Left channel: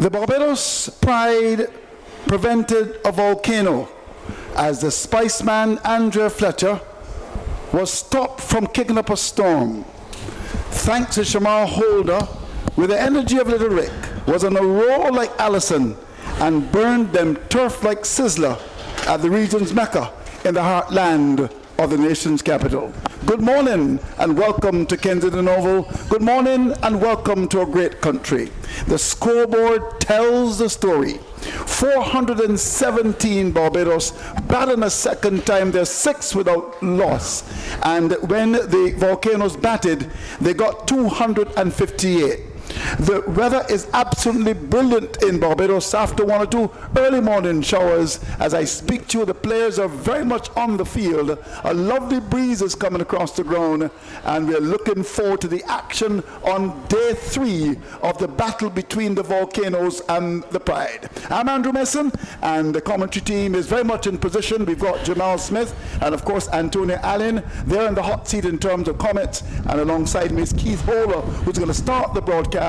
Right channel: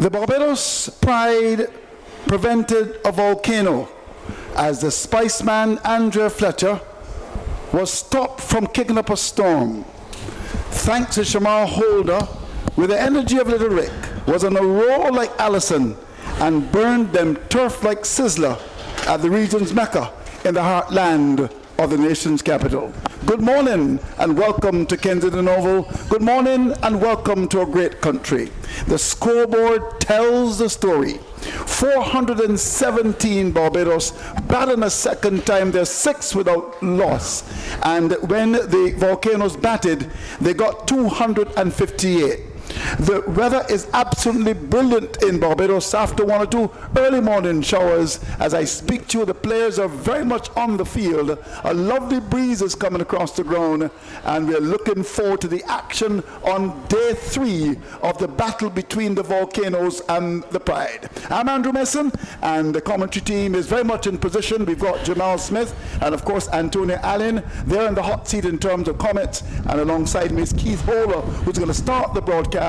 The Barbados Pride prevented a volcano as the Spiceman Andrea Fletcher was stopped from kicking up a storm. Thanks to Shamar Holder, with the energy of Little Rick, was on a roar like Allison and burned them turf like Sizzler at the region's Mecca in the heartland of the nation's capital. Good morning and welcome to Kensington Oval. Good morning and welcome to a great country. The scoreboard tells the story. 417 Barbados, batting a second time, they're 6 without loss. And when the volcanoes batted, they got 258. The weather is absolutely brilliant in Barbados after 1 or 2 early morning showers. As I speak to you, the players are very much on the field. A lovely breeze is coming across the ground, and we're looking forward to the action on day 3 of the battle between the volcanoes and the Pride. I'm Andrew Mason, and the commentary team is very much in position. We've got Jamal Smith and, of course, Antonia Allen. They're in the hot seat in terms of comments, and alongside me is Keith Holer, who's going to start the broadcast.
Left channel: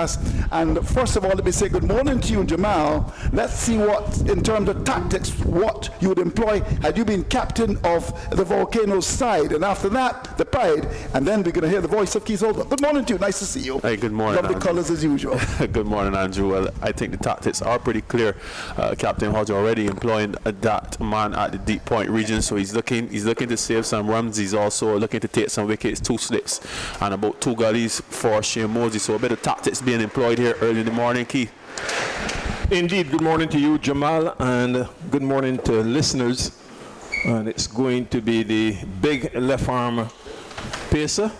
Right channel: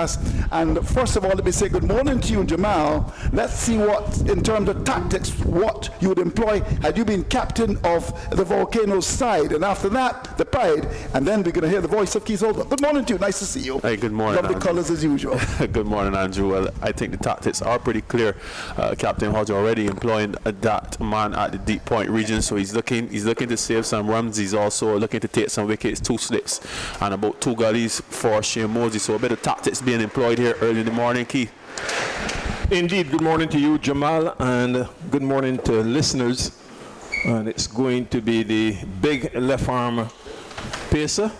And first of all, let me say good morning to you, Jamal. Let's see what, in terms of tactics, what you would employ had you been captain of the volcano's side. And after that, the Pride. And then we're going to hear the voice of Keith Holder. Good morning to you. Nice to see you. Hey, good morning, Lovely colours as usual. Good morning, Andrew. Well, I think the tactics are pretty clear. Captain Hodge already employing that man at the deep point region, so he's looking to save some runs. He's also looking to take some wickets, 2 slips, and about 2 gullies for Shane Mosey. So a bit of tactics being employed here early in the morning, Keith. Indeed, good morning to you, Jamal, and good morning to listeners. And it's going to be the big left arm pacer,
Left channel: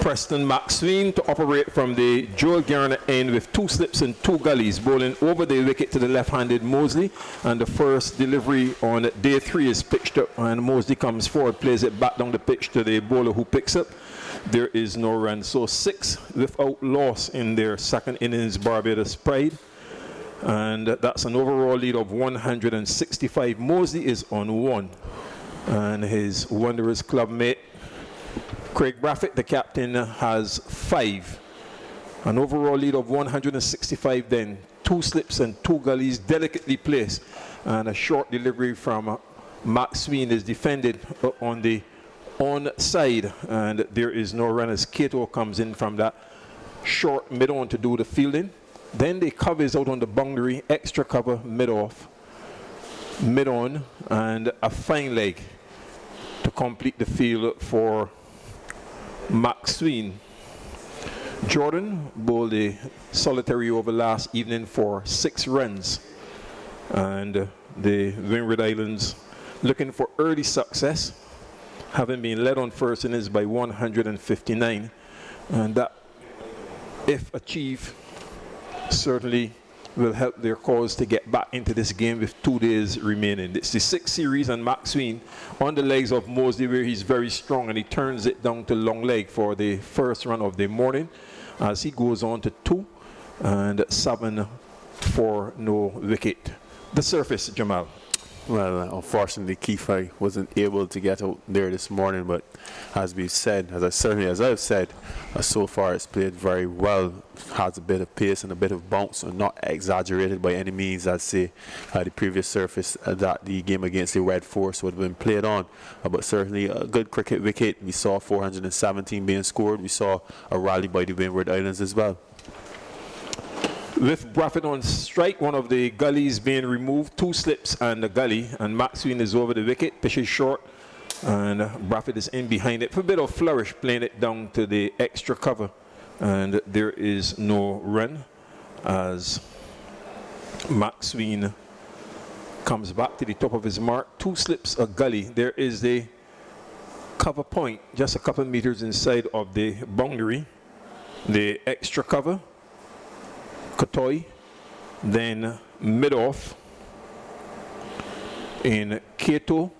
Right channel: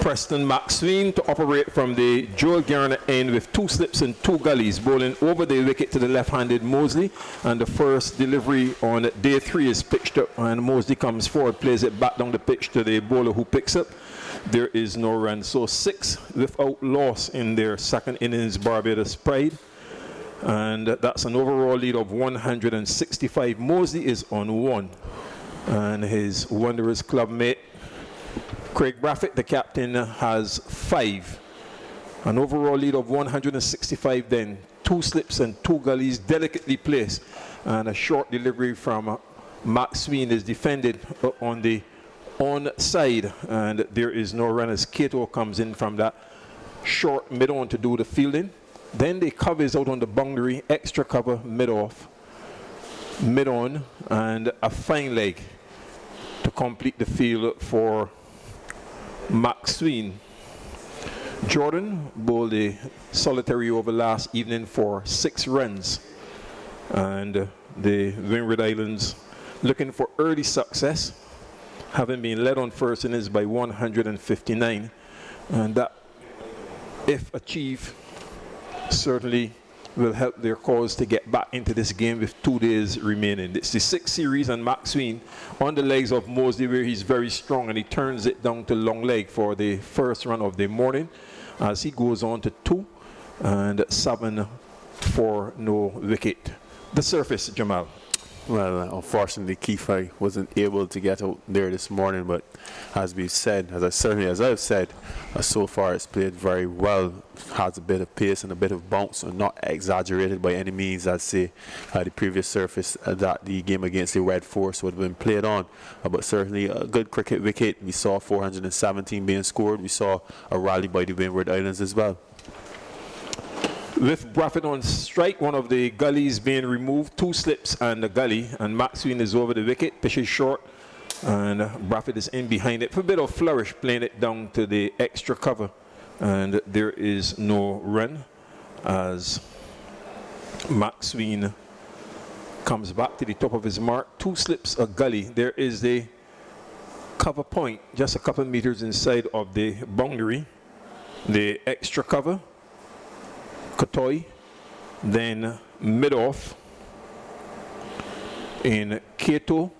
Preston Maxwell, to operate from the Joel Garner end with 2 slips and 2 gullies, bowling over the wicket to the left-handed Mosley. And the first delivery on day 3 is pitched up, and Mosley comes forward, plays it back down the pitch to the bowler who picks up. There is no run. So 6 without loss in their second innings, Barbados Pride. And that's an overall lead of 165. Mosley is on 1. And his Wanderers club mate, Craig Braffett, the captain, has 5. An overall lead of 165 then. 2 slips and 2 gullies delicately placed. And a short delivery from Max Sween is defended on the onside, and there is no run as Cato comes in from that short mid-on to do the fielding. Then the cover is out on the boundary, extra cover, mid-off, mid-on, and a fine leg to complete the field for Max Sween. Jordan bowled a solitary over last evening for 6 runs, and the Windward Islands looking for early success, having been led on first innings by 159, and that, if achieved, certainly will help their cause to get back into this game with 2 days remaining. It's the 6th series, and Max Sween on the legs of Mosley, where he's very strong, and he turns it down to long leg for the first run of the morning as he goes on to 2 and 7 for no wicket. The surface, Jamal. Well, unfortunately, Keith, I wasn't able to get out there this morning, but as we've said, as I've said, so far it's played very well. Has a bit of pace and a bit of bounce, and not exaggerated by any means. I'd say the previous surface that the game against the Red Force would have been played on, but certainly a good cricket wicket. We saw 417 being scored. We saw a rally by the Windward Islands as well. With Braffett on strike, one of the gullies being removed, 2 slips and a gully, and Maxwell is over the wicket, pitches short, and Braffett is in behind it for a bit of flourish, playing it down to the extra cover, and there is no run as Maxwell comes back to the top of his mark. 2 slips, a gully. There is the cover point just a couple of meters inside of the boundary, the extra cover, Kotoy, then mid-off in Cato,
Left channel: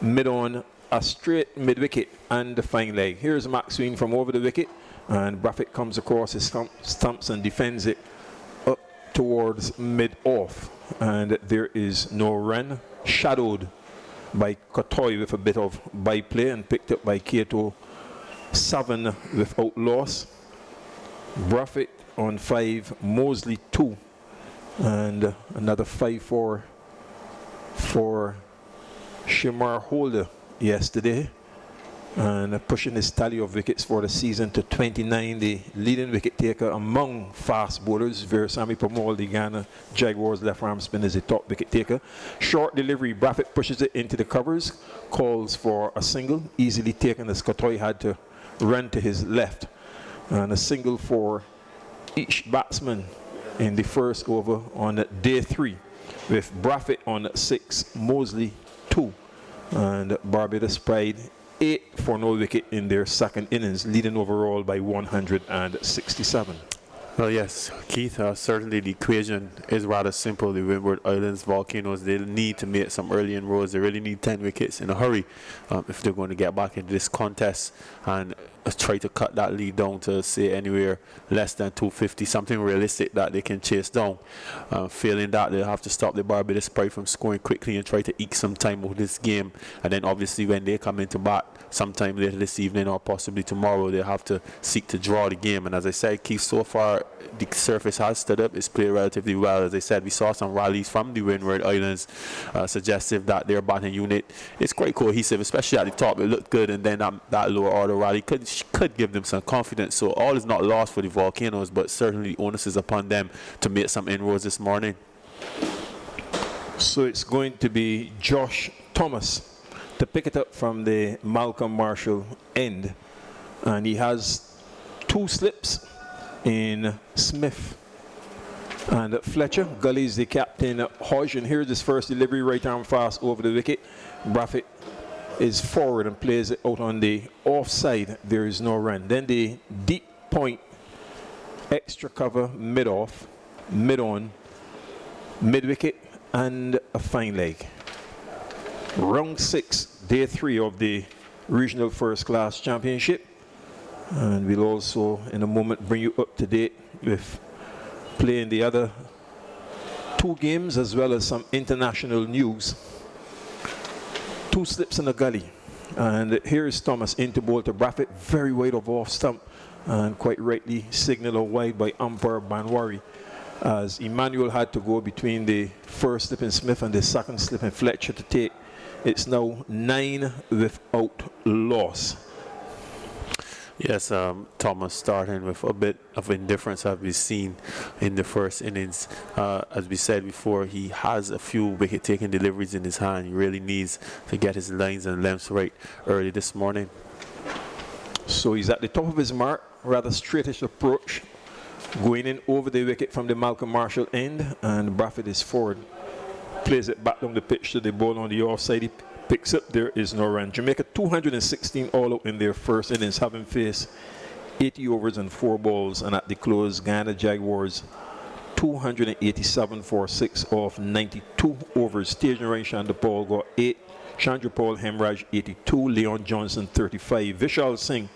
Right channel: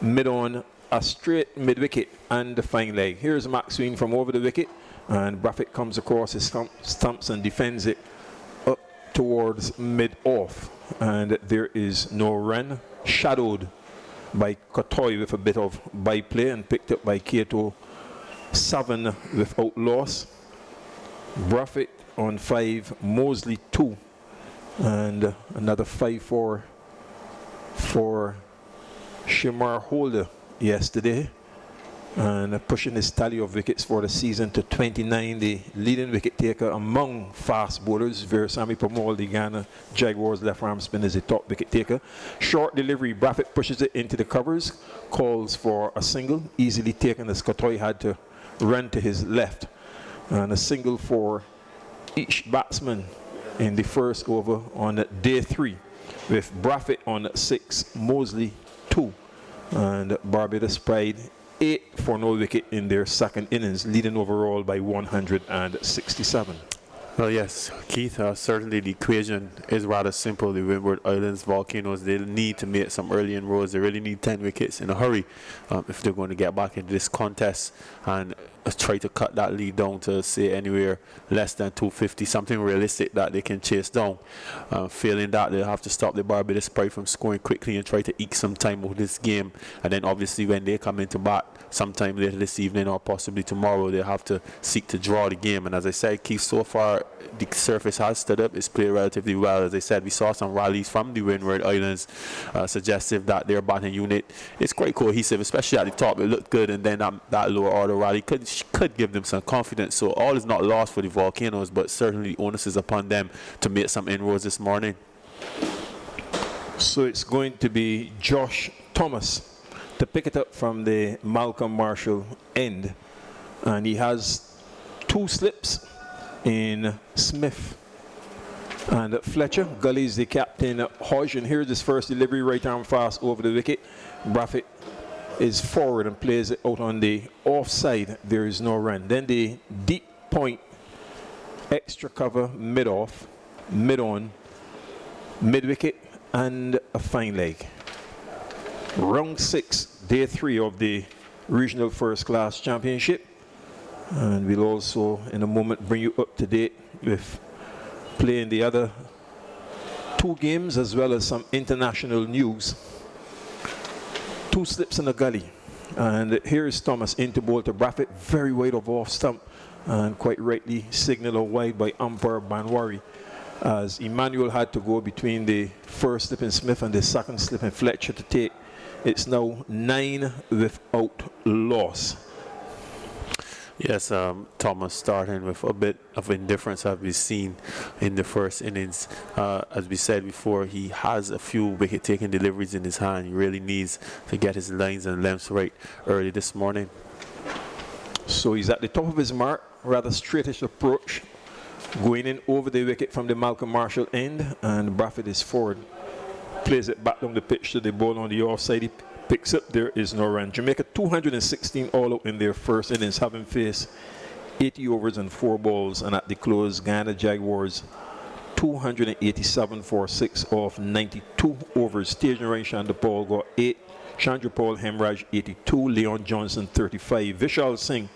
mid-on, a straight mid-wicket and the fine leg. Here's Maxwell from over the wicket, and Braffett comes across his stumps and defends it up towards mid-off, and there is no run. Shadowed by Kotoy with a bit of byplay and picked up by Cato, 7 without loss. Braffett on 5, Mosley 2, and another 5-4 for Shamar Holder yesterday, and pushing his tally of wickets for the season to 29, the leading wicket taker among fast bowlers. Veerasamy Permaul, the Ghana Jaguars left arm spinner, is the top wicket taker. Short delivery, Braffett pushes it into the covers, calls for a single, easily taken as Kotoy had to run to his left, and a single for each batsman in the first over on day 3, with Braffett on 6, Mosley 2, and Barbados Pride 8 for no wicket in their second innings, leading overall by 167. Well, yes, Keith, certainly the equation is rather simple. The Windward Islands Volcanoes, they need to make some early inroads. They really need 10 wickets in a hurry if they're going to get back into this contest and try to cut that lead down to, say, anywhere less than 250, something realistic that they can chase down. Failing that, they'll have to stop the Barbados Pride from scoring quickly and try to eke some time out of this game. And then obviously when they come into bat sometime later this evening or possibly tomorrow, they'll have to seek to draw the game. And as I said, Keith, so far the surface has stood up. It's played relatively well. As I said, we saw some rallies from the Windward Islands suggestive that their batting unit is quite cohesive, especially at the top. It looked good, and then that lower order rally could give them some confidence. So all is not lost for the Volcanoes, but certainly the onus is upon them to make some inroads this morning. So it's going to be Josh Thomas to pick it up from the Malcolm Marshall end, and he has 2 slips in Smith and Fletcher. Gully is the captain, Hodge, and here's his first delivery, right arm fast over the wicket. Braffett is forward and plays it out on the offside. There is no run. Then the deep point, extra cover, mid-off, mid-on, mid-wicket, and a fine leg. Round 6, day 3 of the Regional First Class Championship. And we'll also, in a moment, bring you up to date with playing the other 2 games as well as some international news. 2 slips in the gully. And here is Thomas into bowl to Braffett, very wide of off stump, and quite rightly signaled wide by umpire Banwari, as Emmanuel had to go between the first slip in Smith and the second slip in Fletcher to take. It's now 9 without loss. Yes, Thomas starting with a bit of indifference as we've seen in the first innings. As we said before, he has a few wicket-taking deliveries in his hand. He really needs to get his lines and lengths right early this morning. So he's at the top of his mark, rather straightish approach, going in over the wicket from the Malcolm Marshall end, and Braffett is forward. Plays it back down the pitch to the ball on the offside. He picks up, there is no run. Jamaica 216 all out in their first innings, having faced 80 overs and 4 balls, and at the close, Ghana Jaguars 287 for 6 off 92 overs. Stage and Chandra Paul got 8, Chandra Paul Hemraj 82, Leon Johnson 35, Vishal Singh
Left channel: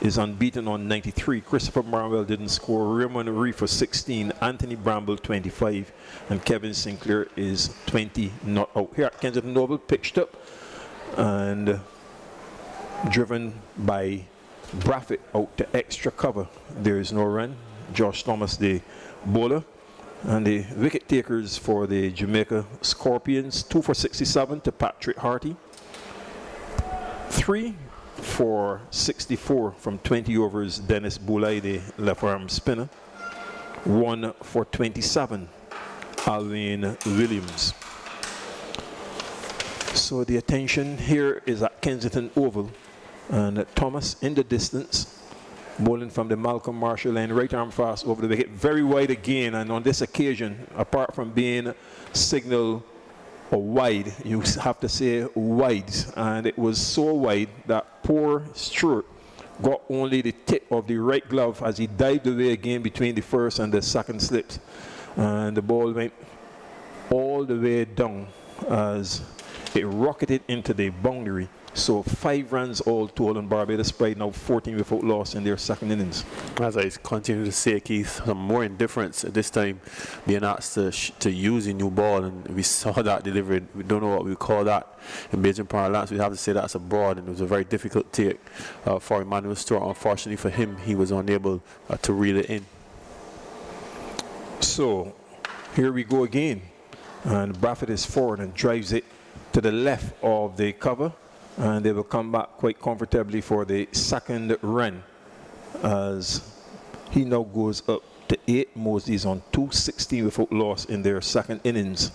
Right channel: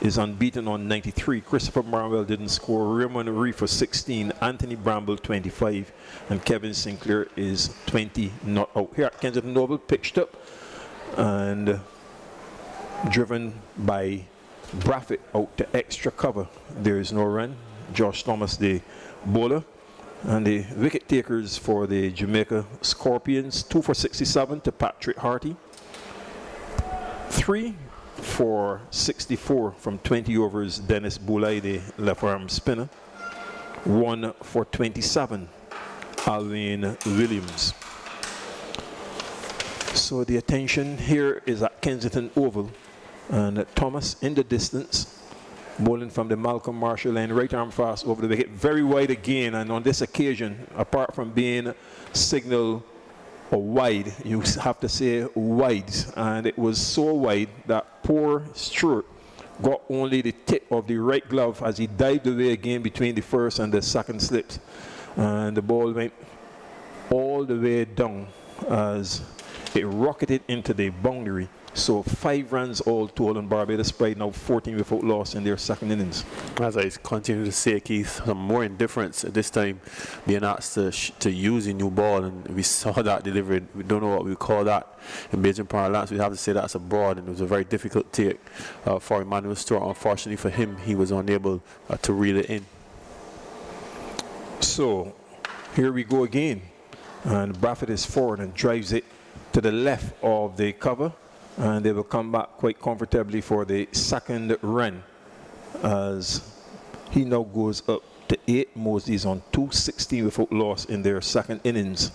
is unbeaten on 93. Christopher Marwell didn't score. Raymond Reef for 16. Anthony Bramble 25. And Kevin Sinclair is 20 not out. Here at Kensington Oval, pitched up and driven by Braffett out to extra cover. There is no run. Josh Thomas, the bowler. And the wicket takers for the Jamaica Scorpions, 2 for 67 to Patrick Harty. 3 for 64 from 20 overs, Dennis Boulay, the left arm spinner. 1 for 27, Alwyn Williams. So the attention here is at Kensington Oval, and Thomas in the distance, bowling from the Malcolm Marshall line, right arm fast over the wicket, very wide again. And on this occasion, apart from being signal or wide, you have to say wide, and it was so wide that poor Stewart got only the tip of the right glove as he dived away again between the first and the second slips, and the ball went all the way down as it rocketed into the boundary. So 5 runs all told on Barbados Pride, now 14 without loss in their second innings. As I continue to say, Keith, some more indifference at this time, being asked to use a new ball, and we saw that delivered. We don't know what we call that in Beijing parlance. We have to say that's abroad, and it was a very difficult take for Emmanuel Stewart. Unfortunately for him, he was unable to reel it in. So here we go again. And Braffett is forward and drives it to the left of the cover. And they will come back quite comfortably for the second run as he now goes up to 8. Mosley's on 216 without loss in their second innings.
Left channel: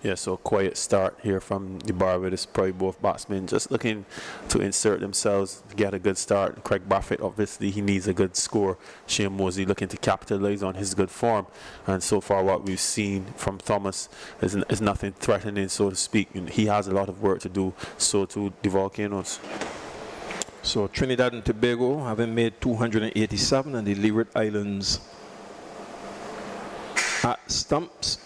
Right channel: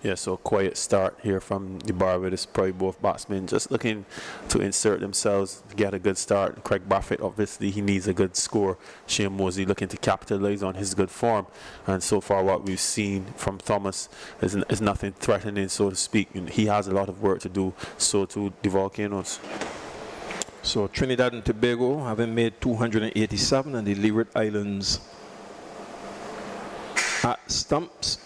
Yeah, so quiet start here from the Barbados. Probably both batsmen just looking to insert themselves, get a good start. Craig Braffett, obviously, he needs a good score. Shane Mosley looking to capitalize on his good form. And so far, what we've seen from Thomas is nothing threatening, so to speak. And he has a lot of work to do, so too the Volcanoes. So Trinidad and Tobago having made 287 and the Leeward Islands at stumps.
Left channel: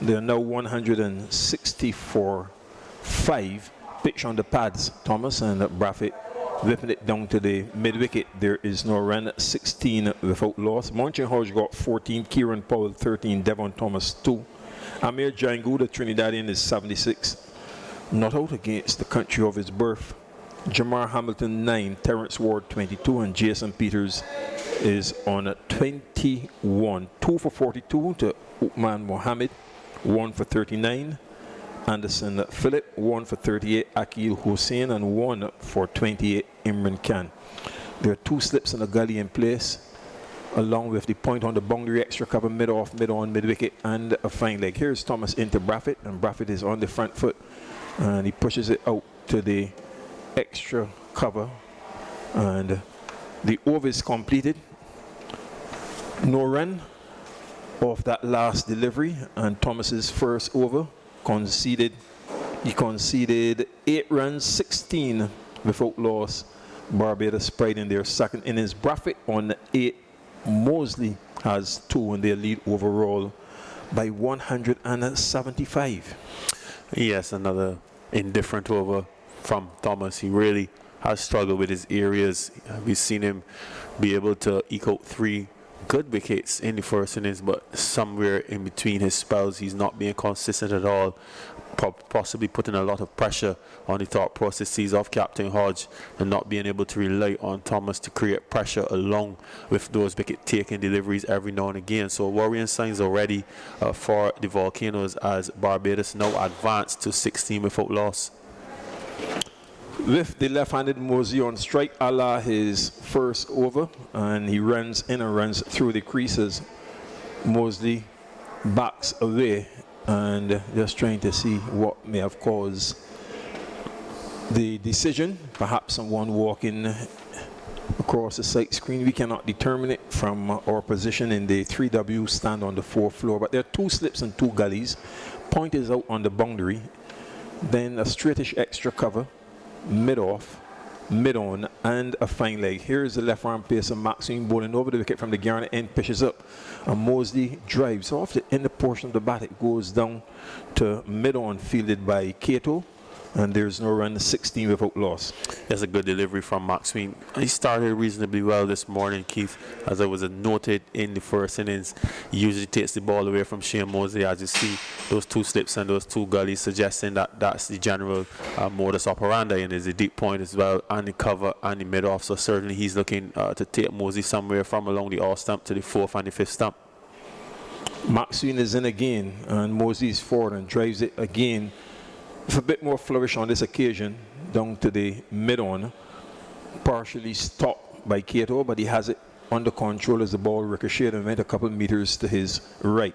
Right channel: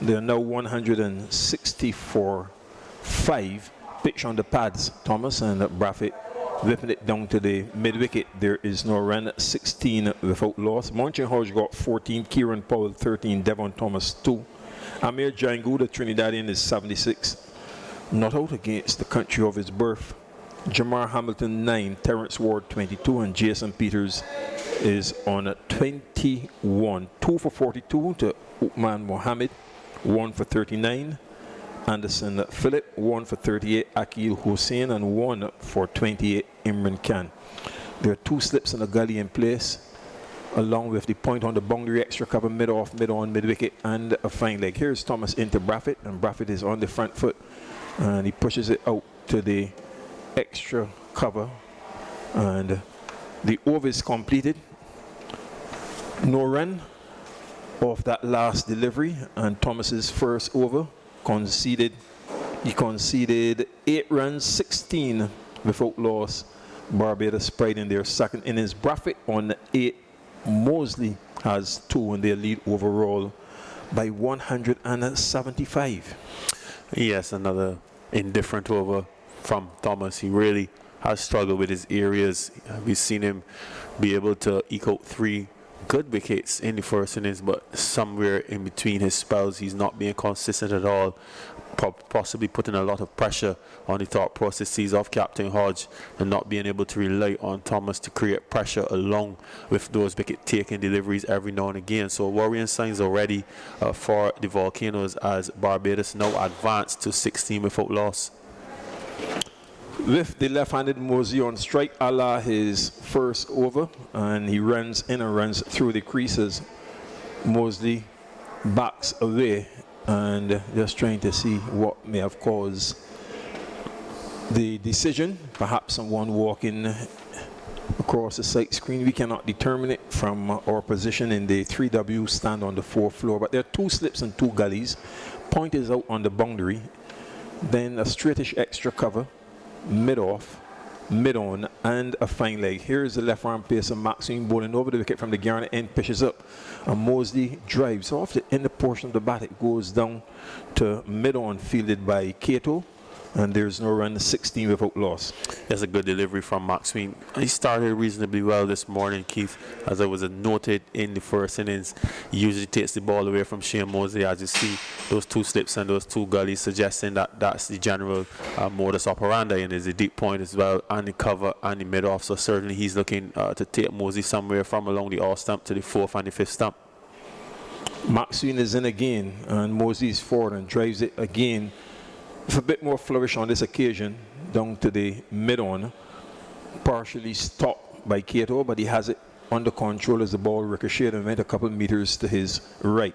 They are now 164.5. Pitch on the pads, Thomas, and Braffett whipping it down to the mid-wicket. There is no run, 16 without loss. Monchin Hodge got 14, Kieran Powell 13, Devon Thomas 2. Amir Jangu, the Trinidadian, is 76. Not out against the country of his birth. Jamar Hamilton 9, Terrence Ward 22, and Jason Peters is on 21. 2 for 42 to Uthman Mohammed, 1 for 39. Anderson Philip, 1 for 38. Akil Hussein, and 1 for 28. Imran Khan. There are 2 slips in the gully in place, along with the point on the boundary, extra cover, mid-off, mid-on, mid-wicket, and a fine leg. Here's Thomas into Braffett, and Braffett is on the front foot, and he pushes it out to the extra cover, and the over is completed. No run off that last delivery, and Thomas's first over conceded. He conceded 8 runs, 16 without loss. Barbados pride in their second innings. Braffett on 8. Mosley has 2 in their lead overall by 175. Yes, another indifferent over from Thomas. He really has struggled with his areas. We've seen him be able to eke out 3 good wickets in the first innings, but somewhere in between his spells, he's not being consistent at all, possibly putting a lot of pressure on the thought processes of Captain Hodge and not being able to rely on Thomas to create pressure along with those wicket-taking deliveries every now and again. So worrying signs already for the Volcanoes as Barbados now advanced to 16 without loss. With the left-handed Mosley on strike, Allah his first over, and he runs in and runs through the creases. Mosley backs away and just trying to see what may have caused the decision. Perhaps someone walking across the sight screen. We cannot determine it from our position in the 3W stand on the 4th floor, but there are 2 slips and 2 gullies. Point is out on the boundary, then a straightish extra cover, mid-off, mid-on, and a fine leg. Here's the left-arm pacer Maxine bowling over the wicket from the Garner end, pitches up, and Mosley drives off the inner portion of the bat. It goes down to mid-on, fielded by Cato, and there's no run, 16 without loss. That's a good delivery from Maxine. He started reasonably well this morning, Keith, as I was noted in the first innings. He usually takes the ball away from Shane Mosley, as you see those 2 slips and those 2 gullies, suggesting that that's the general modus operandi, and there's a deep point as well, and the cover and the mid-off. So certainly he's looking to take Mosley somewhere from along the off stump to the 4th and the 5th stump. Maxine is in again, and Mosley is forward and drives it again with a bit more flourish on this occasion, down to the mid-on, partially stopped by Cato, but he has it under control as the ball ricocheted and went a couple meters to his right.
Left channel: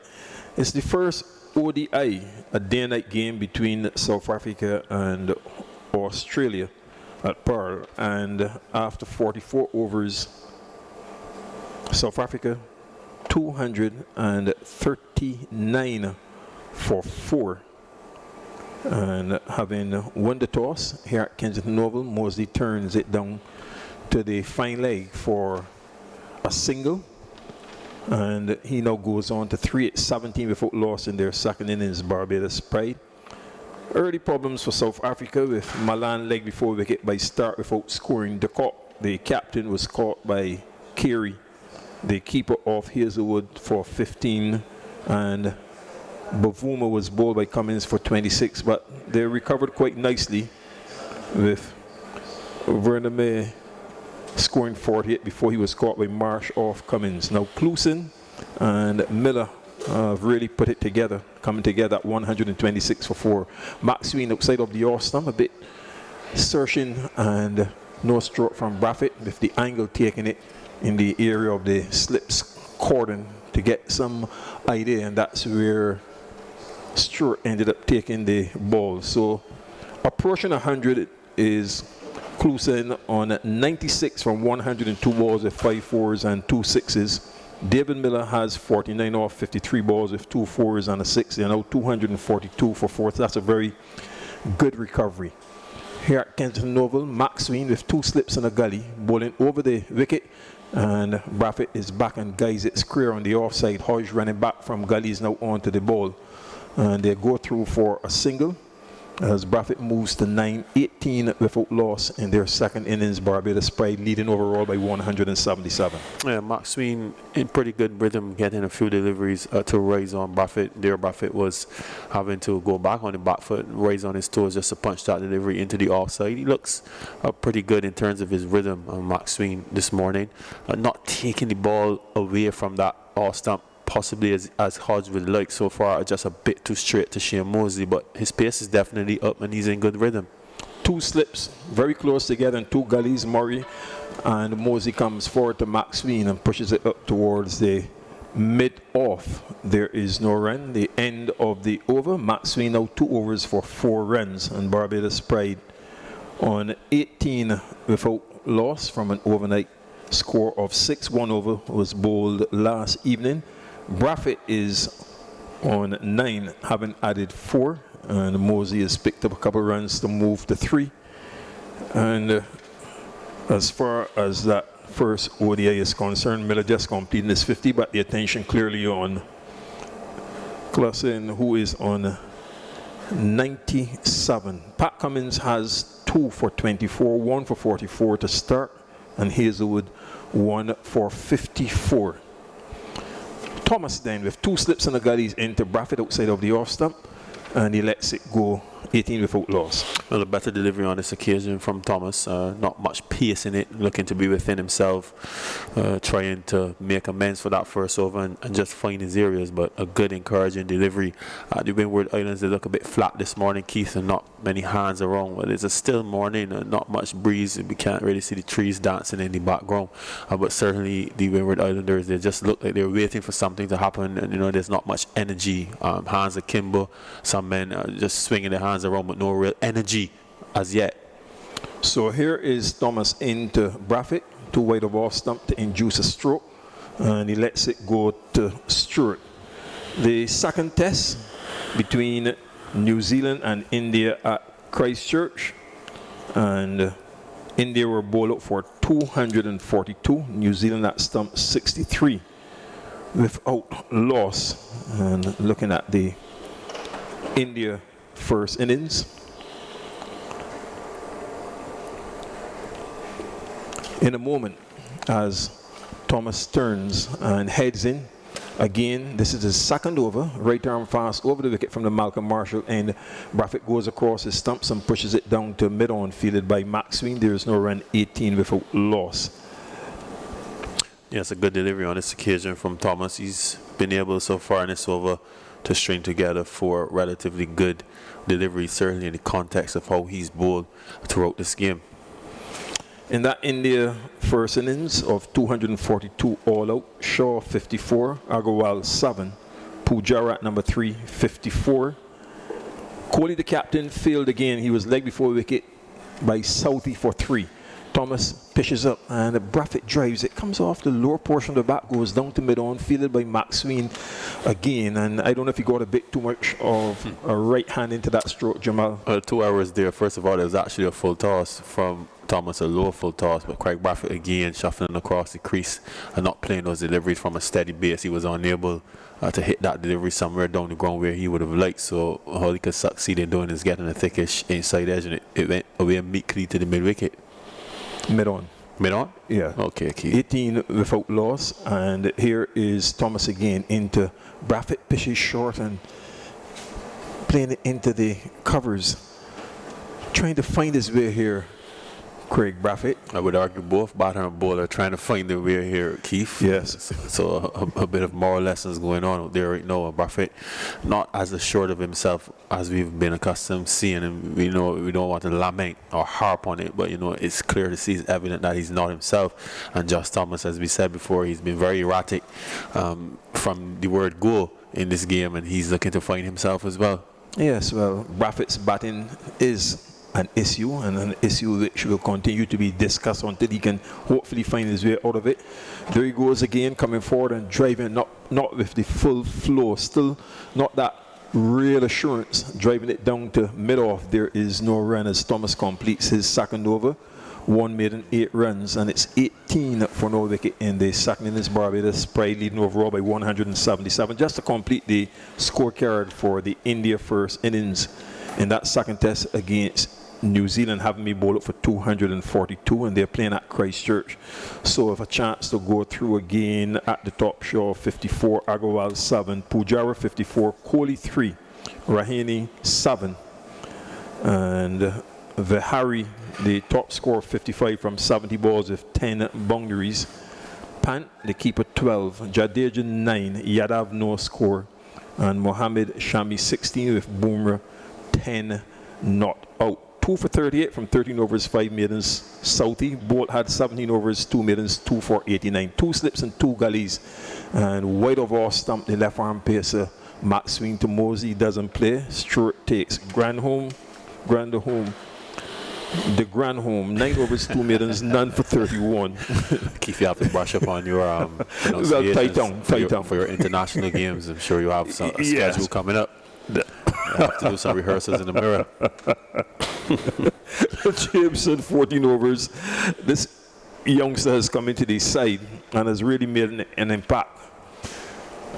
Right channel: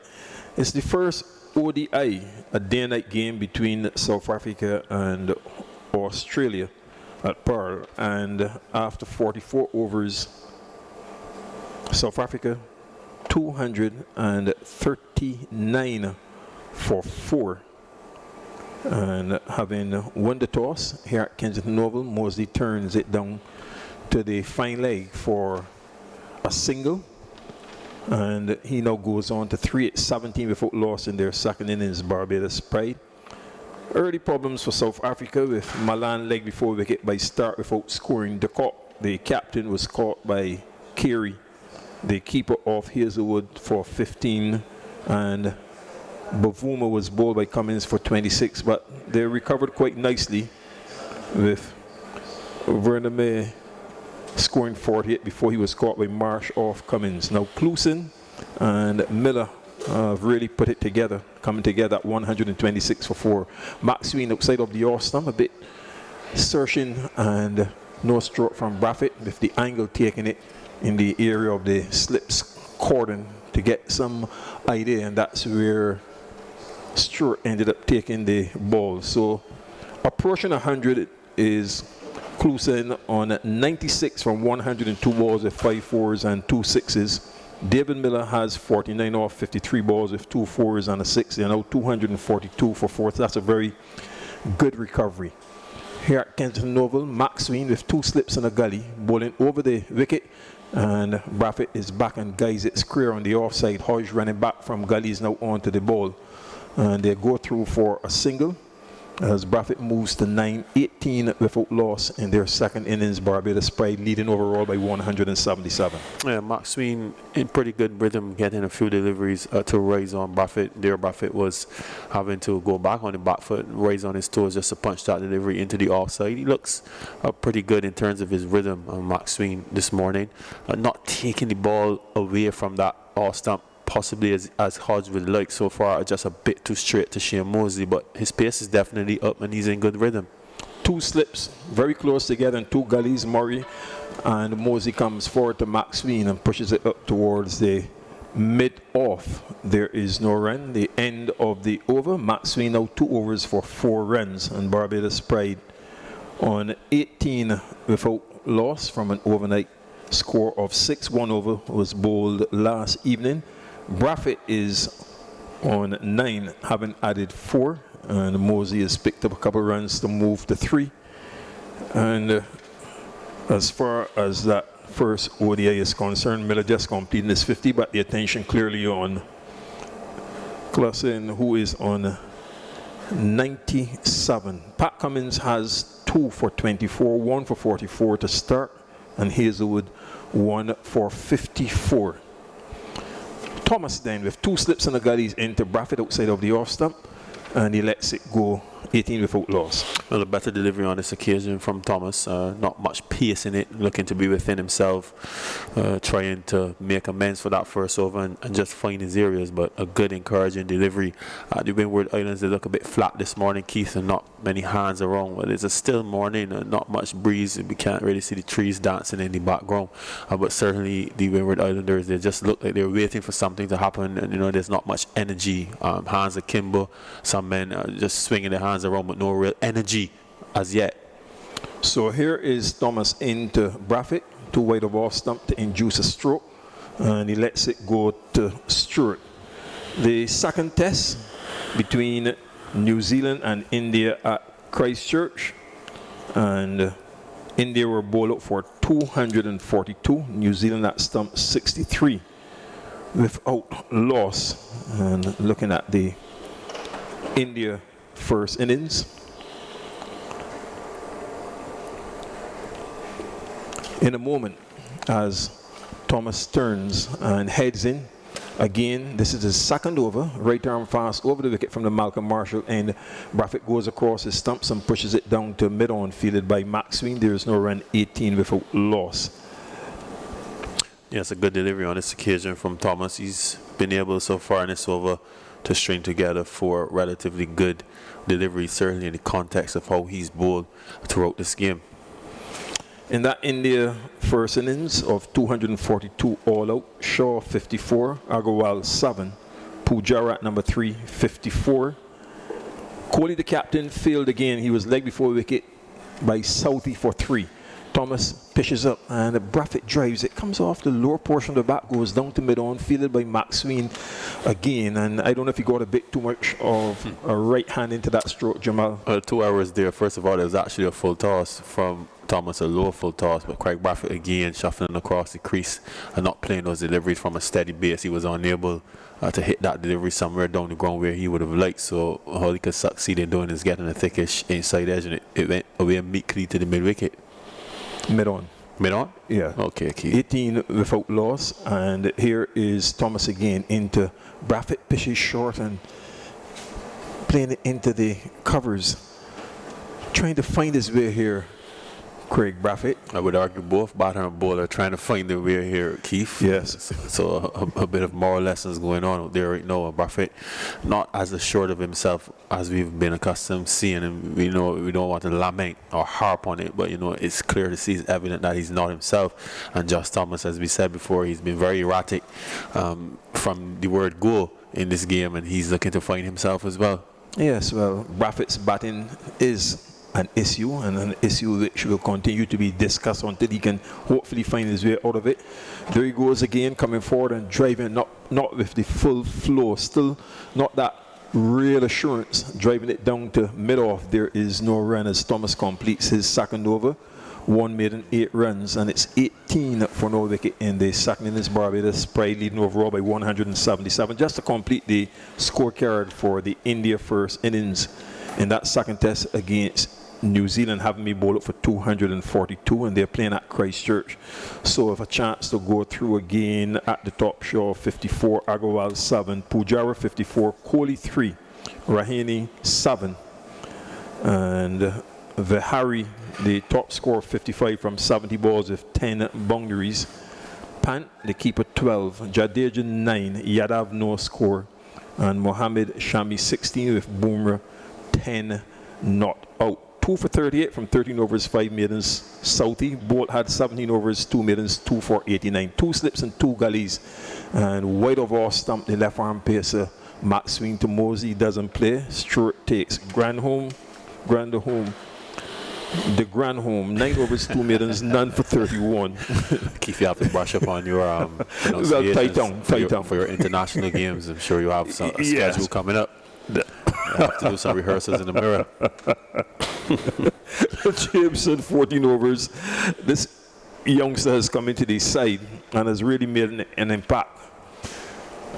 It's the first ODI, a day-and-night game between South Africa and Australia at Pearl, and after 44 overs, South Africa 239 for 4. And having won the toss here at Kensington Oval, Mosley turns it down to the fine leg for a single, and he now goes on to 3-17 without loss in their second innings. Barbados pride. Early problems for South Africa with Malan leg before wicket by start without scoring. The captain was caught by Carey, the keeper of Hazelwood, for 15, and Bavuma was bowled by Cummins for 26, but they recovered quite nicely with Vernon scoring 48 before he was caught by Marsh off Cummins. Now Cluson and Miller really put it together, coming together at 126 for 4. Maxwell outside of the off stump, a bit searching, and no stroke from Braffett with the angle taking it in the area of the slips cordon to get some idea, and that's where Stewart ended up taking the ball. So approaching 100 is closing on 96 from 102 balls with 5 fours and 2 sixes. David Miller has 49 off 53 balls with 2 fours and a 6. You know, 242 for 4. That's a very good recovery. Here at Kensington Oval, Max Sween with 2 slips and a gully, bowling over the wicket, and Braffett is back and guys it square on the offside. Hodge running back from gullies now onto the ball, and they go through for a single as Braffett moves to 9-18 without loss in their second innings. Barbados Pride leading overall by 177. Yeah, Mark Sween in pretty good rhythm, getting a few deliveries to rise on Braffett. There, Braffett was having to go back on the back foot, rise on his toes just to punch that delivery into the offside. He looks pretty good in terms of his rhythm, Mark Sween, this morning. Not taking the ball away from that off stump possibly as Hodge would like so far, just a bit too straight to Shane Mosley, but his pace is definitely up and he's in good rhythm. 2 slips very close together and 2 gullies. Murray and Mosley comes forward to Max Sween and pushes it up towards the mid-off. There is no run. The end of the over. Max Sween now 2 overs for 4 runs, and Barbados Pride on 18 without loss from an overnight score of 6. 1 over was bowled last evening. Braffett is on 9, having added 4, and Mosley has picked up a couple runs to move to 3. And as far as that first ODI is concerned, Miller just completed his 50, but the attention clearly on Clausen, who is on 97. Pat Cummins has 2 for 24, 1 for 44 to start, and Hazelwood 1 for 54. Thomas then with 2 slips and a gullies into Braffett outside of the off stump, and he lets it go 18 without loss. Well, a better delivery on this occasion from Thomas. Not much pace in it, looking to be within himself, trying to make amends for that first over and just find his areas, but a good encouraging delivery. The Windward Islands, they look a bit flat this morning, Keith, and not many hands around. But it's a still morning, not much breeze. We can't really see the trees dancing in the background, but certainly the Windward Islanders, they just look like they're waiting for something to happen, and you know, there's not much energy. Hands akimbo, some men are just swinging their hands around, but no real energy as yet. So here is Thomas into Braffett, 2 wide of off stump to induce a stroke, and he lets it go to Stewart. The second test between New Zealand and India at Christchurch, and India were bowled out for 242, New Zealand at stump 63 without loss. And looking at the India first innings, in a moment as Thomas turns and heads in again. This is his second over, right arm fast over the wicket from the Malcolm Marshall end. Braffett goes across his stumps and pushes it down to mid-on, fielded by Max Sween. There is no run, 18 without loss. Yes, a good delivery on this occasion from Thomas. He's been able so far in this over to string together 4 relatively good deliveries, certainly in the context of how he's bowled throughout this game. In that India first innings of 242 all out, Shaw 54, Agarwal 7, Pujara at number 3, 54. Kohli, the captain, failed again. He was legged before wicket by Southey for 3. Thomas pitches up and Braffett drives. It comes off the lower portion of the bat, goes down to mid-on, fielded by Max Sween again. And I don't know if he got a bit too much of a right hand into that stroke, Jamal. 2 hours there. First of all, there was actually a full toss from Thomas, a low full toss, but Craig Braffett again shuffling across the crease and not playing those deliveries from a steady base. He was unable to hit that delivery somewhere down the ground where he would have liked. So all he could succeed in doing is getting a thickish inside edge, and it went away meekly to the mid-wicket. Mid-on. Mid-on? Yeah. Okay, Keith. 18 without loss, and here is Thomas again into Braffett, pitches short and playing it into the covers, trying to find his way here. Craig Braffett. I would argue both batter and bowler are trying to find their way here, Keith. Yes. So a bit of moral lessons going on out there right now. Braffett, not as assured of himself as we've been accustomed seeing, and we don't want to lament or harp on it, but it's clear to see, it's evident that he's not himself. And Josh Thomas, as we said before, he's been very erratic from the word go in this game, and he's looking to find himself as well. Yes, well, Braffett's batting is an issue, and an issue which will continue to be discussed until he can hopefully find his way out of it. There he goes again, coming forward and driving, not with the full flow, still not that real assurance, driving it down to mid-off. There is no run as Thomas completes his second over. 1 made and 8 runs, and it's 18 for no wicket in the second innings. Barbados Pride leading overall by 177. Just to complete the scorecard for the India first innings in that second test against New Zealand, having me bowl up for 242, and they're playing at Christchurch. So if a chance to go through again at the top, Shaw 54, Agarwal 7, Pujara 54, Kohli 3, Rahane 7, and Vihari, the top scorer, 55 from 70 balls with 10 boundaries. Pant, the keeper, 12, Jadeja 9, Yadav no score, and Mohammed Shami 16 with Bumrah 10 not out. 2 for 38 from 13 overs, 5 maidens. Southey, Bolt had 17 overs, 2 maidens, 2 for 89. 2 slips and 2 gullies. And wide of off stump, the left arm pacer, Max swing to Mosey, doesn't play. Stewart takes Granholm, the Granholm, 9 overs, 2 maidens, none for 31. Keith, you have to brush up on your pronunciations for your international games. I'm sure you have a schedule coming up. You have to do some rehearsals in the mirror. Jameson, 14 overs. This youngster has come into the side and has really made an impact.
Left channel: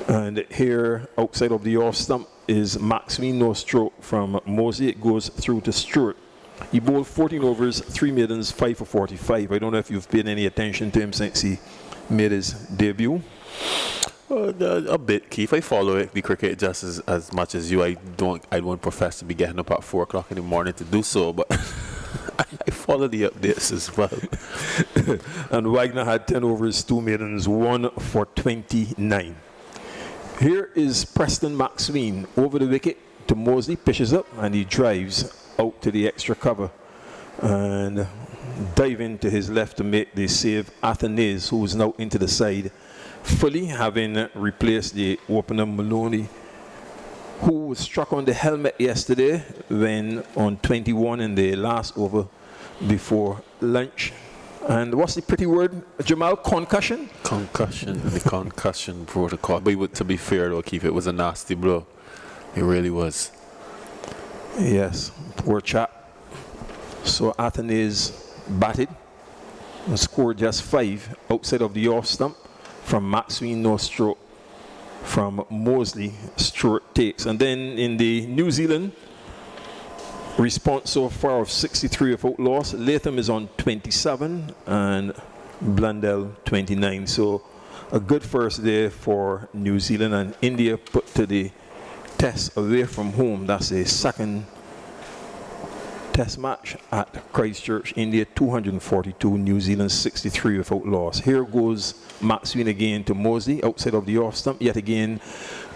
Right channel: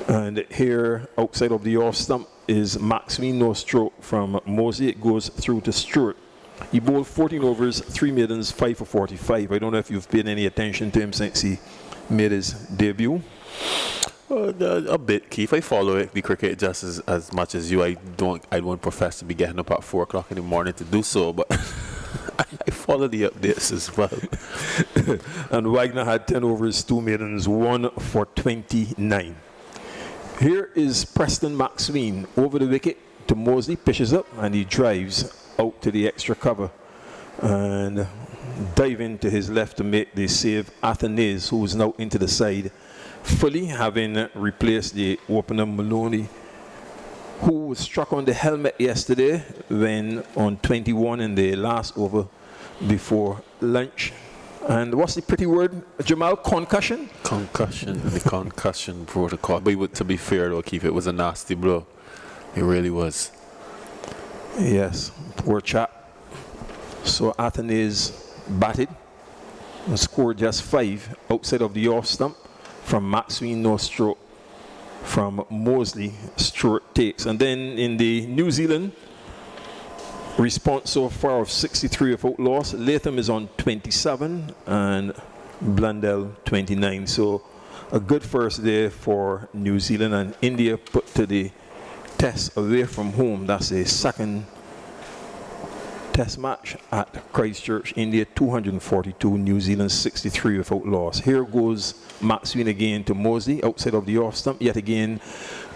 And here, outside of the off stump, is Maxwell no stroke from Mosey. It goes through to Stewart. He bowled 14 overs, 3 maidens, 5 for 45. I don't know if you've paid any attention to him since he made his debut. A bit, Keith. I follow the cricket just as much as you. I won't profess to be getting up at 4 o'clock in the morning to do so, but I follow the updates as well. And Wagner had 10 overs, 2 maidens, 1 for 29. Here is Preston Maxwell over the wicket to Mosley, pitches up, and he drives out to the extra cover and dive into his left to make the save. Athanaze, who is now into the side fully, having replaced the opener Maloney, who was struck on the helmet yesterday when on 21 in the last over before lunch. And what's the pretty word, Jamal? Concussion? Concussion, the concussion protocol. But to be fair though, Keith, it was a nasty blow. It really was. Yes, poor chap. So Athanaze batted and scored just 5 outside of the off stump from Maxwell no stroke from Mosley. Stewart takes. And then in the New Zealand response so far of 63 without loss, Latham is on 27 and Blundell 29. So a good first day for New Zealand, and India put to the test away from home. That's a second test match at Christchurch. India 242, New Zealand 63 without loss. Here goes Maxwell again to Mosley outside of the off stump. Yet again,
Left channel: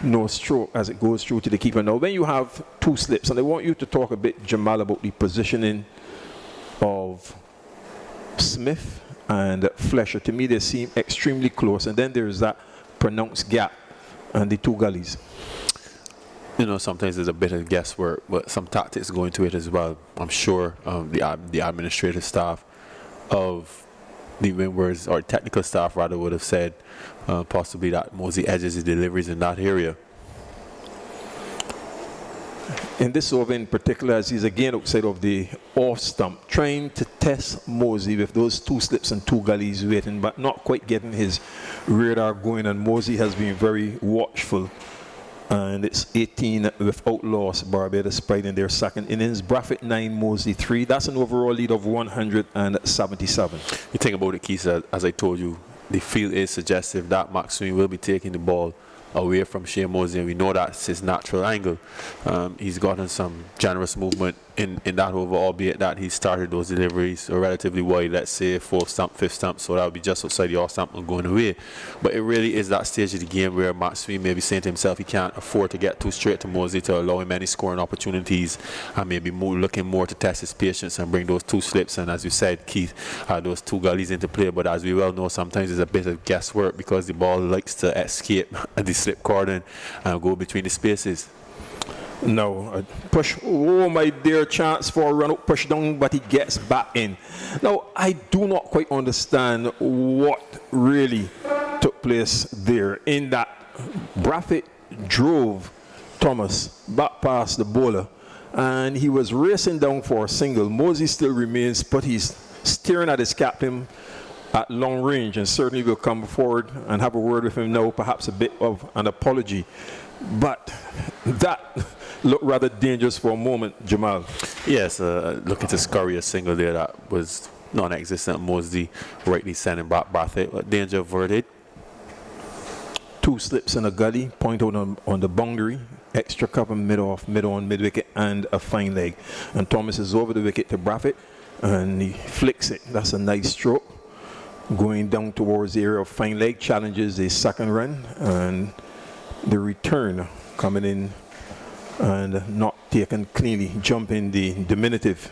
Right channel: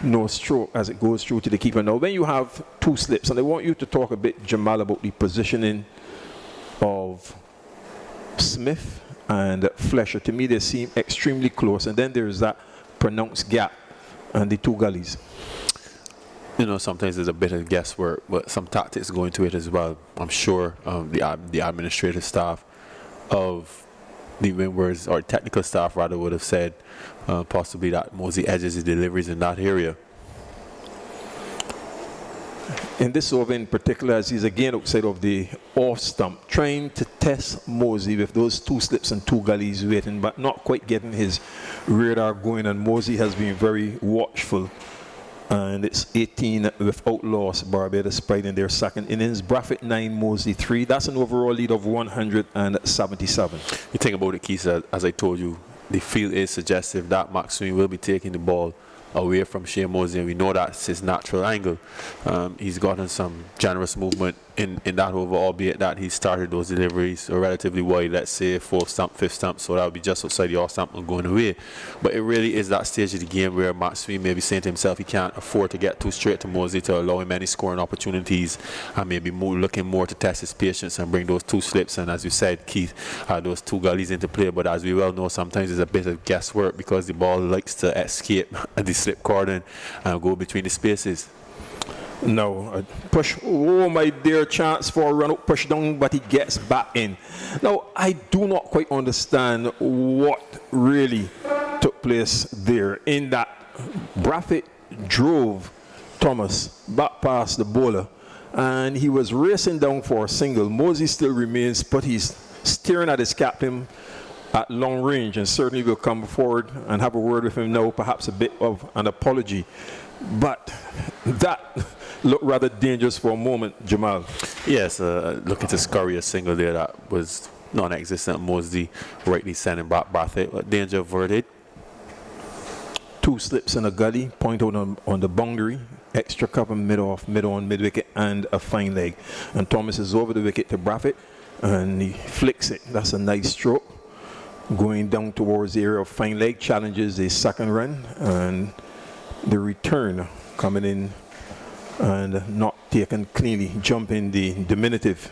no stroke as it goes through to the keeper. Now, when you have 2 slips, and I want you to talk a bit, Jamal, about the positioning of Smith and Fletcher. To me, they seem extremely close, and then there's that pronounced gap and the 2 gullies. Sometimes there's a bit of guesswork, but some tactics go into it as well. I'm sure the administrative staff of the Windwards, or technical staff rather, would have said possibly that Mosey edges his deliveries in that area. In this over in particular, as he's again outside of the off stump, trying to test Mosey with those 2 slips and 2 gullies waiting, but not quite getting his radar going, and Mosey has been very watchful. And it's 18 without loss. Barbados Pride in their second innings. Braffett 9, Mosley 3. That's an overall lead of 177. You think about it, Keith, as I told you, the field is suggestive that Maxwell will be taking the ball away from Shane Mosley, and we know that's his natural angle. He's gotten some generous movement in that over, albeit that he started those deliveries relatively wide, let's say 4th stump, 5th stump, so that would be just outside the off stump and going away. But it really is that stage of the game where Maxwell may be saying to himself he can't afford to get too straight to Mosley to allow him any scoring opportunities, and maybe looking more to test his patience and bring those 2 slips and, as you said, Keith, those 2 gullies into play. But as we well know, sometimes there's a bit of guesswork because the ball likes to escape the slip cordon and go between the spaces. No, push. Oh, my dear, chance for a run up, push down, but he gets back in. Now, I do not quite understand what really took place there in that Braffett drove Thomas back past the bowler, and he was racing down for a single. Mosley still remains, but he's staring at his captain at long range, and certainly will come forward and have a word with him now, perhaps a bit of an apology. But that looked rather dangerous for a moment, Jamal. Yes, looking to scurry a single there that was non-existent. Mosley rightly sending back Braffett, but danger averted. 2 slips and a gully, point out on the boundary, extra cover mid-off, mid-on, mid-wicket, and a fine leg. And Thomas is over the wicket to Braffett, and he flicks it. That's a nice stroke. Going down towards the area of fine leg, challenges a second run, and the return coming in and not taken cleanly, jumping the diminutive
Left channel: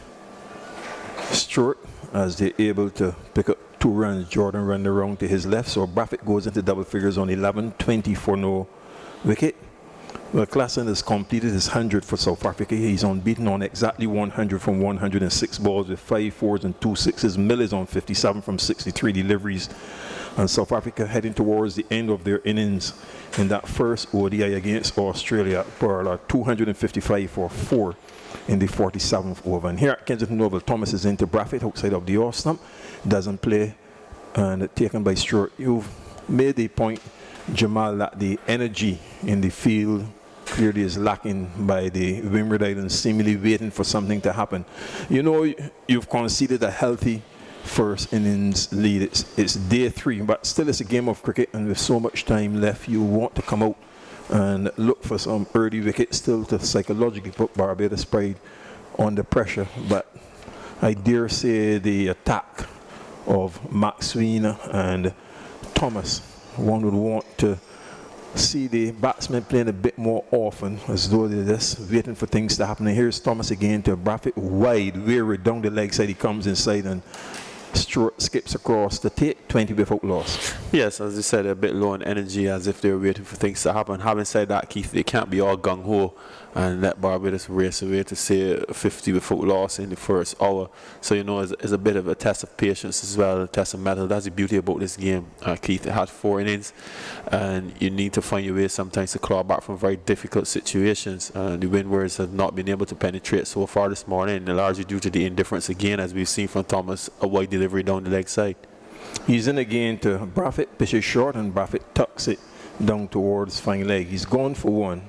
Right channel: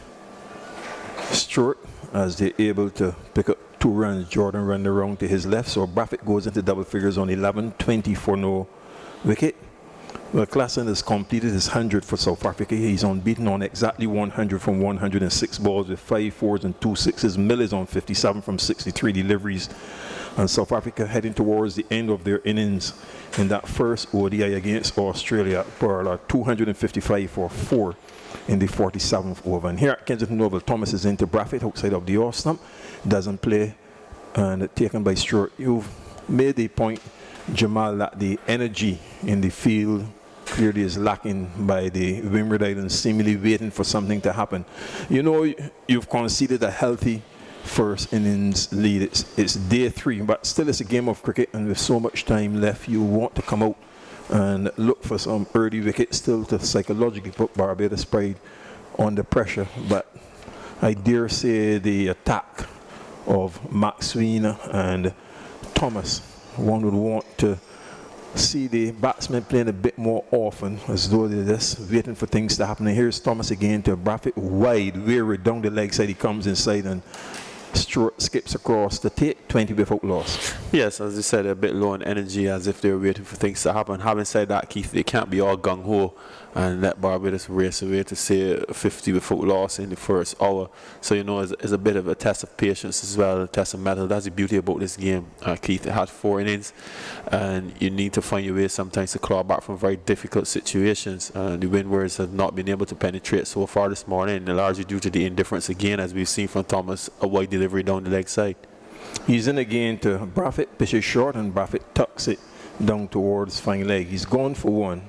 stroke as they're able to pick up 2 runs. Jordan run around to his left, so Braffett goes into double figures on 11-20 for no wicket. Well, Klassen has completed his 100 for South Africa. He's unbeaten on exactly 100 from 106 balls with 5 fours and 2 sixes. Mill is on 57 from 63 deliveries. And South Africa heading towards the end of their innings in that first ODI against Australia. Pearl 255 for 4 in the 47th over. And here at Kensington Oval, Thomas is into Braffett outside of the off stump. Doesn't play and taken by Stewart. You've made the point, Jamal, that the energy in the field clearly is lacking by the Windward Islands, seemingly waiting for something to happen. You know, you've conceded a healthy first innings lead. It's day 3, but still it's a game of cricket, and with so much time left, you want to come out and look for some early wickets still to psychologically put Barbados Pride under pressure. But I dare say the attack of Maxwell and Thomas, one would want to see the batsmen playing a bit more often, as though they're just waiting for things to happen. And here's Thomas again to Braffett, wide, weary down the leg side. He comes inside and Stewart skips across to take 20 without loss. Yes, as you said, a bit low on energy, as if they're waiting for things to happen. Having said that, Keith, they can't be all gung-ho and let Barbados race away to say 50 without loss in the first hour. So, you know, it's a bit of a test of patience as well, a test of mettle. That's the beauty about this game, Keith. It had 4 innings, and you need to find your way sometimes to claw back from very difficult situations. The Windwards have not been able to penetrate so far this morning, largely due to the indifference again, as we've seen from Thomas, a wide delivery down the leg side. He's in again to Braffett, pitches short, and Braffett tucks it down towards fine leg. He's gone for 1,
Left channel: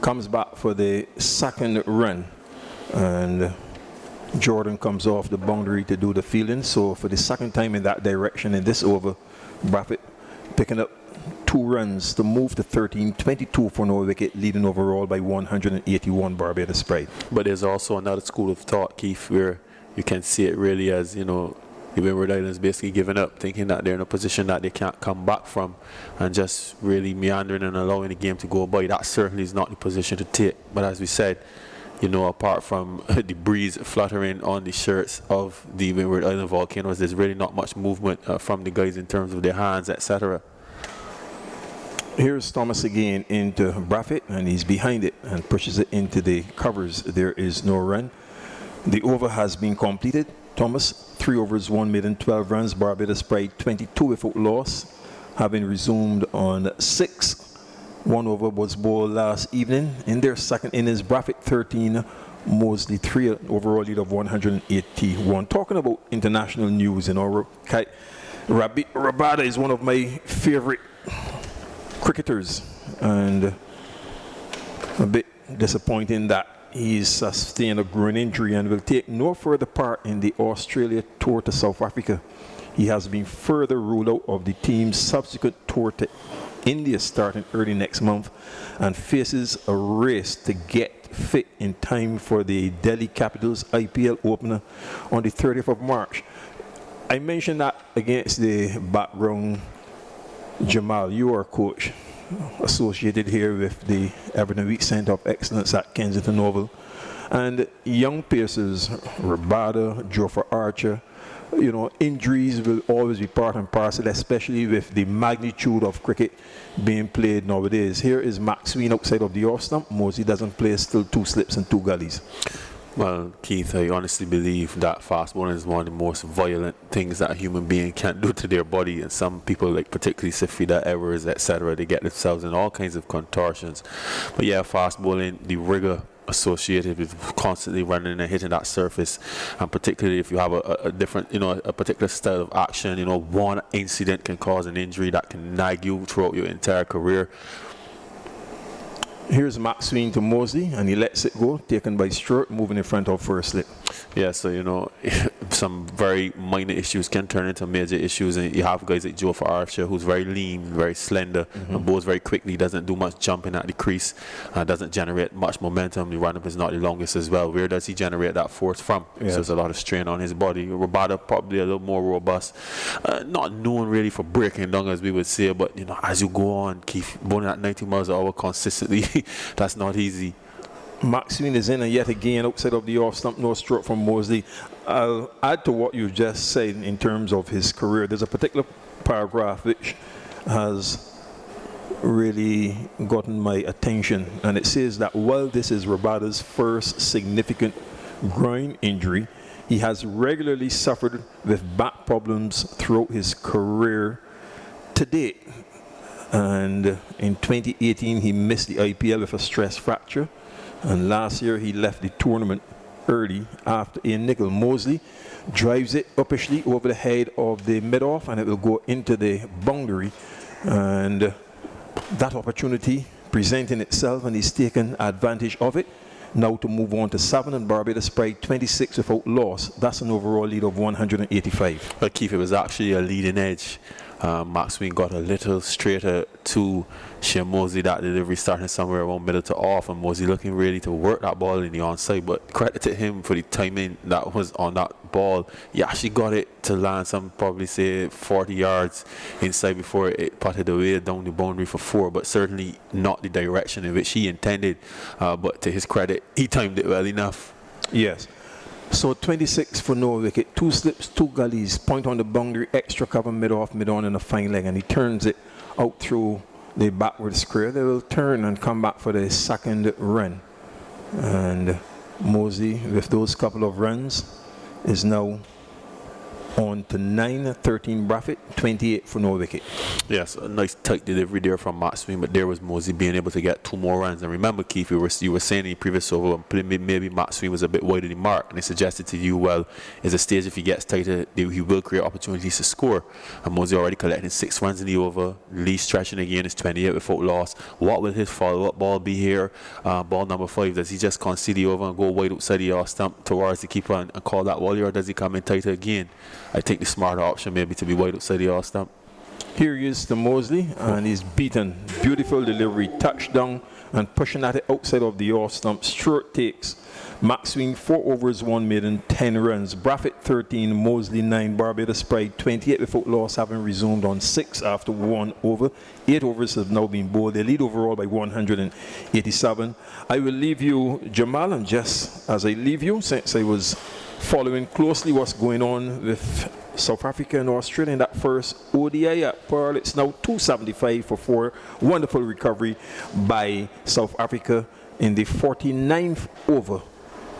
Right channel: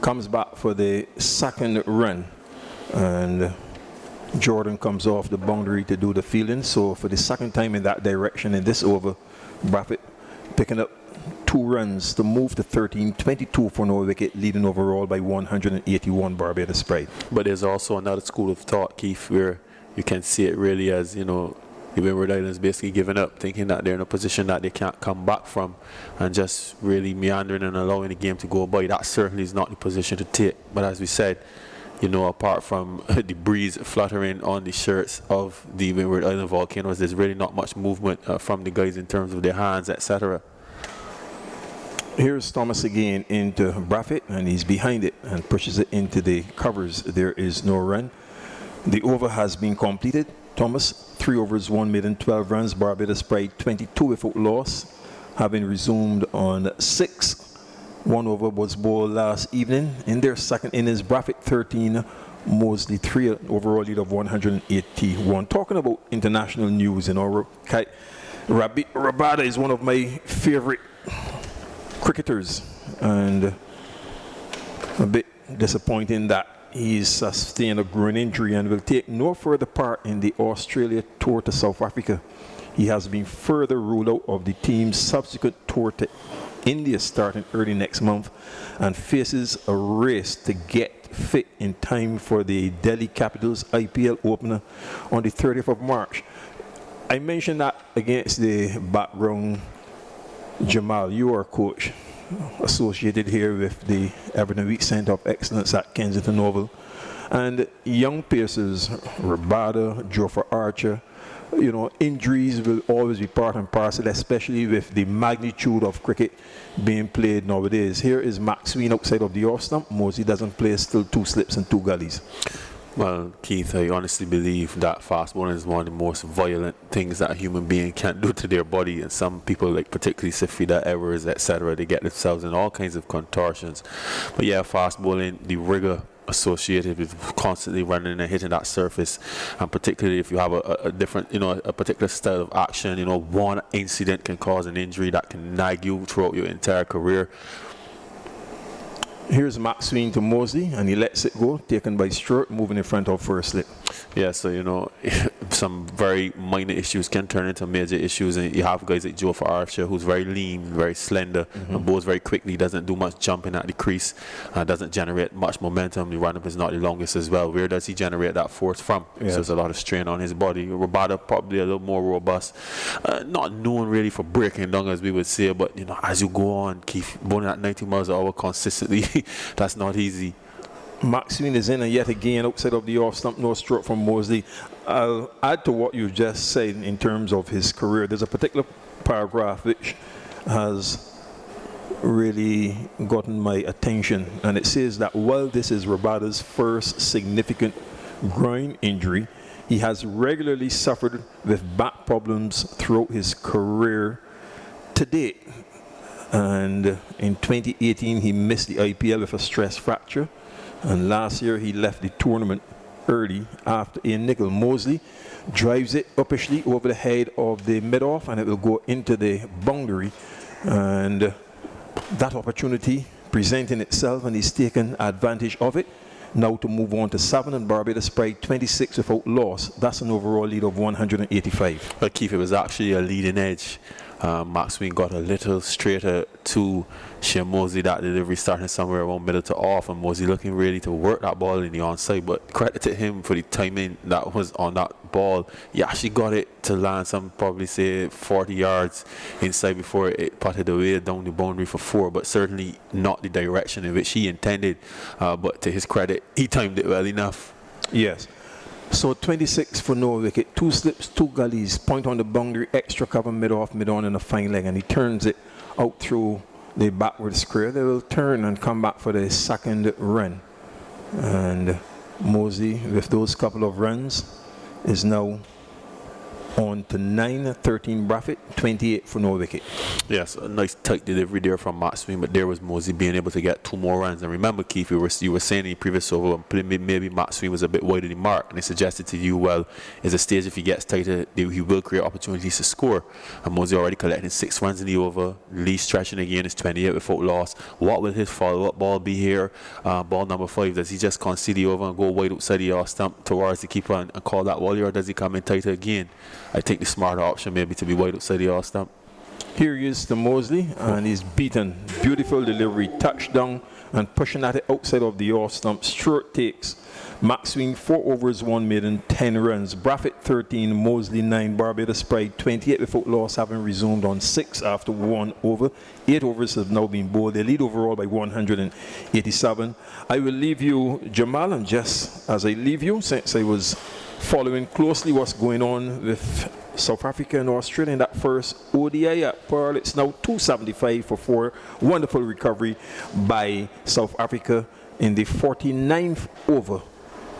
comes back for the second run, and Jordan comes off the boundary to do the fielding. So for the second time in that direction in this over, Braffett picking up 2 runs to move to 13, 22 for no wicket, leading overall by 181 Barbados Pride. But there's also another school of thought, Keith, where you can see it really as, you know, the Windward Islands basically giving up, thinking that they're in a position that they can't come back from, and just really meandering and allowing the game to go by. That certainly is not the position to take. But as we said, you know, apart from the breeze fluttering on the shirts of the Windward Island Volcanoes, there's really not much movement from the guys in terms of their hands, etc. Here's Thomas again into Braffett, and he's behind it and pushes it into the covers. There is no run. The over has been completed. Thomas, 3 overs, 1 maiden, 12 runs. Barbados Pride 22 without loss, having resumed on 6. 1 over was bowled last evening. In their second innings, Braffett 13, Mosley 3, an overall lead of 181. Talking about international news, you know, Rabada is one of my favorite cricketers, and a bit disappointing that he's sustained a groin injury and will take no further part in the Australia tour to South Africa. He has been further ruled out of the team's subsequent tour to India starting early next month and faces a race to get fit in time for the Delhi Capitals IPL opener on the 30th of March. I mentioned that against the background, Jamal, you are coach associated here with the Everton Week Centre of Excellence at Kensington Oval. And young pacers, Rabada, Joffre Archer, injuries will always be part and parcel, especially with the magnitude of cricket being played nowadays. Here is Max Sween outside of the off stump. Mosley doesn't play, still 2 slips and 2 gullies. Well, Keith, I honestly believe that fast bowling is one of the most violent things that a human being can do to their body. And some people, like particularly Safida Evers, etc., they get themselves in all kinds of contortions. But yeah, fast bowling, the rigor associated with constantly running and hitting that surface, and particularly if you have a different, a particular style of action, one incident can cause an injury that can nag you throughout your entire career. Here's Max Sween to Mosley, and he lets it go, taken by Stewart, moving in front of first slip. Yeah, so, some very minor issues can turn into major issues, and you have guys like Joffre Archer, who's very lean, very slender, and bowls very quickly, doesn't do much jumping at the crease, doesn't generate much momentum. The run-up is not the longest as well. Where does he generate that force from? Yeah. So there's a lot of strain on his body. Rabada probably a little more robust, not known really for breaking down, as we would say, but, as you go on, Keith, bowling at 90 miles an hour consistently, that's not easy. Max Sween is in, and yet again outside of the off stump, no stroke from Mosley. I'll add to what you just said in terms of his career. There's a particular paragraph which has really gotten my attention, and it says that while this is Rabada's first significant groin injury, he has regularly suffered with back problems throughout his career to date. And in 2018 he missed the IPL with a stress fracture, and last year he left the tournament early after a nickel. Mosley drives it uppishly over the head of the mid-off, and it will go into the boundary, and that opportunity presenting itself, and he's taken advantage of it. Now to move on to 7, and Barbados pride 26 without loss. That's an overall lead of 185. But Keith, it was actually a leading edge. Max Sween got a little straighter to Shane Mosley. That delivery starting somewhere around middle to off, and Mosley looking ready to work that ball in the onside. But credit to him for the timing that was on that ball. He actually got it to land some, probably say 40 yards inside before it putted away down the boundary for 4, but certainly not the direction in which he intended. But to his credit, he timed it well enough. Yes. So 26 for no wicket, 2 slips, 2 gullies, point on the boundary, extra cover mid-off, mid-on, and a fine leg, and he turns it out through the backward square. They will turn and come back for the second run. And Mosley, with those couple of runs, is now on to 9, 13 Braffett, 28 for no wicket. Yes, a nice tight delivery there from Max Sween, but there was Mosley being able to get 2 more runs. And remember, Keith, you were saying in the previous over, maybe Max Sween was a bit wide of the mark, and they suggested to you, well, is a stage if he gets tighter, he will create opportunities to score. And Mosley already collecting 6 runs in the over, lead stretching again is 28 without loss. What will his follow-up ball be here? Ball number 5, does he just concede the over and go wide outside the off stump towards the keeper and call that volley, or does he come in tighter again? I think the smarter option maybe to be wide outside the off stump. Here he is to Mosley, and he's beaten. Beautiful delivery, touchdown, and pushing at it outside of the off stump. Short takes. Max Sween 4 overs, 1 maiden, 10 runs. Braffett 13, Mosley 9. Barbados pride 28 without loss, having resumed on 6 after 1 over. 8 overs have now been bowled. They lead overall by 187. I will leave you, Jamal, and just as I leave you, since I was following closely what's going on with South Africa and Australia in that first ODI at Pearl. It's now 275 for 4. Wonderful recovery by South Africa in the 49th over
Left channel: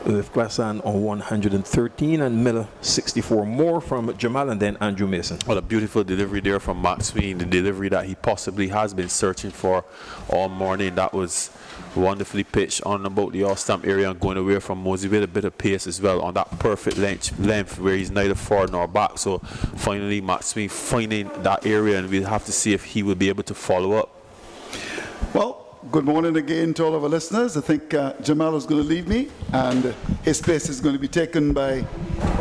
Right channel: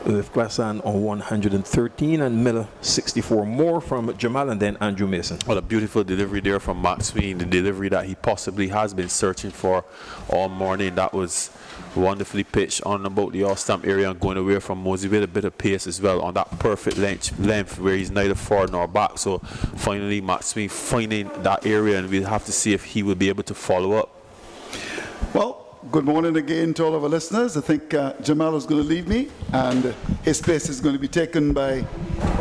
with Klasan on 113 and Miller 64. More from Jamal and then Andrew Mason. Well, a beautiful delivery there from Max Sween, the delivery that he possibly has been searching for all morning. That was wonderfully pitched on about the off-stump area and going away from Mosley with a bit of pace as well on that perfect length where he's neither forward nor back. So finally Max Sween finding that area, and we'll have to see if he will be able to follow up. Well, good morning again to all of our listeners. I think Jamal is going to leave me, and his place is going to be taken by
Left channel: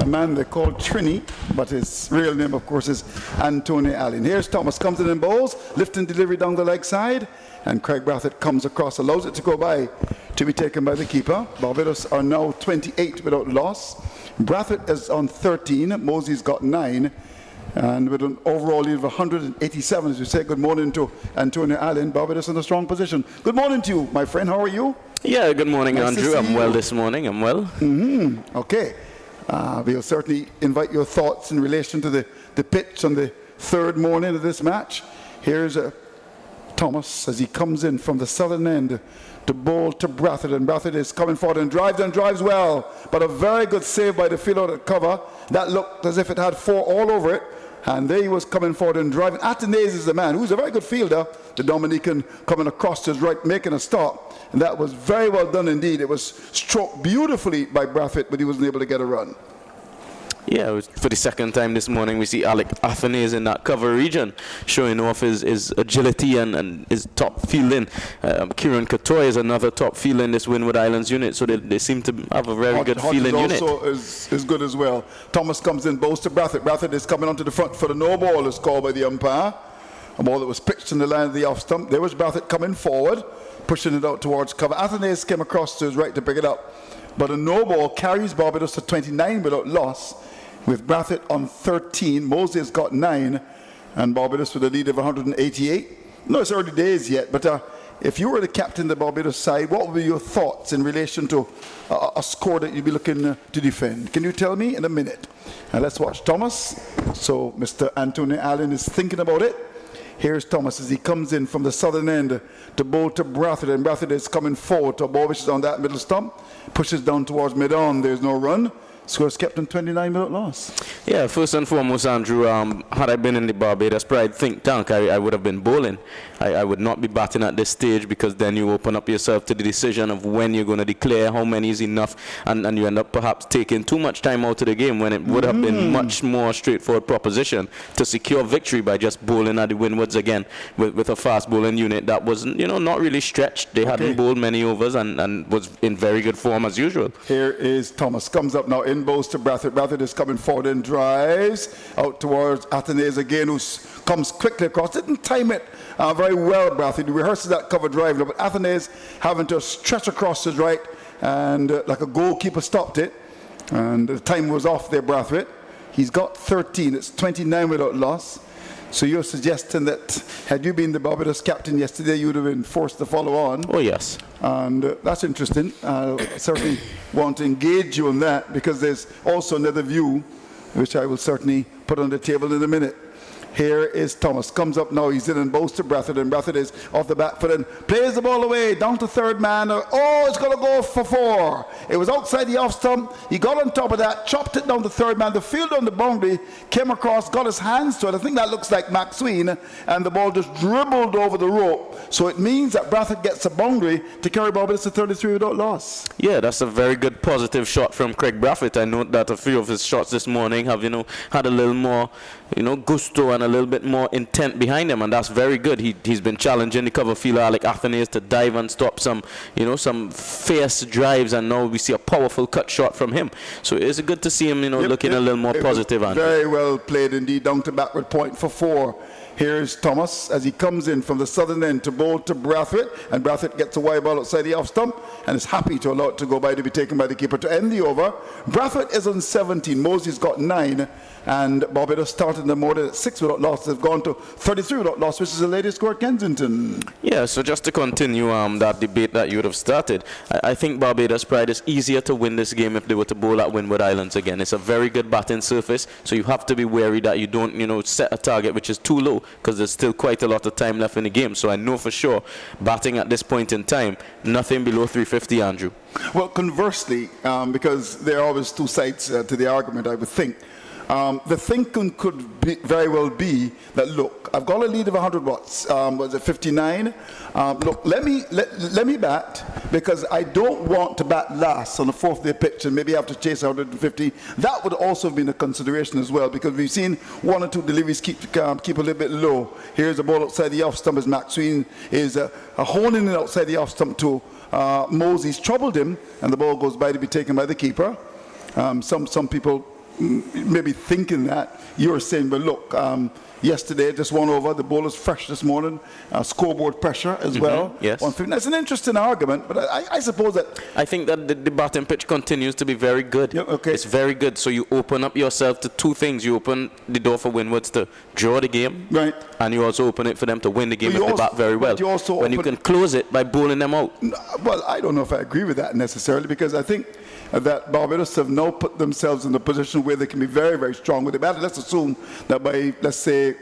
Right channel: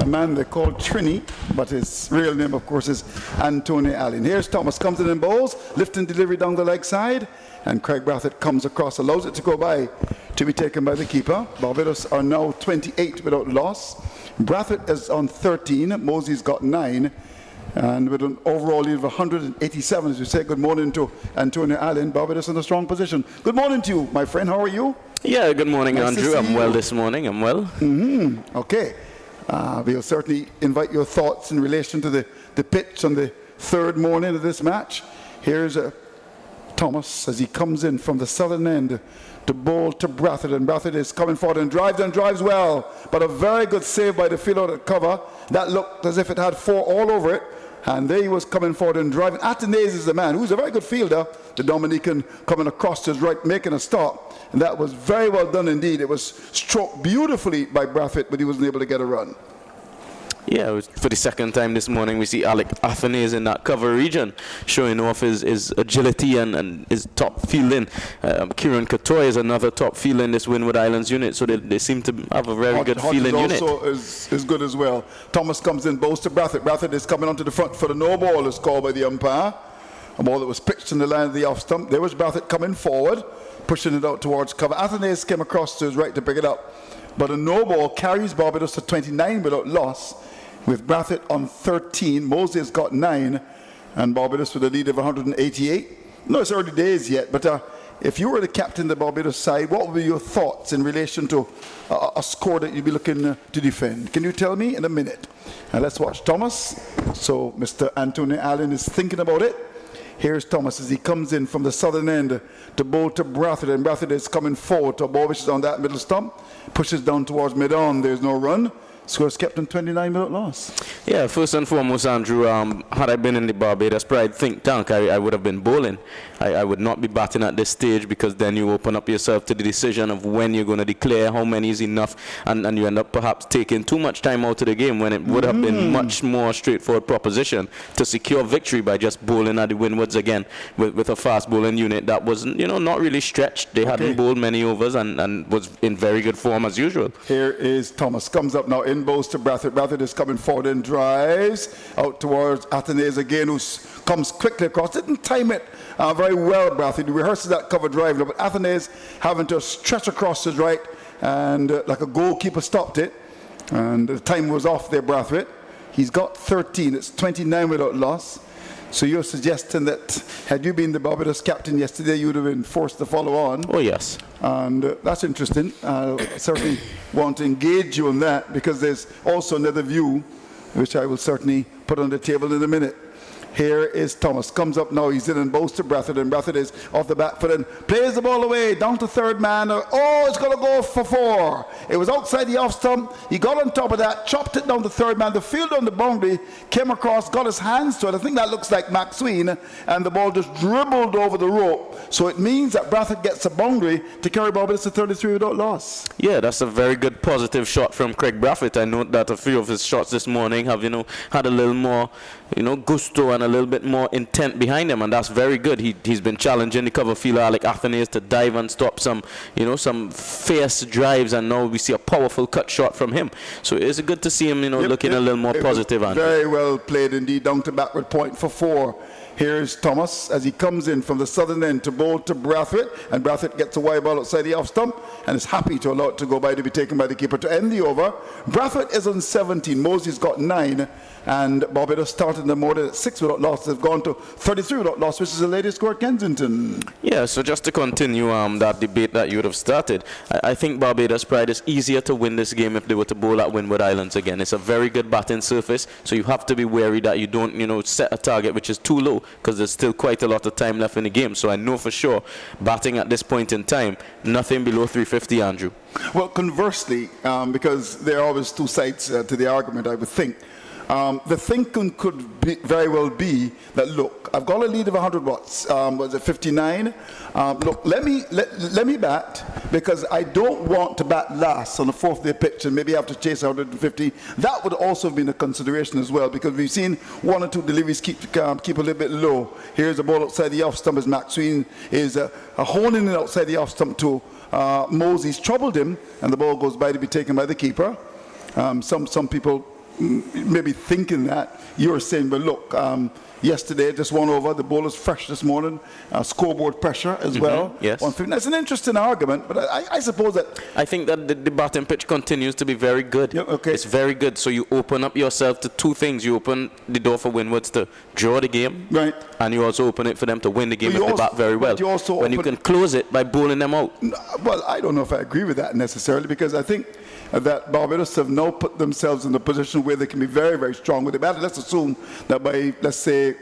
a man they call Trini, but his real name, of course, is Anthony Allen. Here's Thomas, comes in and bowls, lifting delivery down the leg side, and Craig Brathwaite comes across, allows it to go by, to be taken by the keeper. Barbados are now 28 without loss. Brathwaite is on 13, Mosey's got 9, and with an overall lead of 187, as we say, good morning to Antonio Allen. Barbados in a strong position. Good morning to you, my friend. How are you? Yeah, good morning, Nice Andrew. to I'm see well you. this morning. I'm well. Okay. We'll certainly invite your thoughts in relation to the pitch on the third morning of this match. Here's Thomas as he comes in from the southern end to bowl to Brathwaite, and Brathwaite is coming forward and drives well, but a very good save by the fielder at cover. That looked as if it had 4 all over it, and there he was coming forward and driving. Athanaze is the man who's a very good fielder, the Dominican coming across to his right, making a stop, and that was very well done indeed. It was stroked beautifully by Brathwaite, but he wasn't able to get a run. Yeah, it was for the second time this morning we see Alec Athanaze in that cover region, showing off his agility and his top fielding. Kieran Katoy is another top fielder in this Windward Islands unit, so they seem to have a very good fielding unit. Also is good as well. Thomas comes in, bowls to Brathwaite. Brathwaite is coming onto the front for the no ball is called by the umpire. A ball that was pitched in the line of the off stump. There was Brathwaite coming forward, pushing it out towards cover. Athanaze came across to his right to pick it up, but a no ball carries Barbados to 29 without loss, with Brathwaite on 13. Moses got 9, and Barbados with a lead of 188. No, it's early days yet, but if you were the captain of the Barbados side, what would be your thoughts in relation to a score that you'd be looking to defend? Can you tell me in a minute? And let's watch Thomas. So Mr. Anthony Allen is thinking about it. Here's Thomas as he comes in from the southern end to bowl to Brathwaite, and Brathwaite is coming forward to a ball which is on that middle stump, pushes down towards mid-on. There's no run. Scores kept in 29 without loss. Yeah, first and foremost, Andrew, had I been in the Barbados Pride think tank, I would have been bowling. I would not be batting at this stage, because then you open up yourself to the decision of when you're going to declare, how many is enough, and you end up perhaps taking too much time out of the game when it would have been much more straightforward proposition to secure victory by just bowling at the Windwards again with a fast bowling unit that wasn't, not really stretched. They hadn't bowled many overs and was in very good form as usual. Here is Thomas, comes up now in bowls to Brathwaite. Brathwaite is coming forward and drives out towards Athanaze again, who comes quickly across. Didn't time it very well, Brathwaite. He rehearses that cover drive, but Athanaze having to stretch across his right, and like a goalkeeper stopped it, and the time was off there, Brathwaite. He's got 13. It's 29 without loss. So you're suggesting that had you been the Barbados captain yesterday, you would have been forced to follow on. Oh, yes. And that's interesting. I certainly want to engage you on that, because there's also another view, which I will certainly put on the table in a minute. Here is Thomas, comes up now, he's in and bowls to Brathwaite, and Brathwaite is off the back foot and plays the ball away, down to third man. Oh, it's going to go for 4. It was outside the off stump, he got on top of that, chopped it down to third man. The fielder on the boundary came across, got his hands to it. I think that looks like Maxwell, and the ball just dribbled over the rope. So it means that Brathwaite gets a boundary to carry Barbados to 33 without loss. Yeah, that's a very good positive shot from Craig Brathwaite. I note that a few of his shots this morning have, had a little more, gusto and a little bit more intent behind him, and that's very good. He's been challenging the cover fielder Alec Athanaze to dive and stop some fierce drives, and now we see a powerful cut shot from him. So it's good to see him, looking a little more positive. Very well played indeed, down to backward point for 4. Here's Thomas as he comes in from the southern end to bowl to Brathwaite, and Brathwaite gets a wide ball outside the off stump and is happy to allow it to go by, to be taken by the keeper to end the over. Brathwaite is on 17, Mosey's got 9, and Barbados started in the morning at 6 without loss. They've gone to 33 without loss, which is the latest score at Kensington. Yeah, so just to continue that debate that you would have started, I think Barbados Pride is easier to win this game if they were to bowl at Windward Islands again. It's a very good batting surface, so you have to be wary that you don't, set a target which is too low, because there's still quite a lot of time left in the game. So I know for sure, batting at this point in time, nothing below 350, Andrew. Well, conversely, because there are always two sides to the argument, I would think. The thinking could very well be that, look, I've got a lead of 100 watts. Was it 59? Look, let me bat, because I don't want to bat last on the 4th day pitch and maybe have to chase 150. That would also have been a consideration as well, because we've seen 1 or 2 deliveries keep a little bit low. Here's a ball outside the off stump as Maxwell is honing it outside the off stump to Mosey's troubled him, and the ball goes by to be taken by the keeper. Some people maybe thinking that, you're saying, well, look, yesterday just won over, the ball is fresh this morning, scoreboard pressure as well. Yes. That's an interesting argument, but I suppose that... I think that the batting pitch continues to be very good. Yeah, okay. It's very good. So you open up yourself to two things. You open the door for Windwards to draw the game, right, and you also open it for them to win the game But if they bat very well. you also when you can close it by bowling them out. Well, I don't know if I agree with that necessarily, because I think that Barbados have now put themselves in a position where they can be very, very strong with the batter. Let's assume that by, let's say,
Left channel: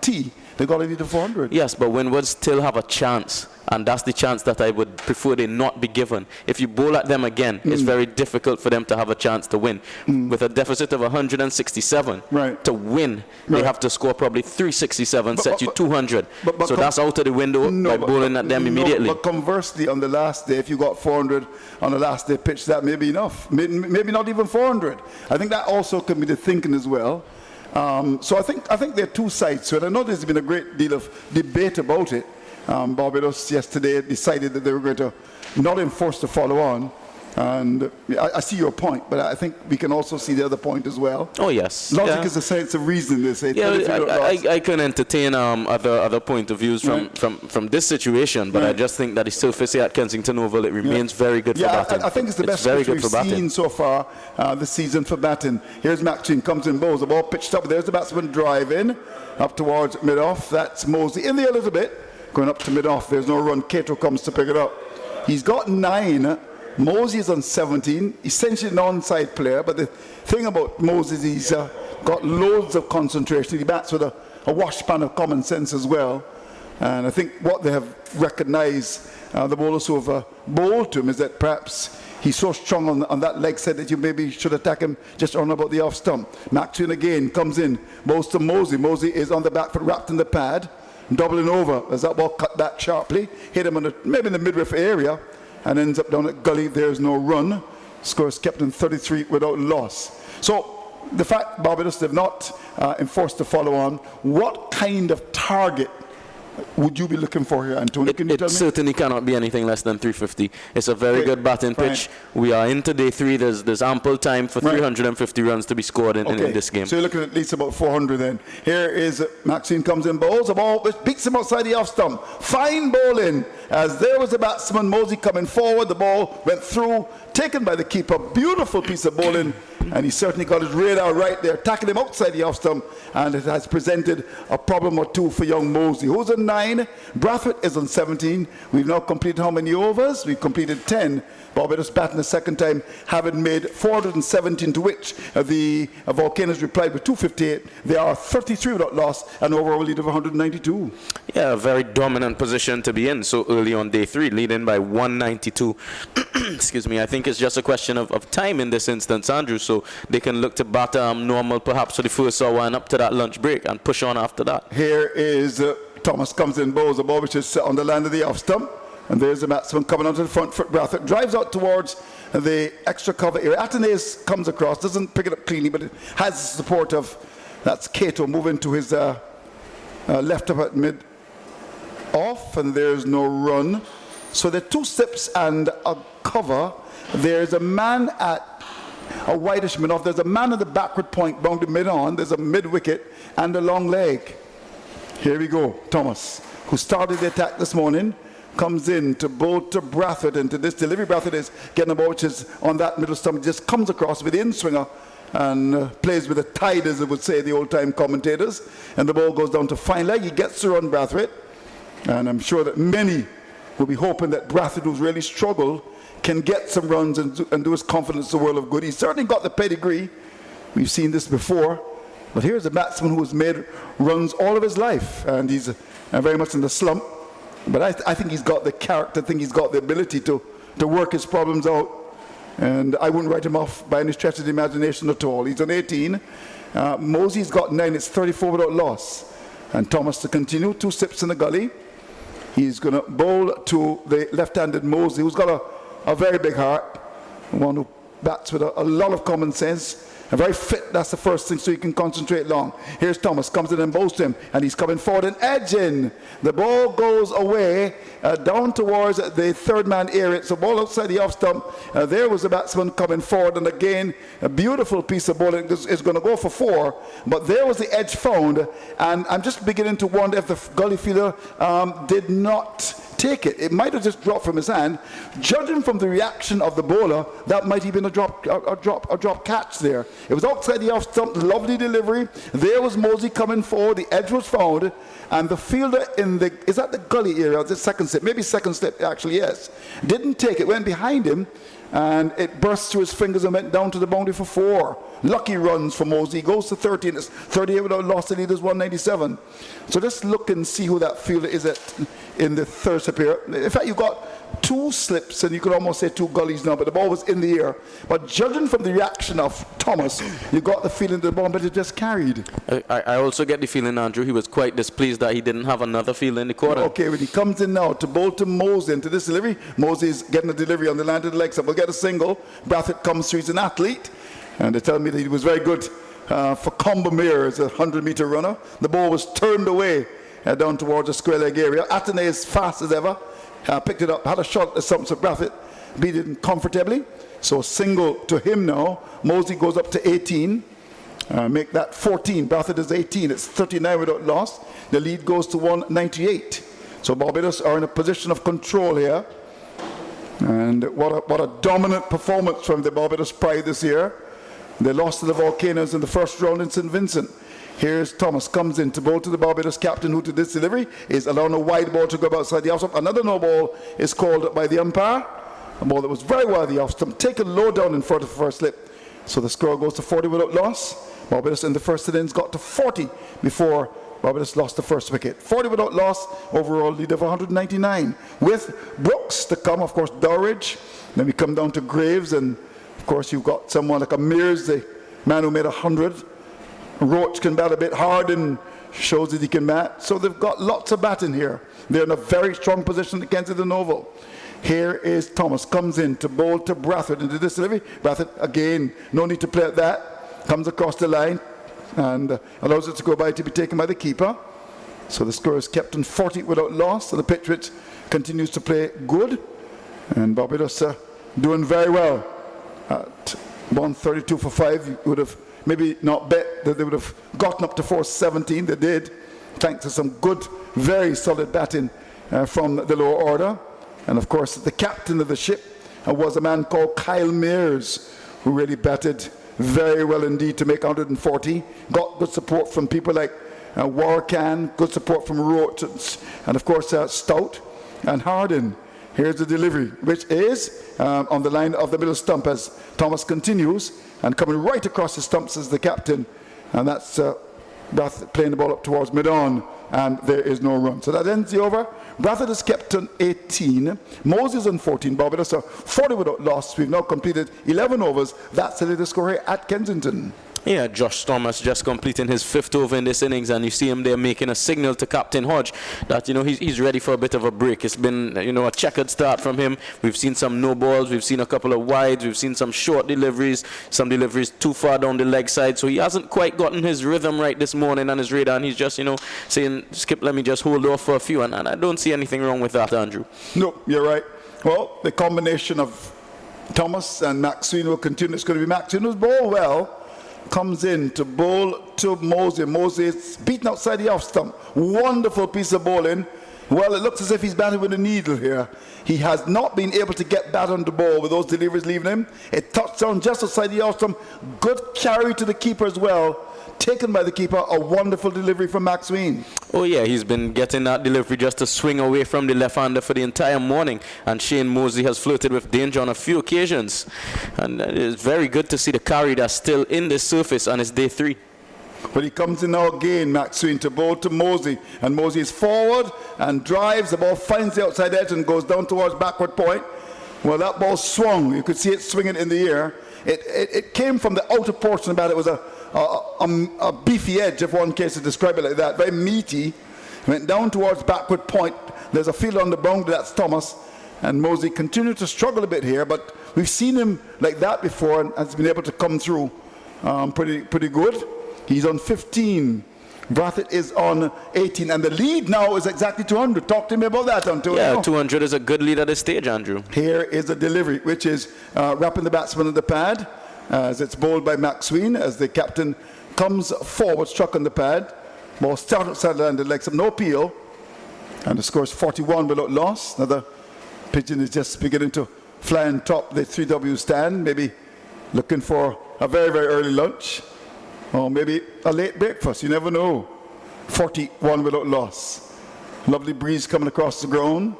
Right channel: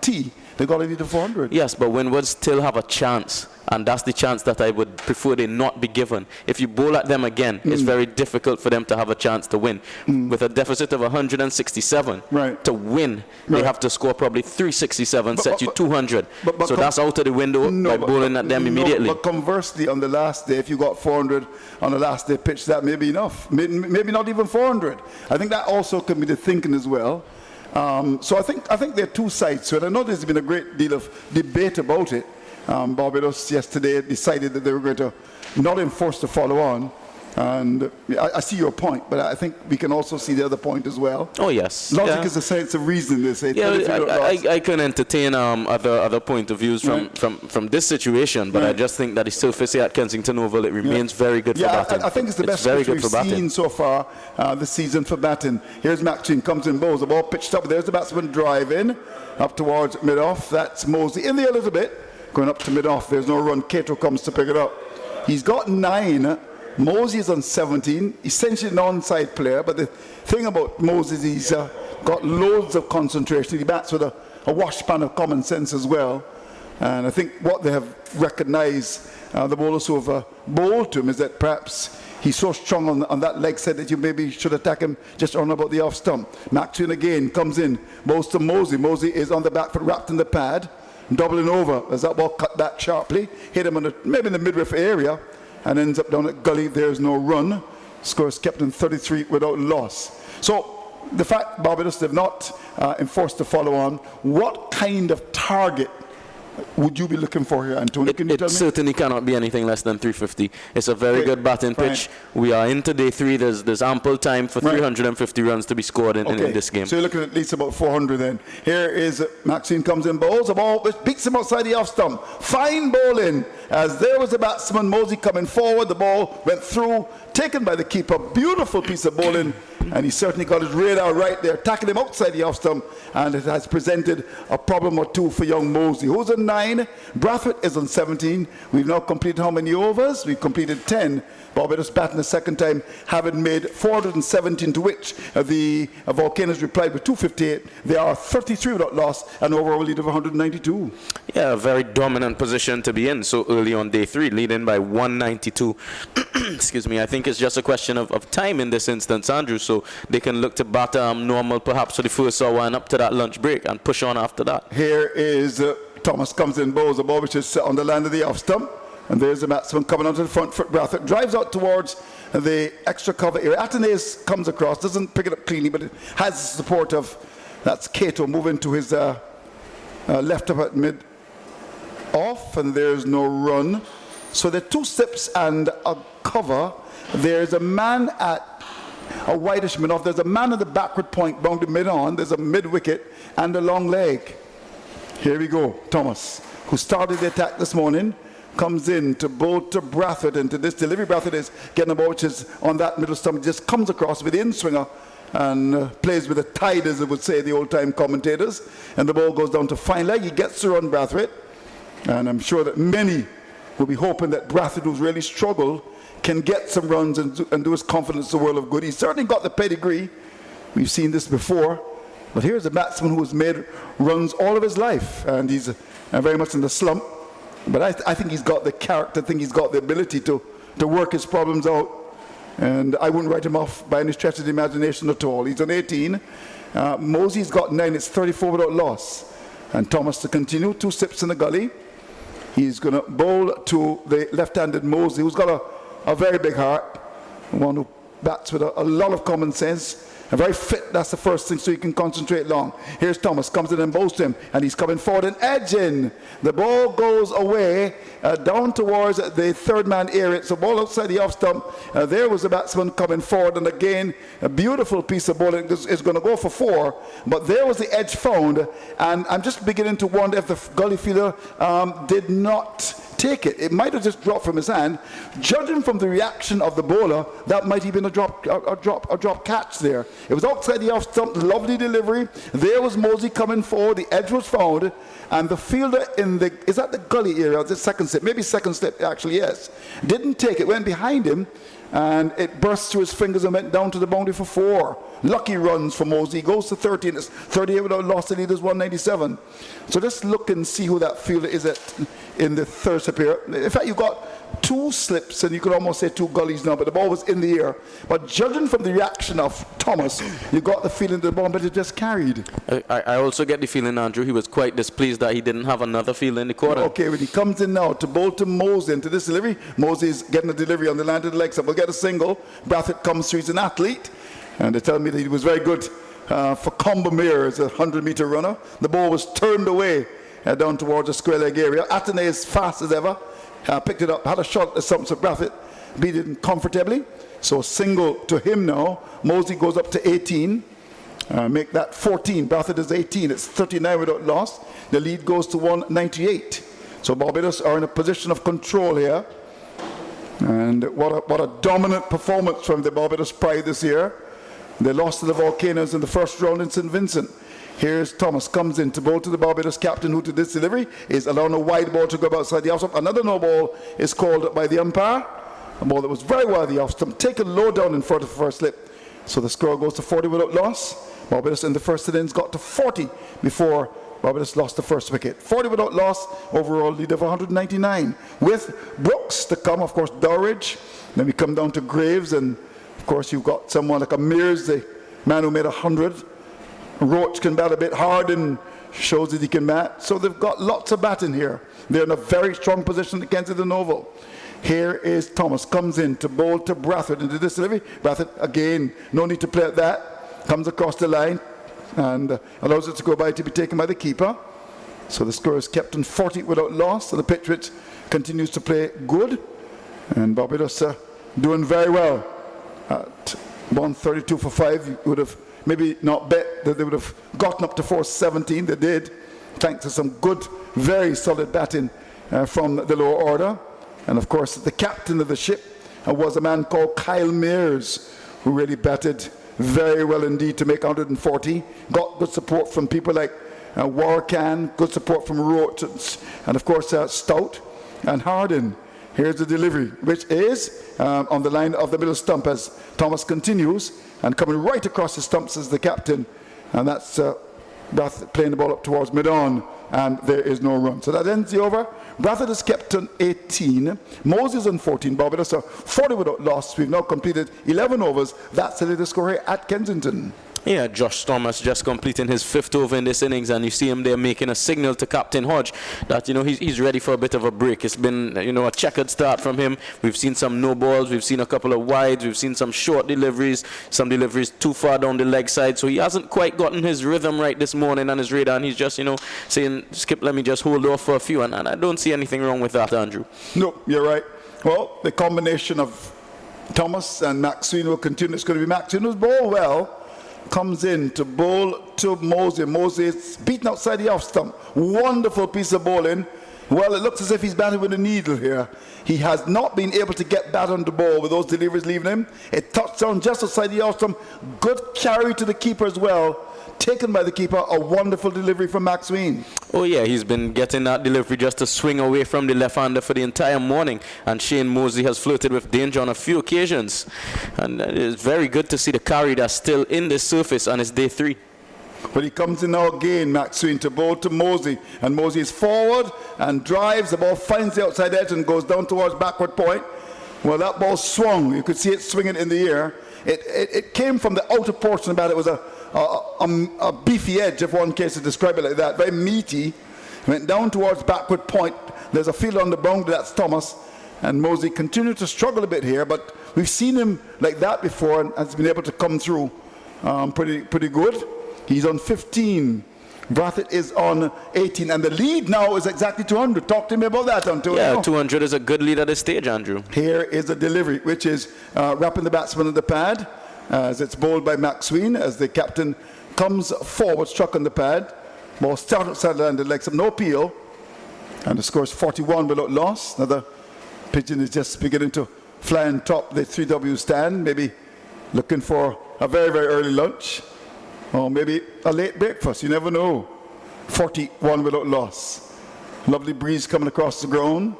T, they got to 400. Yes, but Windward still have a chance, and that's the chance that I would prefer they not be given. If you bowl at them again, it's very difficult for them to have a chance to win. With a deficit of 167, right, to win, they have to score probably 367, set you 200. So that's out of the window by bowling at them immediately. But conversely, on the last day, if you got 400 on the last day pitch, that may be enough. Maybe not even 400. I think that also can be the thinking as well. So I think there are two sides to it. I know there's been a great deal of debate about it. Barbados yesterday decided that they were going to not enforce the follow-on. And I see your point, but I think we can also see the other point as well. Oh, yes. Logic is a sense of reason, they say. Yeah, I can entertain other point of views from this situation, but I just think that the surface here at Kensington Oval, it remains very good for batting. I think it's the best pitch we've seen so far this season for batting. Here's Maxine, comes in, bowls, the ball pitched up. There's the batsman driving up towards mid-off. That's Mosley in there a little bit, going up to mid-off. There's no run. Cato comes to pick it up. He's got 9. Moses on 17, essentially an onside player, but the thing about Moses, he's got loads of concentration. He bats with a washpan of common sense as well. And I think what they have recognized, the bowlers who have bowled to him, is that perhaps he's so strong on that leg side that you maybe should attack him just on about the off stump. Maxwell again comes in, bowls to Mosey. Mosey is on the back foot, wrapped in the pad, doubling over as that ball cut back sharply, hit him on maybe in the midriff area, and ends up down at gully. There's no run. Score is kept in 33 without loss. So the fact Barbados have not enforced the follow-on, what kind of target would you be looking for here, Antonio? Can you tell me? It certainly cannot be anything less than 350. It's a very good batting pitch. We are into day 3. There's ample time for 350 runs to be scored in this game. So you're looking at least about 400 then. Here is Maxine comes in, bowls a ball which beats him outside the off stump. Fine bowling, as there was the batsman Mosey coming forward. The ball went through, taken by the keeper. Beautiful piece of bowling, and he certainly got his radar right there, tackling him outside the off stump, and it has presented a problem or two for young Mosey, who's on 9. Brathwaite is on 17. We've now completed how many overs? We've completed 10. Barbados batting the second time, having made 417, to which the Volcanoes replied with 258. They are 33 without loss, and overall lead of 192. Yeah, a very dominant position to be in so early on day 3, leading by 192. Excuse me. I think it's just a question of time in this instance, Andrew, so they can look to bat normal perhaps for the first hour and up to that lunch break and push on after that. Here is Thomas comes in, bowls a ball which is on the land of the off stump. And there's the batsman coming onto the front foot. Brathwaite drives out towards the extra cover area. Atenes comes across, doesn't pick it up cleanly, but it has the support of, that's Cato moving to his left up at mid off, and there's no run. So there are 2 steps and a cover. There's a man at a whitish mid off. There's a man at the backward point, bound to mid on. There's a mid wicket and a long leg. Here we go. Thomas, who started the attack this morning, comes in to bowl to Brathwaite, and to this delivery Brathwaite is getting a ball which is on that middle stump, just comes across with the in-swinger and plays with the tide, as it would say the old-time commentators, and the ball goes down to fine leg. He gets to run Brathwaite, and I'm sure that many will be hoping that Brathwaite, who's really struggled, can get some runs and do his confidence the world of good. He's certainly got the pedigree. We've seen this before, but here's a batsman who has made runs all of his life, and he's very much in the slump. But I think he's got the character, I think he's got the ability to work his problems out. And I wouldn't write him off by any stretch of the imagination at all. He's on 18. Mosey's got 9. It's 34 without loss. And Thomas to continue. 2 steps in the gully. He's going to bowl to the left-handed Mosey, who's got a very big heart. One who bats with a lot of common sense. and very fit. That's the first thing, so you can concentrate long. Here's Thomas, comes in and bowls to him, and he's coming forward and edging. The ball goes away down towards the third man area. So ball outside the off stump. There was the batsman coming forward, and again, a beautiful piece of bowling. It's going to go for 4, but there was the edge found, and I'm just beginning to wonder if the gully fielder did not take it. It might have just dropped from his hand. Judging from the reaction of the bowler, that might have been a drop catch there. It was outside the off stump, lovely delivery. There was Mosey coming forward, the edge was found, and the fielder is that the gully area, the second slip, maybe second slip actually, yes. Didn't take it, went behind him, and it burst through his fingers and went down to the boundary for 4. Lucky runs for Mosey. He goes to 30, and it's 38 without loss. The lead is 197. So let's look and see who that fielder is in the third slip here. In fact, you got 2 slips, and you could almost say 2 gullies now, but the ball was in the air. But judging from the reaction of Thomas, you got the feeling the ball but it just carried. I also get the feeling, Andrew, he was quite displeased that he didn't have another field in the quarter. Okay, when he comes in now to bowl to Mosey into this delivery, Mosey's getting a delivery on the line to the leg side. We'll get a single. Brathwaite comes through. He's an athlete, and they tell me that he was very good for Combermere as a 100-meter runner. The ball was turned away down towards the square leg area. Atenay as fast as ever. Picked it up, had a shot at the stumps of Brathwaite, beat it comfortably. So single to him now. Mosey goes up to 18. Make that 14. Brathwaite is 18. It's 39 without loss. The lead goes to 198. So Barbados are in a position of control here. And what a dominant performance from the Barbados Pride this year. They lost to the Volcanoes in the first round in St. Vincent. Here's Thomas, comes in to bowl to the Barbados captain, who to this delivery is allowing a wide ball to go outside the off stump. Another no ball is called by the umpire. A ball that was very wide the off stump, taken low down in front of the first slip. So the score goes to 40 without loss. Barbados in the first innings got to 40 before Barbados lost the first wicket. 40 without loss, overall lead of 199. With Brooks to come, of course, Dowridge. Then we come down to Graves, and of course you've got someone like a Mears, the man who made 100. Roach can bat a bit hard and shows that he can bat. So they've got lots of batting here. They're in a very strong position at Kensington Oval. Here is Thomas, comes in to bowl to Brathwaite into this delivery. Brathwaite, again, no need to play at that. Comes across the line and allows it to go by to be taken by the keeper. So the score is kept in 40 without loss. So the pitch which continues to play good. And Barbados doing very well. At 132 for 5, you would have maybe not bet that they would have gotten up to 417. They did, thanks to some good, very solid batting from the lower order. And of course, the captain of the ship was a man called Kyle Mears, who really batted very well indeed to make 140. Got good support from people like Warcan, good support from Roach, and of course Stout and Hardin. Here's the delivery, which is on the line of the middle stump as Thomas continues, and coming right across the stumps is the captain, and that's playing the ball up towards mid-on, and there is no run. So that ends the over. Brathwaite is kept on 18, Moses on 14, Barbados are 40 without loss. We've now completed 11 overs. That's the latest score here at Kensington. Yeah, Josh Thomas just completing his 5th over in this innings, and you see him there making a signal to Captain Hodge that, you know, he's ready for a bit of a break. It's been, you know, a checkered start from him. We've seen some no balls, we've seen a couple of wides, we've seen some short deliveries, some deliveries too far down the leg side, so he hasn't quite gotten his rhythm right this morning on his radar, and he's just, you know, saying, Skip, let me just hold off for a few, and I don't see anything wrong with that, Andrew. No, you're right. Well, the combination of Thomas and Maxine will continue. It's going to be Maxine who's bowled well. Comes in to bowl to Mosey. Mosey is beaten outside the off stump. Wonderful piece of bowling. Well, it looks as if he's batting with a needle here. He has not been able to get bat on the ball with those deliveries leaving him. It touched down just outside the off stump. Good carry to the keeper as well. Taken by the keeper. A wonderful delivery from Maxween. Oh yeah, he's been getting that delivery just to swing away from the left-hander for the entire morning, and Shane Mosey has flirted with danger on a few occasions, and it's very good to see the carry that's still in the surface on his day 3. But he comes in now again, Maxween, to bowl to Mosey, and Mosey is forward and drives. The ball finds the outside edge and goes down towards backward point. Well, that ball swung. You could see it swinging in the air. It came from the outer portion of the bat. It was a beefy edge, if one cares to describe it like that, very meaty. Went down towards backward point. There's a field on the boundary, that's Thomas, and Mosey continued to struggle a bit here, but we've seen him like that before and has been able to come through pretty good. He's on 15. Brathwaite is on 18, and the lead now is exactly 200. Talk to me about that, Antonio. Yeah, 200 is a good lead at this stage, Andrew. Here is a delivery, which is wrapping the batsman on the pad, as it's bowled by Maxwell, as the captain comes forward, struck on the pad. Ball started landed like some no peel, and the score is 41 without loss. Now the pigeon is just beginning to fly on top the 3W stand, maybe looking for a very, very early lunch. Or maybe a late breakfast, you never know. 41 without loss. Lovely breeze coming across the ground.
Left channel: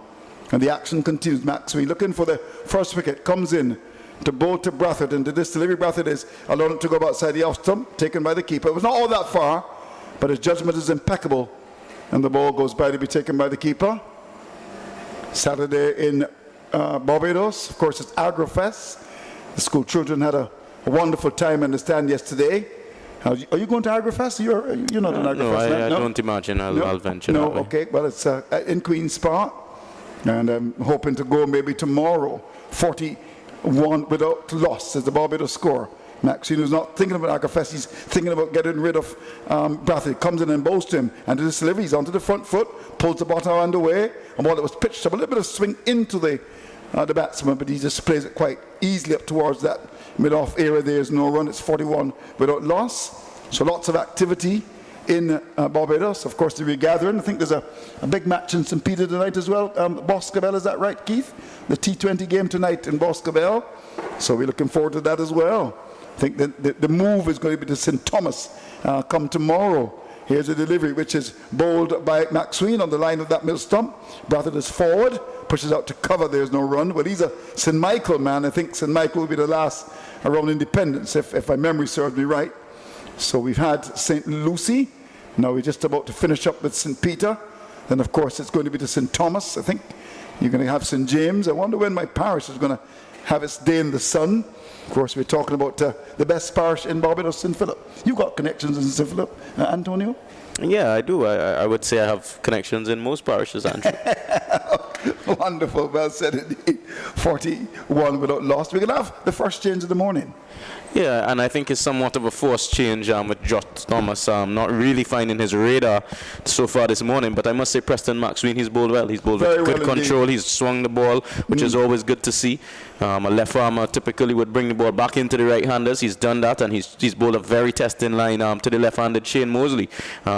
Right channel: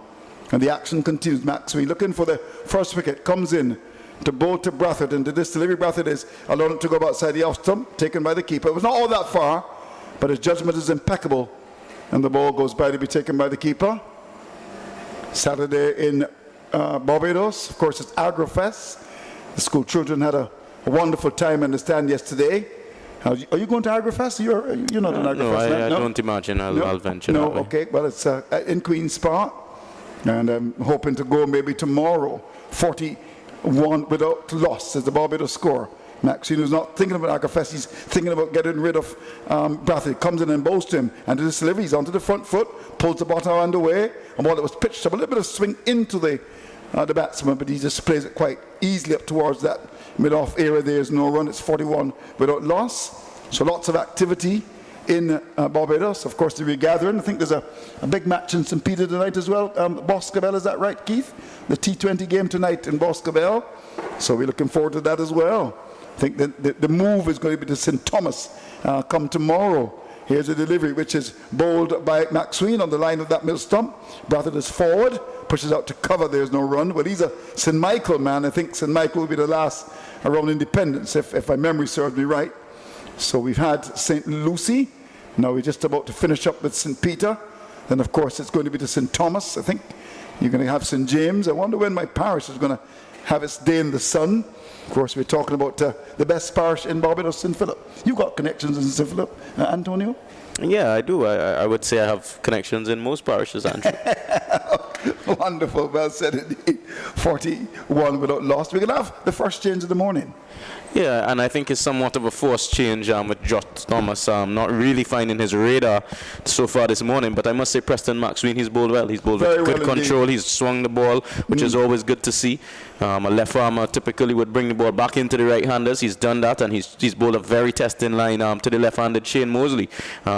And the action continues. Maxwell looking for the first wicket. Comes in to bowl to Brathwaite. And to this delivery, Brathwaite is allowed to go outside the off stump, taken by the keeper. It was not all that far, but his judgment is impeccable. And the ball goes by to be taken by the keeper. Saturday in Barbados. Of course, it's Agrofest. The school children had a wonderful time in the stand yesterday. Are you going to Agrofest? You're not an Agrofest. No, I don't imagine I'll venture No, that way. okay. Well, it's in Queen's Park, and I'm hoping to go maybe tomorrow. 41 without loss is the Barbados score. Maxine is not thinking about Agrofest. He's thinking about getting rid of Brathwaite. Comes in and bows to him, and to this delivery, he's onto the front foot, pulls the bottom hand away, and while it was pitched up, a little bit of swing into the batsman, but he just plays it quite easily up towards that mid-off area. There's no run. It's 41 without loss. So lots of activity in Barbados. Of course, the regathering. I think there's a big match in St. Peter tonight as well. Boscobel, is that right, Keith? The T20 game tonight in Boscobel. So we're looking forward to that as well. I think the move is going to be to St. Thomas come tomorrow. Here's a delivery which is bowled by Maxwell on the line of that middle stump. Brathwaite is forward, pushes out to cover. There's no run. But he's a St. Michael man. I think St. Michael will be the last around Independence, if my memory serves me right. So we've had St. Lucie. Now we're just about to finish up with St. Peter. Then, of course, it's going to be to St. Thomas. I think you're going to have St. James. I wonder when my parish is going to have its day in the sun. Of course, we're talking about the best parish in Barbados, St. Philip. You got connections in St. Philip, Antonio? Yeah, I do. I would say I have connections in most parishes, Andrew. Wonderful. Well said indeed. 41 without loss. We're going to have the first change of the morning. Yeah, and I think it's somewhat of a forced change with Josh Thomas not really finding his radar so far this morning. But I must say, Preston Maxwell, he's bowled well. He's bowled with good control. He's swung the ball, which is always good to see. A left armer typically would bring the ball back into the right-handers. He's done that, and he's bowled a very testing line to the left-handed Shane Mosley,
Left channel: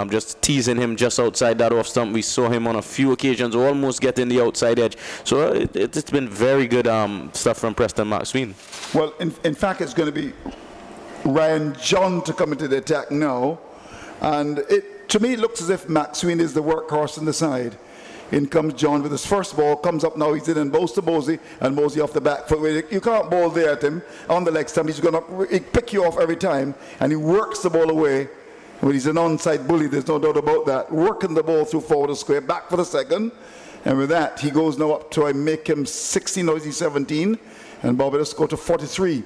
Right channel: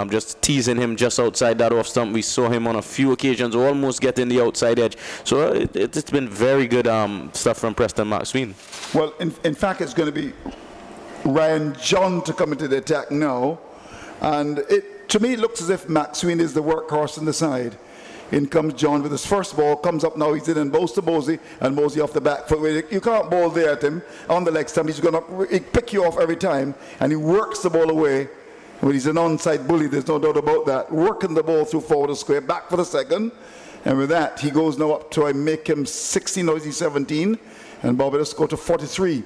just teasing him just outside that off stump. We saw him on a few occasions almost getting the outside edge. So it's been very good stuff from Preston Maxwell. Well, in fact, it's going to be Ryan John to come into the attack now, and to me it looks as if Maxwell is the workhorse on the side. In comes John with his first ball, comes up now, he's in and bows to Mosey, and Mosey off the back foot. You can't bowl there at him on the leg stump. He's going to pick you off every time, and he works the ball away. Well, he's an onside bully, there's no doubt about that. Working the ball through forward of square, back for the second, and with that he goes now up to, I make him 16, now he's 17, and Barbados go to 43.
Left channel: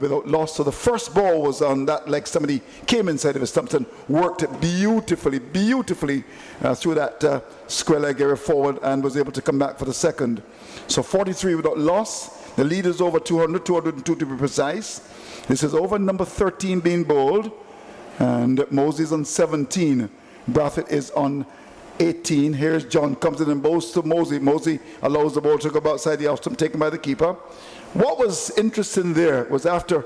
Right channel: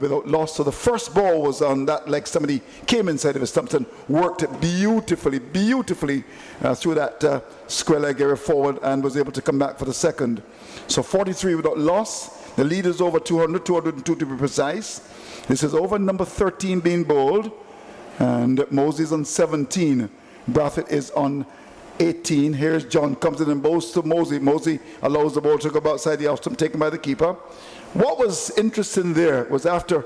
Without loss. So the first ball was on that leg. Somebody came inside of his stumps and worked it beautifully through that square leg area forward and was able to come back for the second. So 43 without loss. The lead is over 200, 202 to be precise. This is over number 13 being bowled. And Mosey's on 17. Brathwaite is on 18. Here's John, comes in and bows to Mosey. Mosey allows the ball to go outside the off stump, taken by the keeper. What was interesting there was after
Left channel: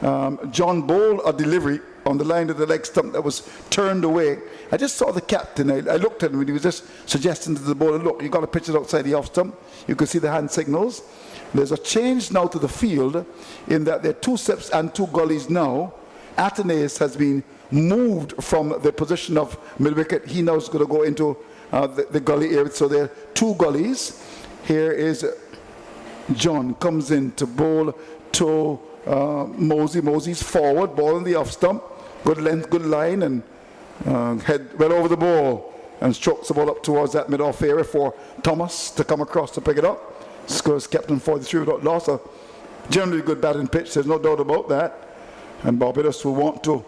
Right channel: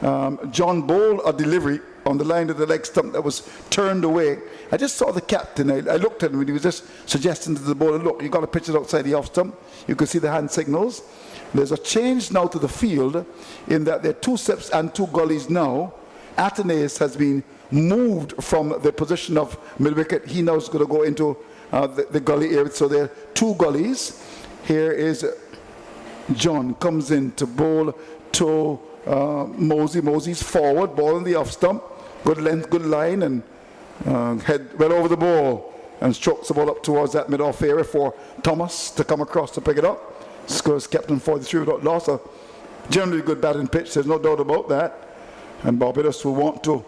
John bowled a delivery on the line of the leg stump that was turned away, I just saw the captain. I looked at him and he was just suggesting to the bowler, look, you've got to pitch it outside the off stump. You can see the hand signals. There's a change now to the field in that there are 2 steps and 2 gullies now. Athenaeus has been moved from the position of mid-wicket. He now is going to go into the gully area. So there are 2 gullies. Here is John, comes in to bowl to Mosey. Mosey's forward, ball on the off stump. Good length, good line, and head well over the ball and strokes the ball up towards that mid-off area for Thomas to come across to pick it up. Scores captain 43 without loss. A generally good batting pitch, there's no doubt about that. And Barbados will want to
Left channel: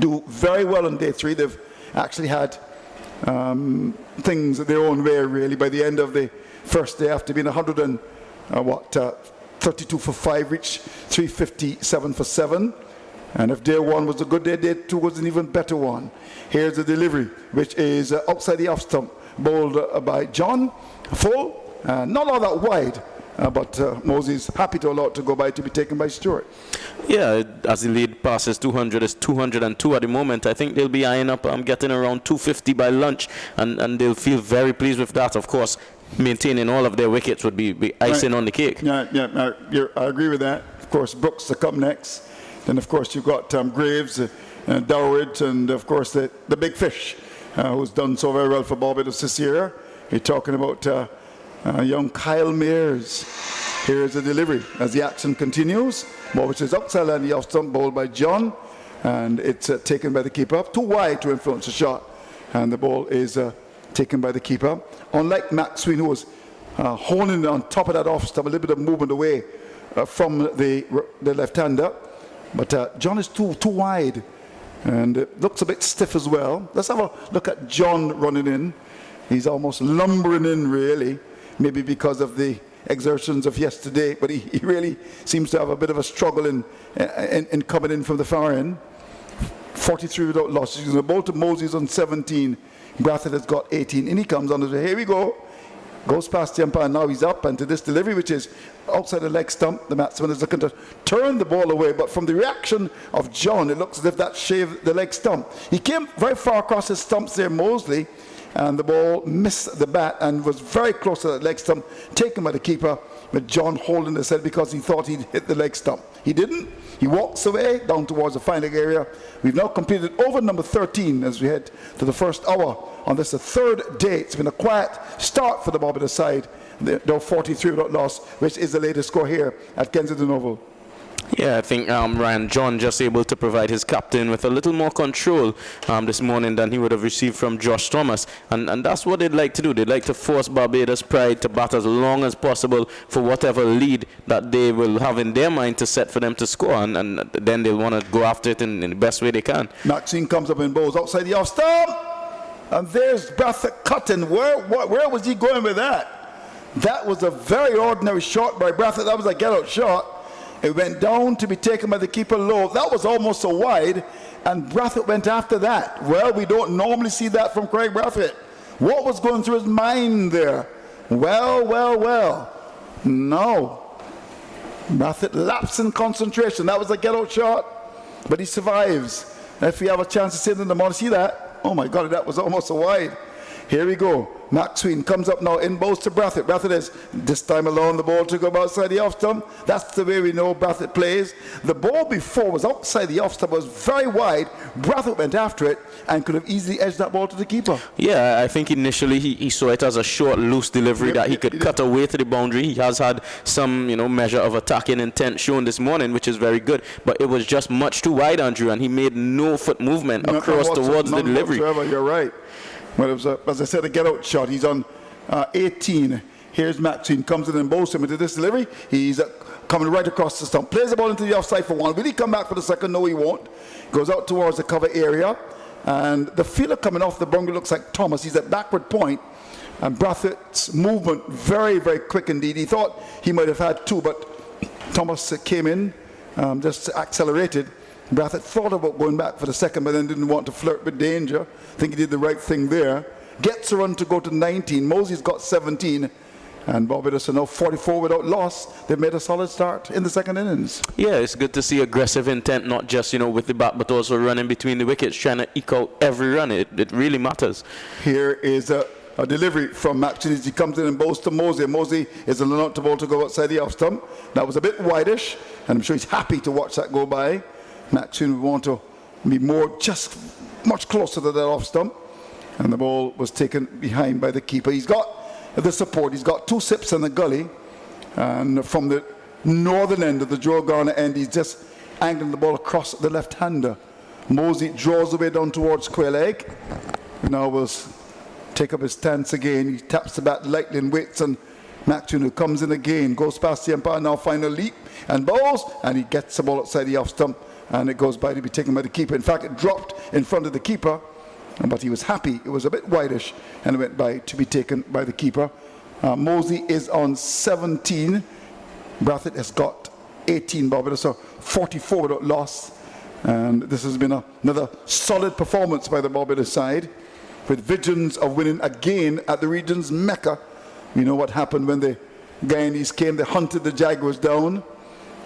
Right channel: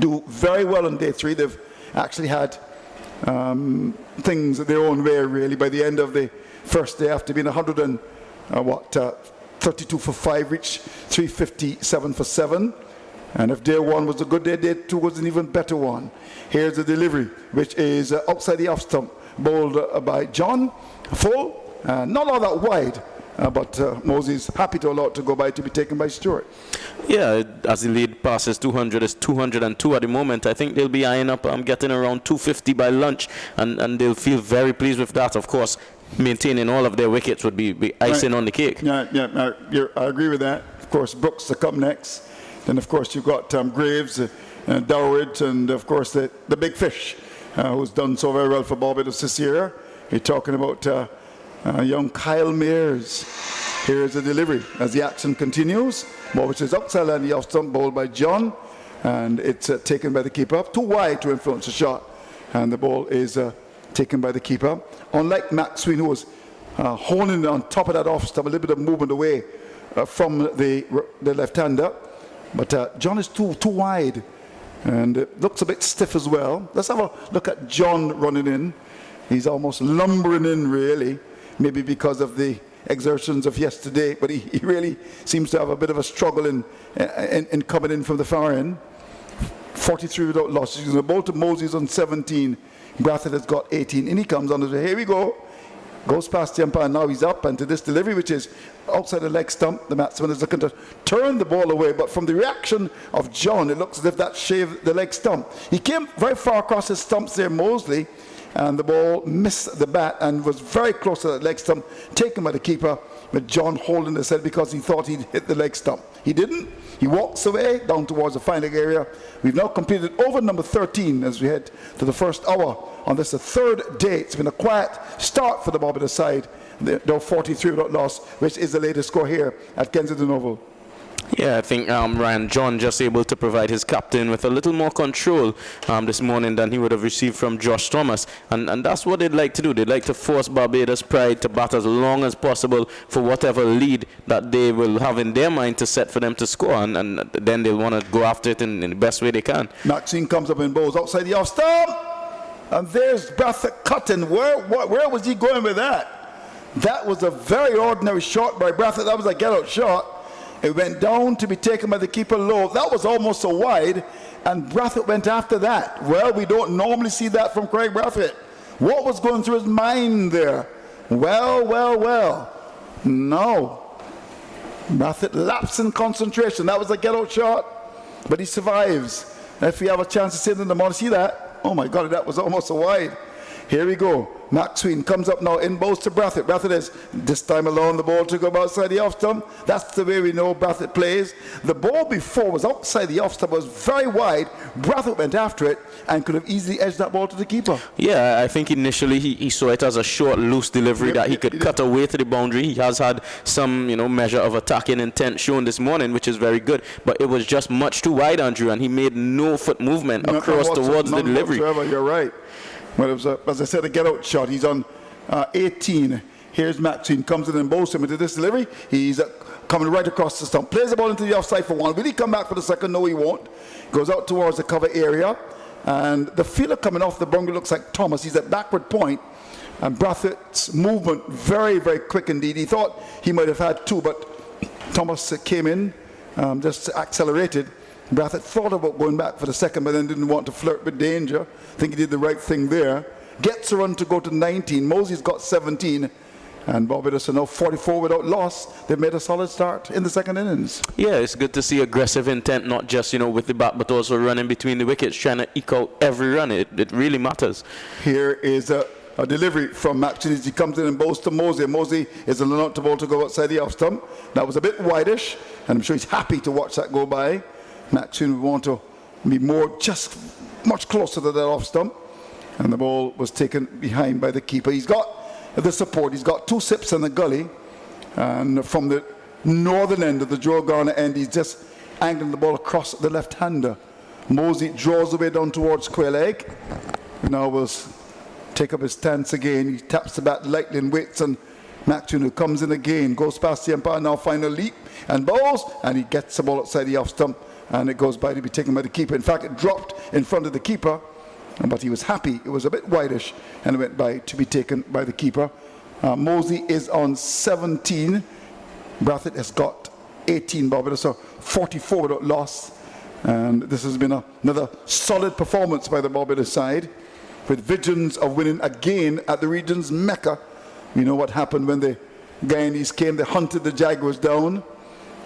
do very well on day 3. They've actually had things their own way, really. By the end of the first day, after being 32 for 5, reached 357 for 7. And if day one was a good day, day two was an even better one. Here's the delivery, which is outside the off stump, bowled by John, full, not all that wide, but Moses happy to allow it to go by to be taken by Stewart. Yeah, as the lead passes 200, is 202 at the moment. I think they'll be eyeing up getting around 250 by lunch, and they'll feel very pleased with that. Of course, maintaining all of their wickets would be icing on the cake. Yeah, I agree with that. Of course, Brooks to come next. Then, of course, you've got Graves, Dowridge, and, of course, the big fish, who's done so very well for Barbados this year. You're talking about young Kyle Mears. Here is the delivery as the action continues. Ball which is outside and the off stump, bowled by John, and it's taken by the keeper. Too wide to influence the shot, and the ball is taken by the keeper. Unlike Maxwell, who was honing on top of that off stump, a little bit of movement away from the left-hander. But John is too wide, and it looks a bit stiff as well. Let's have a look at John running in. He's almost lumbering in, really, maybe because of the exertions of yesterday, but he really seems to have a bit of a struggle in coming in from the far end. 43 without losses. He's about to Moses on 17. Brathwaite has got 18. In he comes on the way. Here we go. Goes past the umpire. Now he's up, and to this delivery, which is outside the leg stump. The batsman is looking to turn the ball away, but from the reaction of John, it looks as if that shaved the leg stump. He came very far across his stumps there, Mosley, and the ball missed the bat and was very close to that leg stump, taken by the keeper, with John holding his head because he thought he'd hit the leg stump. He didn't. He walks away down towards the final area. We've now completed over number 13 as we head to the first hour on this, the third day. It's been a quiet start for the Barbados side. They're 43 without loss, which is the latest score here at Kensington Oval. Yeah, I think Ryan John just able to provide his captain with a little more control this morning than he would have received from Josh Thomas. And that's what they'd like to do. They'd like to force Barbados Pride to bat as long as possible for whatever lead that they will have in their mind to set for them to score. And then they'll want to go after it in the best way they can. Maxine comes up and bowls outside the off stump. And there's Brathwaite cutting. Where was he going with that? That was a very ordinary shot by Brathwaite. That was a get-out shot. It went down to be taken by the keeper low. That was almost so wide, and Brathwaite went after that. Well, we don't normally see that from Craig Brathwaite. What was going through his mind there? Well. No. Brathwaite lapsed in concentration. That was a get-out shot, but he survives. If we have a chance to see it in the morning, see that? Oh my God, that was almost so wide. Here we go. Maxwell comes up now in bowls to Brathwaite. Brathwaite is this time allowing the ball to go outside the off stump. That's the way we know Brathwaite plays. The ball before was outside the off stump, was very wide. Brathwaite went after it and could have easily edged that ball to the keeper. Yeah, I think initially he saw it as a short, loose delivery that he could cut away to the boundary. He has had some, measure of attacking intent shown this morning, which is very good. But it was just much too wide, Andrew, and he made no foot movement across towards the delivery. You're right. Well, it was, as I said, a get-out shot. He's on 18. Here's Maxine, comes in and bowls him into this delivery. He's coming right across the stump. Plays the ball into the offside for one. Will he come back for the second? No, he won't. Goes out towards the cover area. And the fielder coming off the boundary looks like Thomas. He's at backward point. And Brathwaite's movement, very, very quick indeed. He thought he might have had two, but Thomas came in, just accelerated. Brathwaite thought about going back for the second, but then didn't want to flirt with danger. I think he did the right thing there. Gets a run to go to 19. Mosey's got 17. And Barbados are now 44 without loss. They've made a solid start in the second innings. Yeah, it's good to see aggressive intent, not just, with the bat, but also running between the wickets, trying to eke out every run. It really matters. Here is a delivery from Maxine as he comes in and bowls to Mosey. Mosey is allowed the ball to go outside the off stump. That was a bit wideish, and I'm sure he's happy to watch that go by. Maxine would want to be just much closer to that off stump, and the ball was taken behind by the keeper. He's got the support. He's got two sips in the gully, and from the northern end of the Joe Garner end, he's just angling the ball across the left-hander. Mosey draws away down towards square leg. Now will take up his stance again. He taps the bat lightly and waits, and Maxine, who comes in again, goes past the umpire, now final leap and bowls, and he gets the ball outside the off stump. And it goes by to be taken by the keeper. In fact, it dropped in front of the keeper, but he was happy. It was a bit wideish, and it went by to be taken by the keeper. Mosey is on 17. Brathwaite has got 18. Barbados are 44 without loss. And this has been another solid performance by the Barbados side, with visions of winning again at the region's Mecca. You know what happened when the Guyanese came, they hunted the Jaguars down.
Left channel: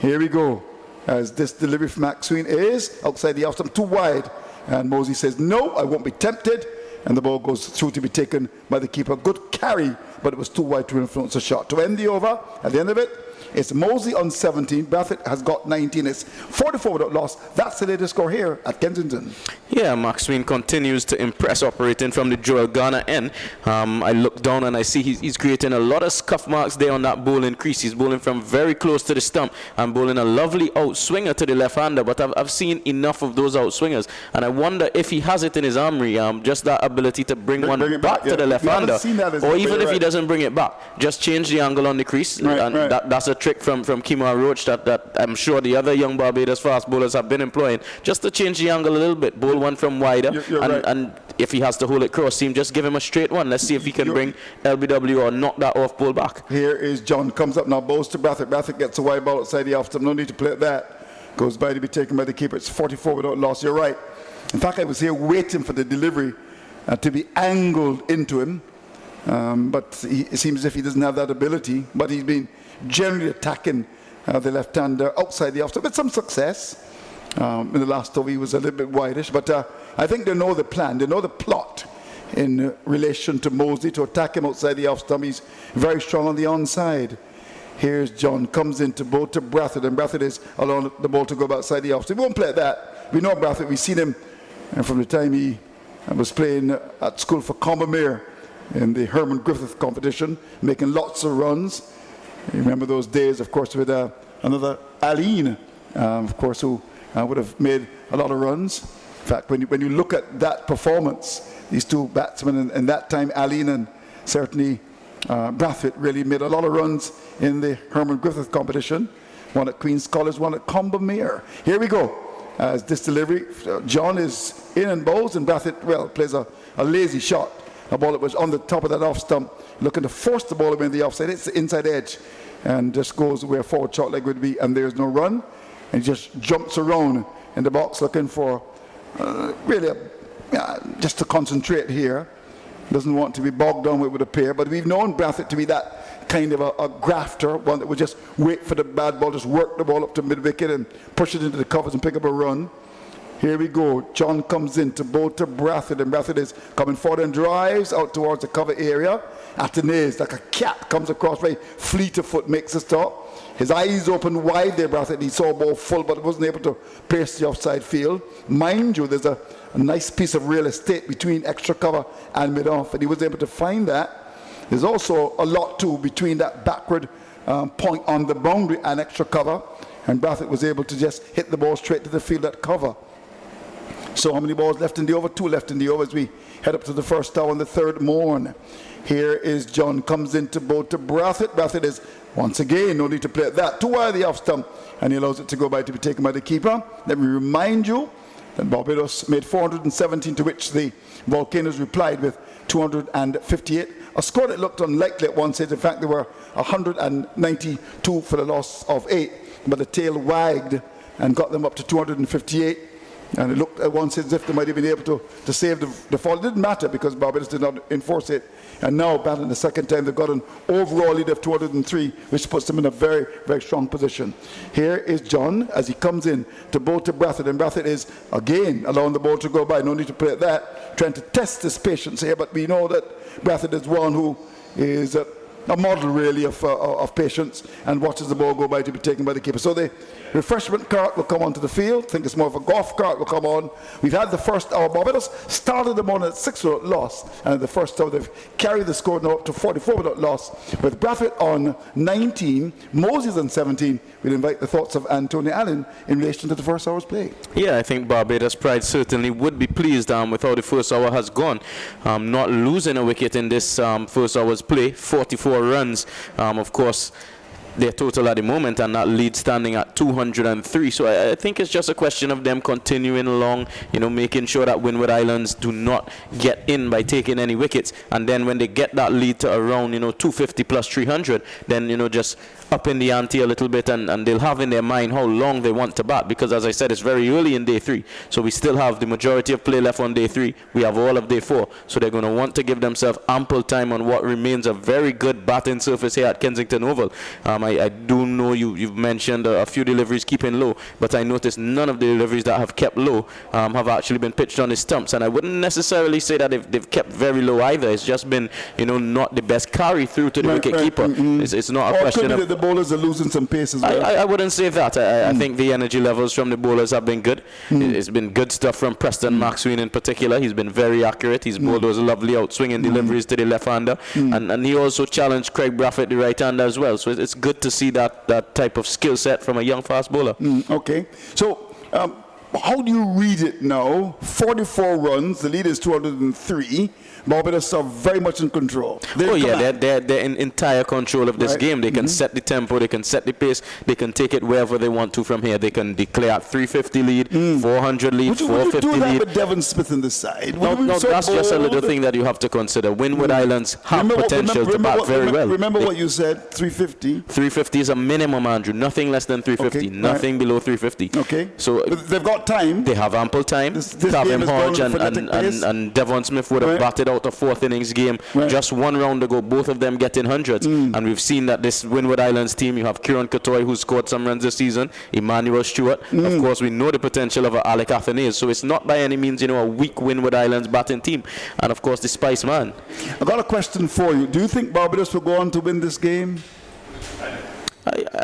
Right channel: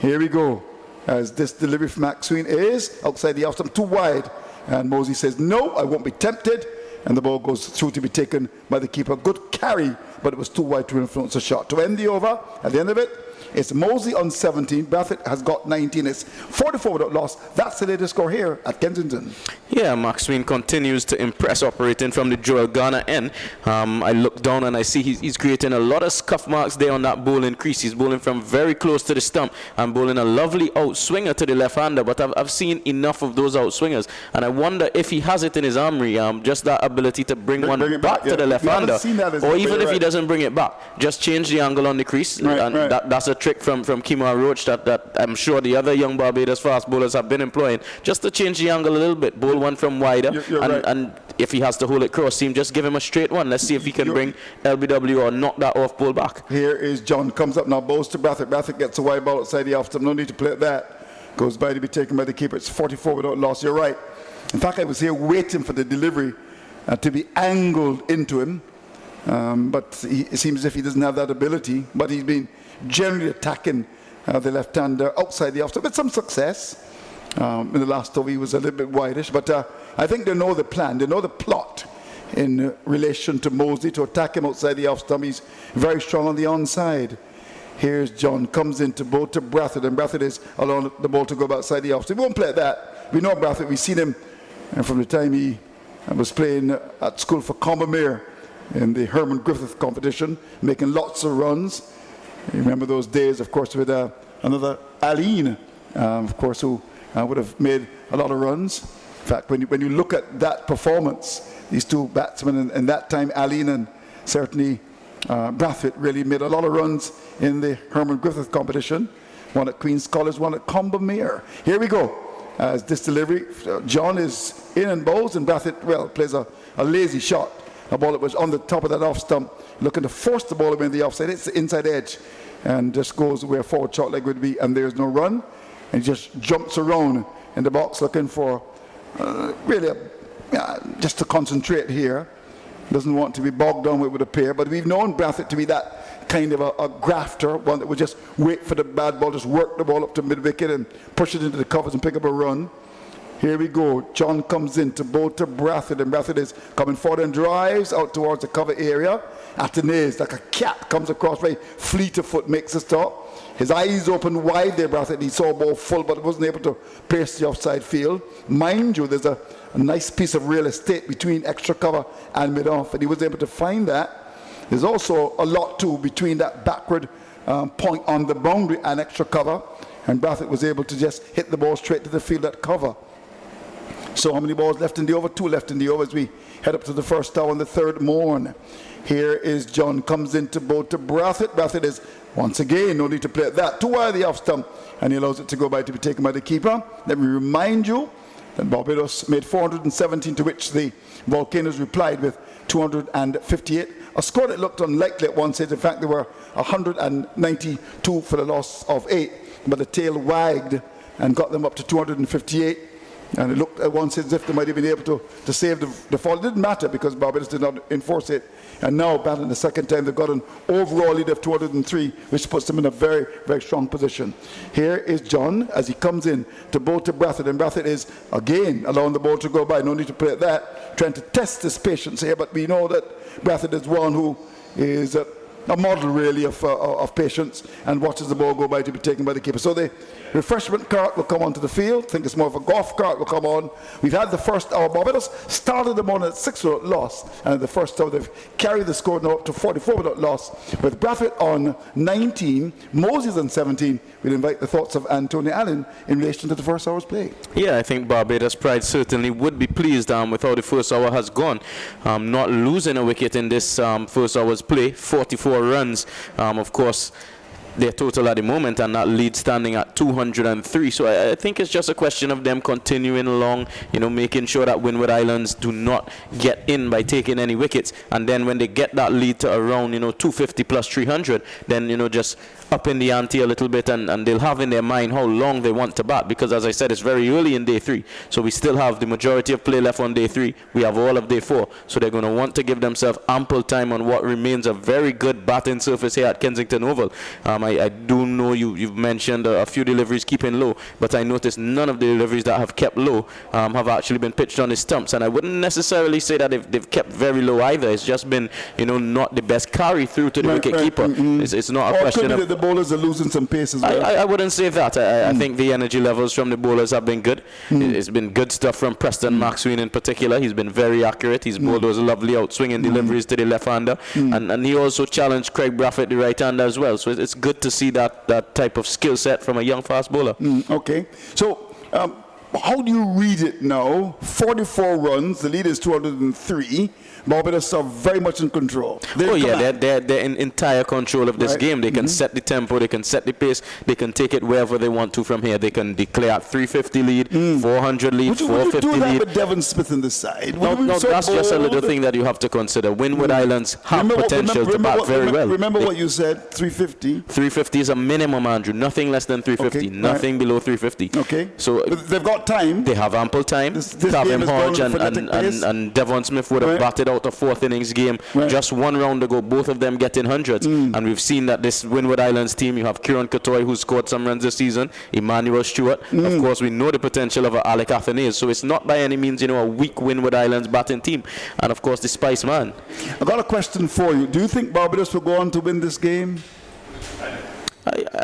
Here we go, as this delivery from Maxwell is outside the off stump, too wide. And Mosey says, no, I won't be tempted. And the ball goes through to be taken by the keeper. Good carry, but it was too wide to influence the shot. To end the over, at the end of it, it's Mosey on 17. Brathwaite has got 19. It's 44 without loss. That's the latest score here at Kensington. Yeah, Maxwell continues to impress operating from the Joel Garner end. I look down and I see he's creating a lot of scuff marks there on that bowling crease. He's bowling from very close to the stump and bowling a lovely outswinger to the left-hander. But I've seen enough of those outswingers, and I wonder if he has it in his armory, just that ability to bring one back to the left-hander, or even if he doesn't bring it back, just change the angle on the crease. That's a trick from Kemar Roach that I'm sure the other young Barbados fast bowlers have been employing, just to change the angle a little bit, bowl one from wider, and if he has to hold it cross seam, just give him a straight one. Let's see if he can bring LBW or knock that off ball back. Here is John, comes up now, bowls to Brathwaite. Brathwaite gets a wide ball outside the off stump, no need to play at that. Goes by to be taken by the keeper. It's 44 without loss, you're right. In fact, I was here waiting for the delivery to be angled into him, but it seems as if he doesn't have that ability, but he's been generally attacking the left-hander outside the off-stump with some success. In the last over he was a little bit wideish, but I think they know the plan, they know the plot in relation to Mosley to attack him outside the off-stump. He's very strong on the onside. Here's John, comes into bowl to Brathwaite, and Brathwaite is allowing the ball to go outside the off-stump. We won't play at that. We know Brathwaite, we've seen him from the time he was playing at school for Combermere in the Herman Griffith competition, making lots of runs. You remember those days, of course, with another Aline, of course, who would have made a lot of runs. In fact, when you look at that performance, these two batsmen in that time, Aline and certainly Brathwaite, really made a lot of runs in the Herman Griffith competition. One at Queen's College, one at Combermere. Here we go. As this delivery, John is in and bowls, and Brathwaite, well, plays a lazy shot. A ball that was on the top of that off stump, looking to force the ball away in the offside. It's the inside edge, and just goes where a forward shot leg would be, and there's no run. And he just jumps around in the box looking for really just to concentrate here. Doesn't want to be bogged down, it would appear, but we've known Brathwaite to be that kind of a grafter, one that would just wait for the bad ball, just work the ball up to mid-wicket and push it into the covers and pick up a run. Here we go. John comes in to bowl to Brathwaite, and Brathwaite is coming forward and drives out towards the cover area. Athenaeus, like a cat, comes across very fleet of foot, makes a stop. His eyes open wide there, Brathwaite. He saw a ball full, but wasn't able to pierce the offside field. Mind you, there's a nice piece of real estate between extra cover and mid-off, and he was able to find that. There's also a lot, too, between that backward point on the boundary and extra cover, and Brathwaite was able to just hit the ball straight to the field at cover. So how many balls left in the over? 2 left in the over as we head up to the first hour on the third morn. Here is John, comes into bowl to Brathwaite. Brathwaite is, once again, no need to play at that. Too wide the off stump, and he allows it to go by to be taken by the keeper. Let me remind you that Barbados made 417, to which the Volcanoes replied with 258. A score that looked unlikely at one stage. In fact, there were 192 for the loss of 8, but the tail wagged and got them up to 258. And it looked at once as if they might have been able to save the fall. It didn't matter because Barbados did not enforce it. And now, battling the second time, they've got an overall lead of 203, which puts them in a very, very strong position. Here is John as he comes in to bowl to Brathwaite. And Brathwaite is, again, allowing the ball to go by. No need to play at that. Trying to test his patience here. But we know that Brathwaite is one who is a model, really, of patience and watches the ball go by to be taken by the keeper. So the refreshment cart will come onto the field. I think it's more of a golf cart will come on. We've had the first hour. Barbados started the morning at 6 without loss, and the first hour they've carried the score now up to 44 without loss, with Brathwaite on 19, Moses on 17. We'll invite the thoughts of Anthony Allen in relation to the first hour's play. Yeah, I think Barbados Pride certainly would be pleased with how the first hour has gone. Not losing a wicket in this first hour's play, 44 runs. Of course, their total at the moment, and that lead standing at 203. So I think it's just a question of them continuing along, making sure that Windward Islands do not get in by taking any wickets, and then when they get that lead to around 250 plus 300, then just up in the ante a little bit, and they'll have in their mind how long they want to bat, because as I said, it's very early in day 3, so we still have the majority of play left on day 3. We have all of day 4, so they're going to want to give themselves ample time on what remains a very good batting surface here at Kensington Oval. I do know you've mentioned a few deliveries keeping low, but I noticed none of the deliveries that have kept low have actually been pitched on the stumps, and I wouldn't necessarily say that they've kept very low either. It's just been not the best carry through to the wicket keeper. It's not a question of the bowlers are losing some pace as well. I wouldn't say that. I think the energy levels from the bowlers have been good. It's been good stuff from Preston Maxwell in particular. He's been very accurate. He's bowled those lovely outswinging deliveries to the left-hander, and he also challenged Craig Braffett, the right-hander, as well. So it's good to see that type of skill set from a young fast bowler. Okay. So how do you read it now? 44 runs. The lead is 203. Barbados are very much in control. They're in entire control of this game. They can set the tempo, they can set the pace, they can take it wherever they want to from here. They can declare 350 lead, 400 lead, 450 would you do that lead. with Devon Smith in the side? No, that's just a little thing that you have to consider. Windward Islands have potential to bat very well. Remember what you said, 350? 350 is a minimum, Andrew. Nothing less than 350. Okay, nothing below 350. Okay. So but they've got time. They have ample time. This Calvin game is Hodge going frenetic pace. and Devon Smith would have batted out a fourth innings game just one round ago, both of them getting hundreds. And we've seen that this Windward Islands team, you have Kieran Katoy, who scored some runs this season, Emmanuel Stewart. Of course, we know the potential of Alec Athanaze, so it's not by any means a weak Windward Islands batting team. And of course, the Spice Man. I've got a question for you. Do you think Barbados will go on to win this game?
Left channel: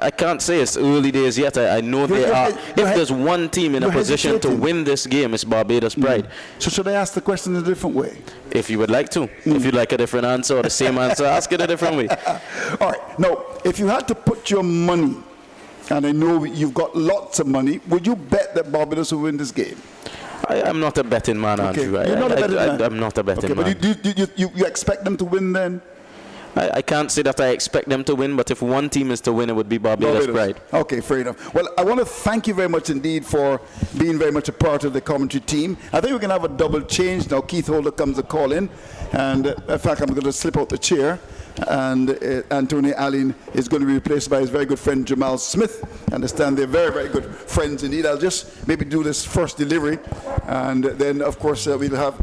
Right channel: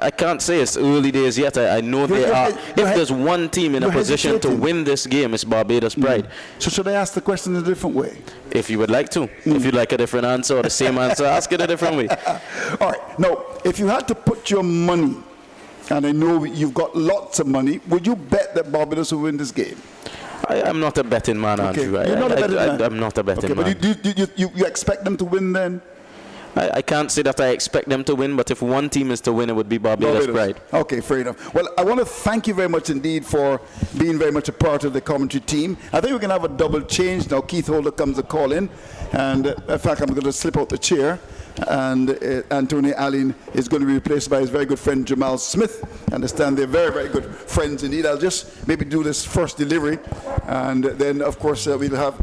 I can't say. It's early days yet. I know they are. If there's one team in a position to win this game, it's Barbados Pride. So should I ask the question in a different way? If you would like to. If you'd like a different answer or the same answer, ask it a different way. All right. Now, if you had to put your money, and I know you've got lots of money, would you bet that Barbados will win this game? I'm not a betting man, Andrew. You're not a betting man? I'm not a betting man. But you expect them to win then? I can't say that I expect them to win, but if one team is to win, it would be Barbados Pride. Okay, fair enough. Well, I want to thank you very much indeed for being very much a part of the commentary team. I think we can have a double change now. Keith Holder comes to call in, and in fact, I'm going to slip out the chair, and Anthony Allen is going to be replaced by his very good friend Jamal Smith. I understand they're very, very good friends indeed. I'll just maybe do this first delivery, and then, of course, we'll have...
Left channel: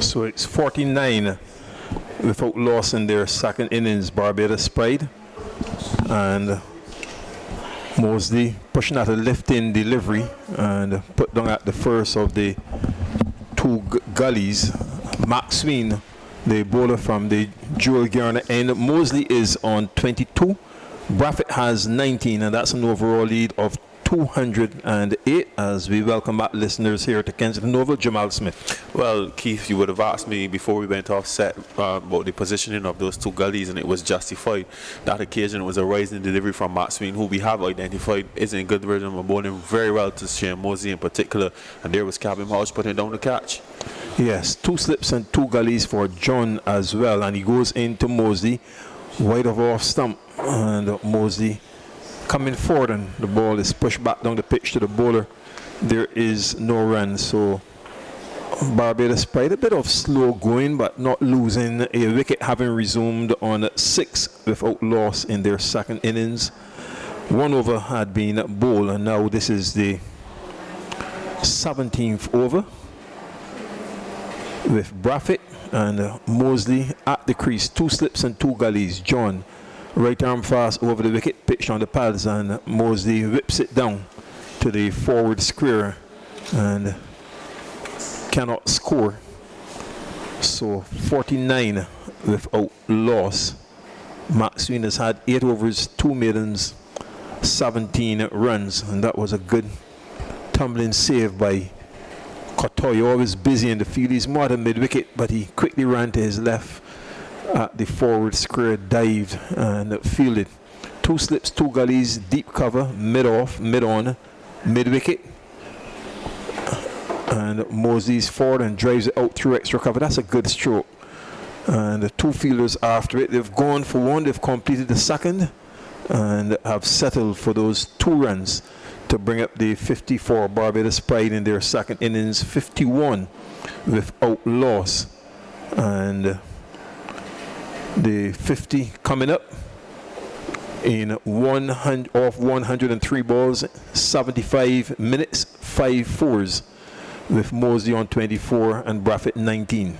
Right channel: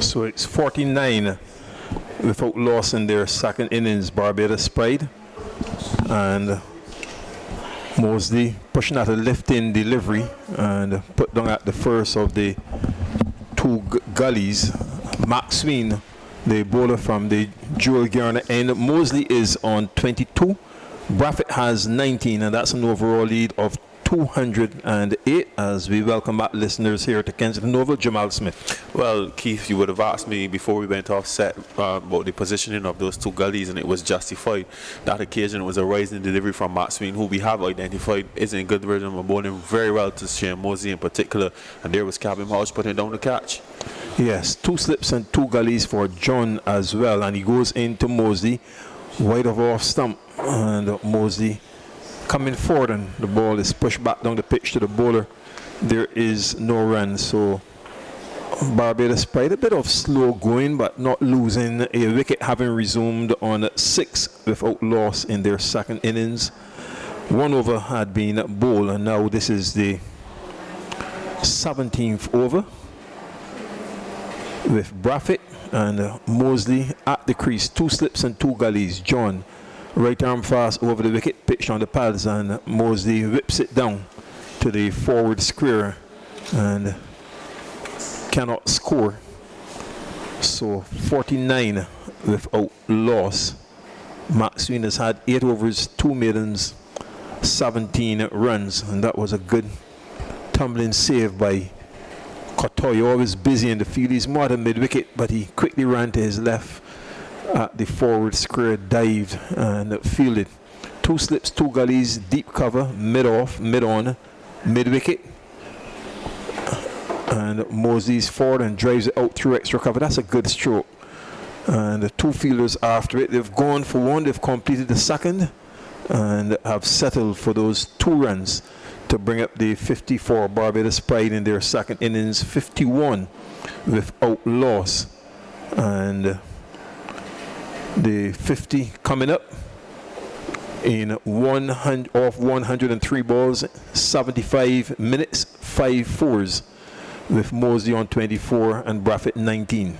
So it's 49 without loss in their second innings, Barbados Pride. And Mosley pushing out a lift-in delivery and put down at the first of the two gullies. Max Sween, the bowler from the Jewel Garner end. Mosley is on 22. Braffett has 19, and that's an overall lead of 208 as we welcome back listeners here to Kensington Oval. Jamal Smith. Well, Keith, you would have asked me before we went off set about the positioning of those two gullies, and it was justified. That occasion was a rising delivery from Matt Sween, who we have identified is in good rhythm and bowling very well to Shane Mosley in particular, and there was Cabin Hodge putting down the catch. Yes, 2 slips and 2 gullies for John as well, and he goes into Mosley, wide of off stump, and Mosley coming forward, and the ball is pushed back down the pitch to the bowler. There is no run, so Barbados Pride a bit of slow going, but not losing a wicket, having resumed on 6 without loss in their second innings. 1 over had been bowled, and now this is the 17th over with Braffett and Mosley at the crease. 2 slips and 2 gullies. John, right arm fast over the wicket, pitched on the pads, and Mosley whips it down to the forward square and cannot score. So 49 without loss. Max Sween has had 8 overs, 2 maidens, 17 runs, and that was a good tumbling save by Kotoy, always busy in the field. He's more than mid-wicket, but he quickly ran to his left at the forward square, dived and fielded. 2 slips, 2 gullies, deep cover, mid-off, mid-on, mid-wicket. And Mosley's forward and drives it out through extra cover. That's a good stroke. And the 2 fielders after it, they've gone for 1, they've completed the second, and have settled for those 2 runs to bring up the 50 for Barbados Pride in their second innings, 51 without loss. And the 50 coming up in 103 balls, 75 minutes, 5 fours, with Mosley on 24 and Braffett 19.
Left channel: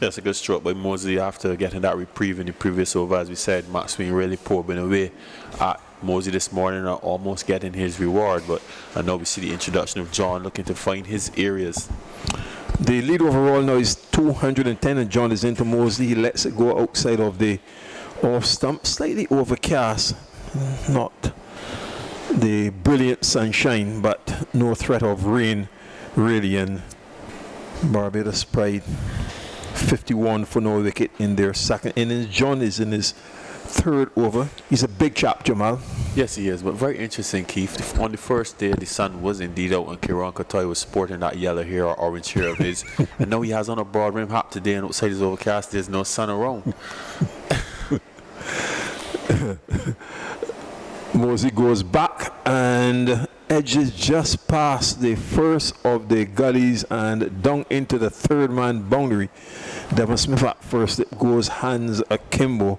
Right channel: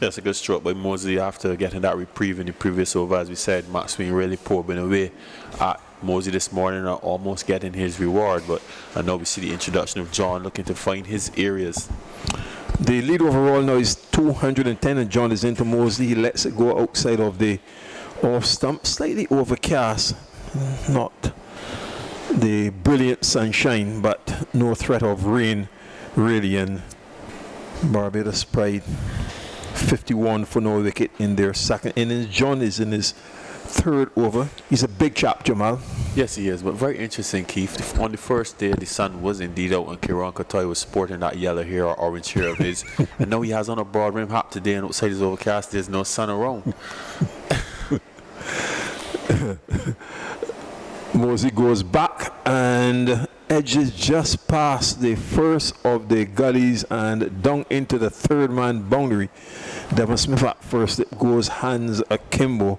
That's a good stroke by Mosley after getting that reprieve in the previous over. As we said, Max Sween really pouring away at Mosley this morning, are almost getting his reward, but I know we see the introduction of John looking to find his areas. The lead overall now is 210, and John is into Mosley. He lets it go outside of the off stump, slightly overcast, not the brilliant sunshine, but no threat of rain really, and Barbados Pride 51 for no wicket in their second innings. John is in his 3rd over. He's a big chap, Jamal. Yes, he is, but very interesting, Keith. On the first day, the sun was indeed out, and Kieran Kotoy was sporting that yellow hair or orange hair of his. And now he has on a broad rim hat today, and outside is overcast. There's no sun around. Mosley goes back and edges just past the first of the gullies and down into the 3rd man boundary. Devon Smith at first, it goes hands akimbo.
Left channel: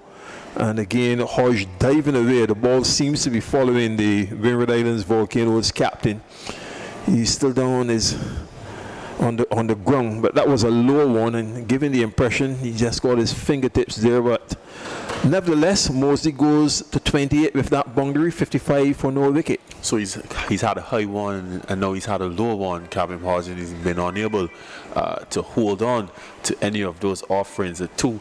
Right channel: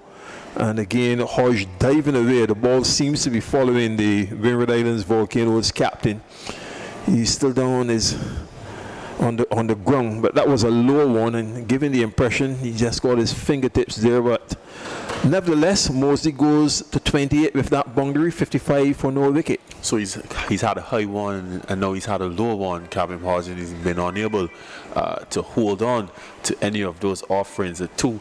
And again, Hodge diving away. The ball seems to be following the Windward Islands Volcanoes captain. He's still down on the ground, but that was a low one, and giving the impression he just got his fingertips there. But nevertheless, Mosley goes to 28 with that boundary, 55 for no wicket. So he's had a high one, and now he's had a low one, Cabin Hodge, and he's been unable to hold on to any of those offerings. The 2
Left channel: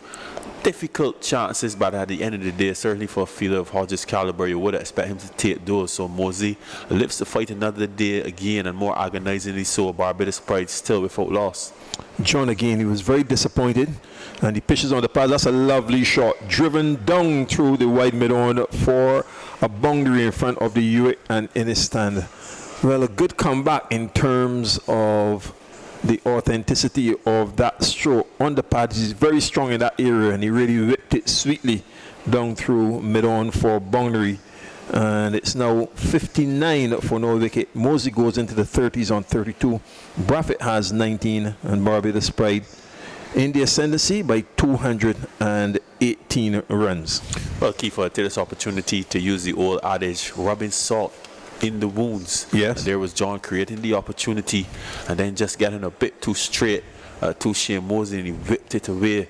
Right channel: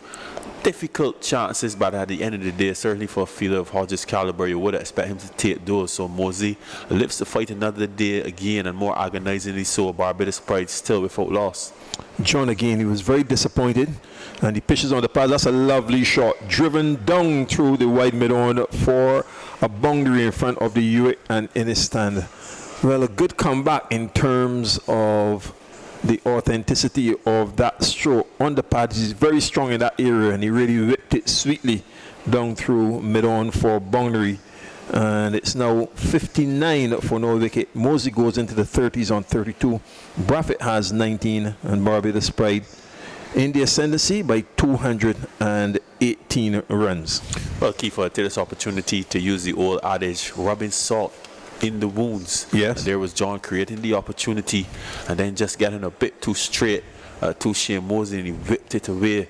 difficult chances, but at the end of the day, certainly for a fielder of Hodges' caliber, you would expect him to take those. So Mosley lives to fight another day again, and more agonizingly so, Barbados Pride still without loss. John again, he was very disappointed, and he pitches on the pads. That's a lovely shot, driven down through the wide mid-on for a boundary in front of the Hewitt and in his stand. Well, a good comeback in terms of the authenticity of that stroke on the pad. He's very strong in that area, and he really whipped it sweetly down through mid-on for boundary. And it's now 59 for no wicket. Mosley goes into the 30s on 32. Braffett has 19, and Barbados Pride in the ascendancy by 218 runs. Well, Keith, I take this opportunity to use the old adage, rubbing salt in the wounds. Yes. And there was John creating the opportunity and then just getting a bit too straight to Shane Mosley, and he whipped it away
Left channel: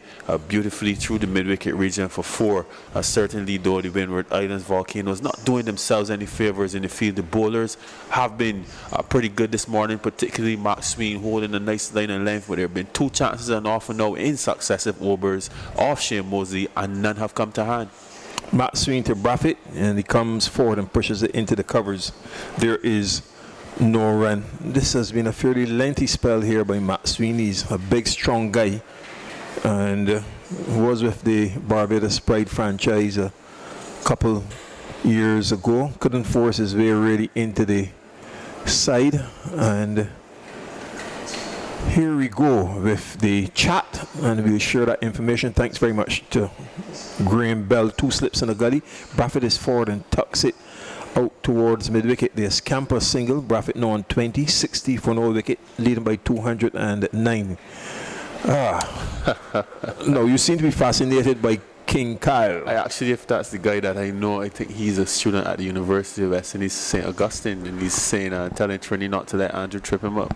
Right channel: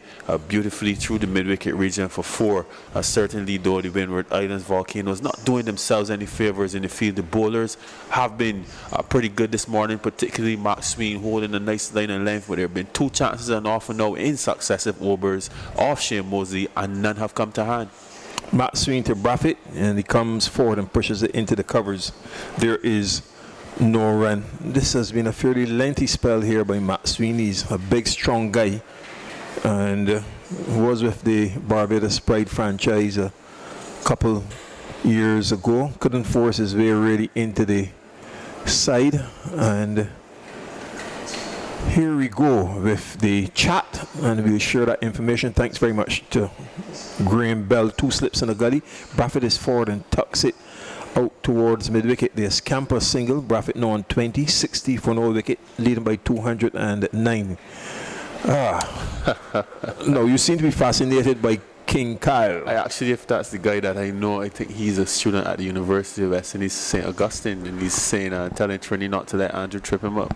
beautifully through the mid-wicket region for 4. Certainly, though, the Windward Islands Volcanoes not doing themselves any favors in the field. The bowlers have been pretty good this morning, particularly Mark Sween holding a nice line and length, but there have been 2 chances and off and now in successive overs off Shane Mosley, and none have come to hand. Matt Sween to Braffett, and he comes forward and pushes it into the covers. There is no run. This has been a fairly lengthy spell here by Matt Sween. He's a big, strong guy, and was with the Barbados Pride franchise a couple years ago. Couldn't force his way really into the side, and here we go with the chat, and we'll share that information. Thanks very much to Graham Bell. 2 slips in the gully. Braffett is forward and tucks it out towards mid-wicket. There's Camper single. Braffett now on 20, 60 for no wicket, leading by 209. No, you seem to be fascinated by King Kyle. Actually, if that's the guy that I know, I think he's a student at the University of West Indies, St. Augustine, and he's saying, telling Trini not to let Andrew trip him up.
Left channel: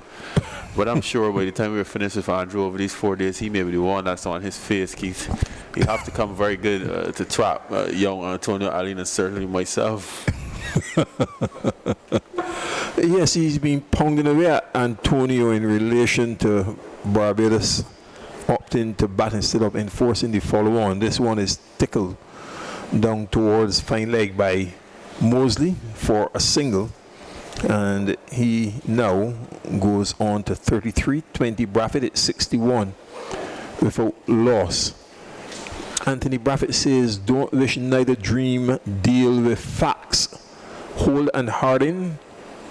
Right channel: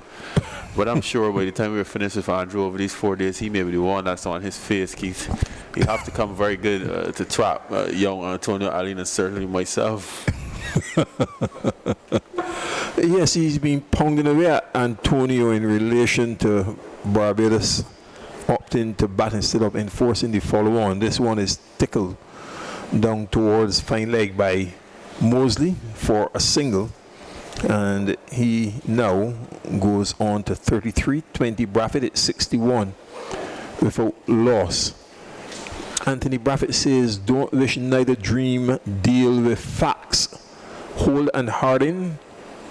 But I'm sure by the time we're finished with Andrew over these 4 days, he may be the one that's on his face, Keith. He'll have to come very good to trap young Antonio Allen and certainly myself. Yes, he's been pounding away at Antonio in relation to Barbados opting to bat instead of enforcing the follow-on. This one is tickled down towards fine leg by Mosley for a single, and he now goes on to 33. 20 Braffett at 61 without loss. Anthony Braffett says, don't wish neither dream, deal with facts. Holt and Harding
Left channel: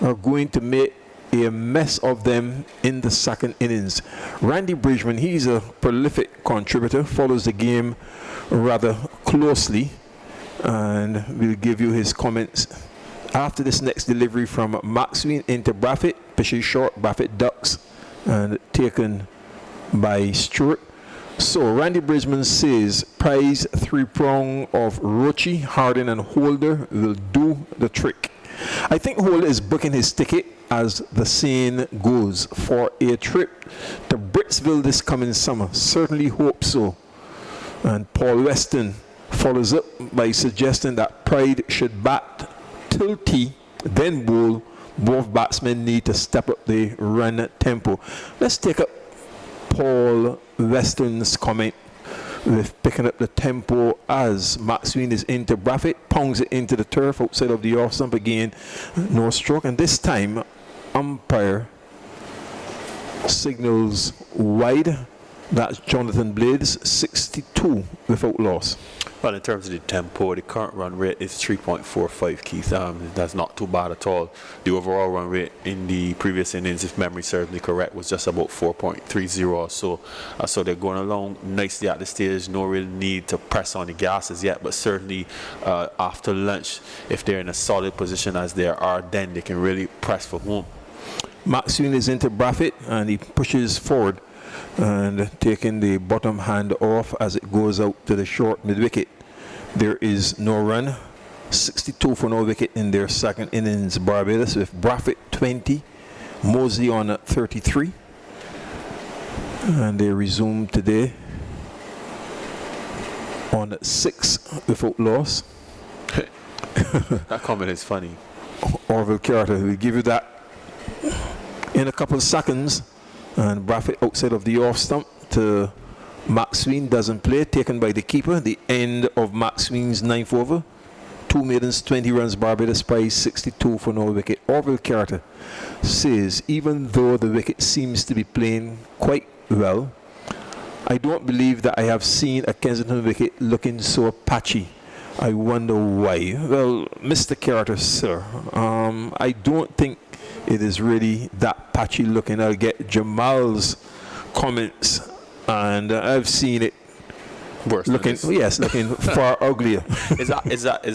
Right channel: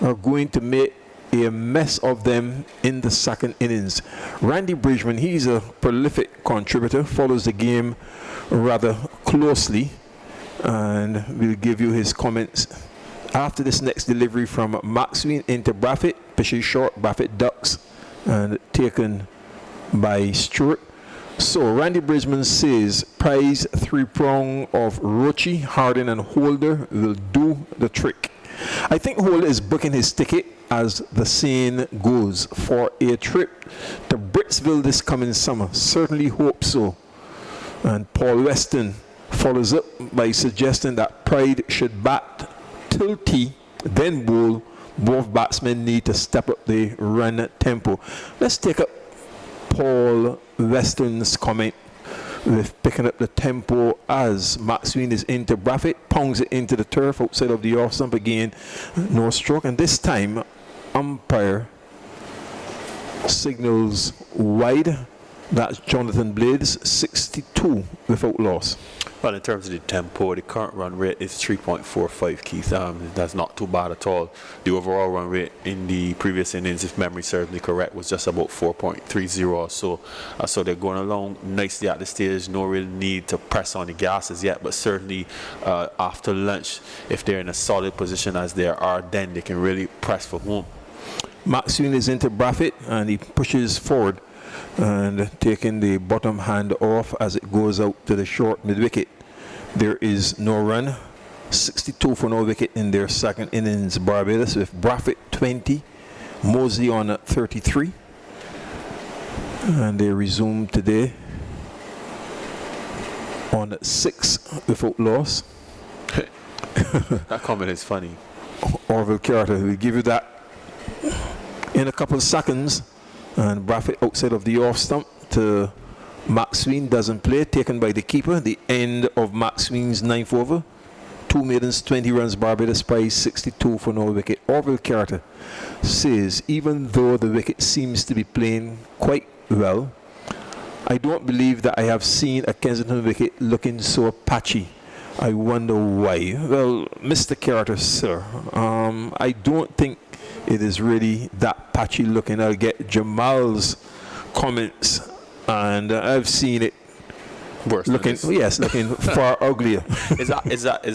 are going to make a mess of them in the second innings. Randy Bridgman, he's a prolific contributor, follows the game rather closely, and we'll give you his comments after this next delivery from Maxwell into Braffett. Pitches short, Braffett ducks, and taken by Stewart. So Randy Bridgman says prize 3-prong of Rochi, Harding and Holder will do the trick. I think Holder is booking his ticket, as the saying goes, for a trip to Britsville this coming summer. Certainly hope so. And Paul Weston follows up by suggesting that Pride should bat till tea, then bowl. Both batsmen need to step up the run tempo. Let's take up Paul Weston's comment with picking up the tempo as Maxwell is into Braffett, pounds it into the turf outside of the off stump again. No stroke, and this time umpire signals wide. That's Jonathan Blades, 62 without loss. Well, in terms of the tempo, the current run rate is 3.45, Keith. That's not too bad at all. The overall run rate in the previous innings, if memory serves me correct, was just about 4.30 or so. So they're going along nicely at this stage. No real need to press on the gases yet, but certainly after lunch, if they're in a solid position as they are, then they can really press for home. Maxwell is into Braffett, and he pushes forward and taking the bottom hand off as it goes out to the short mid-wicket. There is no run. 62 for no wicket in their second innings, Barbados, with Braffett 20, Mosley on 33. And they resume today on 6 without loss. That comment is funny. Orville Carter will give you that in a couple of seconds. And Braffett outside of the off stump to Maxwell, doesn't play, taken by the keeper. The end of Maxwell's 9th over. 2 maidens, 20 runs, Barbados prize 62 for no wicket. Orville Carter says, even though the wicket seems to be playing quite well, I don't believe that I have seen a Kensington wicket looking so patchy. I wonder why. Well, Mr. Carter, sir, I don't think it is really that patchy looking. I'll get Jamal's comments, and I've seen it Worse than looking, this. yes, looking far uglier. Is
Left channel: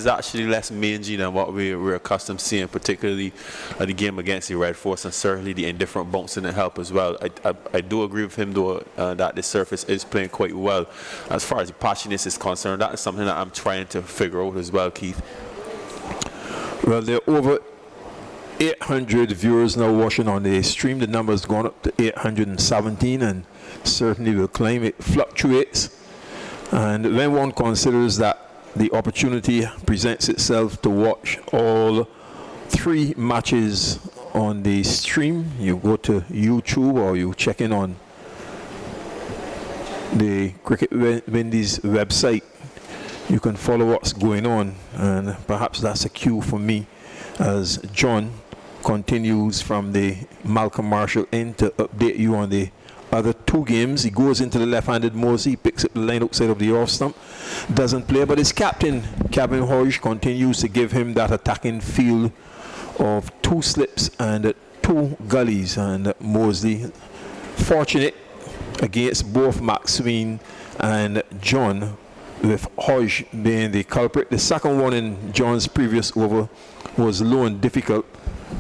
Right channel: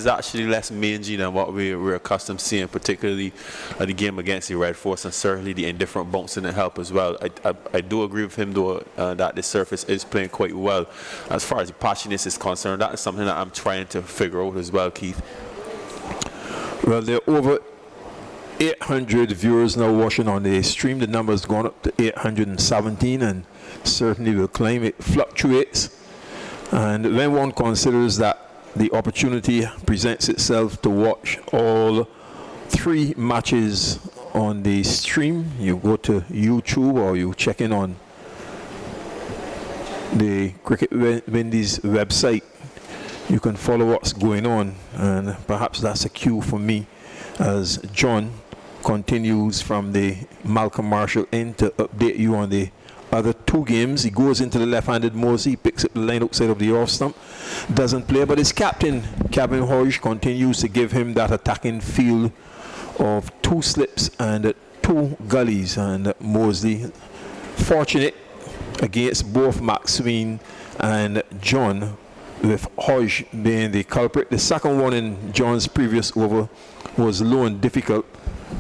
actually less mangy than what we're accustomed to seeing, particularly the game against the Red Force, and certainly the indifferent bunks didn't help as well. I do agree with him though that the surface is playing quite well. As far as the patchiness is concerned, that is something that I'm trying to figure out as well, Keith. Well, there are over 800 viewers now watching on the stream. The number has gone up to 817, and certainly will climb. It fluctuates. And when one considers that the opportunity presents itself to watch all 3 matches on the stream, you go to YouTube or you check in on the Cricket Windies website, you can follow what's going on, and perhaps that's a cue for me as John continues from the Malcolm Marshall end to update you on the other 2 games. He goes into the left-handed Mosey, picks up the line outside of the off stump, doesn't play, but his captain, Kevin Hodge, continues to give him that attacking field of 2 slips and 2 gullies, and Mosley fortunate against both Maxwell and John, with Hodge being the culprit. The second one in John's previous over was low and difficult,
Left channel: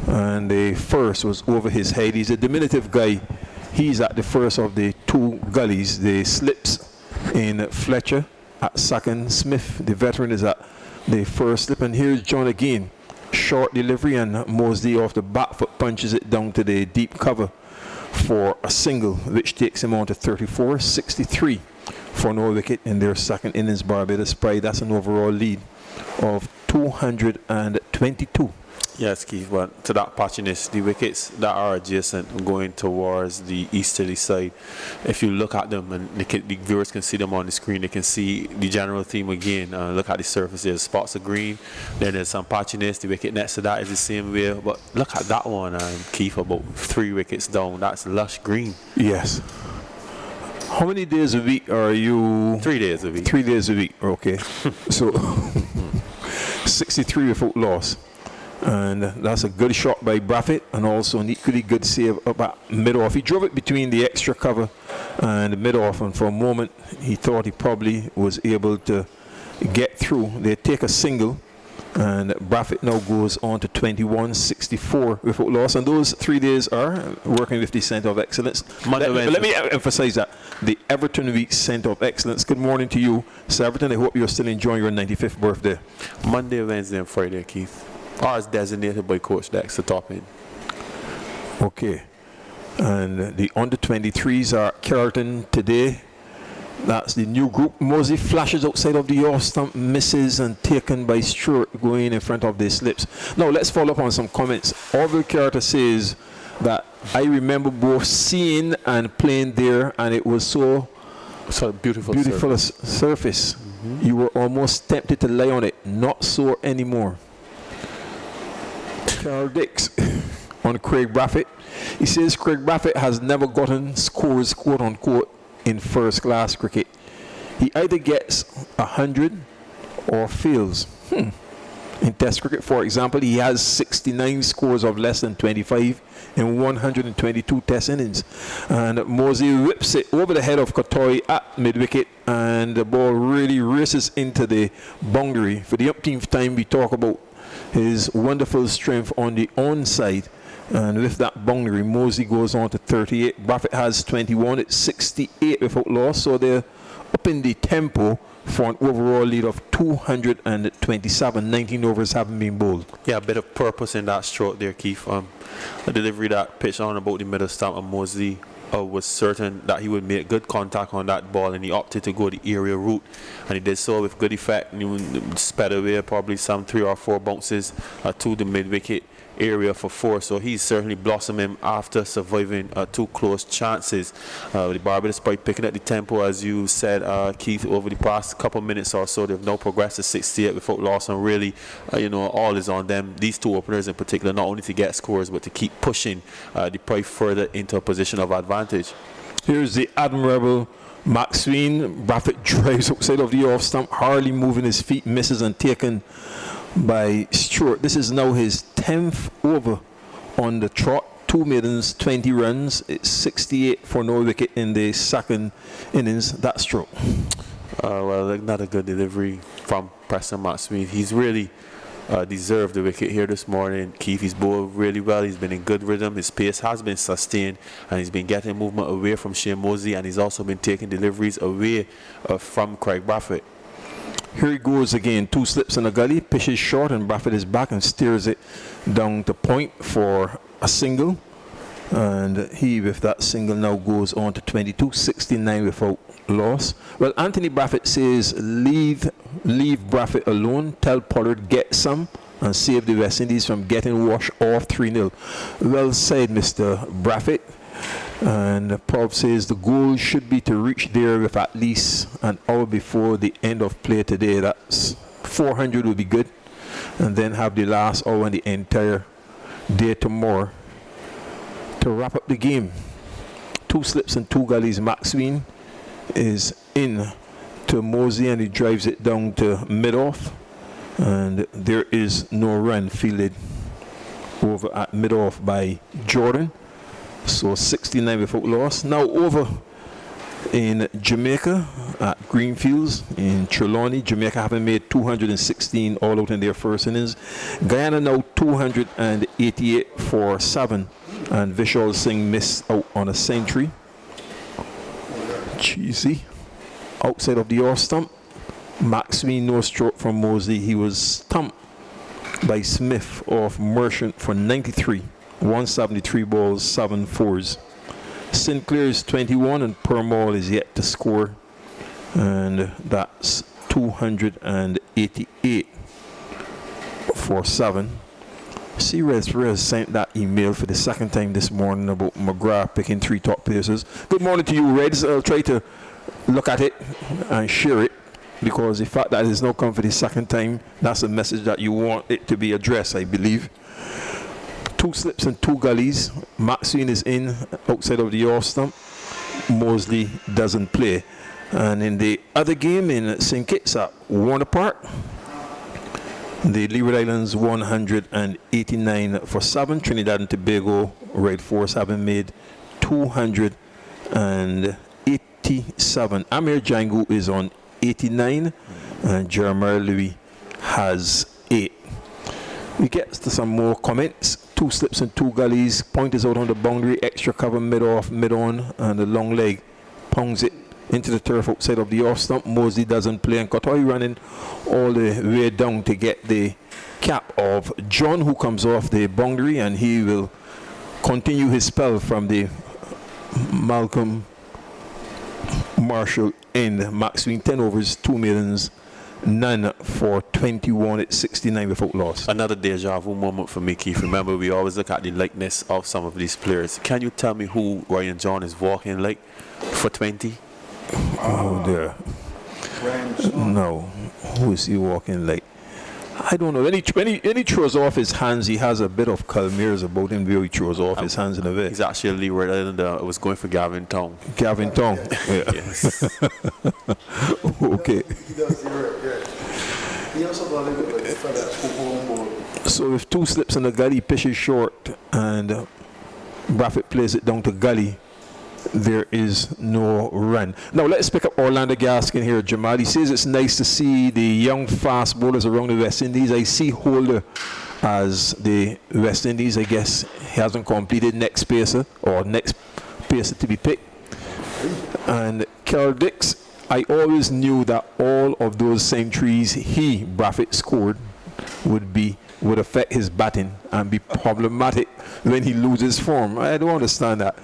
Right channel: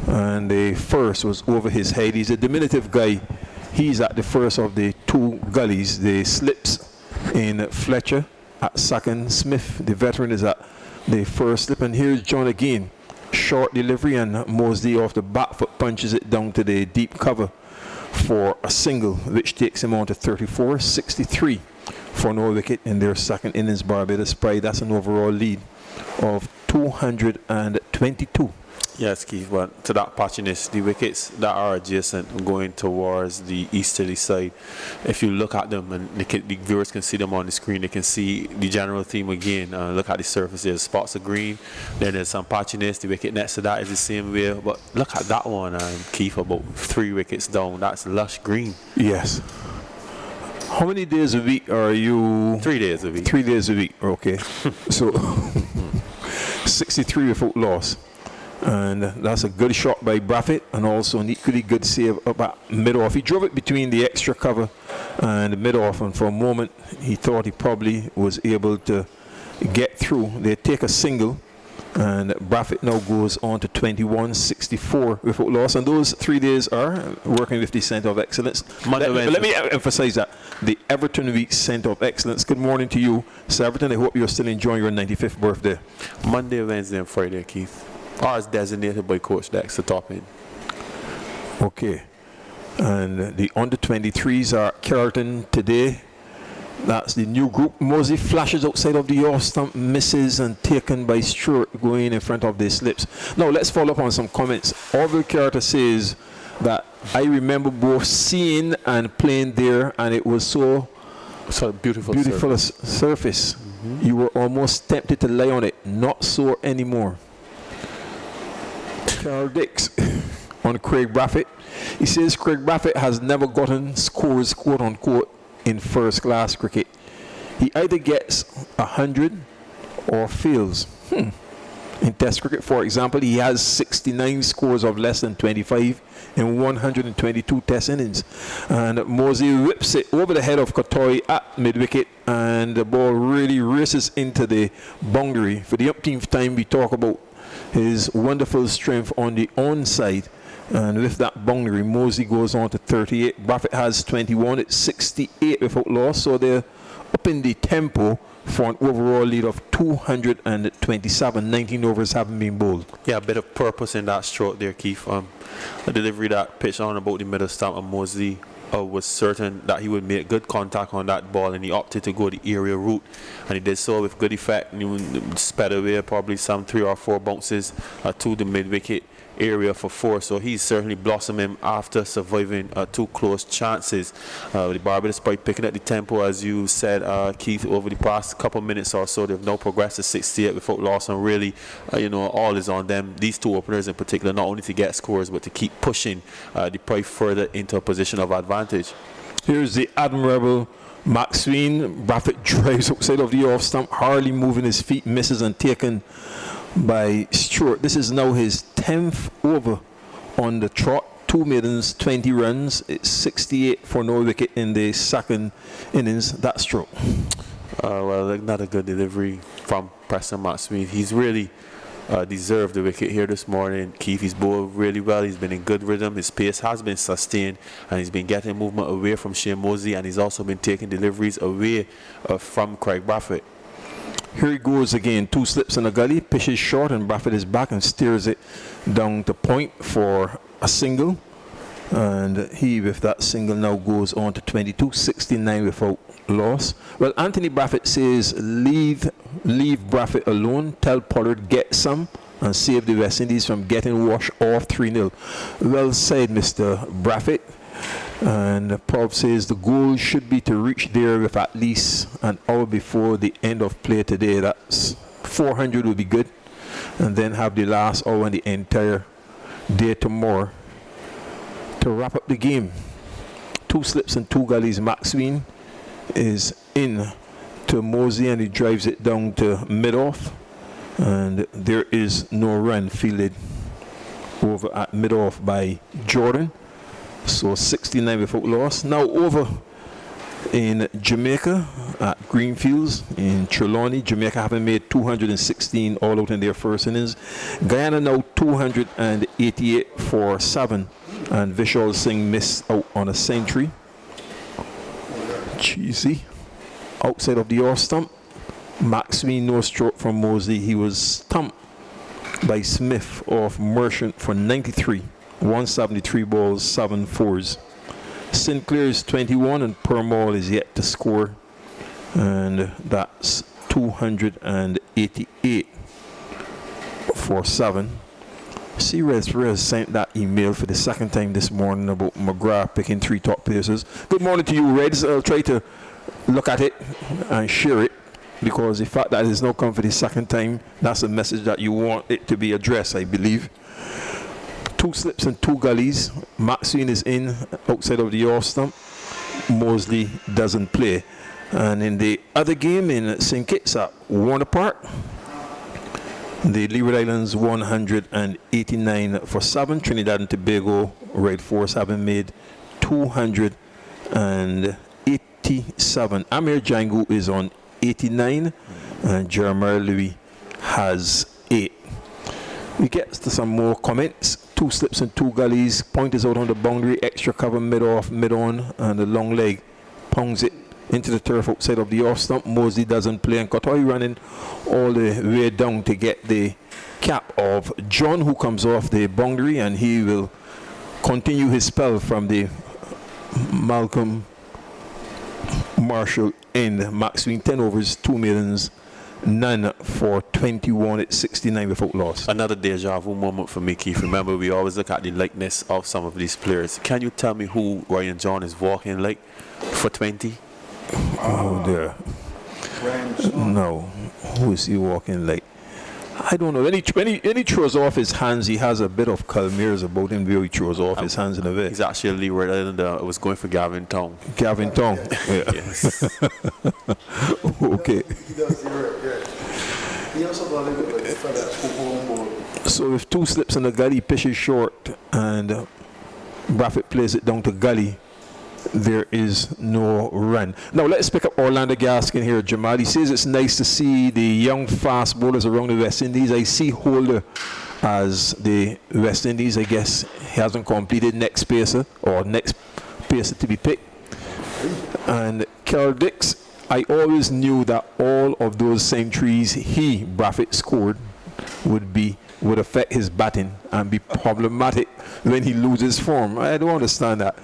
and the first was over his head. He's a diminutive guy. He's at the first of the 2 gullies. The slips in Fletcher at second. Smith, the veteran, is at the first slip. And here's John again. Short delivery, and Mosley off the back foot punches it down to the deep cover for a single, which takes him on to 34-63 for no wicket in their second innings. Barbados Pride, that's an overall lead of 222. Yes, Keith, but to that patchiness, the wickets that are adjacent going towards the easterly side, if you look at them, and the viewers can see them on the screen, they can see the general theme again. Look at the surface, there's spots of green, then there's some patchiness. The wicket next to that is the same way, but look at that one, Keith, about 3 wickets down, that's lush green. Yes. How many days a week are you? 3 days a week. 3 days a week, okay. So 63 without loss. And that's a good shot by Braffett, and also an equally good save up at mid-off. He drove it between the extra cover and mid-off, and for a moment he thought he probably was able to get through. They take a single, and Braffett now goes on to 21-64 without loss. And those 3 days are working with the Centre of Excellence. Let me emphasize that. The Everton Week Centre of Excellence. Good morning to you, Sir Everton. I hope you're still enjoying your 95th birthday. Monday, Wednesday, and Friday, Keith. Or as designated by Coach Dex to top in. Okay. And the under-23s are Carlton today. That's the new group. Mosey flashes outside of the off stump, misses, and taken by Stewart going in front of the slips. Now let's follow up on some comments. Orville Carter says that I remember both seeing and playing there, and it was so beautiful surface. Mm-hmm. You were almost tempted to lie on it. Not so anymore. Carl Dix on Craig Braffett. He says Craig Braffett has never gotten scores, quote unquote, in first class cricket. He either gets 100 or fails. In Test cricket, for example, he has 69 scores of less than 25 in 122 Test innings. And Mosey whips it over the head of Katoy at mid-wicket, and the ball really races into the boundary. For the umpteenth time, we talk about his wonderful strength on the onside, and with that boundary, Mosey goes on to 38. Braffett has 21. It's 68 without loss, so they're up in the tempo for an overall lead of 227. 19 overs haven't been bowled. Yeah, a bit of purpose in that stroke there, Keith. A delivery that pitched on about the middle stump, and Mosley was certain that he would make good contact on that ball, and he opted to go the aerial route, and he did so with good effect. And he sped away probably some 3 or 4 bounces to the mid-wicket area for 4, so he's certainly blossoming after surviving 2 close chances. The Barbados Pride picking up the tempo, as you said, Keith, over the past couple minutes or so. They've now progressed to 68 without loss, and really, all is on them. These 2 openers in particular, not only to get scores, but to keep pushing the Pride further into a position of advantage. Here's the admirable Maxwell. Braffett drives outside of the off stump, hardly moving his feet, misses, and taken by Stewart. This is now his 10th over on the trot. 2 maidens, 20 runs. It's 68 for no wicket in the second innings. That's true. Well, not a good delivery from Preston Maxwell. He's really deserved the wicket here this morning. Keith, he's bowled really well. He's been in good rhythm. His pace has been sustained, and he's been getting movement away from Shane Mosley, and he's also been taking deliveries away from Craig Braffett. Here he goes again. 2 slips in the gully, pitches short, and Braffett is back and steers it down to point for a single. And he, with that single, now goes on to 22, 69 without loss. Well, Anthony Braffett says, leave Braffett alone. Tell Pollard get some and save the West Indies from getting washed off 3-0. Well said, Mr. Braffett. And Prob says the goal should be to reach there with at least an hour before the end of play today. That's 400 would be good. And then have the last hour and the entire day tomorrow to wrap up the game. 2 slips and 2 gullies. Maxwell is in to Mosey, and he drives it down to mid-off, and there is no run fielded over at mid-off by Jordan. So 69 without loss. Now over in Jamaica at Greenfields in Trelawney. Jamaica having made 216 all out in their first innings. Guyana now 288 for 7, and Vishal Singh missed out on a century. Cheesy outside of the off stump. Maxwell no stroke from Mosley. He was stumped by Smith of Merchant for 93. 173 balls, 7 fours. Sinclair is 21 and Permall is yet to score, and that's 288 for 7. See, Rez sent that email for the second time this morning about McGrath picking 3 top places. Good morning to you, Reds. I'll try to look at it and share it, because the fact that it's not come for the second time, that's a message that you want it to be addressed, I believe. 2 slips and 2 gullies. Maxwell is in outside of the off stump. Mosley doesn't play. And in the other game in St. Kitts at Warner Park, the Leeward Islands 189 for 7. Trinidad and Tobago Red Force having made 287. Amir Django is on 89, and Jeremiah Louis has 8. We get to some more comments. 2 slips and 2 gullies. Point is out on the boundary. Extra cover mid-off, mid-on, and the long leg pongs it into the turf outside of the off stump. Mosley doesn't play, and Kotoy running all the way down to get the cap of John, who comes off the boundary, and he will continue his spell from the Malcolm Marshall end. Maxwell 10 overs, 2 maidens, none for 21 at 69 without loss. Another deja vu moment for me, Keith. Remember, we always look at the likeness of some of these players. Can you tell me who Ryan John is walking like for 20? Oh dear. No. Who is he walking like? I don't know. When he throws off his hands, he has a bit of Calmeers about him where he throws off his hands in the way. He's actually a Leeward Islander. I was going for Gavin Tong. Gavin Tong. Yeah. Yes. Okay. He does, you're right, yeah. He also got a little bit like fella home ball. So with 2 slips in the gully, pitches short, and Braffett plays it down to gully. There is no run. Now let's pick up Orlando Gaskin here, Jamal. He says it's nice to see the young fast bowlers around the West Indies. I see Holder as the West Indies. I guess he hasn't completed next pacer to be picked. And Carl Dix, I always knew that all of those centuries Braffett scored would affect his batting and be problematic when he loses form. I don't understand that.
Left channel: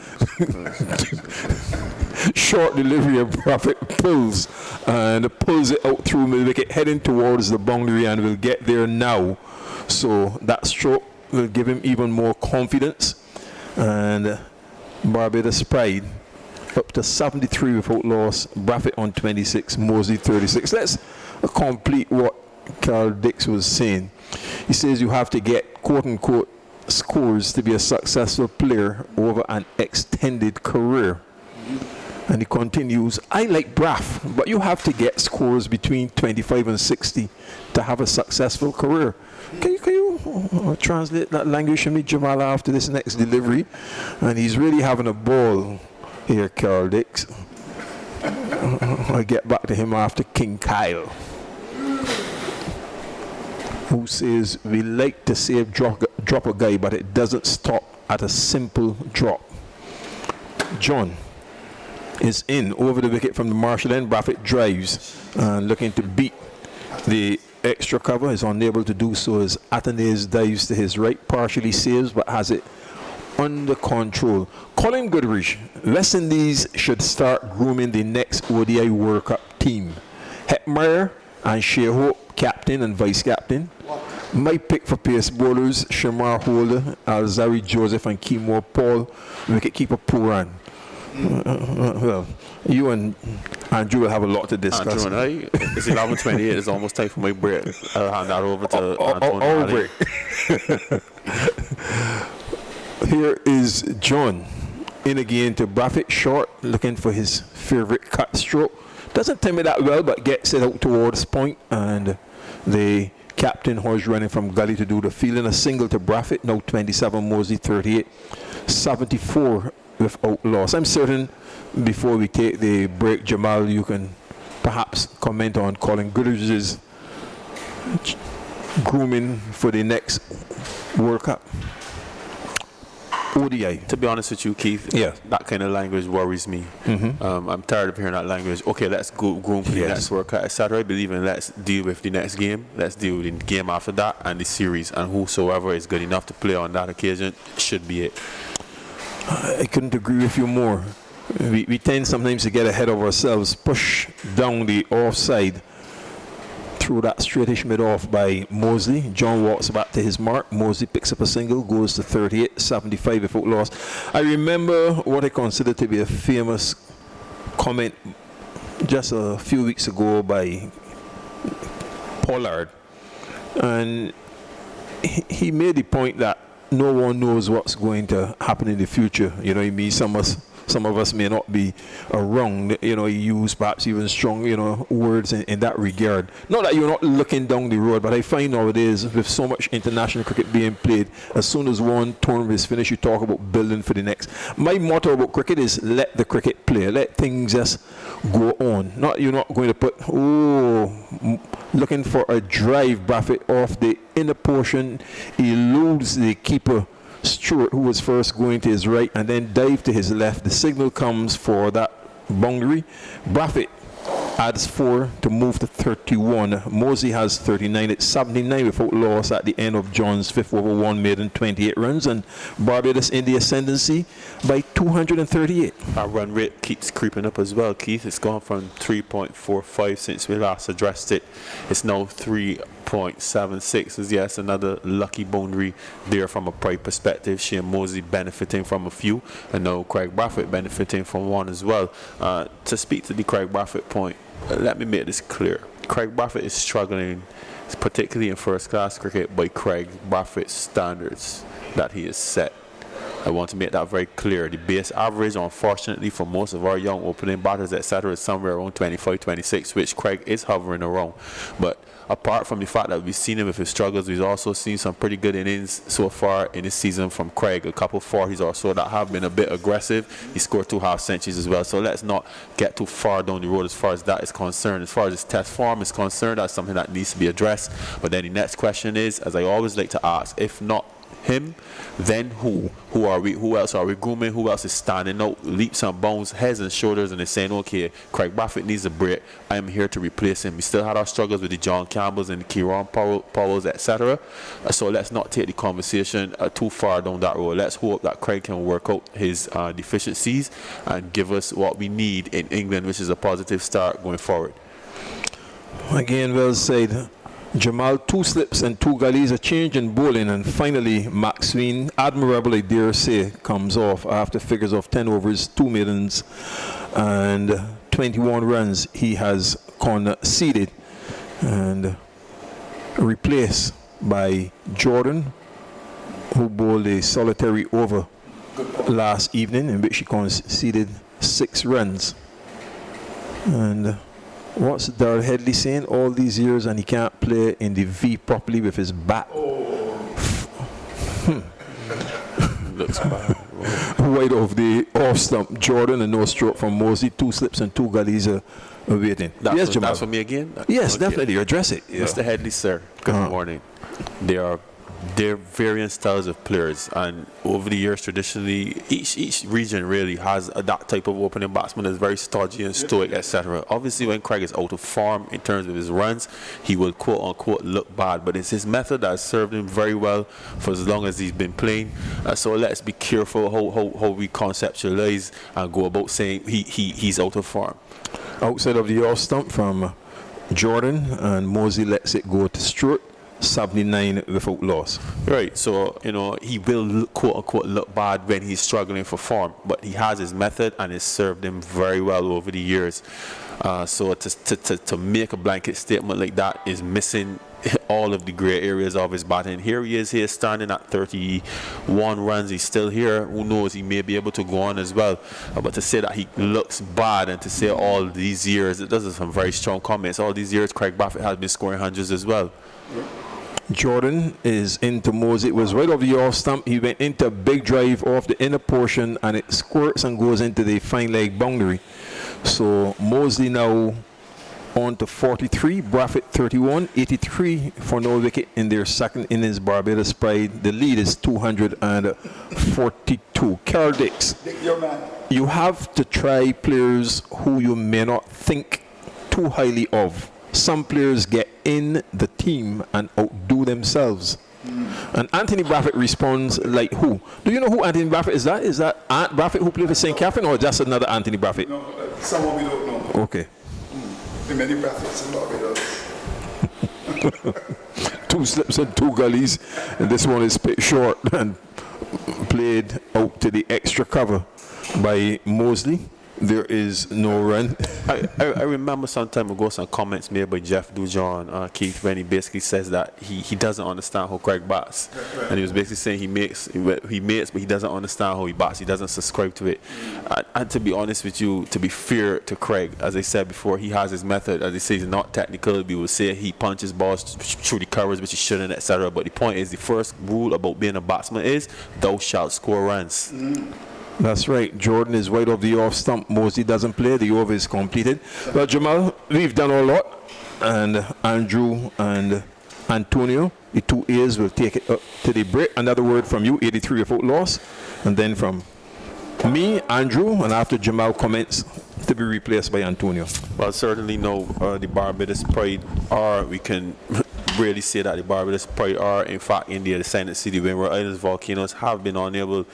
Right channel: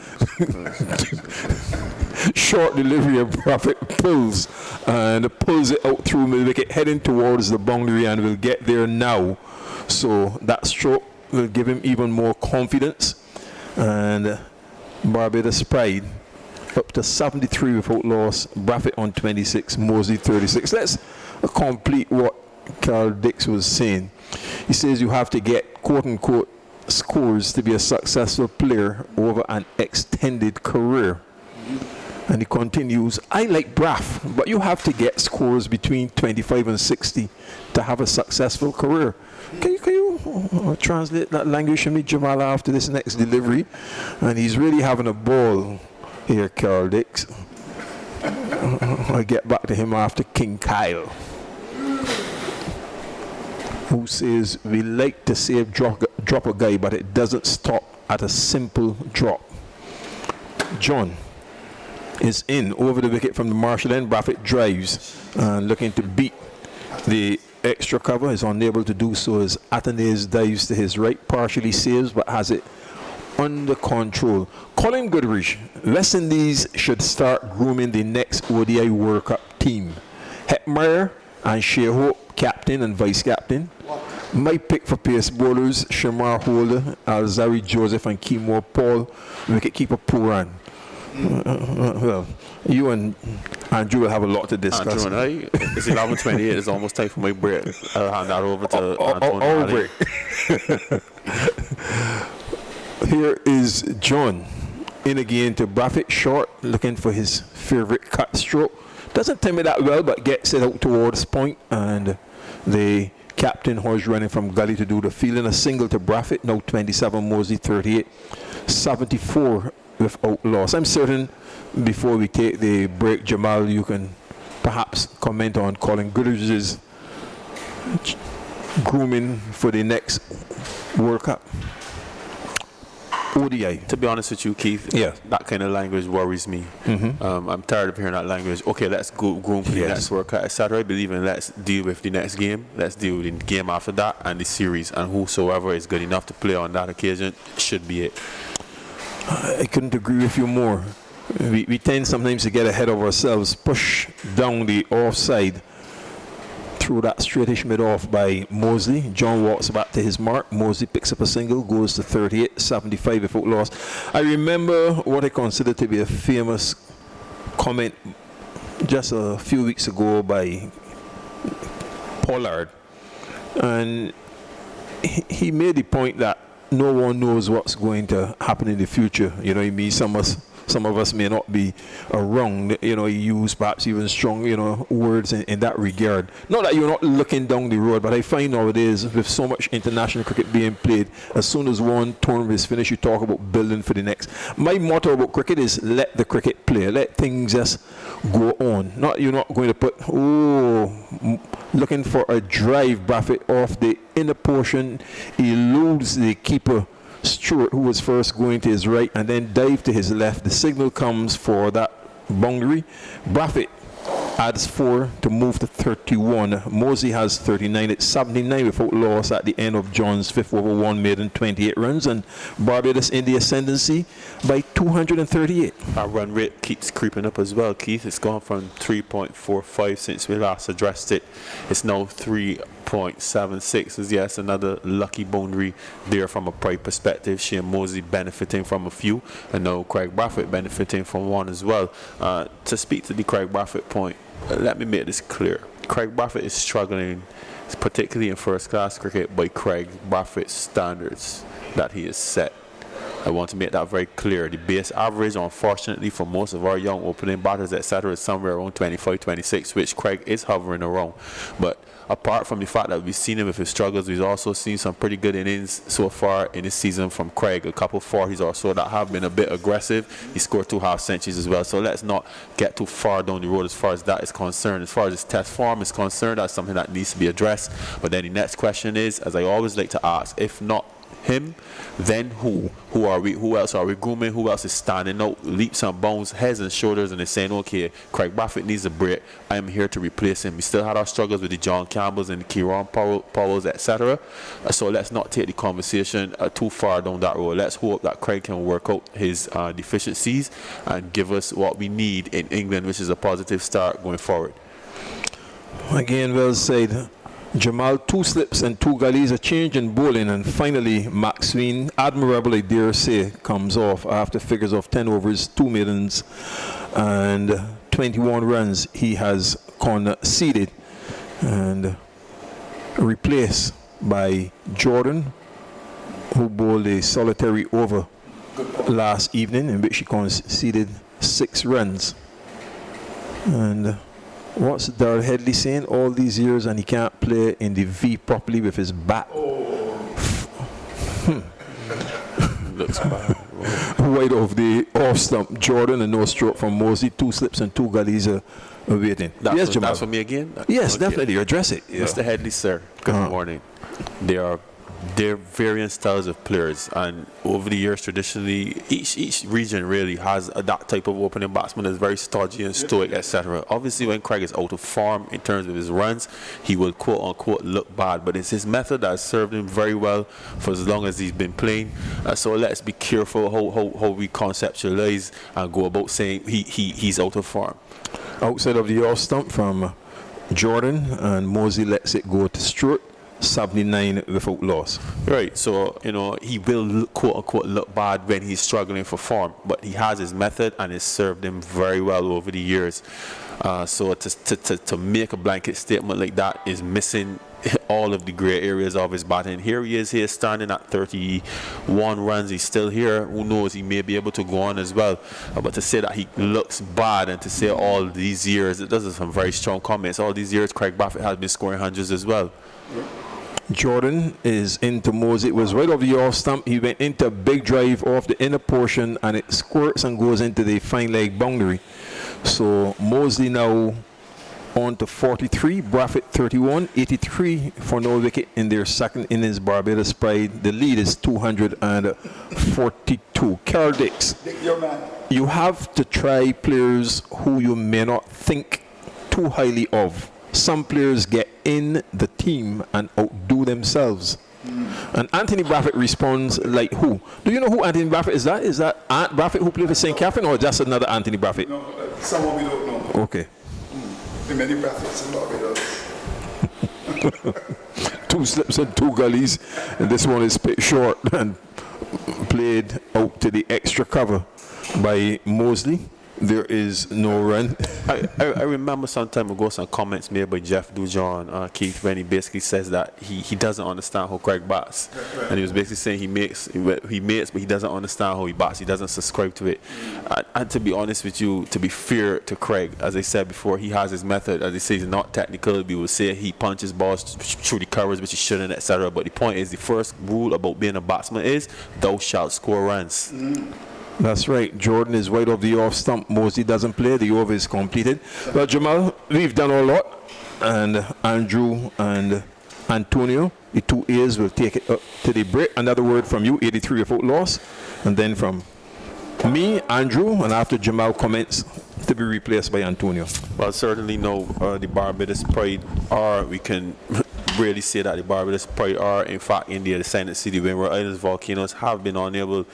Short delivery of Braffett pulls it out through mid-wicket, heading towards the boundary, and will get there now. So that stroke will give him even more confidence. And Barbados Pride up to 73 without loss. Braffett on 26, Mosley 36. Let's complete what Carl Dix was saying. He says you have to get quote-unquote scores to be a successful player over an extended career. And he continues, I like Braff, but you have to get scores between 25 and 60 to have a successful career. Can you translate that language for me, Jamal, after this next delivery. And he's really having a ball here, Carol Dix. I'll get back to him after King Kyle, who says, we like to save drop a guy, but it doesn't stop at a simple drop. John is in over the wicket from the Marshall end. Braffett drives and looking to beat the extra cover, is unable to do so as Athanaze dives to his right, partially saves but has it under control. Colin Goodrich, West Indies should start grooming the next ODI World Cup team. Hetmeyer and Shea Hope, captain and vice captain. My pick for pace bowlers, Shamar Holder, Alzari Joseph and Kimo Paul, wicketkeeper Puran. Well, you and Andrew will have a lot to discuss. Andrew and I, it's 11:28. It's almost time for my break. I'll hand that over to Antonio. Here is John in again to Braffett short, looking for his favorite cut stroke. Doesn't time it that well, but gets it out towards point, and the captain horse running from gully to do the fielding. A single to Braffett, now 27, Mosley 38, 74 without loss. I'm certain before we take the break, Jamal, you can perhaps comment on Colin Goodrich's grooming for the next World Cup. ODI. To be honest with you, Keith, yeah, that kind of language worries me. I'm tired of hearing that language. Okay, let's go groom for the next World Cup, etc. I believe in let's deal with the next game. Let's deal with the game after that and the series. And whosoever is good enough to play on that occasion should be it. I couldn't agree with you more. We tend sometimes to get ahead of ourselves, push down the offside, through that straightish mid off by Mosley. John walks back to his mark. Mosley picks up a single, goes to 38, 75 without loss. I remember what I consider to be a famous comment just a few weeks ago by Pollard, and he made the point that no one knows what's going to happen in the future. You know what I mean? Some of us may not be wrong. You know, he used perhaps even strong, words in that regard. Not that you're not looking down the road, but I find nowadays with so much international cricket being played, as soon as one tournament is finished, you talk about building for the next. My motto about cricket is let the cricket play. Let things just go on. You're not going to put, looking for a drive, Braffett off the inner portion. He eludes the keeper, Stewart, who was first going to his right, and then dive to his left. The signal comes for that boundary. Braffett adds 4 to move to 31. Mosley has 39. It's 79 without loss at the end of John's 5th over 1 maiden, 28 runs, and Barbados in the ascendancy by 238. Our run rate keeps creeping up as well, Keith. It's gone from 3.45 since we last addressed it. It's now 3.76. Yes, another lucky boundary there from a pride perspective. Shane Mosley benefiting from a few, and now Craig Braffett benefiting from one as well. To speak to the Craig Braffett point, let me make this clear. Craig Braffett is struggling, particularly in first class cricket, by Craig Braffett's standards that he has set. I want to make that very clear. The base average, unfortunately, for most of our young opening batters, etc., is somewhere around 25, 26, which Craig is hovering around. But apart from the fact that we've seen him with his struggles, we've also seen some pretty good innings so far in this season from Craig. A couple 40s or so that have been a bit aggressive. He scored 2 half centuries as well. So let's not get too far down the road as far as that is concerned. As far as his test form is concerned, that's something that needs to be addressed. But then the next question is, as I always like to ask, if not him, then who? Who are we? Who else are we grooming? Who else is standing out, leaps and bounds, heads and shoulders, and is saying, okay, Craig Braffett needs a break. I am here to replace him. We still had our struggles with the John Campbells and the Kieran Powells, etc. So let's not take the conversation too far down that road. Let's hope that Craig can work out his deficiencies and give us what we need in England, which is a positive start going forward. Again, well said, Jamal. 2 slips and 2 gullies, a change in bowling, and finally Max Sween, admirable I dare say, comes off after figures of 10 overs, 2 maidens and 21 runs he has conceded, and replaced by Jordan, who bowled a solitary over last evening in which he conceded 6 runs. And what's Darrell Headley saying? All these years and he can't play in the V properly with his bat. Looks bad. Right off the off stump, Jordan, and no stroke from Mosley. 2 slips and 2 gullies waiting. Yes, Jamal. That's for me again? Yes, Okay. definitely. Address it. Yeah. Mr. Headley, sir, good morning. There are varying styles of players, and over the years, traditionally, each region really has that type of opening batsman that's very stodgy and stoic, etc. Obviously, when Craig is out of form in terms of his runs, he will quote-unquote look bad, but it's his method that has served him very well for as long as he's been playing. So let's be careful how we conceptualize and go about saying he's out of form. Outside of the off stump from Jordan, and Mosley lets it go to Stewart. 79 without loss. Right, so he will quote unquote look bad when he's struggling for form, but he has his method and it's served him very well over the years. So to make a blanket statement like that is missing all of the gray areas of his batting. Here he is standing at 31 runs. He's still here. Who knows? He may be able to go on as well. But to say that he looks bad and to say all these years, those are some very strong comments. All these years, Craig Brathwaite has been scoring hundreds as well. Jordan is into Mosley. It was right off the off stump. He went into a big drive off the inner portion, and it squirts and goes into the fine leg boundary. So Mosley now on to 43, Brathwaite 31, 83 for no wicket in their second innings. Barbados Pride. The lead is 242. Carl Dix, you have to try players who you may not think too highly of. Some players get in the team and outdo themselves. And Anthony Brathwaite responds like who? Do you know who Anthony Brathwaite is? Is that Ant Brathwaite who played for St. Catherine, or just another Anthony Brathwaite? No, someone we don't know. Okay. There are many Brathwaites in Barbados. 2 slips and 2 gullies, and this one is picked short and played out to the extra cover by Mosley. There is no run. I remember some time ago some comments made by Jeff Dujon, Keith, when he basically says that he doesn't understand how Craig bats. And he was basically saying he makes, but he doesn't understand how he bats. He doesn't subscribe to it. And to be honest with you, to be fair to Craig, as I said before, he has his method. As they say, he's not technical. We will say he punches balls through the covers, which he shouldn't, etc. But the point is, the first rule about being a batsman is thou shalt score runs. That's right. Jordan is wide off the off stump. Mosley doesn't play. The over is completed. Well, Jamal, we've done a lot. And Andrew and Antonio, the 2 A's, will take it up to the break. Another word from you, 83 without loss. And then from me, Andrew, and after Jamal comments, to be replaced by Antonio. Well, certainly no, the Barbados Pride are, we can really say that the Barbados Pride are, in fact, in the ascendancy. The Windward Islands volcanoes have been unable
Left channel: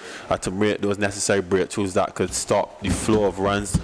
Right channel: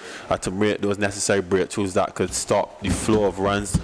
to make those necessary breakthroughs that could stop the flow of runs,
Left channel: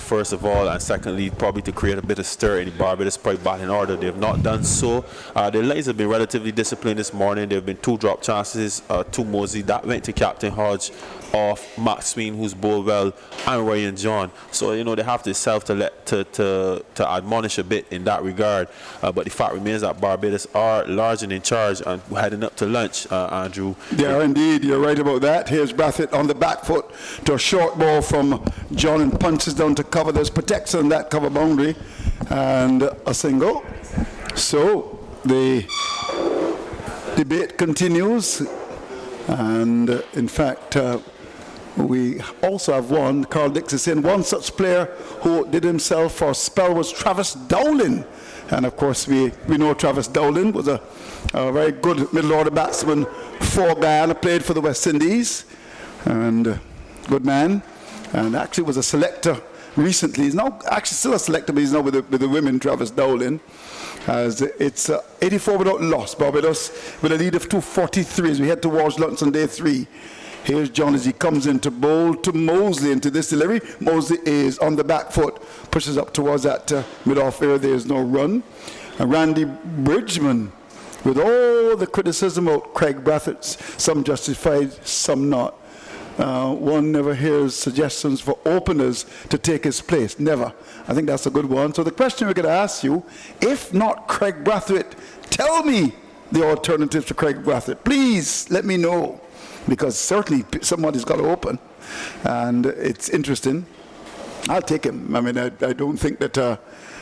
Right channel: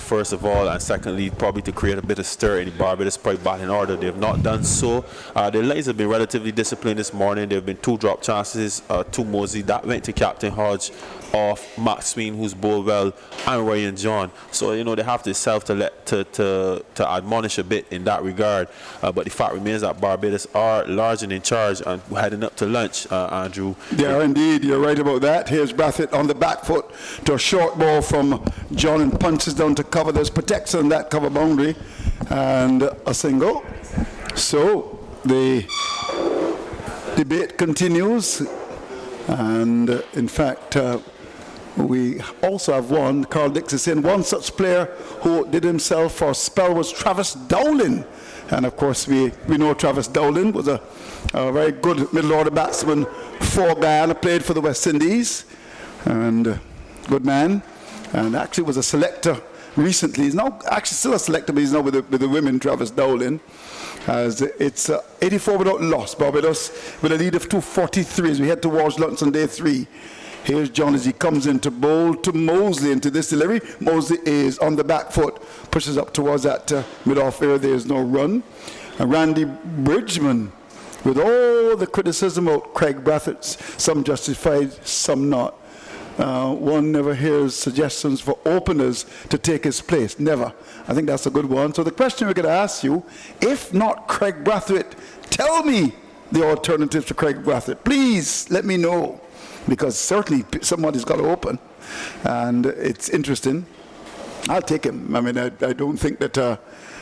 first of all, and secondly, probably to create a bit of stir in the Barbados Pride batting order. They have not done so. The ladies have been relatively disciplined this morning. There have been 2 drop chances, 2 Mosley. That went to Captain Hodge off Max Sween, who's bowled well, and Ryan John. So, they have to to admonish a bit in that regard. But the fact remains that Barbados are large and in charge and heading up to lunch, Andrew. They are indeed. You're right about that. Here's Brathwaite on the back foot to a short ball from John and punches down to cover. There's protection on that cover boundary and a single. So the debate continues. And in fact, we also have one, Carl Dix is saying, one such player who did himself for a spell was Travis Dowling. And of course, we know Travis Dowling was a very good middle order batsman for Guyana, played for the West Indies, and good man, and actually was a selector recently. He's now actually still a selector, but he's now with the women, Travis Dowling. As it's 84 without loss. Barbados with a lead of 243 as we head towards lunch on day 3. Here's John as he comes in to bowl to Mosley into this delivery. Mosley is on the back foot, pushes up towards that mid-off area. There's no run. And Randy Bridgman, with all the criticism of Craig Brathwaite, some justified, some not. One never hears suggestions for openers to take his place. Never. I think that's a good one. So the question we're going to ask you, if not Craig Brathwaite, tell me the alternatives to Craig Brathwaite. Please let me know, because certainly somebody's got to open, and it's interesting. I'll take him. I mean, I don't think that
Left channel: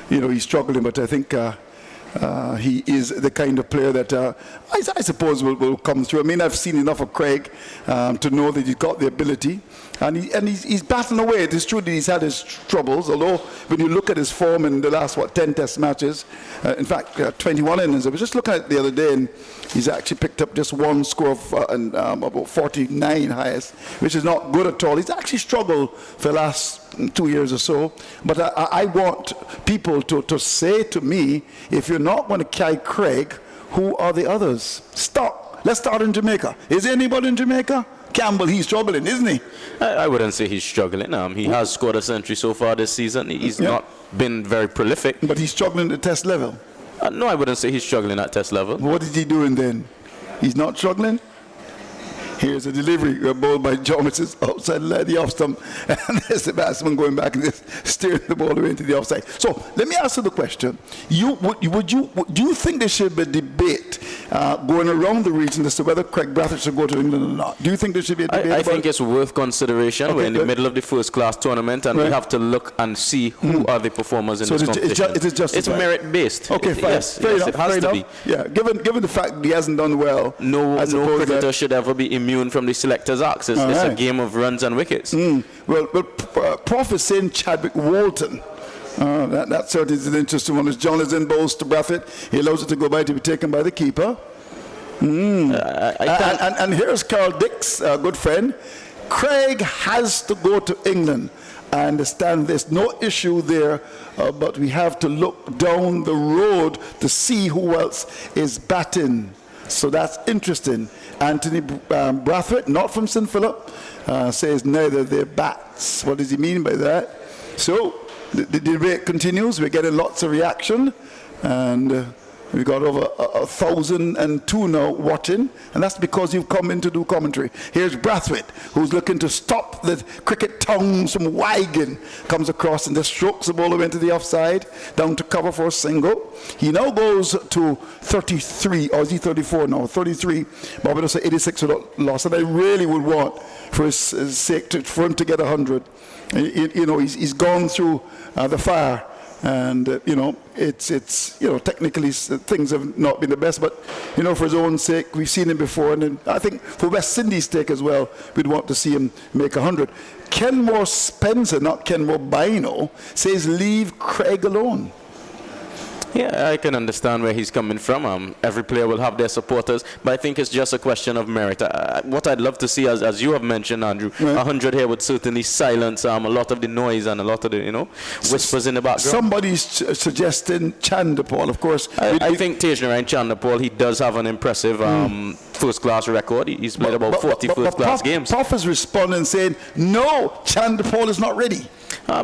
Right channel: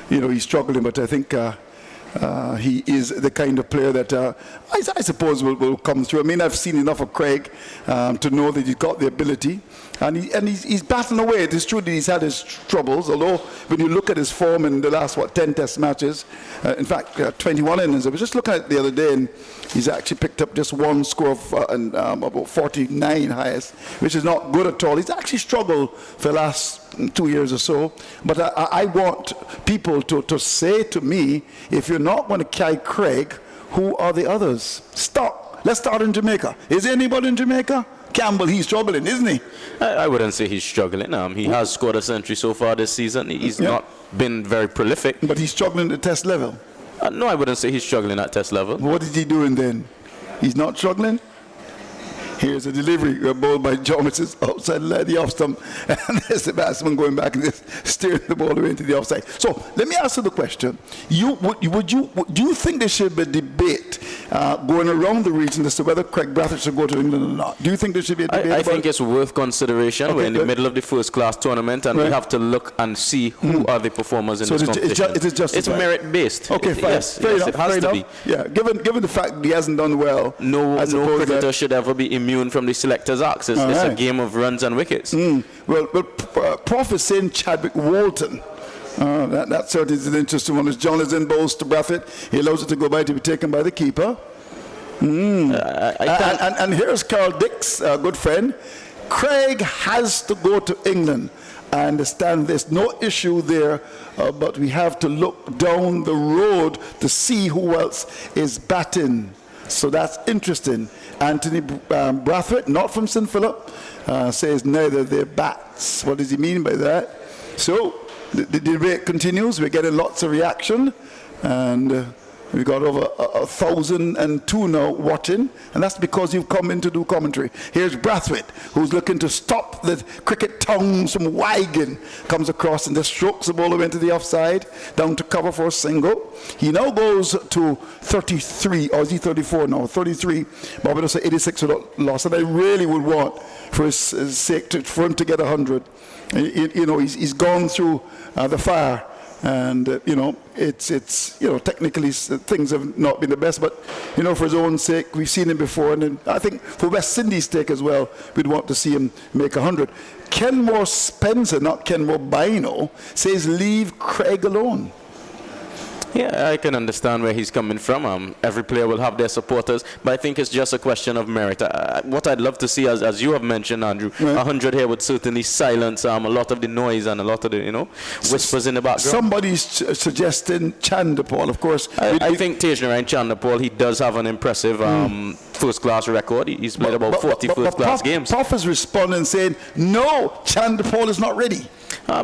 he's struggling, but I think He is the kind of player that I suppose will come through. I mean, I've seen enough of Craig to know that he's got the ability. And he's battling away. It is true that he's had his troubles, although when you look at his form in the last, 10 test matches, in fact, 21 innings. I was just looking at it the other day, and he's actually picked up just one score of about 49 highest, which is not good at all. He's actually struggled for the last 2 years or so. But I want people to say to me, if you're not going to carry Craig, who are the others? Stop. Let's start in Jamaica. Is there anybody in Jamaica? Campbell, he's struggling, isn't he? I wouldn't say he's struggling. He has scored a century so far this season. He's not been very prolific. But he's struggling at test level. No, I wouldn't say he's struggling at test level. What is he doing then? He's not struggling? Here's a delivery, a ball by John, which is outside the off stump. And there's the batsman going back and just steering the ball away into the offside. So let me ask you the question. Do you think there should be a debate going around the region as to whether Craig Brathwaite should go to England or not? Do you think there should be a debate? I think it's worth consideration. Okay, we're in the middle of the first class tournament, and we have to look and see who are the performers in this competition. It's merit based. Okay, fine. Yes, it has to be. Yeah, given the fact that he hasn't done well, no cricketer should ever be immune from the selector's axe. It's a game of runs and wickets. Well, Prof is saying Chadwick Walton. That certainly is an interesting one. As John is in bowls to Brathwaite, he allows it to go by to be taken by the keeper. And here's Carl Dix, a good friend. Craig has to go to England. I understand there's no issue there, but we have to look down the road to see who else is batting. So that's interesting. Anthony Brathwaite, not from St. Philip, says neither their bats. What does he mean by that? So the debate continues. We're getting lots of reaction, and we've got over 1,002 now watching, and that's because you've come in to do commentary. Here's Brathwaite, who's looking to stop the cricket tongues from wagging, comes across and just strokes the ball away into the offside, down to cover for a single. He now goes to 33, or is he 34 now? 33, Barbados 86 without loss, and I really would want, for his sake, for him to get 100. He's gone through the fire. And it's technically things have not been the best, but for his own sake, we've seen him before, and I think for West Indies' sake as well, we'd want to see him make 100. Kenmore Spencer, not Kenmore Bino, says leave Craig alone. Yeah, I can understand where he's coming from. Every player will have their supporters, but I think it's just a question of merit. What I'd love to see, as you have mentioned, Andrew, 100 here would certainly silence a lot of the noise and a lot of the, whispers in the background. Somebody's suggesting Chandapal, of course. I think Tejnarayan Chandapal, he does have an impressive first-class record. He's played about 40 first-class games. Prof is responding saying, no, Chandapal is not ready.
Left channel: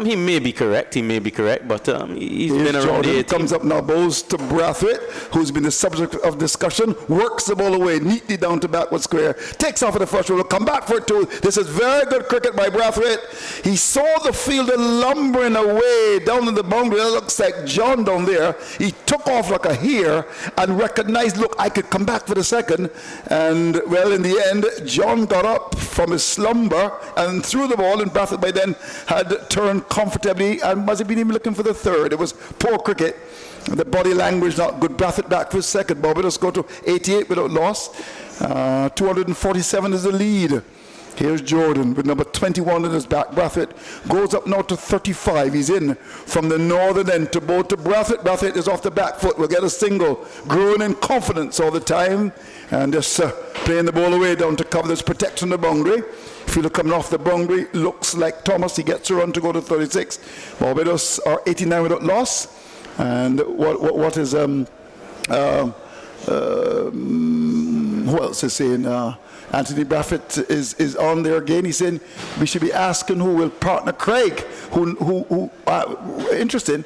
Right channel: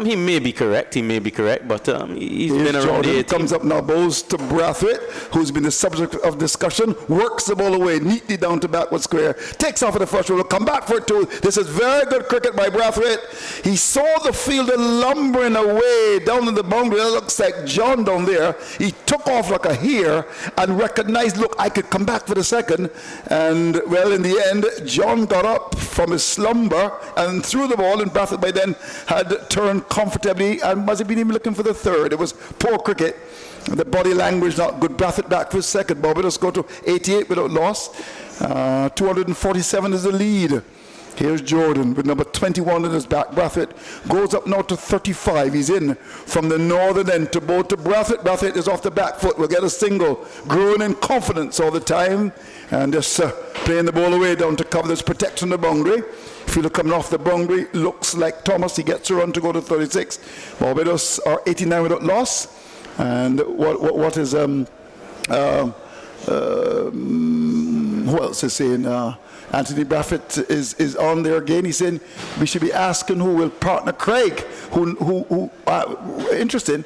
He may be correct, but he's been around the 18. Comes up now, bowls to Brathwaite, who's been the subject of discussion, works the ball away neatly down to backward square, takes off at the first row, will come back for it too. This is very good cricket by Brathwaite. He saw the fielder lumbering away down in the boundary. That looks like John down there. He took off like a hare and recognized, look, I could come back for the second. And, well, in the end, John got up from his slumber and threw the ball, and Brathwaite by then had turned comfortably and must have been even looking for the third. It was poor cricket. The body language not good. Brathwaite back for his second. Barbados go to 88 without loss. 247 is the lead. Here's Jordan with number 21 in his back. Brathwaite goes up now to 35. He's in from the northern end to bowl to Brathwaite. Brathwaite is off the back foot. Will get a single. Growing in confidence all the time. And just playing the ball away down to cover this protection of the boundary. Fielder coming off the boundary, looks like Thomas. He gets a run to go to 36. Barbados are 89 without loss. And what is who else is saying? Anthony Brathwaite is on there again. He's saying we should be asking who will partner Craig. Who interesting,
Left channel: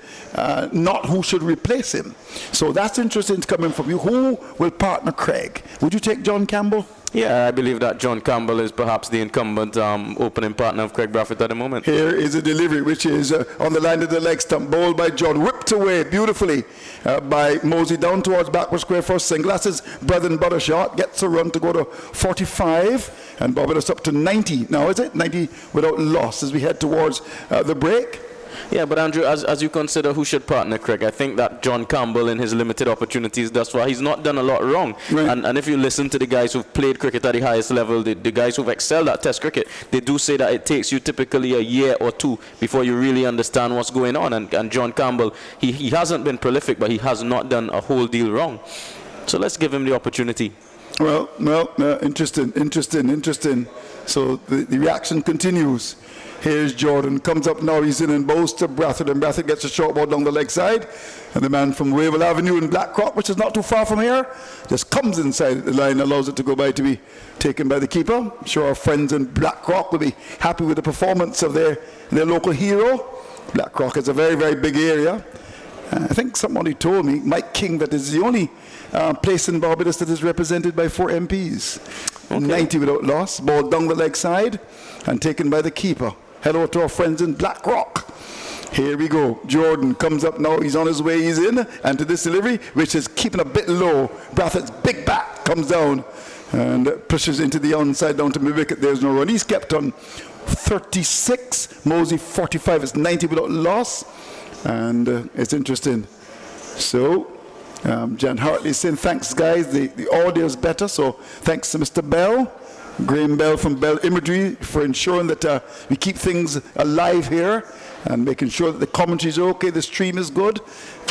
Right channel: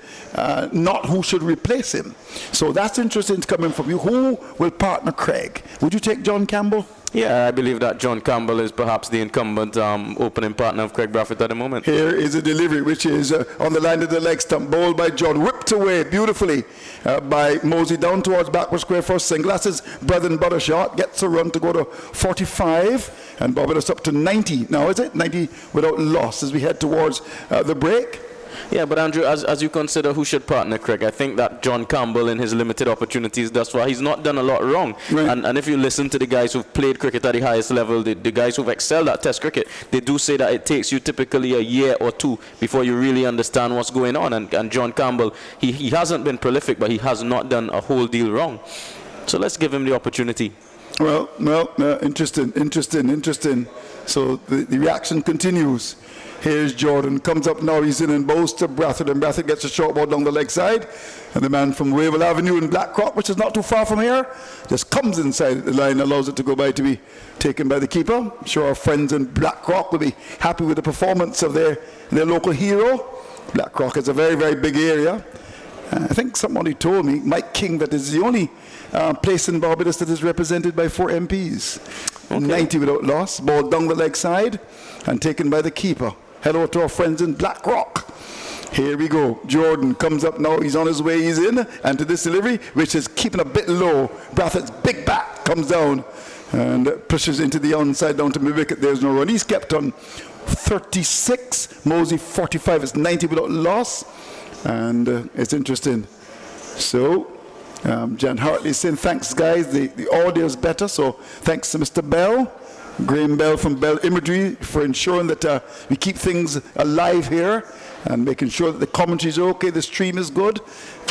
not who should replace him. So that's interesting coming from you. Who will partner Craig? Would you take John Campbell? Yeah, I believe that John Campbell is perhaps the incumbent opening partner of Craig Brathwaite at the moment. Here is a delivery which is on the line of the leg stump, bowled by John, whipped away beautifully by Mosey down towards backward square for a single. That's his bread and butter shot. Gets a run to go to 45, and Barbados up to 90 now, is it? 90 without loss as we head towards the break. Yeah, but Andrew, as you consider who should partner Craig, I think that John Campbell, in his limited opportunities thus far, he's not done a lot wrong. Right. And if you listen to the guys who've played cricket at the highest level, the guys who've excelled at Test cricket, they do say that it takes you typically a year or two before you really understand what's going on. And John Campbell, he hasn't been prolific, but he has not done a whole deal wrong. So let's give him the opportunity. Well, interesting. So the reaction continues. Here's Jordan, comes up now, he's in and bowls to Brathwaite, and Brathwaite gets a short ball down the leg side, and the man from Wavell Avenue in Blackrock, which is not too far from here, just comes inside the line, allows it to go by to be taken by the keeper. I'm sure our friends in Blackrock will be happy with the performance of their local hero. Blackrock is a very, very big area. I think somebody told me, Mike King, that is the only place in Barbados that is represented by 4 MPs. Okay. 90 without loss, ball down the leg side, and taken by the keeper. Hello to our friends in Blackrock. Here we go. Jordan comes up now. He's on his way. He's in. And to this delivery, which is keeping a bit low. Brathwaite's big bat comes down and pushes into the onside down to mid-wicket. There's no run. He's kept on 36. Mosey 45. It's 90 without loss. And it's interesting. So, Jan Hartley is saying, thanks, guys. The audio is better. So, thanks to Mr. Bell. Graham Bell from Bell Imagery for ensuring that we keep things alive here and making sure that the commentary is okay, the stream is good,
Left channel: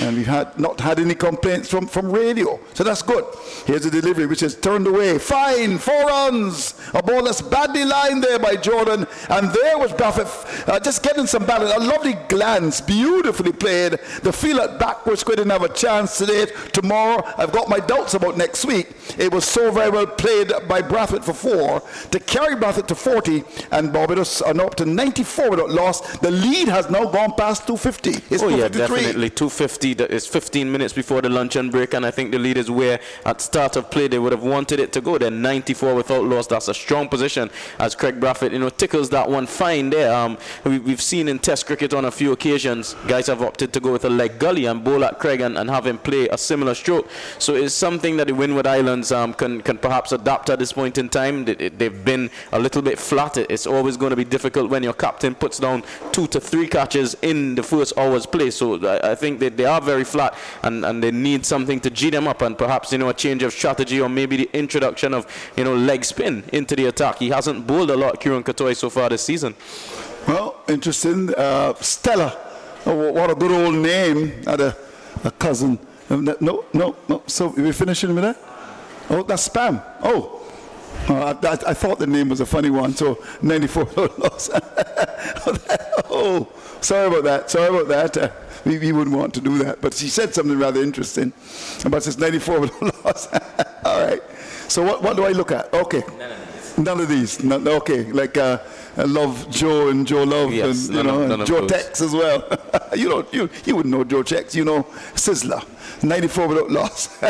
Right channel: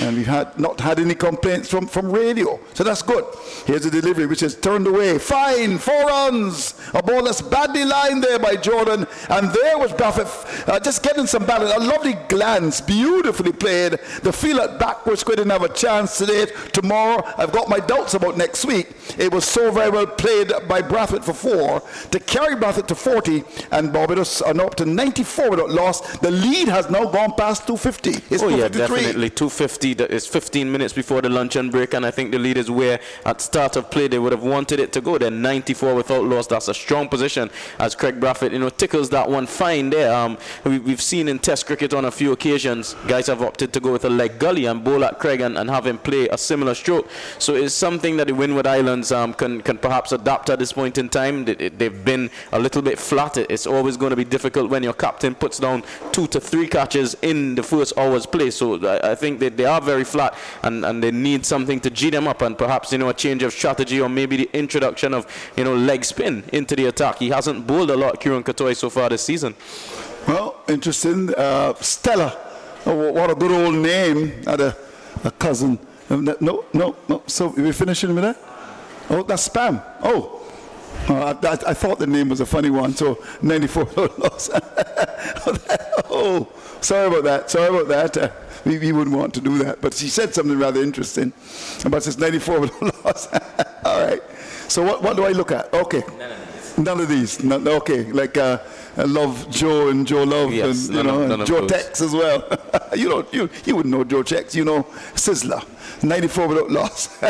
and we've not had any complaints from radio. So that's good. Here's a delivery which is turned away. Fine, 4 runs. A ball that's badly lined there by Jordan, and there was Brathwaite just getting some balance. A lovely glance, beautifully played. The field at backwards didn't have a chance today. Tomorrow, I've got my doubts about next week. It was so very well played by Brathwaite for 4 to carry Brathwaite to 40, and Barbados are now up to 94 without loss. The lead has now gone past 250. It's 253. Yeah, definitely 250. It's 15 minutes before the luncheon break, and I think the lead is where at start of play they would have wanted it to go. They're 94 without loss. That's a strong position as Craig Brathwaite, tickles that one fine there. We've seen in Test cricket on a few occasions, guys have opted to go with a leg gully and bowl at Craig and have him play a similar stroke. So it's something that the Windward Islands can perhaps adapt at this point in time. They've been a little bit flat. It's always going to be difficult when your captain puts down 2 to 3 catches in the first hour's play. So I think that they are very flat and they need something to G them up, and perhaps a change of strategy, or maybe the introduction of leg spin into the attack. He hasn't bowled a lot, Kieran Katoy, so far this season. Well, interesting. Stella, what a good old name. Had a cousin. No. So we're finishing with that? Oh, that's spam. I thought the name was a funny one. So 94 loss. Oh, sorry about that. We wouldn't want to do that. But she said something rather interesting. But it's 94 loss. All right. So what do I look at? Okay. None of these. Okay. Like Love Joe and Joe Love, yes, and Joe Tex as well. You wouldn't know Joe Tex. Sizzler. 94 without loss.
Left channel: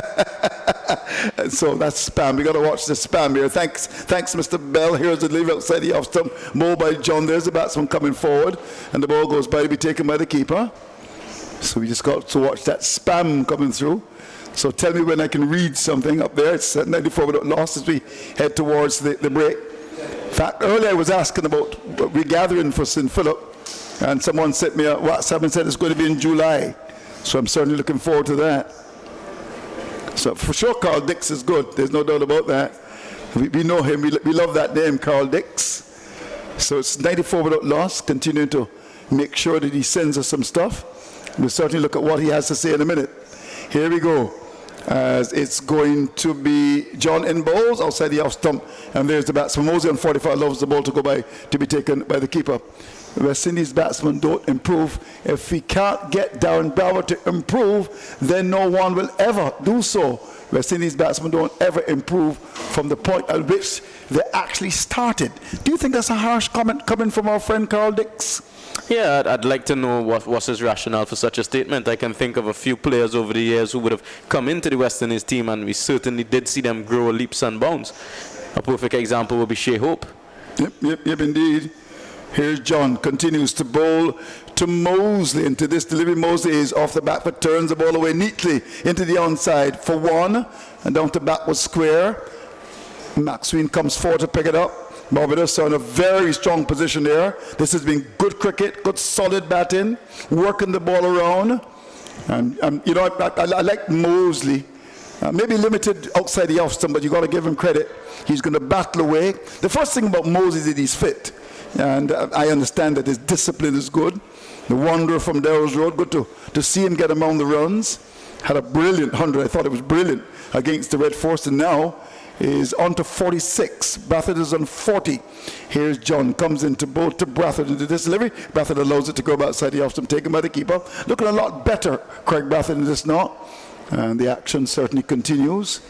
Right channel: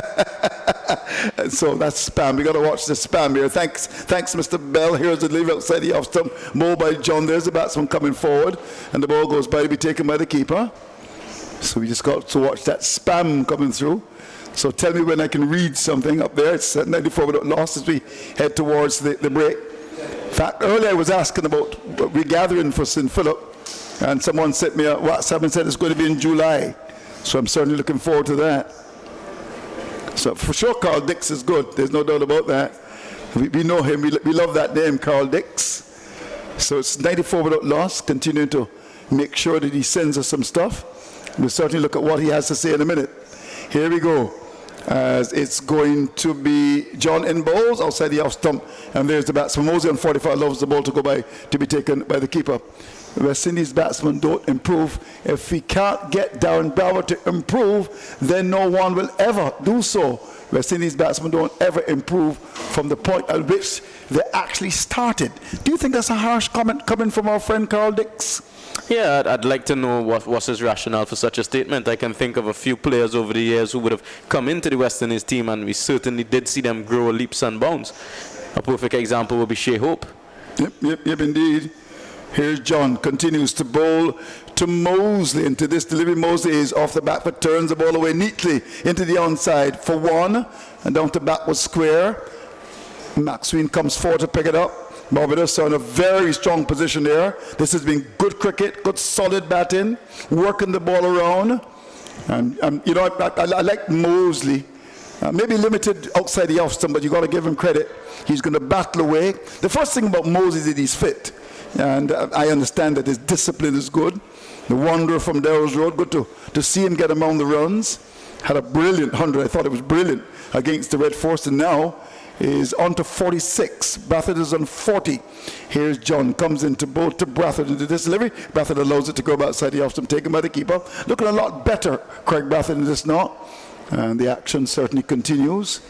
And so that's spam. We got to watch the spam here. Thanks, Mr. Bell. Here's the delivery outside the off stump. Ball by John. There's the batsman coming forward, and the ball goes by to be taken by the keeper. So we just got to watch that spam coming through. So tell me when I can read something up there. It's 94 without loss as we head towards the break. In fact, earlier I was asking about regathering for St. Philip, and someone sent me a WhatsApp and said it's going to be in July. So I'm certainly looking forward to that. So for sure, Carl Dix is good. There's no doubt about that. We know him. We love that name, Carl Dix. So it's 94 without loss. Continuing to make sure that he sends us some stuff. We'll certainly look at what he has to say in a minute. Here we go. It's going to be John in bowls outside the off stump, and there's the batsman. Mosey on 45 loves the ball to go by to be taken by the keeper. West Indies batsmen don't improve. If we can't get Darren Brower to improve, then no one will ever do so. West Indies batsmen don't ever improve from the point at which they actually started. Do you think that's a harsh comment coming from our friend Carl Dix? Yeah, I'd like to know what's his rationale for such a statement. I can think of a few players over the years who would have come into the West Indies team, and we certainly did see them grow leaps and bounds. A perfect example would be Shea Hope. Yep, indeed. Here's John, continues to bowl to Mosley. Into this delivery, Mosley is off the back, but turns the ball away neatly into the onside for 1, and down to back was square. Maxwell comes forward to pick it up. Barbados are in a very strong position there. This has been good cricket, good solid batting, working the ball around. And you know, I like Mosley. Maybe limited outside the off stump, but you got to give him credit. He's going to battle away. The first thing about Mosley is that he's fit. And I understand that his discipline is good. The wanderer from Darrell's Road, good to see him get among the runs. Had a brilliant 100. I thought it was brilliant against the Red Force, and now is on to 46. Brathwaite is on 40. Here's John, comes into both to Brathwaite into this delivery. Brathwaite allows it to go outside the off stump, taken by the keeper. Looking a lot better, Craig Brathwaite, in this now. And the action certainly continues.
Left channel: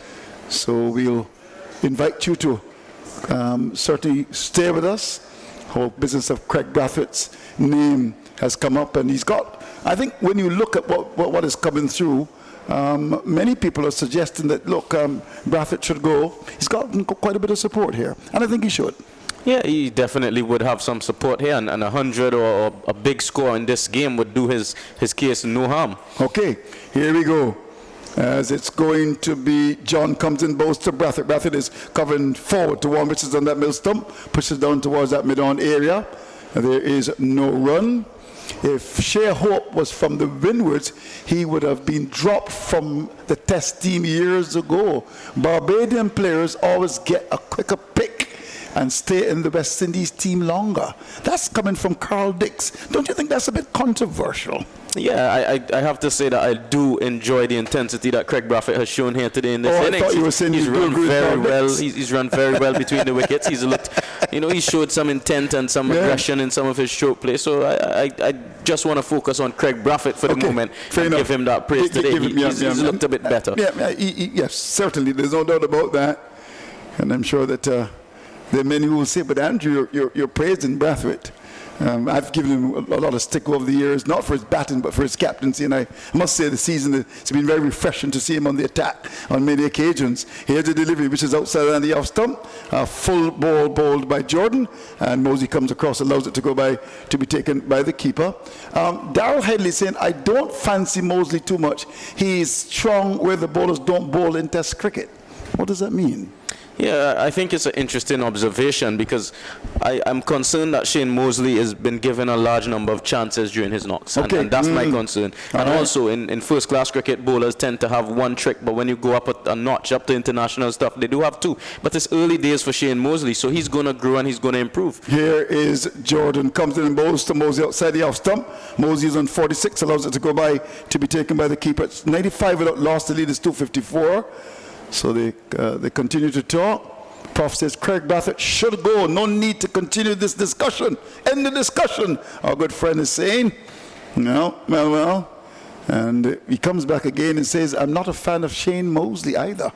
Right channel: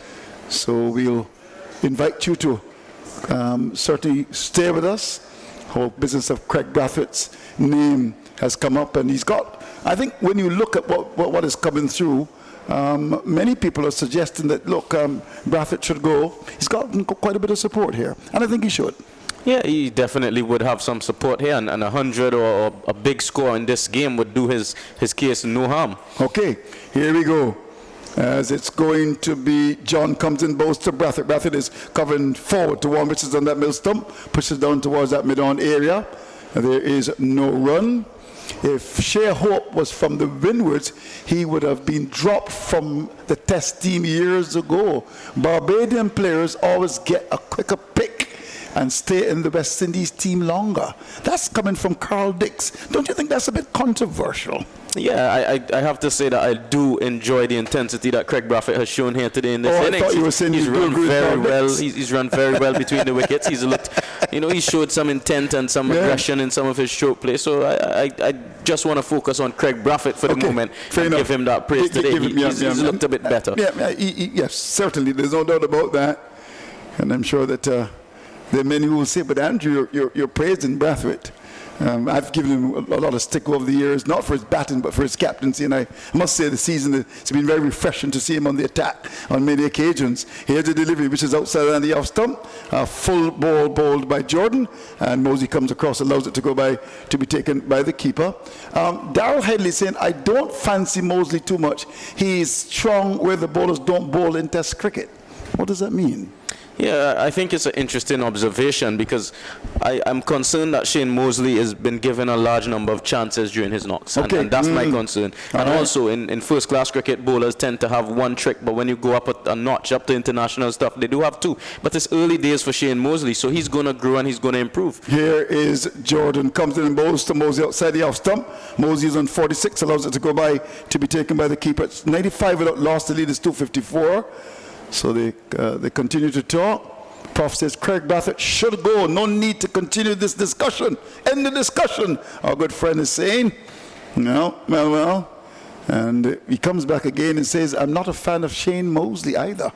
So we'll invite you to certainly stay with us. Whole business of Craig Brathwaite's name has come up, and he's got, I think when you look at what is coming through, many people are suggesting that, look, Brathwaite should go. He's got quite a bit of support here, and I think he should. Yeah, he definitely would have some support here, and 100 or a big score in this game would do his case no harm. Okay, here we go. As it's going to be, John comes in, bows to Brathwaite. Brathwaite is covering forward to one, which is on that middle stump, pushes down towards that mid-on area. There is no run. If Shea Hope was from the Windwards, he would have been dropped from the test team years ago. Barbadian players always get a quicker pick and stay in the West Indies team longer. That's coming from Carl Dix. Don't you think that's a bit controversial? Yeah, I have to say that I do enjoy the intensity that Craig Brathwaite has shown here today in this innings. I thought you were saying he's run very well. Dix. He's run very well between the wickets. He's looked, you know, he showed some intent and some aggression in some of his stroke play. So I just want to focus on Craig Brathwaite for the moment and give him that praise today. He's looked a bit better. Yes, certainly. There's no doubt about that. And I'm sure that there are many who will say, but Andrew, you're praising Brathwaite. I've given him a lot of stick over the years, not for his batting, but for his captaincy. And I must say, the season, it's been very refreshing to see him on the attack on many occasions. Here's the delivery, which is outside on the off stump. Full ball bowled by Jordan. And Mosey comes across, allows it to go by, to be taken by the keeper. Darrell Headley saying, I don't fancy Mosley too much. He's strong where the bowlers don't bowl in Test cricket. What does that mean? Yeah, I think it's an interesting observation because I'm concerned that Shane Mosley has been given a large number of chances during his knocks. And that's my concern. And also in first-class cricket, bowlers tend to have one trick, but when you go up a notch, up to international stuff, they do have two. But it's early days for Shane Mosley, so he's going to grow and he's going to improve. Here is Jordan, comes in and bowls to Mosley outside the off stump. Mosley is on 46, allows it to go by, to be taken by the keeper. It's 95 without loss, the lead is 254. So they continue to talk. Prof says Craig Brathwaite should go. No need to continue this discussion. End the discussion, our good friend is saying. No, well. And he comes back again and says, I'm not a fan of Shane Mosley either.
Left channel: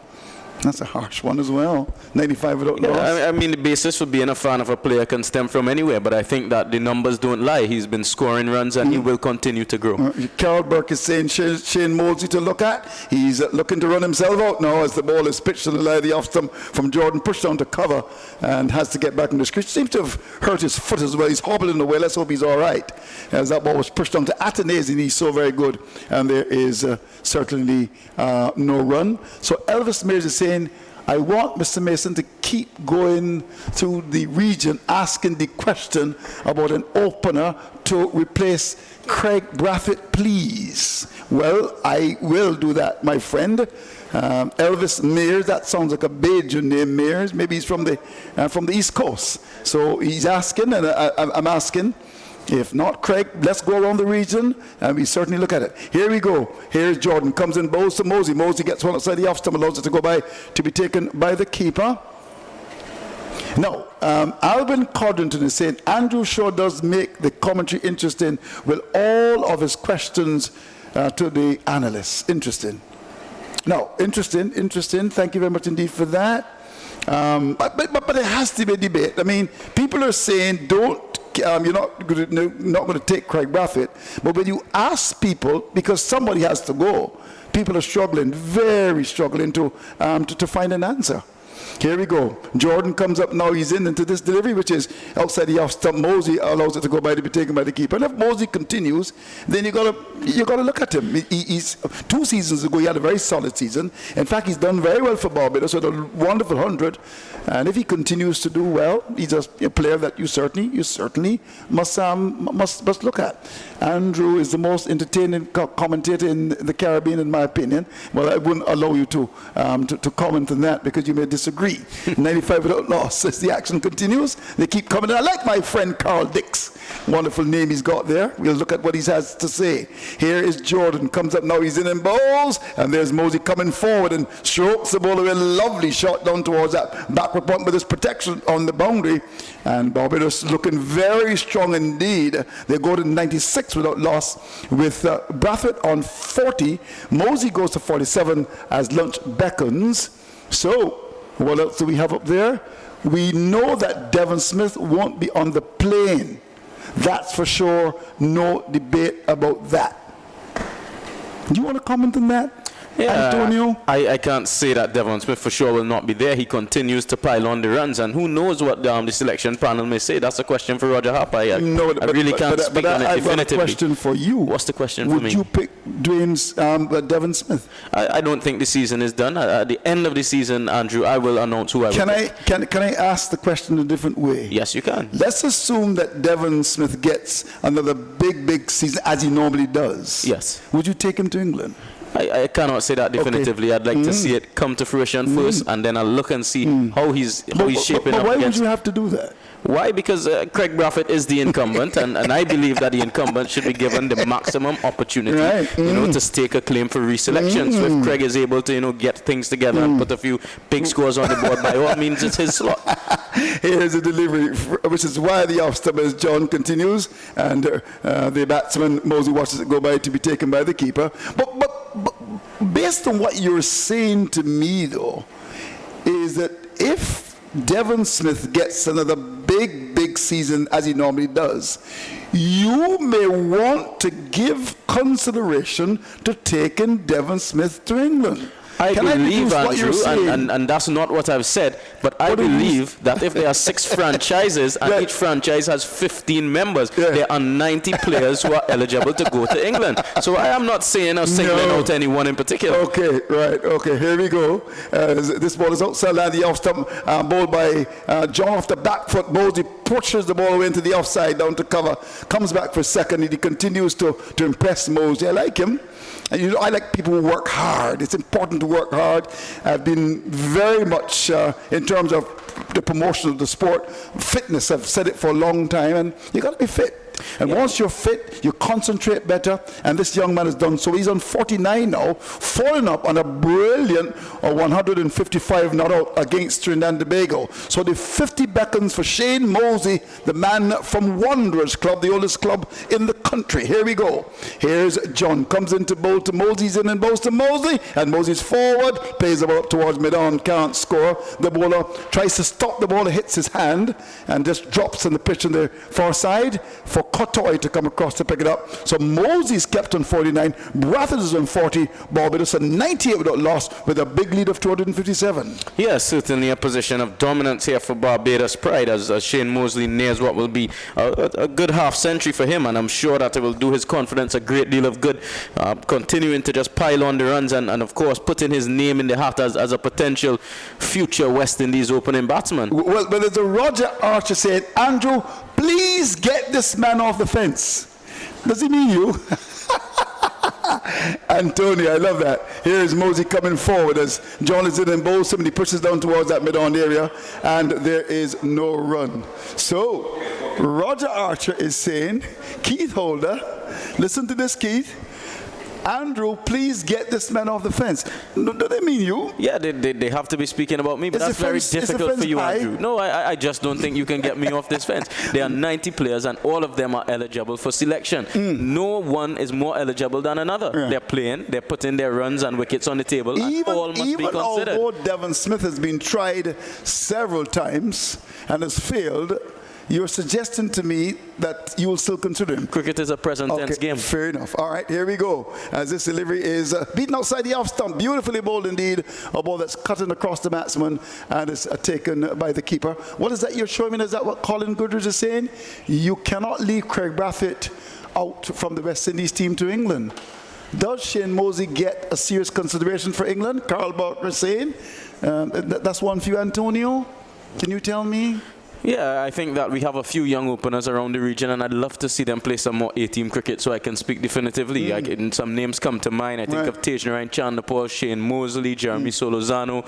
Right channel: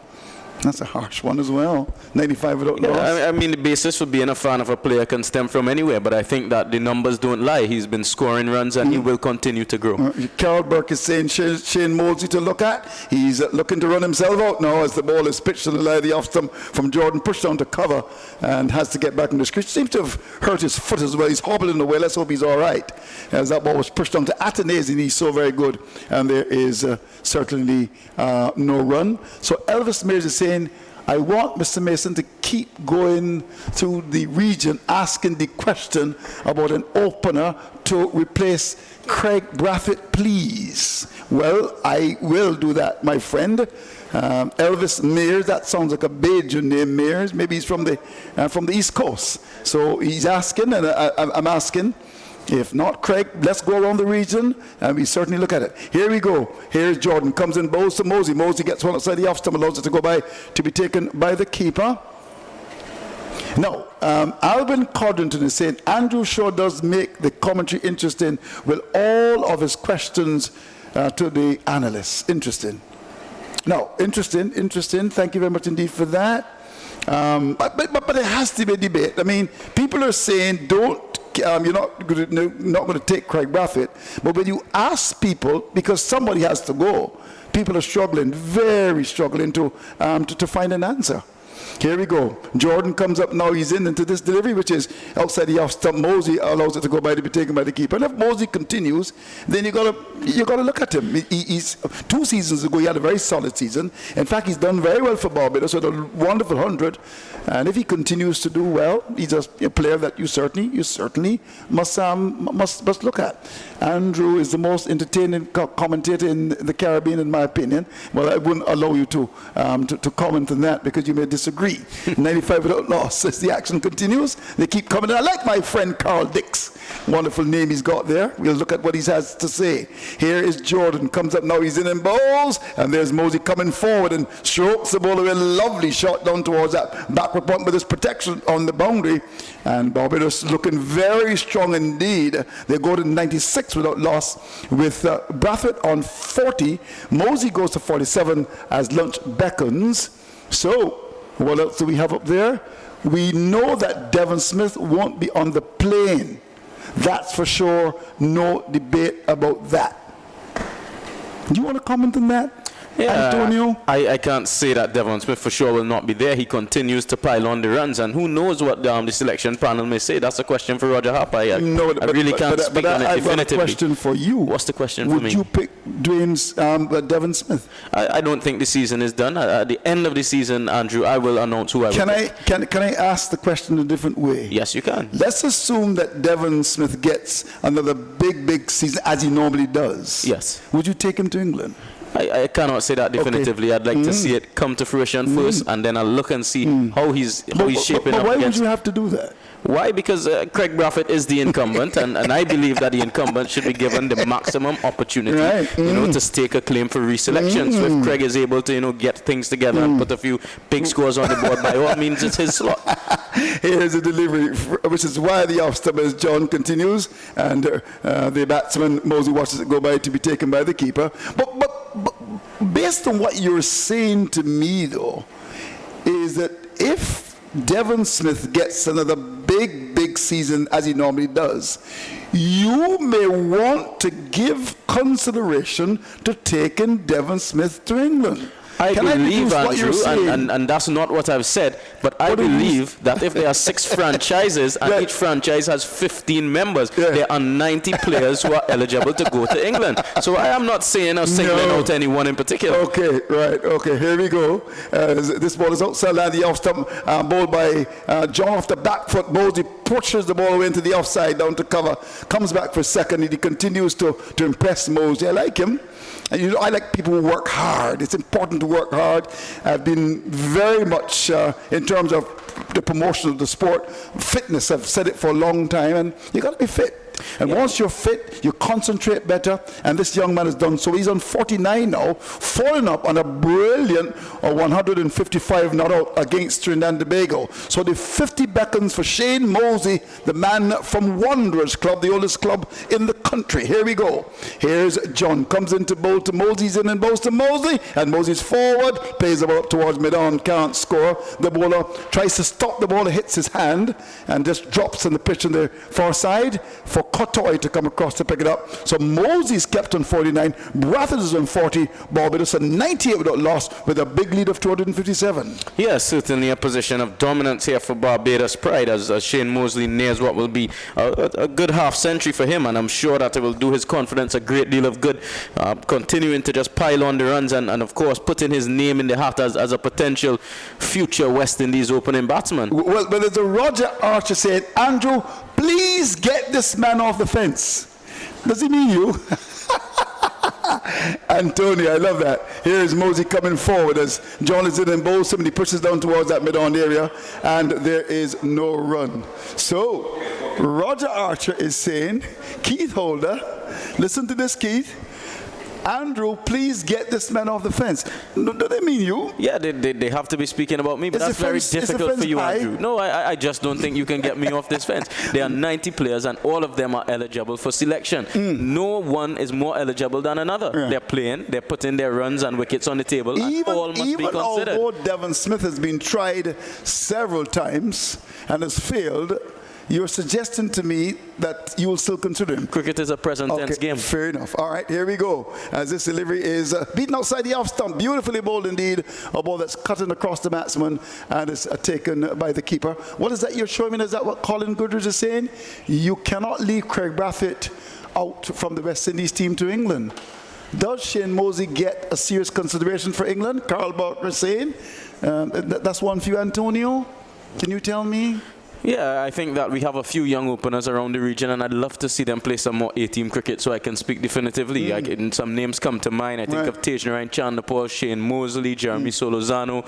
That's a harsh one as well. 95 without loss. I mean, the basis for being a fan of a player can stem from anywhere, but I think that the numbers don't lie. He's been scoring runs and he will continue to grow. Carol Burke is saying Shane Mosley to look at. He's looking to run himself out now as the ball is pitched on the line of the off stump from Jordan, pushed down to cover and has to get back in the screech. Seems to have hurt his foot as well. He's hobbling away. Let's hope he's all right. As that ball was pushed down to Atanase, and he's so very good. And there is certainly no run. So Elvis Mears is saying, I want Mr. Mason to keep going through the region asking the question about an opener to replace Craig Brathwaite, please. Well, I will do that, my friend. Elvis Mears, that sounds like a Bajan name, Mears. Maybe he's from the East Coast. So he's asking, and I'm asking. If not, Craig, let's go around the region and we certainly look at it. Here we go. Here's Jordan, comes in, bows to Mosey. Mosey gets one outside the off stump, allows it to go by, to be taken by the keeper. Now, Alvin Codrington is saying, Andrew Shaw does make the commentary interesting with all of his questions to the analysts. Interesting. Now, interesting. Thank you very much indeed for that. But it has to be a debate. I mean, people are saying, you're not going to take Craig Brathwaite. But when you ask people, because somebody has to go, people are struggling, very struggling to find an answer. Here we go. Jordan comes up now. He's into this delivery, which is outside the off stump. Mosey allows it to go by to be taken by the keeper. And if Mosey continues, then you gotta look at him. He's 2 seasons ago, he had a very solid season. In fact, he's done very well for Barbados with a wonderful 100. And if he continues to do well, he's a player that you certainly must look at. Andrew is the most entertaining commentator in the Caribbean, in my opinion. Well, I wouldn't allow you to comment on that because you may disagree. 95 without loss. As the action continues, they keep coming. I like my friend Carl Dix. Wonderful name he's got there. We'll look at what he has to say. Here is Jordan. Comes up now. He's in and bowls. And there's Mosey coming forward and strokes the ball away. Lovely shot down towards that backward point with his protection on the boundary. And Barbados looking very strong indeed. They go to 96 without loss with Brathwaite on 40. Mosey goes to 47 as lunch beckons. So, what else do we have up there? We know that Devon Smith won't be on the plane. That's for sure. No debate about that. Do you want to comment on that? Yeah, Antonio? I can't say that Devon Smith for sure will not be there. He continues to pile on the runs, and who knows what the selection panel may say. That's a question for Roger Harper. I really can't speak on it definitively. I've got a question for you. What's the question for me? Would you pick Devon Smith? I don't think the season is done. At the end of the season, Andrew, I will announce who I will pick. Can I ask the question a different way? Yes, you can. Let's assume that Devon Smith gets another big season as he normally does. Yes. Would you take him to England? I cannot say that definitively. Okay. I'd like to see it come to fruition first, and then I'll look and see how he's shaping up. But why would you have to do that? Why? Because Craig Brathwaite is the incumbent, and I believe that the incumbent should be given the maximum opportunity, to stake a claim for reselection. So if Craig is able to, get things together and put a few big scores on the board, by all means, it's his slot. Here's a delivery, which is why the off-stump as John continues, and the batsman Mosey watches it go by to be taken by the keeper. But based on what you're saying to me, though, is that if Devon Smith gets another big season as he normally does, you may want to give consideration to taking Devon Smith to England. I believe, Andrew, and that's not what I've said, but I believe that if there are 6 franchises and each franchise has 15 members, there are 90 players who are eligible to go to England. So I am not saying or singling out anyone in particular. Okay, right. Okay, here we go. This ball is outside line, the off stump, bowled by John off the back foot. Mosey pushes the ball away into the offside down to cover. Comes back for a second, and he continues to impress Mosey. I like him. And I like people who work hard. It's important to work hard. I've been very much, in terms of the promotion of the sport, fitness, I've said it for a long time, and you got to be fit. And once you're fit, you concentrate better, and this young man has done so. He's on 49 now, falling up on a brilliant 155 not out against Trinidad and Tobago. So the 50 beckons for Shane Mosey, the man from Wanderers Club, the oldest club in the country. Here we go. Here's John, comes into bowl to Mosey's in and bowls to Mosey, and Mosey's forward, plays the ball up towards mid-on, can't score. The bowler tries to stop the ball, hits his hand, and just drops in the pitch on the far side for Cotoy to come across to pick it up. So Mosey's kept on 49, Brathwaite is on 40, Barbados on 98 without loss with a big lead of 257. Yes, certainly a position of dominance here for Barbados pride as Shane Mosley nears what will be a good half century for him, and I'm sure that it will do his confidence a great deal of good, continuing to just pile on the runs and of course putting his name in the hat as a potential future West Indies opening batsman. Well, there's a Roger Archer saying, Andrew, please get this man off the fence. Does he mean you? Antonio, I love that. Here's Mosey coming forward as John is in and bowls him, and he pushes down towards that mid-on area, and there is no run. So, Roger Archer is saying, Keith Holder, listen to this, Keith. Andrew, please get this man off the fence. Do they mean you? Yeah, they have to be speaking about me, but that's very difficult for you, Andrew. No, I just don't think you can get me off this fence. There are 90 players, and all of them are eligible for selection. No one is more eligible than another. Yeah. They're playing, they're putting their runs and wickets on the table, and all must be considered. Although Devon Smith has been tried several times and has failed, you're suggesting to me that you will still consider him. Cricket is a present tense game. Fair enough. All right, here we go. As this delivery is beaten outside the off stump. Beautifully bowled indeed. A ball that's cutting across the batsman and is taken by the keeper. What is that you're showing me? Is that what Colin Goodrich is saying? You cannot leave Craig Brathwaite out from the West Indies team to England. Does Shane Mosley get a serious consideration for England? Carl Barker is saying. That's one for you, Antonio. Can you tell me? Yeah, I think that we have a few young openers around the region, and I'd love to see them play some more A-team cricket so I can speak definitively. Some names come to mind. I think of Tej Narayan Chandapur, Shane Mosley, Jeremy Solozano,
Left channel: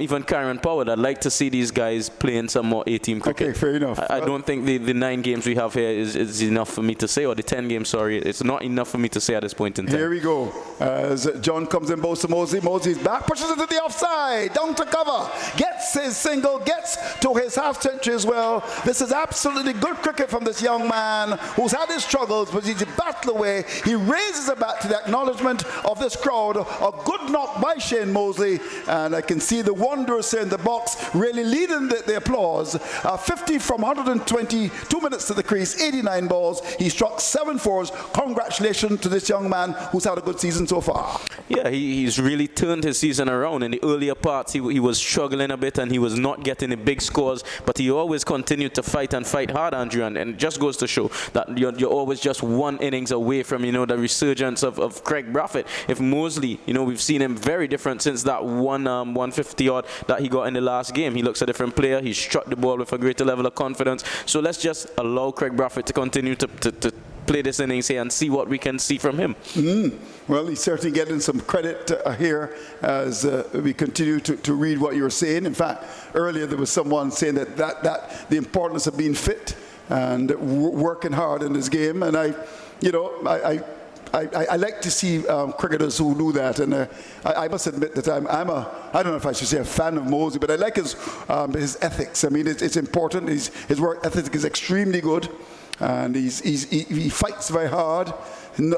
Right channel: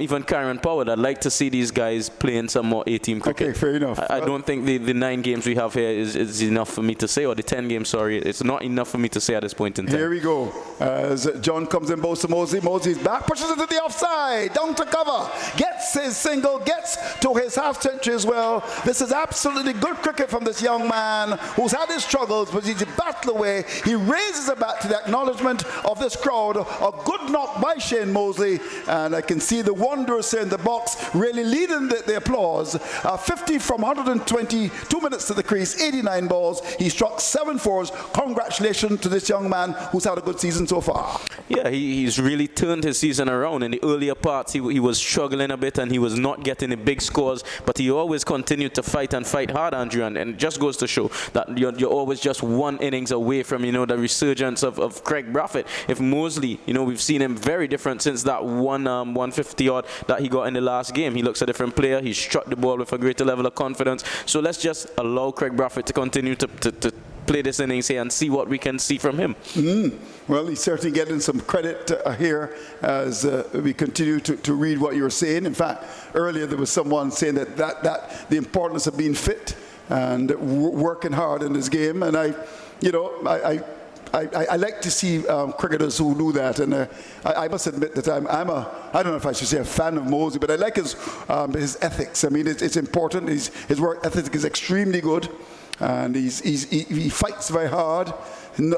even Karen Powell. I'd like to see these guys playing some more A-team cricket. Okay, fair enough. I don't think the 9 games we have here is enough for me to say, or the 10 games, sorry. It's not enough for me to say at this point in time. Here we go. As John comes in, bows to Mosley. Mosley's back, pushes it to the offside, down to cover, gets his single, gets to his half-century as well. This is absolutely good cricket from this young man who's had his struggles, but he's battled away. He raises it back to the acknowledgement of this crowd. A good knock by Shane Mosley, and I can see the Wanderers in the box really leading the applause. 50 from 122 minutes to the crease, 89 balls. He struck 7 fours. Congratulations to this young man who's had a good season so far. Yeah, he's really turned his season around. In the earlier parts, he was struggling a bit and he was not getting the big scores, but he always continued to fight and fight hard, Andrew, and it just goes to show that you're always just one innings away from, the resurgence of Craig Brathwaite. If Mosley, we've seen him very different since that 150 odd that he got in the last game. He looks a different player. He struck the ball with a greater level of confidence. So let's just allow Craig Brathwaite to continue to play this innings here and see what we can see from him. Well, he's certainly getting some credit here as we continue to read what you're saying. In fact, earlier there was someone saying that the importance of being fit and working hard in this game, and I like to see cricketers who do that, and I must admit that I don't know if I should say a fan of Mosley, but I like his ethics. I mean, it's important. His work ethic is extremely good, and he fights very hard.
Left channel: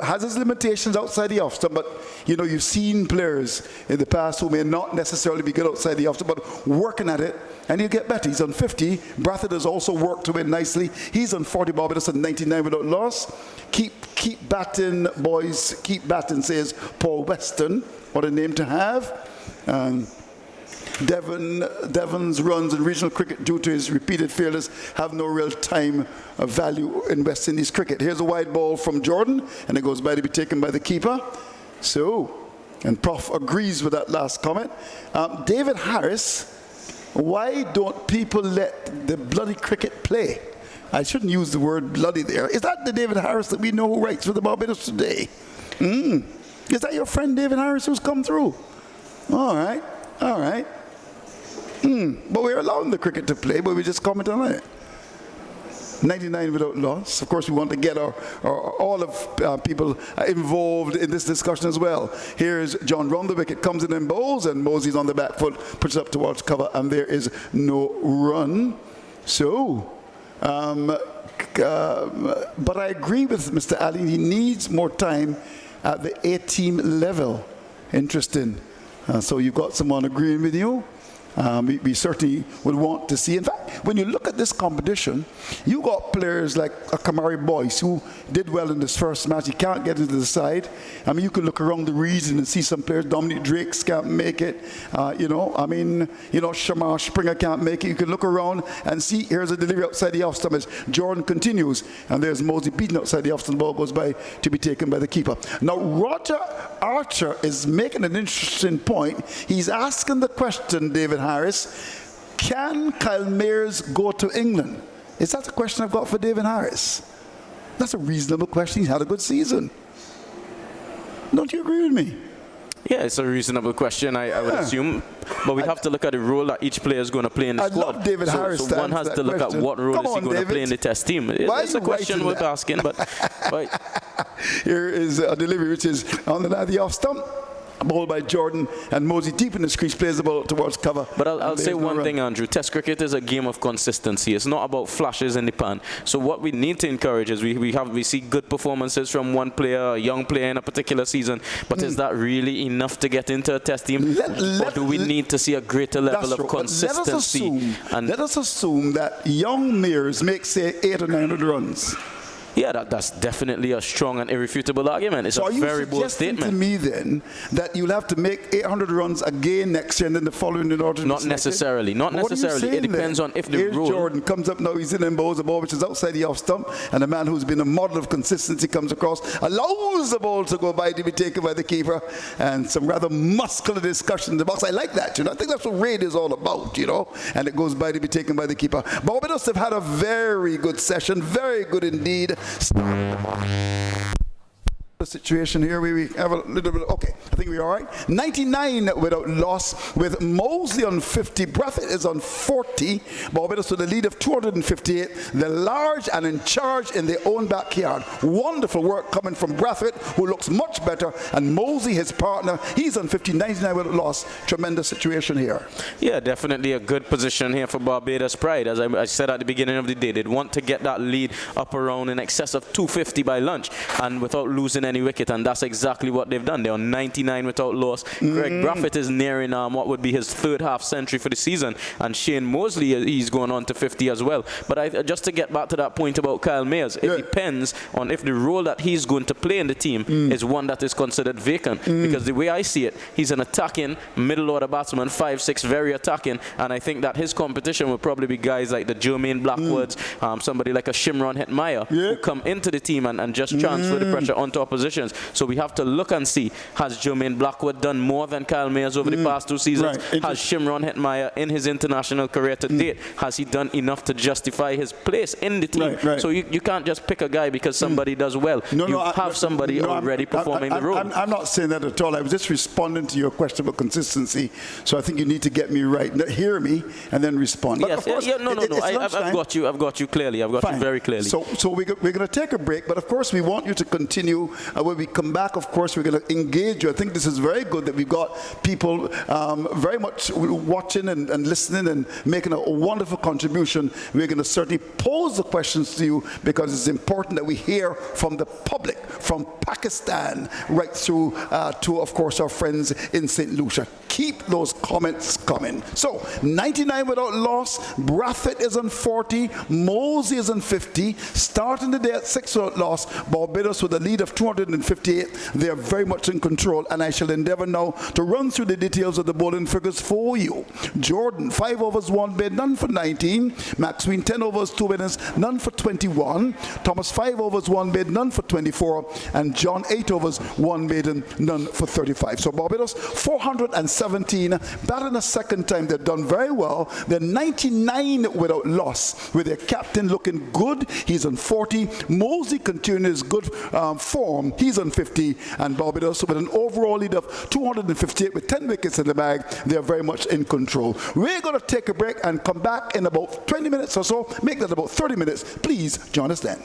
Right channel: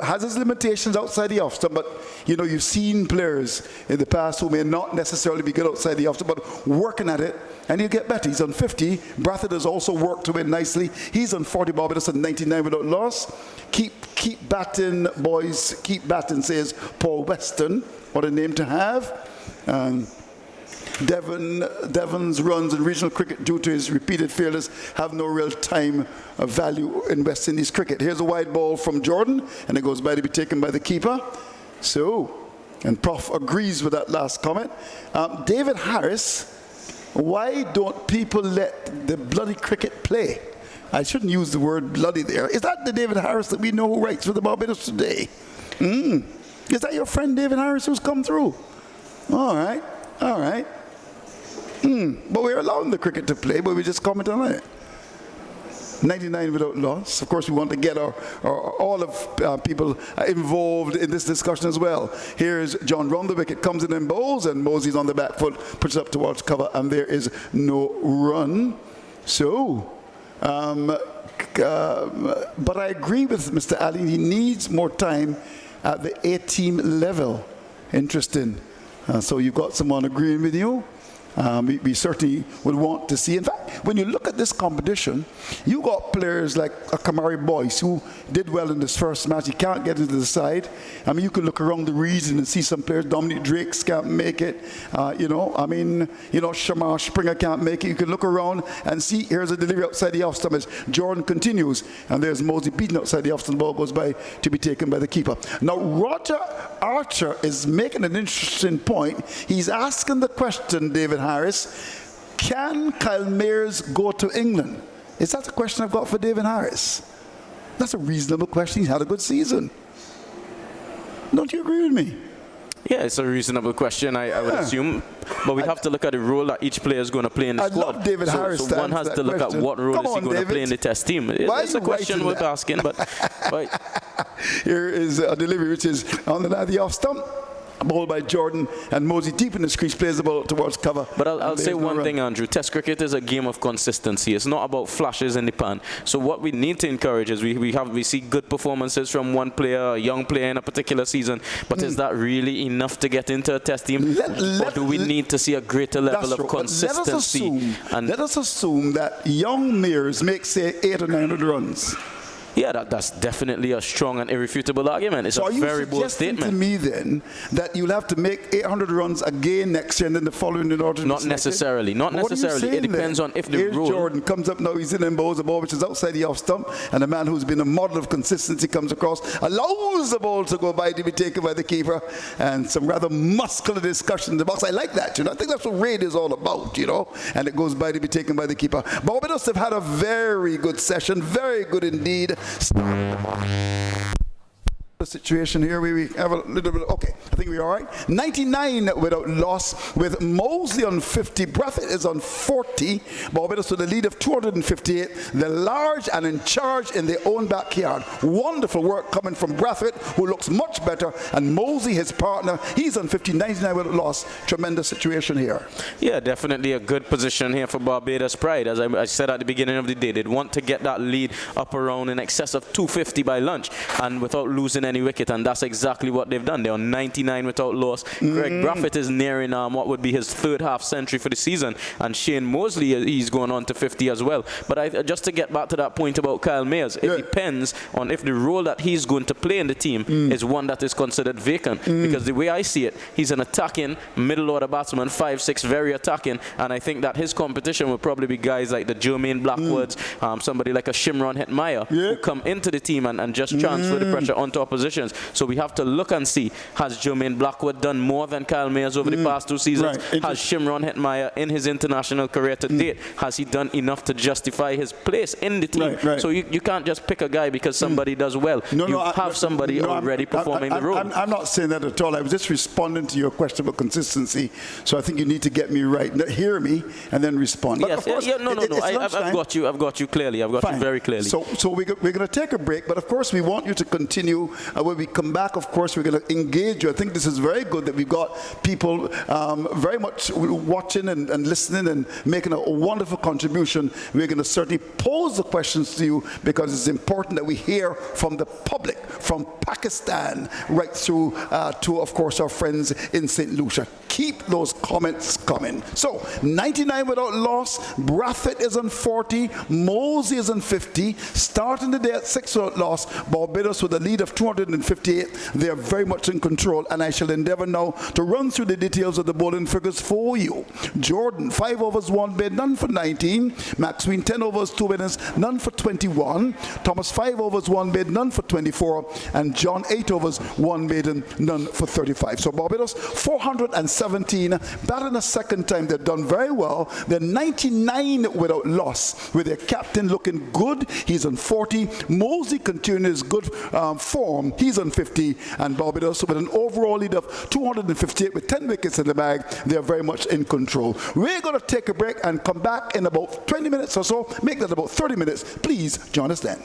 Has his limitations outside the off stump, but you've seen players in the past who may not necessarily be good outside the off stump, but working at it, and he'll get better. He's on 50. Brathwaite has also worked to win nicely. He's on 40. Barbados on 99 without loss. Keep batting, boys. Keep batting, says Paul Weston. What a name to have. Devon's runs in regional cricket due to his repeated failures have no real time value in West Indies cricket. Here's a wide ball from Jordan, and it goes by to be taken by the keeper. And Prof agrees with that last comment. David Harris, why don't people let the bloody cricket play? I shouldn't use the word bloody there. Is that the David Harris that we know who writes for the Barbados today? Is that your friend David Harris who's come through? All right. But we're allowing the cricket to play, but we just comment on it. 99 without loss. Of course, we want to get all of people involved in this discussion as well. Here's John round the wicket, comes in and bowls, and Mosley's on the back foot, puts it up towards cover, and there is no run. But I agree with Mr. Ali. He needs more time at the A-team level. Interesting. So you've got someone agreeing with you. We certainly would want to see. In fact, when you look at this competition, you got players like Kamari Boyce who did well in this first match. He can't get into the side. I mean, you can look around the region and see some players. Dominic Drakes can't make it. Shamar Springer can't make it. You can look around and see. Here's a delivery outside the off stump as Jordan continues, and there's Mosley beaten outside the off stump. The ball goes by to be taken by the keeper. Now Roger Archer is making an interesting point. He's asking the question, David Harris, can Kyle Mayers go to England? Is that the question I've got for David Harris? That's a reasonable question. He's had a good season. Don't you agree with me? Yeah, it's a reasonable question, I would assume. But we have to look at the role that each player is going to play in the squad. Love David Harris so one has to look at what role is he going to play in the test team. It's a question worth asking. But here is a delivery which is on the off stump. ball by Jordan, and Mosey deep in his crease plays the ball towards cover. But I'll And say there's no one run. thing, Andrew. Test cricket is a game of consistency. It's not about flashes in the pan. So what we need to encourage is we see good performances from one player, a young player in a particular season. But is that really enough to get into a test team? Or do we need to see a greater level That's of true. But consistency? let us assume that young Mears make, say, 800 or 900 runs. Yeah, that's definitely a strong and irrefutable argument. It's So a are you very bold suggesting to statement. me then that you'll have to make 800 runs again next year and then the following in order to Not be selected? necessarily. Not What are you necessarily. It saying depends then? on if the Here's role. Jordan comes up now, he's in and bowls a ball which is outside the off stump, and a man who's been a model of consistency comes across, allows the ball to go by to be taken by the keeper, and some rather muscular discussion in the box. I like that, you know. I think that's what raid is all about, you know, and it goes by to be taken by the keeper. Barbados have had a very good session, very good indeed. The situation here, we have a little bit, okay, I think we're all right. 99 without loss with Mosley on 50, Brathwaite is on 40, Barbados with a lead of 258. They're large and in charge in their own backyard. Wonderful work coming from Brathwaite, who looks much better, and Mosley, his partner, he's on 50, 99 without loss. Tremendous situation here. Yeah, definitely a good position here for Barbados Pride. As I said at the beginning of the day, they'd want to get that lead up around in excess of 250 by lunch, and without losing any wicket, and that's exactly what they've done. They're on 99 without loss. Greg Brathwaite is nearing what would be his third half century for the season, and Shane Mosley, he's going on to 50 as well. But just to get back to that point about Kyle Mayers, it depends on if the role that he's going to play in the team is one that is considered vacant, because the way I see it, he's an attacking middle order batsman, 5'6", very attacking, and I think that his competition will probably be guys like the Jermaine Blackwoods, somebody like a Shimron Hetmyer, who come into the team and just transfer the pressure onto oppositions. So we have to look and see, has Jermaine Blackwood done more than Kyle Mayers over the past 2 seasons? Right. Has Shimron Hetmyer in his international career to date, has he done enough to justify his place in the team? Right. So you can't just pick a guy because somebody does well. You have somebody already performing the role. I'm not saying that at all. I was just responding to your question about consistency. So I think you need to get me right. Hear me and then respond. But Yes, of course, no. I've got you. I've got you clearly. I've got you very clearly. So we're going to take a break, but of course we want you to continue. When we come back, of course, we're going to engage you. I think this is very good that we've got people very much watching and listening and making a wonderful contribution. We're going to certainly pose the questions to you because it's important that we hear from the public, from Pakistan right through to, of course, our friends in St. Lucia. Keep those comments coming. So 99 without loss. Brathwaite is on 40. Mosey is on 50. Starting the day at 6 without loss. Barbados with a lead of 258. They are very much in control, and I shall endeavour now to run through the details of the bowling figures for you. Jordan, 5 overs, 1 bid, none for 19. Maxwell, 10 overs, 2 winners, none for 21. Thomas, 5 overs, 1 bid, none for 24. And John, 8 overs, 1 maiden, none for 35. So Barbados, 417. Batting a second time, they've done very well. They're 99 without loss, with their captain looking good. He's on 40. Mosey continuing his good form. He's on 50. And Barbados with an overall lead of 258 with 10 wickets in the bag. They're very much in control. We're going to take a break and come back in about 20 minutes or so. Make that about 30 minutes. Please join us then.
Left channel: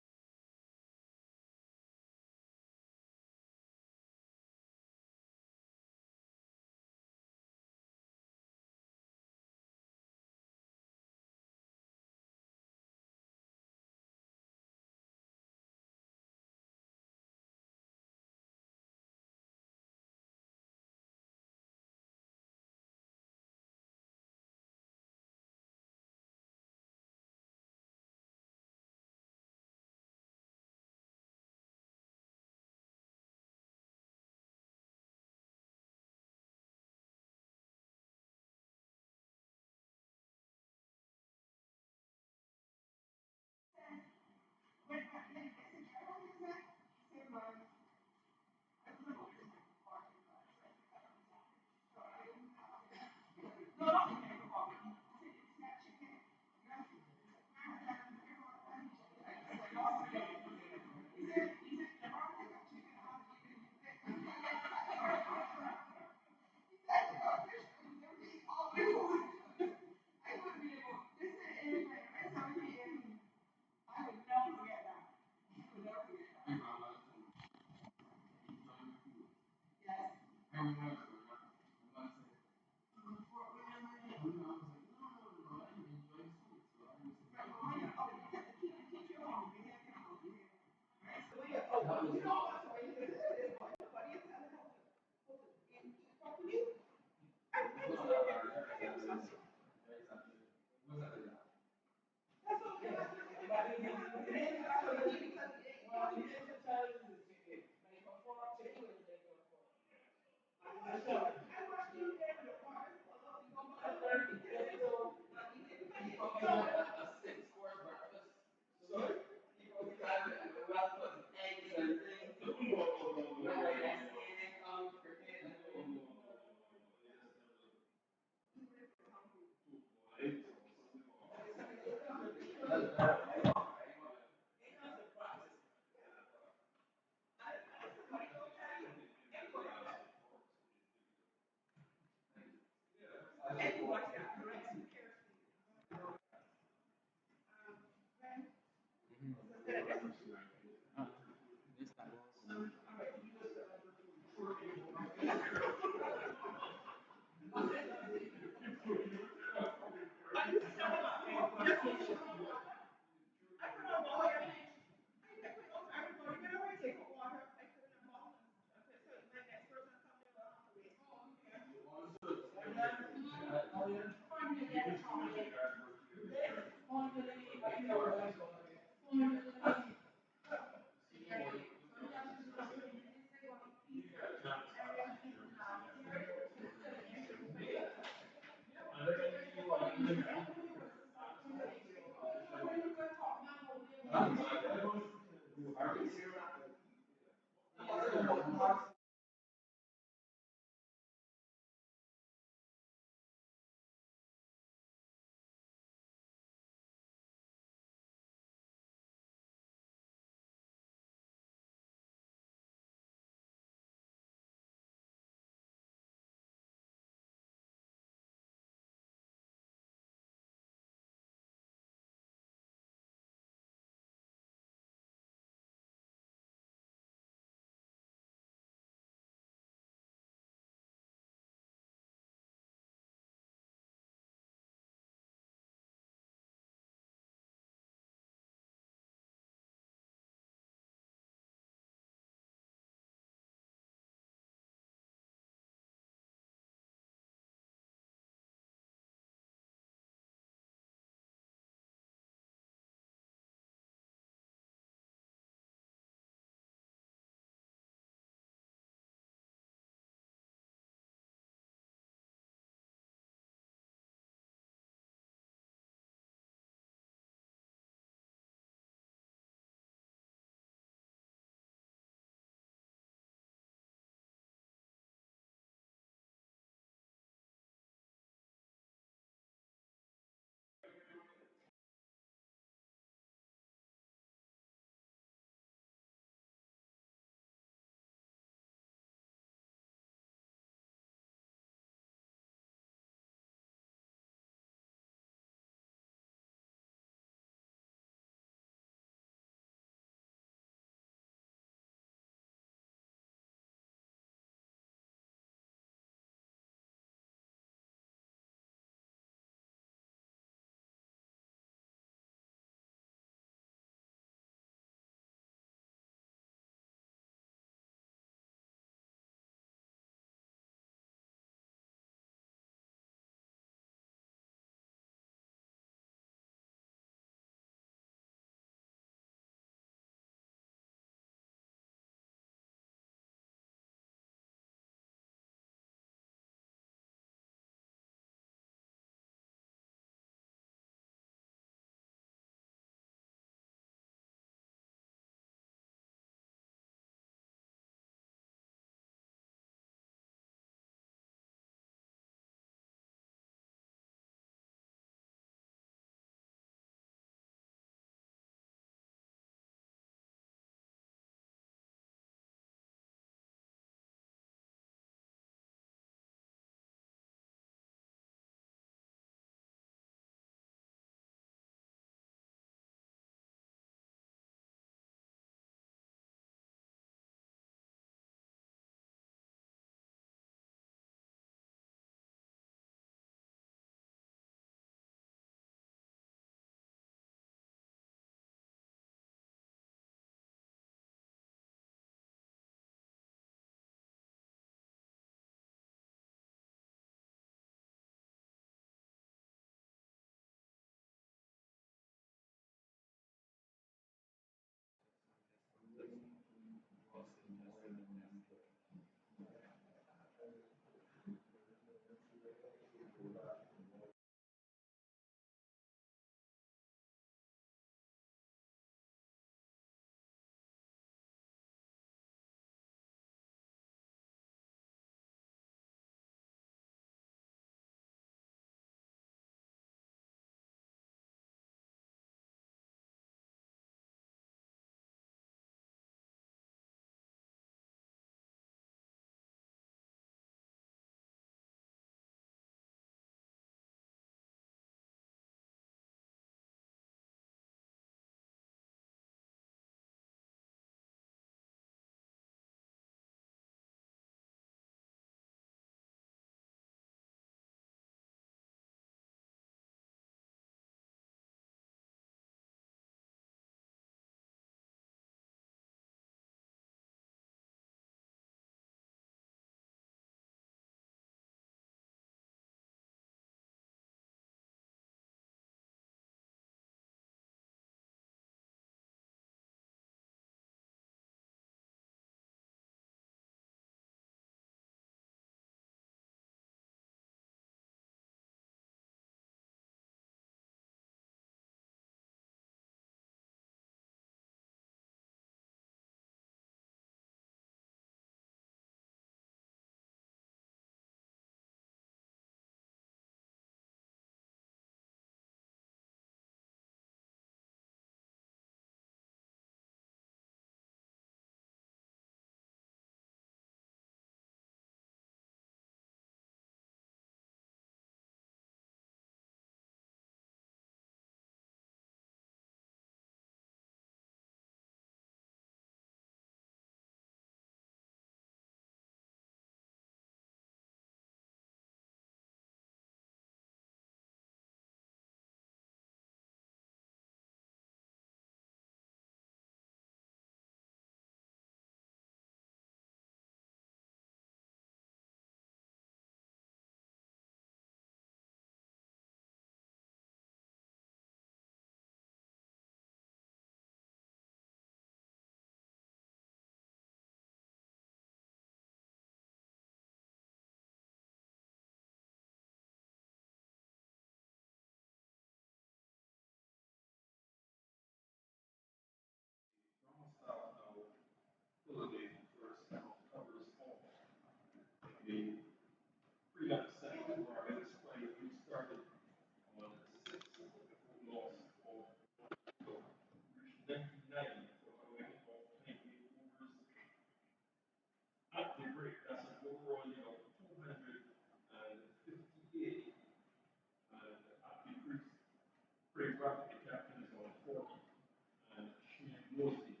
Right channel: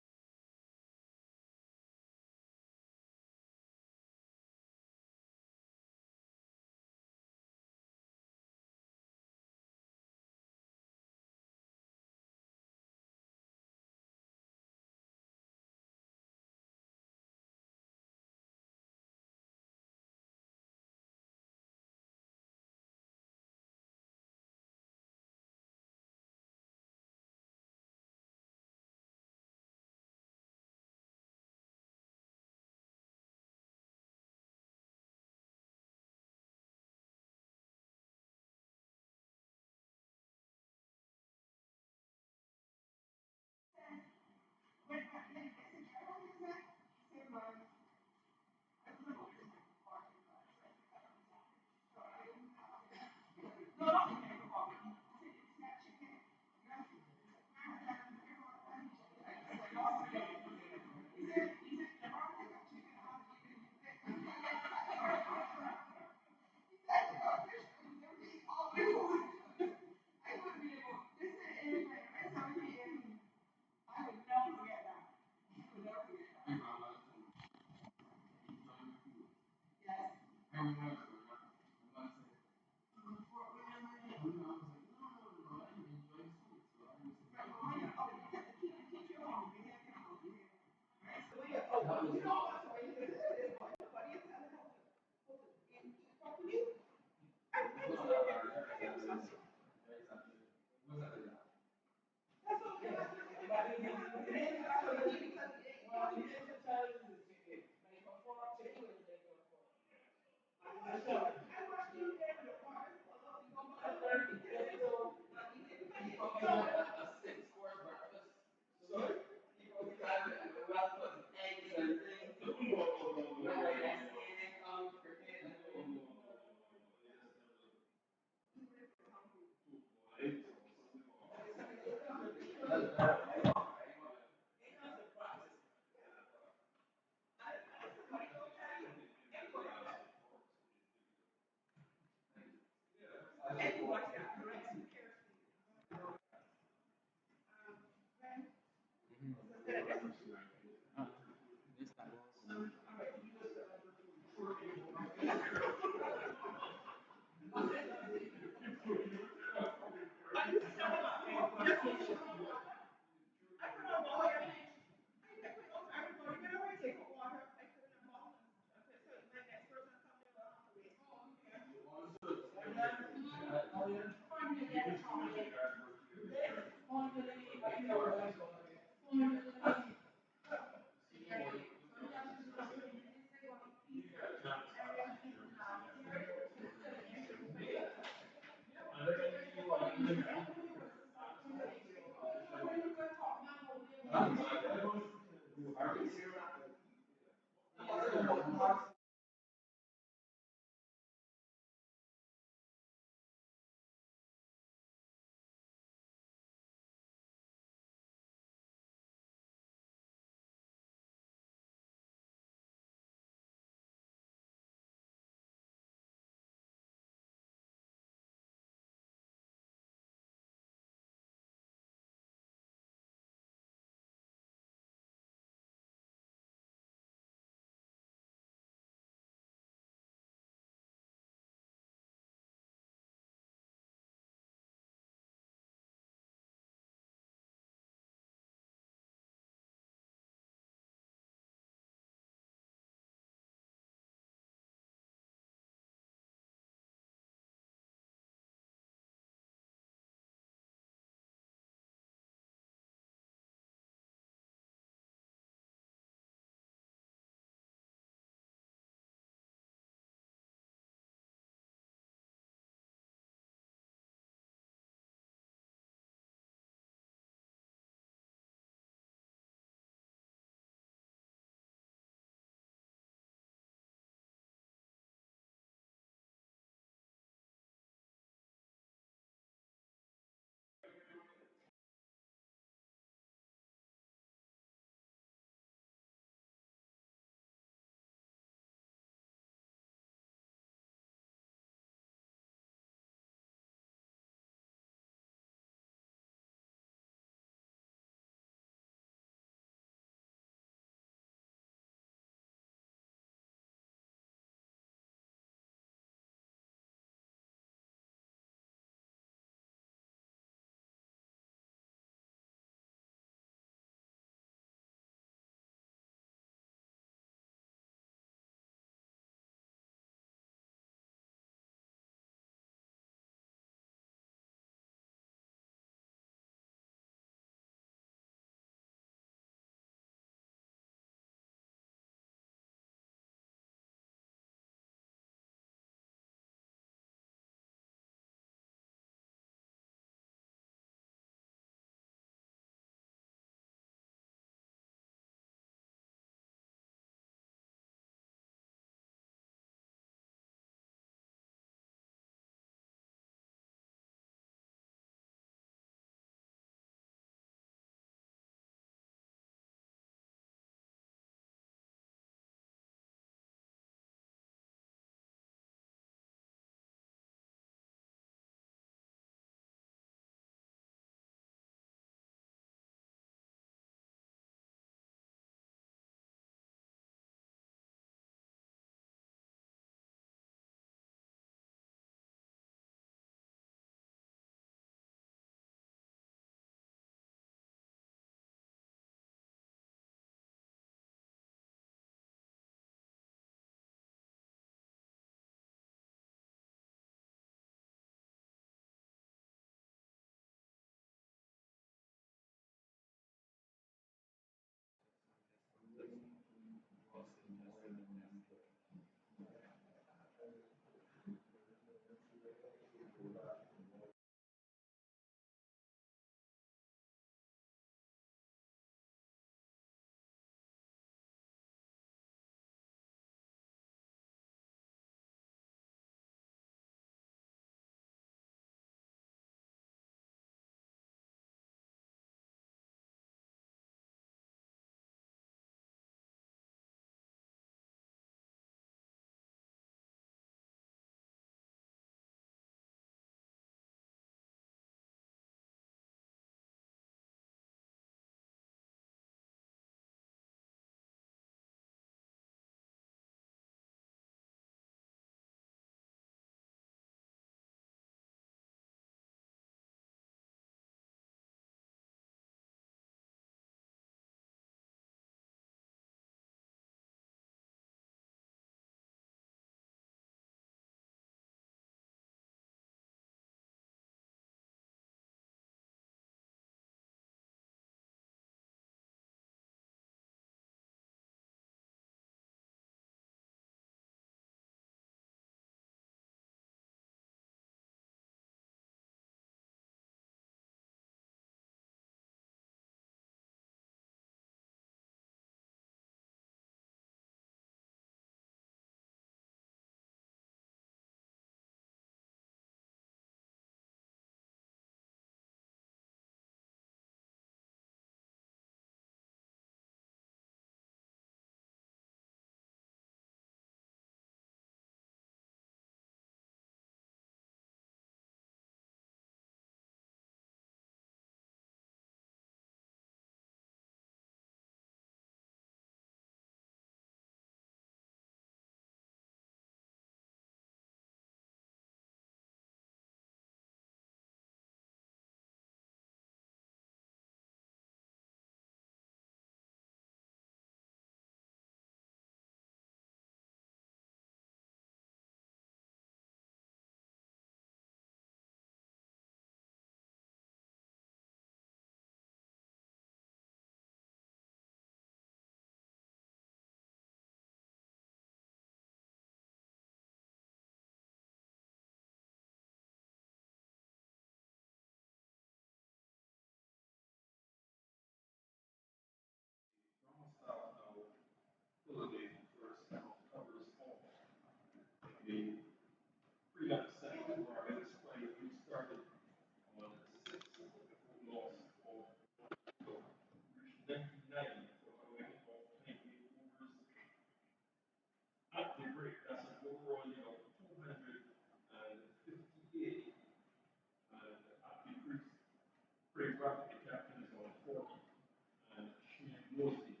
Mostly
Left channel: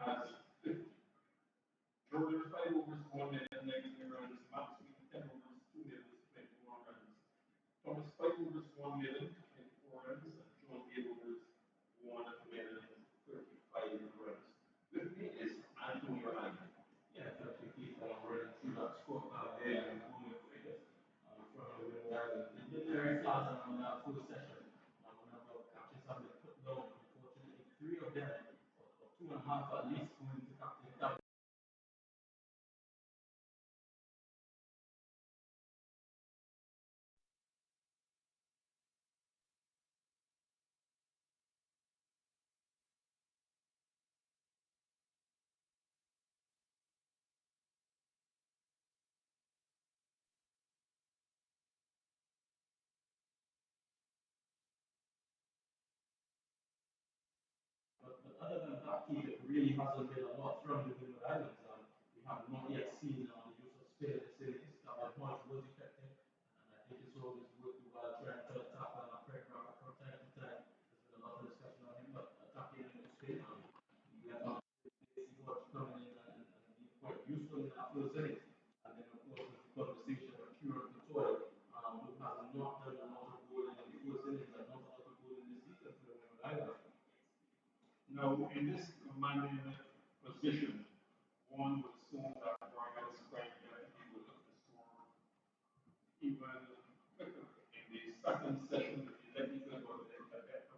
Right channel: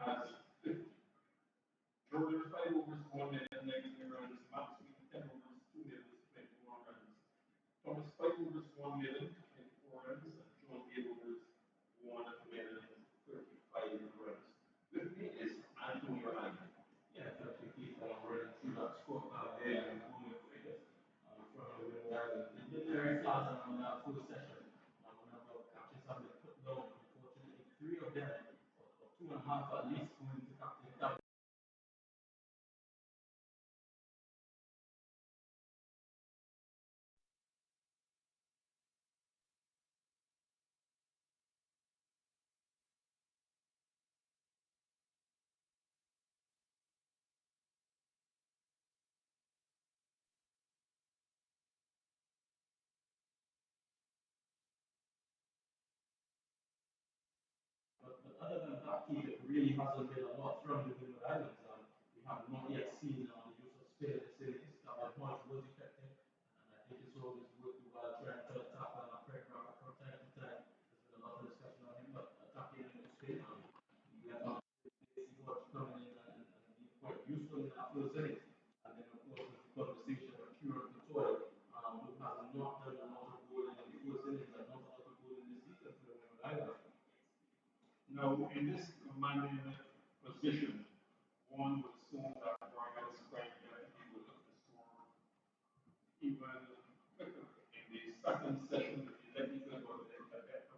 has 50. Jordan 5 overs, 1 minute, 19 runs. Max 10 overs, 2 minutes, 21 runs. Thomas 5 overs, 1 minute, 24 runs. And John 8 overs, 1 minute, 35 runs. With me is Antonio Allen. Yeah, that's the key for running through that scorecard there and moving figures from the Windward Island. They did very fast on that full session. A number of catches have been put down. Unfortunately, 3 of them, or 2.5 at least, going to Captain Cap. But other than that, Keith, it really hasn't been a lot from the Windward Islands. We have not yet seen the use of spin in the cities. That was much was effective, and I think it's always worthwhile trying to attack on a Craig Rafa from time to time. There's been a lot of discussion on him, but attacking in the spin, we have not seen much coming in and being quite useful in that first innings. And then, of course, there's the conversation of Kieran Couture, who has not done a lot of goal in the first innings and not a lot of goal in the season for the Windward Islands. Now, in this commanding position, one would assume that Barbados Prime Minister would look to score even quicker. In the second session, the technical was a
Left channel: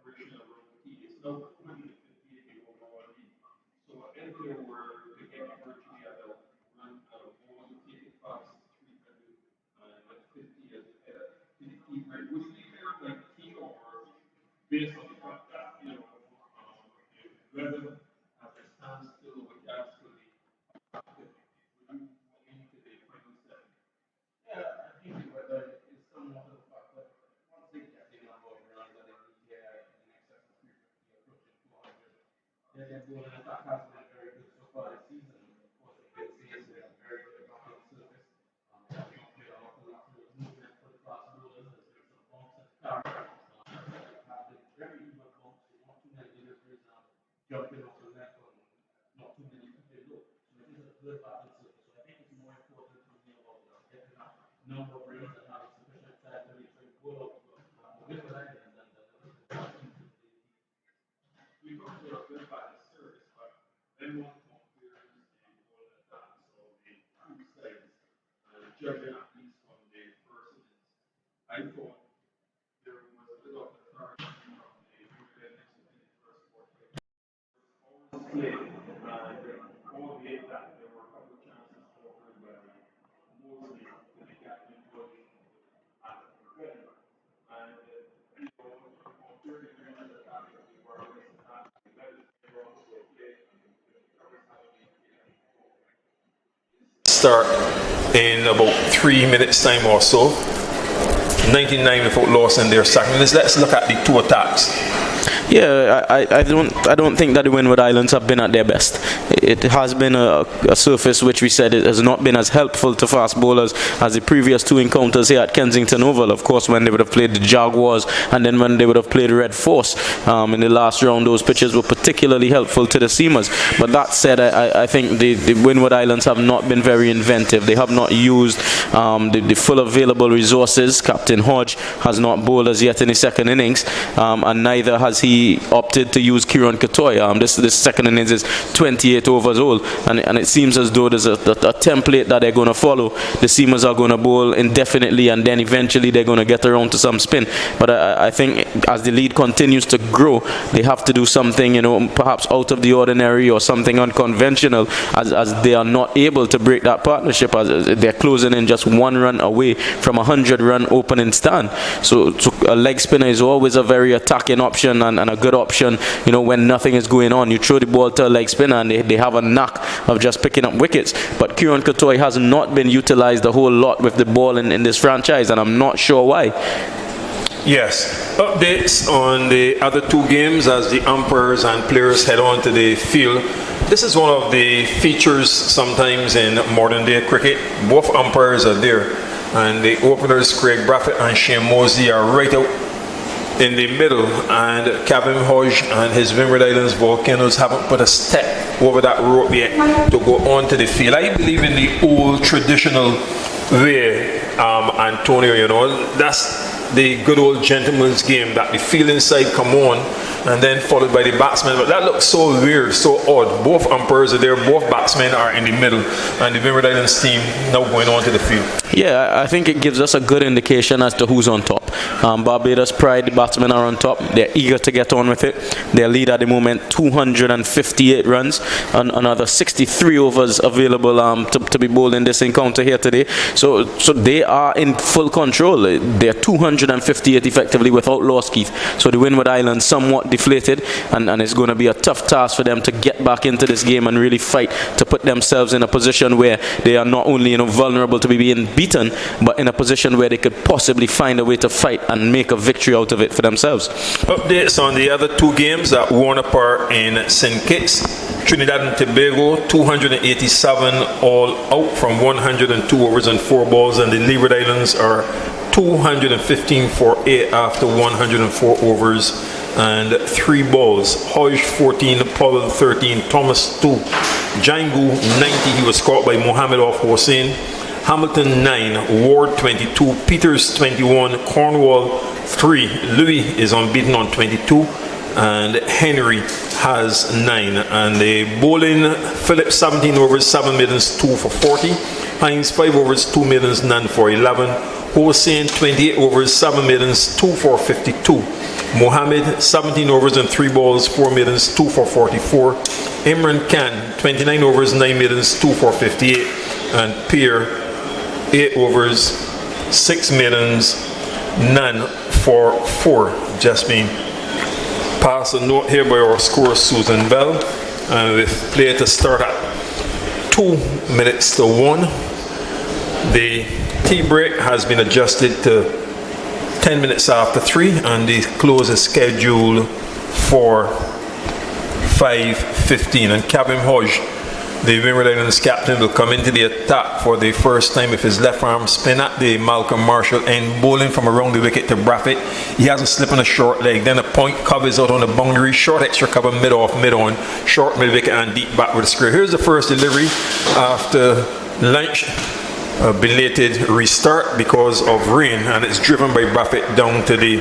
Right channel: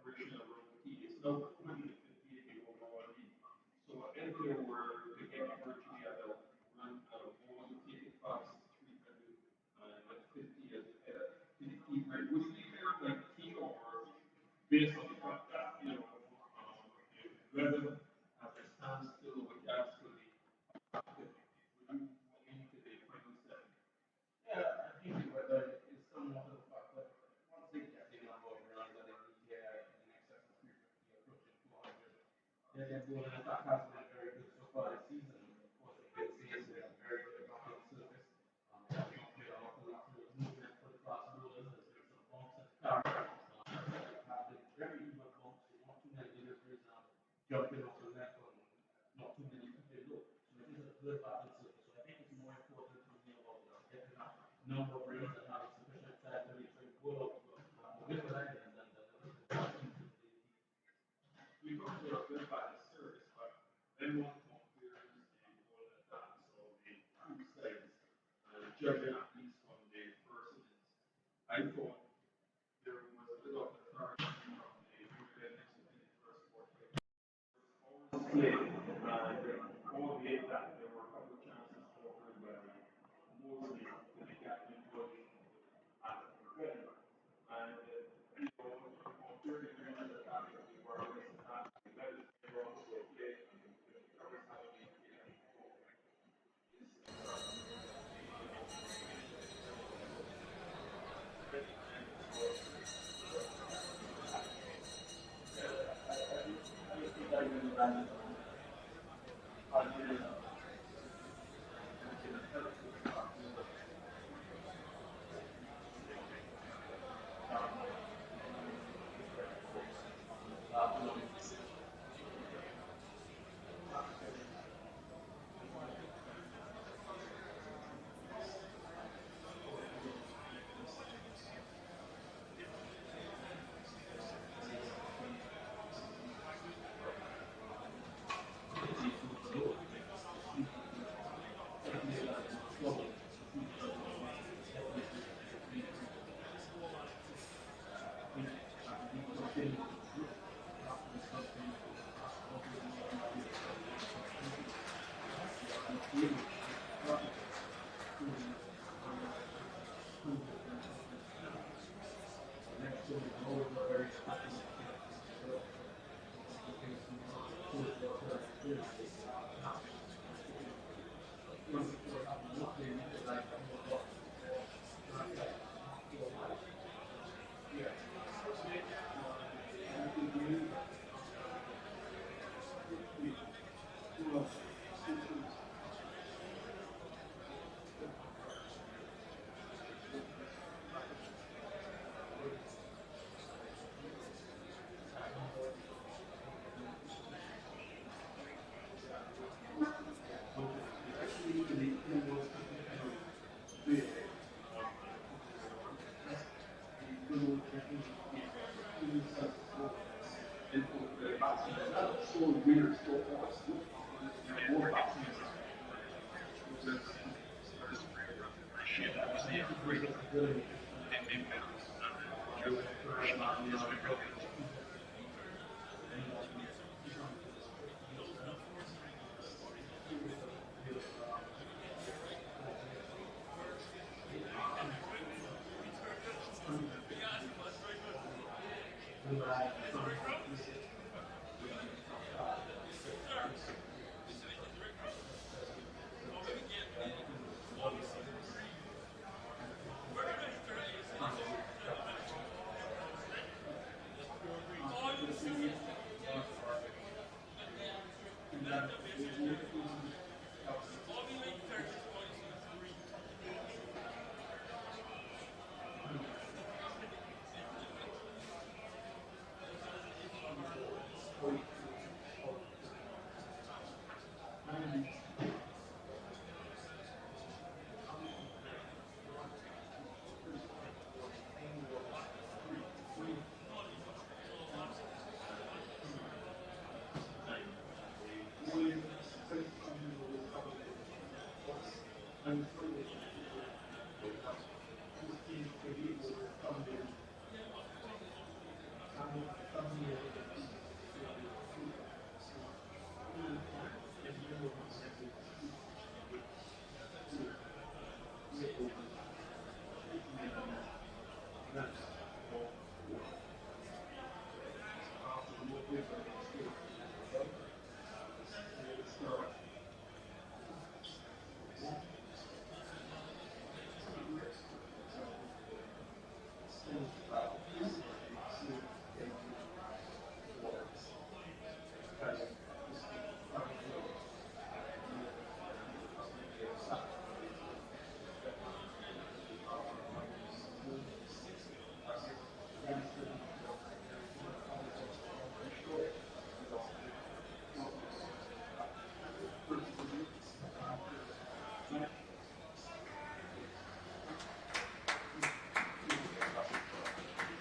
original rookie. It's now 158 overall lead. So if there were to get virtually at a run more to take it past 350 as the key rate, would it be fair like key or based on the fact that, whether as it stands still with regards to the into the final seven? Yeah, I think the weather is somewhat of a factor. Once they get the number of runs that they need here in excess of 350, approaching 400, their ball and attack has been very good so far this season. Of course, the good season is very good back on the surface. They have not played a lot of lateral movement for the fast bowlers. There's been some bumps and carries. Have been very even bumps, not too many deliveries, jumping off the left or not too many keeping low. So it is a good batting surface. So I think it's more important to me about getting that number of runs and having sufficient time to reach the goal with the line and we talked about good batting surface, but then one compares the goal attack, so the two sides, judging at least from the first innings. I thought there was a bit of authority from the Windies in the first quarter. Play, albeit that there were a couple of chances offered by mostly to the captain George at the credit. And compared to the other attack that we were against that, that is very also play start in about 3 minutes time or so. 99 without loss in their second. Let's look at the two attacks. Yeah, I don't think that the Windward Islands have been at their best. It has been a surface which we said it has not been as helpful to fast bowlers as the previous two encounters here at Kensington Oval. Of course, when they would have played the Jaguars and then when they would have played Red Force in the last round, those pitches were particularly helpful to the seamers. But that said, I think the Windward Islands have not been very inventive. They have not used the full available resources. Captain Hodge has not bowled as yet in the second innings, and neither has he opted to use Kieran Couture. This second innings is 28 overs old, and it seems as though there's a template that they're going to follow. The seamers are going to bowl indefinitely, and then eventually they're going to get around to some spin. But I think as the lead continues to grow, they have to do something, perhaps out of the ordinary or something unconventional, as they are not able to break that partnership, as they're closing in just 1 run away from a 100-run opening stand. So a leg spinner is always a very attacking option and a good option, when nothing is going on. You throw the ball to a leg spinner and they have a knack of just picking up wickets. But Kieran Couture has not been utilized a whole lot with the ball in this franchise, and I'm not sure why. Yes. Updates on the other two games as the umpires and players head on to the field. This is one of the features sometimes in modern day cricket. Both umpires are there, and the openers Craig Braffett and Shane Mosley are right out in the middle, and Kevin Hodge and his Windward Islands Volcanoes haven't put a step over that rope yet to go onto the field. I believe in the old traditional way, Antonio, you know, that's the good old gentleman's game, that the field inside come on and then followed by the batsmen. But that looks so weird, so odd. Both umpires are there, both batsmen are in the middle, and the Windward Islands team now going on to the field. Yeah, I think it gives us a good indication as to who's on top. Barbados Pride, the batsmen are on top. They're eager to get on with it. Their lead at the moment, 258 runs, and another 63 overs available to be bowled in this encounter here today. So they are in full control. They're 258 effectively without loss, Keith. So the Windward Islands somewhat deflated, and it's going to be a tough task for them to get back into this game and really fight to put themselves in a position where they are not only vulnerable to be being beaten, but in a position where they could possibly find a way to fight and make a victory out of it for themselves. Updates on the other two games that Warner Park in St. Kitts. Trinidad and Tobago, 287 all out from 102 overs and 4 balls, and the Leeward Islands are 215 for 8 after 104 overs and 3 balls. Hodge 14, Powell 13, Thomas 2, Jangu 90, he was caught by Mohammed off Hossain, Hamilton 9, Ward 22, Peters 21, Cornwall 3, Louis is unbeaten on 22, and Henry has 9. And the bowling, Phillips 17 overs, 7 middens, 2 for 40, Hines 5 overs, 2 middens, none for 11, Hossain 28 overs, 7 middens, 2 for 52. Mohammed 17 overs and 3 balls, 4 middens, 2 for 44. Imran Khan 29 overs, 9 middens, 2 for 58. And Pierre 8 overs, 6 middens, none for 4. Just being passed a note here by our scorer Susan Bell, and with play to start at 2 minutes to 1. The tea break has been adjusted to 10 minutes after 3, and the close is scheduled for 5:15. And Kevin Hodge, the Windward Islands captain, will come into the attack for the first time with his left arm spin at the Malcolm Marshall end, bowling from around the wicket to Braffett. He has a slip on a short leg, then a point covers out on the boundary, short extra cover, mid-off, mid-on, short mid-wicket and deep backward square. Here's the first delivery after lunch. A belated restart because of rain, and it's driven by Braffett down to the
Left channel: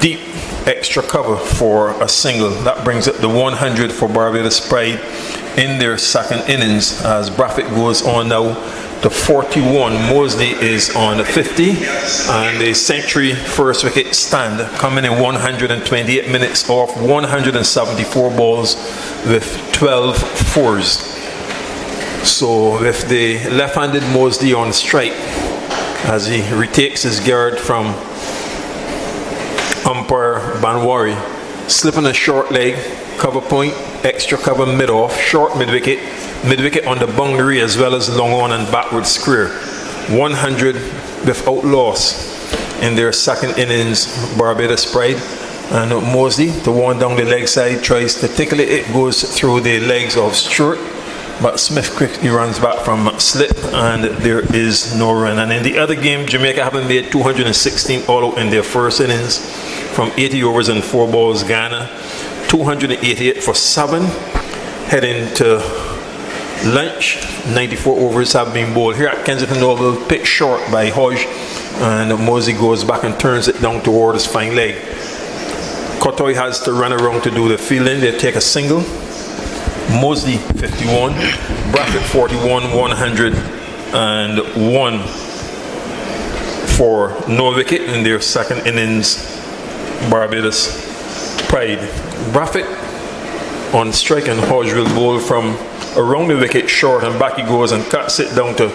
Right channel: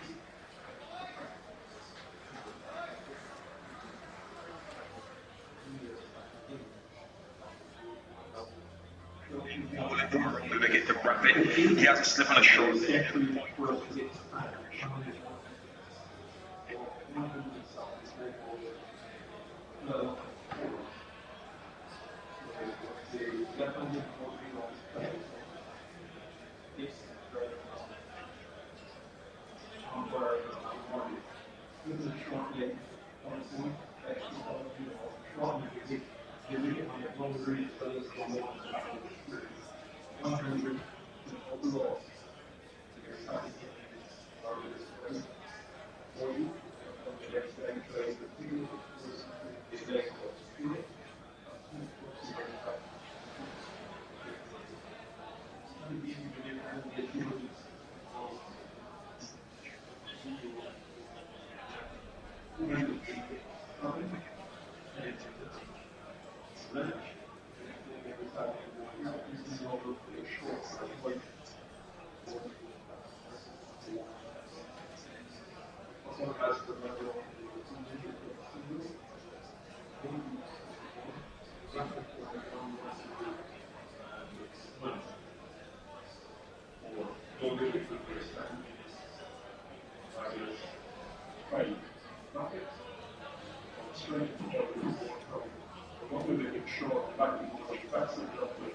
deep extra cover for a single. That brings up the 100 for Barbados Pride in their second innings as Braffett goes on now to 41. Mosley is on 50, and the century first wicket stand coming in 128 minutes off 174 balls with 12 fours. So with the left-handed Mosley on strike as he retakes his guard from umpire Banwari, slipping a short leg, cover point, extra cover mid-off, short mid-wicket, mid-wicket on the boundary as well as long on and backward square. 100 without loss in their second innings, Barbados Pride. And Mosley, the one down the leg side, tries to tickle it. It goes through the legs of Stewart, but Smith quickly runs back from slip, and there is no run. And in the other game, Jamaica haven't made 216 all out in their first innings from 80 overs and 4 balls. Ghana 288 for 7. Heading to lunch, 94 overs have been bowled here at Kensington Oval, picked short by Hodge, and Mosley goes back and turns it down toward his fine leg. Kotoy has to run around to do the fielding. They take a single. Mosley 51, Braffett 41, 101 for no wicket in their second innings, Barbados Pride. Braffett on strike, and Hodge will bowl from around the wicket short, and back he goes and cuts it down to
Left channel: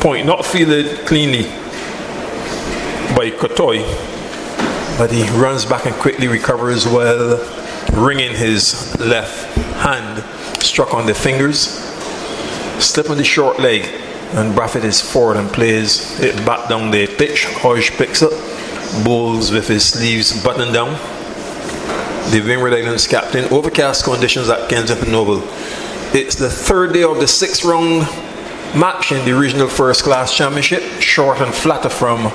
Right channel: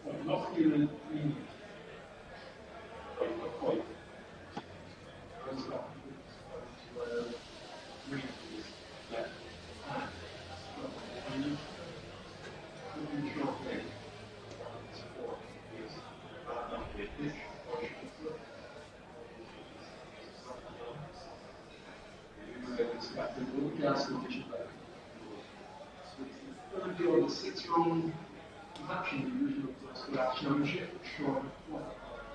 point. Not fielded cleanly by Kotoy, but he runs back and quickly recovers well, wringing his left hand. Struck on the fingers, slip on the short leg, and Braffett is forward and plays it back down the pitch. Hodge picks up, bowls with his sleeves buttoned down. The Windward Islands captain, overcast conditions at Kensington Oval. It's the third day of the 6th round match in the regional first class championship. Short and flatter from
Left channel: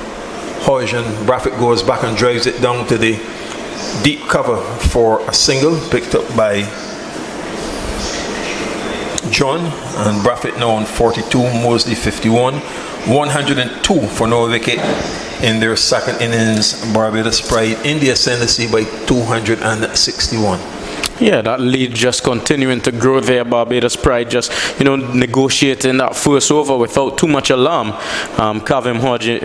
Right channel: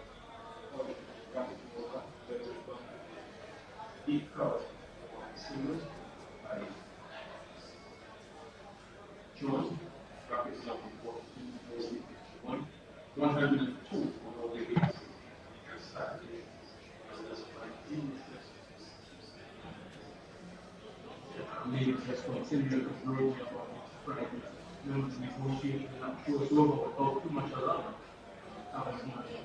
Hoysian. Braffett goes back and drives it down to the deep cover for a single, picked up by John, and Braffett now on 42, Mosley 51. 102 for no wicket in their second innings. Barbados Pride in the ascendancy by 261. Yeah, that lead just continuing to grow there. Barbados Pride just, negotiating that first over without too much alarm. Kavim Hodge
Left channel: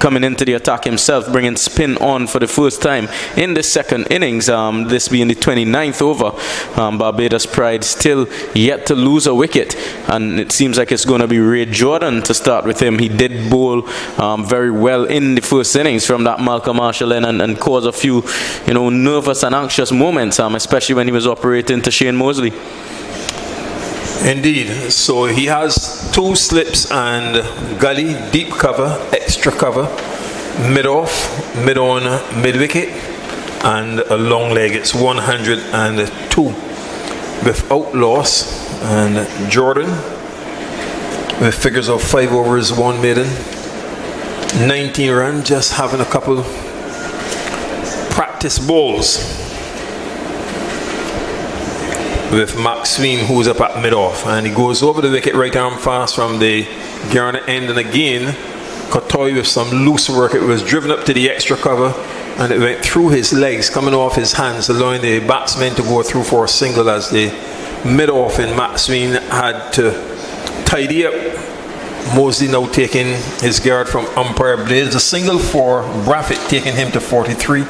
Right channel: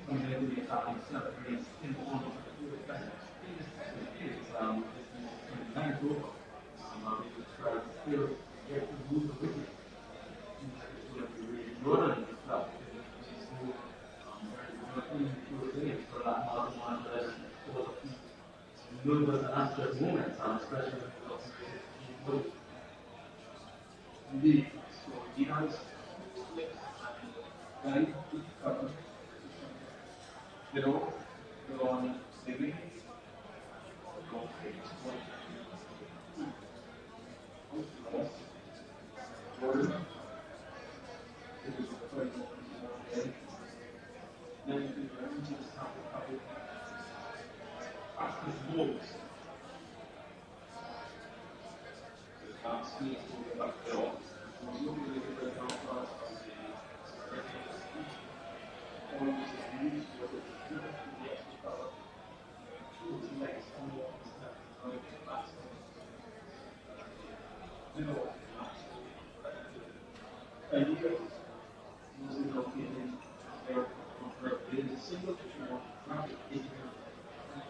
coming into the attack himself, bringing spin on for the first time in the second innings, this being the 29th over. Barbados Pride still yet to lose a wicket, and it seems like it's going to be Ray Jordan to start with him. He did bowl very well in the first innings from that Malcolm Marshall end and cause a few, nervous and anxious moments, especially when he was operating to Shane Mosley. Indeed. So he has 2 slips and gully, deep cover, extra cover, mid-off, mid-on, mid-wicket, and a long leg. It's 102 without loss. And Jordan with figures of 5 overs, 1 maiden, 19 runs, just having a couple practice balls with Maxwell, who's up at mid-off, and he goes over the wicket right arm fast from the Garner end, and again Kotoy with some loose work. It was driven up to the extra cover and it went through his legs, coming off his hands, allowing the batsman to go through for a single as the mid-off in Maxwell had to tidy up. Mosley now taking his guard from umpire Blades. A single for Braffett, taking him to 43,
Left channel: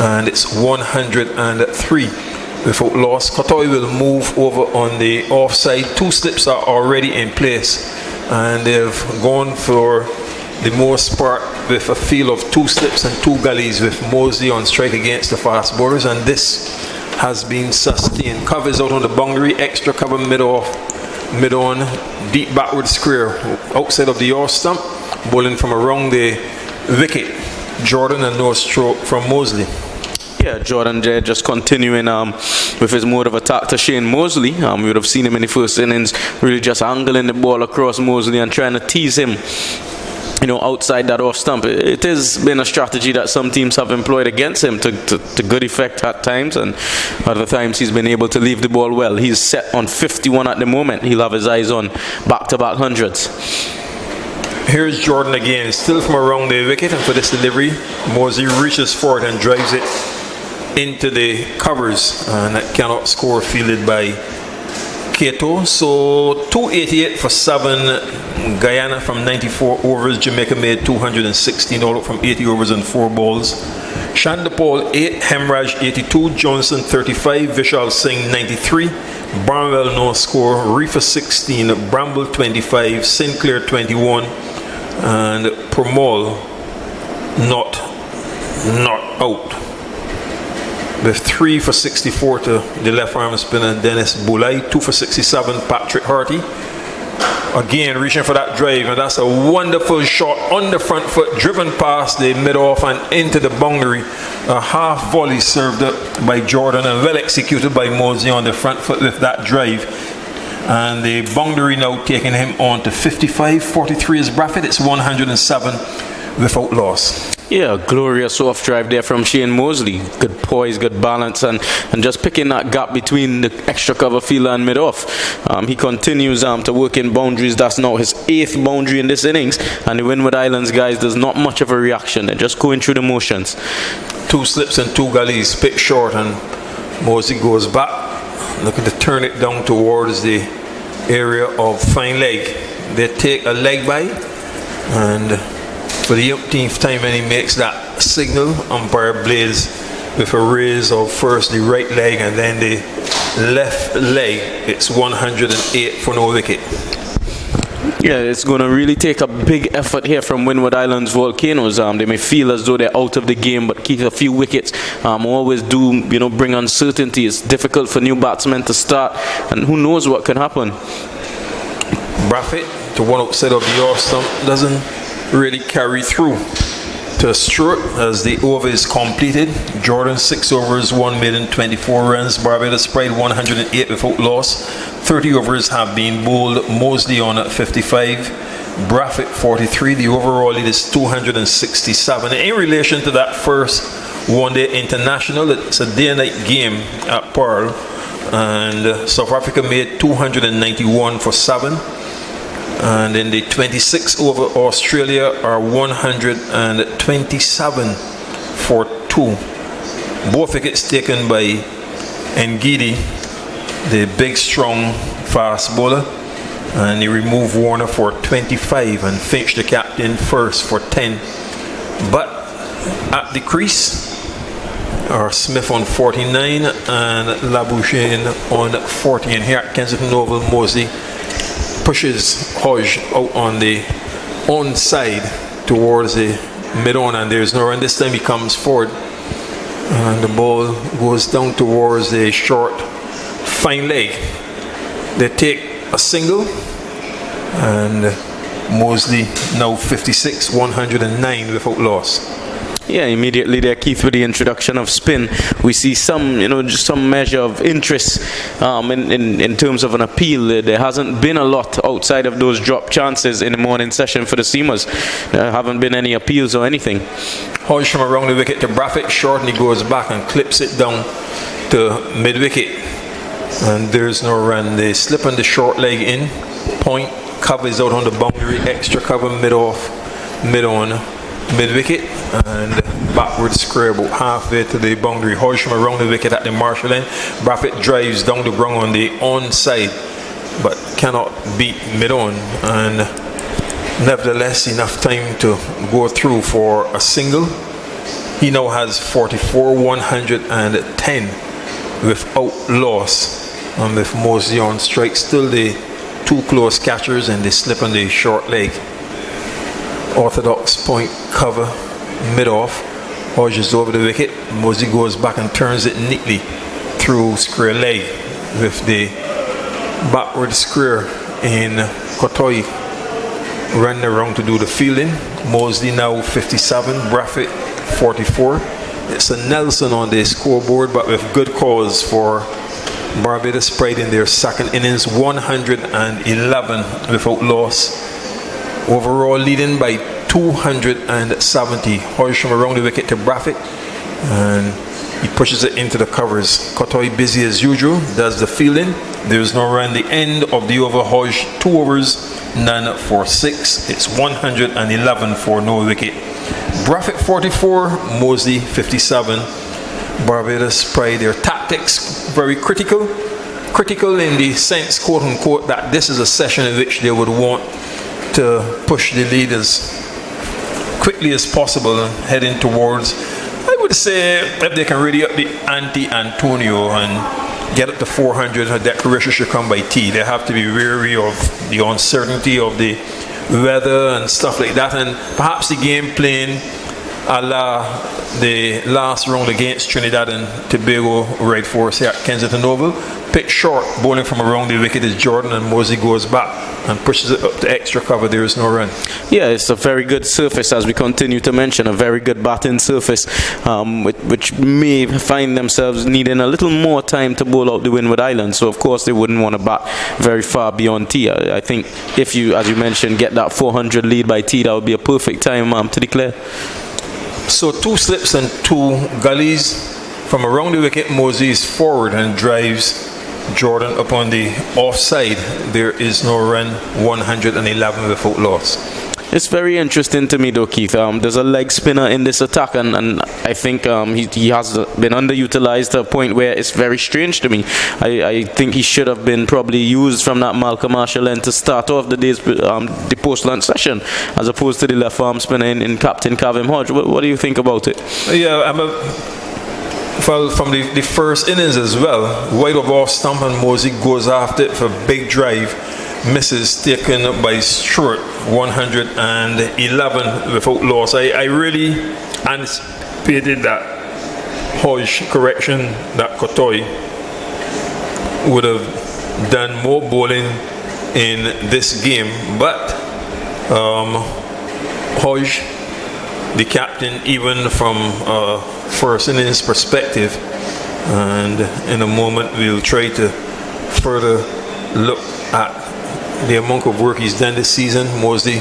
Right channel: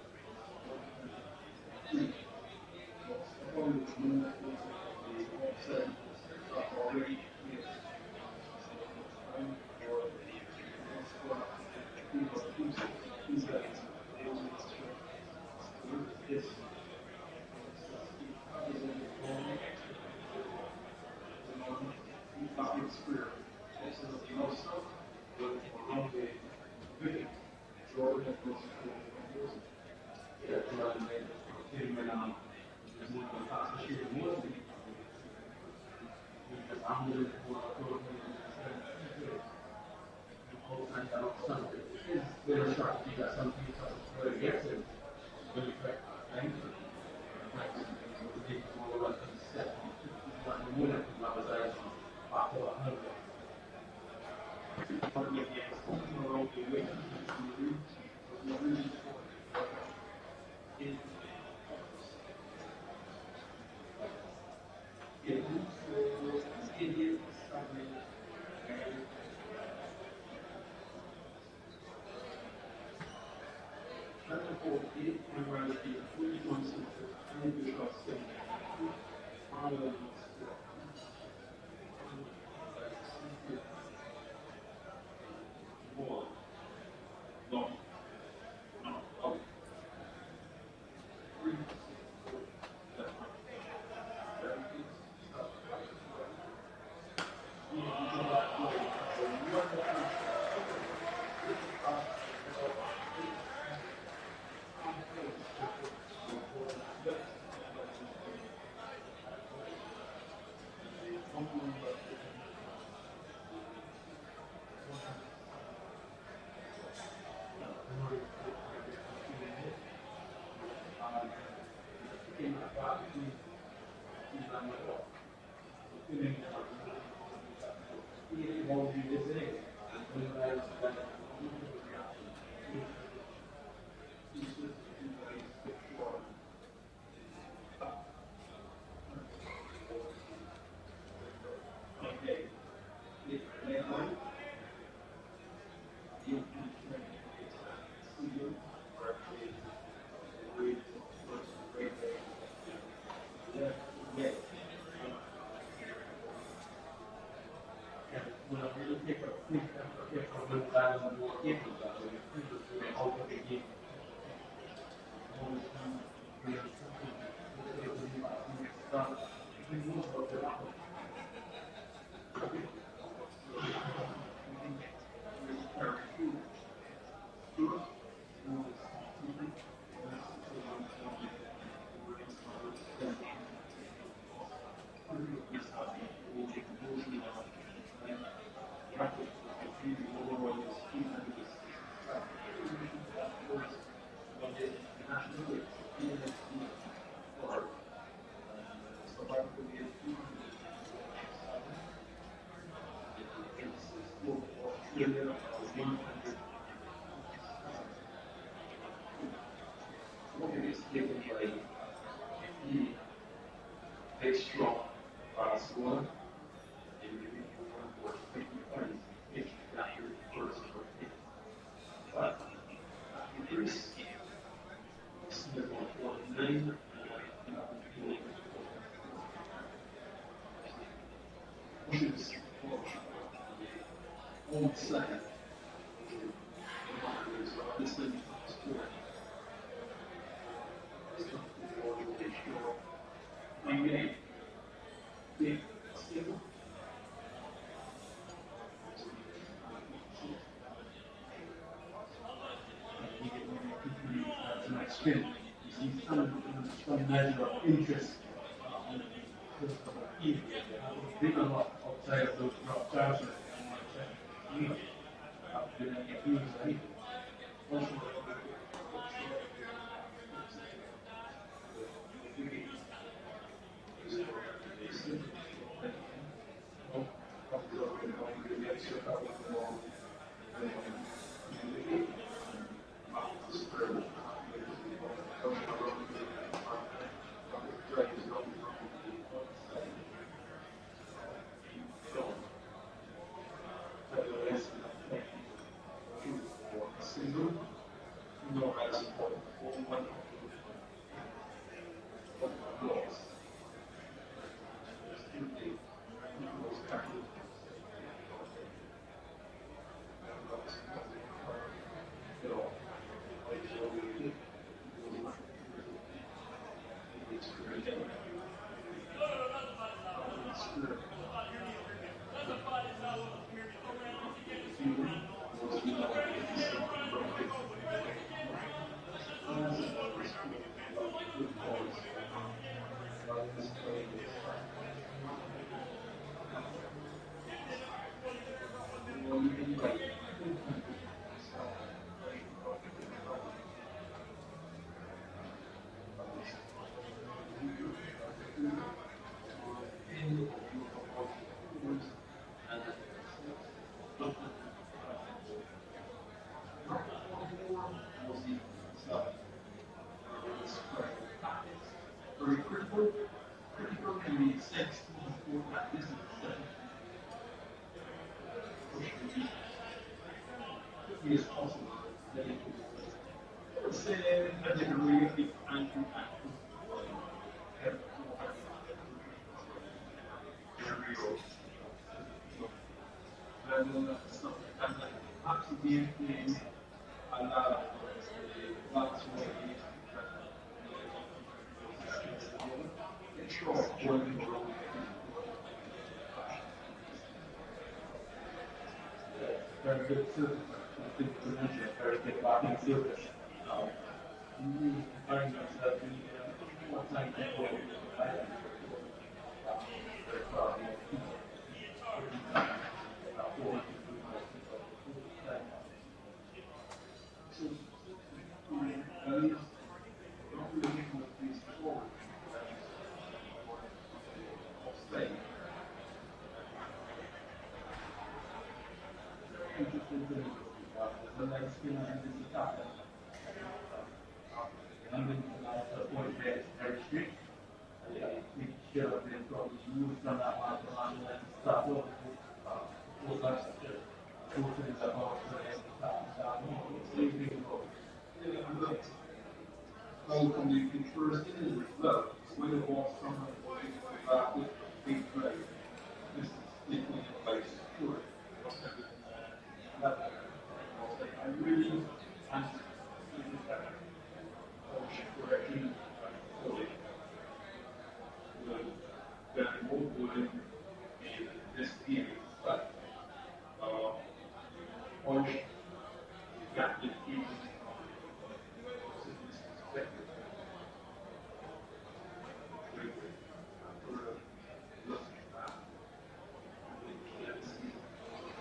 and it's 103 without loss. Kotoy will move over on the offside. 2 slips are already in place, and they've gone for the most part with a field of 2 slips and 2 gullies, with Mosley on strike against the fast bowlers, and this has been sustained. Covers out on the boundary, extra cover mid-off, mid-on, deep backward square outside of the off stump, bowling from around the wicket. Jordan, and no stroke from Mosley. Yeah, Jordan there just continuing with his mode of attack to Shane Mosley. We would have seen him in the first innings really just angling the ball across Mosley and trying to tease him, outside that off stump. It has been a strategy that some teams have employed against him to good effect at times, and other times he's been able to leave the ball well. He's set on 51 at the moment. He'll have his eyes on back-to-back hundreds. Here's Jordan again, still from around the wicket, and for this delivery, Mosley reaches for it and drives it into the covers, and that cannot score, fielded by Kato. So 288 for 7. Guyana from 94 overs. Jamaica made 216 all out from 80 overs and 4 balls. Chandapal 8, Hemraj 82, Johnson 35, Vishal Singh 93, Barnwell no score, Reefer 16, Bramble 25, Sinclair 21, and Permol not out. With 3 for 64 to the left arm spinner Dennis Boulay, 2 for 67 Patrick Harty. Again reaching for that drive, and that's a wonderful shot on the front foot, driven past the mid-off and into the boundary. A half volley served up by Jordan and well executed by Mosley on the front foot with that drive. And the boundary now taking him on to 55. 43 is Braffett. It's 107 without loss. Yeah, glorious off drive there from Shane Mosley. Good poise, good balance, and just picking that gap between the extra cover fielder and mid-off. He continues to work in boundaries. That's now his 8th boundary in this innings, and the Windward Islands guys, there's not much of a reaction. They're just going through the motions. 2 slips and 2 gullies, picked short, and Mosley goes back, looking to turn it down towards the area of fine leg. They take a leg by, and for the 18th time, and he makes that signal, umpire Blades with a raise of first the right leg and then the left leg. It's 108 for no wicket. Yeah, it's going to really take a big effort here from Windward Islands Volcanoes. They may feel as though they're out of the game, but keep a few wickets always do, bring uncertainty. It's difficult for new batsmen to start, and who knows what can happen. Braffett to one outside of the off stump doesn't really carry through to stroke as the over is completed. Jordan 6 overs, 1 maiden, 24 runs. Barbados Pride 108 without loss. 30 overs have been bowled. Mosley on at 55. Braffett 43. The overall lead is 267. In relation to that first one-day international, it's a day-and-night game at Pearl, and South Africa made 291 for 7. And in the 26 over, Australia are 127 for 2. Both wickets taken by Ngidi, the big, strong, fast bowler. And he removed Warner for 25 and Finch, the captain, first for 10. But at the crease are Smith on 49 and Labuschagne on 40. And here at Kensington Oval, Mosley pushes Hodge out on the onside towards the mid-on, and there's no run. This time he comes forward and the ball goes down towards the short fine leg. They take a single, and Mosley now 56, 109 without loss. Yeah, immediately there, Keith, with the introduction of spin, we see some, just some measure of interest in terms of an appeal. There hasn't been a lot outside of those drop chances in the morning session for the seamers. There haven't been any appeals or anything. Hodge from around the wicket to Braffett, short, and he goes back and clips it down to mid-wicket. And there's no run. They slip on the short leg in. Point covers out on the boundary. Extra cover mid-off, mid-on, mid-wicket. And backward square about halfway to the boundary. Hodge from around the wicket at the Marshall end. Braffett drives down the ground on the onside, but cannot beat mid-on. And nevertheless, enough time to go through for a single. He now has 44, 110 without loss. And with Mosley on strike, still the two close catchers, and they slip on the short leg. Orthodox point cover mid-off. Hodge is over the wicket. Mosley goes back and turns it neatly through square leg with the backward square in Kotoi running around to do the fielding. Mosley now 57, Braffett 44. It's a Nelson on the scoreboard, but with good cause for Barbados Pride in their second innings, 111 without loss. Overall leading by 270. Hodge from around the wicket to Braffett, and he pushes it into the covers. Kotoi busy as usual, does the fielding. There's no run. The end of the over. Hodge 2 overs, none for 6. It's 111 for no wicket. Braffett 44, Mosley 57. Barbados Pride, their tactics very critical. Critical in the sense, quote unquote, that this is a session in which they would want to push the lead as quickly as possible, heading towards, I would say, if they can really up the ante Antonio and get up to 400, a declaration should come by tea. They have to be wary of the uncertainty of the weather and stuff like that, and perhaps the game playing a la the last round against Trinidad and Tobago right force here at Kensington Oval. Pitch short, bowling from around the wicket is Jordan, and Mosley goes back and pushes it up to extra cover. There is no run. Yeah, it's a very good surface, as we continue to mention, a very good batting surface, which may find themselves needing a little more time to bowl out the Windward Islands. So, of course, they wouldn't want to bat very far beyond tee. I think if you, as you mentioned, get that 400 lead by tee, that would be a perfect time to declare. So 2 slips and 2 gullies. From around the wicket, Mosley is forward and drives Jordan up on the offside. There is no run, 111 without loss. It's very interesting to me though, Keith. There's a leg spinner in this attack, and I think he has been underutilized to a point where it's very strange to me. I think he should have been probably used from that Malcolm Marshall end to start off the day's the post-lunch session, as opposed to the left arm spinner in Captain Kavim Hodge. What do you think about it? Yeah, from the first innings as well, wide of off stump, and Mosley goes after it for a big drive. Misses, taken by Stewart, 111 without loss. I really anticipated that Hodge correction, that Kotoi would have done more bowling in this game, but Hodge, the captain, even from first innings perspective, and in a moment we'll try to further look at the amount of work he's done this season. Mosley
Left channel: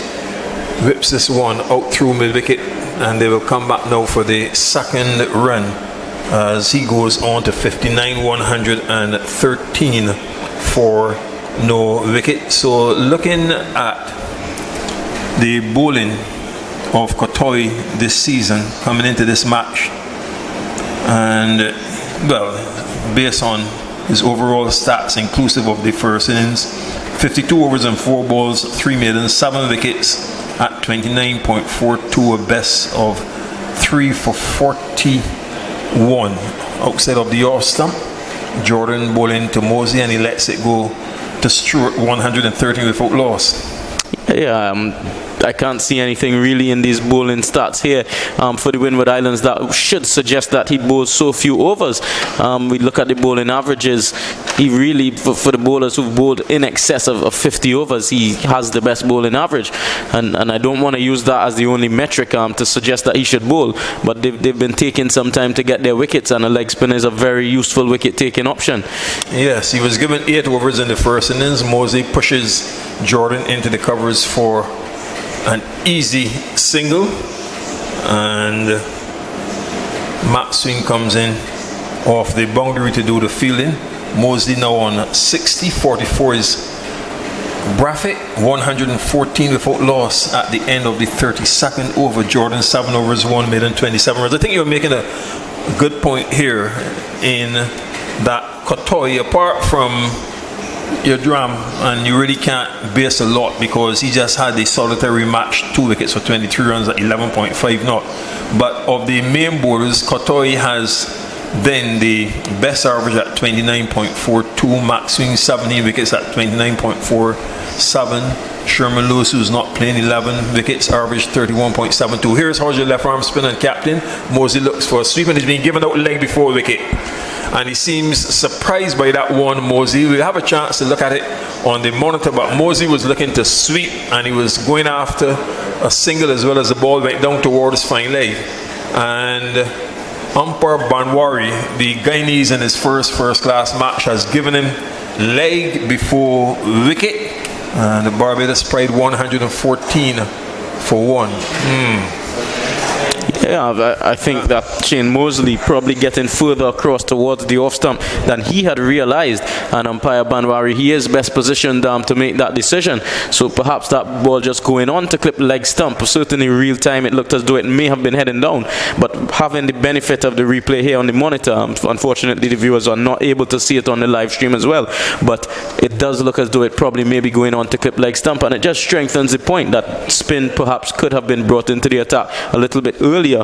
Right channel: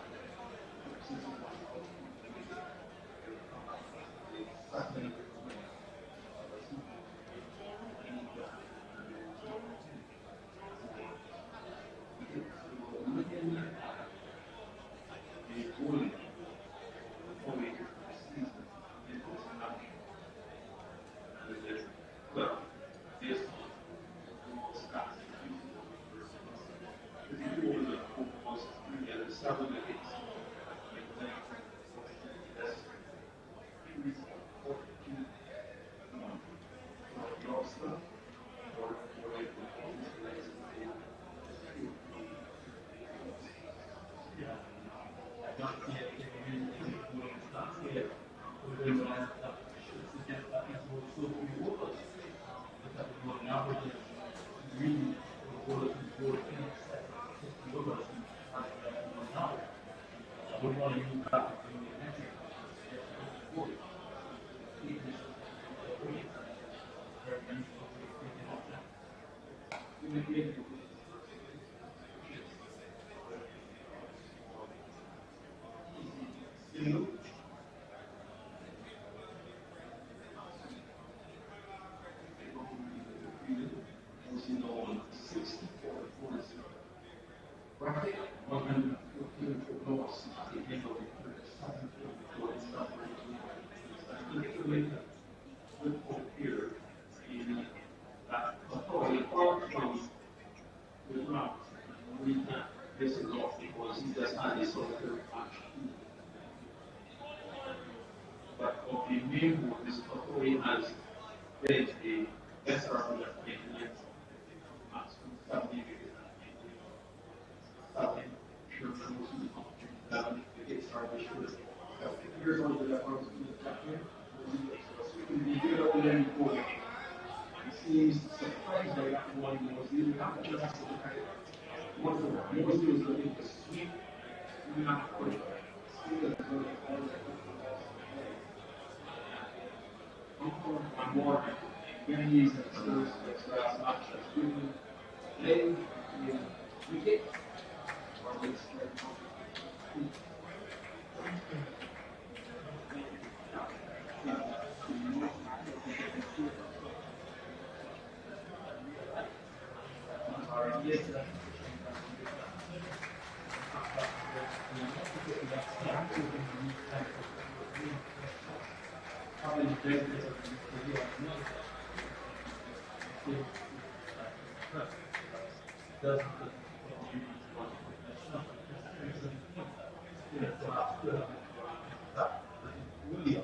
whips this one out through mid-wicket, and they will come back now for the second run as he goes on to 59, 113 for no wicket. So looking at the bowling of Kotoy this season coming into this match, and well, based on his overall stats inclusive of the first innings, 52 overs and 4 balls, 3 maidens, 7 wickets at 29.42, a best of 3 for 41 outside of the off stump. Jordan bowling to Mosley, and he lets it go to Stewart, 113 without loss. Yeah, I can't see anything really in these bowling stats here for the Windward Islands that should suggest that he bowls so few overs. We look at the bowling averages. He really, for the bowlers who've bowled in excess of 50 overs, he has the best bowling average. And I don't want to use that as the only metric to suggest that he should bowl. But they've been taking some time to get their wickets, and a leg spinner is a very useful wicket-taking option. Yes, he was given 8 overs in the first innings. Mosley pushes Jordan into the covers for an easy single, and Matt Swing comes in off the boundary to do the fielding. Mosley now on 60, 44 is Braffett, 114 without loss at the end of the 32nd over. Jordan 7 overs, 1 maiden, 27 runs. I think you're making a good point here in that Kotoy, apart from your drum, and you really can't base a lot because he just had the solitary match, 2 wickets for 23 runs at 11.5 knot. But of the main bowlers, Kotoy has then the best average at 29.42, Max Swing 17 wickets at 29.47, Sherman Lewis, who's not playing, 11 wickets, average 31.72. Here's Hodge, left arm spinner and captain. Mosley looks for a sweep, and he's been given out leg before wicket, and he seems surprised by that one, Mosley. We'll have a chance to look at it on the monitor, but Mosley was looking to sweep, and he was going after a single as well as the ball went down towards fine leg. And umpire Banwari, the Guyanese in his first-class match, has given him leg before wicket, and the Barbados Pride 114 for 1. Yeah, I think that Shane Mosley probably getting further across towards the off stump than he had realized, and umpire Banwari, he is best positioned to make that decision. So perhaps that ball just going on to clip leg stump. Certainly real time it looked as though it may have been heading down, but having the benefit of the replay here on the monitor, unfortunately the viewers are not able to see it on the live stream as well, but it does look as though it probably may be going on to clip leg stump, and it just strengthens the point that spin perhaps could have been brought into the attack a little bit earlier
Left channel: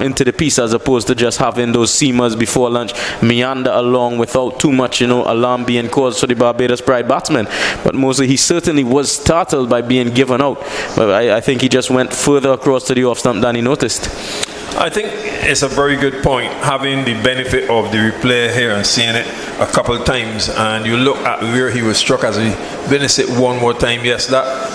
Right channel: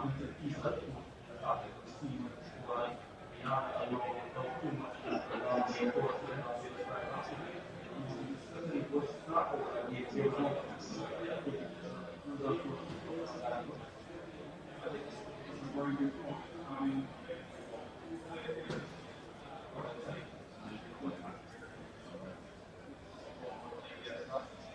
into the piece, as opposed to just having those seamers before lunch meander along without too much alarm being caused for the Barbados Pride batsman. But Mosley, he certainly was startled by being given out, but I think he just went further across to the off stump than he noticed. I think it's a very good point, having the benefit of the replay here and seeing it a couple of times, and you look at where he was struck as he witnessed it one more time. Yes, that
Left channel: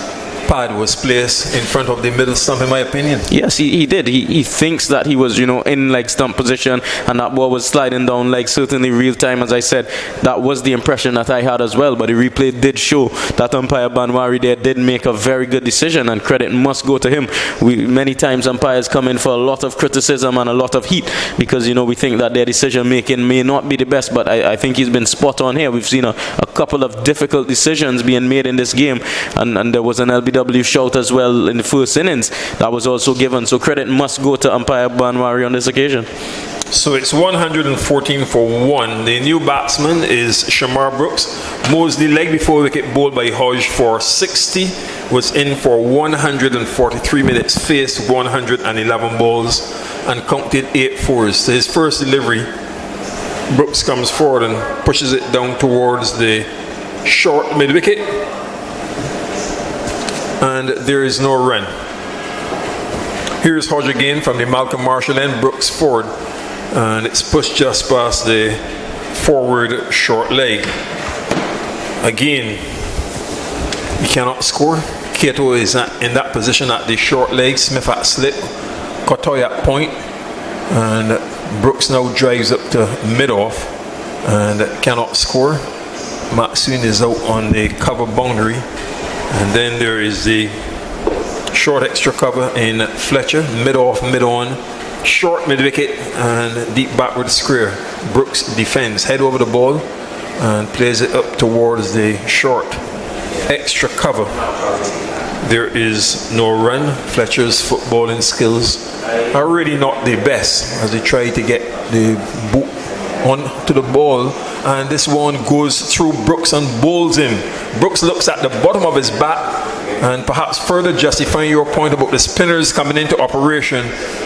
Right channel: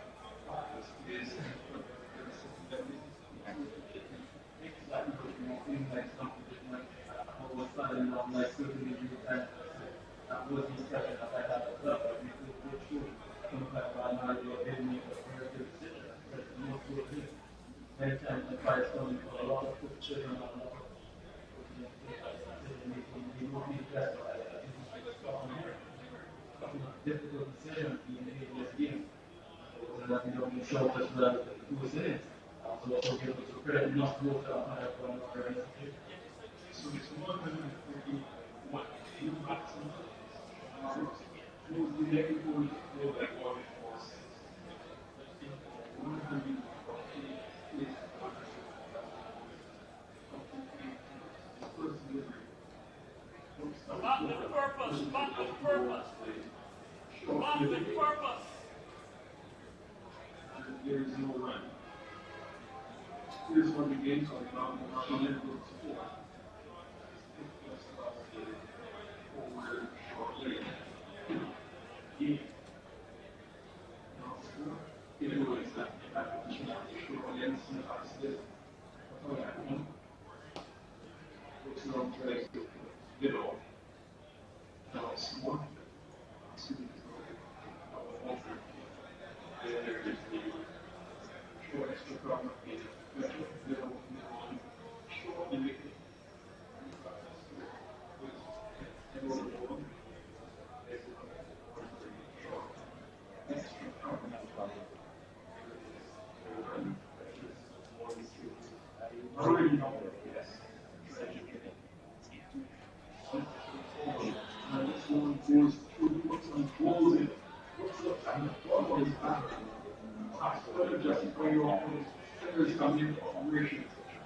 pad was placed in front of the middle stump, in my opinion. Yes, he did. He thinks that he was, in leg stump position, and that ball was sliding down leg. Certainly real time, as I said, that was the impression that I had as well. But the replay did show that umpire Banwari there did make a very good decision, and credit must go to him. Many times umpires come in for a lot of criticism and a lot of heat because, we think that their decision making may not be the best, but I think he's been spot on here. We've seen a couple of difficult decisions being made in this game, and there was an LBW shout as well in the first innings that was also given, so credit must go to umpire Banwari on this occasion. So it's 114 for 1. The new batsman is Shamar Brooks. Mosley, leg before wicket, bowled by Hodge for 60, was in for 143 minutes, faced 111 balls and counted 8 fours. So his first delivery, Brooks comes forward and pushes it down towards the short mid-wicket, and there is no run. Here's Hodge again from the Malcolm Marshall end. Brooks forward, and it's pushed just past the forward short leg. Again, he cannot score. Cato is in that position at the short leg. Smith at slip, Kotoy at point, and Brooks now drives up to mid-off and cannot score. Maxine is out on the cover boundary, And then there is the short extra cover in Fletcher, mid-off, mid-on, short mid-wicket and deep backward square. Brooks defends, head over the ball and plays it up towards the short extra cover. There is no run. Fletcher's footballing skills are really not the best as they try to get the boot onto the ball, and this one goes through Brooks and bowls him. Brooks looks at the bottom of his bat and perhaps further justifying your point about the spinners coming into operation,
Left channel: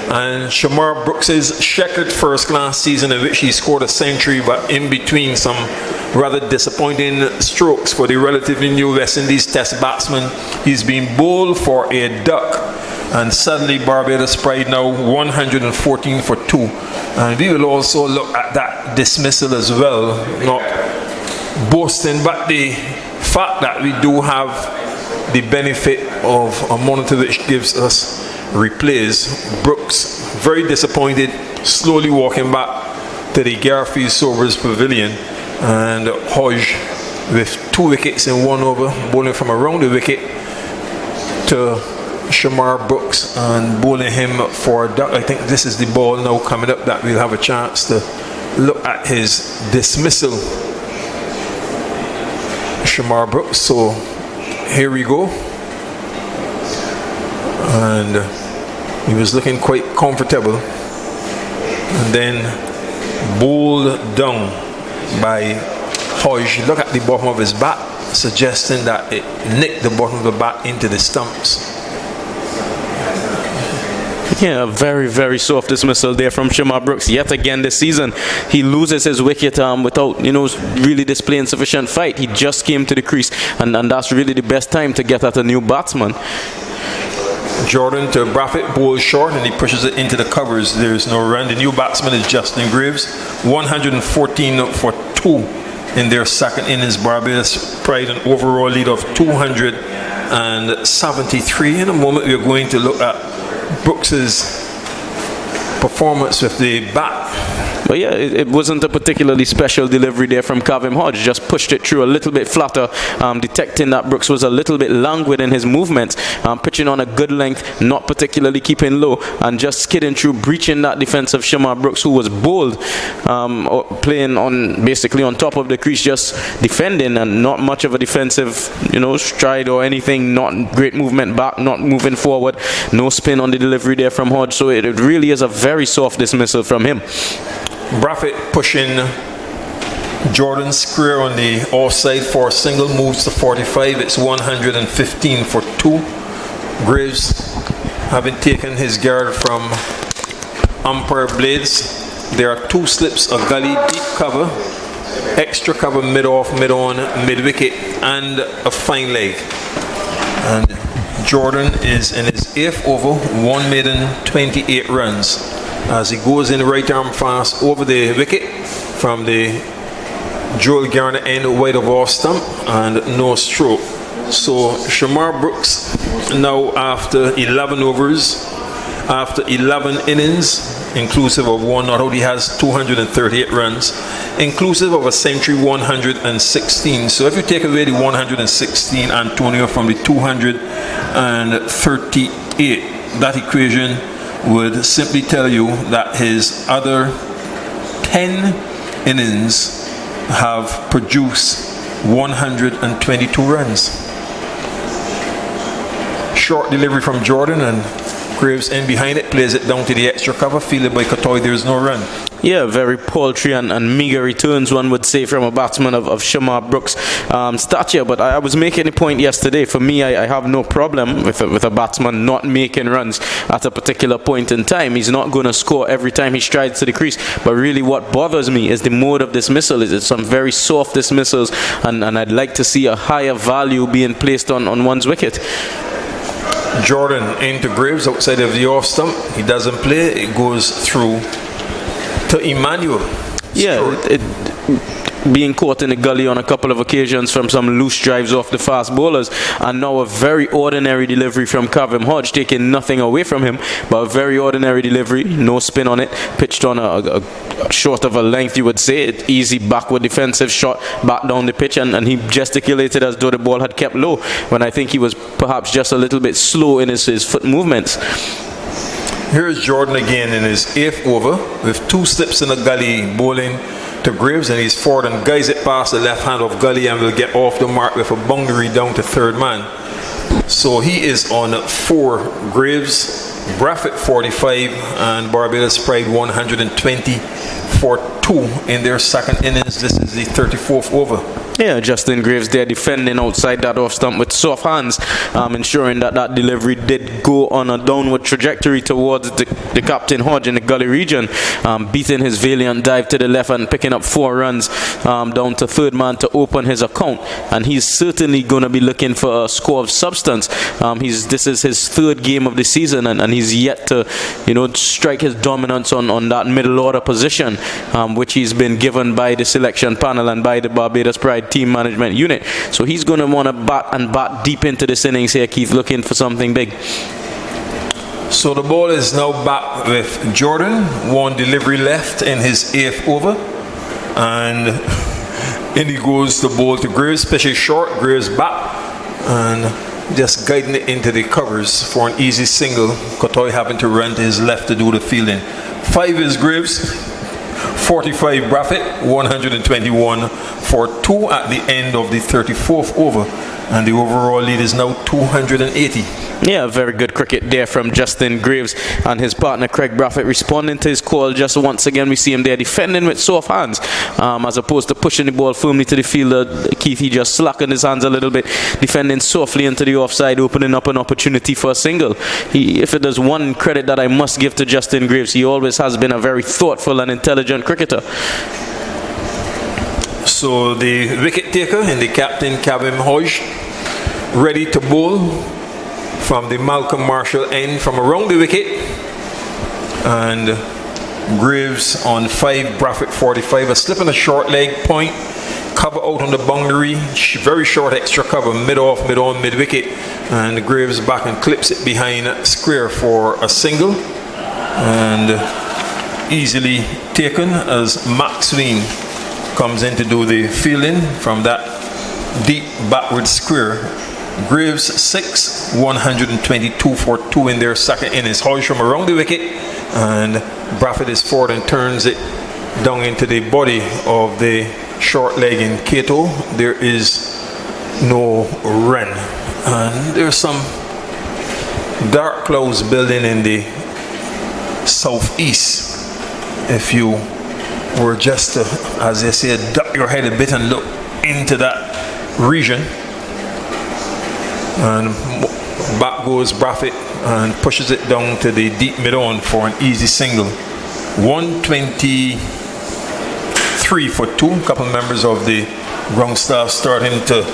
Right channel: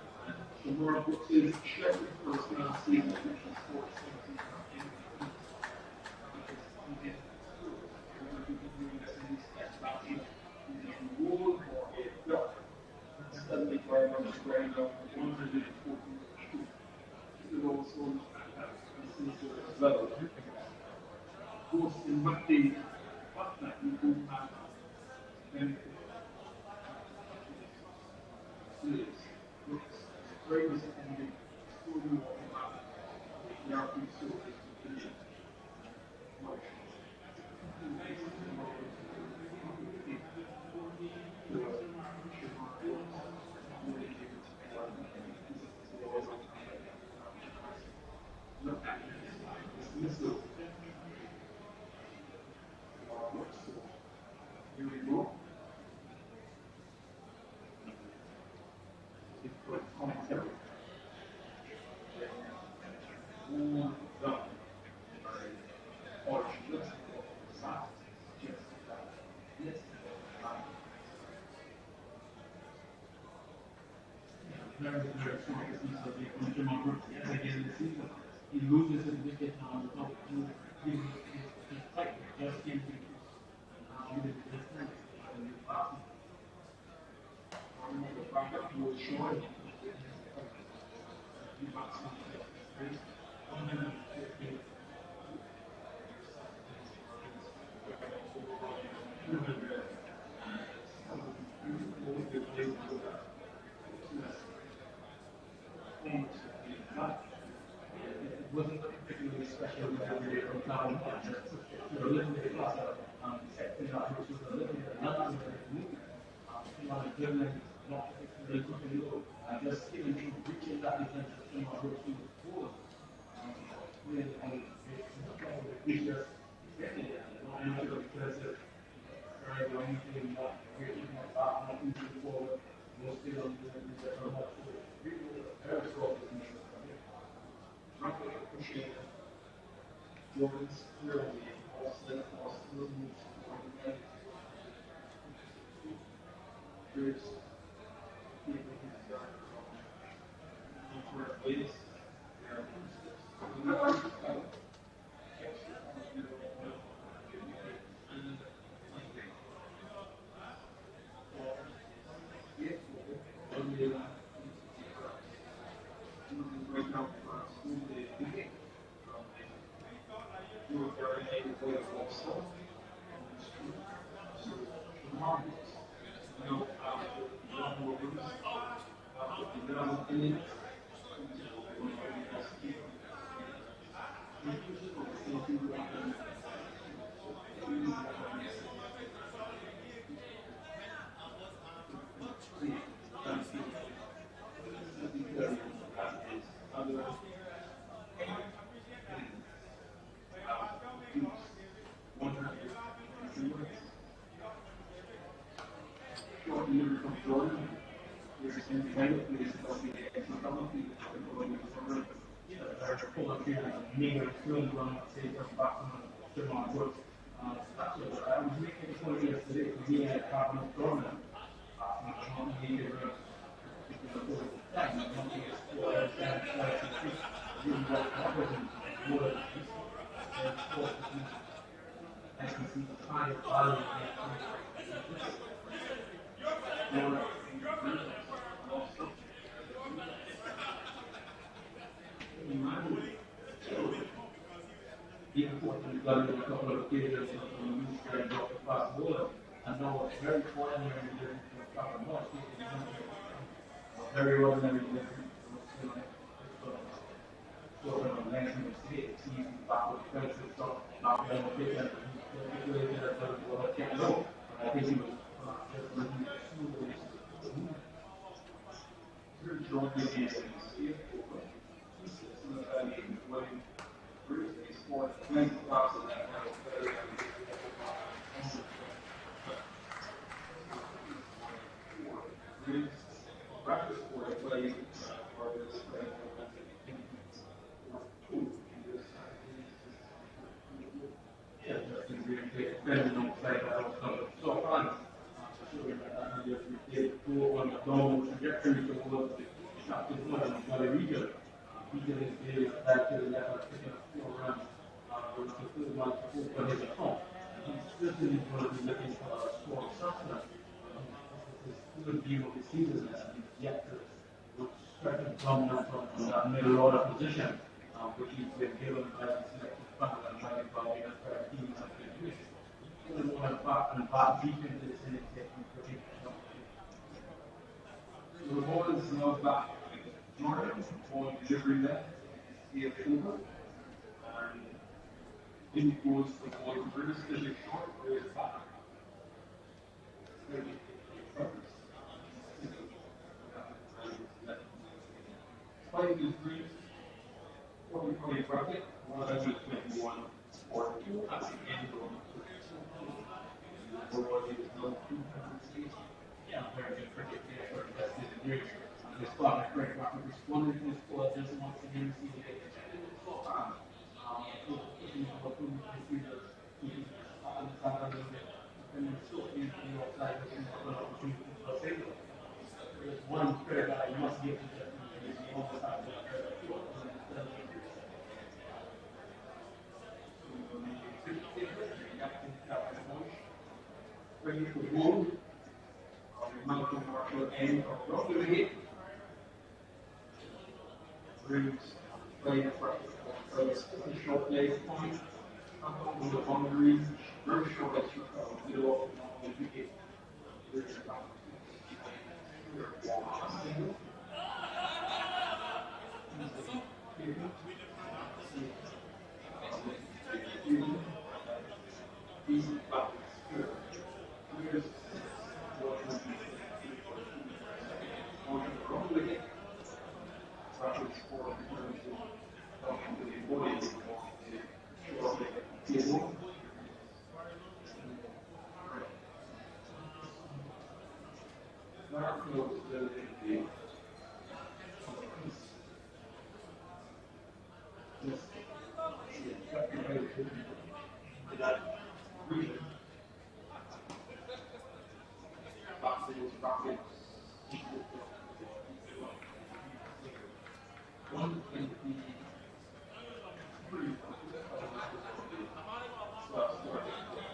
and Shamar Brooks's checkered first-class season in which he scored a century, but in between some rather disappointing strokes for the relatively new West Indies Test batsman. He's been bowled for a duck, and suddenly Barbados Pride now 114 for 2. And we will also look at that dismissal as well, not boasting, but the fact that we do have the benefit of a monitor which gives us replays. Brooks, very disappointed, slowly walking back to the Garfield Sobers Pavilion, and Hodge with 2 wickets in 1 over, bowling from around the wicket to Shamar Brooks and bowling him for a duck. I think this is the ball now coming up that we'll have a chance to look at his dismissal, Shamar Brooks. So here we go, and he was looking quite comfortable and then bowled down by Hodge. Look at the bottom of his bat, suggesting that it nicked the bottom of the bat into the stumps. Yeah, a very, very soft dismissal there from Shamar Brooks. Yet again this season, he loses his wicket without, really displaying sufficient fight. He just came to the crease, and that's really the best time to get at a new batsman. Jordan to Braffett, bowls short, and he pushes it into the covers. There's no run. The new batsman is Justin Graves, 114 for 2 in their second innings. Barbados Pride an overall lead of 273. In a moment, we're going to look at Brooks's performance with the bat. But yeah, it wasn't a particularly special delivery there from Kavim Hodge. Just pushed it through a little bit flatter, detecting that Brooks was a little bit languid in his movements, pitching on a good length, not particularly keeping low, and just skidding through, breaching that defense of Shamar Brooks, who was bowled, playing on basically on top of the crease, just defending, and not much of a defensive, stride or anything. Not great movement back, not moving forward, no spin on the delivery there from Hodge. So it really is a very soft dismissal from him. Braffett pushing Jordan square on the offside for a single, moves to 45. It's 115 for 2. Graves, having taken his guard from umpire blades, there are 2 slips, a gully, deep cover, extra cover, mid-off, mid-on, mid-wicket, and a fine leg. And Jordan is in his 8th over, 1 maiden, 28 runs. As he goes in right arm fast over the wicket from the Joel Garner end wide of off stump, and no stroke. So Shamar Brooks now, after 11 overs, after 11 innings, inclusive of 1 not out, he has 238 runs, inclusive of a century, 116. So if you take away the 116, Antonio, from the 238, that equation would simply tell you that his other 10 innings have produced 122 runs. Short delivery from Jordan, and Graves in behind it, plays it down to the extra cover, fielded by Katoy. There's no run. Yeah, very paltry and meager returns, one would say, from a batsman of Shamar Brooks' stature. But I was making a point yesterday. For me, I have no problem with a batsman not making runs at a particular point in time. He's not going to score every time he strides to the crease. But really what bothers me is the mode of dismissal. It's some very soft dismissals, and I'd like to see a higher value being placed on one's wicket. Jordan into Graves outside of the off stump. He doesn't play. It goes through to Emmanuel. Yeah, being caught in the gully on a couple of occasions from some loose drives off the fast bowlers, and now a very ordinary delivery from Kavem Hodge, taking nothing away from him, but a very ordinary delivery, no spin on it, pitched on a short of a length, you would say, easy backward defensive shot back down the pitch, and he gesticulated as though the ball had kept low, when I think he was perhaps just a little bit slow in his foot movements. Here's Jordan again in his 8th over with 2 slips in the gully, bowling to Graves, and he's forward and guides it past the left hand of Gully and will get off the mark with a boundary down to 3rd man. So he is on 4. Graves, Braffett 45 and Barbados Pride 120 for 2 in their 2nd innings. This is the 34th over. Yeah, Justin Graves there defending outside that off stump with soft hands, ensuring that delivery did go on a downward trajectory towards the Captain Hodge in the gully region, beating his valiant dive to the left and picking up 4 runs down to 3rd man to open his account. And he's certainly going to be looking for a score of substance. This is his 3rd game of the season, and he's yet to, strike his dominance on that middle order position, which he's been given by the selection panel and by the Barbados Pride team management unit. So he's going to want to bat deep into this innings here, Keith, looking for something big. So the ball is now back with Jordan. 1 delivery left in his 8th over, and in he goes the ball to Graves, pitches short, Graves back and just guiding it into the covers for an easy single. Kotoy having to run to his left to do the fielding. 5 is Graves, 45 Braffett, 121 for 2 at the end of the 34th over, and the overall lead is now 280. Yeah, very good cricket there from Justin Graves and his partner Craig Braffett responding to his call. Just once again we see him there defending with soft hands, as opposed to pushing the ball firmly to the fielder. Keith, he just slackened his hands a little bit, defending softly into the offside, opening up an opportunity for a single. If there's one credit that I must give to Justin Graves, he always has been a very thoughtful and intelligent cricketer. So the wicket taker in the Captain Kavem Hodge ready to bowl from the Malcolm Marshall end from around the wicket, and Graves on 5, Braffett 45, a slip on the short leg point, cover out on the boundary, very short extra cover, mid-off, mid-on, mid-wicket, and Graves back and clips it behind square for a single, and easily taken as Max Sween comes in to do the fielding from that deep backward square. Graves 6, 122 for 2 in their 2nd innings. Hodge from around the wicket, and Braffett is forward and turns it down into the body of the short leg in Cato. There is no run, and there's some dark clouds building in the southeast. If you were just to, as they say, duck your head a bit and look into that region. And back goes Braffett and pushes it down to the deep mid-on for an easy single. 123 for 2. A couple members of the ground staff starting to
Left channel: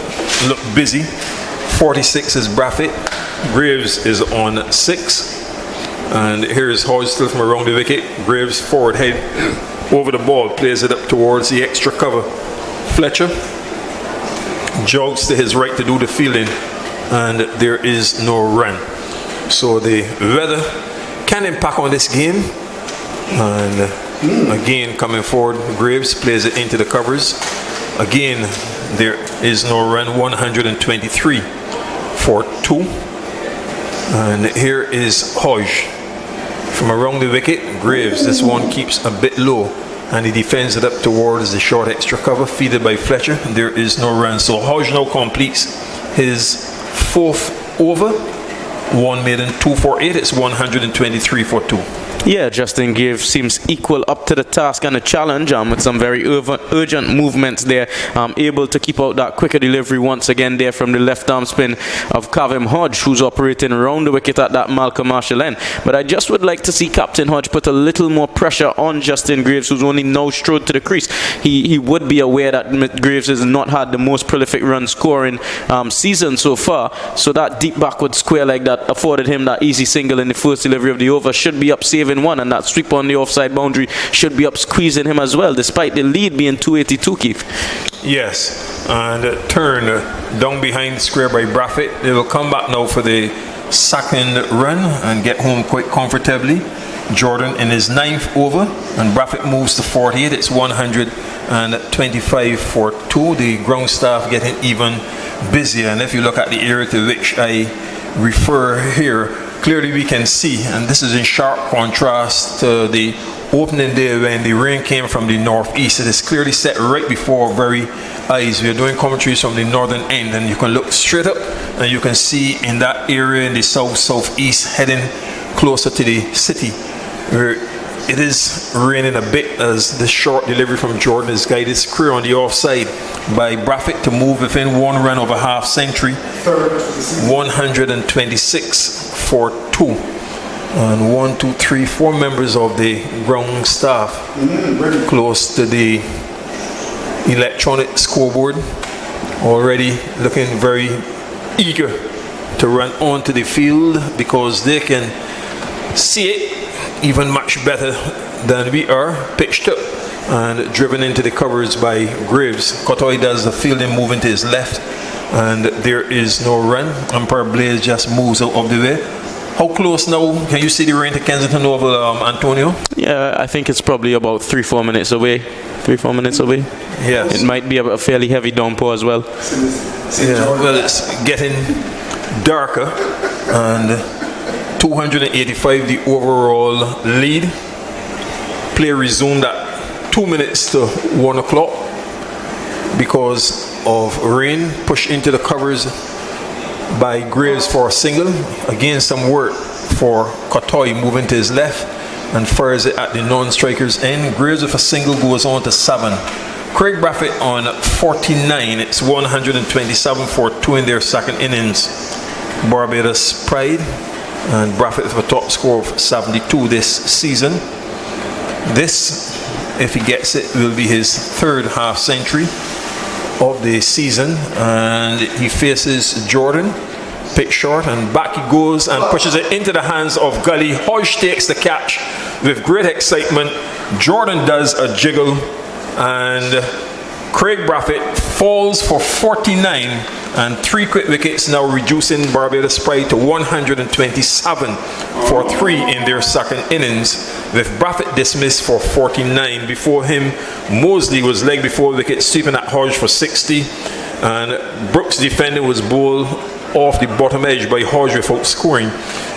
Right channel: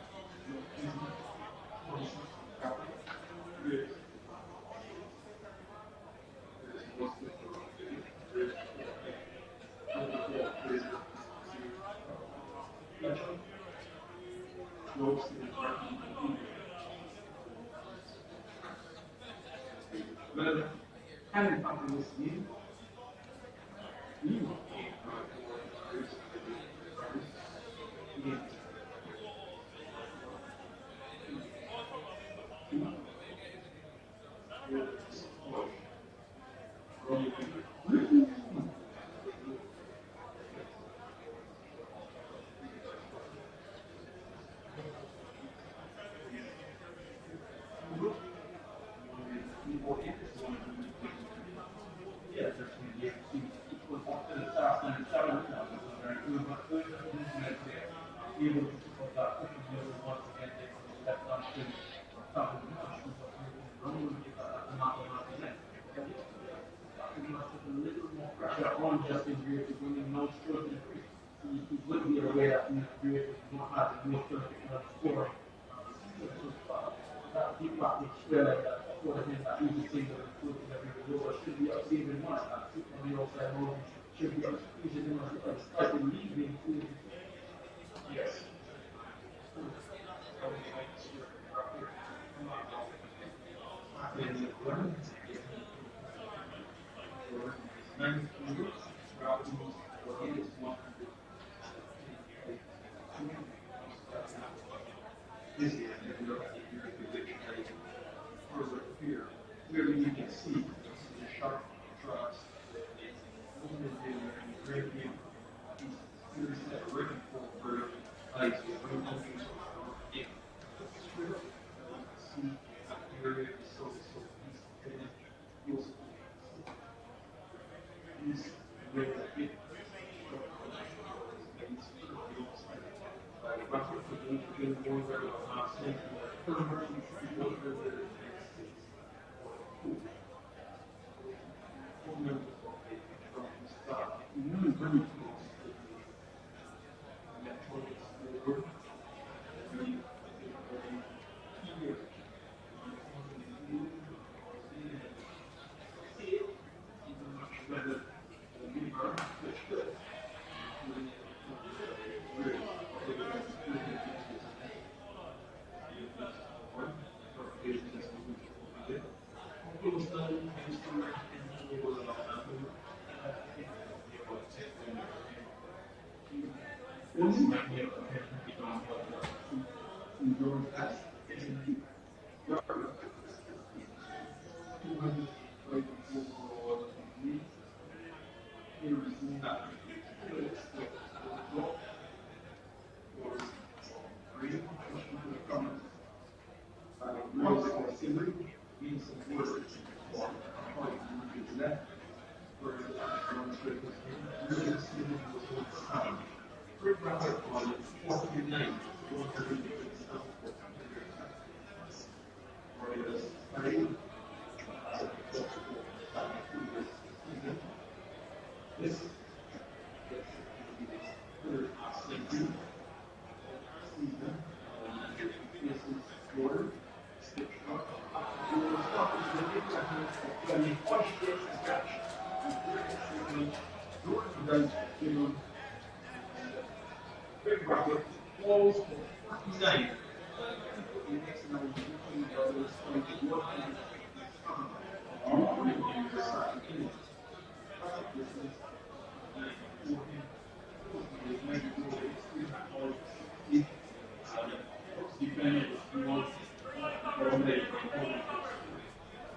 look busy. 46 is Braffett. Graves is on 6. And here's Hodge still from around the wicket. Graves forward head over the ball, plays it up towards the extra cover. Fletcher jogs to his right to do the fielding, and there is no run. So the weather can impact on this game, and again coming forward, Graves plays it into the covers. Again, there is no run. 123 for 2. And here is Hodge from around the wicket. Graves, this one keeps a bit low, and he defends it up towards the short extra cover, feeded by Fletcher. There is no run. So Hodge now completes his 4th over. 1 maiden, 2 for 8. It's 123 for 2. Yeah, Justin Graves seems equal up to the task and the challenge, with some very urgent movements there, able to keep out that quicker delivery once again there from the left arm spin of Kavem Hodge, who's operating around the wicket at that Malcolm Marshall end. But I just would like to see Captain Hodge put a little more pressure on Justin Graves, who's only now strode to the crease. He would be aware that Graves has not had the most prolific run scoring season so far, so that deep backward square leg that afforded him that easy single in the first delivery of the over should be up saving saving one, and that sweep on the offside boundary should be up squeezing him as well, despite the lead being 282, Keith. Yes, and turn down behind square by Braffett. They will come back now for the second run and get home quite comfortably. Jordan in his 9th over, and Braffett moves to 48. It's 125 for 2. The ground staff getting even busier, and if you look at the area to which I refer here, clearly we can see, and this is in sharp contrast to the opening day when the rain came from the northeast. It is clearly set right before our very eyes. We are doing commentaries from the northern end, and you can look straight up and you can see in that area in the south-southeast heading closer to the city, where it is raining a bit as the short delivery from Jordan is guided clear on the offside by Braffett to move within one run of a half century. 126 for 2. And 1, 2, 3, 4 members of the ground staff close to the electronic scoreboard, already looking very eager to run onto the field because they can see it even much better than we are, pitched up and driven into the covers by Graves. Cotoy does the fielding moving to his left, and there is no run. Umpire Blaze just moves out of the way. How close now? Can you see the rain to Kensington Oval, Antonio? Yeah, I think it's probably about 3-4 minutes away. 3-4 minutes away. Yes. It might be a fairly heavy downpour as well. Yeah, well, it's getting darker, and 285 the overall lead. Play resumed at 2 minutes to 1 o'clock because of rain pushed into the covers by Graves for a single. Again, some work for Cotoy moving to his left and fires it at the non-strikers end. Graves with a single goes on to 7. Craig Braffett on 49. It's 127 for 2 in their second innings. Barbados Pride and Braffett with a top score of 72 this season. This, if he gets it, will be his 3rd half century of the season, and he faces Jordan, pitch short, and back he goes and pushes it into the hands of Gully. Hodge takes the catch with great excitement. Jordan does a jiggle, and Craig Braffett falls for 49 and 3 quick wickets, now reducing Barbados Pride to 127 for 3 in their second innings, with Braffett dismissed for 49. Before him, Mosley was leg before wicket, sweeping at Hodge for 60, and Brooks' defender was bowled off the bottom edge by Hodge without scoring.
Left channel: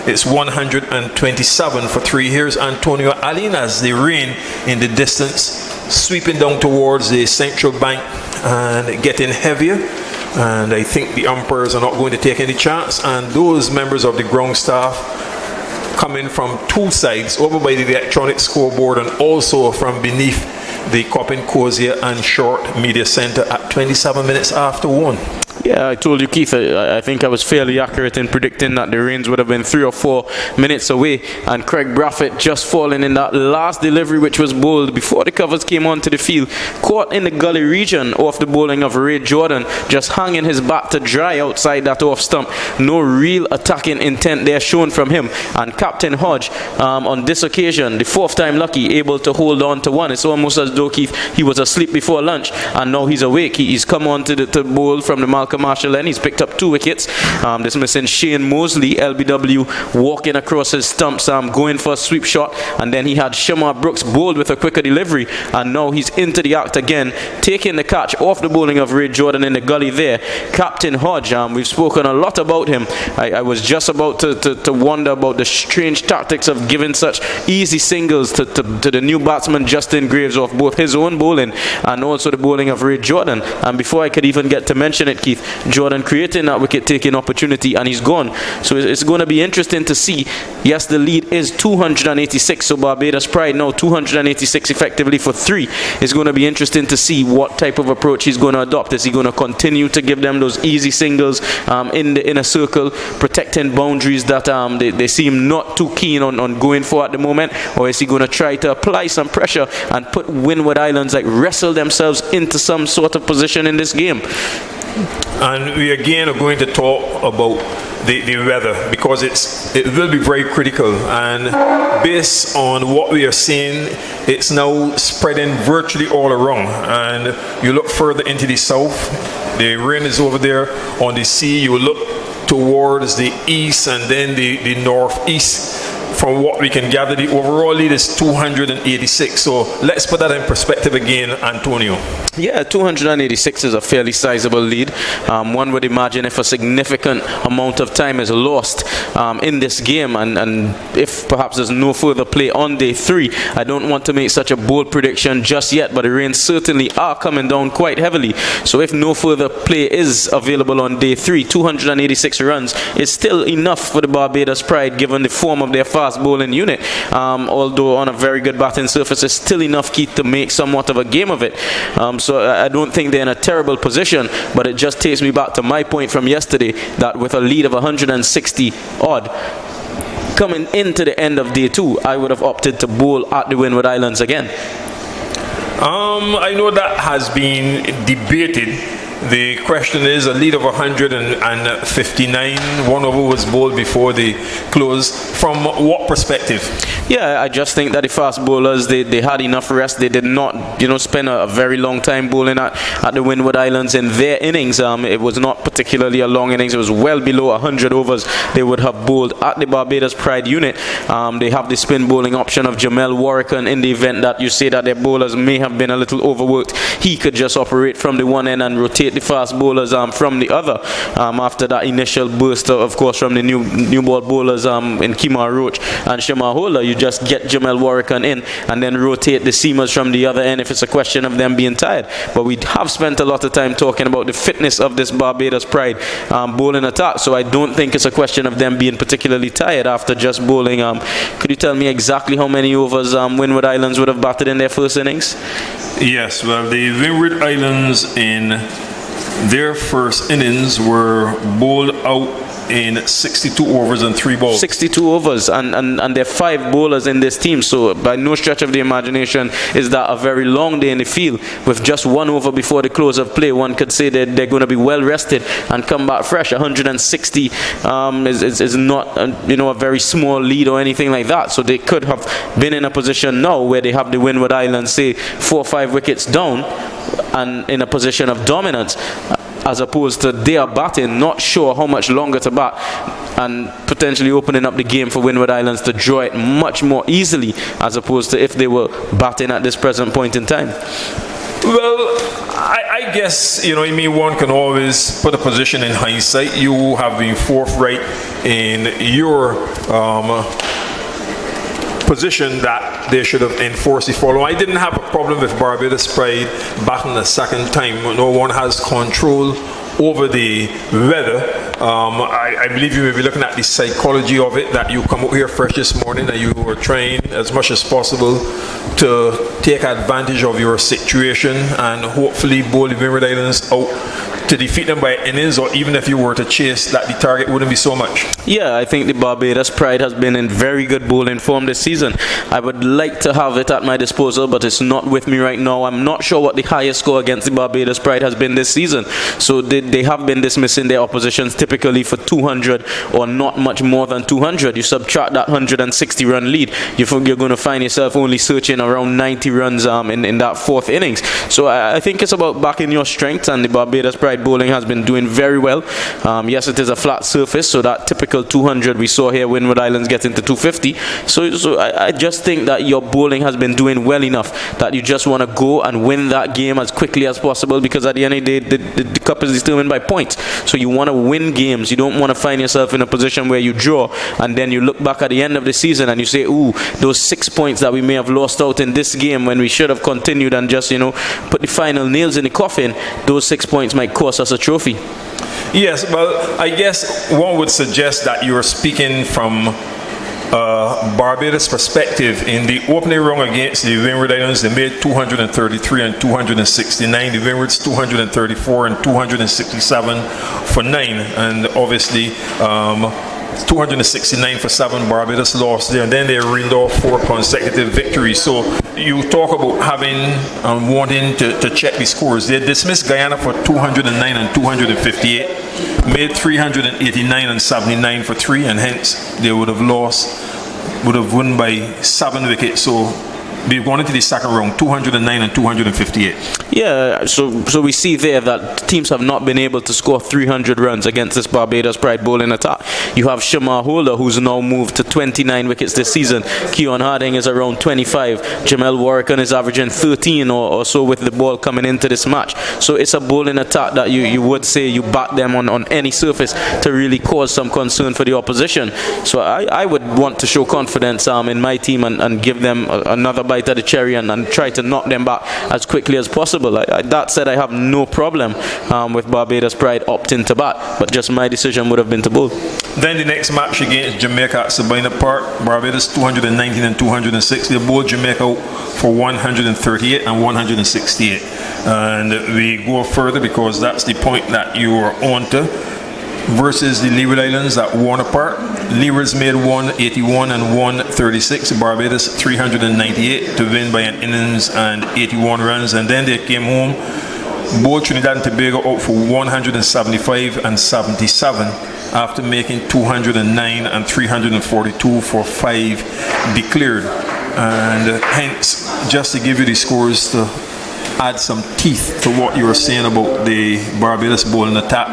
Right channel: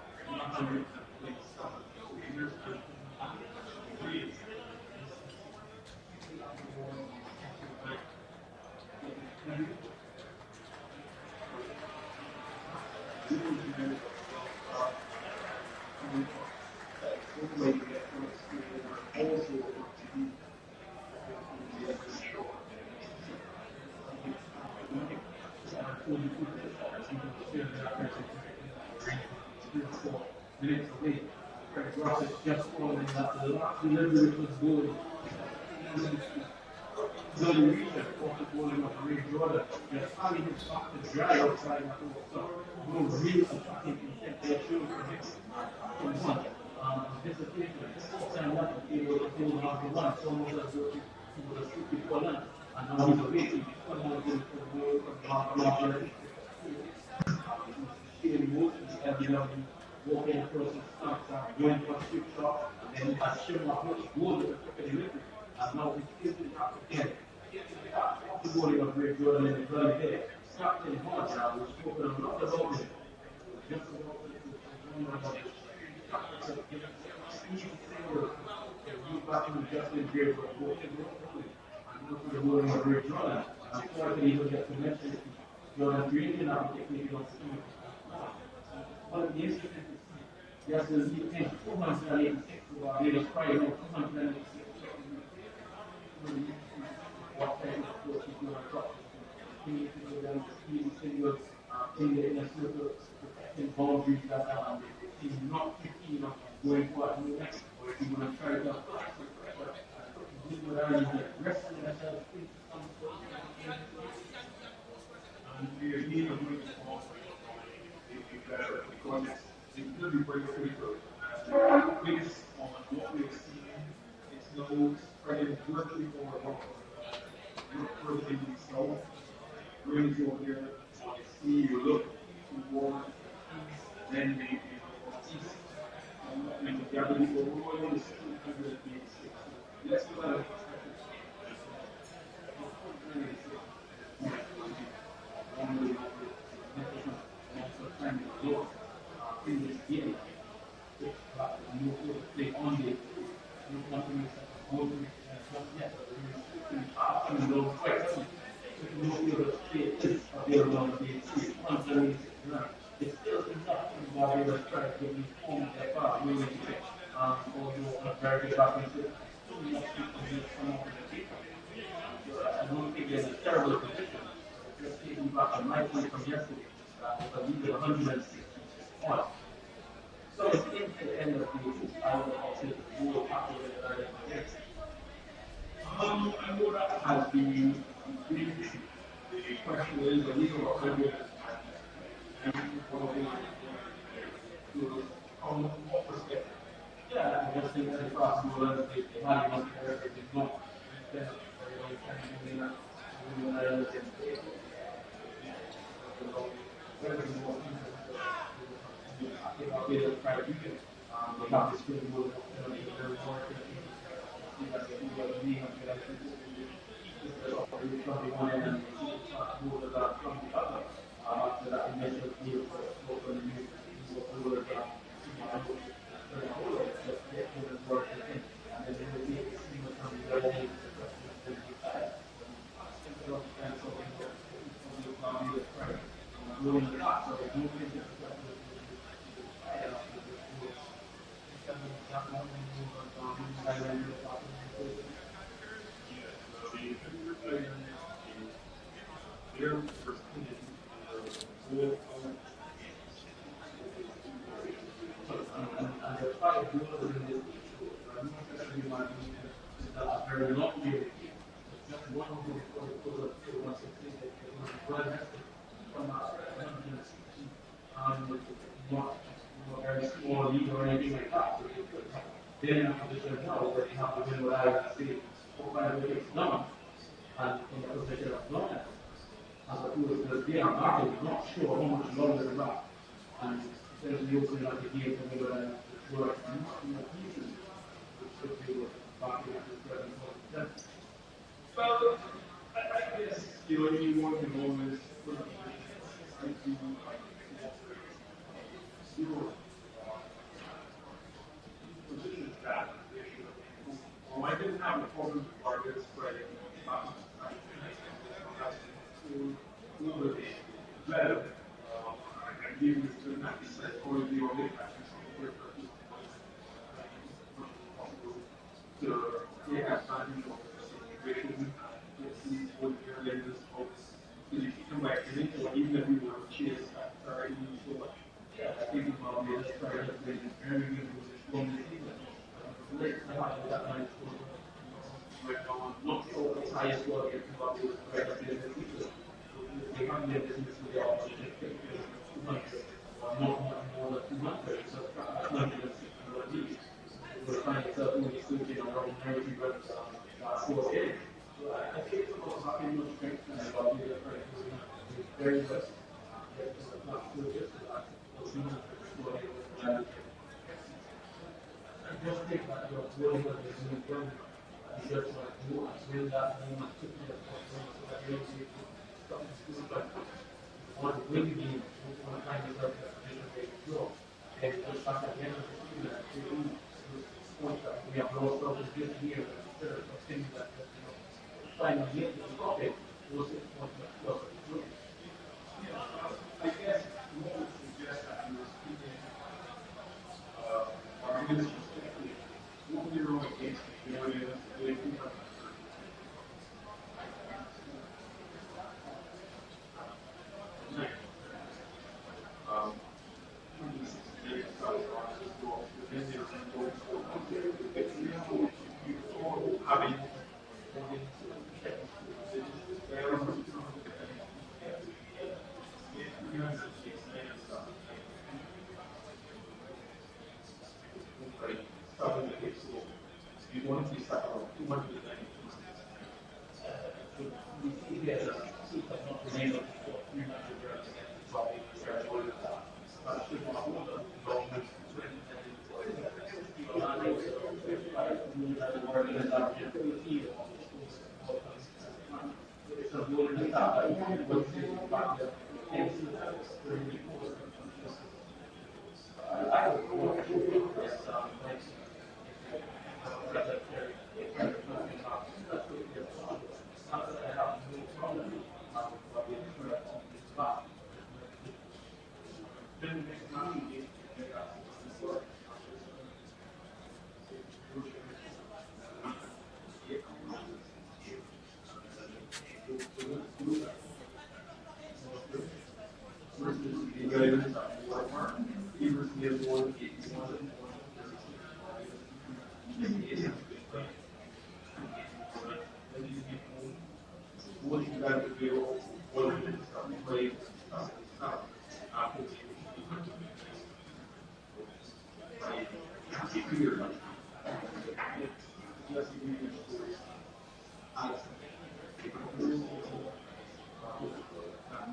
It's 127 for 3. Here's Antonio Allen as the rain in the distance, sweeping down towards the central bank and getting heavier. And I think the umpires are not going to take any chance, and those members of the ground staff coming from 2 sides, over by the electronic scoreboard and also from beneath the Coppin Cozier and Short Media Center at 27 minutes after 1. Yeah, I told you, Keith, I think I was fairly accurate in predicting that the rains would have been 3 or 4 minutes away, and Craig Braffett just falling in that last delivery, which was bowled before the covers came onto the field, caught in the gully region off the bowling of Ray Jordan, just hanging his bat to dry outside that off stump. No real attacking intent there shown from him, and Captain Hodge on this occasion, the 4th time lucky, able to hold on to 1. It's almost as though, Keith, he was asleep before lunch and now he's awake. He's come on to bowl from the Malcolm Marshall end. He's picked up 2 wickets, dismissing Shane Mosley, LBW, walking across his stumps, going for a sweep shot, and then he had Shamar Brooks bowled with a quicker delivery, and now he's into the act again, taking the catch off the bowling of Ray Jordan in the gully there. Captain Hodge, we've spoken a lot about him. I was just about to wonder about the strange tactics of giving such easy singles to the new batsman Justin Graves off both his own bowling and also the bowling of Ray Jordan. And before I could even get to mention it, Keith, Jordan creating that wicket-taking opportunity, and he's gone. So it's going to be interesting to see. Yes, the lead is 286, so Barbados Pride now 286 effectively for 3. It's going to be interesting to see what type of approach he's going to adopt. Is he going to continue to give them those easy singles in the inner circle, protecting boundaries that they seem not too keen on going for at the moment, or is he going to try to apply some pressure and put Windward Islands, like, wrestle themselves into some sort of position in this game? And we again are going to talk about the weather, because it will be very critical. And based on what we are seeing, it's now spreading virtually all around. And you look further into the south, the rain is over there on the sea. You look towards the east and then the northeast. From what we can gather, the overall lead is 286. So let's put that in perspective again, Antonio. Yeah, 286 is a fairly sizable lead. One would imagine if a significant amount of time is lost in this game, and if perhaps there's no further play on day 3, I don't want to make such a bold prediction just yet, but the rains certainly are coming down quite heavily. So if no further play is available on day 3, 286 runs is still enough for the Barbados Pride, given the form of their fast bowling unit. Although on a very good batting surface, it's still enough, Keith, to make somewhat of a game of it. So I don't think they're in a terrible position, but it just takes me back to my point from yesterday, that with a lead of 160 odd coming into the end of day 2, I would have opted to bowl at the Windward Islands again. I know that has been debated. The question is, a lead of 159, 1 over was bowled before the close. From what perspective? Yeah, I just think that the fast bowlers, they had enough rest. They did not, spend a very long time bowling at the Windward Islands in their innings. It was not particularly a long innings. It was well below 100 overs they would have bowled at the Barbados Pride unit. They have the spin bowling option of Jamel Warrick, in the event that you say that their bowlers may have been a little overworked. He could just operate from the one end and rotate the fast bowlers from the other. After that initial burst, of course, from the new ball bowlers in Kemar Roach and Shema Hola, you just get Jamel Warrick in and then rotate the seamers from the other end if it's a question of them being tired. But we have spent a lot of time talking about the fitness of this Barbados Pride bowling attack, so I don't think it's a question of them being particularly tired after just bowling. Could you tell me exactly how many overs Windward Islands would have batted in their first innings? Yes, well, the Windward Islands in their first innings were bowled out in 62 overs and 3 balls. 62 overs, and there are 5 bowlers in this team, so by no stretch of the imagination is that a very long day in the field. With just 1 over before the close of play, one could say that they're going to be well rested and come back fresh. 160 is not a very small lead or anything like that, so they could have been in a position now where they have the Windward Islands, say 4 or 5 wickets down and in a position of dominance, as opposed to they are batting, not sure how much longer to bat, and potentially opening up the game for Windward Islands to draw it much more easily, as opposed to if they were batting at this present point in time. Well, I guess, one can always put a position in hindsight. You have been forthright in your position that they should have enforced the follow. I didn't have a problem with Barbados Pride batting a second time. No one has control over the weather. I believe you may be looking at the psychology of it, that you come out here fresh this morning and you were trying as much as possible to take advantage of your situation and hopefully bowl the Windward Islands out to defeat them by innings, or even if you were to chase, that the target wouldn't be so much. Yeah, I think the Barbados Pride has been in very good bowling form this season. I would like to have it at my disposal, but it's not with me right now. I'm not sure what the highest score against the Barbados Pride has been this season. So they have been dismissing their oppositions typically for 200 or not much more than 200. You subtract that 160 run lead, you're going to find yourself only searching around 90 runs in that 4th innings. So I think it's about backing your strengths, and the Barbados Pride bowling has been doing very well. Yes, it is a flat surface, so that typical 200 we saw here, Windward Islands getting to 250. So I just think that your bowling has been doing well enough that you just want to go and win that game as quickly as possible, because at the end of the day, the cup is determined by points. So you want to win games. You don't want to find yourself in a position where you draw and then you look back at the end of the season and you say, ooh, those 6 points that we may have lost out in this game when we should have continued and just, put the final nails in the coffin, those 6 points might cost us a trophy. Yes, well, I guess one would suggest that you're speaking from Barbados perspective. In the opening round against the Windward Islands, they made 233 and 269. The Windwards 234 and 267 for 9. And obviously 269 for 7, Barbados lost there, and then they reeled off 4 consecutive victories. So you talk about having and wanting to check the scores. They dismissed Guyana for 209 and 258. made 389 and 79 for 3, and hence they would have won by 7 wickets. So we've gone into the second round, 209 and 258. Yeah, so we see there that teams have not been able to score 300 runs against this Barbados Pride bowling attack. You have Shamar Holder, who's now moved to 29 wickets this season. Keon Harding is around 25. Jamel Warrican is averaging 13 or so with the ball coming into this match. So it's a bowling attack that you would say you back them on any surface to really cause some concern for the opposition. So I would want to show confidence in my team and give them another bite of the cherry and try to knock them back as quickly as possible. That said, I have no problem with Barbados Pride opting to bat, but just my decision would have been to bowl. Then the next match against Jamaica at Sabina Park, Barbados 219 and 206. They bowled Jamaica for 138 and 168. And we go further because that's the point that you are on to. Versus the Leeward Islands at Warner Park. Leewards made 181 and 136. Barbados 398 to win by an innings and 81 runs. And then they came home. Both Trinidad and Tobago out for 175 and 77 after making 209 and 342 for 5 declared. And hence, just to give you the scores to add some teeth to what you were saying about the Barbados bowling attack,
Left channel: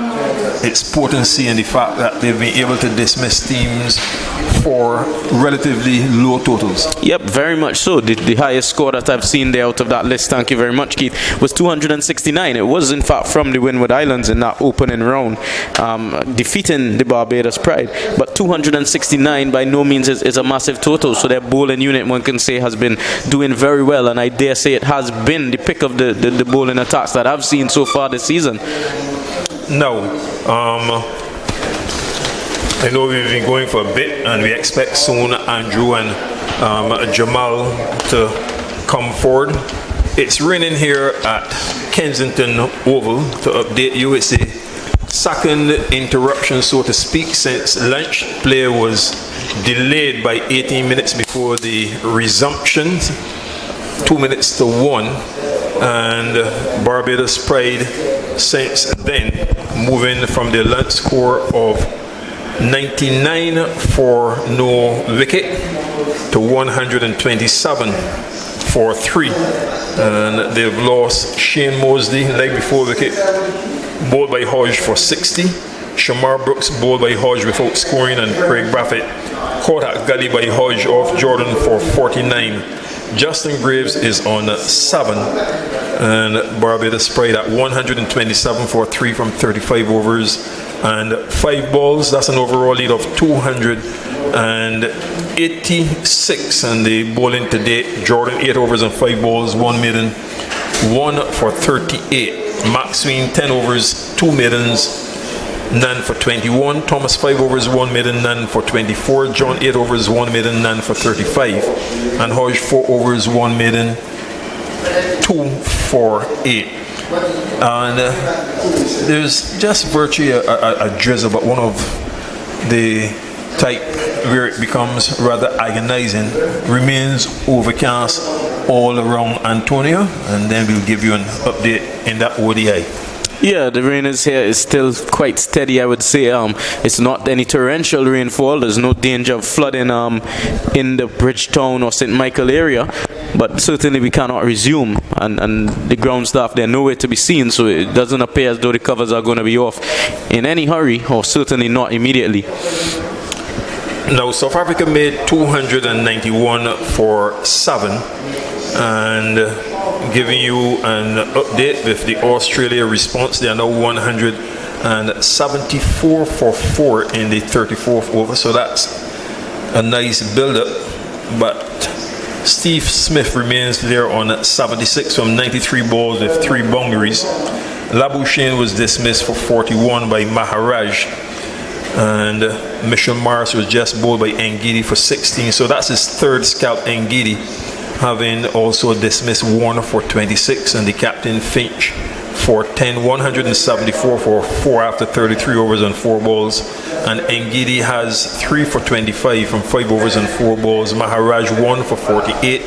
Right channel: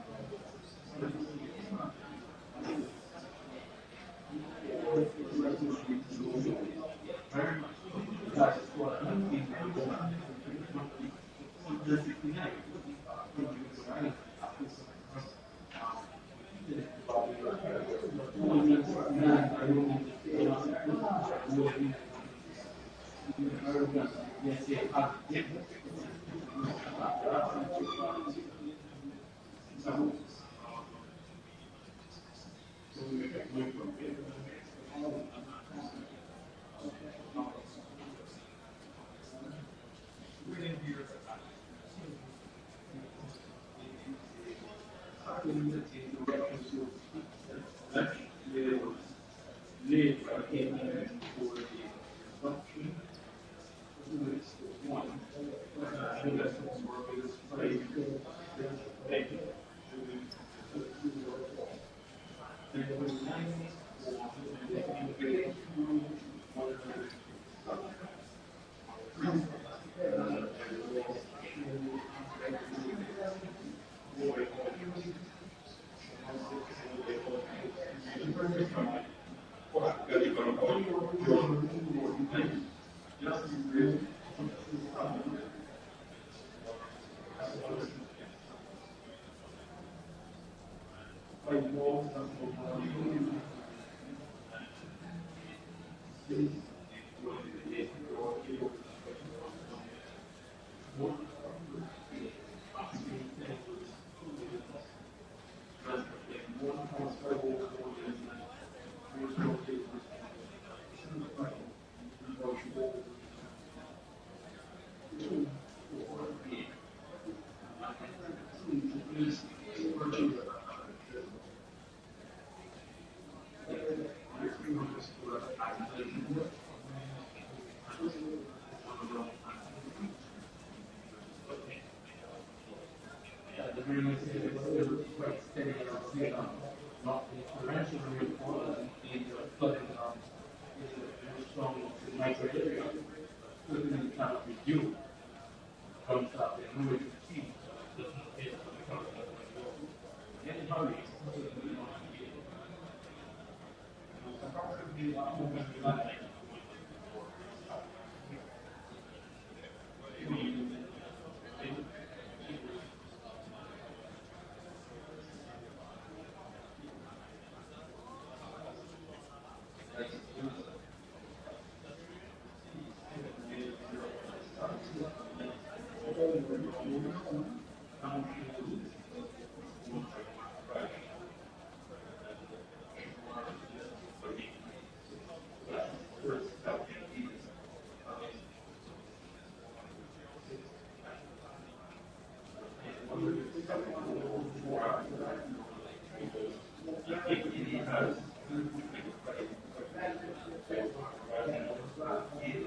its potency and the fact that they've been able to dismiss teams for relatively low totals. Yep, very much so. The highest score that I've seen there out of that list, thank you very much, Keith, was 269. It was in fact from the Windward Islands in that opening round, defeating the Barbados Pride. But 269 by no means is a massive total, so their bowling unit, one can say, has been doing very well, and I dare say it has been the pick of the bowling attacks that I've seen so far this season. No. I know we've been going for a bit, and we expect soon Andrew and Jamal to come forward. It's raining here at Kensington Oval. To update you, it's the second interruption, so to speak, since lunch. Play was delayed by 18 minutes before the resumption, 2 minutes to 1, and Barbados Pride since then moving from the lunch score of 99 for no wicket to 127 for 3, and they've lost Shane Mosley, leg before wicket, bowled by Hodge for 60. Shamar Brooks bowled by Hodge without scoring, and Craig Braffett caught at gully by Hodge off Jordan for 49. Justin Graves is on 7, and Barbados Pride at 127 for 3 from 35 overs and 5 balls. That's an overall lead of 286, and the bowling to date, Jordan 8 overs and 5 balls, 1 maiden, 1 for 38. Max Sween 10 overs, 2 maidens, none for 21. Thomas 5 overs, 1 maiden, none for 24. John 8 overs, 1 maiden, none for 35. And Hodge 4 overs, 1 maiden, 2 for 8. And there's just virtually a drizzle, but one of the type where it becomes rather agonizing. Remains overcast all around Antonio, and then we'll give you an update in that ODI. Yeah, the rain is here. It's still quite steady, I would say. It's not any torrential rainfall. There's no danger of flooding in the Bridgetown or St. Michael area. But certainly we cannot resume. And the ground staff, they're nowhere to be seen. So it doesn't appear as though the covers are going to be off in any hurry, or certainly not immediately. Now, South Africa made 291 for 7. And giving you an update with the Australia response, they are now 174 for 4 in the 34th over, so that's a nice build-up. But Steve Smith remains there on 76 from 93 balls with 3 boundaries. Labuschagne was dismissed for 41 by Maharaj, and Mitchell Morris was just bowled by Ngidi for 16, so that's his 3rd scalp. Ngidi having also dismissed Warner for 26, and the captain Finch for 10, 174 for 4 after 33 overs and 4 balls. And Ngidi has 3 for 25 from 5 overs and 4 balls. Maharaj 1 for 48.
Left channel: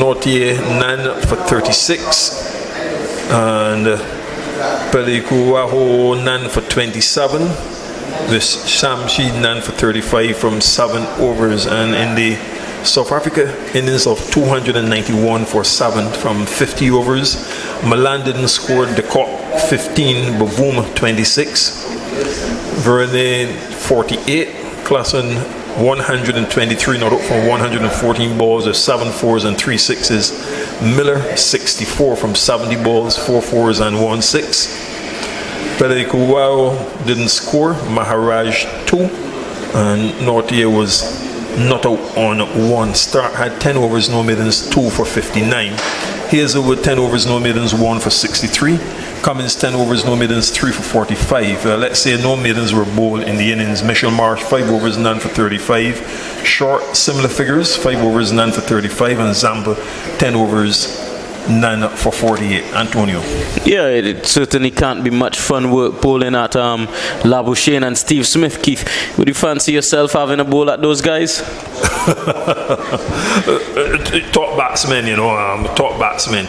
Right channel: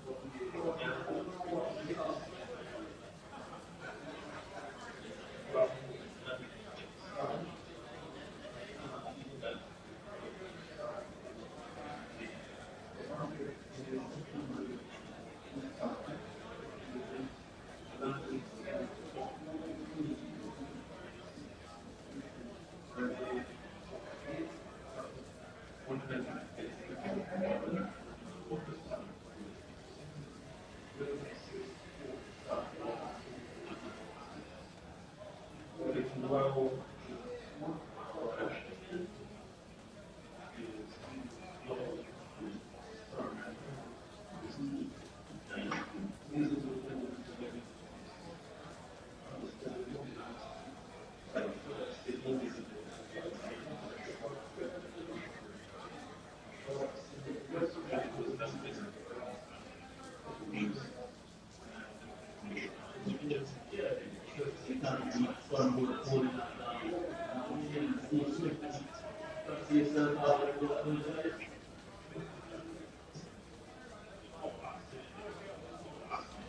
Nortier none for 36. And Pelikuaho none for 27. This Shamshi none for 35 from 7 overs. And in the South Africa innings of 291 for 7 from 50 overs. Milan didn't score. De Kock 15, Bavoom 26, Verne 48, Klassen 123, not out from 114 balls with 7 fours and 3 sixes. Miller 64 from 70 balls, 4 fours and 1 6. Pelikuwao didn't score. Maharaj 2, and Nortier was not out on 1. Stark had 10 overs, no middens, 2 for 59. Hazel with 10 overs, no middens, 1 for 63. Cummins 10 overs, no middens, 3 for 45. Let's say no middens were bowled in the innings. Mitchell Marsh 5 overs, none for 35. Short, similar figures, 5 overs, none for 35. And Zamba 10 overs, none for 48. Antonio. Yeah, it certainly can't be much fun work bowling at Labuschagne and Steve Smith. Keith, would you fancy yourself having a bowl at those guys? Top batsmen, you know, top batsmen,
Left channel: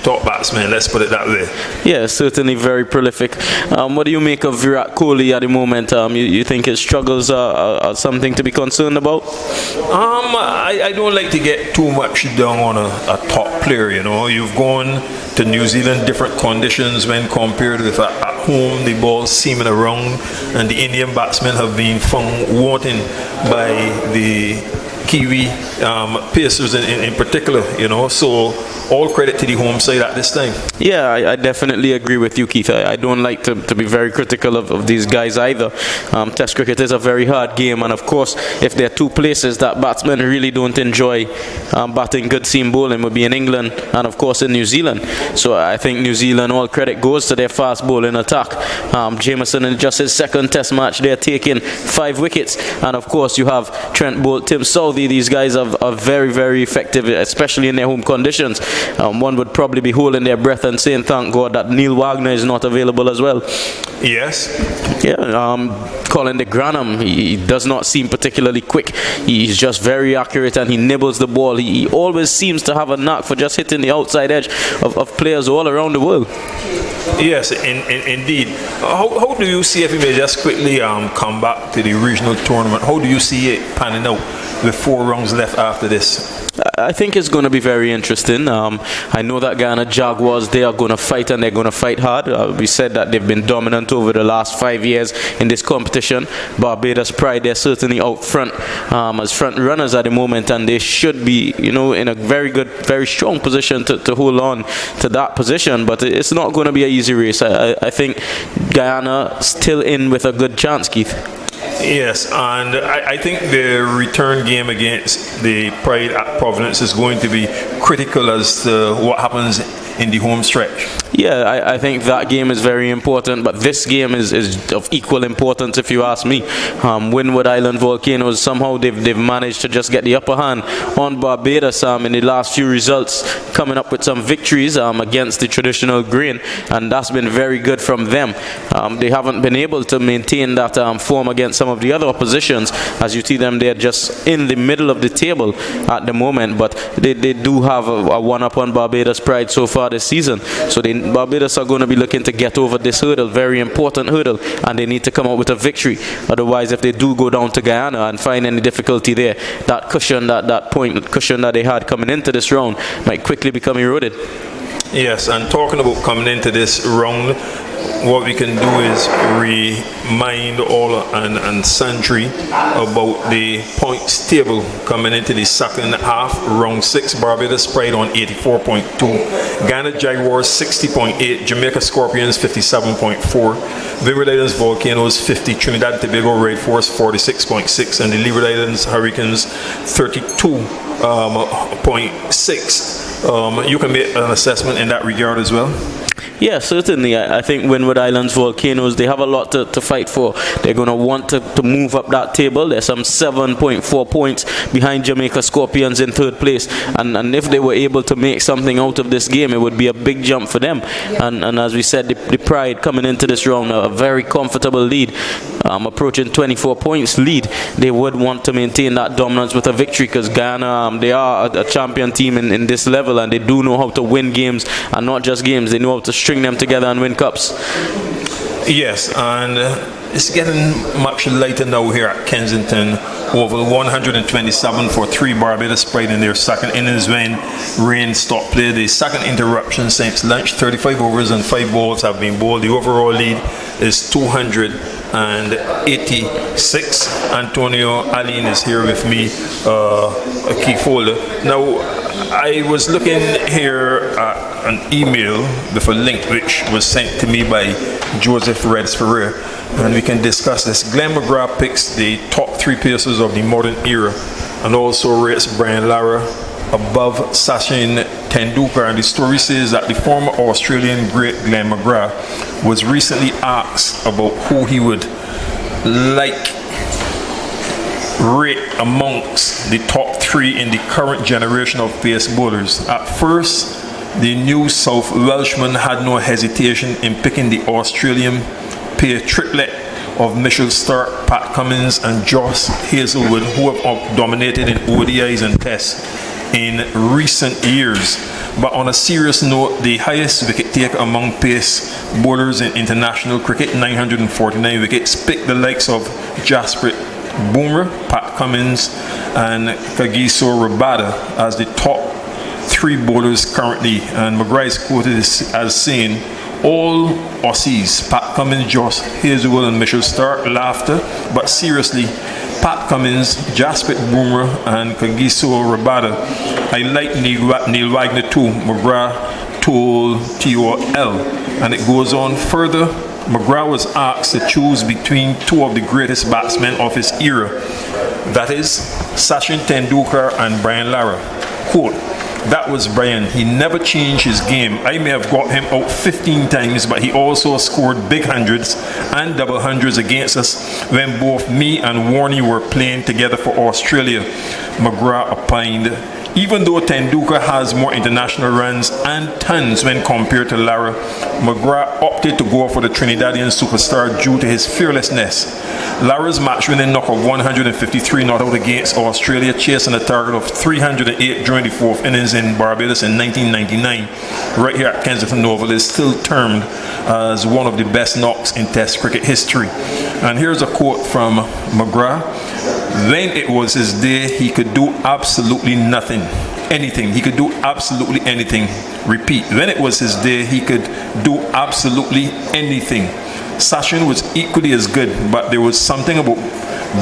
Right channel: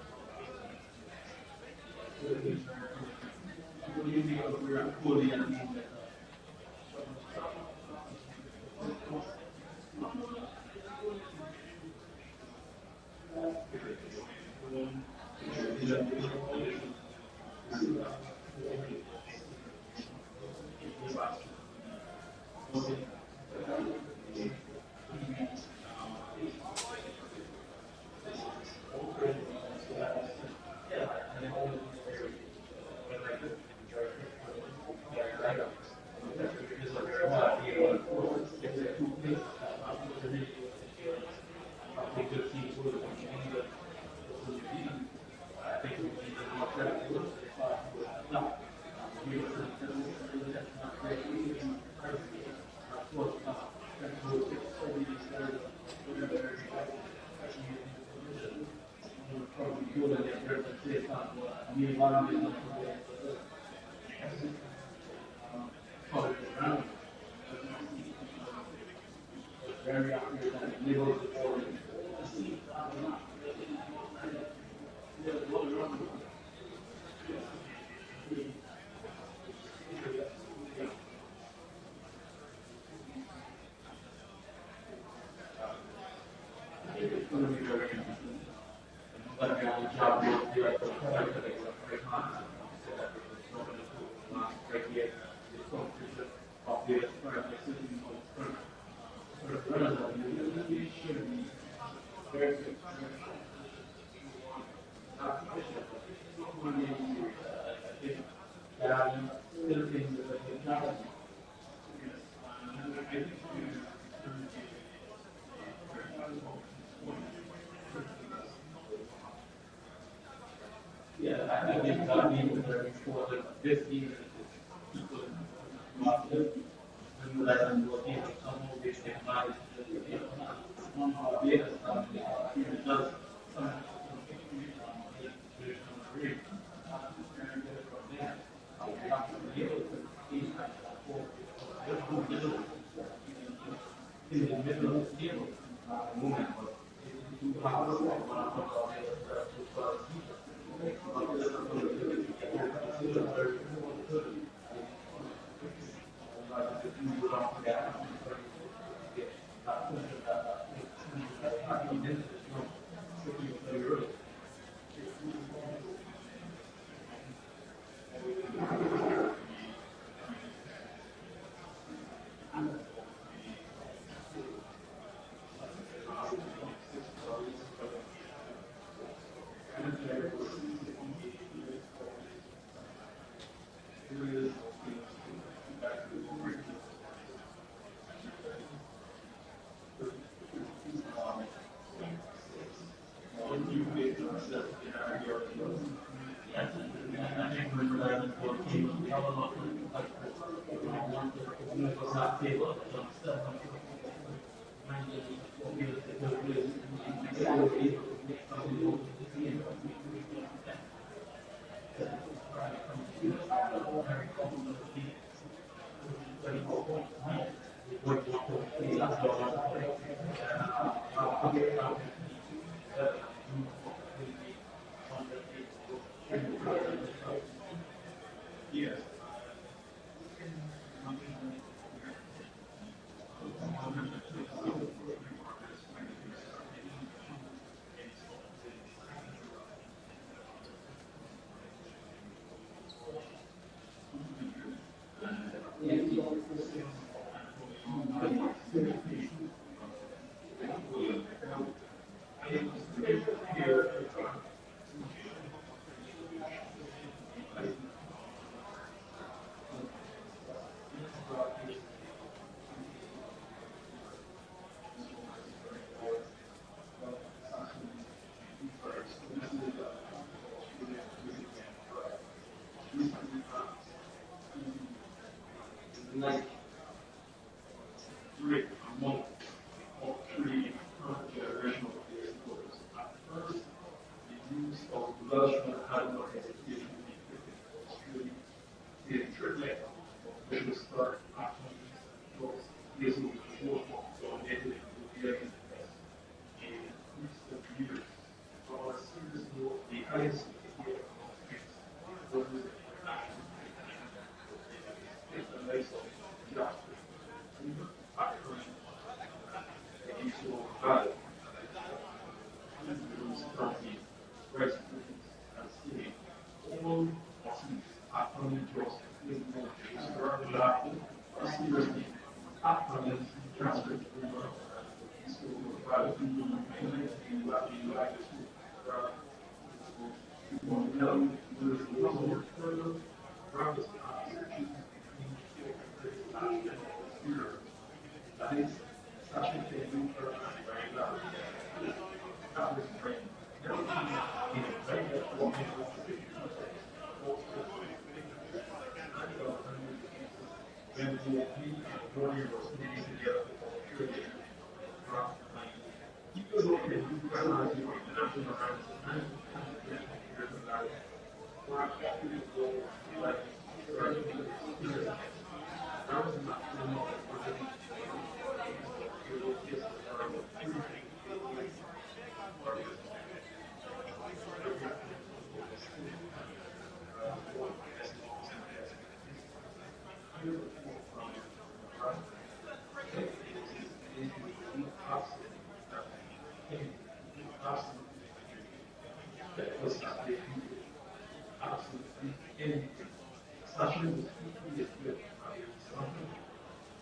let's put it that way. Yeah, certainly very prolific. What do you make of Virat Kohli at the moment? You think his struggles are something to be concerned about? I don't like to get too much down on a top player, you know. You've gone to New Zealand, different conditions when compared with at home, the ball seaming around, and the Indian batsmen have been found wanting by the Kiwi Pacers in particular, you know, so all credit to the home side at this time. Yeah, I definitely agree with you, Keith. I don't like to be very critical of these guys either. Test cricket is a very hard game, and of course, if there are two places that batsmen really don't enjoy batting good seam bowling, would be in England and of course in New Zealand. So I think New Zealand, all credit goes to their fast bowling attack. Jameson in just his second test match, they're taking 5 wickets, and of course you have Trent Bolt, Tim Southee. These guys are very, very effective, especially in their home conditions. One would probably be holding their breath and saying thank God that Neil Wagner is not available as well. Yes. Yeah, Colin de Granham, he does not seem particularly quick. He's just very accurate and he nibbles the ball. He always seems to have a knack for just hitting the outside edge of players all around the world. Yes, indeed. How do you see, if you may just quickly come back to the regional tournament, how do you see it panning out with 4 rounds left after this? I think it's going to be very interesting. I know that Guyana Jaguars, they are going to fight and they're going to fight hard. We said that they've been dominant over the last 5 years in this competition. Barbados Pride, they're certainly out front as front runners at the moment, and they should be, you know, in a very good, very strong position to hold on to that position. But it's not going to be an easy race. I think Guyana still in with a good chance, Keith. Yes, and I think the return game against the Pride at Providence is going to be critical as to what happens in the home stretch. Yeah, I think that game is very important, but this game is of equal importance if you ask me. Windward Island Volcanoes, somehow they've managed to just get the upper hand on Barbados in the last few results, coming up with some victories against the traditional grain, and that's been very good from them. They haven't been able to maintain that form against some of the other oppositions. As you see them, they're just in the middle of the table at the moment, but they do have a one-up on Barbados Pride so far this season. So Barbados are going to be looking to get over this hurdle, very important hurdle, and they need to come out with a victory. Otherwise, if they do go down to Guyana and find any difficulty there, that cushion, that point cushion that they had coming into this round might quickly become eroded. Yes, and talking about coming into this round, what we can do is remind all and sundry about the points table coming into the second half. Round 6, Barbados Pride on 84.2, Ghana Jaguars 60.8, Jamaica Scorpions 57.4, Windward Islands Volcanoes 50, Trinidad and Tobago Red Force 46.6, and the Leeward Islands Hurricanes 32.6. You can make an assessment in that regard as well. Yeah, certainly. I think Windward Islands Volcanoes, they have a lot to fight for. They're going to want to move up that table. They're some 7.4 points behind Jamaica Scorpions in 3rd place. And if they were able to make something out of this game, it would be a big jump for them. And as we said, the Pride coming into this round, a very comfortable lead, approaching 24 points lead. They would want to maintain that dominance with a victory, because Guyana, they are a champion team in this level, and they do know how to win games, and not just games. They know how to string them together and win cups. Yes, and it's getting much lighter now here at Kensington. Over 127 for 3 Barbados Pride in their second innings when rain stopped play. The second interruption since lunch, 35 overs and 5 balls have been bowled. The overall lead is 286. Antonio Aline is here with me, a key folder. Now, I was looking here at an email with a link which was sent to me by Joseph Reds Ferrer, and we can discuss this. Glenn McGrath picks the top 3 pacers of the modern era and also rates Brian Lara above Sachin Tendulkar. And the story says that the former Australian great Glenn McGrath was recently asked about who he would like rate amongst the top 3 in the current generation of pace bowlers. At first, the New South Welshman had no hesitation in picking the Australian pair triplet of Mitchell Starc, Pat Cummins and Josh Hazlewood, who have dominated in ODIs and Tests in recent years. But on a serious note, the highest wicket taker among pace bowlers in international cricket, 949 wickets, picked the likes of Jasprit Bumrah, Pat Cummins and Kagiso Rabada as the top 3 bowlers currently. And McGrath is quoted as saying, all Aussies, Pat Cummins, Josh Hazlewood and Mitchell Starc, laughter, but seriously, Pat Cummins, Jasprit Bumrah and Kagiso Rabada. I like Neil Wagner too, McGrath told TOL. And it goes on further. McGrath was asked to choose between 2 of the greatest batsmen of his era. That is Sachin Tendulkar and Brian Lara. Quote, that was Brian. He never changed his game. I may have got him out 15 times, but he also scored big hundreds and double hundreds against us when both me and Warney were playing together for Australia, McGrath opined. Even though Tendulkar has more international runs and tons when compared to Lara, McGrath opted to go for the Trinidadian superstar due to his fearlessness. Lara's match-winning knock of 153 not out against Australia, chasing a target of 308 during the 4th innings in Barbados in 1999, right here at Kensington Oval, is still termed as one of the best knocks in Test cricket history. And here's a quote from McGrath. When it was his day, he could do absolutely nothing. Anything. He could do absolutely anything. Repeat. When it was his day, he could do absolutely anything. Sachin was equally as good, but there was something about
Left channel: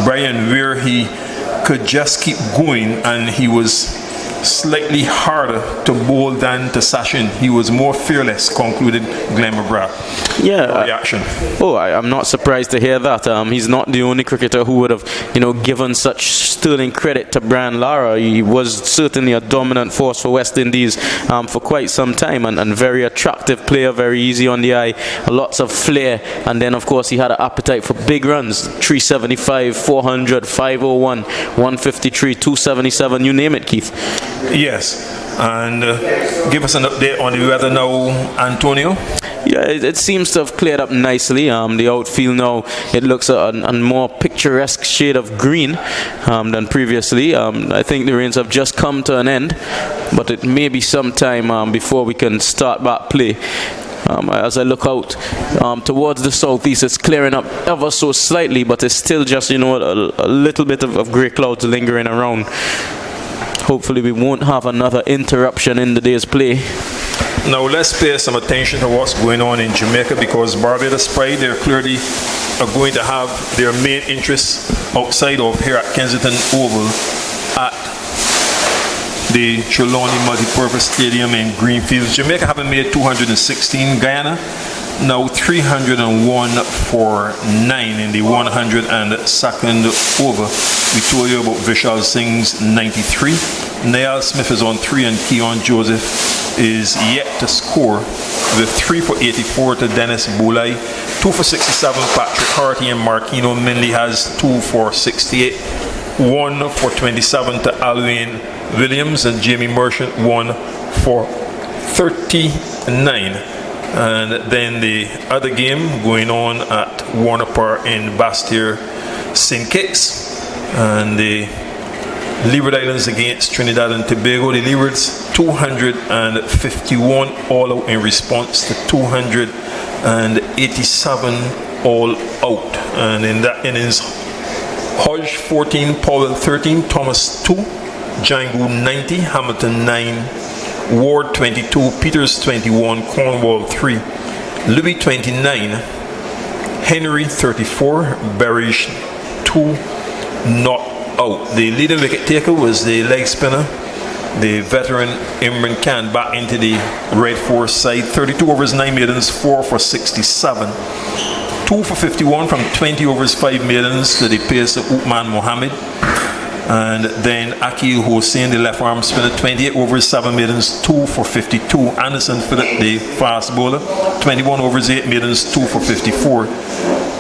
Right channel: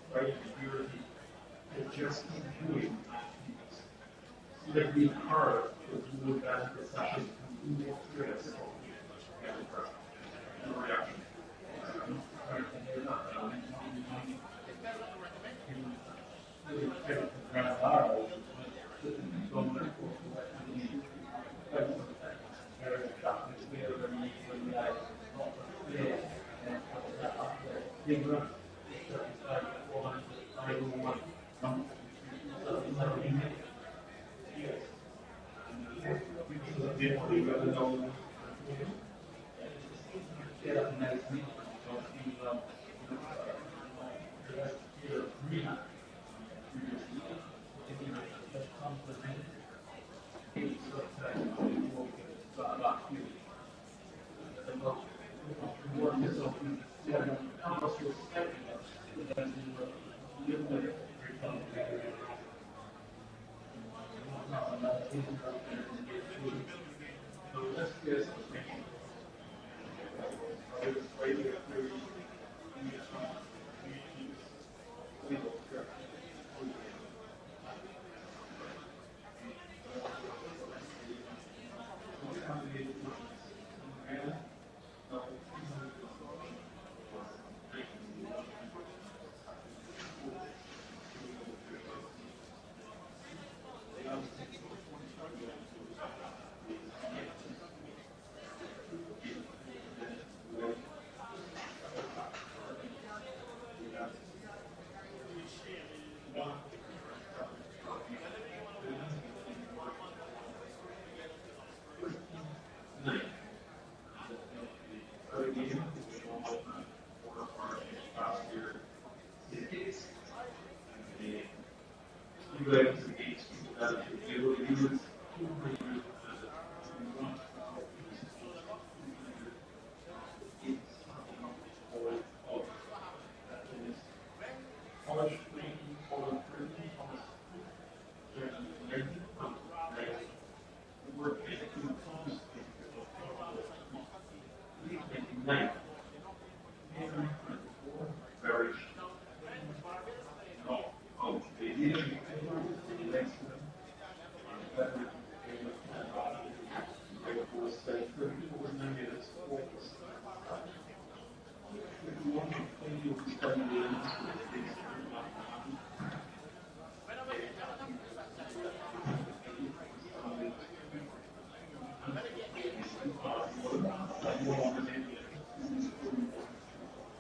Brian where he could just keep going, and he was slightly harder to bowl than to Sachin. He was more fearless, concluded Glenn McGrath. Yeah. Reaction. I'm not surprised to hear that. He's not the only cricketer who would have, given such sterling credit to Brian Lara. He was certainly a dominant force for West Indies for quite some time, and very attractive player, very easy on the eye, lots of flair, and then of course he had an appetite for big runs, 375, 400, 501, 153, 277, you name it, Keith. Yes, and give us an update on the weather now, Antonio. Yeah, it seems to have cleared up nicely. The outfield now, it looks a more picturesque shade of green than previously. I think the rains have just come to an end, but it may be some time before we can start back play. As I look out towards the southeast, it's clearing up ever so slightly, but it's still just, a little bit of grey clouds lingering around. Hopefully we won't have another interruption in the day's play. Now let's pay some attention to what's going on in Jamaica, because Barbados Pride, they're clearly going to have their main interests outside of here at Kensington Oval at the Trelawney Multipurpose Stadium in Greenfields. Jamaica having made 216, Guyana now 301 for 9 in the 102nd over. We told you about Vishal Singh's 93. Niall Smith is on 3 and Keon Joseph is yet to score with 3 for 84 to Dennis Boulay, 2 for 67 Patrick Harty, and Marquino Minley has 2 for 68, 1 for 27 to Alwyn Williams, and Jamie Merchant 1 for 39. And then the other game going on at Warner Park in Bastir, St. Kitts, and the Leeward Islands against Trinidad and Tobago. The Leewards 251 all out in response to 200 and 87 all out. And in that innings, Hodge 14, Powell 13, Thomas 2, Django 90, Hamilton 9, Ward 22, Peters 21, Cornwall 3, Louis 29, Henry 34, Berrish 2, not out. The leading wicket taker was the leg spinner, the veteran Imran Khan, back into the Red Force side. 32 overs, 9 maidens, 4 for 67. 2 for 51 from 20 overs, 5 maidens to the pace of Uthman Mohammed. And then Akil Hossein, the left arm spinner, 28 overs, 7 maidens, 2 for 52. Anderson Phillip, the fast bowler, 21 overs, 8 maidens, 2 for 54.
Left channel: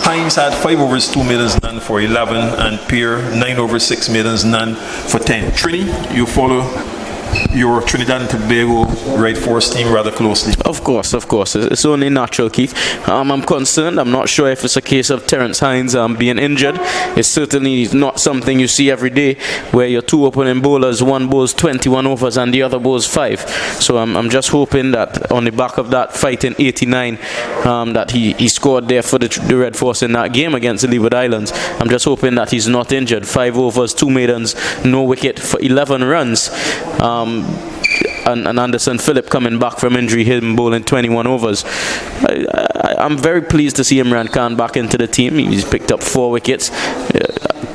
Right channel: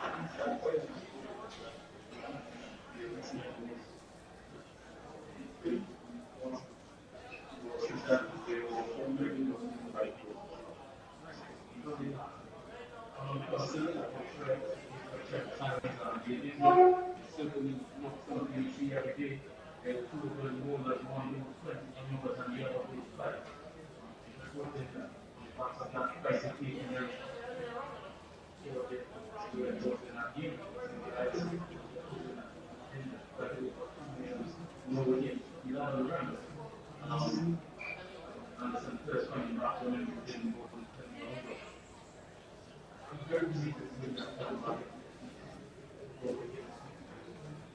Hines had 5 overs, 2 maidens, none for 11. And Pierre, 9 overs, 6 maidens, none for 10. Trini, you follow your Trinidad and Tobago Red Force team rather closely. Of course. It's only natural, Keith. I'm concerned. I'm not sure if it's a case of Terence Hines being injured. It's certainly not something you see every day, where your two opening bowlers, one bowls 21 overs and the other bowls 5. So I'm just hoping that on the back of that fight in 89, that he scored there for the Red Force in that game against the Leeward Islands. I'm just hoping that he's not injured. 5 overs, 2 maidens, no wicket for 11 runs. And Anderson Phillip coming back from injury, him bowling 21 overs. I'm very pleased to see Imran Khan back into the team. He's picked up 4 wickets.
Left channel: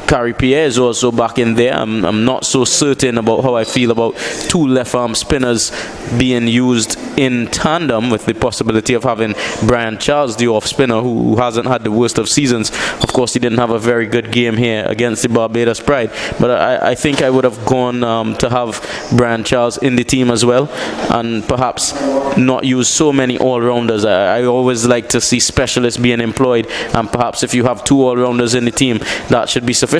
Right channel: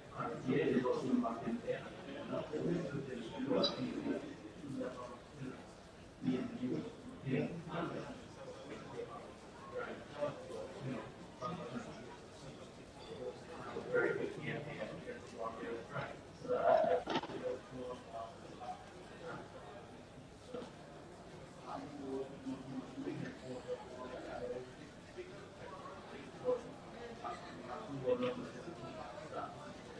Kari Pierre is also back in there. I'm not so certain about how I feel about 2 left-arm spinners being used in tandem, with the possibility of having Brian Charles, the off-spinner, who hasn't had the worst of seasons. Of course, he didn't have a very good game here against the Barbados Pride, but I think I would have gone to have Brian Charles in the team as well, and perhaps not use so many all-rounders. I always like to see specialists being employed, and perhaps if you have 2 all-rounders in the team, that should be sufficient.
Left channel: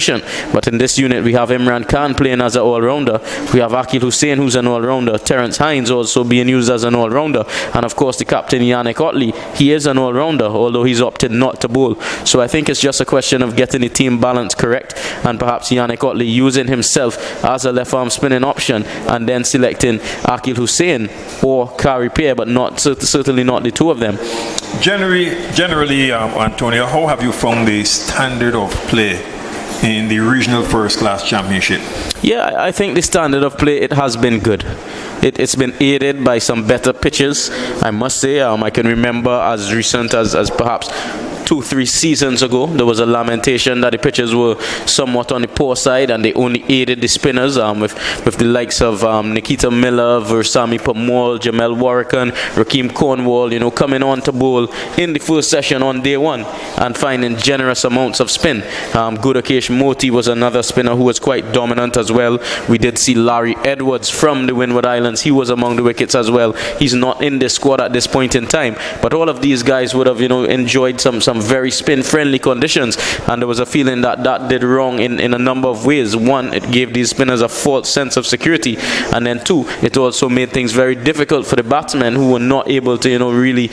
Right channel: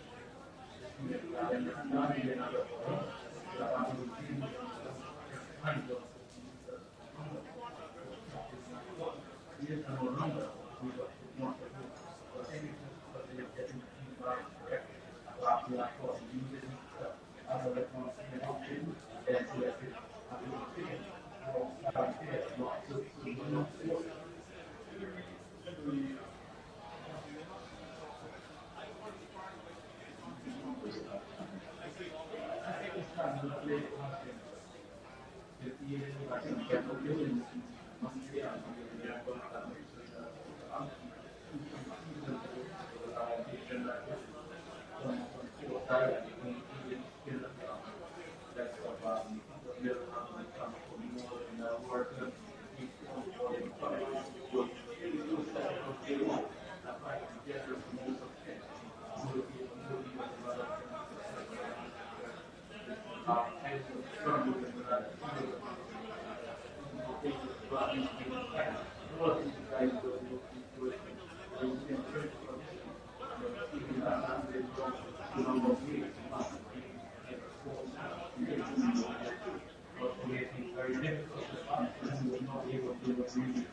But in this unit, we have Imran Khan playing as an all-rounder. We have Akil Hussain, who's an all-rounder. Terence Hines also being used as an all-rounder. And of course, the captain, Yannick Otley, he is an all-rounder, although he's opted not to bowl. So I think it's just a question of getting the team balance correct, and perhaps Yannick Otley using himself as a left-arm spinning option, and then selecting Akil Hussain or Kari Pierre, but certainly not the 2 of them. Generally, Antonio, how have you found the standard of play in the regional first class championship? Yeah, I think the standard of play, it has been good. It's been aided by some better pitches, I must say. I can remember as recent as perhaps 2-3 seasons ago, there was a lamentation that the pitches were somewhat on the poor side, and they only aided the spinners with the likes of Nikita Miller, Versami Pamol, Jamel Warrican, Rakeem Cornwall, coming on to bowl in the first session on day 1 and finding generous amounts of spin. Gudakesh Moti was another spinner who was quite dominant as well. We did see Larry Edwards from the Windward Islands. He was among the wickets as well. He's not in this squad at this point in time, but all of these guys would have enjoyed some very spin-friendly conditions, and there was a feeling that did wrong in a number of ways. 1, it gave these spinners a false sense of security, and then 2, it also made things very difficult for the batsmen, who were not able to really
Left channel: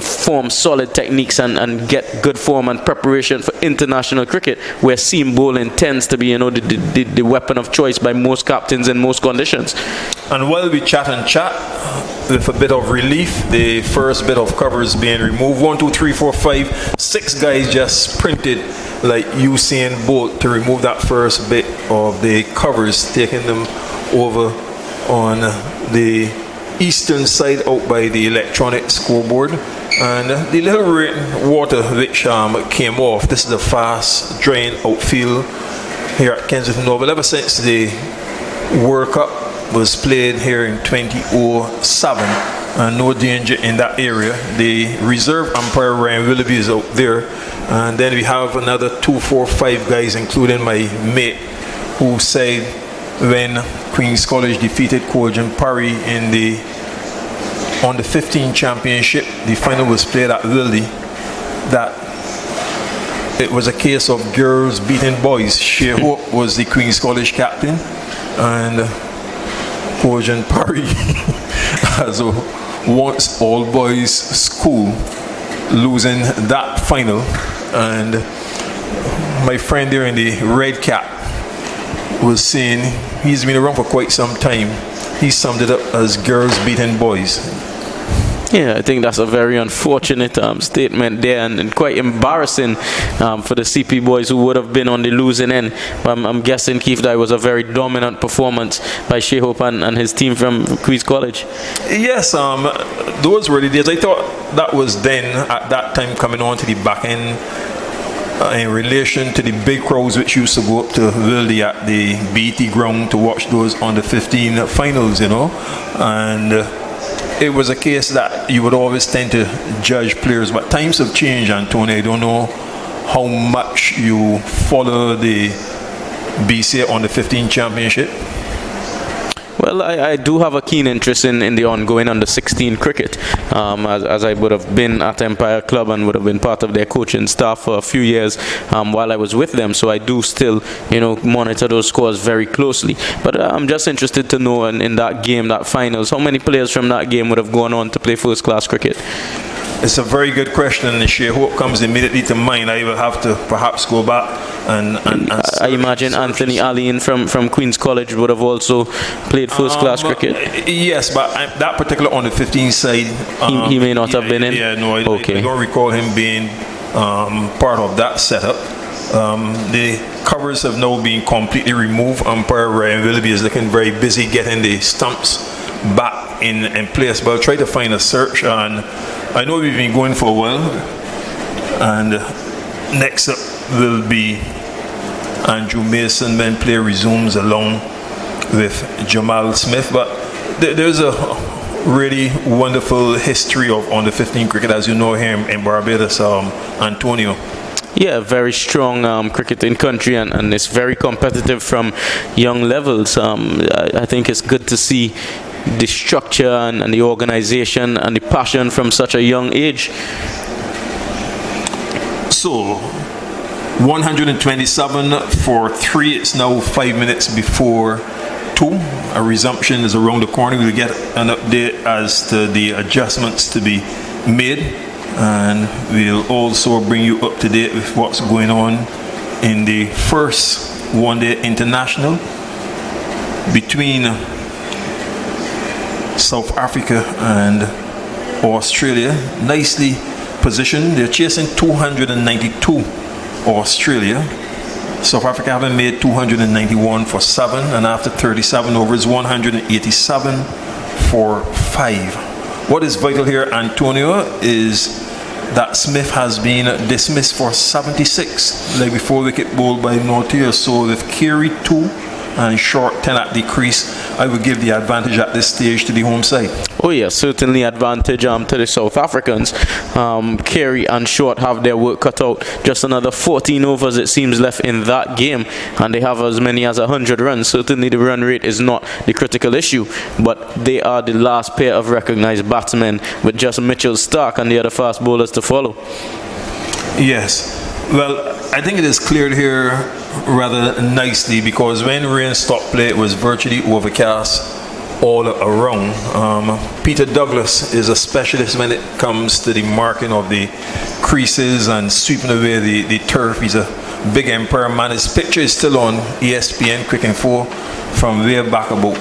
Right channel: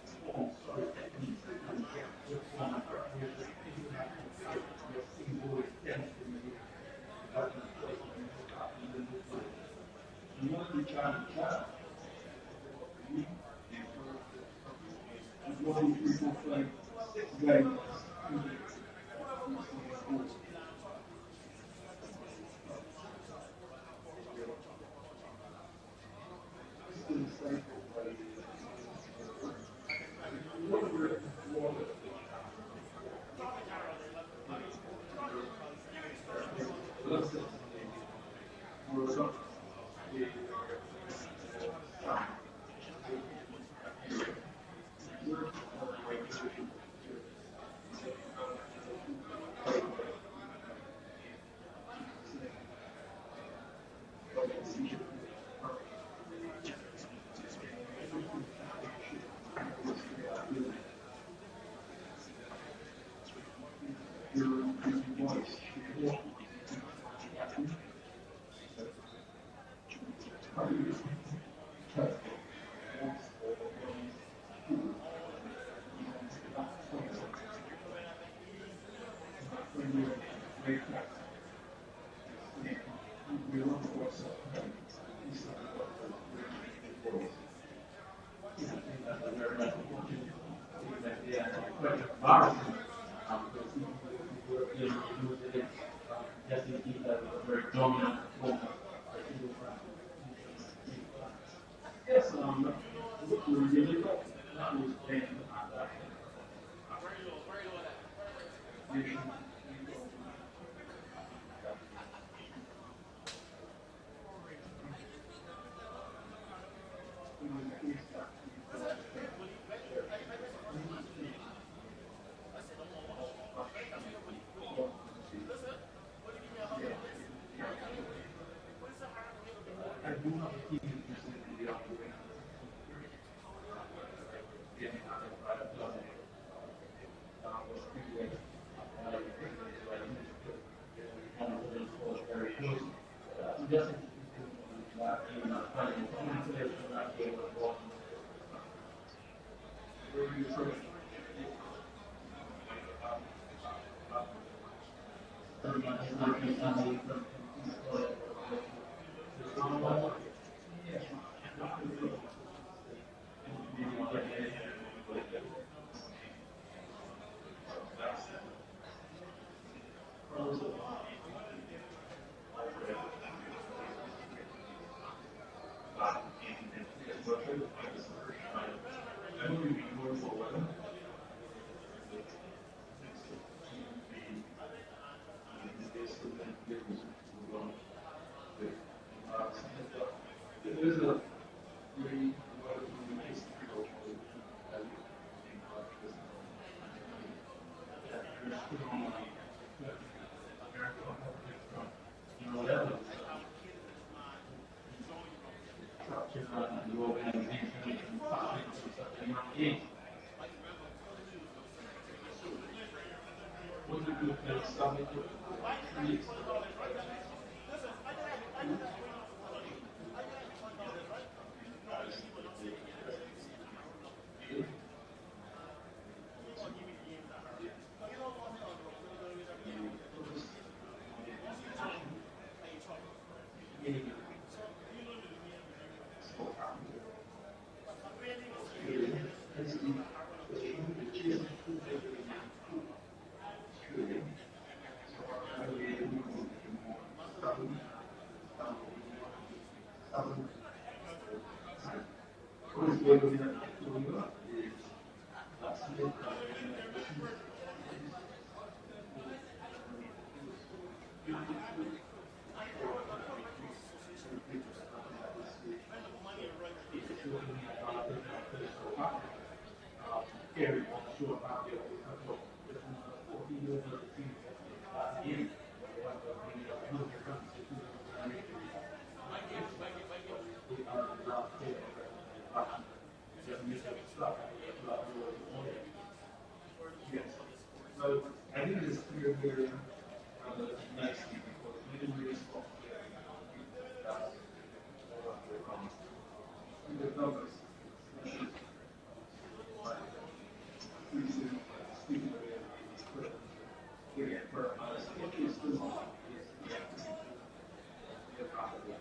form solid techniques and get good form and preparation for international cricket, where seam bowling tends to be the weapon of choice by most captains in most conditions. And while we chat with a bit of relief, the first bit of cover is being removed. 1, 2, 3, 4, 5, 6 guys just sprinted like Usain Bolt to remove that first bit of the covers, taking them over on the eastern side out by the electronic scoreboard. And the little rain water which came off, this is the fast drain outfield here at Kensington Oval. Ever since the World Cup was played here in 2007, and no danger in that area. The reserve umpire Ryan Willoughby is out there, and then we have another 2, 4, 5 guys, including my mate, who said when Queen's College defeated Cojan Parry on the 15 championship, the final was played at Wildy, that it was a case of girls beating boys. Shea Hope was the Queen's College captain, and Cojan Parry as a once all-boys school, losing that final. And my friend there in the red cap was saying he's been around for quite some time. He summed it up as girls beating boys. Yeah, I think that's a very unfortunate statement there, and quite embarrassing for the CP boys who would have been on the losing end. I'm guessing, Keith, that was a very dominant performance by Shea Hope and his team from Queen's College. Yes, those were the days. I thought that was then, at that time, coming on to the back end in relation to the big crowds which used to go up to Wildy at the BT ground to watch those under 15 finals, you know. And it was a case that you would always tend to judge players, but times have changed, Antonio. I don't know how much you follow the BCA on the 15 championship. Well, I do have a keen interest in the ongoing under-16 cricket, as I would have been at Empire Club and would have been part of their coaching staff for a few years while I was with them. So I do still, monitor those scores very closely. But I'm just interested to know in that game, that finals, how many players from that game would have gone on to play first-class cricket? It's a very good question, and Shea Hope comes immediately to mind. I will have to perhaps go back and I imagine Anthony Alleyne from Queen's College would have also played first-class cricket. Yes, but that particular on the 15 side, he may not have been in. Yeah, no, Okay. I don't recall him being part of that setup. The covers have now been completely removed. Umpire Ryan Willoughby is looking very busy getting the stumps back in place. But I'll try to find a search, and I know we've been going for a while. And next up will be Andrew Mason. Men play resumes along with Jamal Smith. But there's a really wonderful history of under 15 cricket, as you know, here in Barbados, Antonio. Yeah, very strong cricketing country, and it's very competitive from young levels. I think it's good to see the structure and the organization and the passion from such a young age. So 127 for 3. It's now 5 minutes before 2. A resumption is around the corner. We'll get an update as to the adjustments to be made, and we'll also bring you up to date with what's going on in the first one-day international between South Africa and Australia. Nicely positioned. They're chasing 292 Australia. South Africa having made 291 for 7, and after 37 overs, 187 for 5. What is vital here, Antonio, is that Smith has been dismissed for 76, like before wicket bowled by Nortier. So with Carey 2 and Short 10 at the crease, I would give the advantage at this stage to the home side. Oh yeah, certainly advantage to the South Africans. Carey and Short have their work cut out. Just another 14 overs it seems left in that game, and they have as many as 100 runs. Certainly the run rate is not the critical issue, but they are the last pair of recognized batsmen, with just Mitchell Stark and the other fast bowlers to follow. Yes, well, I think it is cleared here rather nicely, because when rain stopped play, it was virtually overcast all around. Peter Douglas is a specialist when it comes to the marking of the creases and sweeping away the turf. He's a big Empire man. His picture is still on ESPN Quick Info from way back about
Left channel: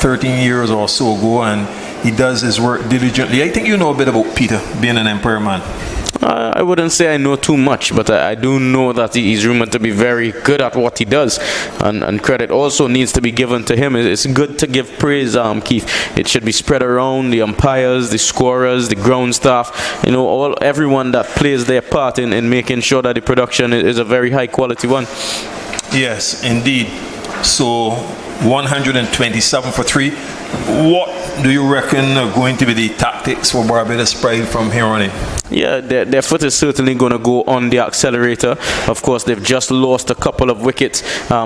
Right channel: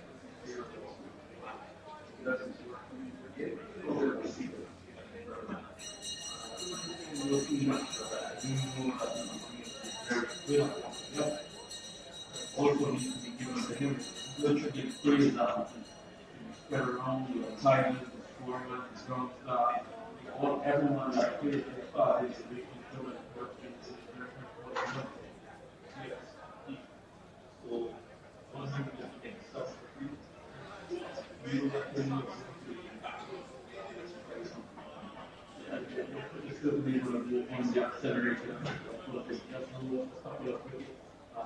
13 years or so ago, and he does his work diligently. I think you know a bit about Peter being an Empire man. I wouldn't say I know too much, but I do know that he's rumored to be very good at what he does, and credit also needs to be given to him. It's good to give praise, Keith. It should be spread around the umpires, the scorers, the ground staff, everyone that plays their part in making sure that the production is a very high quality one. Yes, indeed. So 127 for 3. What do you reckon are going to be the tactics for Barbados Pride from here on in? Yeah, their foot is certainly going to go on the accelerator. Of course, they've just lost a couple of wickets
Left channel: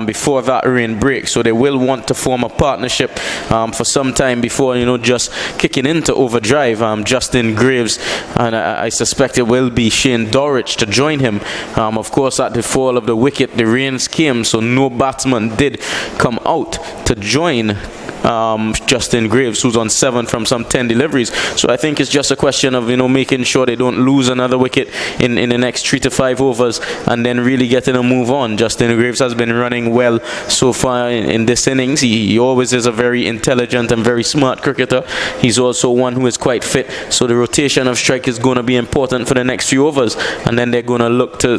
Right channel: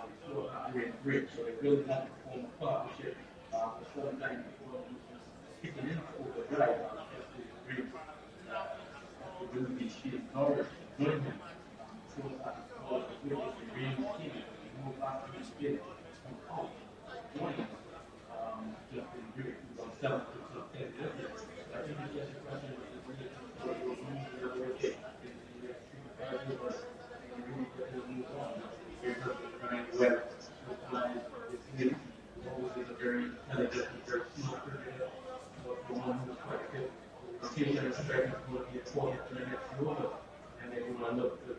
before that rain break, so they will want to form a partnership for some time before, just kicking into overdrive. Justin Graves, and I suspect it will be Shane Dorrich to join him. Of course, at the fall of the wicket, the rains came, so no batsman did come out to join Justin Graves, who's on 7 from some 10 deliveries. So I think it's just a question of, making sure they don't lose another wicket in the next 3 to 5 overs and then really getting a move on. Justin Graves has been running well so far in this innings. He always is a very intelligent and very smart cricketer. He's also one who is quite fit. So the rotation of strike is going to be important for the next few overs. And then they're going to look to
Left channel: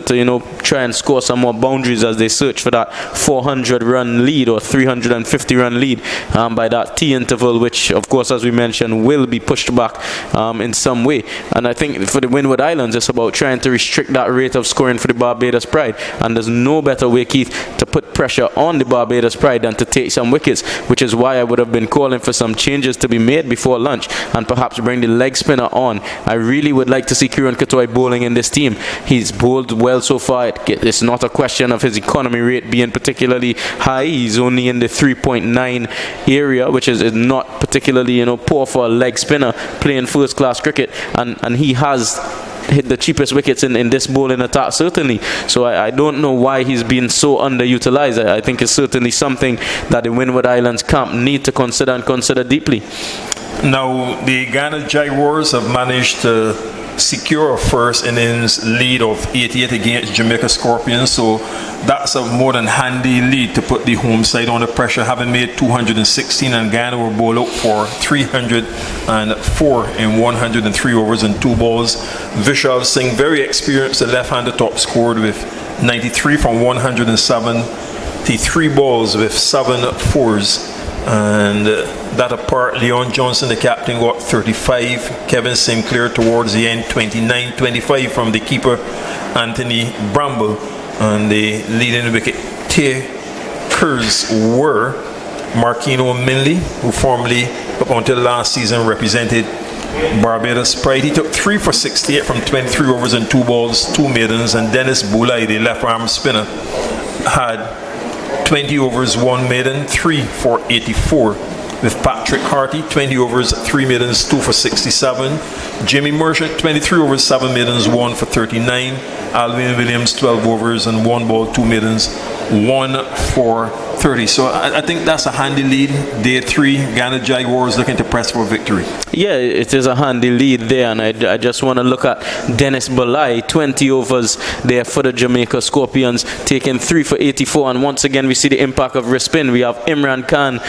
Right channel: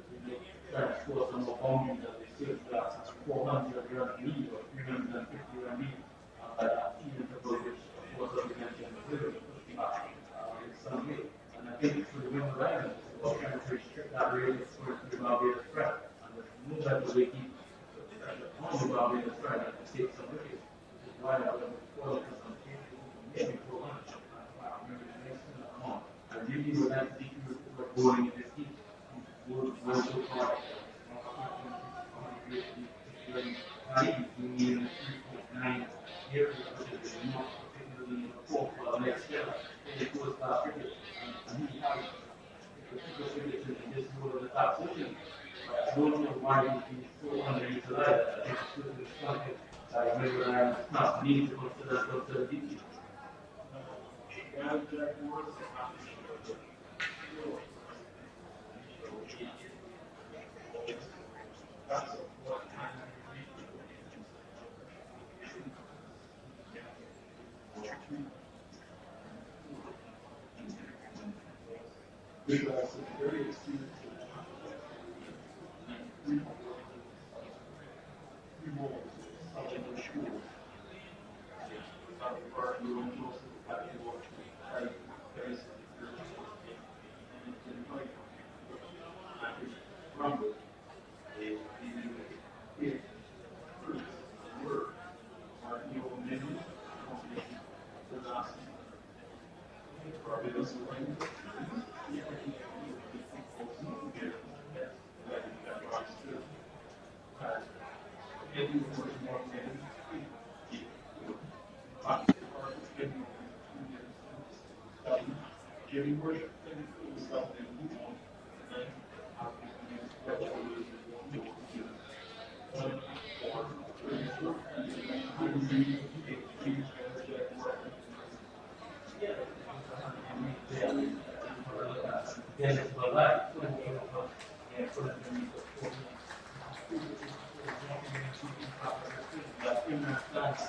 try and score some more boundaries as they search for that 400-run lead or 350-run lead by that T interval, which, of course, as we mentioned, will be pushed back in some way. And I think for the Windward Islands, it's about trying to restrict that rate of scoring for the Barbados Pride. And there's no better way, Keith, to put pressure on the Barbados Pride than to take some wickets, which is why I would have been calling for some changes to be made before lunch and perhaps bring the leg spinner on. I really would like to see Kieran Katoy bowling in this team. He's bowled well so far. It's not a question of his economy rate being particularly high. He's only in the 3.9 area, which is not particularly poor for a leg spinner playing first class cricket, and he has hit the cheapest wickets in this bowling attack, certainly. So I don't know why he's been so underutilized. I think it's certainly something that the Windward Islands camp need to consider and consider deeply. Now, the Ghana Jaguars have managed to secure a first innings lead of 88 against Jamaica Scorpions, so that's a more than handy lead to put the home side under pressure, having made 216, and Ghana were bowled out for 304 in 103 overs and 2 balls. Vishal Singh, very experienced, the left-hander top, scored with 93 from 173 balls with 7 fours. And that apart, Leon Johnson, the captain, got 35. Kevin Sinclair towards the end, 29. 25 from the keeper, Anthony Bramble. And the leading wicket takers were Marquino Minley, who formerly, up until last season, represented Barbados Pride. He took 3 for 68 from 23 overs and 2 balls, 2 maidens. And Dennis Boulay, the left-arm spinner, had 20 overs, 1 maiden, 3 for 84. With Patrick Harty, 20 overs, 3 maidens, 2 for 67. Jimmy Merchant, 23 overs, 7 maidens, 1 for 39. Alvin Williams, 12 overs and 1 ball, 2 maidens, 1 for 30. So I think that's a handy lead. Day 3, Ghana Jaguars looking to press for victory. Yeah, it is a handy lead there, and I just want to look at Dennis Balai, 20 overs there for the Jamaica Scorpions, taking 3 for 84, and once again we see the impact of wrist spin. We have Imran Khan,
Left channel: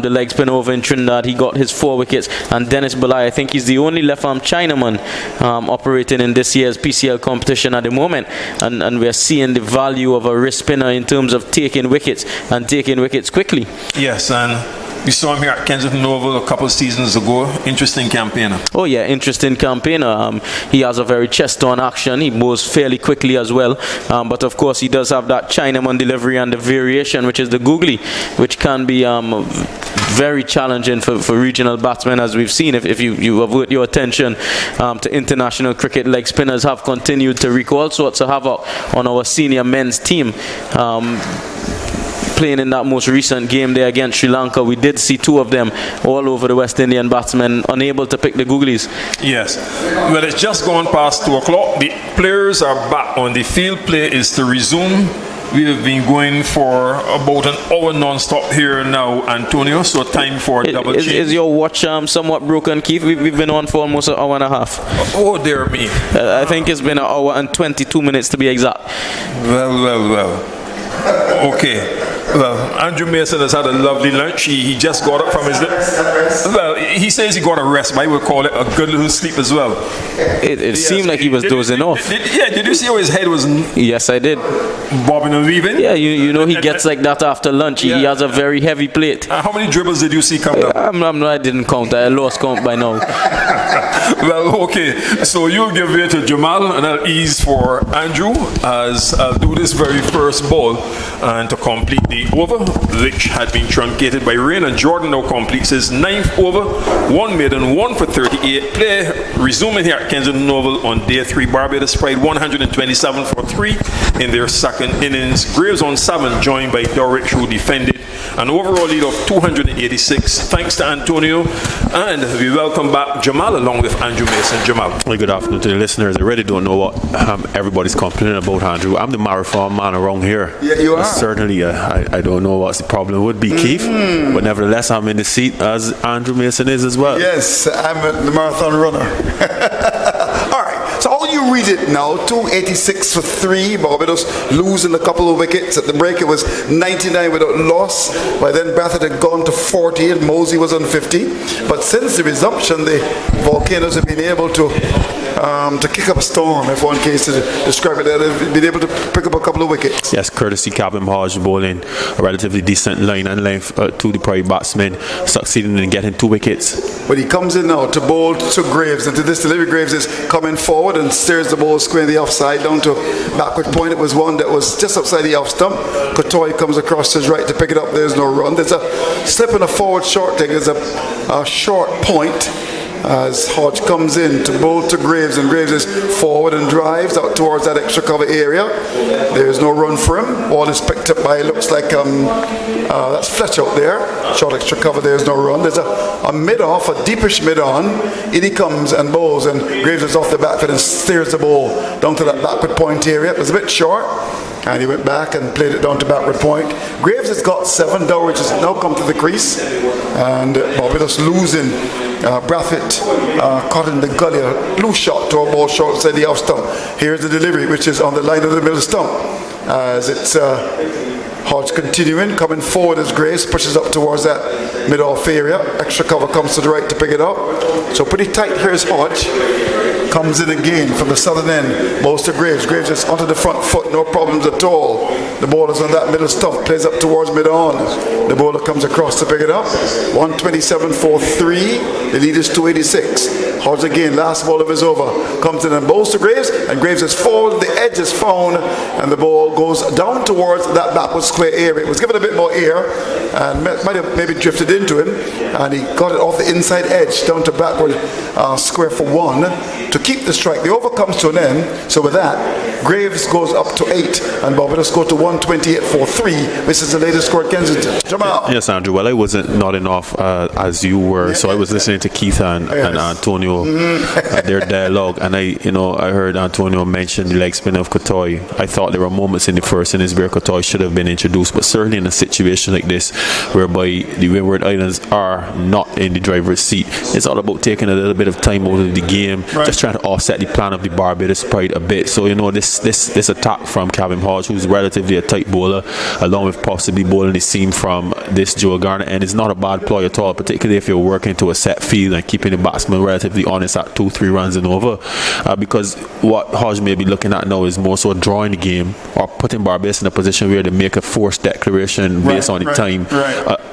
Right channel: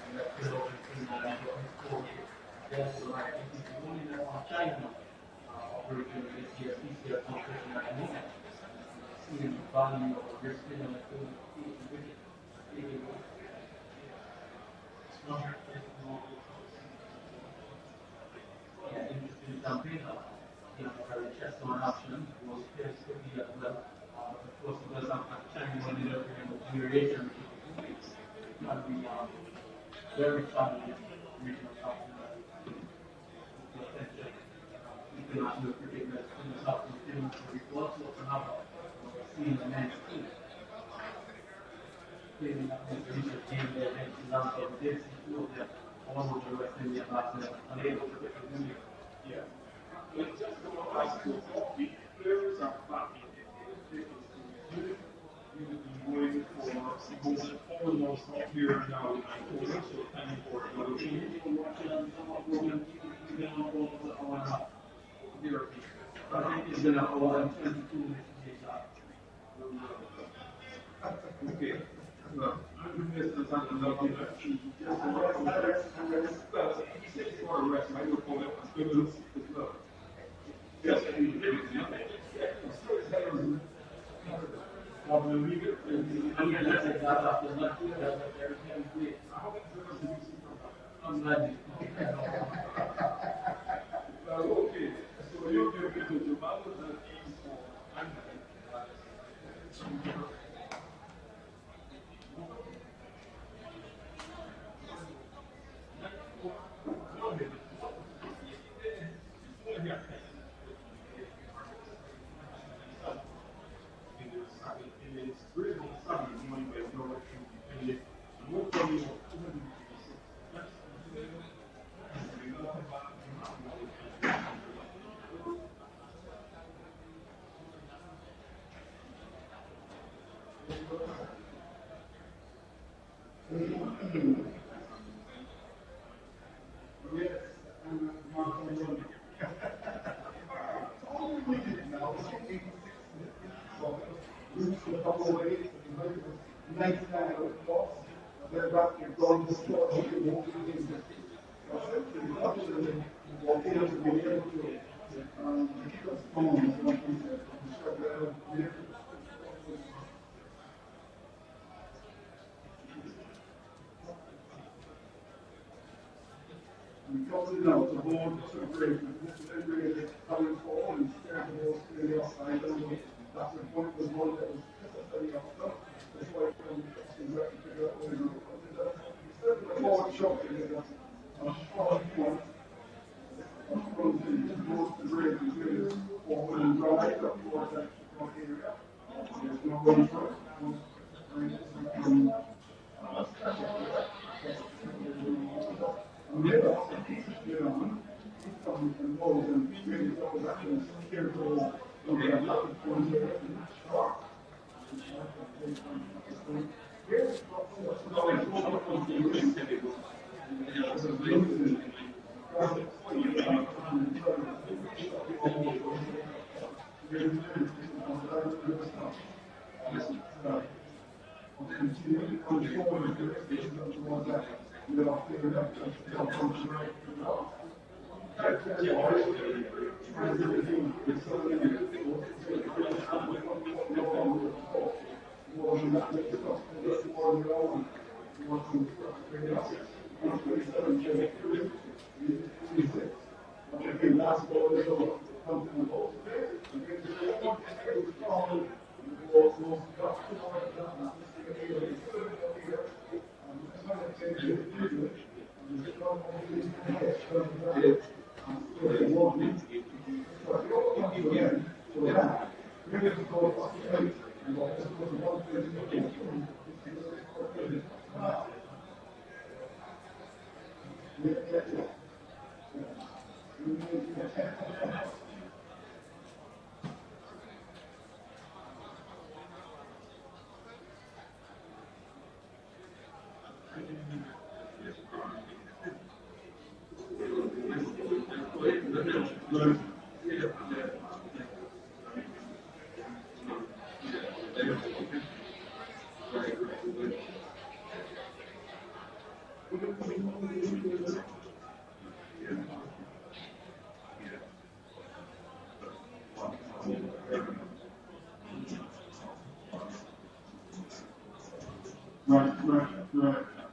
the leg spin over in Trinidad. He got his 4 wickets, and Dennis Balai, I think he's the only left-arm Chinaman operating in this year's PCL competition at the moment, and we're seeing the value of a wrist spinner in terms of taking wickets and taking wickets quickly. Yes, and we saw him here at Kensington Oval a couple of seasons ago. Interesting campaigner. Oh yeah, interesting campaigner. He has a very chest-on action. He moves fairly quickly as well. But of course, he does have that Chinaman delivery and the variation, which is the googly, which can be very challenging for regional batsmen, as we've seen. If you avert your attention to international cricket, leg spinners have continued to wreak all sorts of havoc on our senior men's team. Playing in that most recent game there against Sri Lanka, we did see 2 of them all over the West Indian batsmen, unable to pick the googlies. Yes. Well, it's just gone past 2 o'clock. The players are back on the field. Play is to resume. We have been going for about an hour non-stop here now, Antonio, so time for a double change. Is your watch somewhat broken, Keith? We've been on for almost an hour and a half. Oh, dear me. I think it's been an hour and 22 minutes to be exact. Well. Okay. Well, Andrew Mason has had a lovely lunch. He just got up from his... Well, he says he got a rest, but I would call it a good little sleep as well. It seemed like he was dozing off. Did you see how his head was... Yes, I did. Bobbing and weaving? Yeah, you know he gets like that after lunch. He has a very heavy plate. How many dribbles did you see come down? I didn't count. I lost count by now. Well, okay. So you'll give way to Jamal, and I'll ease for Andrew as I'll do this very first ball. And to complete the over, which had been truncated by rain, and Jordan now completes his 9th over, 1 maiden, 1 for 38. Play resuming here at Kensington Oval on day 3. Barbados Pride 127 for 3 in their second innings. Graves on 7, joined by Dorrich, who defended An overall lead of 286. Thanks to Antonio. And we welcome back Jamal along with Andrew Mason. Jamal. Well, good afternoon to the listeners. I really don't know what everybody's complaining about, Andrew. I'm the marathon man around here. Yeah, you are. Certainly, I don't know what the problem would be, Keith. But nevertheless, I'm in the seat as Andrew Mason is as well. Yes, I'm the marathon runner. All right. So all you read it now, 286 for 3, Barbados losing a couple of wickets. At the break it was 99 without loss. By then Bathurst had gone to 40 and Mosey was on 50. But since the resumption, the Volcanoes have been able to kick up a storm, if one case to describe it. They've been able to pick up a couple of wickets. Yes, courtesy Calvin Hodge bowling a relatively decent line and length to the private batsman, succeeding in getting 2 wickets. But he comes in now to bowl to Graves, and to this delivery, Graves is coming forward and steers the ball square in the offside down to backward point. It was one that was just outside the off stump. Kotoy comes across his right to pick it up. There's no run. There's a slip and a forward short thing. There's a short point as Hodge comes in to bowl to Graves, and Graves is forward and drives out towards that extra cover area. There's no run for him. Ball is picked up by, looks like that's Fletch out there. Short extra cover, there's no run. There's a mid-off, a deepish mid-on. In he comes and bowls, and Graves is off the back foot and steers the ball down to that backward point area. It was a bit short, and he went back and played it down to backward point. Graves has got 7. Dowridge has now come to the crease, and Barbados losing. Brathwaite caught in the gully, a loose shot to a ball short outside the off stump. Here's the delivery, which is on the line of the middle stump. As it's Hodge continuing, coming forward as Graves pushes up towards that mid-off area. Extra cover comes to the right to pick it up. So pretty tight. Here's Hodge. Comes in again from the southern end. Bowls to Graves. Graves is onto the front foot, no problems at all. The ball is on that middle stump, plays up towards mid-on. The bowler comes across to pick it up. 127 for 3. The lead is 286. Hodge again, last ball of his over. Comes in and bowls to Graves, and Graves is forward. The edge is found, and the ball goes down towards that backward square area. It was given a bit more air, and might have maybe drifted into him, and he got it off the inside edge down to backward square for 1 to keep the strike. The over comes to an end. So with that, Graves goes up to 8, and Barbados go to 128 for 3. This is the latest score at Kensington. Jamal. Yes, Andrew. Well, I wasn't nodding off as you were, so I was listening to Keith and Antonio, their dialogue, and I heard Antonio mention the leg spin of Kotoy. I thought there were moments in the first innings where Kotoy should have been introduced, but certainly in a situation like this, whereby the Windward Islands are not in the driver's seat, it's all about taking a little bit of time out of the game, just trying to offset the plan of the Barbados Pride a bit. So this attack from Calvin Hodge, who's relatively a tight bowler, along with possibly bowling the seam from this Joe Garner, and it's not a bad ploy at all, particularly if you're working to a set field and keeping the batsman relatively honest at 2-3 runs and over, because what Hodge may be looking at now is more so drawing the game or putting Barbados in a position where they make a forced declaration based on the time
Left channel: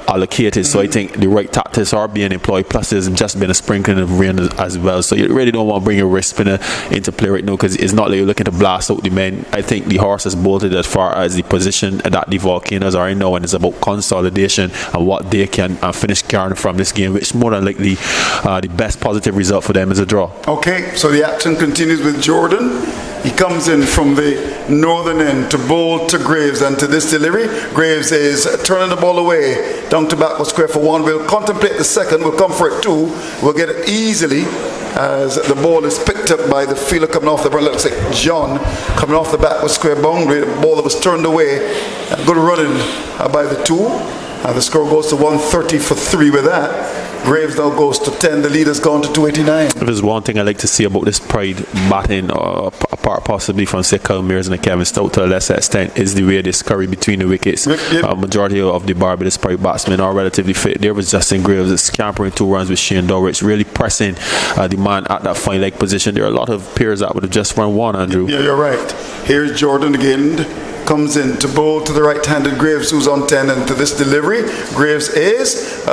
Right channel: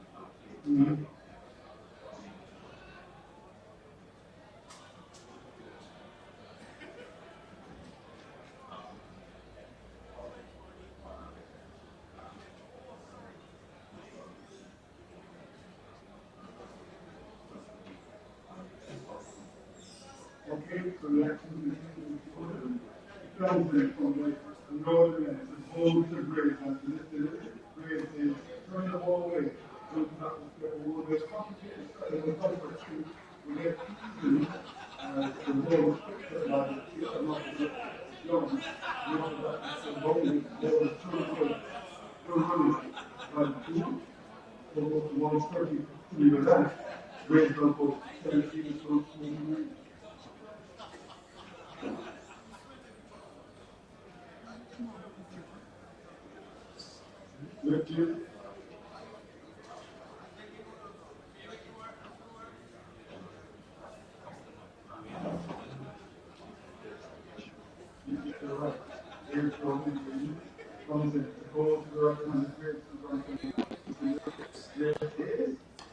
allocated. So I think the right tactics are being employed, plus there's just been a sprinkling of rain as well, so you really don't want to bring a wrist spinner into play right now, because it's not like you're looking to blast out the men. I think the horse has bolted as far as the position that the Volcanoes are in now, and it's about consolidation and what they can finish carrying from this game, which more than likely the best positive result for them is a draw. Okay, so the action continues with Jordan. He comes in from the northern end to bowl to Graves, and to this delivery, Graves is turning the ball away down to backward square for 1. We'll contemplate the second. We'll come for it 2. We'll get it easily as the ball is picked up by the fielder coming off the ball. Looks like John coming off the backward square boundary. The ball that was turned away. Good running by the 2. The score goes to 130 for 3 with that. Graves now goes to 10. The lead has gone to 289. If there's one thing I like to see about this Pride batting, apart possibly from say Kyle Mears and Kevin Stout to a lesser extent, is the way they scurry between the wickets. Majority of the Barbados Pride batsmen are relatively fit. There was Justin Graves scampering 2 runs with Shane Dowridge, really pressing the man at that fine leg position. There are a lot of pairs that would have just run 1, Andrew. Yeah, you're right. Here's Jordan again. Comes in to bowl to the right-handed Graves, who's on 10, and to this delivery, Graves is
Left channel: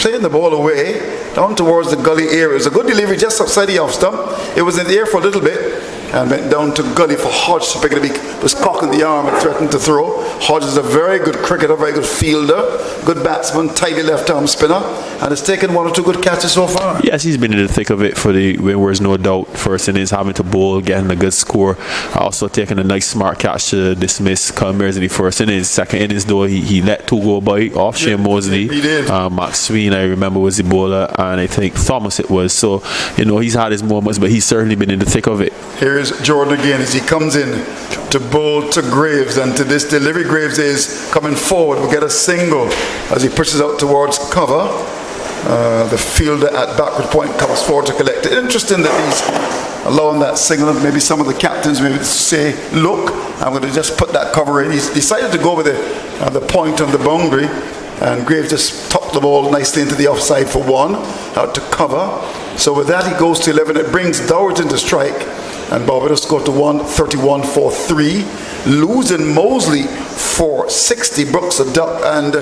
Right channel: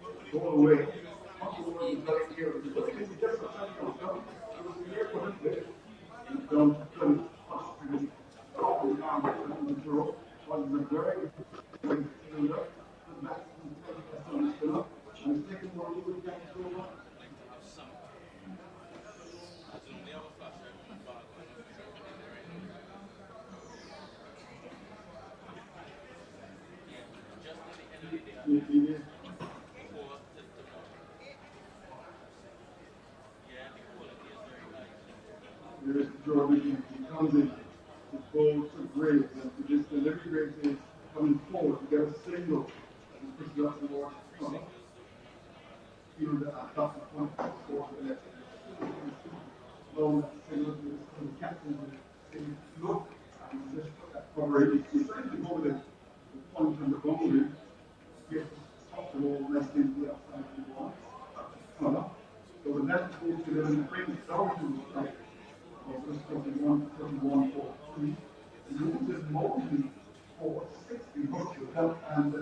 playing the ball away down towards the gully area. It was a good delivery just outside the off stump. It was in the air for a little bit. and went down to gully for Hodge to pick it up. He was cocking the arm and threatened to throw. Hodge is a very good cricketer, very good fielder, good batsman, tidy left arm spinner, and has taken 1 or 2 good catches so far. Yes, he's been in the thick of it for the Windwards, no doubt. First innings, having to bowl, getting a good score. Also taking a nice smart catch to dismiss Culmers in the first innings. Second innings, though, he let 2 go by off Shane Mosley. He did. Max Sween, I remember, was the bowler, and I think Thomas it was. So, he's had his moments, but he's certainly been in the thick of it. Here's Jordan again as he comes in to bowl to Graves, and to this delivery, Graves is coming forward. We'll get a single as he pushes out towards cover. The fielder at backward point comes forward to collect it. Interesting that he's allowing that single. Maybe some of the captains maybe say, look, I'm going to just put that cover in. He's decided to go with the point on the boundary, and Graves just tucked the ball nicely into the offside for 1, out to cover. So with that, he goes to 11. It brings Dowers into strike, and Barbados go to 131 for 3, losing Mosley for 60, Brooks a duck, and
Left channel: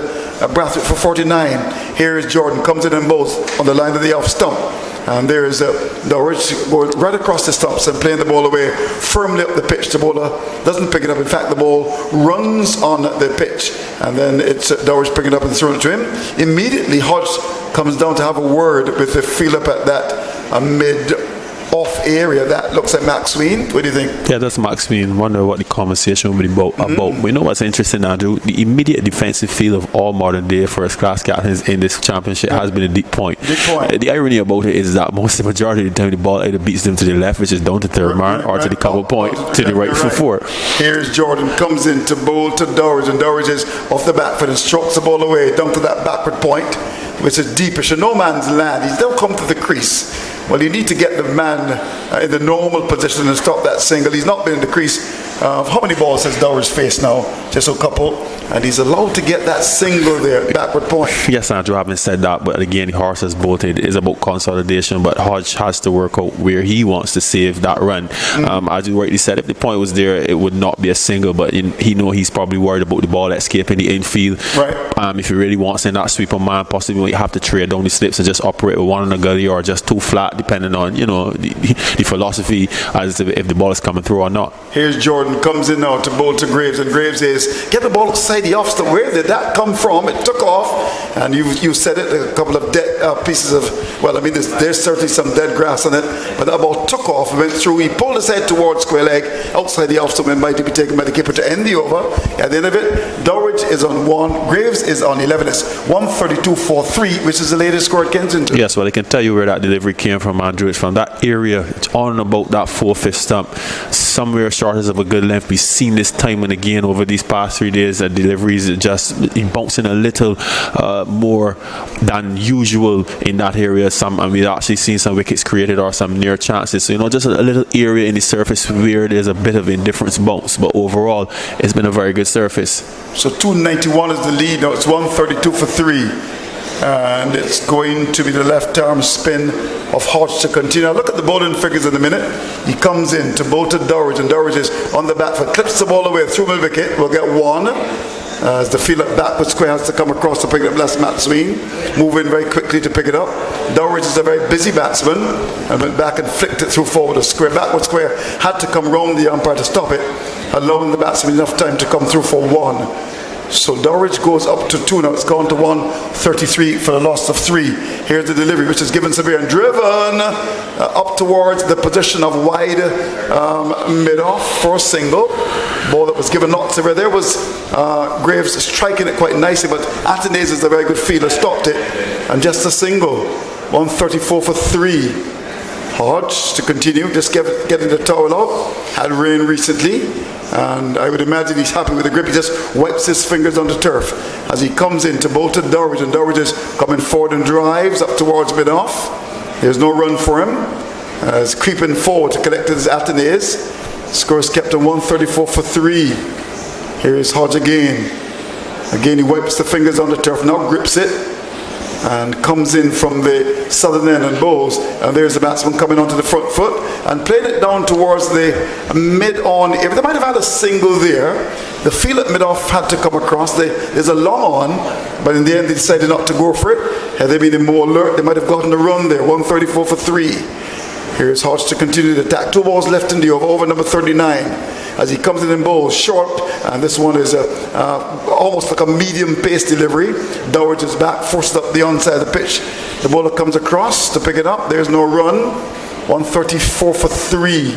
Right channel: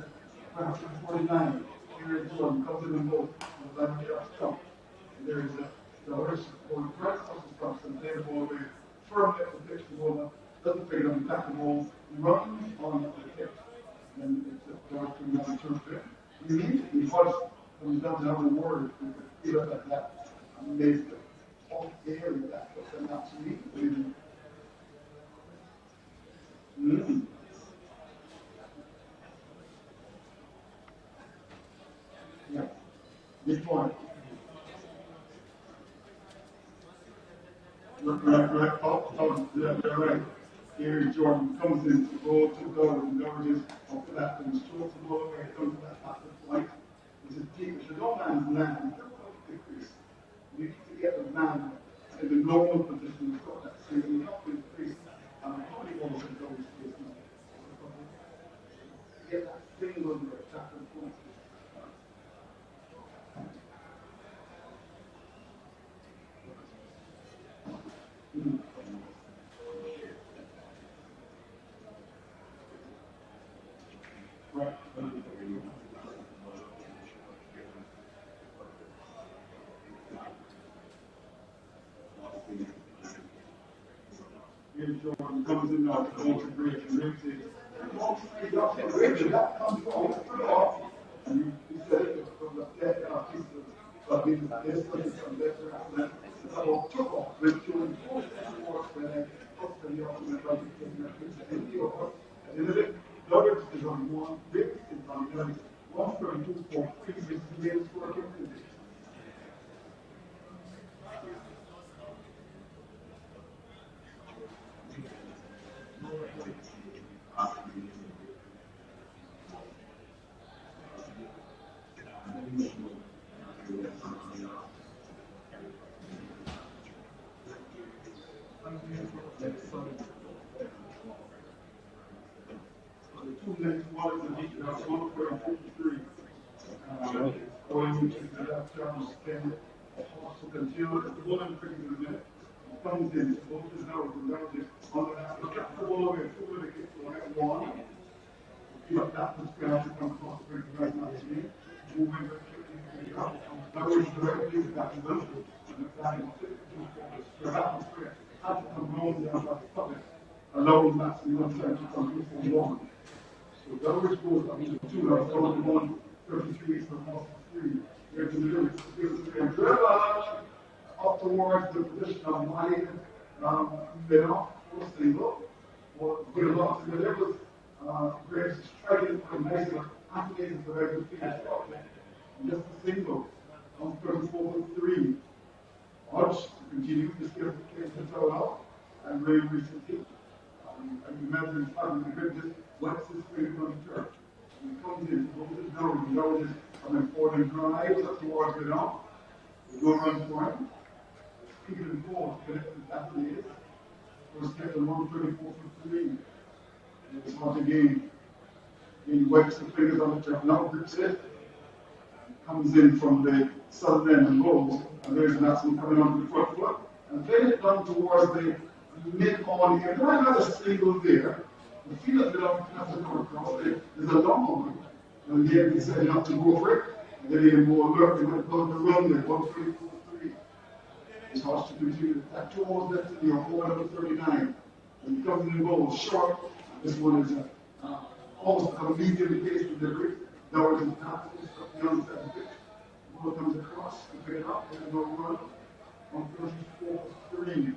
Brathwaite for 49. Here is Jordan, comes in and bowls on the line of the off stump. And there is Dowers going right across the stumps and playing the ball away firmly up the pitch. The bowler doesn't pick it up. In fact, the ball runs on the pitch, and then it's Dowers picking it up and throwing it to him. Immediately, Hodge comes down to have a word with the field up at that mid-off area. That looks like Max Sween. What do you think? Yeah, that's Max Sween. Wonder what the conversation will be about. We know what's interesting, Andrew. The immediate defensive feel of all modern day first-class captains in this championship has been a deep point. The irony about it is that most of the majority of the time the ball either beats them to the left, which is down to third man, or to the cover point to the right for 4. Here's Jordan, comes in to bowl to Dowers, and Dowers is off the back foot and strokes the ball away down to that backward point, which is deepish in no man's land. He's now come to the crease. Well, you need to get the man in the normal position and stop that single. He's not been in the crease. How many balls has Dowers faced now? Just a couple. And he's allowed to get that single there, backward point. Yes, Andrew, having said that, but again, the horse has bolted. It is about consolidation, but Hodge has to work out where he wants to save that run. As you rightly said, if the point was there, it would not be a single, but he's probably worried about the ball escaping the infield. Right. If he really wants in that sweeper man, possibly you have to trade down the slips and just operate with 1 in the gully or just 2 flat, depending on the philosophy as to if the ball is coming through or not. Here's Jordan, comes in now to bowl to Graves, and Graves is get the ball outside the off stump. Where did that come from? It took off, and you said it, a couple of dead pieces of, well, I mean, there's certainly some dead grass on it, but that ball took off and went through. He pulled his head towards square leg, outside the off stump, and might be taken by the keeper to end the over. At the end of it, Dowers is on 1, Graves is on 11. It's 132 for 3, which is the latest score at Kensington. Yes, well, I can tell you where that delivery came from, Andrew. It's from that area. It's on and about that 4/5 stump, somewhere short of a good length. We've seen this time and again over these past 3 days that deliveries just bouncing a little more than usual in that area. And we've actually seen some wickets created or some near chances. So, just a little area in the surface where there's a bit of indifference bounce. But overall, it's been a very good surface. So 291 is the lead. Now it's 132 for 3. And it's going to be the left arm spin of Hodge to continue. Now look at the bowling figures in a minute. He comes in to bowl to Dowers, and Dowers is on the back foot, clips the ball away through mid wicket. We'll get 1. As the field up backward square has to come across to pick it up. That's Matt Sween, moving very quickly to pick it up. Dowers is a very busy batsman and went back and flicked it through forward a square. Backward square had to come round the umpire to stop it, allowing the batsman enough time to come through for 1. So Dowers goes up to 2 now. It's gone to 133 for a loss of 3. Here's the delivery, which is given severe and driven up towards the position of wide mid-off for a single. Ball that was given not severe. There was Graves striking it quite nicely, but Athanaze is a very good fielder, stopped it, and just a single. 134 for 3. Hodge to continue, just getting the towel out. Had rain recently, and I would imagine he's happy with the grip. He just wipes his fingers on the turf as he comes in to bowl to Dowers, and Dowers is coming forward and drives up towards mid-off. There's no run for him. He's creeping forward to collect his Athanaze. Score is kept at 134 for 3. Here is Hodge again. Again, he wipes the fingers on the turf, now grips it, and comes in from the southern end and bowls. And there's the batsman coming onto the front foot and playing it down towards the mid-on area. They might have had a single there. The field at mid-off had to come across. There's a long on, but in the end they decided not to go for it. Had they been more alert, they might have gotten a run there. 134 for 3. Here's Hodge to continue the attack. 2 balls left in the over number 39. As he comes in bowls short, and this one is almost like a medium pace delivery. Dowridge is back, forced up the onside of the pitch. The bowler comes across to pick it up. There's no run. 134 for 3.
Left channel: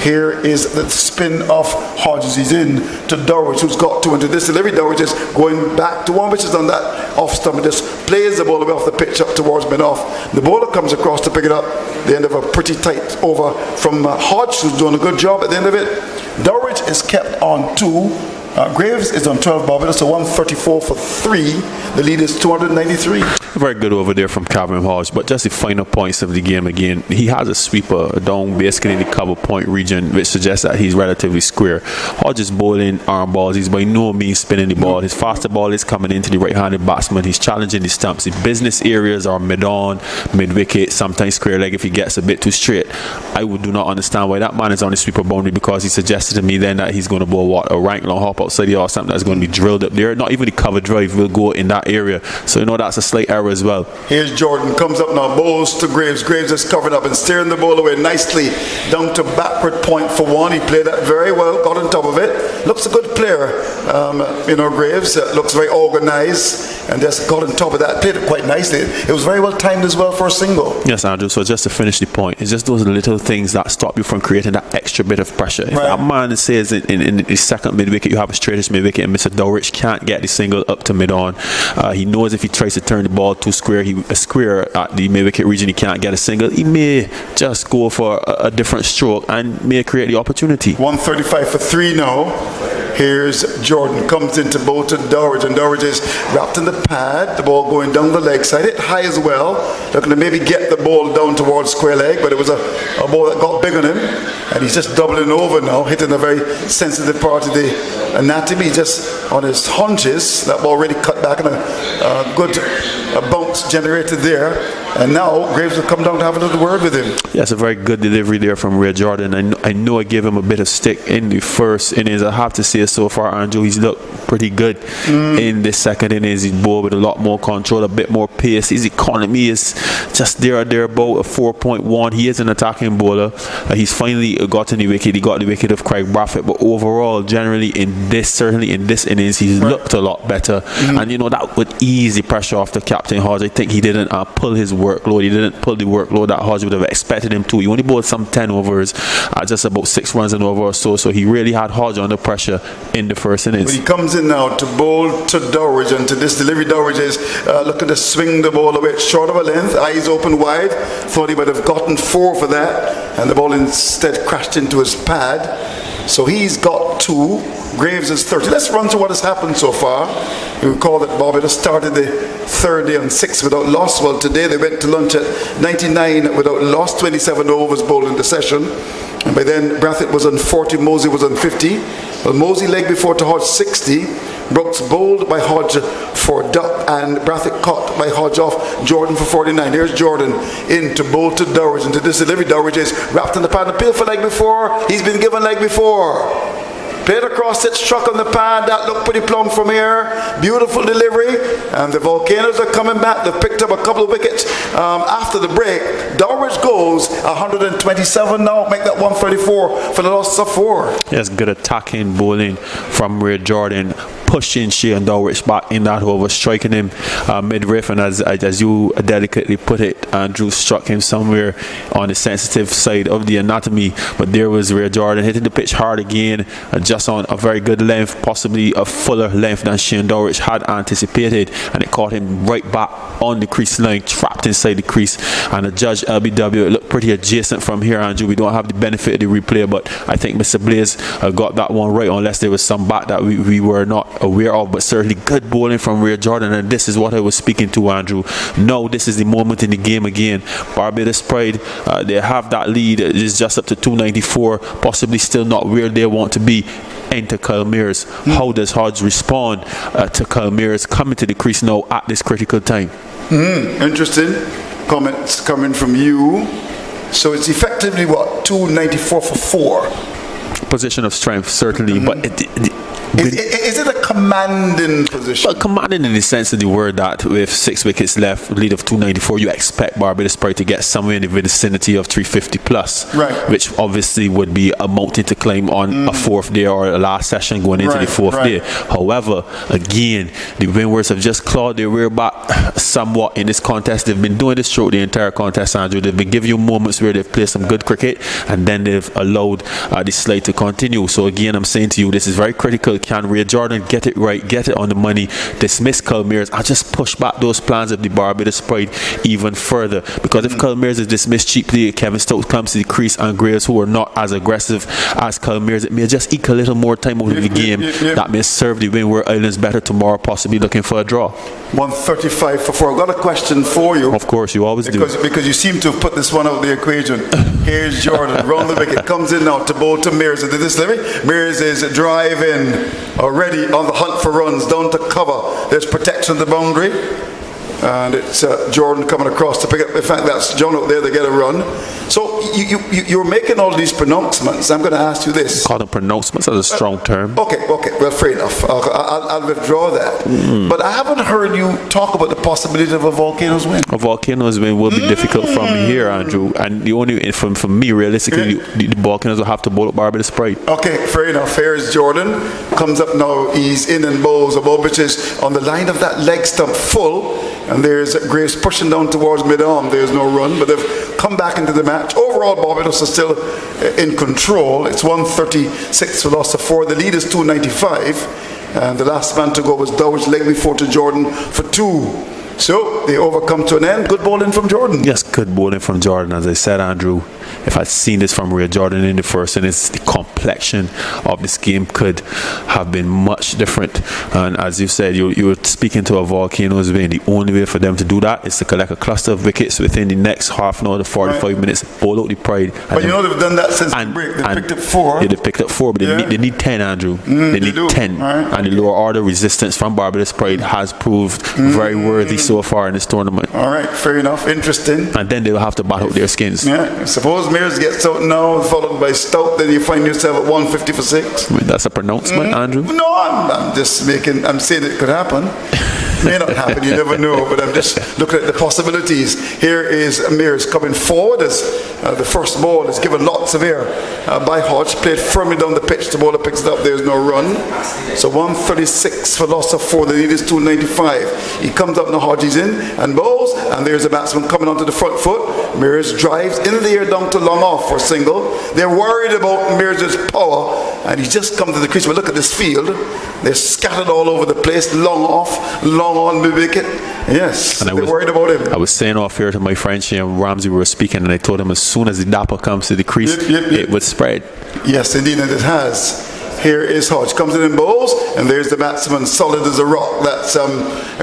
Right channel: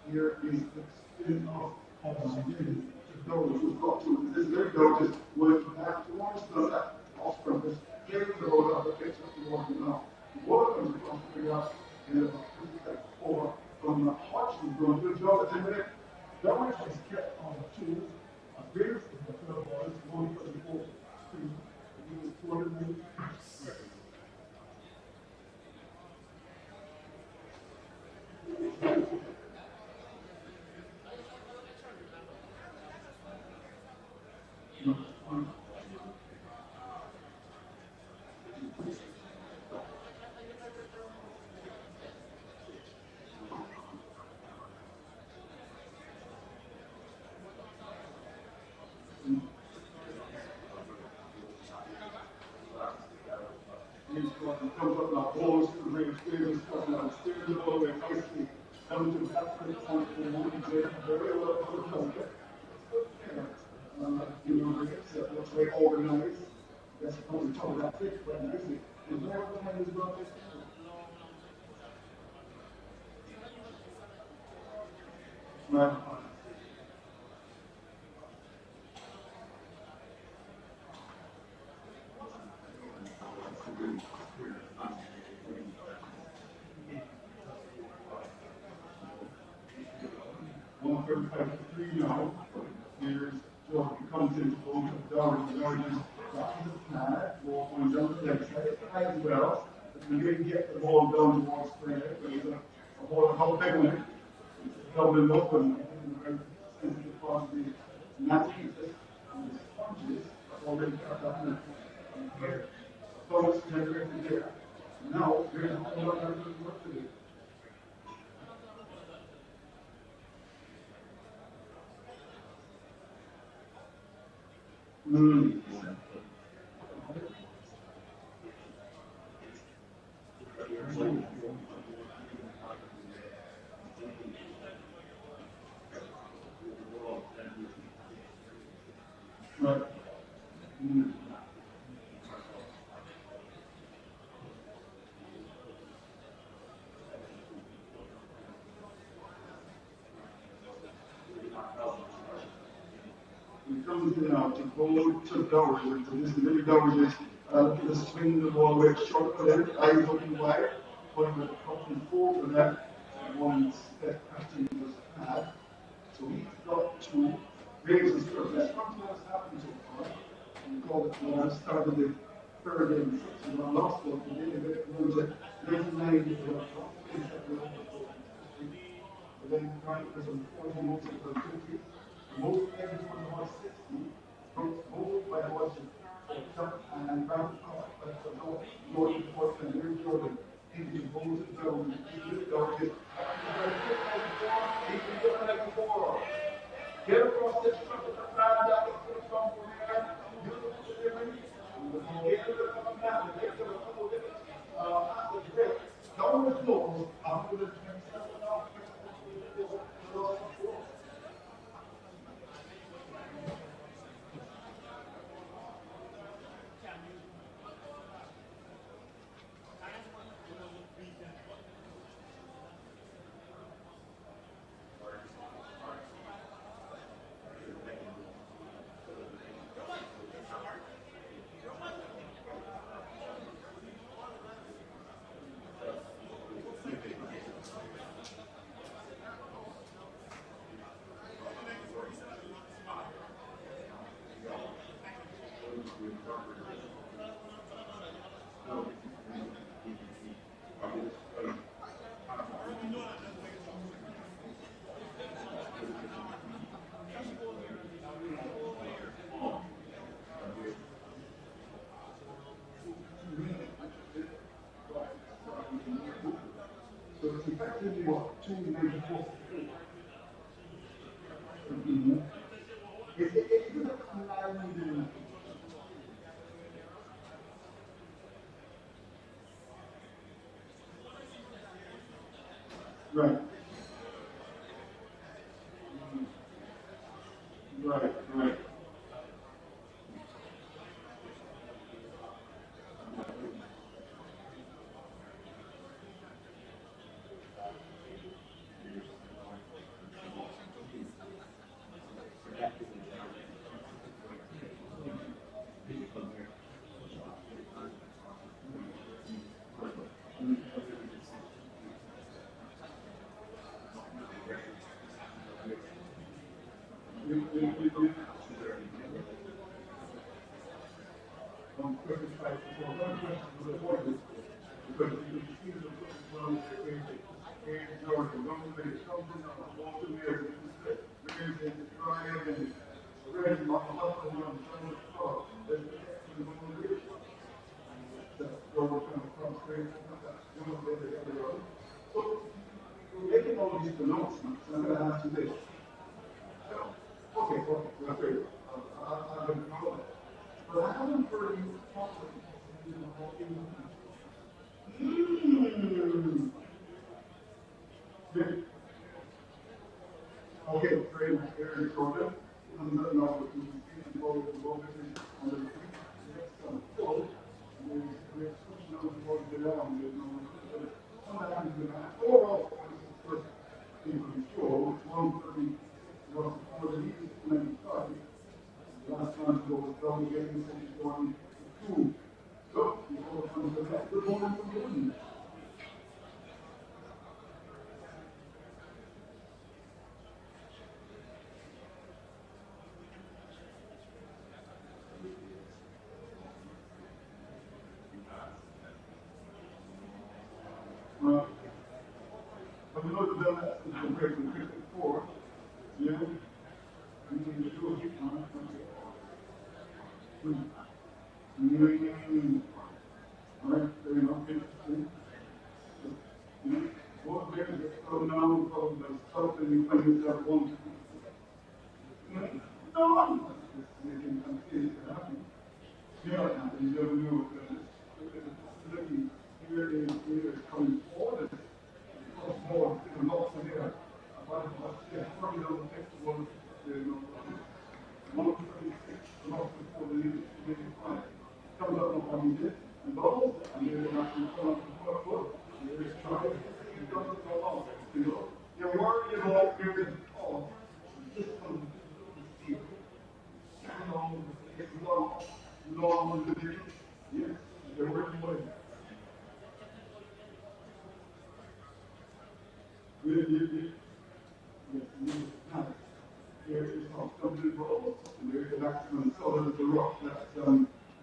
Here is the spin of Hodges. He's in to Dowridge, who's got 2 into this delivery. Dowridge is going back to one, which is on that off stump and just plays the ball away off the pitch up towards mid-off. The bowler comes across to pick it up. The end of a pretty tight over from Hodge, who's doing a good job at the end of it. Dowridge is kept on 2. Graves is on 12, Barbados, so 134 for 3. The lead is 293. Very good over there from Calvin Hodge, but just the final points of the game again. He has a sweeper down basically in the cover point region, which suggests that he's relatively square. Hodge is bowling arm balls. He's by no means spinning the ball. His faster ball is coming into the right-handed batsman. He's challenging the stumps. The business areas are mid-on, mid-wicket, sometimes square leg if he gets a bit too straight. I do not understand why that man is on the sweeper boundary, because he suggested to me then that he's going to bowl what, a rank long hop outside the or something that's going to be drilled up there. Not even the cover drive will go in that area. So that's a slight error as well. Here's Jordan, comes up now, bowls to Graves. Graves is covered up and steering the ball away nicely down to backward point for 1. He played that very well, got on top of it. Looks a good player, Graves. Looks very organized and just got on top of that. Played it quite nicely. It was very well timed as well for a single. Yes, Andrew. So just to finish the point, it's just those little things that stop you from creating that extra bit of pressure. If that man says in the second mid-wicket, you have a straightest mid-wicket and Mr. Dowridge can't get the single up to mid-on. He knows if he tries to turn the ball too square, a square at the mid-wicket region, he can't get a single. He may just go for a different stroke and may create the opportunity. 135 for 3 now. Here's Jordan, comes into bowl to Dowridge, and Dowridge is wrapped in the pad. The ball going down the leg side, hit high as well. Looking to maybe get the ball down towards square leg, but it was a ball that got big on him, and he's just doubling over now, hitting a very sensitive part of the anatomy. Just on his haunches, that ball already cut back, and a good bounce generated there. And now Graves will come down to have another word with him. Yes, a very good delivery there from Ray Jordan. I know I gave him a bit of stick in the first innings. I have to say so far, Andrew, he's looked pretty good in the second innings. He's bowled with a lot more control, a bit more pace. His economy is just there or thereabout, a 4.1. He is an attacking bowler. He's finally gotten the wicket. He got the wicket of Craig Brathwaite, but overall, generally certainly in this innings, he's looked a lot better. And that would ease the pressure off the captain Hodge. I think he didn't pull his workload. He didn't pull the workload that Hodge would have expected him to. He only bowled some 10 overs, just about 6 runs an over or so. So he really had Hodge under pressure in the first innings. But he comes in now to bowl to Dowridge, and to this delivery, Dowridge is looking to swing the ball away short of a length, eyes open wide. Thought he would have gotten 4 for that, and the ball instead crashed into his pad. So he's got 2. Graves is 30. Let's run through what has happened so far. You recall that Barbados started the third day on 6 without loss. Well, today they went to lunch at 99 without loss, 27 overs bowled in the session. And by then, Brathwaite was on 40, Mosey was on 50. Well, Mosey leg before to Hodge 60. Brooks bowled by Hodge for duck, and Brathwaite caught by Hodge off Jordan for 49. Here's Jordan in to bowl to Dowridge, and to this delivery, Dowridge is wrapped in the pad. Appeal for leg before. He's been given leg before. Played across it, struck on the pad. That looked pretty plumb from here. Beautiful delivery. And the Volcanoes are coming back. They've picked up a couple of wickets after the break. Dowridge goes 127 now. Make that 134 for the loss of 4. Yes, good attacking bowling from Ray Jordan, pushing Shane Dowridge back in that over, striking him mid-riff, and as you delicately put it, Andrew struck him somewhere on the sensitive side of the anatomy. But there was Ray Jordan hitting the pitch hard again, just on a very good length, possibly a fuller length than Shane Dowridge had anticipated, and it caught him right back on the crease line, trapped inside the crease. And the judge LBW, it looked pretty adjacent from here, Andrew. We don't have the benefit of the replay, but I think Mr. Blaze got that one right, unless there was some bat that we were not aware of. But certainly good bowling from Ray Jordan, and this is what I was speaking to, Andrew. No, this is the moment in the game again. Barbados Pride, they have that lead. It's just up to 294, possibly still not where they want to be. Enter Kyle Mears. How does Hodge respond to Kyle Mears coming to the crease now at this critical time? Interesting comments coming from you. So it's effectively what, 294 for 4. Position of strength, certainly, but Is it a commanding position? Well, commanding in the sense of the word that with 6 wickets left, lead of 294, you expect Barbados probably to get somewhere in the vicinity of 350 plus, right? Which obviously would be a mountain to climb on a fourth day or a last session going into the fourth day. However, again, the Windwards have just clawed their rear back somewhat in this contest. They've been doing this throughout the entire contest, Andrew. They've been giving you moments where they've played some good cricket, and then they've allowed the slide to continue. So again, I'm saying to you, this is very critical. Can Ray Jordan get it right, get it on the money, dismiss Culmears, and just push back those plans of the Barbados Pride even further? Because if Culmears is dismissed cheaply, Kevin Stokes comes to the crease, and Graves, who are not as aggressive as Culmears, it may just eke a little more time out of the game that may serve the Windward Islands better tomorrow, possibly looking for a draw. 135 for 4. I've got a question for you. Of course, you always do. Because you seem to have put this one out of the equation. Here's Jordan, round the wicket, comes in now to bowl to Mears. And this Mears is driving, already on the hunt for runs, down to cover. There's protection of the boundary. And it's Jordan coming across to pick up. In fact, that's John out there to get a run. So you're making all these pronouncements. I'm going to ask you this. Call them pronouncements as a strong term. Okay. Well, fair enough. I'll withdraw that. But I haven't heard you talk about the possibility of a Volcanoes win. A Volcanoes win will be difficult from here, Andrew. And the only, from me, realistically, the Volcanoes will have to bowl at Barbados Pride. Okay, fair enough. Here's Jordan. Comes up now. He's in and bowls a ball which is on the line of that leg stump full. And there's Graves pushing down towards mid-arm. There's no run, but they've come back into the match. Overall, Barbados is still in control. It's 136 for loss of 4. The lead is 295. And the last man to go was Dow's leg before to Jordan for 2. So they overcome to an end. Good bowling from Jordan. Yes, good bowling from Jordan. As I said, Andrew, if I'd seen this from Ray Jordan in the first innings, the complexion of this game could have been much different. And as you said, you were speaking to a Volcanoes win. The only way for them to do that is to collect a cluster of wickets within the next half an hour to 45 minutes, bowl out the Pride. But you know they've done that since the break. They picked up 4. Yeah, they picked up 4, but they need 10, Andrew. They need 10. Right. And the lower order resistance from Barbados Pride has proved very worthy so far in this tournament. All right, fair enough. Interesting. And then they'll have to battle their skins. Yeah, suppose Mears gets out now, followed by Stout, then you find yourself at 150 for 6. I mean, that's a pronouncement, Andrew. No, I'm saying it could happen. May not happen, you never know, but I'm just looking at the possibilities. Here is Mears coming forward as the first ball is given lots of air by Hodge, played firmly down the pitch. The bowler picks it up, there's no run. So 136 for loss of 4, the lead is 295. He comes up now, Hodge is in and bowls, and there's a batsman coming onto the front foot. Mears drives in the air down to long off for a single. They're worried about Mears' power, and he's just come to the crease. But look at this field. They're scattered all over the place, long off, long on the wicket. Yes, they're worried about him. I was saying off here to my friend Shane Ramsey, we were speaking, and I told him as soon as the dapper comes to the crease, it would spread. Yes, indeed, and it has. Here is Hodge, comes in and bowls, and there's the batsman, solid as a rock. That's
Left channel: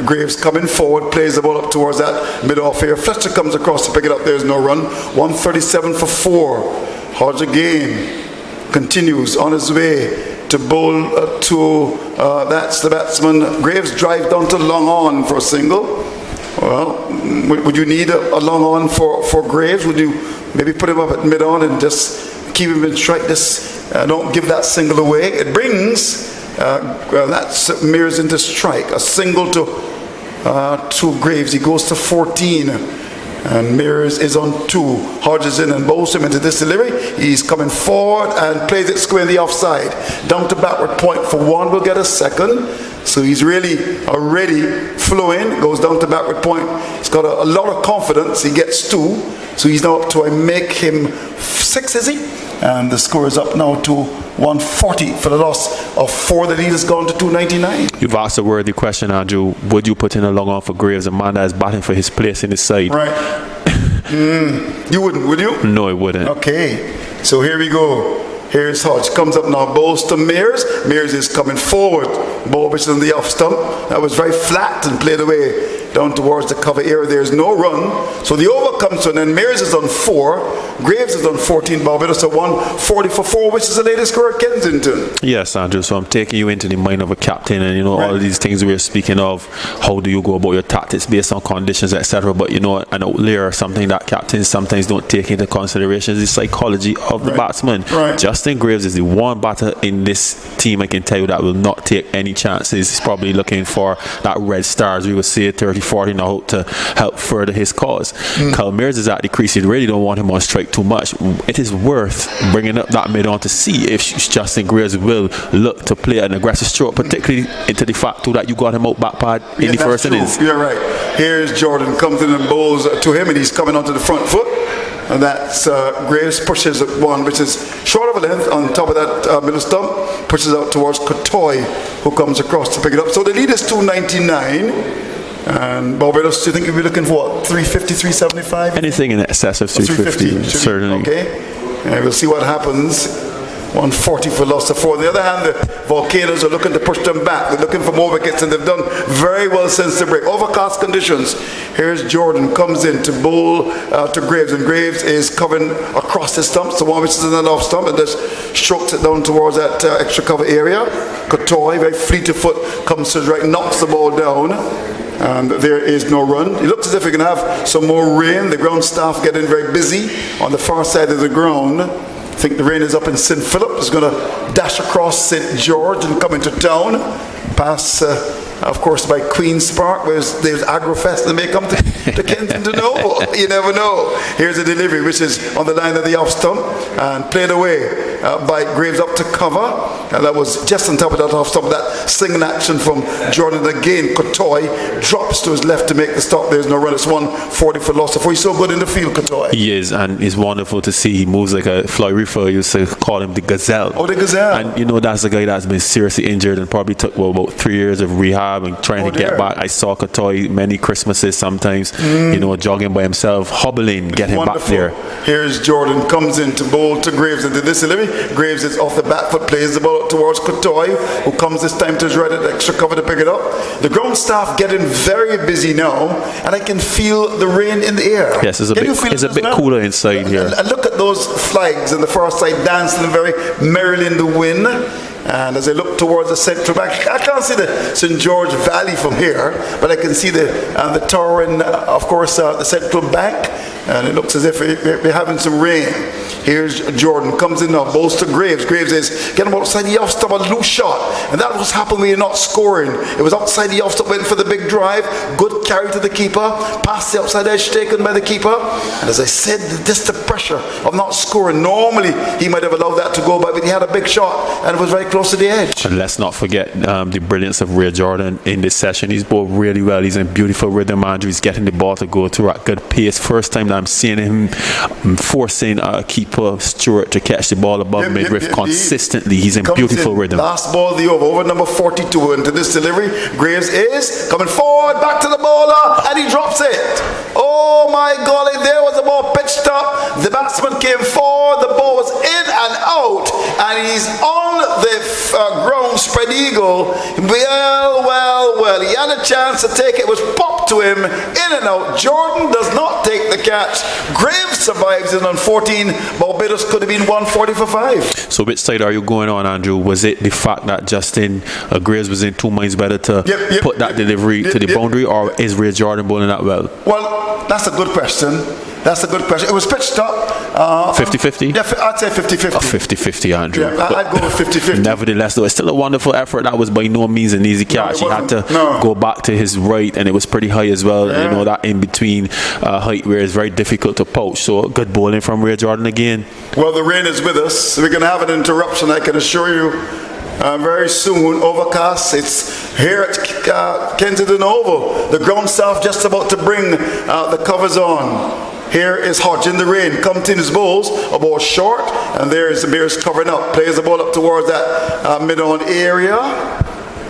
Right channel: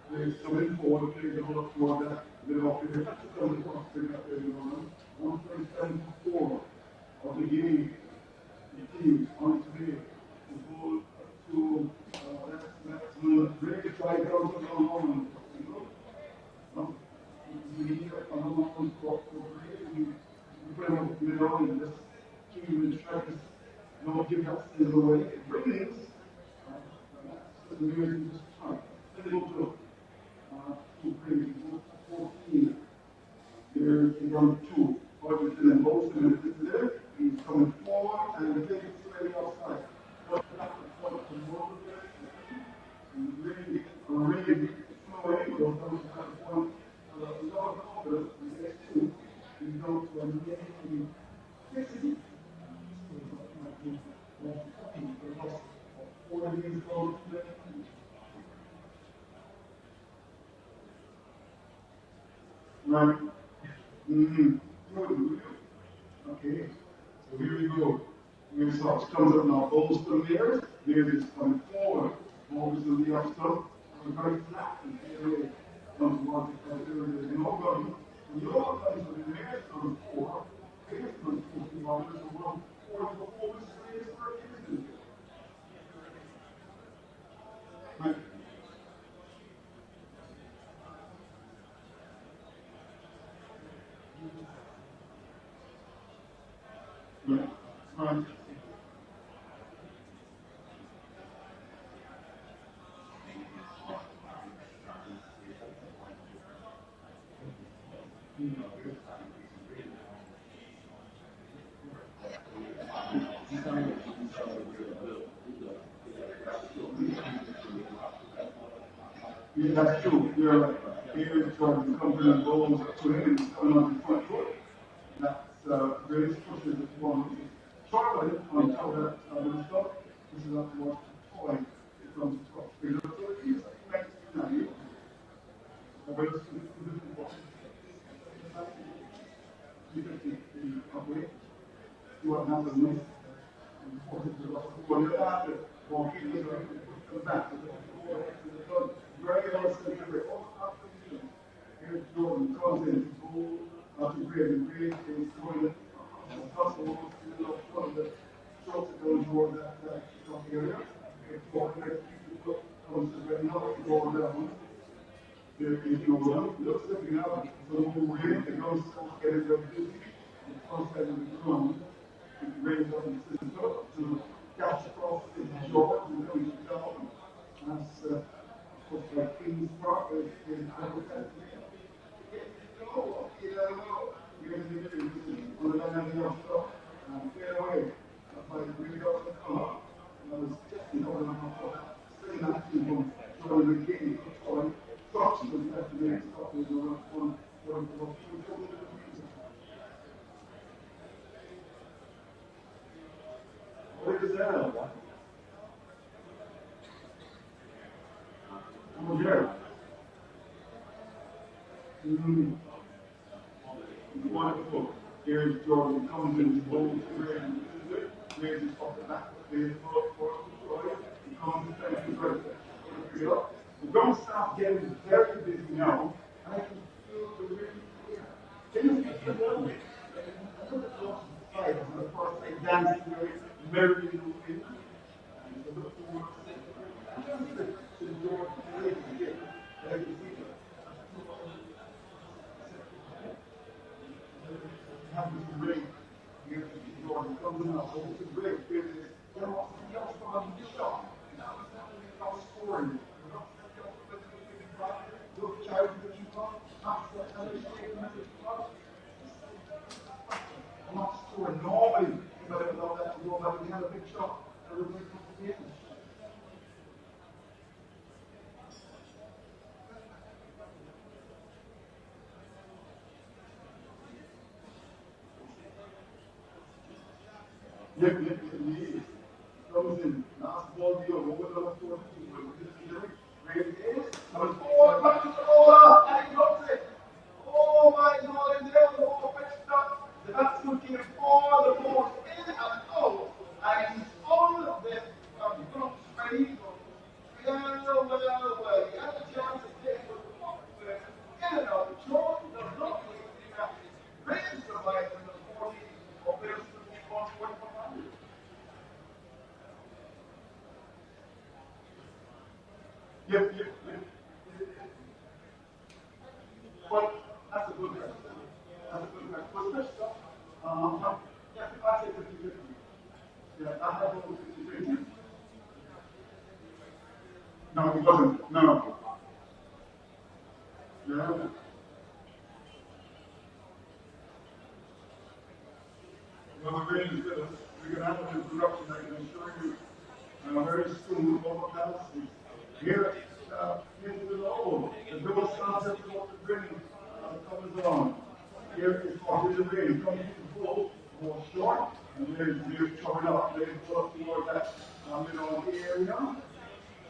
Graves coming forward, plays the ball up towards that mid-off here. Fletcher comes across to pick it up, there's no run. 137 for 4. Hodge again continues on his way to bowl that's the batsman. Graves drives down to long on for a single. Well, would you need a long on for Graves? Would you maybe put him up at mid-on and just keep him in strike? Don't give that single away. It brings that's Mears into strike. A single to Graves. He goes to 14. And Mears is on 2. Hodge is in and bowls him into this delivery. He's coming forward and plays it square in the offside. Down to backward point for 1. Will get a second. So he's really already flowing. Goes down to backward point. He's got a lot of confidence. He gets 2. So he's now up to make him 6, is he? And the score is up now to 140 for the loss of 4. The lead has gone to 299. You've asked a worthy question, Andrew. Would you put in a long on for Graves, a man that is batting for his place in his side? Right. You wouldn't, would you? No, I wouldn't. Okay. So here we go. Here's Hodge. Comes up now, bowls to Mears. Mears is coming forward. Ball which is on the off stump. That was very flat and played away down towards the cover area. There's no run. So the over comes to an end. Mears is on 4. Graves is on 14, Barbados at 140 for 4, which is the latest score at Kensington. Yes, Andrew, so I'm taking you into the mind of a captain, and all of these things we're speaking of, how do you go about your tactics based on conditions, etc. But an outlier, something that captains sometimes don't take into consideration, is the psychology of the batsman. Justin Graves is the one batter in this team, I can tell you, that will not take any chances. He's probably looking for that red star, as we would say, 30-40 now, to help further his cause. Kyle Mears is at the crease. You really don't want him on strike too much. It is worth bringing up that mid on to see if Justin Graves will look to play an aggressive stroke, particularly into the fact too that you got him out back pad in the first innings. You're right. Here's Jordan, comes in and bowls to him, and he's coming onto the front foot. And that's Graves pushes at one, which is short of a length on top of that middle stump, pushes out towards Kotoy, who comes across to pick it up. So the lead is 299. And Barbados, do you think you'll be looking for what, 350, 375? Anything in excess of 350, certainly. Okay. We'll see what happens. 140 for loss of 4. On the other hand, the Volcanoes are looking to push them back. They're looking for more wickets, and they've done very well since the break. Overcast conditions. Here's Jordan, comes in to bowl to Graves, and Graves is covering across the stumps, the one which is in the off stump, and just strokes it down towards that extra cover area. Kotoy, very fleet of foot, comes to his right, knocks the ball down. And there is no run. It looks as if we're going to have some more rain. The ground staff getting very busy on the far side of the ground. I think the rain is up in St. Philip. It's going to dash across St. George and come into town. Pass, of course, by Queen's Park, where there's Agrofest, and they may come to Kensington Oval. You never know. Here's a delivery, which is on the line of the off stump, and played away by Graves up to cover. And that was just on top of that off stump. That single action from Jordan again. Kotoy drops to his left to make the stop. There's no run. It's 140 for loss of 4. He's so good in the field, Kotoy. He is, and it's wonderful to see. He moves like a Floyd Ruffer used to call him the Gazelle. Oh, the Gazelle. And that's a guy that's been seriously injured and probably took about 3 years of rehab and trying to get back. I saw Kotoy many Christmases sometimes, jogging by himself, hobbling, getting back there. Here's Jordan, comes in to bowl to Graves into this delivery. Graves is off the back foot, plays the ball towards Kotoy, who comes this time to his right at extra cover to pick it up. The ground staff getting very busy now, and I can feel the rain in the air. Yes, it's a bit cooler inside here. And look at those flags on the far side dancing very merrily in the wind. And as I look towards the central bank, I can't see the St. George Valley from here, but I can see the tower and, of course, the central bank. And it looks as if we're having some rain. Here's Jordan, comes in now, bowls to Graves. Graves is getting outside the off stump, a loose shot. And that was happening when you're not scoring. It was outside the off stump, went for the big drive. Good carry to the keeper. Past the outside edge taken by the keeper. And as I said, just the pressure of not scoring. Normally, he might have allowed that to go by, but he had a big shot and it was very close to the edge. And let's not forget the brilliance of Ray Jordan in this session. He's bowled really well. He's in beautiful rhythm, Andrew. He's getting the ball to go through at good pace. First time that I'm seeing him forcing a keeper Stewart to catch the ball above midriff consistently. He's in beautiful rhythm. Last ball of the over number 42 into this delivery. Graves is coming forward, back to the bowler, and he drops it. Oh my golly, there was the ball pitched up. The batsman came forward, the ball was in and out, and he's on the ground spread eagle. Well, he had a chance to take it. It was popped to him, in and out. Jordan does not take the catch. Graves survives it on 14. Barbados could have been 140 for 5. So which side are you going on, Andrew? Was it the fact that Justin Graves was in 2 minds better to put that delivery to the boundary, or is Ray Jordan bowling that well? Well, that's a good question. It was pitched up. 50-50? Yeah, I'd say 50-50. 50-50, Andrew. Yeah, I'd go with 50-50. Nevertheless, though, it's still a wonderful effort. That was by no means an easy catch. He had to go back to his right, and it was pretty high as well. Yeah. That in-between height where it's very difficult to poach. So good bowling from Ray Jordan again. Well, the rain is with us. We're going to have an interruption, I can assure you. Very soon, overcast. It's here at Kensington Oval. The ground staff just about to bring the covers on. Here is Hodge in the rain. Comes in his bowls, a ball short, and there is the Bears covering up. Plays the ball up towards that mid-on area.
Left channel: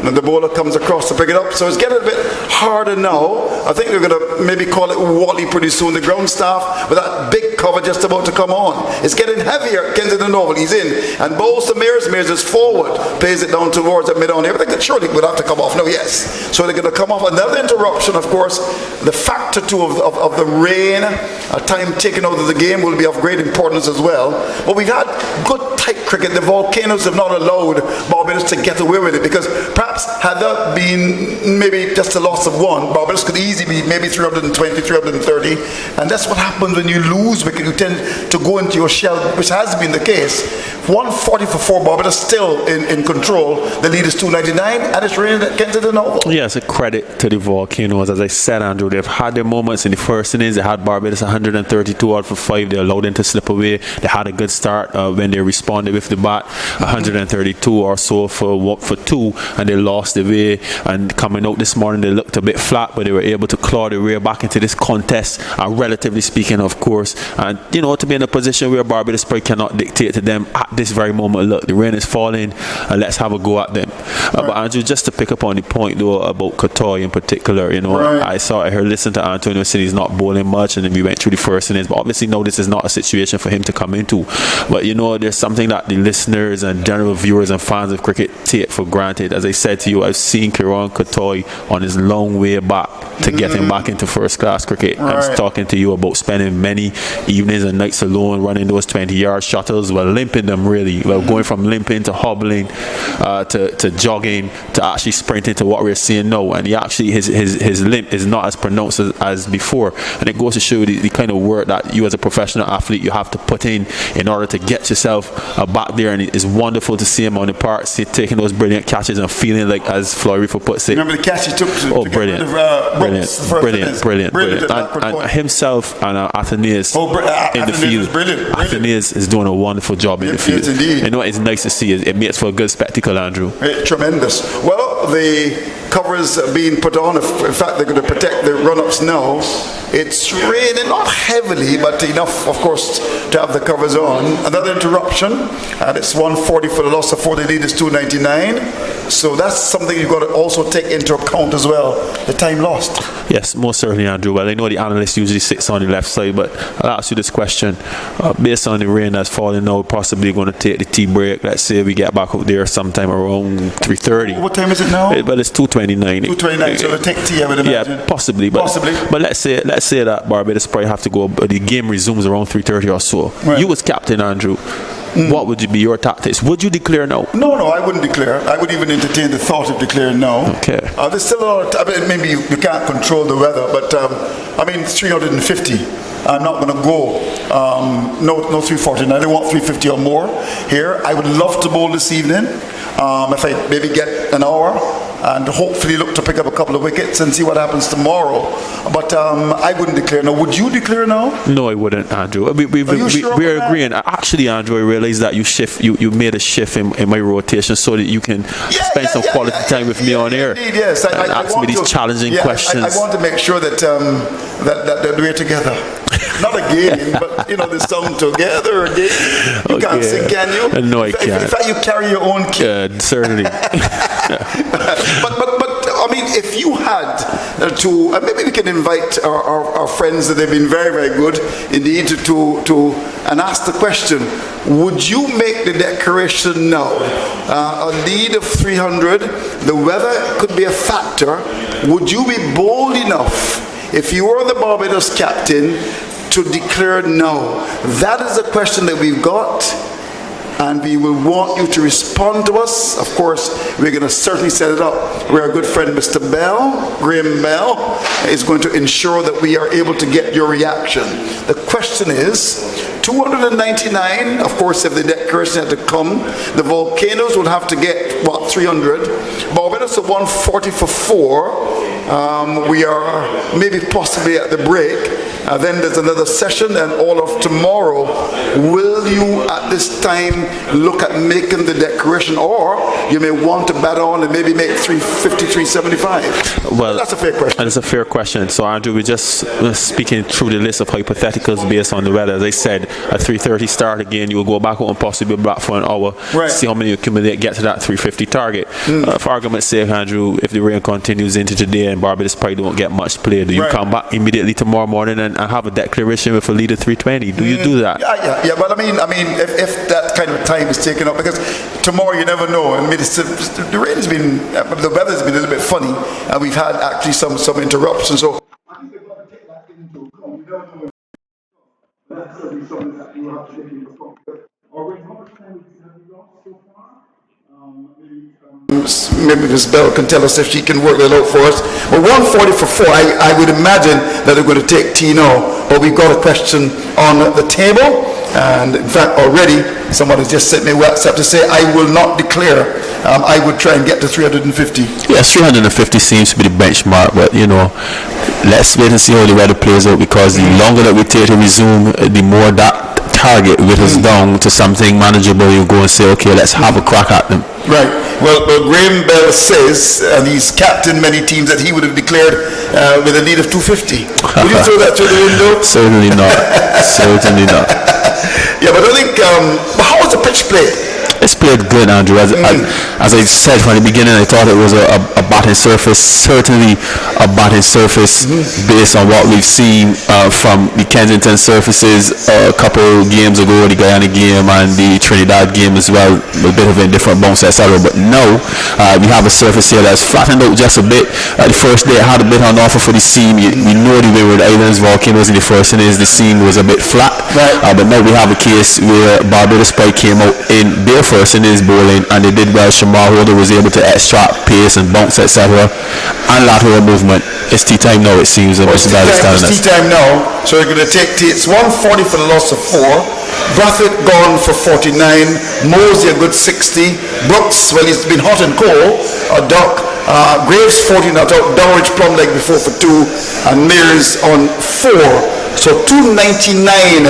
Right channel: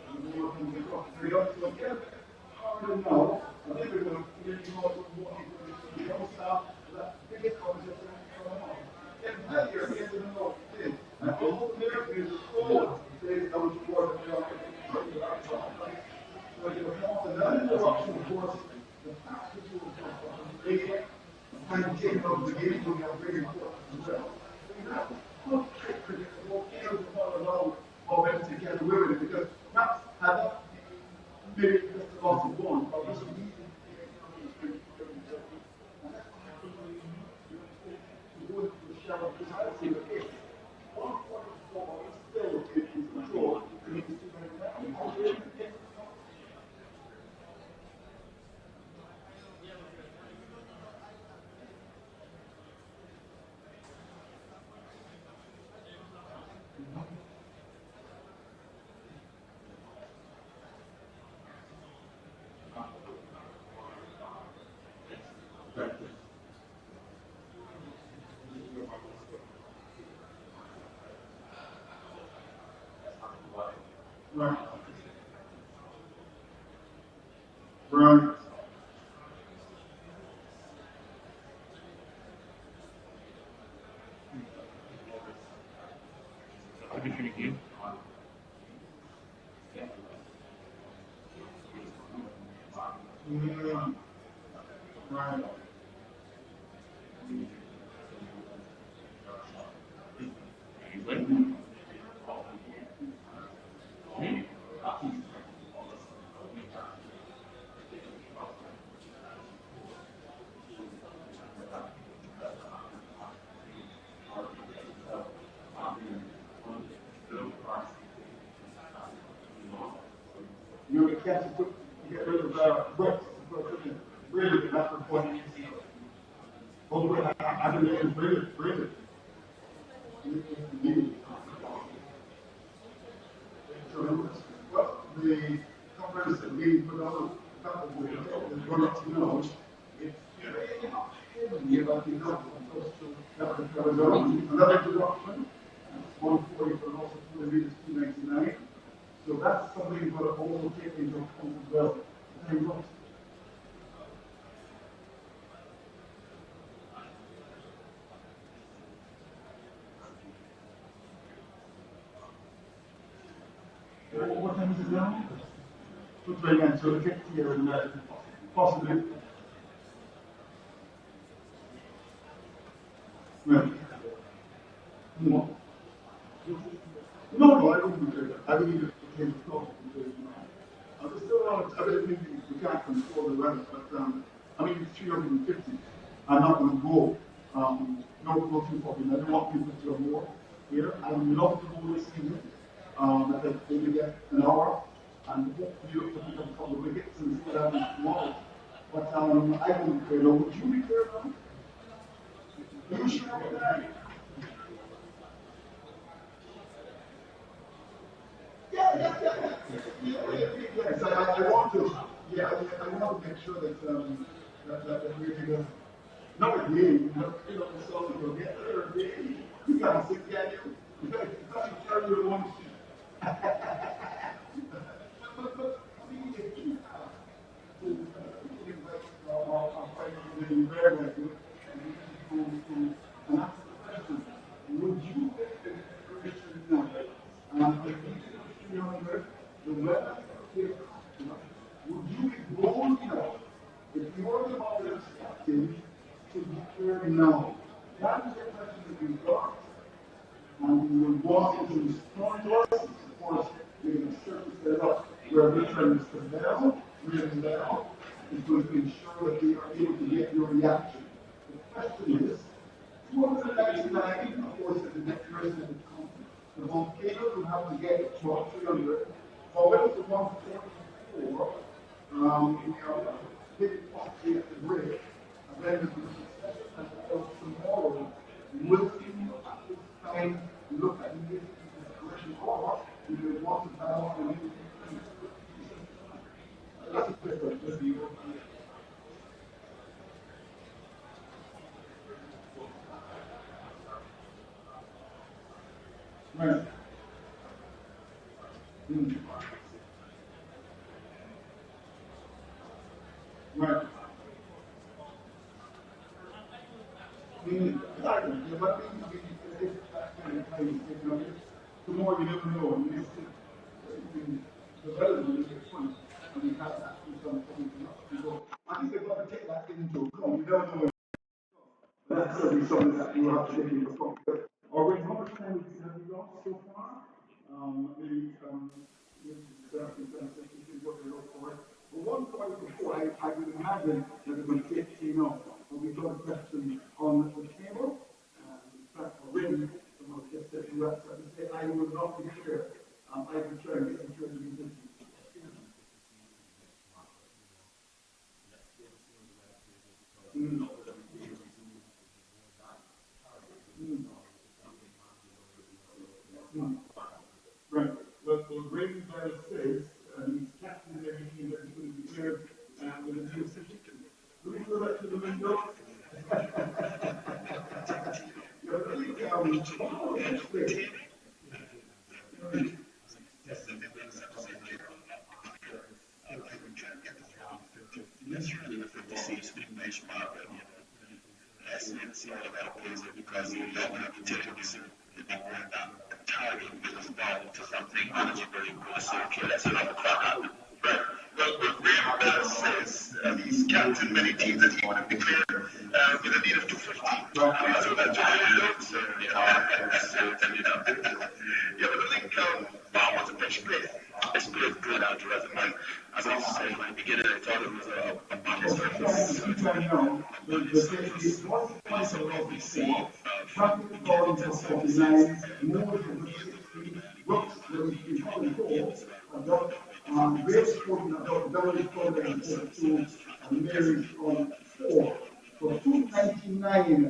And the bowler comes across to pick it up. So it's getting a bit harder now. I think they're going to maybe call it Wally pretty soon. The ground staff with that big cover just about to come on. It's getting heavier. Kensington Oval, he's in. And bowls to Mears. Mears is forward. Plays it down towards the mid-on. Everything that surely would have to come off. No, yes. So they're going to come off. Another interruption, of course. The factor too of the rain, time taken out of the game will be of great importance as well. But we've had good tight cricket. The Volcanoes have not allowed Barbados to get away with it, because perhaps had that been maybe just a loss of one, Barbados could easily be maybe 320, 330, and that's what happens when you lose wicket. You tend to go into your shell, which has been the case. 140 for 4, Barbados still in control. The lead is 299, and it's raining at Kensington Oval. Yeah, it's a credit to the Volcanoes. As I said, Andrew, they've had their moments in the first innings. They had Barbados 132 out for 5. They allowed them to slip away. They had a good start when they responded with the bat, 132 or so for 2, and they lost the way. And coming out this morning, they looked a bit flat, but they were able to claw their way back into this contest, relatively speaking, of course. And, you know, to be in a position where Barbados probably cannot dictate to them at this very moment, look, the rain is falling, and let's have a go at them. But Andrew, just to pick up on the point, though, about Kotoy in particular, you know, I heard listen to Antonio saying he's not bowling much, and then we went through the first innings, but obviously, no, this is not a situation for him to come into. But, you know, there's something that the listeners and general viewers and fans of cricket take for granted. As I said to you, I've seen Kieran Kotoy on his long way back to get him back into first-class cricket. I was talking to you about spending many evenings and nights alone running those 20-yard shuttles, well, limping them really, well, going from limping to hobbling to jogging to actually sprinting to what we're seeing now. And he actually, his limp is not as pronounced as before. And it goes to show the kind of work that you as a professional athlete, you have to put in order to get yourself back there. And it's wonderful to see him on the park, taking those brilliant catches and feeling like, as Flory puts it. Remember the catch he took to brilliant. Get rid of Brilliant. And himself and Athenaeus in the field. Athenaeus is doing a wonderful job in the field. Yes, indeed. You know what it's nice to see? It makes for a good spectacle, Andrew. Tremendous. Well, the covers being put on. In fact, they're going to protect the run-ups now. It's raining, not heavily, but enough, of course, to have the covers on. Another interruption, and it's 140 for the loss of 4. The lead is 299. So that's something you've got to also take into account as well, the time lost. Yes, most certainly, Andrew. Well, I know the analyst usually sits on the left side, but I'll ask you this question. Based on the rain that's falling now, possibly going to take the tea break. Let's say we get back out there sometime around 3:30. What time is it now? Well, it's 2:29. 2:29, so we'll take tea, I would imagine. Yeah, possibly. But let's say that Barbados probably have to go, the game resumes around 3:30 or so. Right. You as captain, Andrew, what would be your tactics? Would you declare no? No, I wouldn't declare. I wouldn't even entertain the thought of declaring no. Okay. There's still a lot of time. Maybe you can't control the weather, but it's 350. I'm not going to go. No 349. I don't want 350 or more here. I would love to bowl this evening. If I maybe get an hour, and hopefully look to pick up a couple of wickets and see what happens tomorrow. But I wouldn't declare no. Would you declare no? No, I wouldn't, Andrew. We're agreeing. Actually, Andrew, I realized that you made a shift in my rotation so that you can spend some quality time with me on air. Indeed, yes. I ask me these challenging questions. I want to make sure that we're together. Not a game, but the sound together again. You can't sing, can you? No, I can't. In fact, you carry your own kit. Certainly. But if you had to, maybe we can invite our friends that they've been very, very good indeed to and ask the question: would you make the declaration now? A lead of 300, the weather could be a factor. Would you be bold enough, if you were the Barbados captain, to declare no? That is a question that we've got, and we will want you to respond to us. Of course, we're going to certainly set it up where our good friend Mr. Graham Bell, is going to ensure that we are able to get your reaction. The question is, 299, of course, if the declaration had to come, the Volcanoes would have to get, 300. Barbados at 140 for 4. We are maybe possibly at the break. Then there's another session, and all of tomorrow. Will you at this time look at making the declaration, or you may want to bat on and maybe make 350, 375? Well, that's a fair question. And it's a fair question. So, Andrew, we're just speaking through the list of hypotheticals based on the weather. As I said, at 3:30 start again, you will go back out and possibly be back for an hour, right. See how many you accumulate, get to that 350 target. For argument's sake, Andrew, if the rain continues into today and Barbados probably don't get much play, do you right. come back immediately tomorrow morning and have a declaration with a lead of 320? Do you do that? Yeah. But I mean, if that kind of time is taken up, because tomorrow you never know. I mean, the rain has been, the weather's been a little bit funny, and we've had actually some interruptions. So I think they've got to take that into account. We don't know. That's certainly something that you have to take into account. Already, how much time have you lost so far? Maybe Ms. Bell can tell us if she can work that out for us. Well, 140 for 4, I would imagine that they're going to take Tino, but we've got a question on the table, and in fact already someone has just sent me a WhatsApp to say I will not declare. I would try and get to 350. Yes, 350 seems to be the benchmark, but let's wait and see how the weather plays out, because the longer that we take to resume, the more that target whittles down to something manageable. You go and say, okay, let's have a crack at them. Right. Well, Graham Bell says, and he's captained many teams, that he would have declared with a lead of 250. Would you throw that through the window? Certainly not. Certainly not. Yeah, but I think, how was the pitch played? It's played good, Andrew. As I said from the beginning, I thought it was a batting surface, certainly a batting surface based on what we've seen from the Kensington surfaces a couple games ago, the Guyana game and the Trinidad game as well, a bit of a different bounce, etc. But now we have a surface here that's flattened out just a bit. The first day it had a bit on offer for the seam. We know the Windward Islands volcanoes in the first innings, the seam was a bit flat, but now we have a case where Barbados probably came out in their first innings bowling, and they did well. Shamar Holder was able to extract pace and bounce, etc. and lateral movement. It's tea time now, it seems. It's tea time now, so they're going to take tea. It's 140 for the loss of 4. Brathwaite gone for 49. Mosey a good 60. Brooks, well, he's been hot and cold. Doc. Graves 40 not out. Dowridge plumb leg before for 2, and Mears on 4. So 299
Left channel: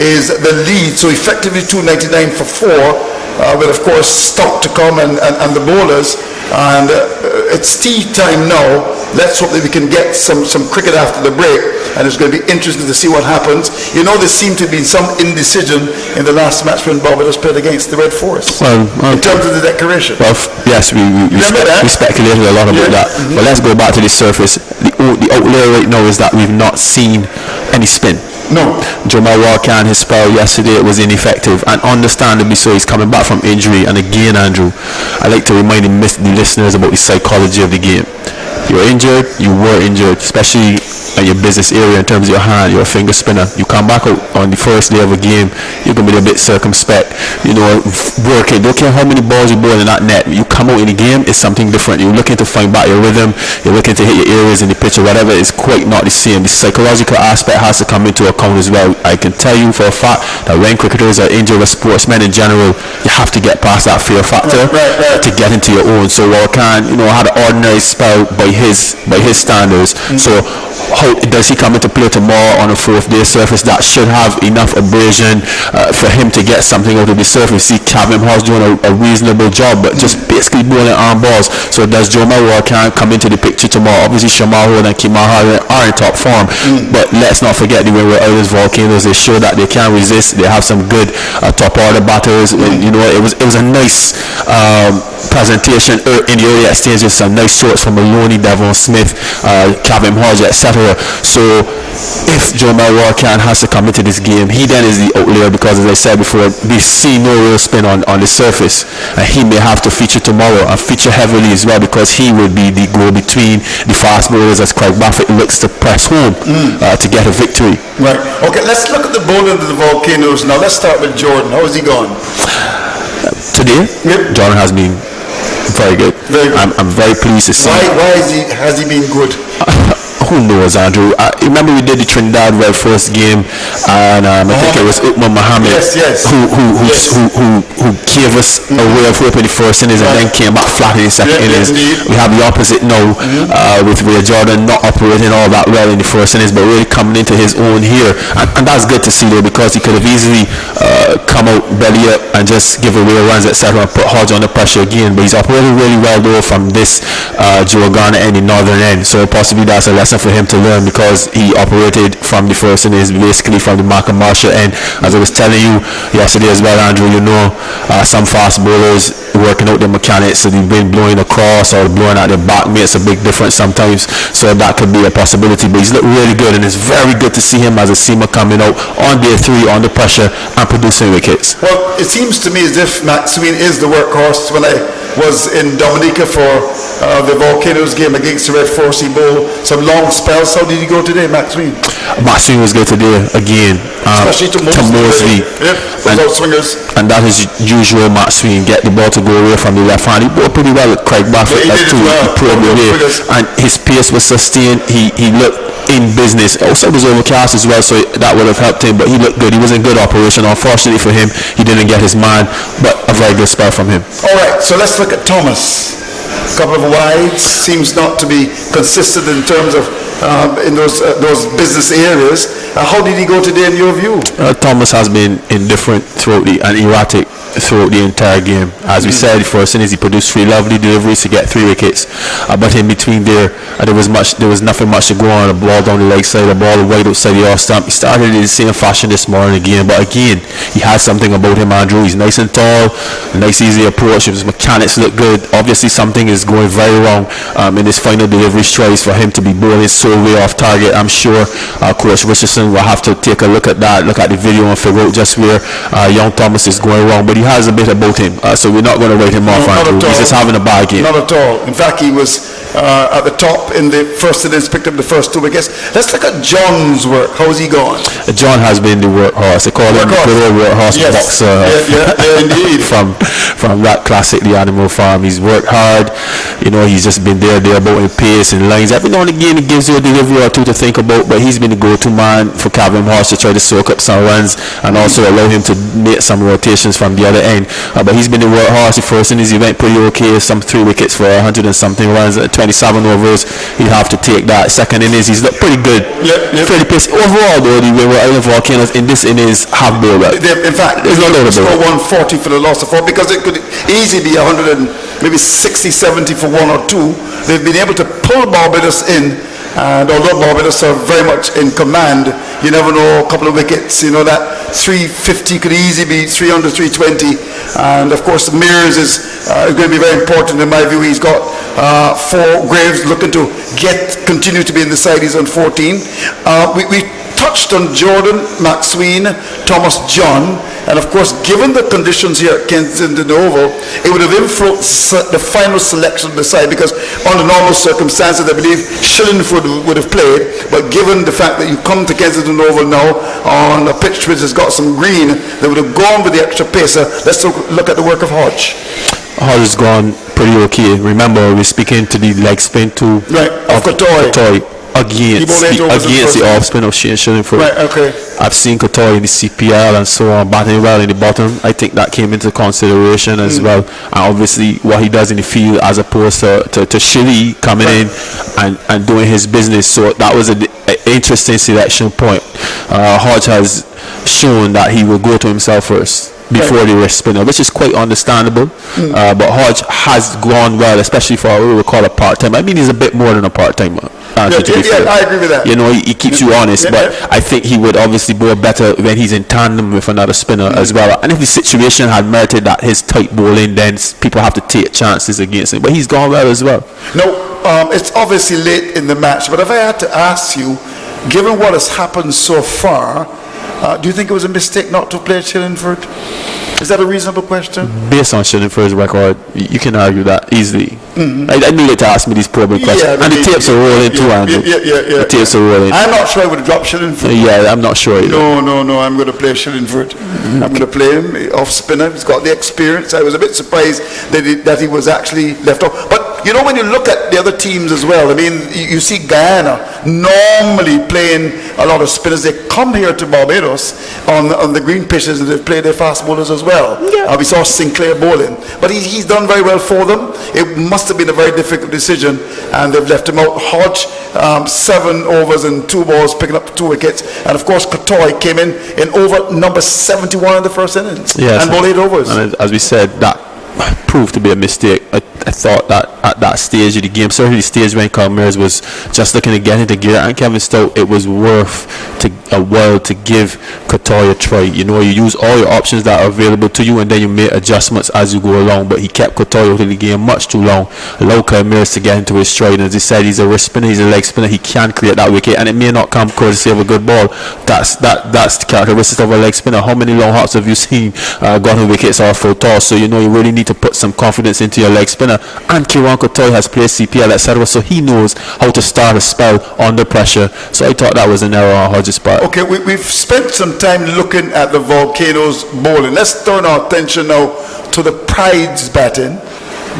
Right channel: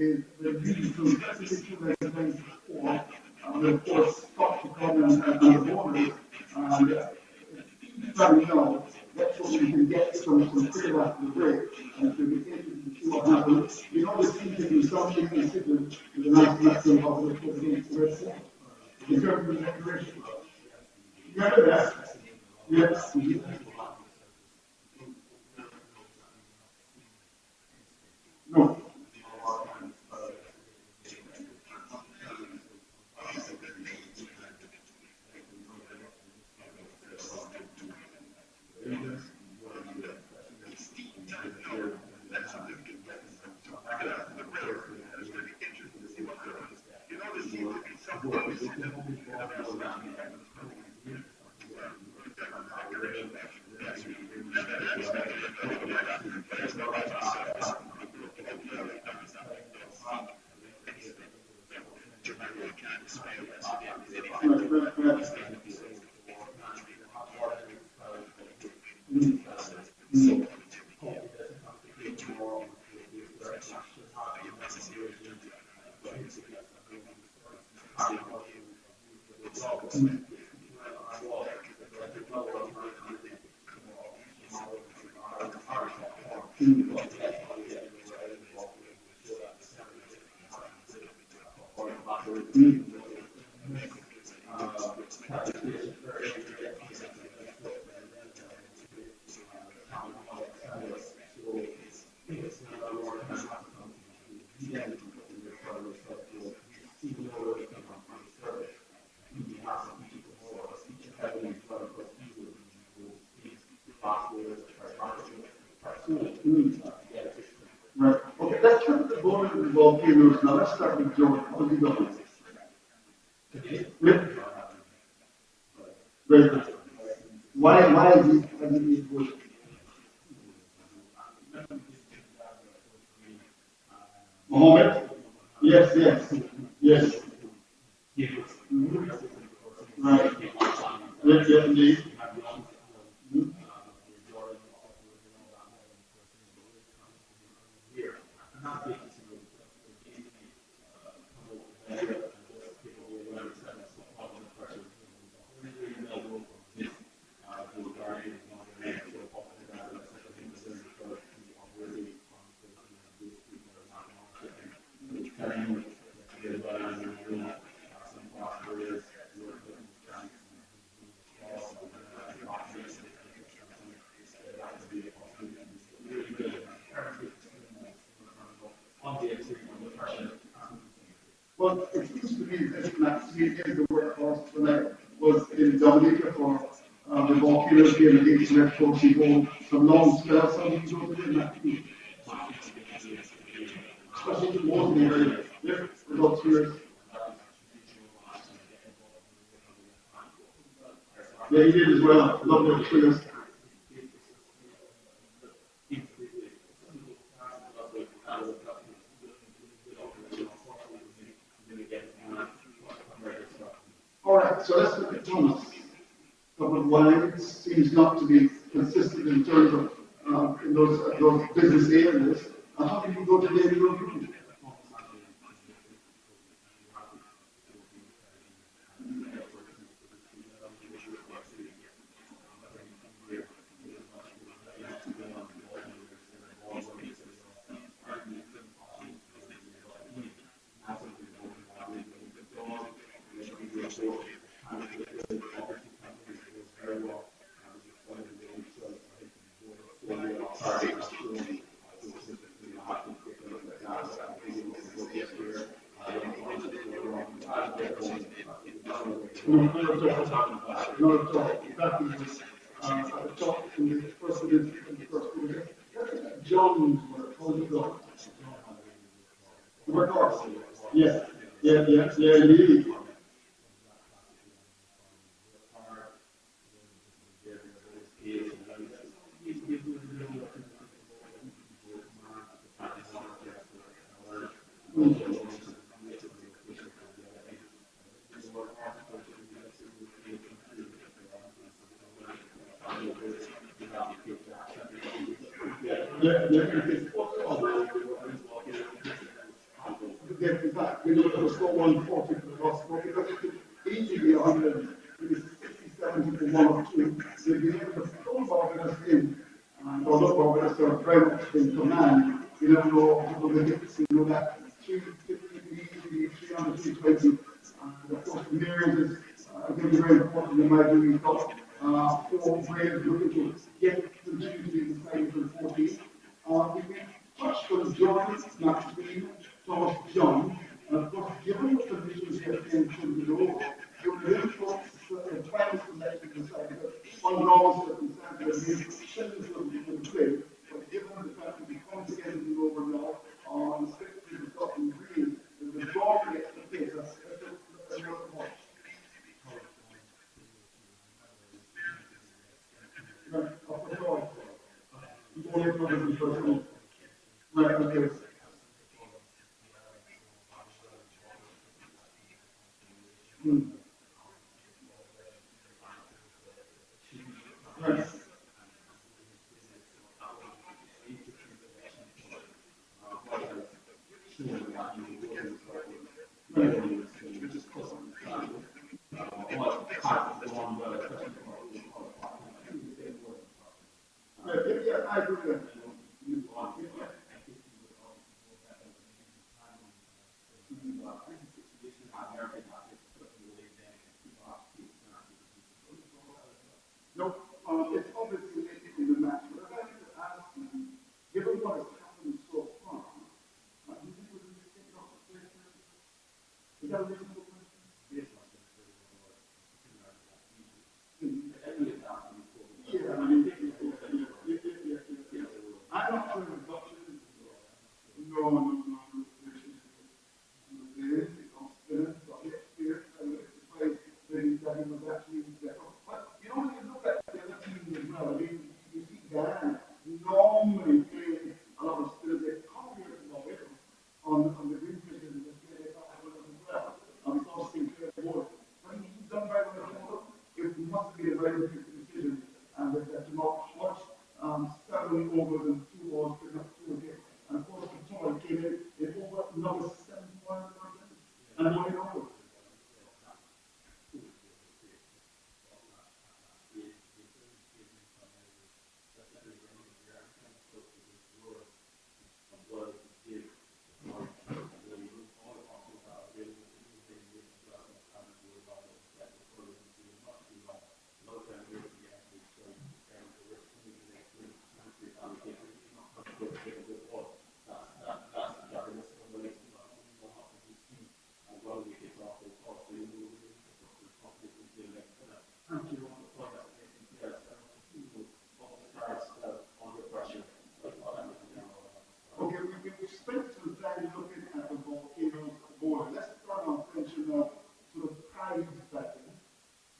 is the lead. So effectively 299 for 4. With of course stock to come and the bowlers, and it's tea time now. Let's hope that we can get some cricket after the break, and it's going to be interesting to see what happens. There seemed to be some indecision in the last match when Barbados played against the Red Forest. Well, in terms of the declaration. Well, yes, we speculated a lot about that. But let's go back to the surface. The outlier right now is that we've not seen any spin. No. Jamal Walker, his spell yesterday was ineffective, and understandably so. He's coming back from injury, and again, Andrew, I like to remind the listeners about the psychology of the game. You're injured, you were injured, especially in your business area in terms of your hand, you're a finger spinner. You come back out on the first day of a game, you're going to be a bit circumspect, working. Don't care how many balls you bowl in that net. You come out in the game, it's something different. You're looking to find back your rhythm, you're looking to hit your areas in the pitch or whatever. It's quite not the same. The psychological aspect has to come into account as well. I can tell you for a fact that when cricketers are injured, or sportsmen in general, you have to get past that fear factor to get into your own. So Walker, had an ordinary spell by his standards. So how does he come into play tomorrow on a 4th day surface that should have enough abrasion for him to get something out of the surface? See, Kevin Hall's doing a reasonable job, but just basically bowling arm balls. So does Joe Mawar can't come into the picture tomorrow? Obviously, Shamar Holder and Kimar Harden are in top form, but let's not forget the Windward Islands volcanoes. They show that they can resist. They have some good top order batters. It was a nice presentation in the early exchanges. Some nice shots from Maloney, Devon Smith, Kevin Hodge, etc. So if Joe Mawar has to come into this game, he then is the outlier, because as I said before, we see no real spin on the surface, and he may have to feature tomorrow and feature heavily as well, because he will be the go-between the fast bowlers as Craig Brathwaite looks to press home to get a victory. Right. Okay, let's look at the bowling of the volcanoes now. Let's start with Jordan. How has he gone? Today, Jordan has been very good. I'm very pleased to see. Why has he been good? who knows, Andrew? Remember we did the Trinidad Red first game, and I think it was Uthman Mohammed who gave us a way of hope in the first innings and then came back flat in the second innings. We have the opposite now with Ray Jordan not operating all that well in the first innings, but really coming into his own here, and that's good to see though, because he could have easily come out belly up and just give away runs, etc., and put Hodge under pressure again. But he's operating really well though from this Joe Garner end, the northern end. So possibly that's a lesson for him to learn, because he operated from the first innings basically from the Malcolm Marshall end. As I was telling you yesterday as well, Andrew, you know, some fast bowlers working out their mechanics, so the wind blowing across or blowing at their back makes a big difference sometimes. So that could be a possibility. But he's looked really good, and it's very good to see him as a seamer coming out on day 3 under pressure and producing wickets. Well, it seems to me as if Maxwell is the workhorse. When I was in Dominica for the Volcanoes game against the Red Force, he bowled some long spells. How did he go today, Maxwell? Maxwell was good today again. Especially to Mosley. Yep, those outswingers. And that is usual Maxwell, get the ball to go away from the left hand. He bowled pretty well at Craig Baffert. Yeah, he did well. And his pace was sustained. He looked in business. Also, it was overcast as well, so that would have helped him, but he looked good. He was in good operation. Unfortunately for him, he didn't get his man, but a very good spell from him. All right, so let's look at Thomas. A couple of wides, seems not to be consistent in terms of in those business areas. How did he go today in your view? Thomas has been indifferent and erratic throughout the entire game. As we said, first innings he produced 3 lovely deliveries to get 3 wickets, but in between there there was nothing much to go on. A ball down the leg side, a ball wide outside the off stump. He started in the same fashion this morning again, but again he has something about him, Andrew. He's nice and tall, nice easy approach. His mechanics look good. Obviously something is going very wrong in his final delivery tries for him to be bowling so way off target. I'm sure Coach Richardson will have to take a look at that, look at the video and figure out just where young Thomas is going wrong, but he has a bit about him, so we're not going to write him off, Andrew. He's just having a bad game. Not at all. In fact, he was at the top in the first innings, picked up the first 2 wickets. Let's look at John's work. How's he gone? John has been the workhorse. They call him the workhorse boxer. Indeed. From that classic, the Animal Farm. He's worked hard. You know, he's just been there about in pace and lines. Every now and again, he gives you a delivery or 2 to think about, but he's been the go-to man for Calvin Horse to try to soak up some runs and also allow him to make some rotations from the other end. But he's been the workhorse. The first innings he went pretty okay, some 3 wickets for 100 and something runs, 27 overs. He'd have to take that. Second innings, he's looked pretty good. Fairly paced. Overall, though, the Windward Island Volcanoes in this innings have bowled well. In fact, there's no doubt about it. 140 for the loss of 4, because it could easily be 100 and maybe 60, 70 for 1 or 2. They've been able to pull Barbados in, and although Barbados are very much in command, you never know, a couple of wickets, you know, that 350 could easily be 300, 320. And of course, Mears is going to be very important in my view. He's got 4 Graves looking to continue to be in the side. He's on 14. We touched on Jordan, Maxwell, Thomas John, and of course, given the conditions here at Kensington Oval, it would have influenced the final selection of the side, because under normal circumstances, I believe Shillingford would have played, but given the fact that you come to Kensington Oval now on a pitch which has got some green, they would have gone with the extra pacer. Let's look at the work of Hodge. Hodge has gone pretty okay. Remember, we're speaking to the leg spin too. Right, of Kotoy. Against the off spin of Shane Shillingford. Right, okay. I've seen Kotoy in the CPL and so on, batting well in the bottom. I think that came into consideration as well. And obviously what he does in the field as opposed to Shilly coming in and doing his business. So that was an interesting selection point. Hodge has shown that he will go to himself first before the wrist spinner, which is quite understandable. But Hodge has gone well, especially for what we would call a part-timer. I mean, he's a bit more than a part-timer. I agree with that. You know, he keeps you honest, but I think he would obviously bowl better when he's in tandem with another spinner as well. And if the situation had merited that his tight bowling, then people have to take chances against him. But he's gone well as well. No, it's obviously late in the match, but if I had to ask you, given what has happened so far, do you think it was a mistake not to play Shillingford? Is that a reasonable question? Based on Shillingford's record, you can argue that easily. I knew you to ask me these probing questions. And the tapes are rolling too, Andrew. The tapes are rolling. I'm not sure I would have dropped Shillingford. Yeah, I'm not sure either. No, I'm going to play Shillingford. I'm going to play him off spinner. He's got the experience. I was a bit surprised that he was actually left off. But you know, when you look at the other teams as well, I mean, you see Guyana normally playing a lot of spinners. They come here to Barbados on the green pitches and they play their fast bowlers as well. Yeah. We saw Sinclair bowling, but he's done very well for them. It must have been a very difficult decision, and they've left him out. Hodge, 7 overs and 2 balls, picking up 2 wickets, and of course Kotoy came in over number 71 in the first innings, Yes, and bowled 8 overs. And as we said, that proved to be a mistake. I thought that at that stage of the game, certainly the stage when Calmeres was just looking to get into gear, and Kevin Stout, it was worth a while to give Kotoy a try. You know, you use all your options that are available to you, and then you make adjustments as you go along. But he kept Kotoy out of the game much too long, allowed Calmeres to get into his stride. And as he said, he's a wrist spinner, he's a leg spinner. He can create that wicket, and it may not come courtesy of a good ball. That's the characteristic of a leg spinner. How many long hops have you seen gotten wickets or full toss? So you know you really need to put some confidence into your leg spinner. And Kieran Kotoy has played CPL, etc., so he knows how to start a spell under pressure. So I thought that was an error on Hodges' part. Okay, we've spent some time looking at the Volcanoes bowling. Let's turn our attention now to the Pride's batting.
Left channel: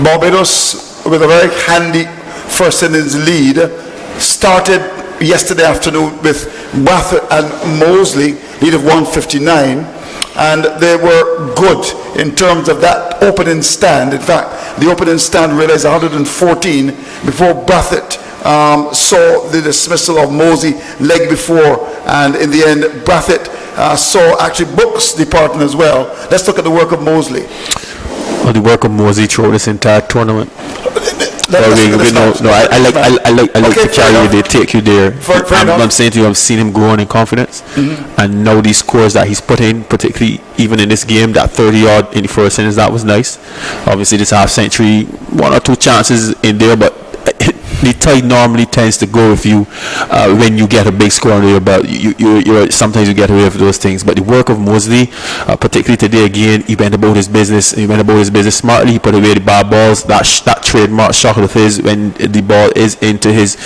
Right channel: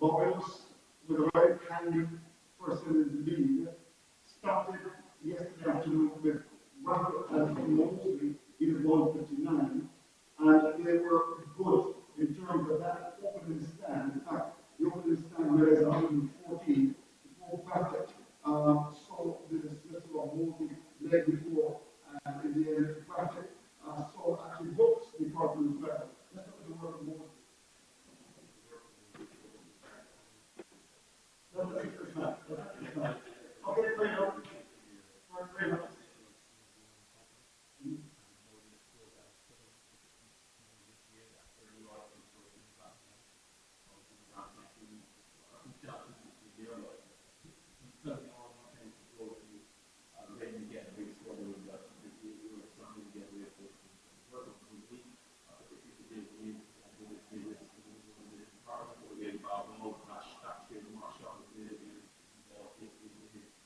Barbados, with a very handy first innings lead, started yesterday afternoon with Brathwaite and Mosley, lead of 159. And they were good in terms of that opening stand. In fact, the opening stand realized 114 before Brathwaite saw the dismissal of Mosley leg before, and in the end Brathwaite saw actually Brooks departing as well. Let's look at the work of Mosley. Well, the work of Mosley throughout this entire tournament. I like to carry you there, take you there. I'm saying to you, I've seen him growing in confidence, and now these scores that he's put in, particularly even in this game, that 30-odd in the first innings, that was nice. Obviously, this half century, 1 or 2 chances in there, but the tide normally tends to go with you when you get a big score under your belt. You sometimes you get away with those things. But the work of Mosley, particularly today again, he went about his business. He went about his business smartly. He put away the bad balls. That trademark shot of his when the ball is into his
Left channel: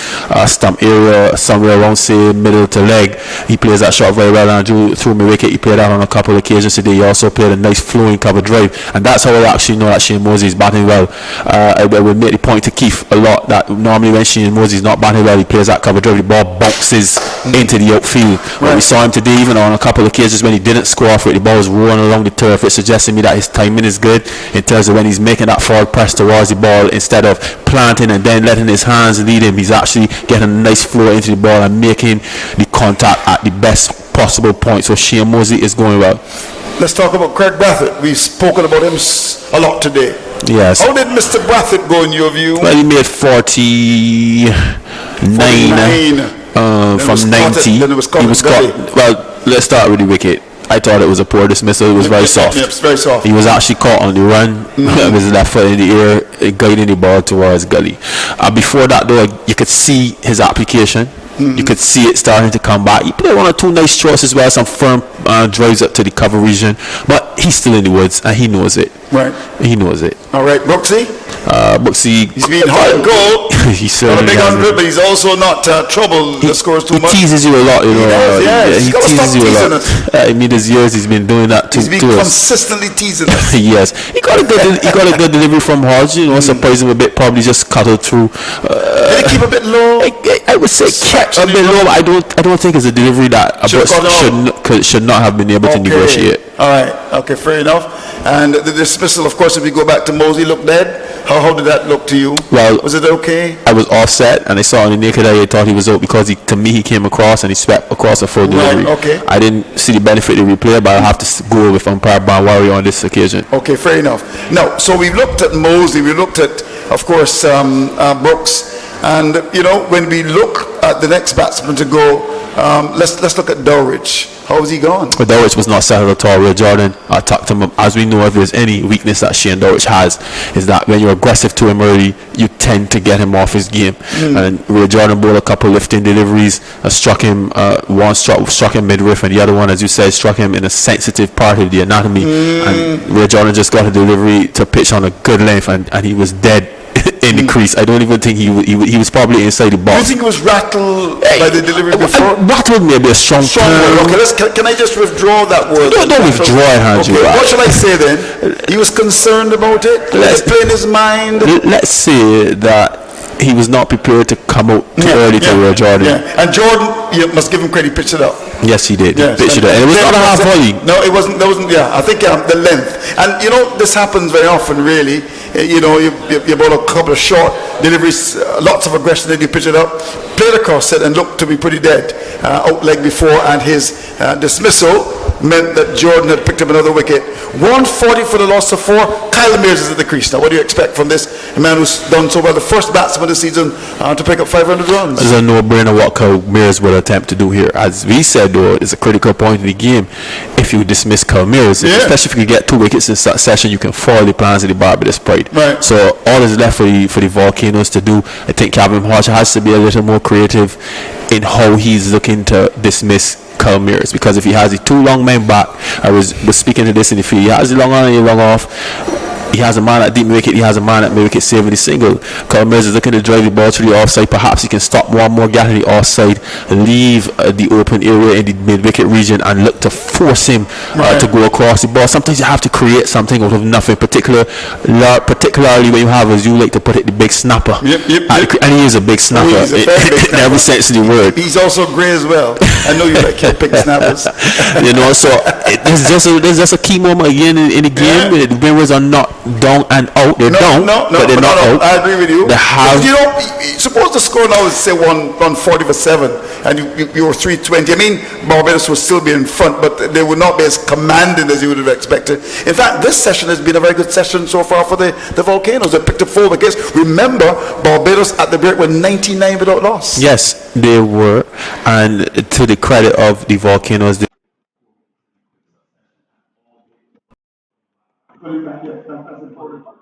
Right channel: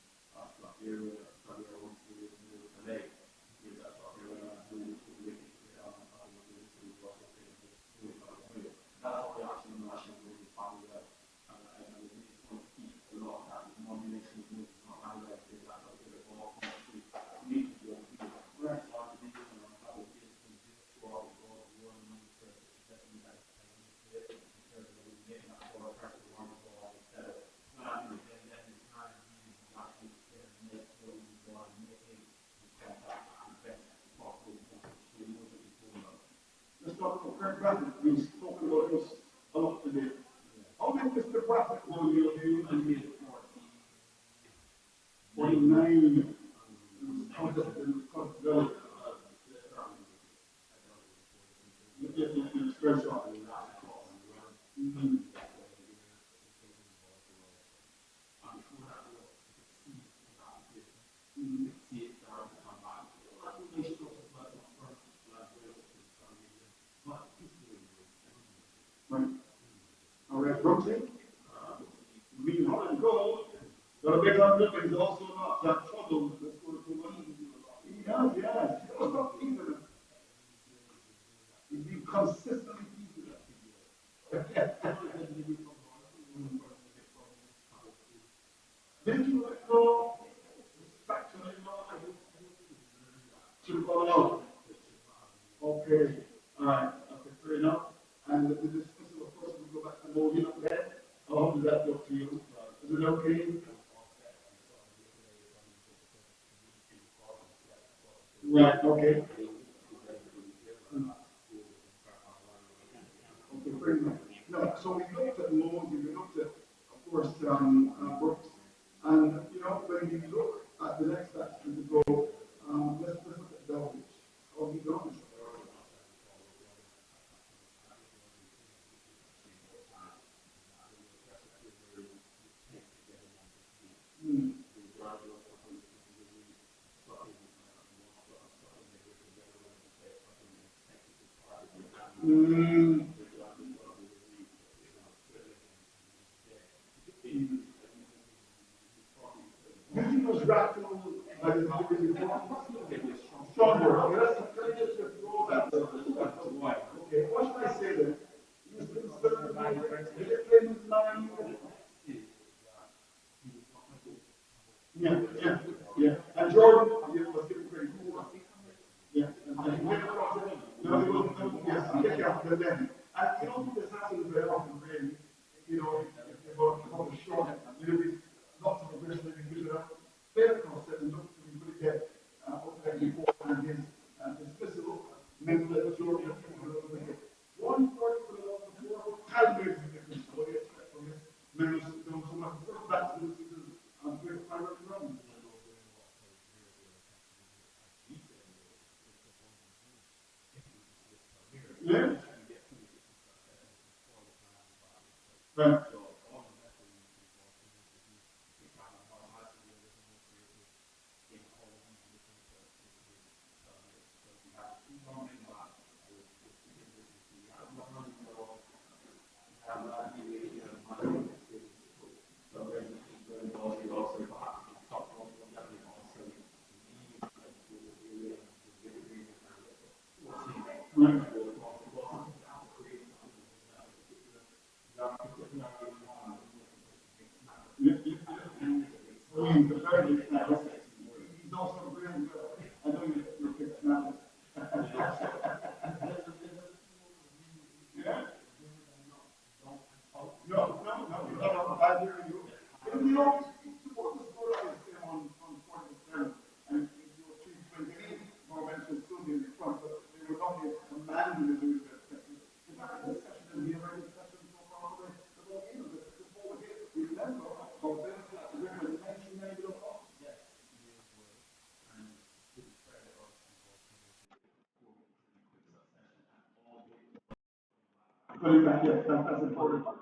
stump area, somewhere around say middle to leg. He plays that shot very well and drew through my wicket. He played that on a couple of occasions today. He also played a nice flowing cover drive, and that's how I actually know that Shane Mosley is batting well. I will make the point to Keith a lot that normally when Shane Mosley is not batting well, he plays that cover drive, the ball bounces into the outfield. But we saw him today even on a couple of occasions when he didn't score off it, the ball was rolling along the turf. It suggests to me that his timing is good in terms of when he's making that forward press towards the ball, instead of planting and then letting his hands lead him, he's actually getting a nice flow into the ball and making the contact at the best possible point. So Shane Mosley is going well. Let's talk about Craig Brathwaite. We've spoken about him a lot today. Yes. How did Mr. Brathwaite go in your view? Well, he made 49 from 90. Then it was He was caught. Well, let's start with the wicket. I thought it was a poor dismissal. It was very soft. Yep, very soft. He was actually caught on the run with his left foot in the air, guiding the ball towards gully. Before that, though, you could see his application. You could see it starting to come back. He played 1 or 2 nice strokes as well, some firm drives up to the cover region, but he's still in the woods and he knows it. Right. He knows it. All right, Brooksy? Brooksy, He's been hard and gold. He's certainly not a big 100, but he's also not trouble the scores too much. He teases you a lot, you know. He teases you a lot. us. I mean, his years he's been doing that He's been to us. consistently teasing us. Yes, he got a good delivery from Hodge. You know, surprised him a bit. Probably just cuddled through. Did he keep a bit low? I would say kept a bit low. I don't think it's a delivery that should not have been able to negotiate. All right. Okay, fair enough. And the dismissal, of course, if we go back to Mosley, looked dead. How did that look to you? Well, was it okay? I was offset, and I saw on the naked eye, I thought he was out because to me he came across and he swept across a full delivery. Right, okay. I didn't see the benefit of the replay, but I'll have to go with umpire Barnwari on this occasion. Okay, fair enough. Now, so we've looked at Mosley, we looked at, of course, Brooks, and you know, when we look at the next batsman to go, let's look at Dowrich. How was he gone? But Dowrich was not settled at all. Ray Jordan attacked him. As we know, if there's any weakness that Shane Dowrich has, is that when you're aggressive to him early, you tend to get him off his game. And Ray Jordan bowled a couple lifting deliveries, struck him one struck him midriff, and the other one, as you said, struck him in a sensitive part of the anatomy. And Ray Jordan just got a delivery to pitch on a good length, and he was dead in the crease. I don't even think he was probably inside the Do you box. think he was rattled by the delivery before? Rattled may be a strong term. Okay, can I just withdraw that word? Don't withdraw it, Andrew. Okay, what shall I say then? He was concerned about it? Let's play in his mind? Let's say that he was not prepared to come out too early to Jordan. Yeah. And Jordan, you must give him credit, he pitched it up. Yes, he did. Yes. He pitched it up. And it was not a half volley. No, it wasn't. That wasn't. Yeah, I think the length. And you know, this happens very often. Really, you know, you ball a couple of short deliveries, lots of aggression, then you pitch it up, played across it, and looked to be pretty dead out leg before, and his dismissal meant that Jordan had picked up another wicket. 140 for the loss of 4. Kyle Mears is at the crease now. What do you expect from this man who's done so well, the first batsman this season to pick up 500 runs? It's a no-brainer what Kyle Mears will attempt to do here. As we said, though, it's a critical point in the game. If you dismiss Kyle Mears, especially if you get 2 wickets in succession, you can foil the plans of the Barbados Pride. Right. So all is left for the Volcanoes to do. I think Calvin Hodge has to be a little more creative in how he's looking to dismiss Kyle Mears, because if he has the 2 long men back, I was speaking to this in the field, he has the long on and the long off. He has a man at deep wicket, he has a man at mid wicket saving the single. Kyle Mears is looking to drive the ball to the offside. Perhaps he can stop one more gap in the offside, leave the open area in the mid wicket region, and look to force him to go across the ball. Sometimes you have to create something out of nothing, particularly when you have, as you like to put it, the big snapper. Yep. And he is a big snapper, in every sense of the word. He's also grey as well. I know you like big snappers. You know, so there's just a key moment again in the game. The Windwards are not down and out. They're down, but they're not out. I agree with you. They have, you know, suppose the score now is say 140 for 7, and you were 320. I mean, Barbados will still be in front, but they would not be as commanding as you would have expected. In fact, this session has been a very good session so far for the Volcanoes. They picked up 4 wickets. Remember, Barbados at the break were 99 without loss. Yes, they were, and to the credit of the Volcanoes, Putting back, yes, that's important. It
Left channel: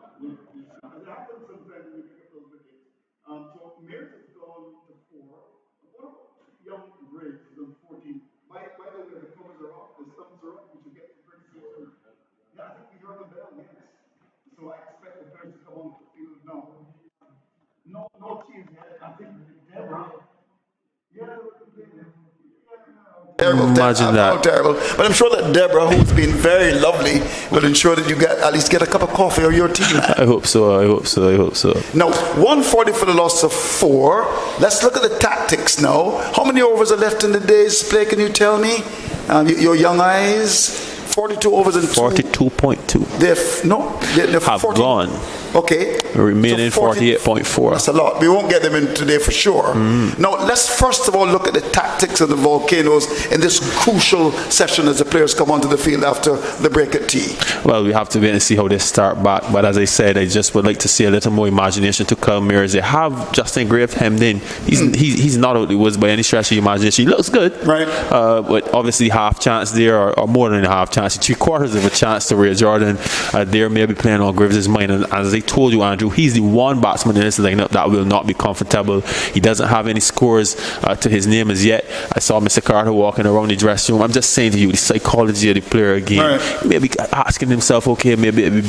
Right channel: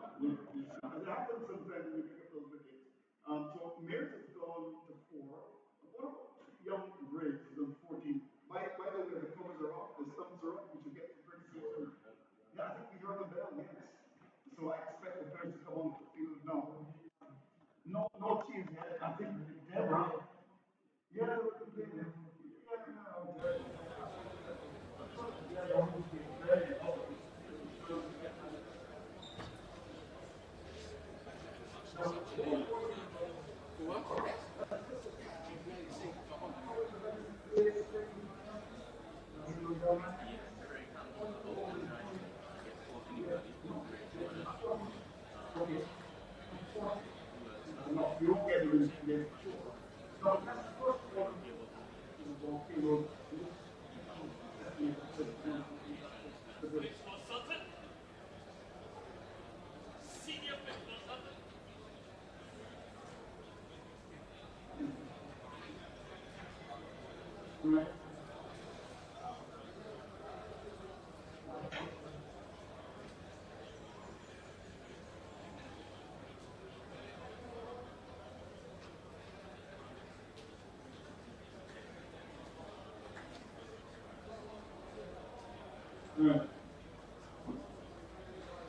happens sometimes when you pick up those wickets. So Mears has gone to 4. What about young Briggs, who's on 14? By the way, the covers are off, the thumbs are up, we should get to 36. Yeah, I think we heard the bell, yes. So I expect the players to come on the field now. No teams yet. I think Deborah. Imagine that. Terrible. But I'm sure that Deborah, who's been very lovely, will ensure that you at least get a cup of coffee or your tea. I hope so. Now, 140 for the loss of 4. Let's look at the tactics now. How many overs are left in the day's play? Can you tell me? Your young eyes. 42 overs and 42.2. They're have 40. gone. Okay. Remaining so 48.4. That's a lot. We won't get them in today for sure. Now, let's first of all look at the tactics of the Volcanoes in this crucial session as the players come onto the field after the break at tea. Well, we have to wait and see how they start back. But as I said, I just would like to see a little more imagination to Kyle Mears. They have Justin Grave hemmed in. He's not out the woods by any stretch of the imagination. He looks good. Right. But obviously half chance there, or more than a half chance, 3/4 of a chance to Ray Jordan. There may be playing on Graves' mind. And as I told you, Andrew, he's the one batsman in this lineup that will not be comfortable. He doesn't have any scores to his name as yet. I saw Mr. Carter walking around the dressing room. I'm just saying to you, the psychology of the player again. Right. Maybe asking himself, okay, maybe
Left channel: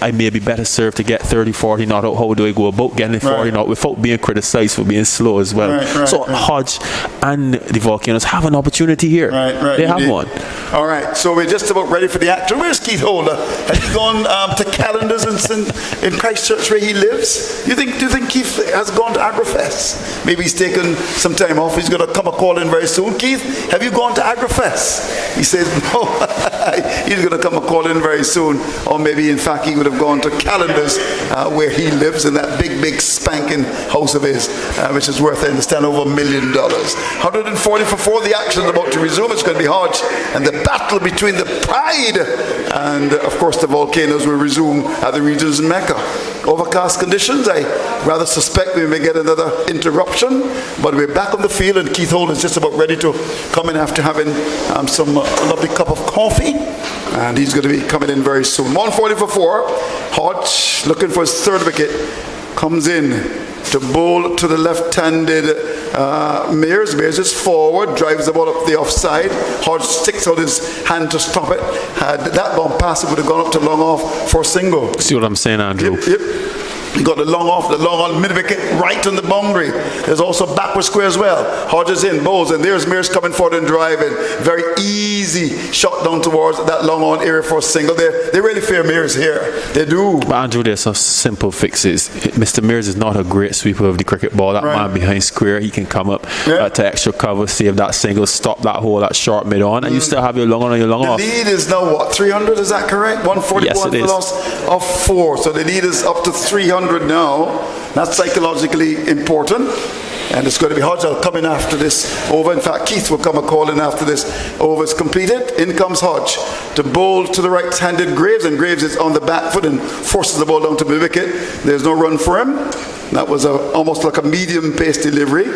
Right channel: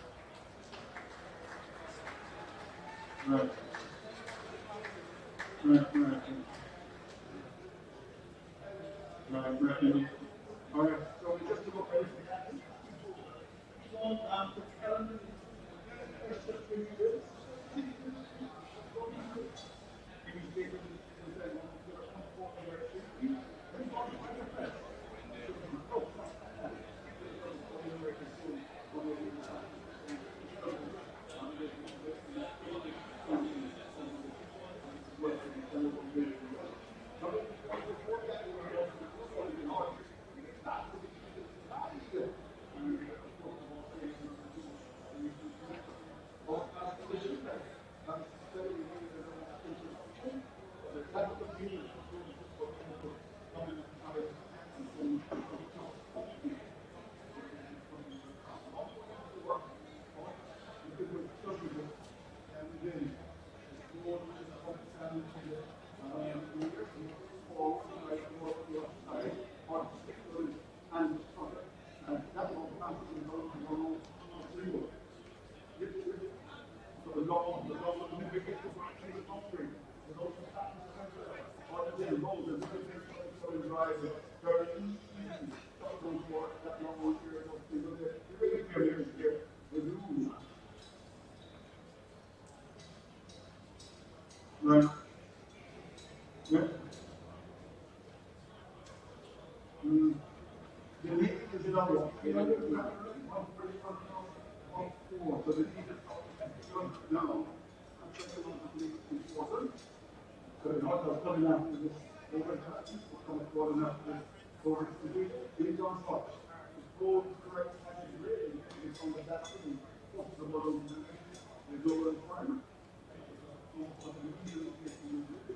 I may be better served to get 30, 40 not out. How do I go about getting 40 not without being criticized for being slow as well? So Hodge and the Volcanoes have an opportunity here. They have one. All right, so we're just about ready for the action. Where's Keith Holder? Has he gone to Calendars in Christchurch where he lives? Do you think Keith has gone to Agrifest? Maybe he's taken some time off. He's going to come a call in very soon. Keith, have you gone to Agrifest? He says no. He's going to come a call in very soon. Or maybe in fact he would have gone to Calendars where he lives in that big spanking house of his, which is worth, I understand, over $1 million. 140 for 4. The action is about to resume. It's going to be Hodge, and the battle between the Pride and of course the Volcanoes will resume at the region's Mecca. Overcast conditions. I rather suspect we may get another interruption, but we're back on the field, and Keith Holder is just about ready to come in after having some lovely cup of coffee, and he's going to be coming in very soon. 140 for 4. Hodge looking for his 3rd wicket, comes in to bowl to the left-handed Mears. Mears is forward, drives the ball up the offside. Hodge sticks out his hand to stop it. Had that gone past, it would have gone up to long off for a single. See what I'm saying, Andrew? Yep. You got the long on mid-wicket, right on the boundary. There's also backward square as well. Hodges in, bowls, and there's Mears coming forward and driving. Very easy shot down towards that long on area for a single. They really fear Mears here. They do. But Andrew, there's some simple fixes. Mr. Mears is not a great sweeper of the cricket ball. That man behind square, he can come up to extra cover, save that single, stop that hole, that short mid-on, and you still have your long on and your long off. The lead is now what, 300, is that correct? 141 yes, for the loss of 4. So the lead is up to 300 now. That's psychologically important. And it's going to be Hodge coming after this over. In fact, Keith will come a call in after this over is completed. In comes Hodge to bowl to the right-handed Graves, and Graves is on the back foot and forces the ball down to the wicket. There's no run for him. That was almost like a medium-pace delivery.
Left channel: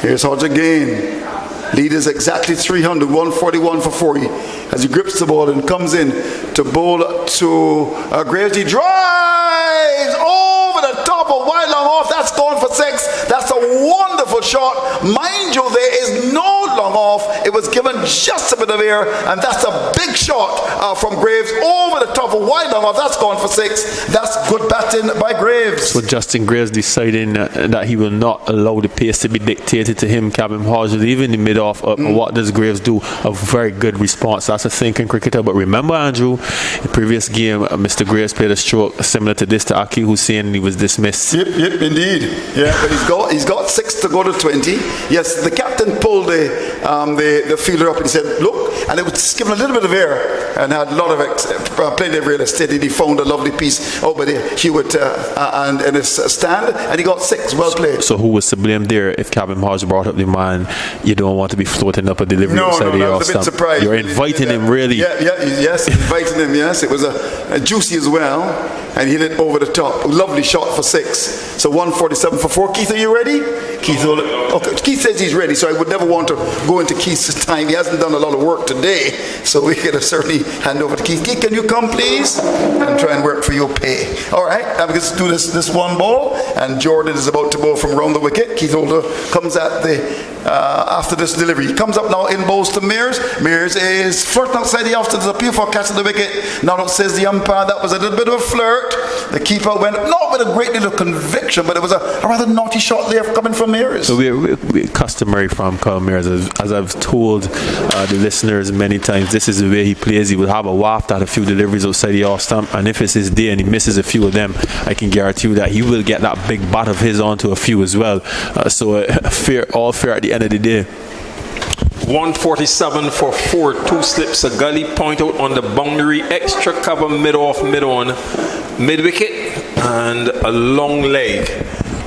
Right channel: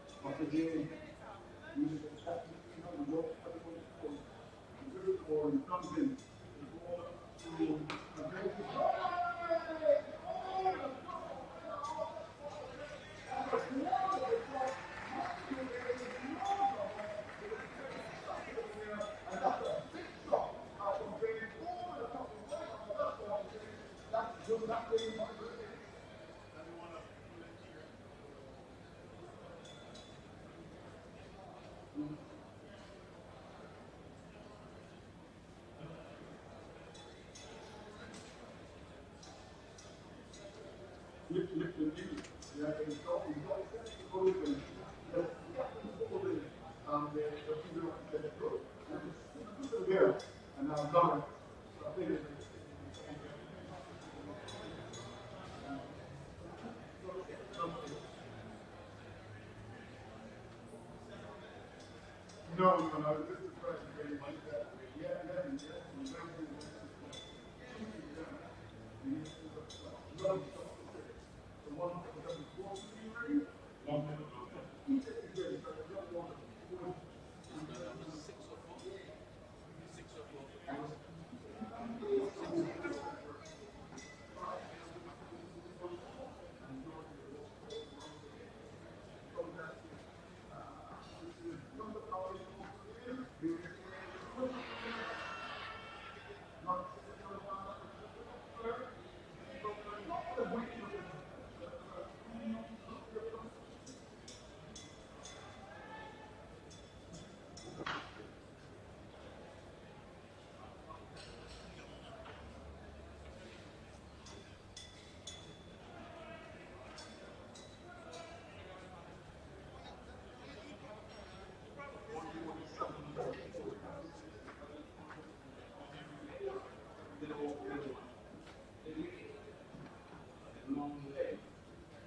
Here's Hodge again. Lead is exactly 300, 141 for 40. As he grips the ball and comes in to bowl to Graves, he drives over the top of wide long off. That's gone for 6. That's a wonderful shot. Mind you, there is no long off. It was given just a bit of air, and that's a big shot from Graves over the top of wide long off. That's gone for 6. That's good batting by Graves. So Justin Graves deciding that he will not allow the pace to be dictated to him. Cabin Hodge, even the mid-off, what does Graves do? A very good response. That's a thinking cricketer. But remember, Andrew, in the previous game, Mr. Graves played a stroke similar to this to Aki Hussain, and he was dismissed. Yep, indeed. Yeah, but he's got 6 to go to 20. Yes, the captain pulled the fielder up and he said, look, and it was given a little bit of air and had a lot of played it really steady. He found a lovely piece over there, Hewitt and in his stand, and he got 6. Well played. So who was to blame there if Cabin Hodge brought up the man? You don't want to be floating up a delivery outside the off stump. Surprised. You're inviting him, really. Yes, inviting him. Yes, it was a juicy as well, and he hit it over the top. Lovely shot for 6. So 147 for 4. Keith, are you ready? Keith says he's ready, so I would never want to go into Keith's time. He hasn't done a lot of work today, so we can certainly hand over to Keith. Keith, can you come, please, and try and work for your pay? All right, let's do this one ball, and Jordan is about to bowl from round the wicket. Keith Holder comes at the after this delivery. He comes up now in bowls to Mears. Mears is flirting outside the off to the appeal for catching the wicket. Now says the umpire that was a little bit of a flirt. The keeper went not with a great deal of conviction, but it was a rather naughty shot there coming from Mears. So we're customary from Colin Mears, as I've told the listeners many times, this is the way he plays. He will have a waft at a few deliveries outside the off stump, and if it's his day and he misses a few of them, I can guarantee you that he will get that big bat of his onto a few as well. So all fair at the end of the day. 147 for 4, 2 slips, a gully, point out on the boundary, extra cover, mid-off, mid-on, mid-wicket, and a long leg.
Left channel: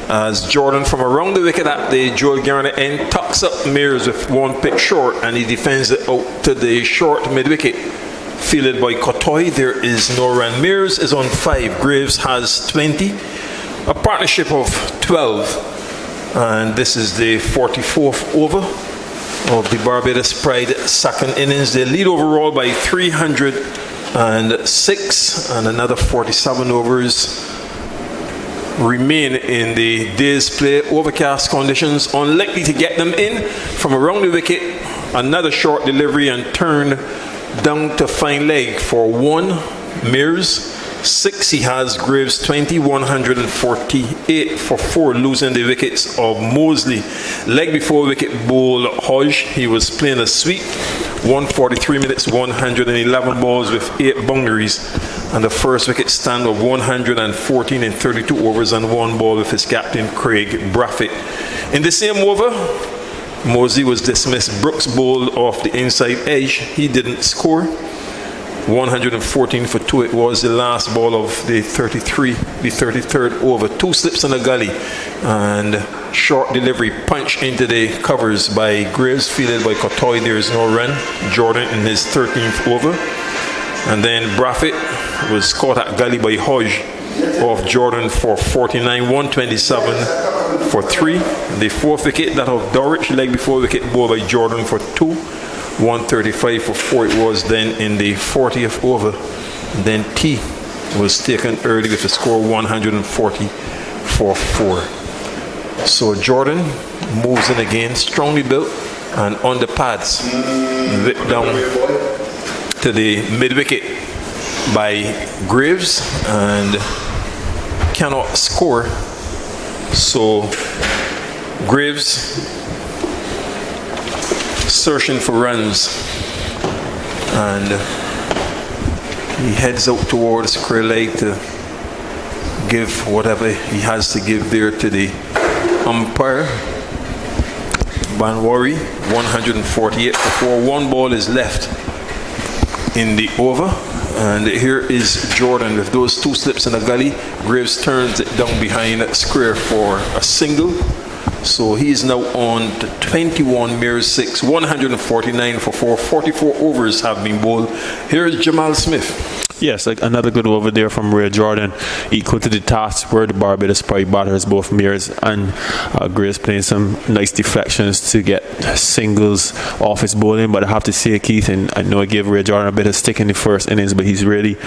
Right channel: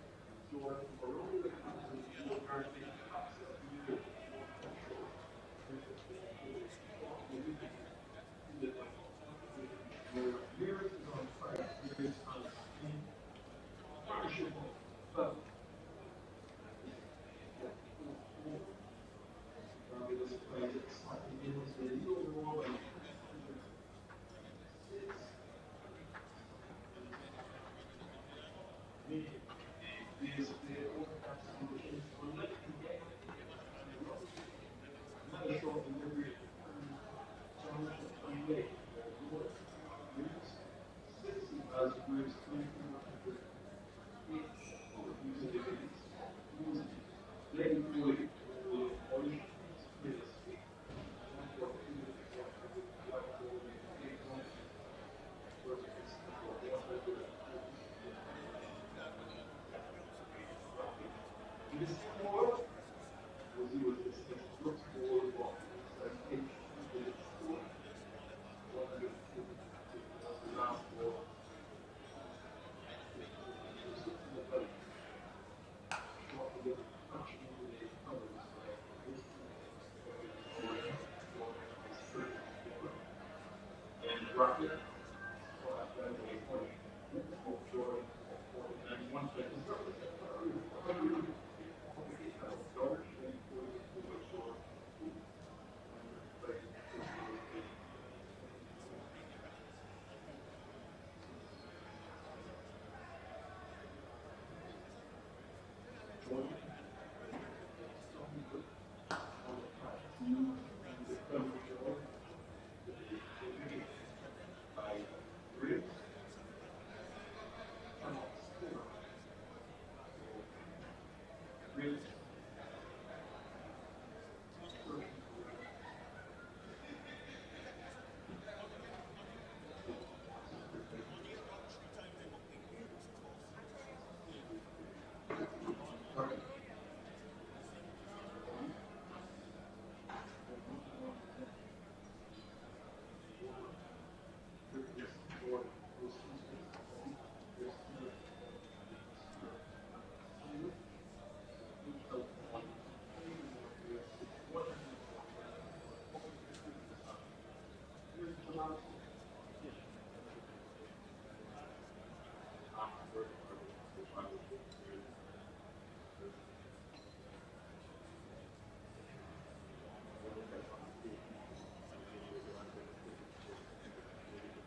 As Jordan from around the wicket at the Joel Garner end tucks up Mears with one pitch short, and he defends it out to the short mid-wicket. Fielded by Kotoy, there is no run. Mears is on 5, Graves has 20, a partnership of 12, and this is the 44th over of the Barbados Pride second innings. They lead overall by 306, and another 47 overs remain in the day's play. Overcast conditions, unlikely to get them in. From around the wicket, another short delivery and turn down to fine leg for 1. Mears 6 he has, Graves 20, 148 for 4, losing the wickets of Mosley. Leg before wicket bowl Hodge, he was playing a sweep, 143 minutes, 111 balls with 8 boundaries, and the first wicket stand of 114 in 32 overs and 1 ball with his captain Craig Braffett. In the same over, Mosley was dismissed. Brooks bowled off the inside edge, he didn't score. 114 for 2, it was the last ball of the 33rd over. 2 slips in the gully and short delivery punch into the covers by Graves, fielded by Kotoy. There is no run. Jordan in his 13th over, and then Braffett was caught at gully by Hodge off Jordan for 49, 127 for 3. The 4th wicket, that of Dorridge, leg before wicket ball by Jordan for 2, 135 for 4 it was then in the 40th over. Then T was taken early with a score 140 for 4. So Jordan moves in again, strongly built and on the pads, whipped down to the mid-wicket by Graves, and cannot score. So Graves searching for runs, and he heads out towards square leg to give whatever he has to give there to the umpire. Banwari, 148 for 4. 1 ball is left in the over. And here is Jordan with those 2 slips in the gully. Graves turns it down behind square for a single. So he's now on to 21, Mears 6, 149 for 4. 44 overs have been bowled. Here is Jamal Smith. Yes, like another good over there from Ray Jordan, equal to the task where the Barbados probably batters both Mears and Graves playing some nice deflections to get singles off his bowling. But I have to say, Keith, and I know I gave Ray Jordan a bit of stick in the first innings, but he's really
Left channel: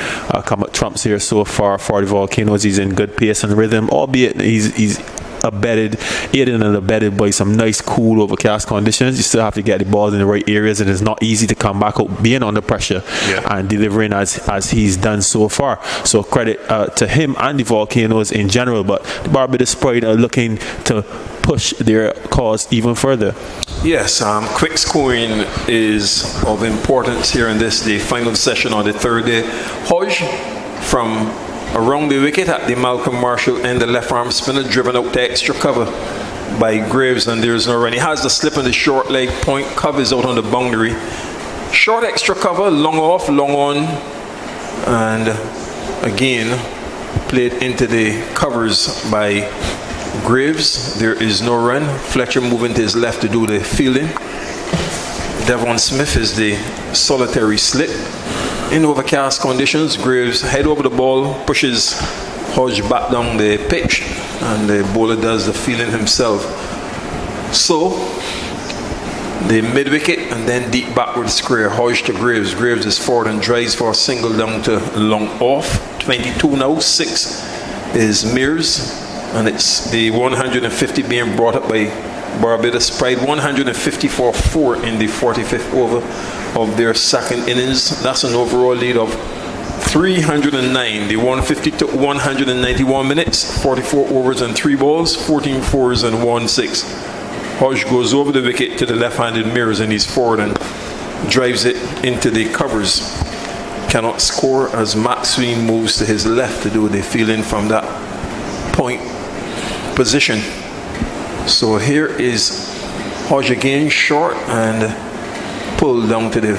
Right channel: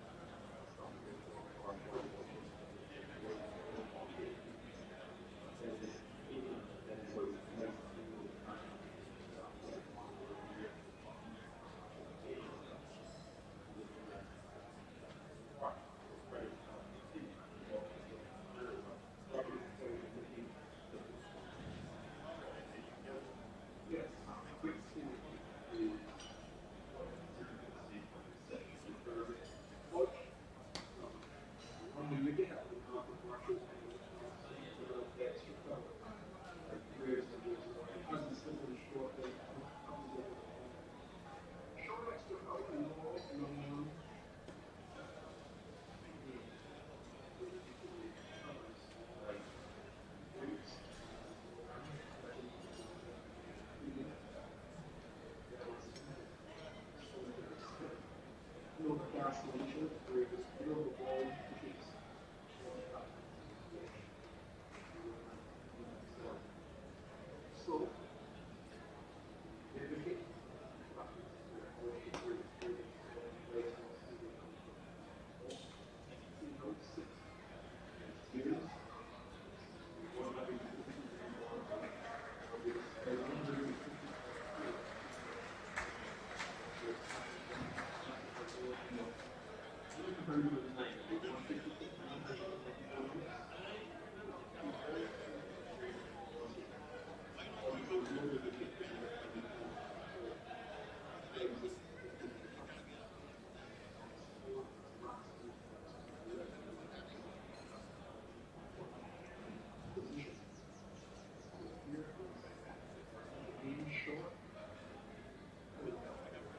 come up trumps here so far for the Volcanoes. He's in good pace and rhythm, albeit he's aided and abetted by some nice cool overcast conditions. You still have to get the balls in the right areas, and it's not easy to come back out being under pressure and delivering as he's done so far. So credit to him and the Volcanoes in general, but the Barbados Pride are looking to push their cause even further. Yes, quick scoring is of importance here in this, the final session on the third day. Hodge from around the wicket at the Malcolm Marshall end, the left arm spinner driven out to extra cover by Graves, and there's no run. He has the slip on the short leg point, covers out on the boundary. Short extra cover, long off, long on, and again played into the covers by Graves. There is no run. Fletcher moving to his left to do the fielding. Devon Smith is the solitary slip. In overcast conditions, Graves head over the ball, pushes Hodge back down the pitch, and the bowler does the fielding himself. So the mid wicket and then deep backward square, Hodge to Graves. Graves is forward and drives for a single down to long off. 22 now, 6 is Mears, and it's the 150 being brought up by Barbados Pride. 154 4 in the 45th over of their second innings. That's an overall lead of 309. The 150 to 191 minutes, 44 overs and 3 balls, 14 fours and 1 6. Hodge goes over the wicket to the left-handed Mears, and he's forward and drives it into the covers. Cannot score as Maxwell moves to his left to do the fielding from that point position. So here is Hodge again, short and pulled down to the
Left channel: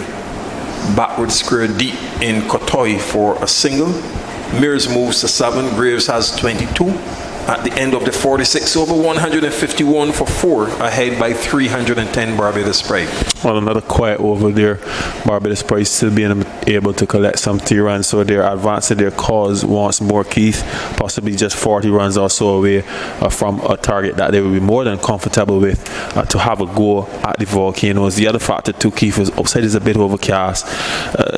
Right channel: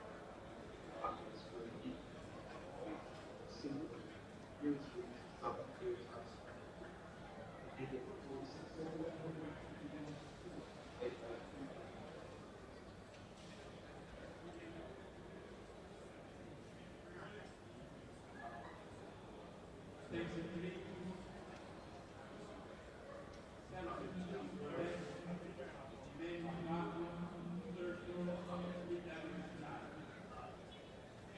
backward square deep in Kotoy for a single. Mears moves to 7. Graves has 22. At the end of the 46 over, 151 for 4, ahead by 310 Barbados Pride. Well, another quiet over there. Barbados Pride still being able to collect some 3 runs, so they're advancing their cause once more, Keith. Possibly just 40 runs or so away from a target that they will be more than comfortable with to have a go at the Volcanoes. The other factor too, Keith, is outside is a bit overcast,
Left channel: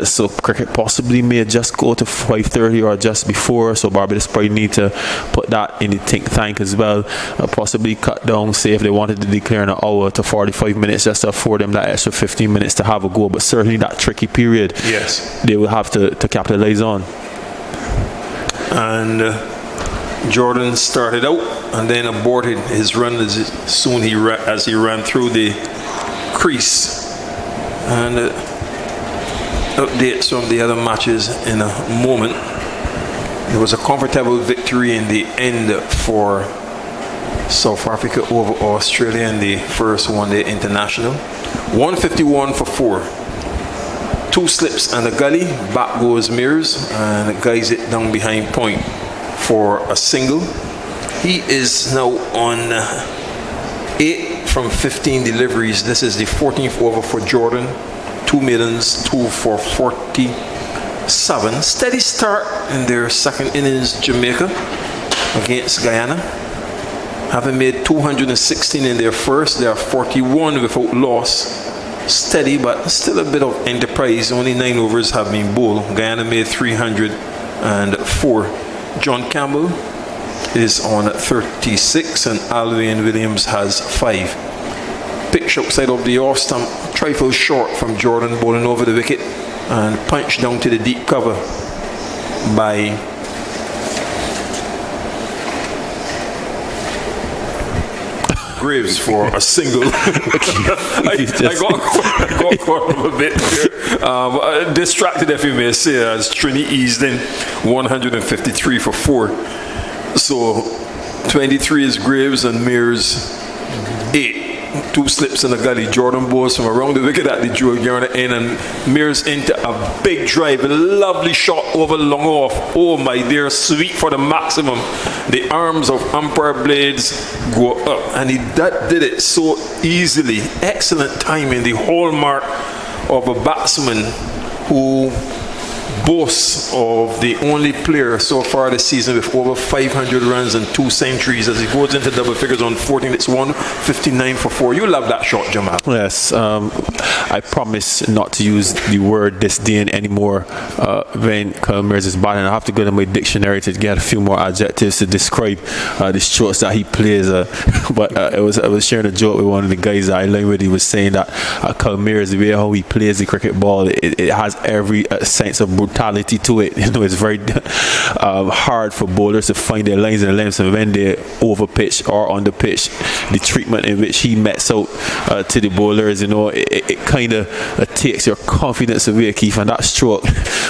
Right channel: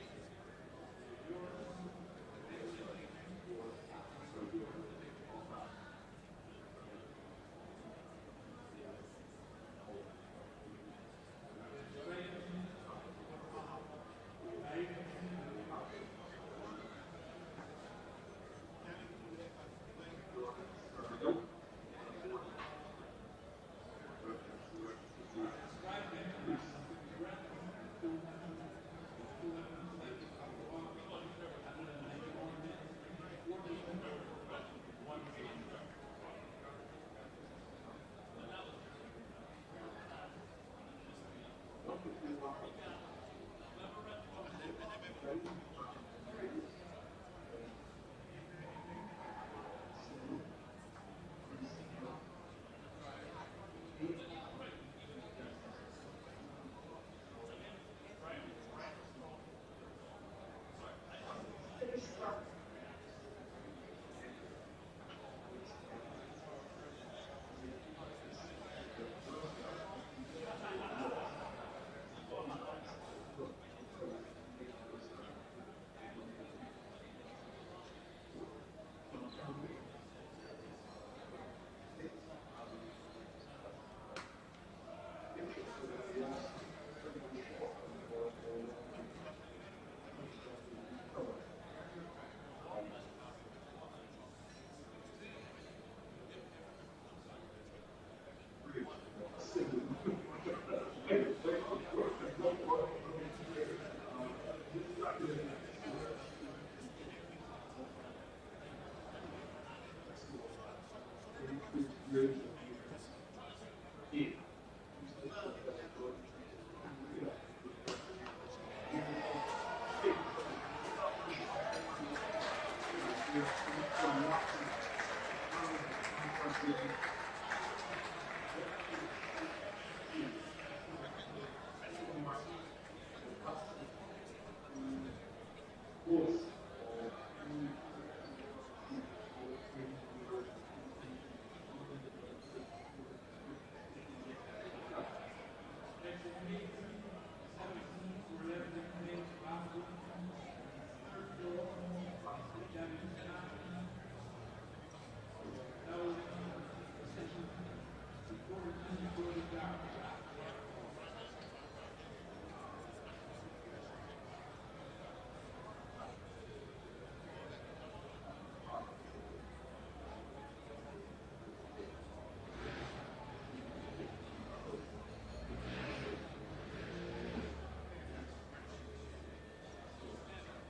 so cricket possibly may just go to 5:30 or just before, so Barbados Pride need to put that in the think tank as well. Possibly cut down, say if they wanted to declare an hour to 45 minutes just to afford them that extra 15 minutes to have a go, but certainly that tricky period, yes, they will have to capitalize on. And Jordan started out and then aborted his run as soon as he ran through the crease. And updates from the other matches in a moment. There was a comfortable victory in the end for South Africa over Australia in the first one-day international. 151 for 4. 2 slips and a gully. Back goes Mears and guides it down behind point for a single. He is now on 8 from 15 deliveries. This is the 14th over for Jordan. 2 maidens, 2 for 47. Steady start in their second innings, Jamaica against Guyana. Having made 216 in their first, they are 41 without loss. Steady, but still a bit of enterprise. Only 9 overs have been bowled. Guyana made 304. John Campbell is on 36, and Alvin Williams has 5. Pitch outside of the off stump, trifle short from Jordan, bowling over the wicket, and punch down to the deep cover by Graves for a single. I got caught up a bit here. Distracted, if you may say, as Trini eased in 153 for 4. So 23 is Graves and Mears 8. 2 slips in the gully. Jordan Bowes from around the wicket at the Joe Garner in, and Mears into a big drive. A lovely shot over long off. Oh my dear, sweet for the maximum. The arms of umpire blades go up, and he did it so easily. Excellent timing. The hallmark of a batsman who boasts of the only player so far this season with over 500 runs and 2 centuries. As he goes into double figures on 14, it's 159 for 4. You love that shot, Jamal. Yes, I promise not to use the word disdain anymore when Kyle Mears is batting. I have to go to my dictionary to get a few more adjectives to describe the strokes that he plays. But I was sharing a joke with one of the guys that I learned with. He was saying that Kyle Mears, the way how he plays the cricket ball, it has every sense of brutality to it. You know, it's very hard for bowlers to find their lines and lengths, and when they're over pitch or on the pitch, the treatment in which he mets out to the bowlers, you know, it kind of takes your confidence away, Keith, and that stroke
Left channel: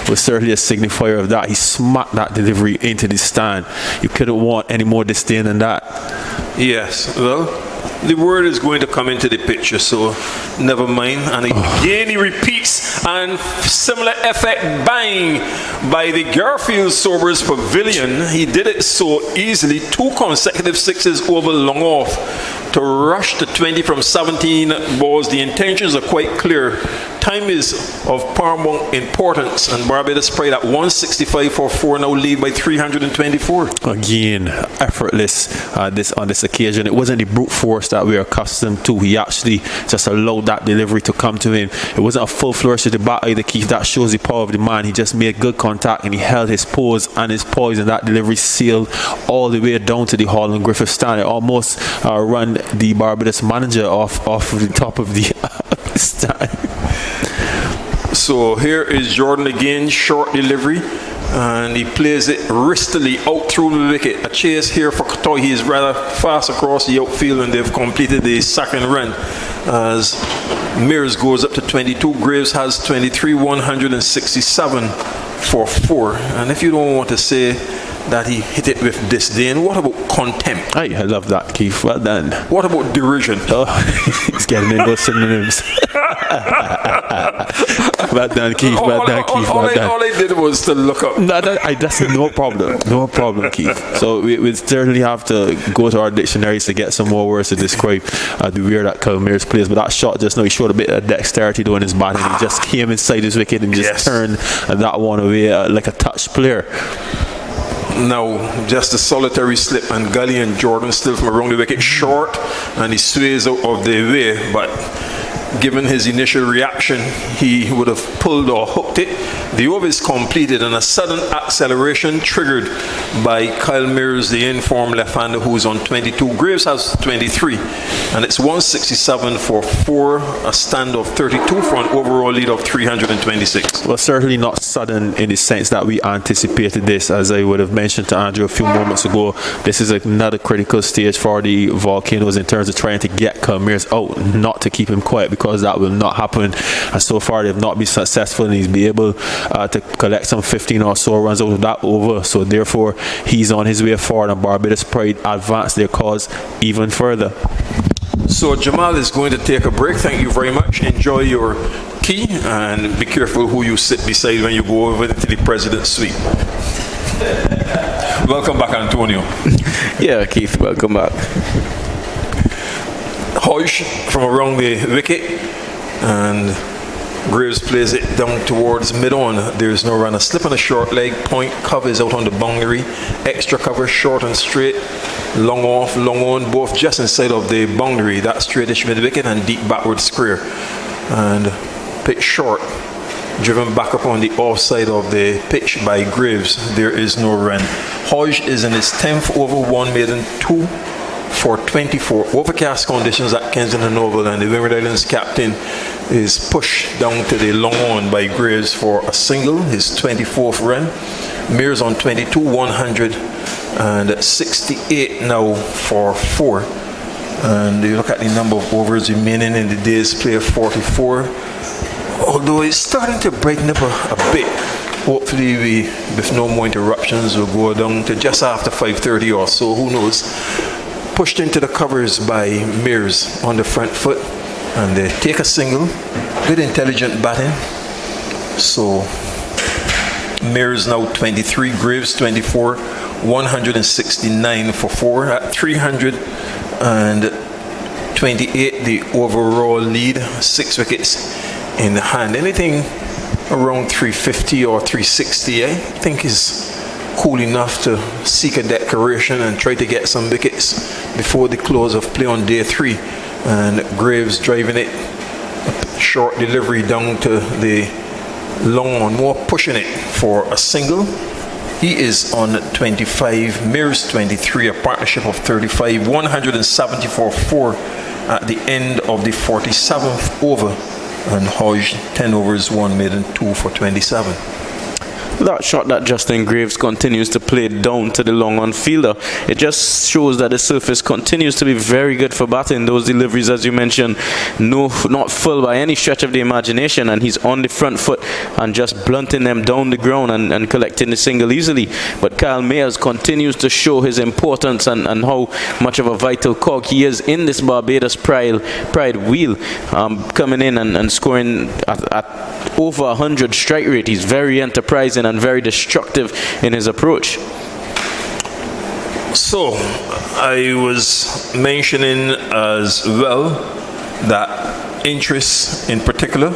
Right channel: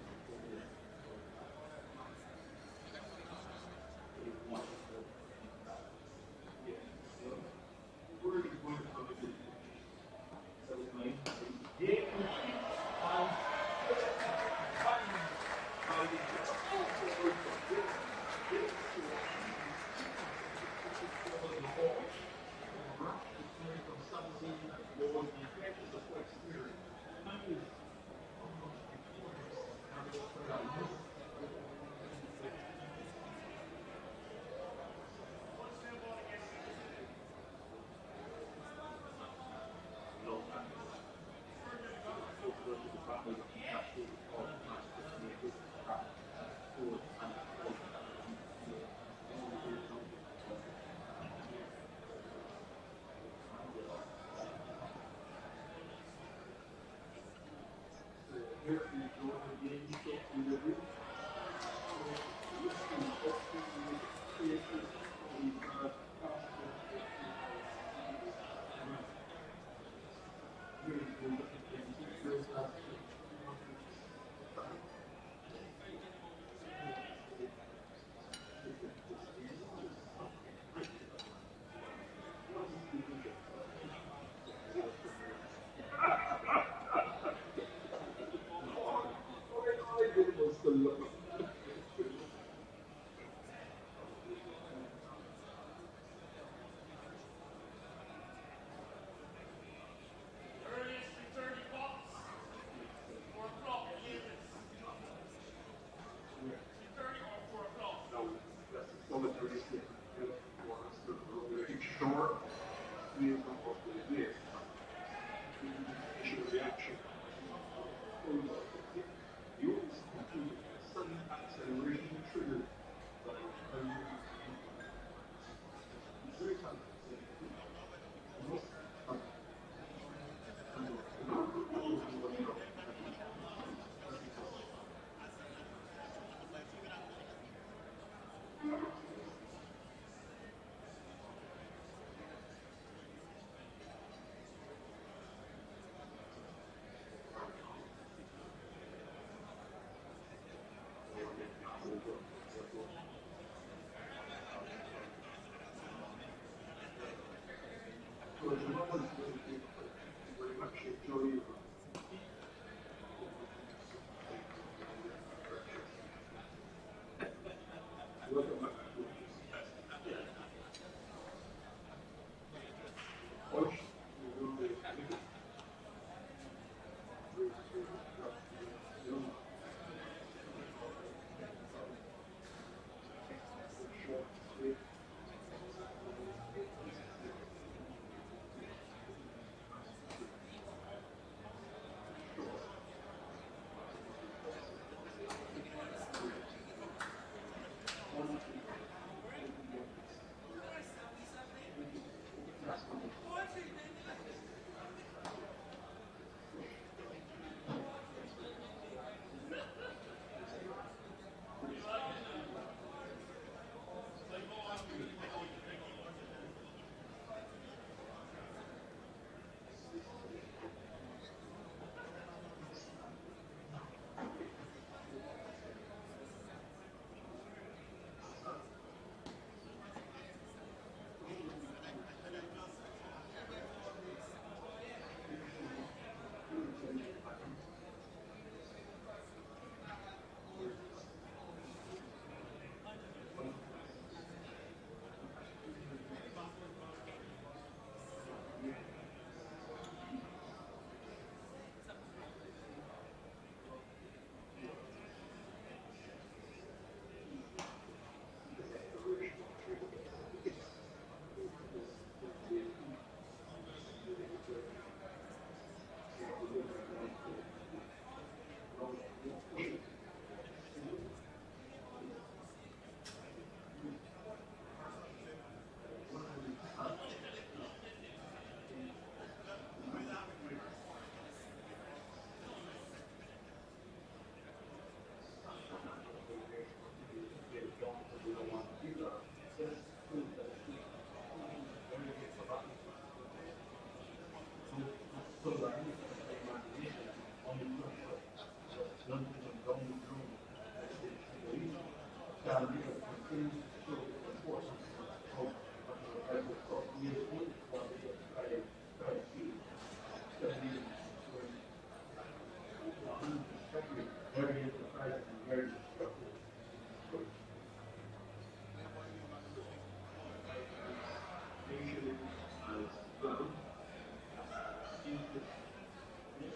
was certainly a signifier of that. He smacked that delivery into the stand. You couldn't want any more disdain than that. Yes, well, the word is going to come into the picture, so never mind. And again he repeats, and similar effect, bang, by the Garfield Sobers Pavilion. He did it so easily. 2 consecutive sixes over long off to rush to 20 from 17 balls. The intentions are quite clear. Time is of paramount importance, and Barbados Pride at 165 for 4 now lead by 324. Again, effortless on this occasion. It wasn't the brute force that we're accustomed to. He actually just allowed that delivery to come to him. It wasn't a full flourish to the bat either, Keith. That shows the power of the man. He just made good contact and he held his pose and his poise, and that delivery sailed all the way down to the Holland Griffith stand. It almost run the Barbados manager off the top of the stand. So here is Jordan again, short delivery, and he plays it wristily out through the wicket. A chase here for Katoy. He is rather fast across the outfield, and they've completed the second run as Mears goes up to 22. Graves has 23, 167 for 4. And if you don't want to say that he hit it with disdain, what about contempt? I love that, Keith. Well done. What about derision? Oh, he's getting in those synonyms. Well done, Keith. Well done, Keith. Well done. All I did was to look up. No, that's no problem. No problem, Keith. So we certainly have to go to our dictionaries to get some more words to describe the way that Kyle Mears plays. But that shot just now, he showed a bit of dexterity doing his batting. He just came inside his wicket and just turned that one away like a touch player. Now, just a solitary slip, and Gully and Jordan still from around the wicket short, and he sways out of the way, but given his initial reaction, he would have pulled or hooked it. The over is completed, and a sudden acceleration triggered by Kyle Mears, the informed left-hander, who is on 22. Graves has 23, and it's 167 for 4, a stand of 32 for an overall lead of 326. Well, certainly not sudden in the sense that we anticipated this. As I would have mentioned to Andrew a few moments ago, this is another critical stage for the Volcanoes in terms of trying to get Kyle Mears out, not to keep him quiet, because that will not happen. And so far, they've not been successful, and he's been able to collect some 15 or so runs out of that over. So therefore, he's on his way forward, and Barbados Pride advance their cause even further. So Jamal is going to take a break. Thank you very much. Enjoy your tea, and be careful who you sit beside when you go over to the president's suite. Welcome back, Antonio. Yeah, Keith, welcome back. Hodge from around the wicket, and Graves plays it down towards mid-on. There's no run. A slip on a short leg. Point covers out on the boundary. Extra cover, short and straight. Long off, long on, both just inside of the boundary. That straightish mid-wicket and deep backward square. And pitch short. Driven back up on the offside of the pitch by Graves. There is no run. Hodge is in his 10th over, 1 maiden, 2 for 24. Overcast conditions at Kensington Oval, and the Windward Islands captain is pushed down to the long on by Graves for a single, his 24th run. Mears on 22, 168 now for 4. And you look at the number of overs remaining in the day's play of 44. Although it's starting to brighten up a bit. Hopefully we, with no more interruptions, will go down to just after 5:30 or so, who knows. Pushed into the covers by Mears on the front foot. And they take a single. Good intelligent batting. So Mears now 23, Graves 24, 169 for 4 at 328 the overall lead, 6 wickets in the hand. Anything around 350 or 360 I think is cool enough to seek a declaration and try to get some wickets before the close of play on day 3. And Graves driving it, a short delivery down to the long on, more pushing it for a single. He is on 25, Mears 23, a partnership of 35, 174 4 at the end of the 47th over. And Hodge, 10 overs, 1 made and 2 for 27. That shot that Justin Graves continues to play down to the long on fielder, it just shows that the surface continues to be very good for batting. Those deliveries, as you mentioned, not full by any stretch of the imagination, and he's on the front foot and just blunting them down the ground and collecting the single easily. But Kyle Mayers continues to show his importance and how much of a vital cog he is in this Barbados pride wheel, coming in and scoring at over 100 strike rate. He's very enterprising and very destructive in his approach. So, I was mentioning as well that interest in particular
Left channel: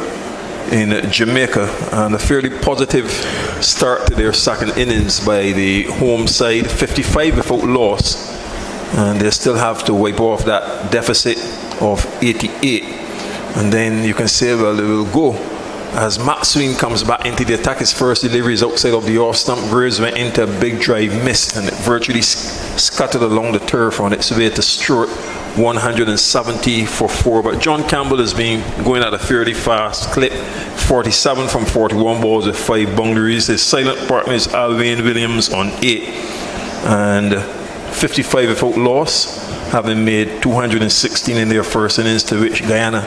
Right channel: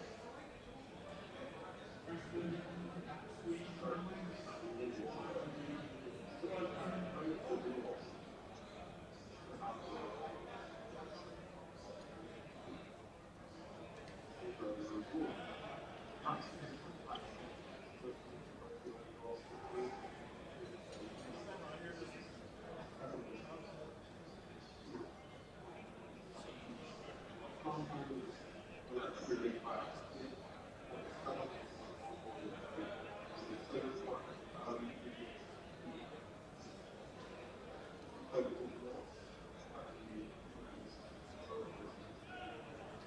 in Jamaica, and a fairly positive start to their second innings by the home side, 55 without loss, and they still have to wipe off that deficit of 88. And then you can say, well, they will go. As Matt Sween comes back into the attack, his first delivery is outside of the off stump. Graves went into a big drive, missed, and it virtually scattered along the turf on its way to Stewart, 170 for 4. But John Campbell has been going at a fairly fast clip, 47 from 41 balls with 5 boundaries. His silent partner is Alwyn Williams on 8, and 55 without loss, having made 216 in their first innings, to which Guyana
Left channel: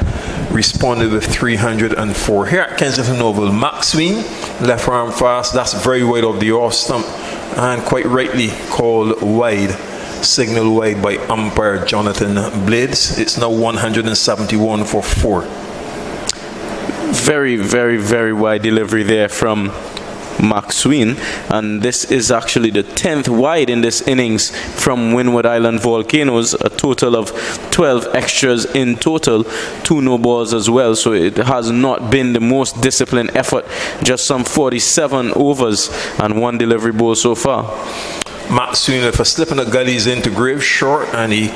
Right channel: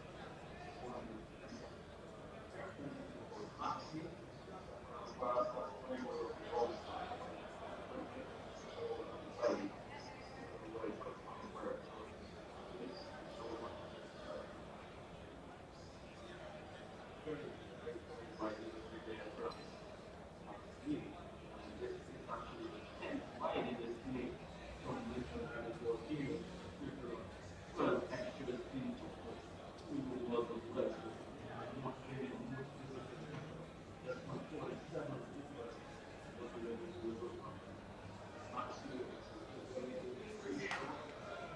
responded with 304. Here at Kensington Oval, Max Sween, left arm fast, that's very wide of the off stump, and quite rightly called wide, signal wide by umpire Jonathan Blades. It's now 171 for 4. Very, very, very wide delivery there from Max Sween, and this is actually the 10th wide in this innings from Windward Island Volcanoes, a total of 12 extras in total, 2 no balls as well, so it has not been the most disciplined effort, just some 47 overs and 1 delivery ball so far. Max Sween with a slip in the gullies into Graves short, and he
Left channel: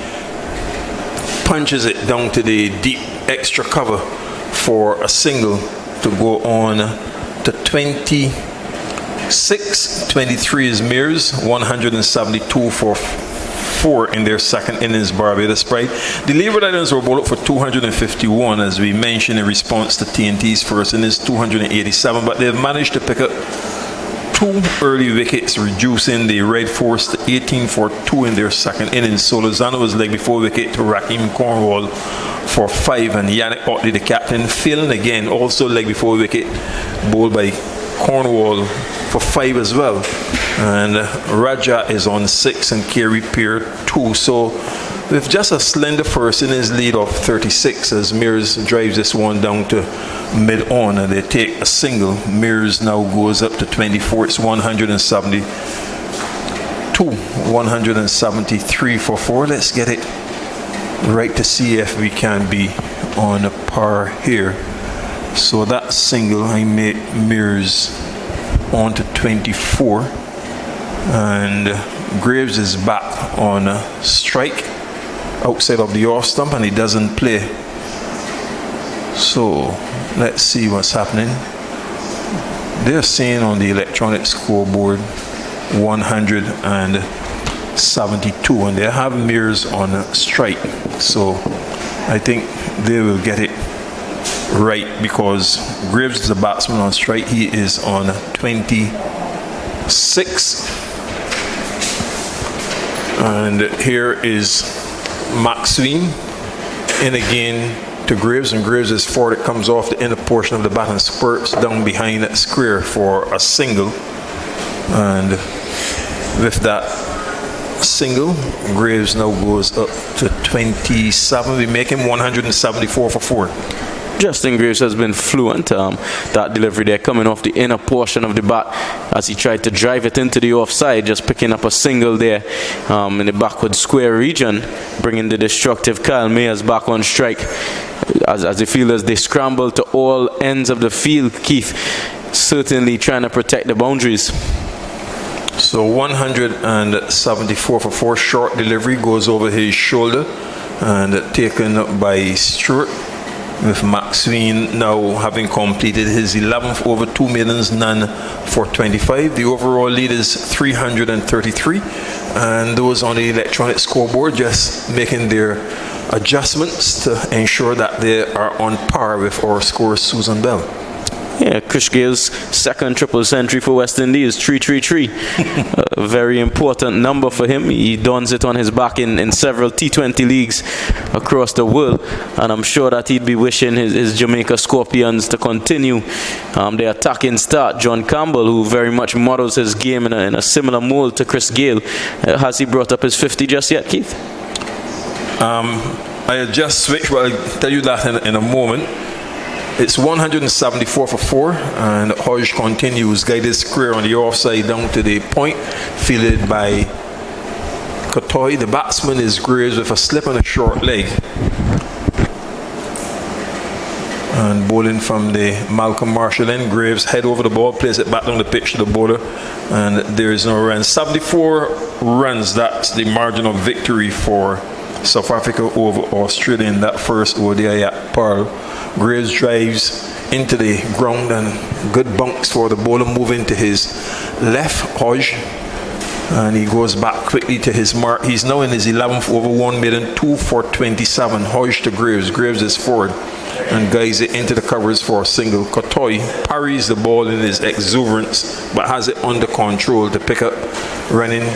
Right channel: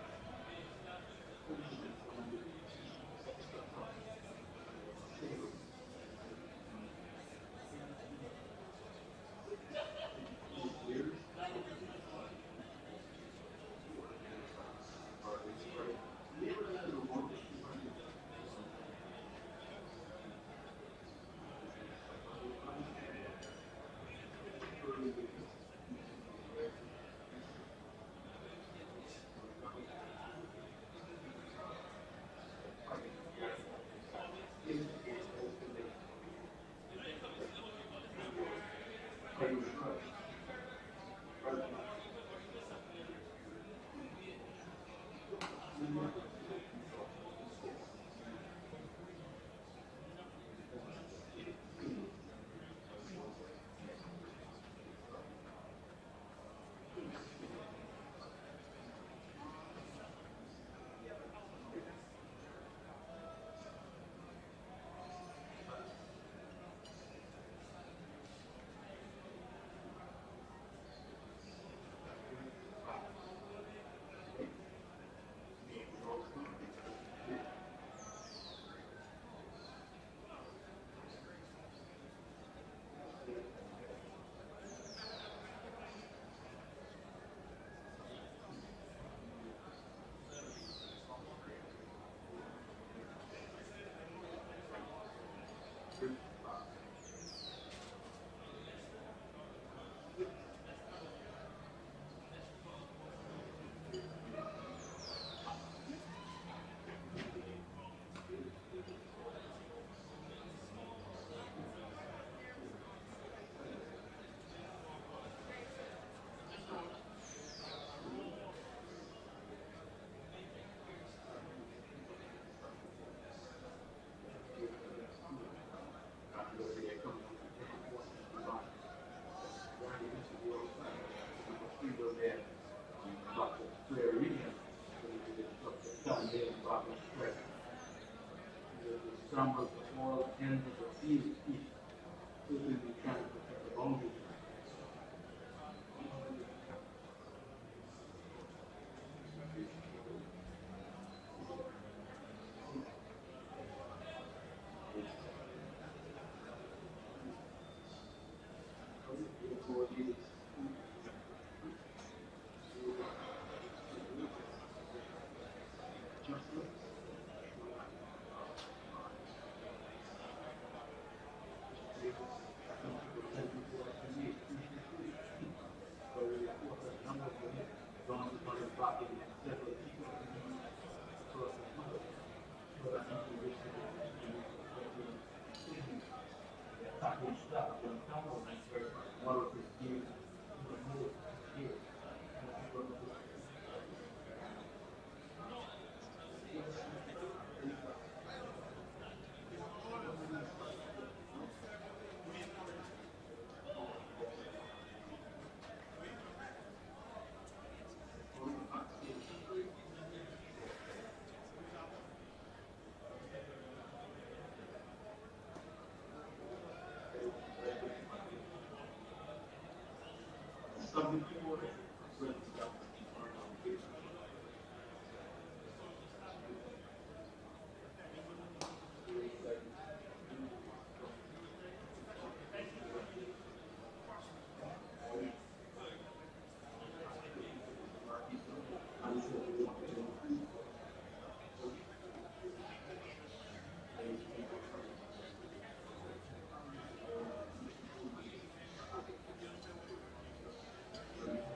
punches it down to the deep extra cover for a single to go on to 26. 23 is Mears, 172 for 4 in their second innings, Barbados pride. The Leeward Islands were bowled up for 251, as we mentioned, in response to TNT's first innings, 287, but they've managed to pick up 2 early wickets, reducing the Red Force to 18 for 2 in their second innings. So Lozano was leg before wicket to Raheem Cornwall for 5, and Yannick Otley, the captain, failing again, also leg before wicket, bowled by Cornwall for 5 as well. And Raja is on 6 and Kerry Peer 2. So with just a slender first innings lead of 36, as Mears drives this one down to mid-on, and they take a single. Mears now goes up to 24. It's 172, 173 for 4. Let's get it right to see if we can be on a par here. So that single, I made Mears on to 24, and Graves is back on a strike outside of the off stump, and he doesn't play. So let's see what's happening. They're saying on the electronic scoreboard 172, and they have Mears on a strike. So I think they will get it right, because Graves is a batsman on strike. He is on 26, and here is Maxwell in again to Graves, and Graves is forward. It comes off the inner portion of the bat and spurts down behind that square for a single. And with that single, Graves now goes up to 27. We make him 174 for 4. Justin Graves has been fluent. That delivery there coming off the inner portion of the bat as he tried to drive it into the offside, just picking up a single there in the backward square region, bringing the destructive Kyle Mayers back on strike. As the fielders, they scramble to all ends of the field, Keith, certainly trying to protect the boundaries. So 174 for 4, short delivery goes over his shoulder and taken by Stewart, with Maxwell now having completed his 11th over 2 maidens, none for 25. The overall lead is 333, and those on the electronic scoreboard just making their adjustments to ensure that they are on par with our scorer Susan Bell. Yeah, Chris Gale's second triple century for West Indies, 333. A very important number for him. He dons it on his back in several T20 leagues across the world, and I'm sure that he'd be wishing his Jamaica Scorpions to continue their attacking start. John Campbell, who very much models his game in a similar mold to Chris Gale, has he brought up his 50 just yet, Keith? I just switched, but I'll tell you that in a moment. It's 174 for 4, and Hodge continues, guided square on the offside down to the point, fielded by Kotoy. The batsman is Graves with a slip and a short leg. And bowling from the Malcolm Marshall end, Graves head over the ball, plays it back down the pitch to the bowler, and there is no run. 74 runs, that's the margin of victory for South Africa over Australia in that first ODI at Pearl. Graves drives into the ground and good bunks for the bowler, moving to his left, Hodge, and he goes back quickly to his mark. He's now in his 11th over 1 maiden, 2 for 27. Hodge to Graves. Graves is forward and guides it into the covers for a single. Kotoy parries the ball in his exuberance but has it under control to pick up, running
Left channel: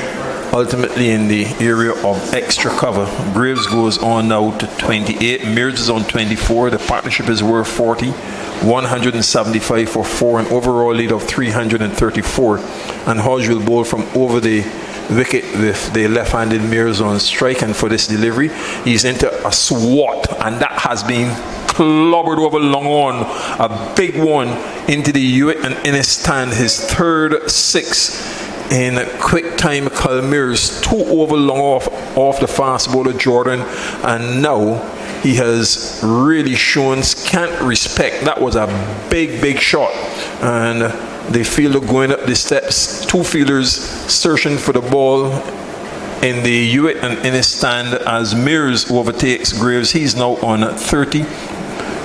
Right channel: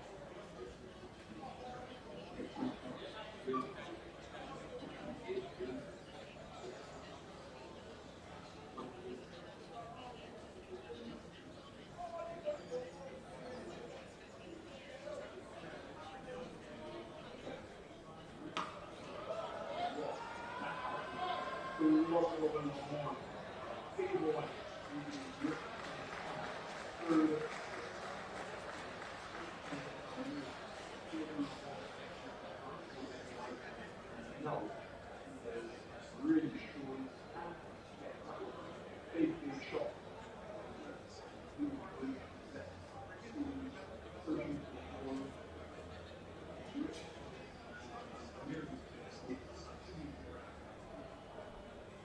ultimately in the area of extra cover. Graves goes on now to 28. Mears is on 24. The partnership is worth 40. 175 for 4, an overall lead of 334. And Hodge will bowl from over the wicket with the left-handed Mears on strike. And for this delivery, he's into a swat, and that has been clobbered over long on. A big one into the Hewitt and Innes stand, his third 6 in quick time. Calmeers 2 over long off the fast bowler Jordan, and now he has really shown scant respect. That was a big shot, and the fielder going up the steps, 2 fielders searching for the ball in the Hewitt and Innes stand as Mears overtakes Graves. He's now on 30.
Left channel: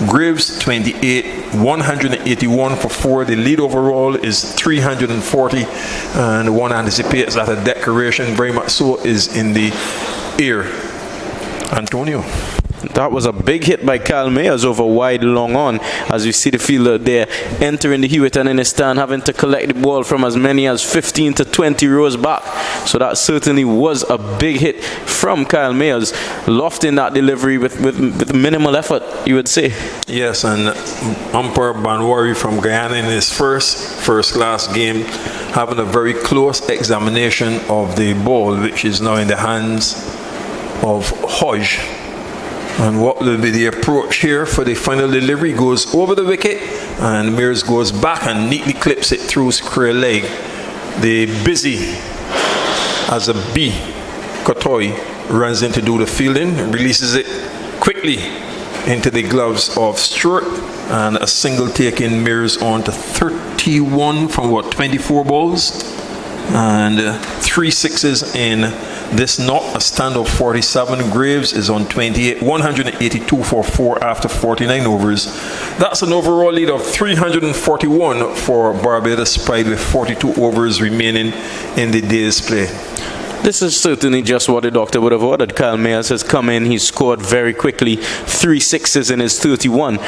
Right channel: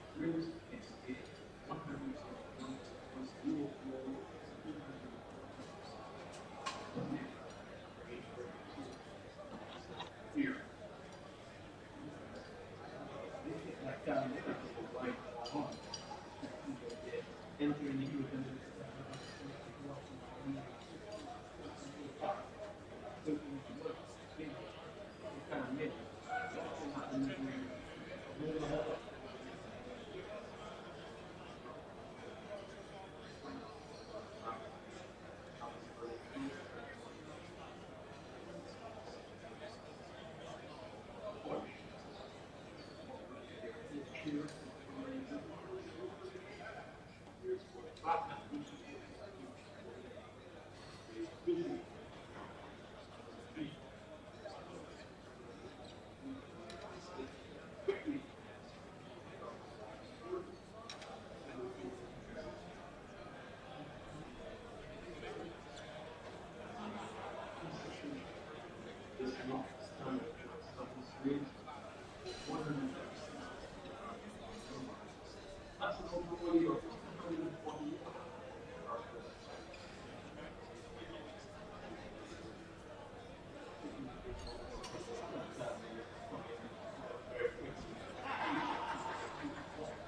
Graves 28, 181 for 4. The lead overall is 340, and one anticipates that a declaration, very much so, is in the air. Antonio. That was a big hit by Kyle Mayers over wide long on, as you see the fielder there entering the Hewitt and in his stand, having to collect the ball from as many as 15 to 20 rows back. So that certainly was a big hit from Kyle Mayers, lofting that delivery with minimal effort, you would say. Yes, and umpire Banwari from Guyana in his first class game, having a very close examination of the ball, which is now in the hands of Hodge. And what will be the approach here for the final delivery? Goes over the wicket, and Mears goes back and neatly clips it through square leg. The busy as a bee, Kotoy runs in to do the fielding, releases it quickly into the gloves of Stewart, and a single taking Mears on to 31 from 24 balls, and 3 sixes in this knot, a stand of 47. Graves is on 28, 182 for 4 after 49 overs. That's an overall lead of 341 for Barbados Pride, with 42 overs remaining in the day's play. This is certainly just what the doctor would have ordered. Kyle Mayers has come in. He's scored very quickly. 3 sixes in his 31.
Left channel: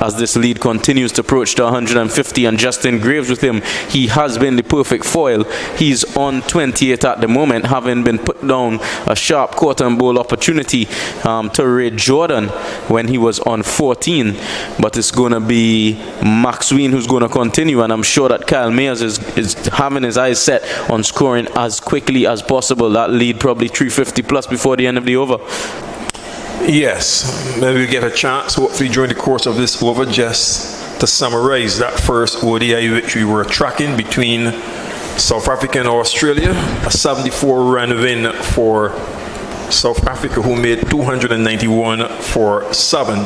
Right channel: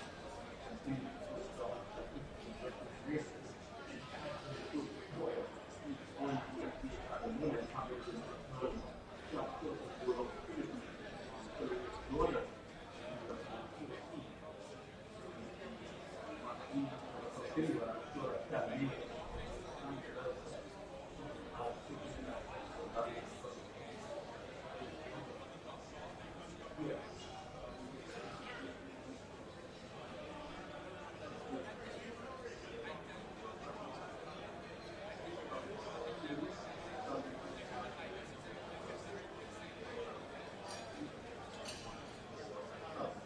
As this lead continues to approach to 150, and Justin Graves with him, he has been the perfect foil. He's on 28 at the moment, having been put down a sharp quarter and bowl opportunity to Ray Jordan when he was on 14. But it's going to be Maxwell who's going to continue, and I'm sure that Kyle Mayers is having his eyes set on scoring as quickly as possible. That lead probably 350 plus before the end of the over. Yes, maybe we'll get a chance, hopefully, during the course of this over, just to summarize that first ODI which we were tracking between South Africa and Australia. A 74-run win for South Africa, who made 291 for 7.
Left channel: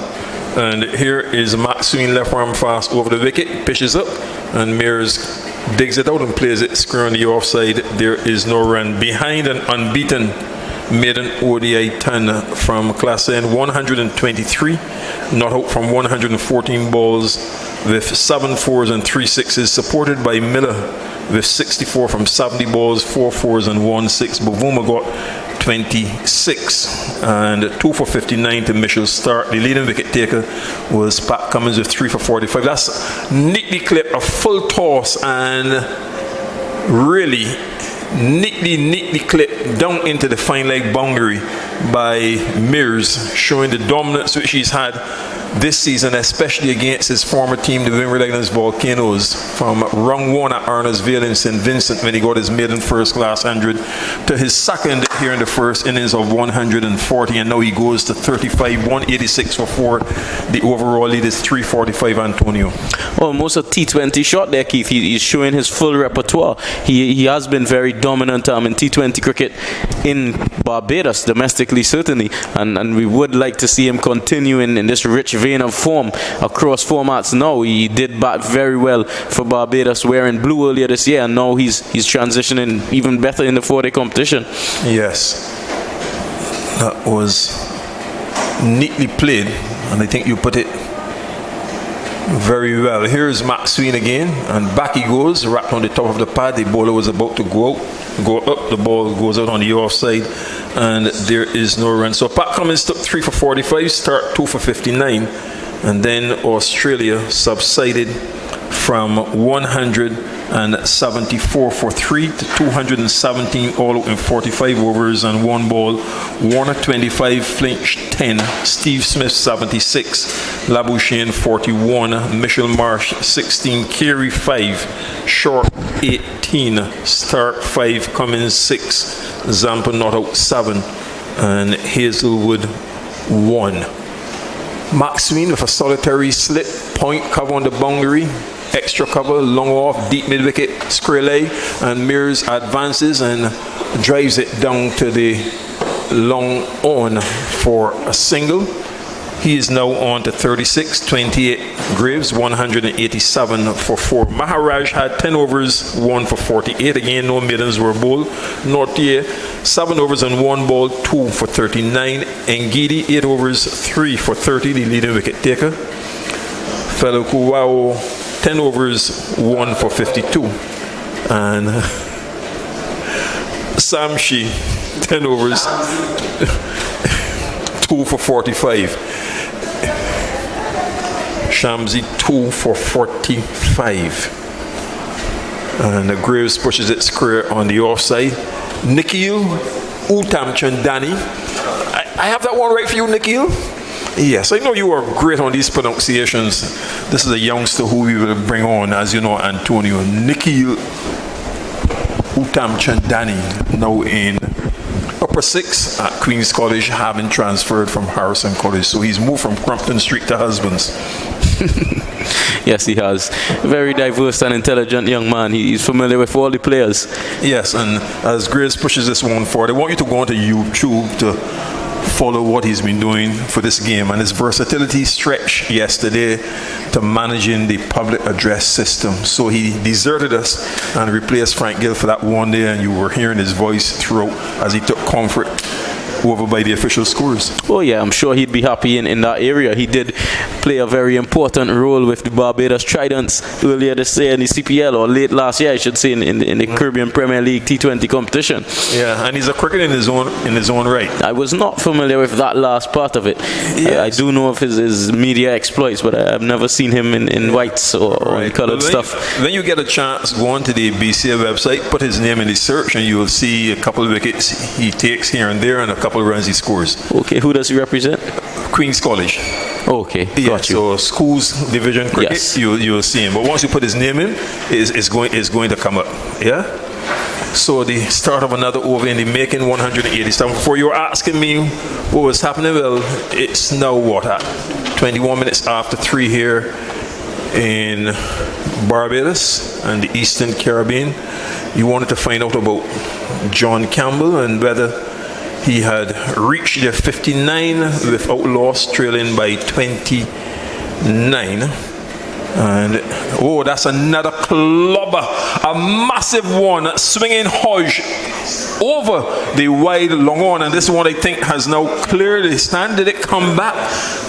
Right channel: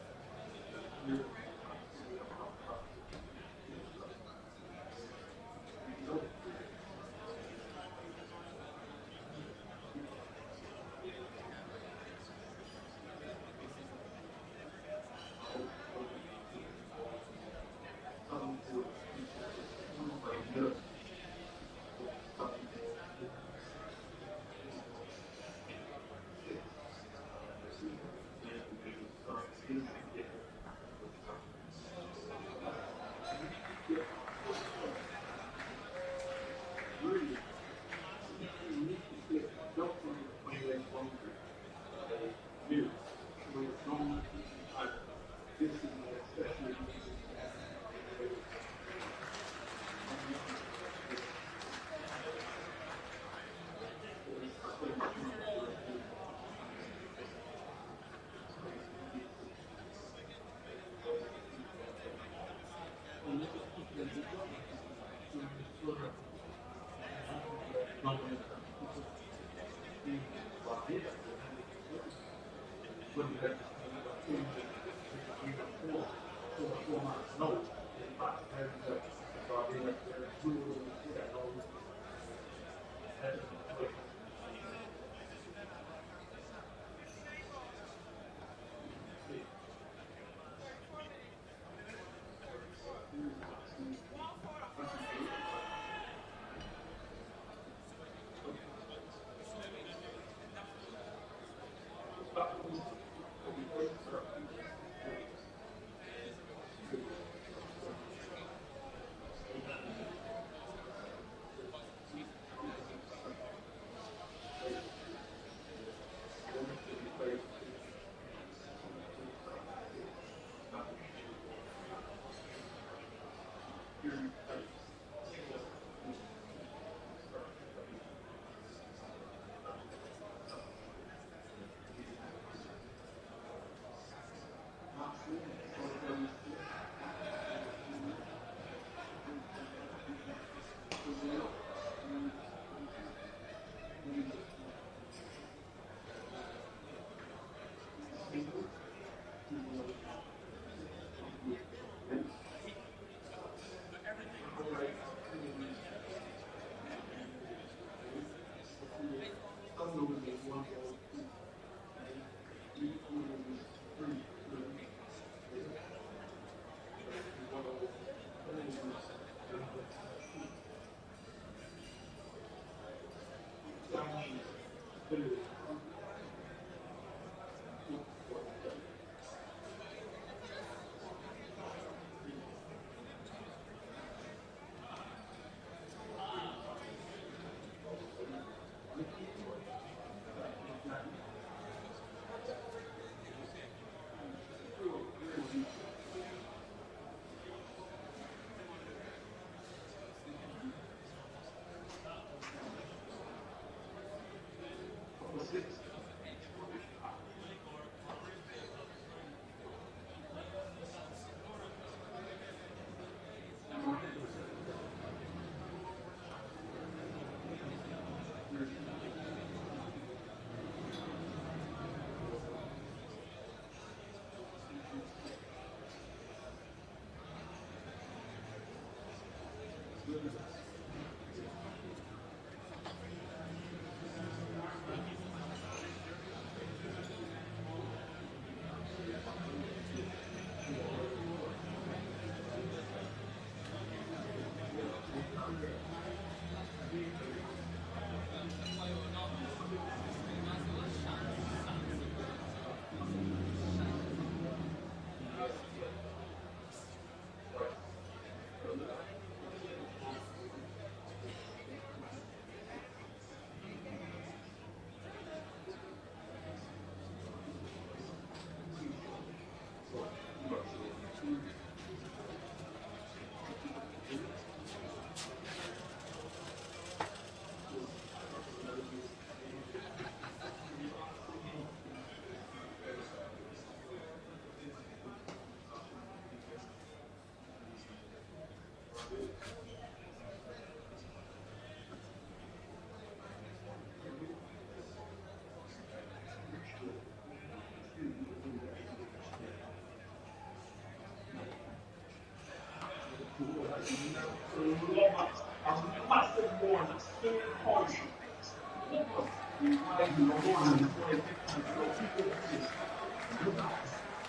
And here is Maxwell, left arm fast over the wicket, pitches up, and Mears digs it out and plays it square on the offside. There is no run. Behind an unbeaten maiden ODI ton from Class N, 123, not out from 114 balls with 7 fours and 3 sixes, supported by Miller with 64 from 70 balls, 4 fours and 1 6. Bavuma got 26 and 2 for 59 to Mitchell's start. The leading wicket taker was Pat Cummins with 3 for 45. That's neatly clipped, a full toss, and really neatly clipped down into the fine leg boundary by Mears, showing the dominance which he's had this season, especially against his former team, the Windward Islands Volcanoes, from round 1 at Arnold'sville in St. Vincent when he got his maiden first class 100 to his second here in the first innings of 140, and now he goes to 35, 186 for 4. The overall lead is 345, Antonio. Almost a T20 shot there, Keith. He's showing his full repertoire. He has been very dominant in T20 cricket in Barbados, domestically certainly, and we would like to see him continue in this rich vein of form across formats. Now he did bat very well for Barbados wearing blue earlier this year, and now he's transitioning even better in the 4-day competition. Yes, that was neatly played, and I think you put it very well. Here's Maxwell again, and back he goes, wrapped on the top of the pad. The bowler was about to go up, the ball goes out on the offside, and there is no run. So Pat Cummins took 3 for 45, start 2 for 59, and then Australia subsided from 174 for 3 to 217 all out in 45 overs and 1 ball. Warner 25, Flinch 10, Steve Smith 76, Labuschagne 41, Mitchell Marsh 16, Carey 5, Short 18, Stark 5, Cummins 6, Zampa not out 7, and Hazelwood 1. Maxwell with a solitary slit, point cover on the boundary, extra cover, long off, deep mid-wicket, square leg, and Mears advances and drives it down to the long on for a single. He is now on to 36, 28 Graves, 187 for 4. Maharaj had 10 overs, 1 for 48. Again, no maidens were bowled. Nortier, 7 overs and 1 ball, 2 for 39. Ngidi, 8 overs, 3 for 30, the leading wicket taker. Fellow Kuwao, 10 overs, 1 for 52. And Samshi, 10 overs, 2 for 45. Shamsi 2 for 45. And Graves pushes it square on the offside. Nikhil Uttamchandani. I have that one right for you, Nikhil? Yes, I know you are great on these pronunciations. This is a youngster who we will bring on, as you know, Antonio. Nikhil Uttamchandani, now in upper 6 at Queen's College, having transferred from Harrison College. So he's moved from Crumpton Street to Husbands. Yes, he has. Very diverse and intelligent young man. He's familiar with all the players. Yes, and as Grace pushes this one forward, I want you to go onto YouTube to follow what he's been doing for this game, and his versatility stretched yesterday to managing the public address system. So he deserted us and replaced Frank Gill for that one day, and you were hearing his voice throughout as he took comfort over by the official scores. Oh yeah, I'm sure he'd be happy in that area. He did play a very important role with the Barbados Tridents earlier this year in the CPL, or late last year I should say, in the Caribbean Premier League T20 competition. Yeah, and he's a cricketer in his own right. I was not familiar with that last part of it. Yes. I do know of his media exploits, but I've never seen him in whites or in coloured stuff. When you get a chance, go on to the BCA website, put his name in the search, and you will see a couple of wickets he takes here and there and a couple of runs he scores. Okay, who does he represent? Queen's College. Okay, Yeah, got you. so schools division cricket, Yes. you'll see him. But once you put his name in, it's going to come up. Yeah. So the start of another over in the making, 187. Before you were asking me what was happening, well, it's now what, at 21 minutes after 3 here in Barbados and the Eastern Caribbean. You wanted to find out about John Campbell and whether he had reached the 59 without loss, trailing by 29. And oh, that's another clobber, a massive one, swinging Hodge over the wide long on, and this one I think has now cleared the stand. Did it come back?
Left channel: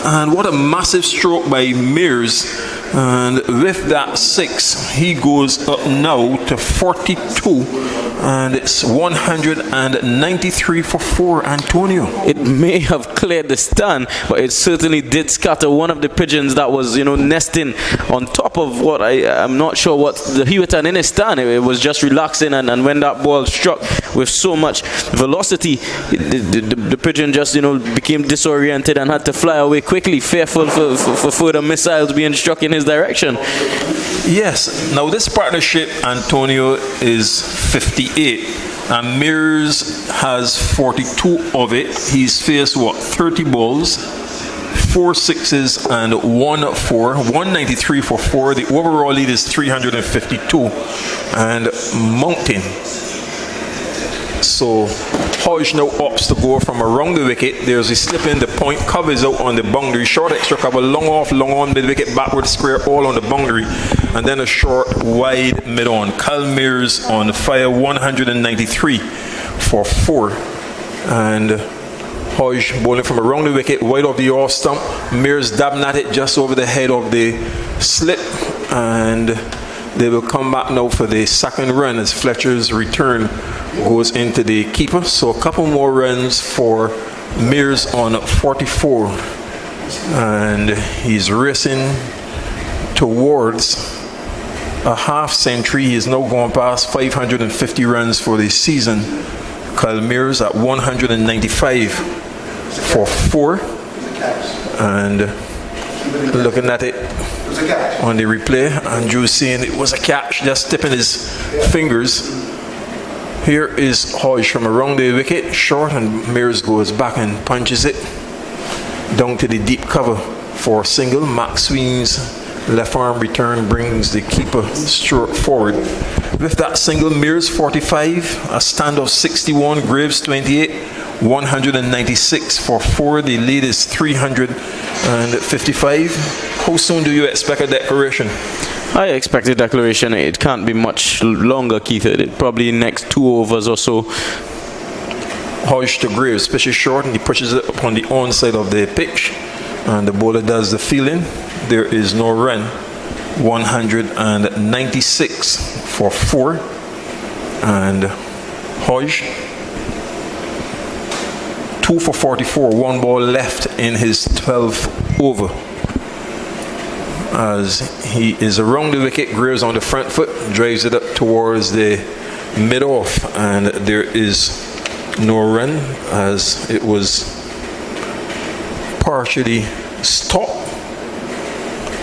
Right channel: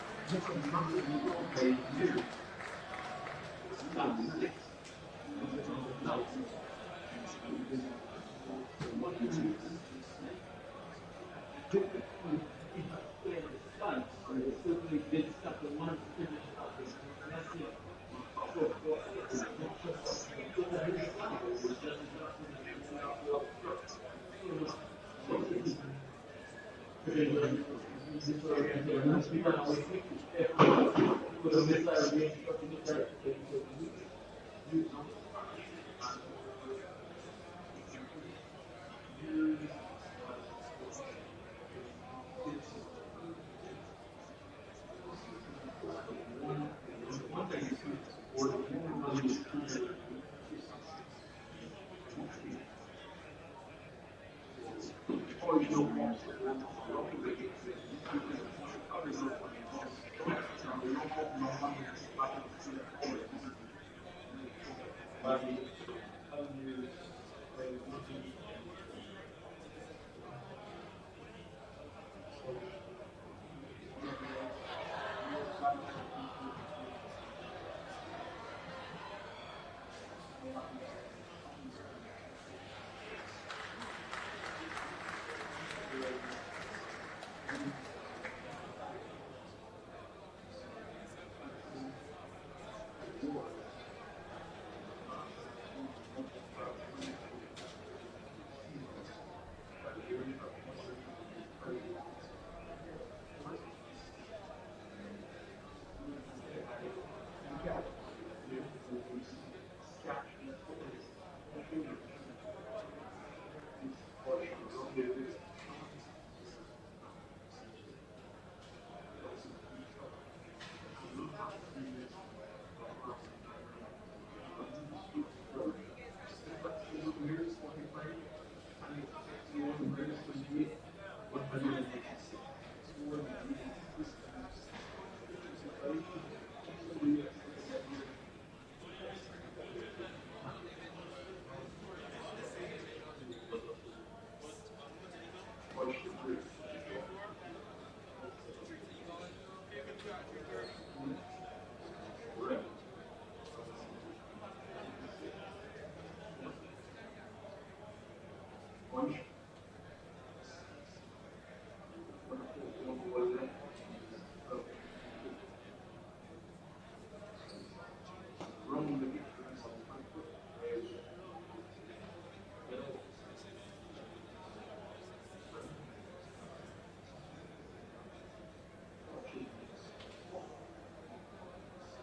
And what a massive stroke by Mears. And with that 6, he goes up now to 42, and it's 193 for 4, Antonio. It may have cleared the stand, but it certainly did scatter one of the pigeons that was, nesting on top of what I'm not sure what he was in his stand. It was just relaxing, and when that ball struck with so much velocity, the pigeon just, became disoriented and had to fly away quickly, fearful for further missiles being struck in his direction. Yes. Now this partnership, Antonio, is 58. And Mears has 42 of it. He's faced, 30 balls, 4 6s and 1 4, 193 for 4. The overall lead is 352 and mounting. So Hodge now opts to go from around the wicket. There's a slip in, the point covers out on the boundary. Short extra cover, long off, long on, mid wicket, backward square, all on the boundary. And then a short, wide, mid on. Cal Mears on fire, 193 for 4. And Hodge bowling from around the wicket, wide of the off stump. Mears dabbing at it just over the head of the slip. And they will come back now for the second run as Fletcher's return goes into the keeper. So a couple more runs for Mears on 44. And he's racing towards a half century. He is now going past 550 runs for the season. Kyle Mears at 195 for 4. And looking at it on the replay, Andrew saying it was a catch, just tipping his fingers. Here is Hodge from around the wicket, short, and Mears goes back and punches it down to the deep cover for a single. Max Sween's left arm return brings the keeper straight forward. With that single, Mears 45, a stand of 61, Graves 28, 196 for 4. The lead is 355. How soon do you expect a declaration? I expect a declaration. It can't be much longer, Keith. Probably next 2 overs or so. Hodge to Graves, pitches short, and he pushes it upon the onside of the pitch. And the bowler does the fielding. There is no run. 196 for 4. And Hodge, 2 for 44, 1 ball left in his 12th over. As he is around the wicket, Graves on the front foot, drives it up towards the mid-off, and there is no run as it was partially stopped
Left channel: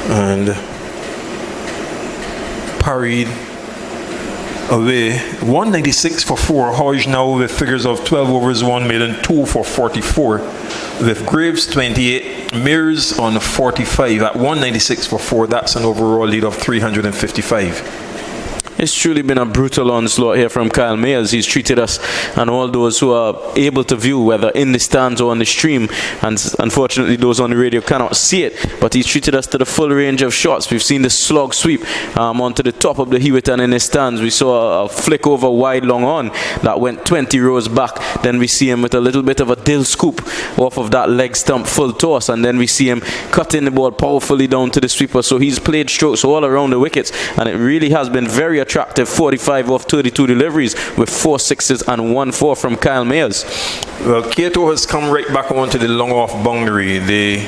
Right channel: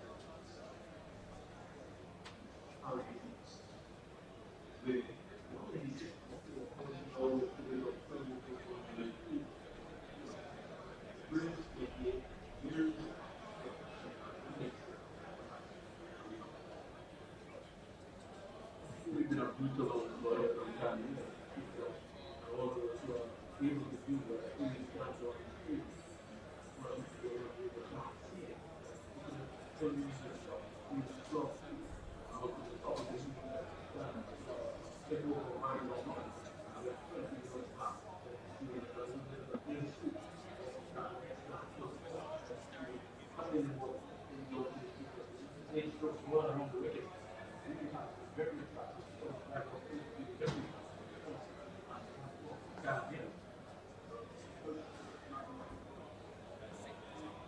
and parried away. 196 for 4. Hodge now with figures of 12 overs, 1 made, and 2 for 44. With Graves 28, Mears on 45 at 196 for 4. That's an overall lead of 355. It's truly been a brutal onslaught here from Kyle Mayers. He's treated us and all those who are able to view, whether in the stands or on the stream, and unfortunately those on the radio cannot see it, but he's treated us to the full range of shots. We've seen the slog sweep onto the top of the Hewitt and in his stands. We saw a flick over wide long on that went 20 rows back. Then we see him with a little bit of a dill scoop off of that leg stump full toss, and then we see him cutting the ball powerfully down to the sweeper. So he's played strokes all around the wickets, and it really has been very attractive. 45 off 32 deliveries with 4 sixes and 1 4 from Kyle Mayers. Well, Cato has come right back onto the long off boundary. The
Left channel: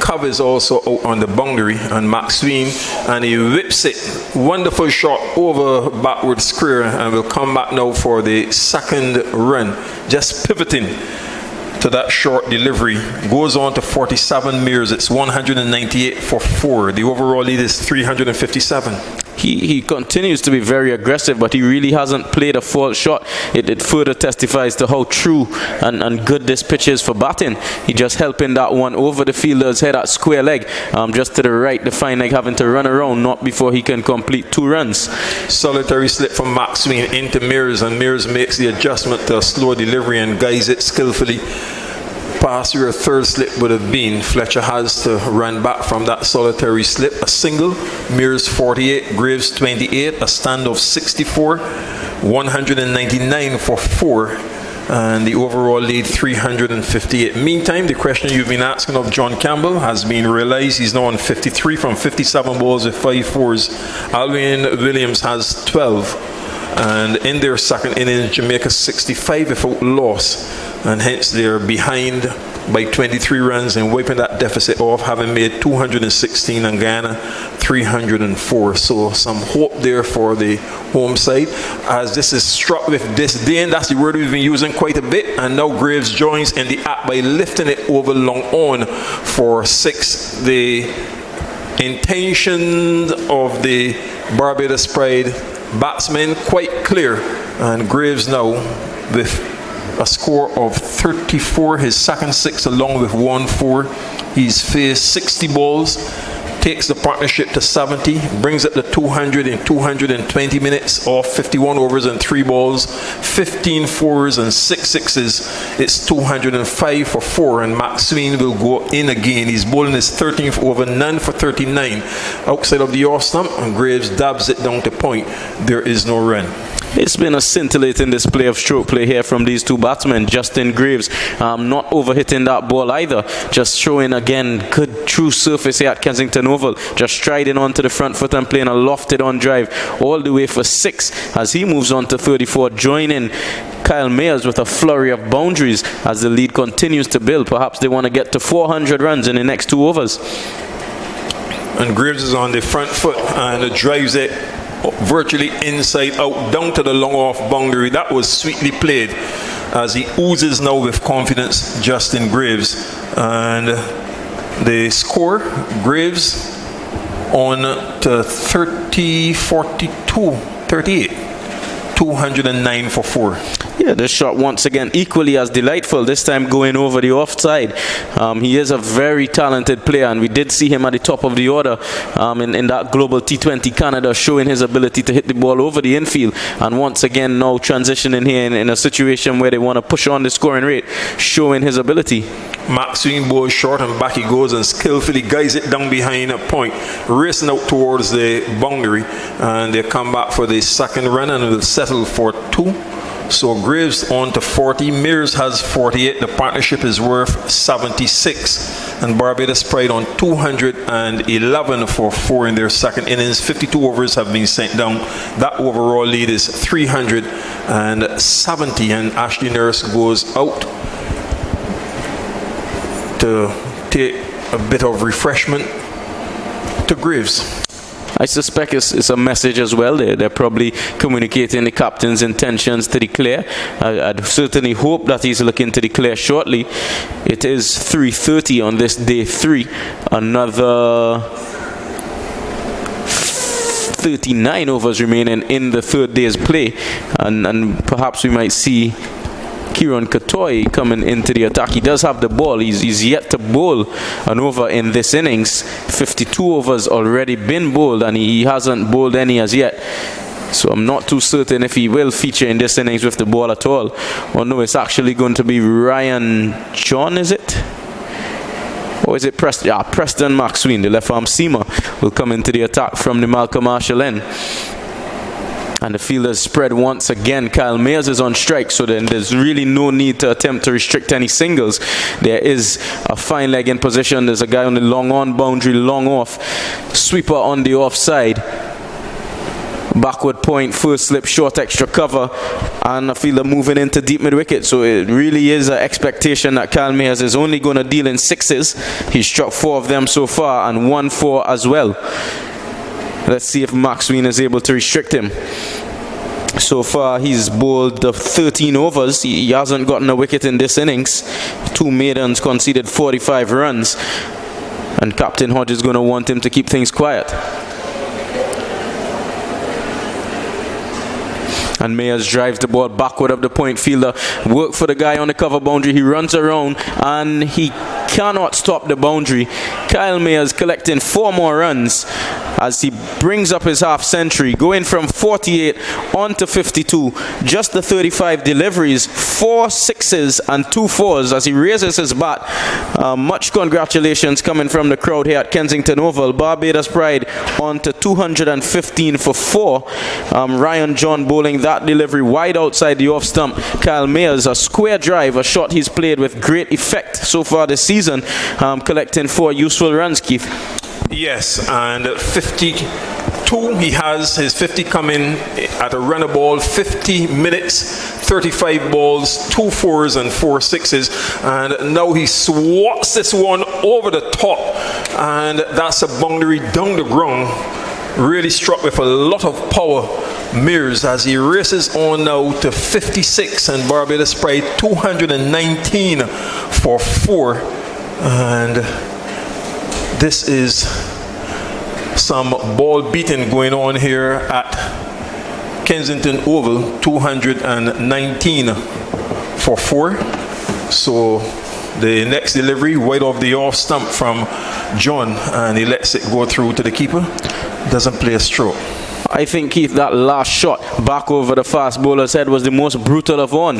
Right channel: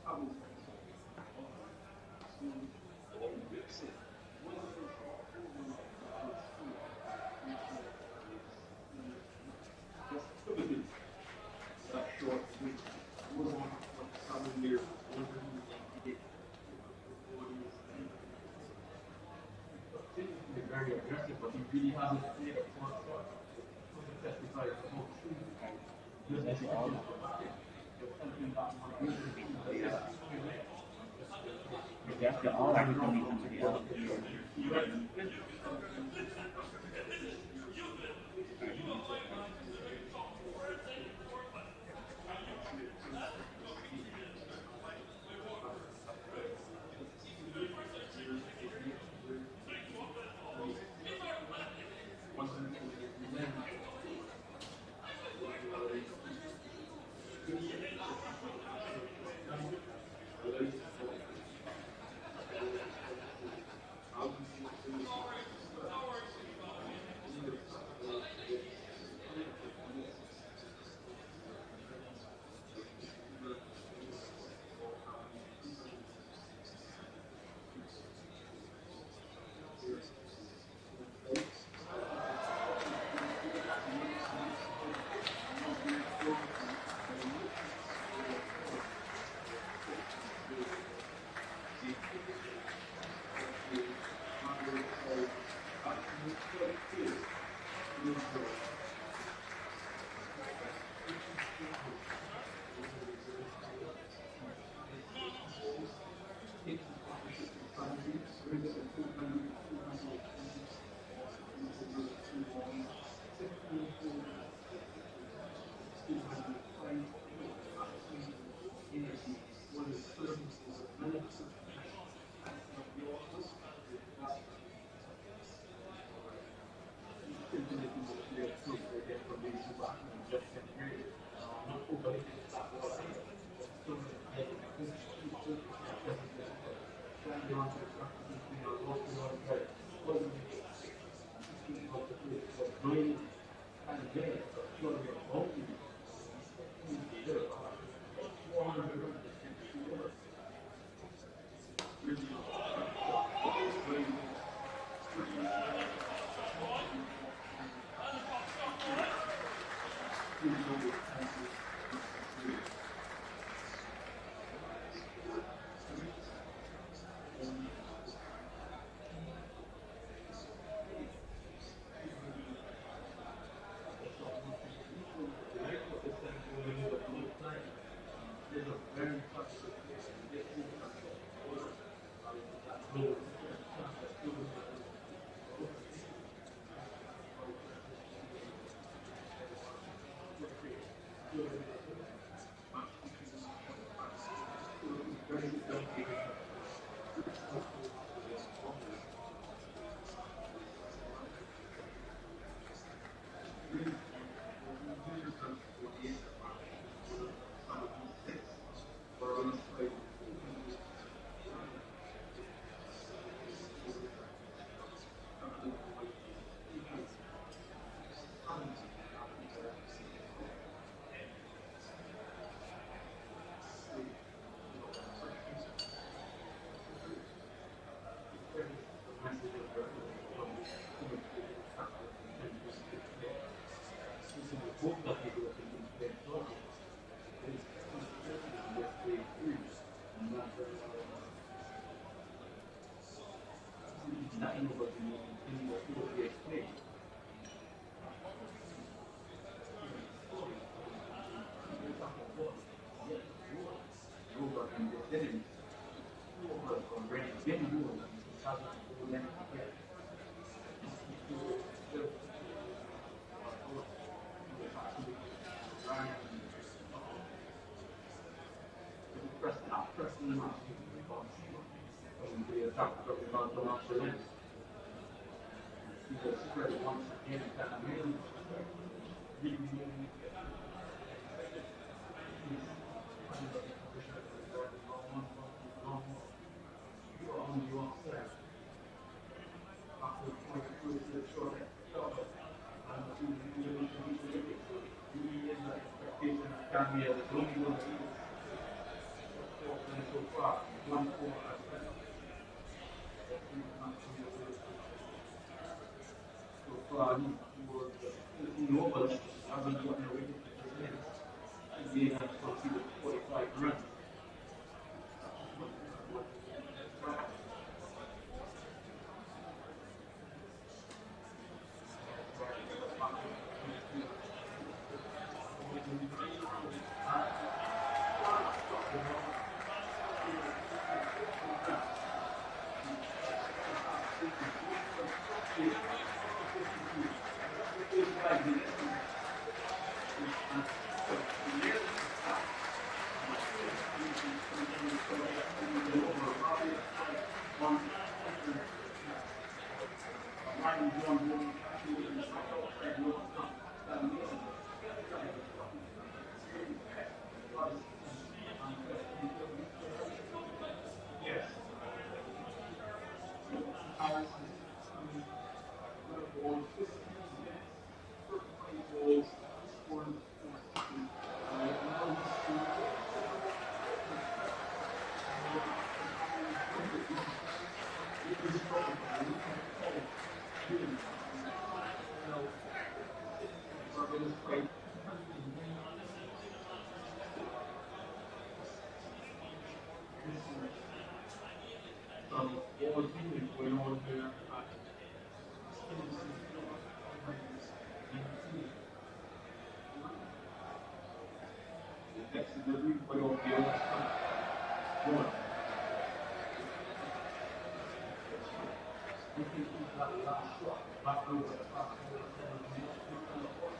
cover is also out on the boundary, and Maxwell, and he whips it. Wonderful shot over backward square, and will come back now for the second run. Just pivoting to that short delivery. Goes on to 47 mirrors. It's 198 for 4. The overall lead is 357. He continues to be very aggressive, but he really hasn't played a false shot. It further testifies to how true and good this pitch is for batting. He just helping that one over the fielder's head at square leg, just to the right. The fine leg having to run around, not before he can complete 2 runs. Solitary slip from Maxwell into Mears, and Mears makes the adjustment to a slow delivery and guides it skillfully past where a third slip would have been. Fletcher has to run back from that solitary slip. A single, Mears 48, Graves 28, a stand of 64, 199 for 4, and the overall lead 358. Meantime, the question you've been asking of John Campbell has been realized. He's now on 53 from 57 balls with 5 fours. Alwyn Williams has 12, and in their second innings, Jamaica 65 without loss, and hence they're behind by 23 runs and wiping that deficit off, having made 216 and Guyana 304. So some hope there for the home side, as this is struck with disdain. That's the word we've been using quite a bit, and now Graves joins in the act by lifting it over long on for 6. The intention of the Barbados Pride batsmen quite clear, and Graves now with a score of 34, his second 6 along with 1 4. He's faced 60 balls, takes the partnership to 70, brings it to 200 in 220 minutes off 51 overs and 3 balls, 15 fours and 6 sixes. It's 205 for 4, and Maxwell will go in again. He's bowling his 13th over, none for 39 outside of the off stump, and Graves dabs it down to point. There is no run. It's been a scintillating display of stroke play here from these two batsmen. Justin Graves not overhitting that ball either, just showing again good true surface here at Kensington Oval, just striding onto the front foot and playing a lofted on drive all the way for 6 as he moves on to 34, joining Kyle Mayers with a flurry of boundaries as the lead continues to build. Perhaps they want to get to 400 runs in the next 2 overs. And Graves is on the front foot and drives it virtually inside out down to the long off boundary. That was sweetly played as he oozes now with confidence, Justin Graves. And the score, Graves on to 38, 209 for 4. Yeah, this shot once again equally as delightful, this time going over the offside. He is a very talented player, and we did see him at the top of the order in that Global T20 Canada, showing his ability to hit the ball over the infield, and once again now transitioning here in a situation where they want to push on the scoring rate, showing his ability. Maxwell bowls short and back he goes and skillfully guides it down behind a point, racing out towards the boundary, and they come back for the second run and will settle for 2. So Graves on to 40, Mears has 48, the partnership is worth 76, and Barbados Pride on 211 for 4 in their second innings. 52 overs have been sent down. That overall lead is 370, and Ashley Nurse goes out to take a bit of refreshment to Graves. I suspect it's a message as well. They're probably communicating the captain's intentions to declare. I'd certainly hope that he's looking to declare shortly. It is 3:30 on this day 3. Another 39 overs remaining in the third day's play. And perhaps we might see Kieran Katoy coming into the attack. He does have the ball. He's yet to bowl an over in this innings. 52 overs already been bowled, and he hasn't bowled any as yet. So I'm not too certain if he will feature in this innings with the ball at all. Or no, it's actually going to be Ryan John, is it? Or is it Preston? Yeah, Preston Maxwell, the left arm seamer, will come into the attack from the Malcolm Marshall end. And the fielders spread once again. Kyle Mayers is on strike, so then there's really no need to attempt to restrict any singles. There is a fine leg in position. There's a guy on the long on boundary, long off. Sweeper on the offside. Backward point, first slip, short extra cover, and a fielder moving into deep mid-wicket. So it really is an expectation that Kyle Mayers is only going to deal in sixes. He's struck 4 of them so far and 1 4 as well. Let's see if Maxwell is able to restrict him. So far, he's bowled the 13 overs. He hasn't gotten a wicket in this innings. 2 maidens, conceded 45 runs. And Captain Hodge is going to want him to keep things quiet. And Mayers drives the ball backward of the point fielder. Work for the guy on the cover boundary. He runs around and he cannot stop the boundary. Kyle Mayers collecting 4 more runs as he brings up his half century, going from 48 on to 52. Just the 35 deliveries, 4 sixes and 2 fours as he raises his bat. Much congratulations coming from the crowd here at Kensington Oval. Barbados Pride on to 215 for 4. Ryan John bowling that delivery wide outside the off stump. Kyle Mayers, a square drive, a shot he's played with great effect so far this season, collecting 4 useful runs, Keith. Yes, and 52, he has his 50 coming at a run a ball, 50 minutes, 35 balls, 2 fours and 4 sixes, and now he swats this one over the top, and that's a boundary down the ground, really struck with a lot of power. Mears as he races on now to 56, and Barbados Pride 219 for 4, and this is some ball beating going on here at Kensington Oval. 219 for 4. So the next delivery wide off the off stump from John, and he lets it go through to the keeper. Doesn't play a stroke. I think, Keith, that last shot back over the fast bowler's head was the most brutal of all.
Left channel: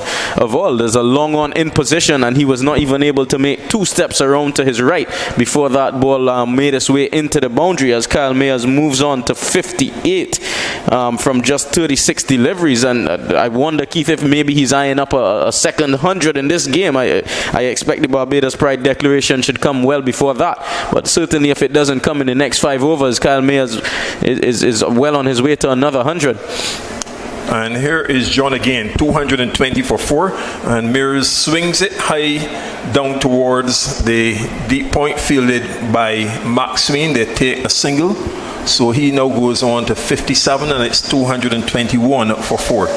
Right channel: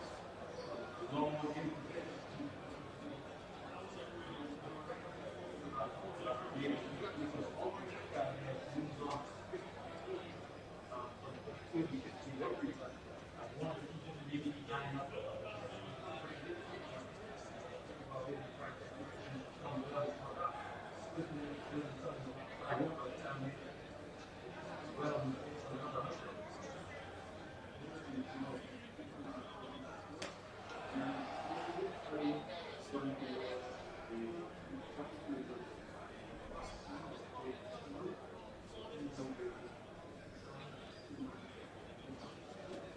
There's a long on in position, and he was not even able to make 2 steps around to his right before that ball made its way into the boundary as Kyle Mayers moves on to 58 from just 36 deliveries. And I wonder, Keith, if maybe he's eyeing up a second 100 in this game. I expect the Barbados Pride declaration should come well before that. But certainly if it doesn't come in the next 5 overs, Kyle Mayers is well on his way to another 100. And here is John again, 220 for 4, and Mears swings it high down towards the deep point, fielded by Maxwell. They take a single, so he now goes on to 57, and it's 221 for 4.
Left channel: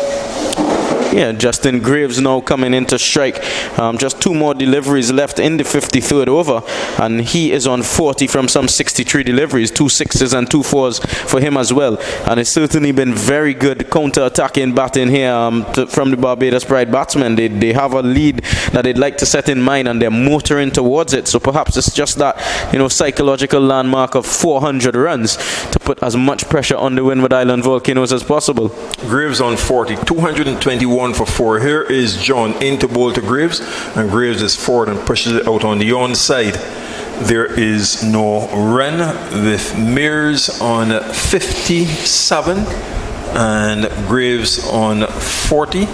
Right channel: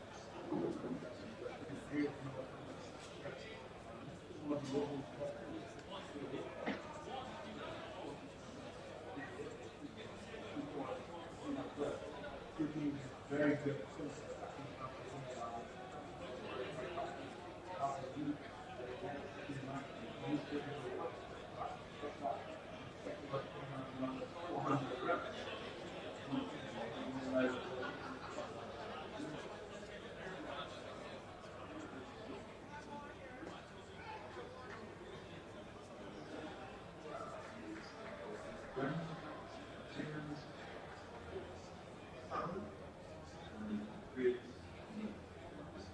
Yeah, Justin Graves now coming into strike. Just 2 more deliveries left in the 53rd over, and he is on 40 from some 63 deliveries, 2 sixes and 2 fours for him as well. And it's certainly been very good counter-attacking batting here from the Barbados Pride batsmen. They have a lead that they'd like to set in mind, and they're motoring towards it. So perhaps it's just that, psychological landmark of 400 runs to put as much pressure on the Windward Island Volcanoes as possible. Graves on 40, 221 for 4. Here is John into bowl to Graves, and Graves is forward and pushes it out on the onside. There is no run with Mears on 57 and Graves on 40.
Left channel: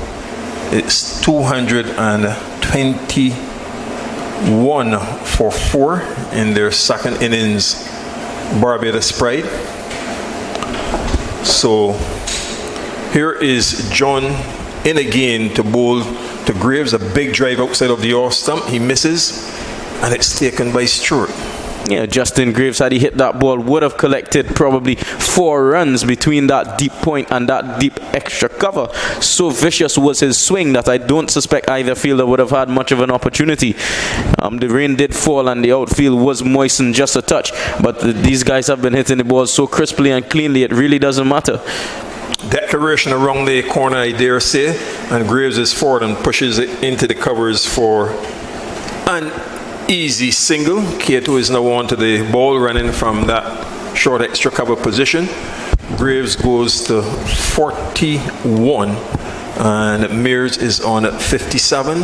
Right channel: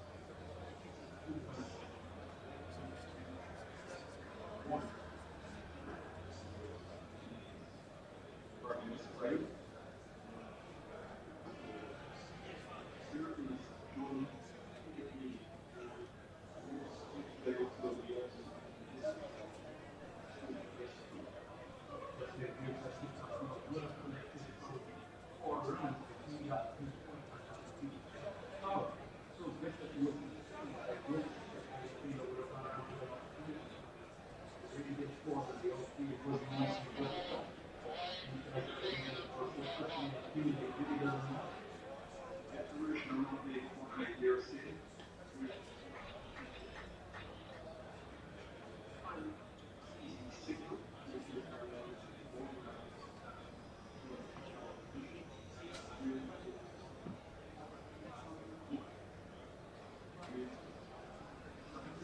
It's 221 for 4 in their second innings, Barbados Pride. So here is John in again to bowl to Graves, a big drive outside of the off stump. He misses, and it's taken by Stewart. Yeah, Justin Graves, had he hit that ball, would have collected probably 4 runs between that deep point and that deep extra cover. So vicious was his swing that I don't suspect either fielder would have had much of an opportunity. The rain did fall and the outfield was moistened just a touch, but these guys have been hitting the ball so crisply and cleanly, it really doesn't matter. declaration around the corner, I dare say, and Graves is forward and pushes it into the covers for an easy single. Kato is now on to the ball, running from that short extra cover position. Graves goes to 41, and Mears is on at 57,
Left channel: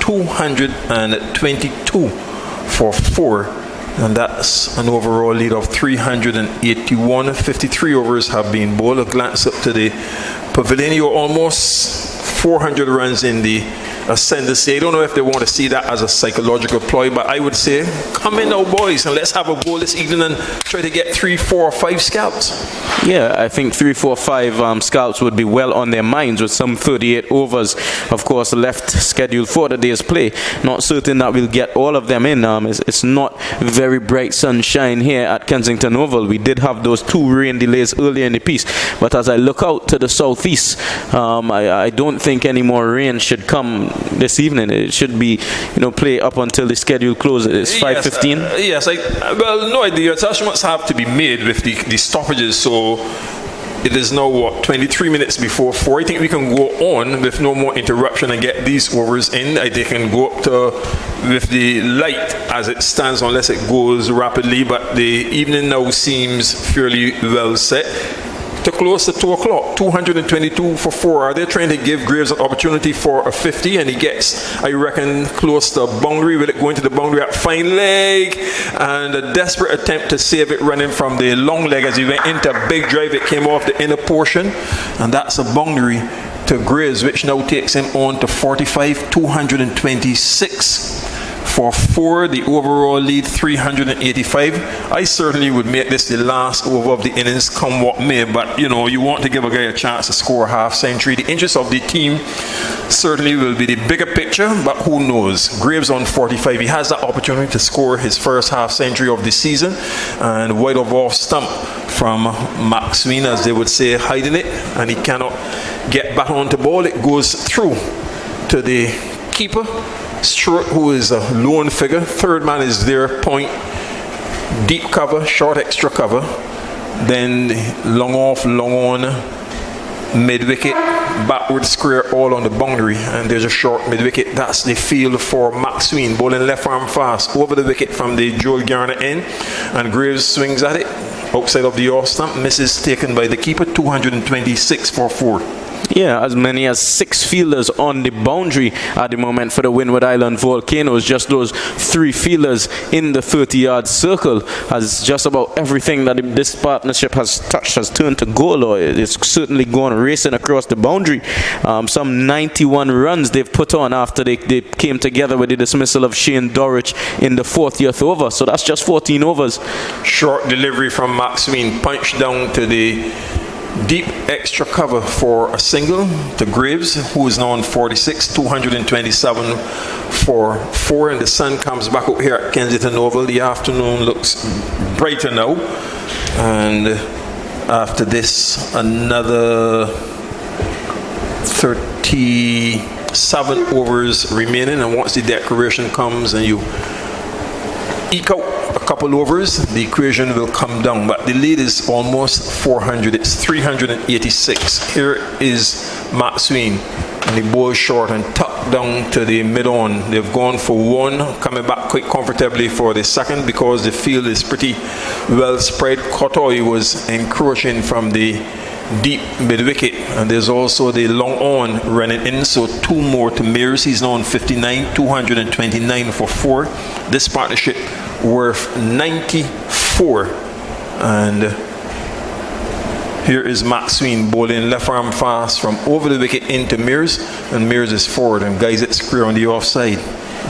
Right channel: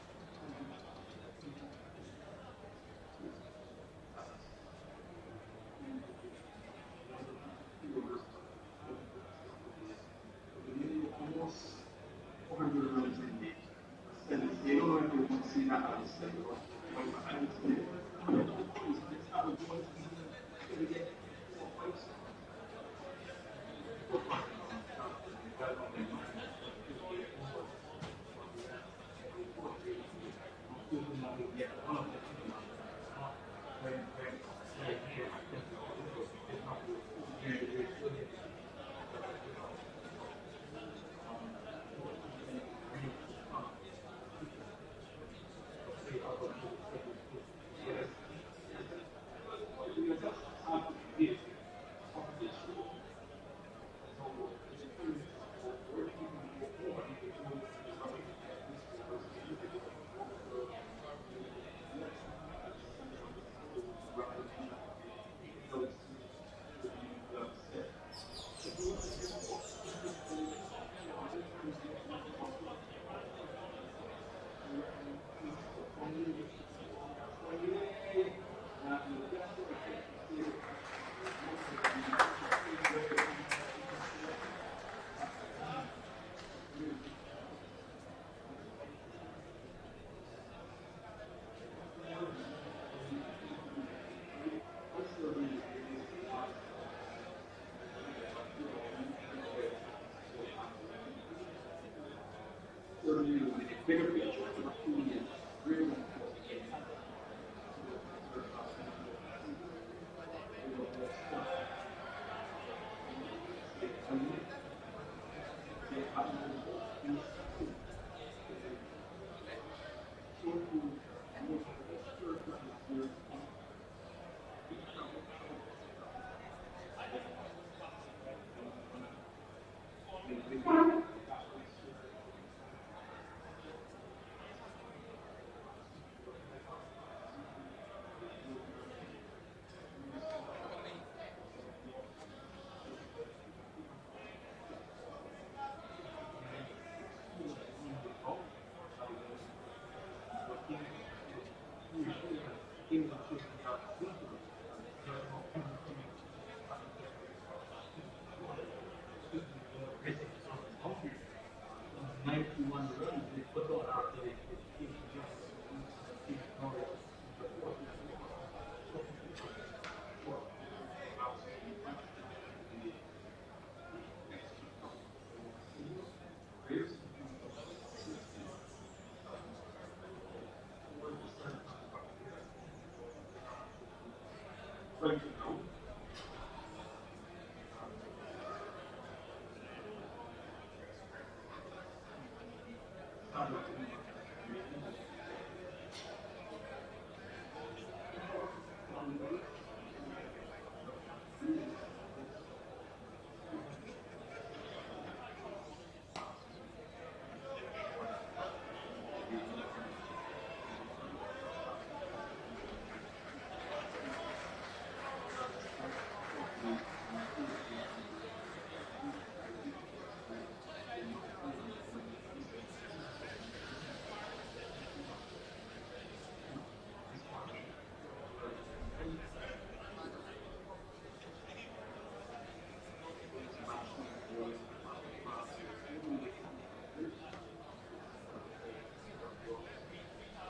222 for 4. And that's an overall lead of 381. 53 overs have been bowled. A glance up to the pavilion. You're almost 400 runs in the ascendancy. I don't know if they want to see that as a psychological ploy, but I would say, come in now, boys, and let's have a bowl this evening and try to get 3, 4, or 5 scalps. Yeah, I think 3, 4, 5 scalps would be well on their minds with some 38 overs, of course, left scheduled for the day's play. Not certain that we'll get all of them in. It's not very bright sunshine here at Kensington Oval. We did have those 2 rain delays earlier in the piece, but as I look out to the southeast, I don't think any more rain should come this evening. It should be, play up until the schedule closes. It's 5:15. Yes, well, no idea. Attachments have to be made with the stoppages, so it is now, 23 minutes before 4. I think we can go on with no more interruption and get these overs in. They can go up to with the light as it stands, unless it goes rapidly, but the evening now seems fairly well set. To close to 2 o'clock, 222 for 4. Are they trying to give Graves an opportunity for a 50? And he gets, I reckon, close to boundary. Will it go into the boundary at fine leg? And a desperate attempt to save it, running from the long leg as he went into a big drive. It came off the inner portion. And that's a boundary to Graves, which now takes him on to 45, 226. For 4, the overall lead 385. I certainly would make this the last over of the innings, come what may, but you want to give a guy a chance to score a half century. The interest of the team certainly will be the bigger picture, but who knows? Graves on 45, he has that opportunity to score his first half century of the season, and wide of off stump from Maxwell, as they would say, hiding it, and he cannot get back onto ball. It goes through to the keeper, Stewart, who is a lone figure. Third man is there, point, deep cover, short extra cover, then long off, long on, mid wicket, backward square, all on the boundary, and there's a short mid wicket. That's the field for Maxwell, bowling left arm fast over the wicket from the Joel Garner end, and Graves swings at it outside of the off stump, misses, taken by the keeper. 226 for 4. Yeah, as many as 6 fielders on the boundary at the moment for the Windward Island Volcanoes. Just those 3 fielders in the 30-yard circle, as just about everything that this partnership has touched has turned to goal, or it's certainly gone racing across the boundary. Some 91 runs they've put on after they came together with the dismissal of Shane Dorridge in the 40th over. So that's just 14 overs. Short delivery from Maxwell, punch down to the deep extra cover for a single to Graves, who is now on 46, 227 for 4, and the sun comes back up here at Kensington Oval. The afternoon looks brighter now, and after this, another 37 overs remaining, and once the declaration comes and you eke out a couple overs, the equation will come down, but the lead is almost 400. It's 386. Here is Maxwell, and the ball short and tucked down to the mid-on. They've gone for 1, coming back quite comfortably for the second, because the field is pretty well spread. Cotoy was encroaching from the deep mid-wicket, and there's also the long on running in, so 2 more to Mears. He's now on 59, 229 for 4. This partnership worth 94, and here is Maxwell bowling left arm fast from over the wicket into Mears, and Mears is forward and guys it square on the offside.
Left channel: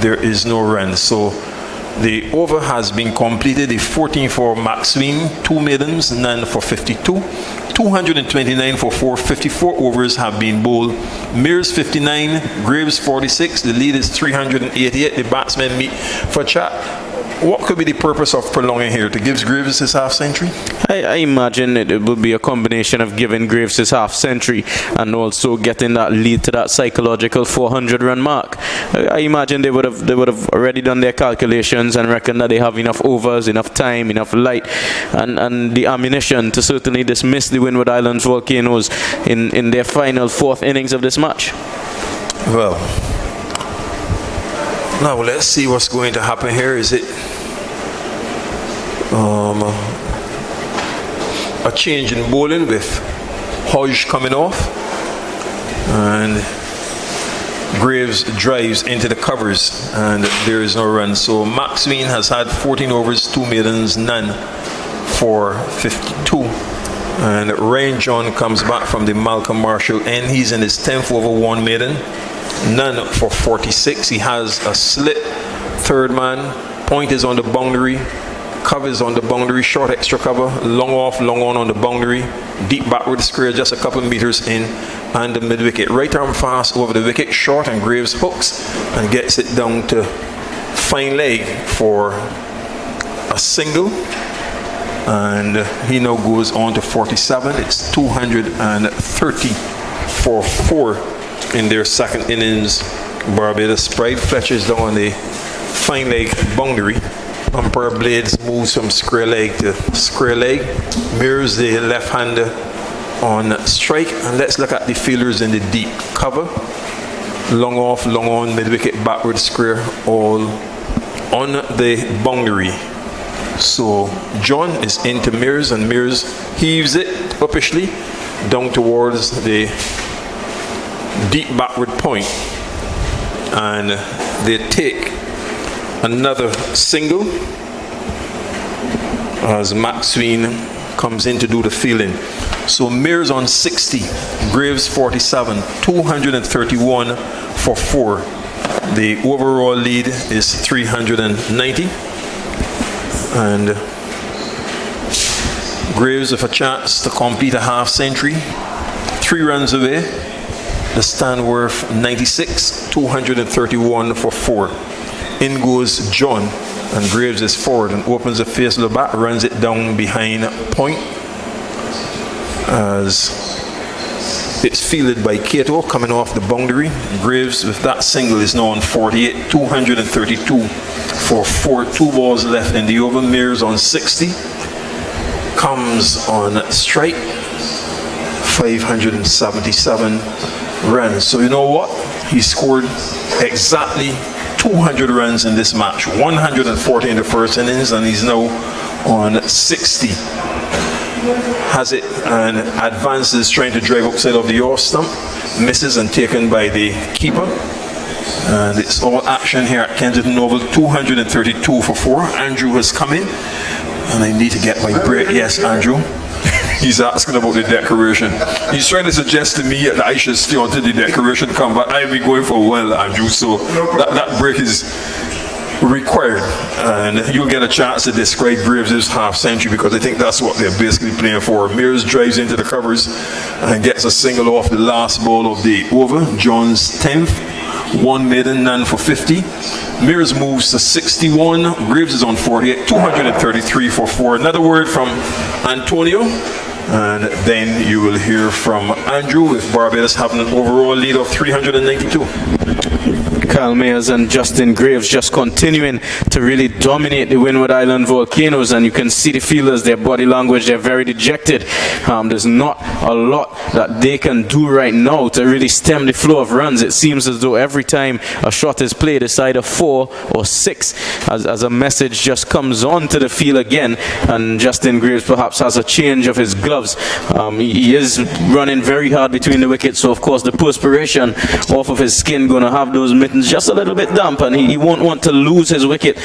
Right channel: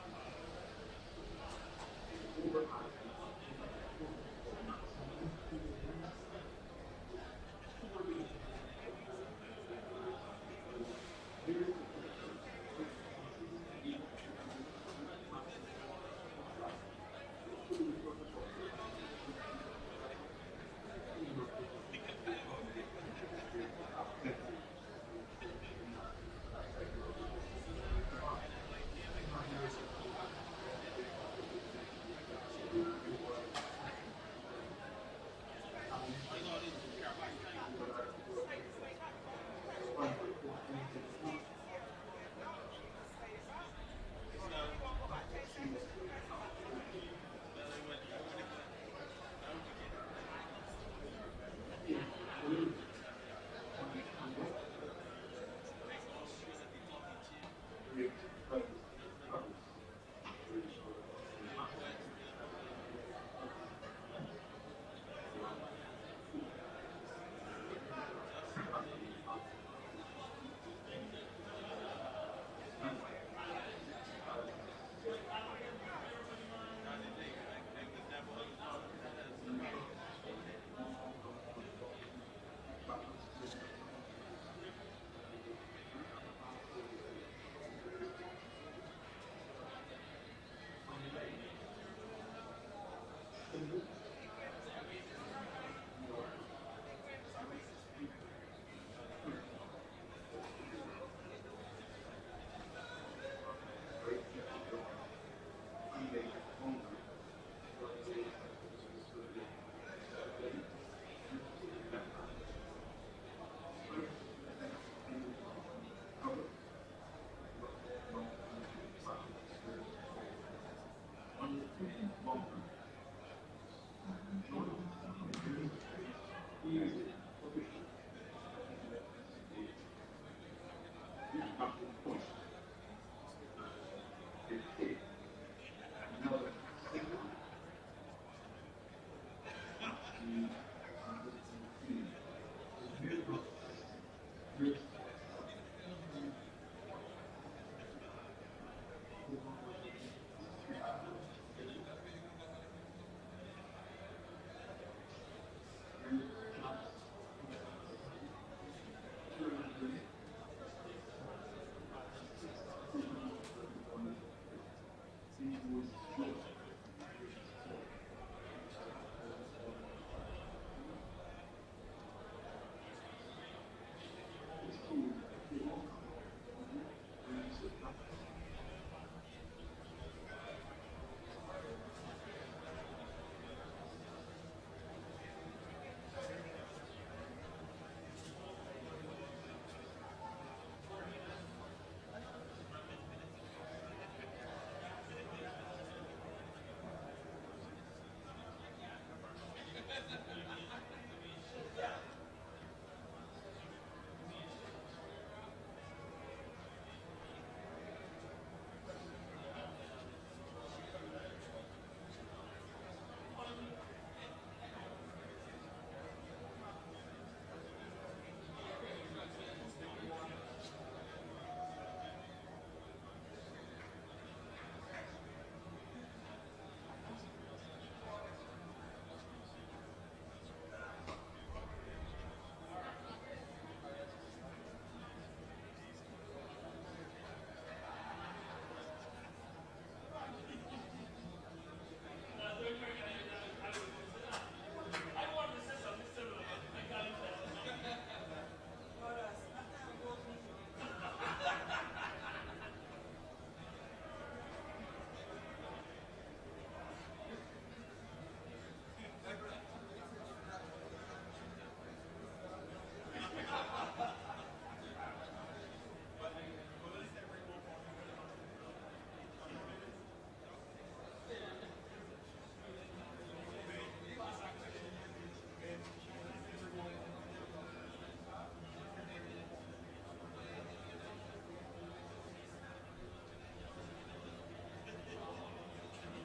There is no run, so the over has been completed. The 14 for Maxwell, 2 maidens, none for 52. 229 for 4, 54 overs have been bowled. Mears 59, Graves 46. The lead is 388. The batsmen meet for chat. what could be the purpose of prolonging here? To give Graves his half century? I imagine it will be a combination of giving Graves his half century and also getting that lead to that psychological 400-run mark. I imagine they would have already done their calculations and reckon that they have enough overs, enough time, enough light, and the ammunition to certainly dismiss the Windward Islands Volcanoes in their final fourth innings of this match. Well, now let's see what's going to happen here. Is it a change in bowling with Hodge coming off, and Graves drives into the covers, and there is no run. So Maxwell has had 14 overs, 2 maidens, none for 52. And Ryan John comes back from the Malcolm Marshall end. He's in his 10th over, 1 maiden, none for 46. He has a slit third man. Point is on the boundary. Covers on the boundary, short extra cover, long off, long on the boundary, deep backward square, just a couple meters in, and the mid wicket. Right arm fast over the wicket, short, and Graves hooks and gets it down to fine leg for a single. And he now goes on to 47. It's 230 for 4 in their second innings. Barbados Pride. Fletcher's down on the fine leg boundary. Umpire Blades moves from square leg to square leg, mirrors the left-hander on strike, and let's look at the fielders in the deep cover. Long off, long on, mid-wicket, backward square, all on the boundary. So John is into Mears, and Mears heaves it uppishly down towards the deep backward point, and they take another single as Maxwell comes in to do the fielding. So Mears on 60, Graves 47, 231 for 4. The overall lead is 390, and Graves with a chance to complete a half century, 3 runs away. The Stanworth 96, 231 for 4. In goes John, and Graves is forward and opens the face of the bat, runs it down behind point as it's fielded by Cato coming off the boundary. Graves with that single is now on 48, 232 for 4, 2 balls left in the over. Mears on 60, comes on strike, 577 runs. So you know what? He scored exactly 200 runs in this match, 140 in the first innings, and he's now on 60. Has it and advances, trying to drive outside of the off stump, misses and taken by the keeper. And it's all action here at Kensington Oval, 232 for 4. Andrew has come in, and I need to get my break. Yes, Andrew. He's asking about the decoration. He's trying to suggest to me that I should stay until the decoration comes, but I've been going for a while, Andrew, so that break is required. And you'll get a chance to describe Graves' half century, because I think that's what they're basically playing for. Mears drives into the covers and gets a single off the last ball of the over. John's 10th, 1 maiden, none for 50. Mears moves to 61. Graves is on 48, 233 for 4. Another word from Antonio, and then you will hear from Andrew, with Barbados having an overall lead of 392. Kyle Mayers and Justin Graves just continuing to really dominate the Windward Island Volcanoes, and you can see the fielders, their body language, they're very dejected. There's not a lot that they can do right now to really stem the flow of runs. It seems as though every time a shot is played, it's either 4 or 6 as a message just comes on to the field again, and Justin Graves perhaps has a change of his gloves. He is running very hard between the wickets, so of course the perspiration off of his skin going to have those mittens just a little bit damp, and he won't want to lose his wicket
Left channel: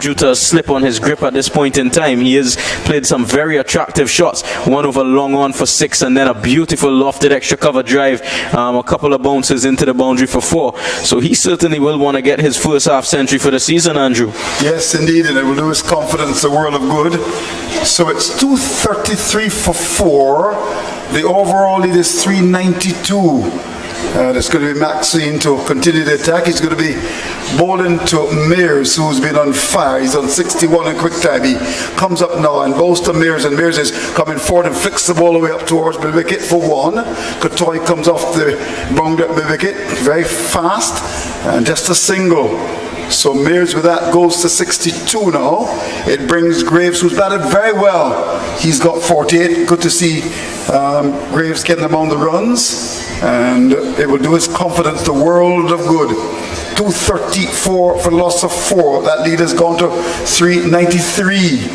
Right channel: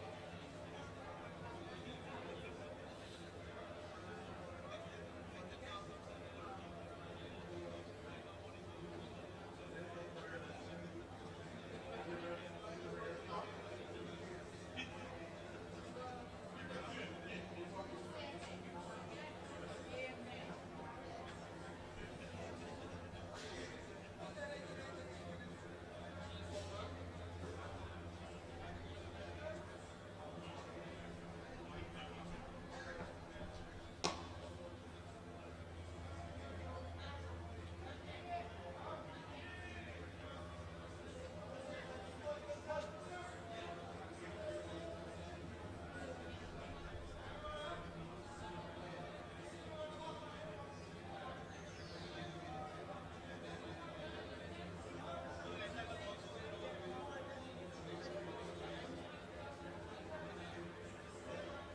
due to a slip on his grip at this point in time. He has played some very attractive shots, one over long on for 6, and then a beautiful lofted extra cover drive, a couple of bounces into the boundary for 4. So he certainly will want to get his first half century for the season, Andrew. Yes, indeed, and it will do his confidence a world of good. So it's 233 for 4. The overall lead is 392. There's going to be Maxine to continue the attack. He's going to be bowling to Mears, who's been on fire. He's on 61 in quick time. He comes up now and bowls to Mears, and Mears is coming forward and flicks the ball away up towards the wicket for one. Kotoy comes off the boundary at the wicket, very fast, and just a single. So Mears with that goes to 62 now. It brings Graves, who's batted very well. He's got 48. Good to see Graves getting among the runs, and it will do his confidence the world of good. 234 for loss of 4. That lead has gone to 393.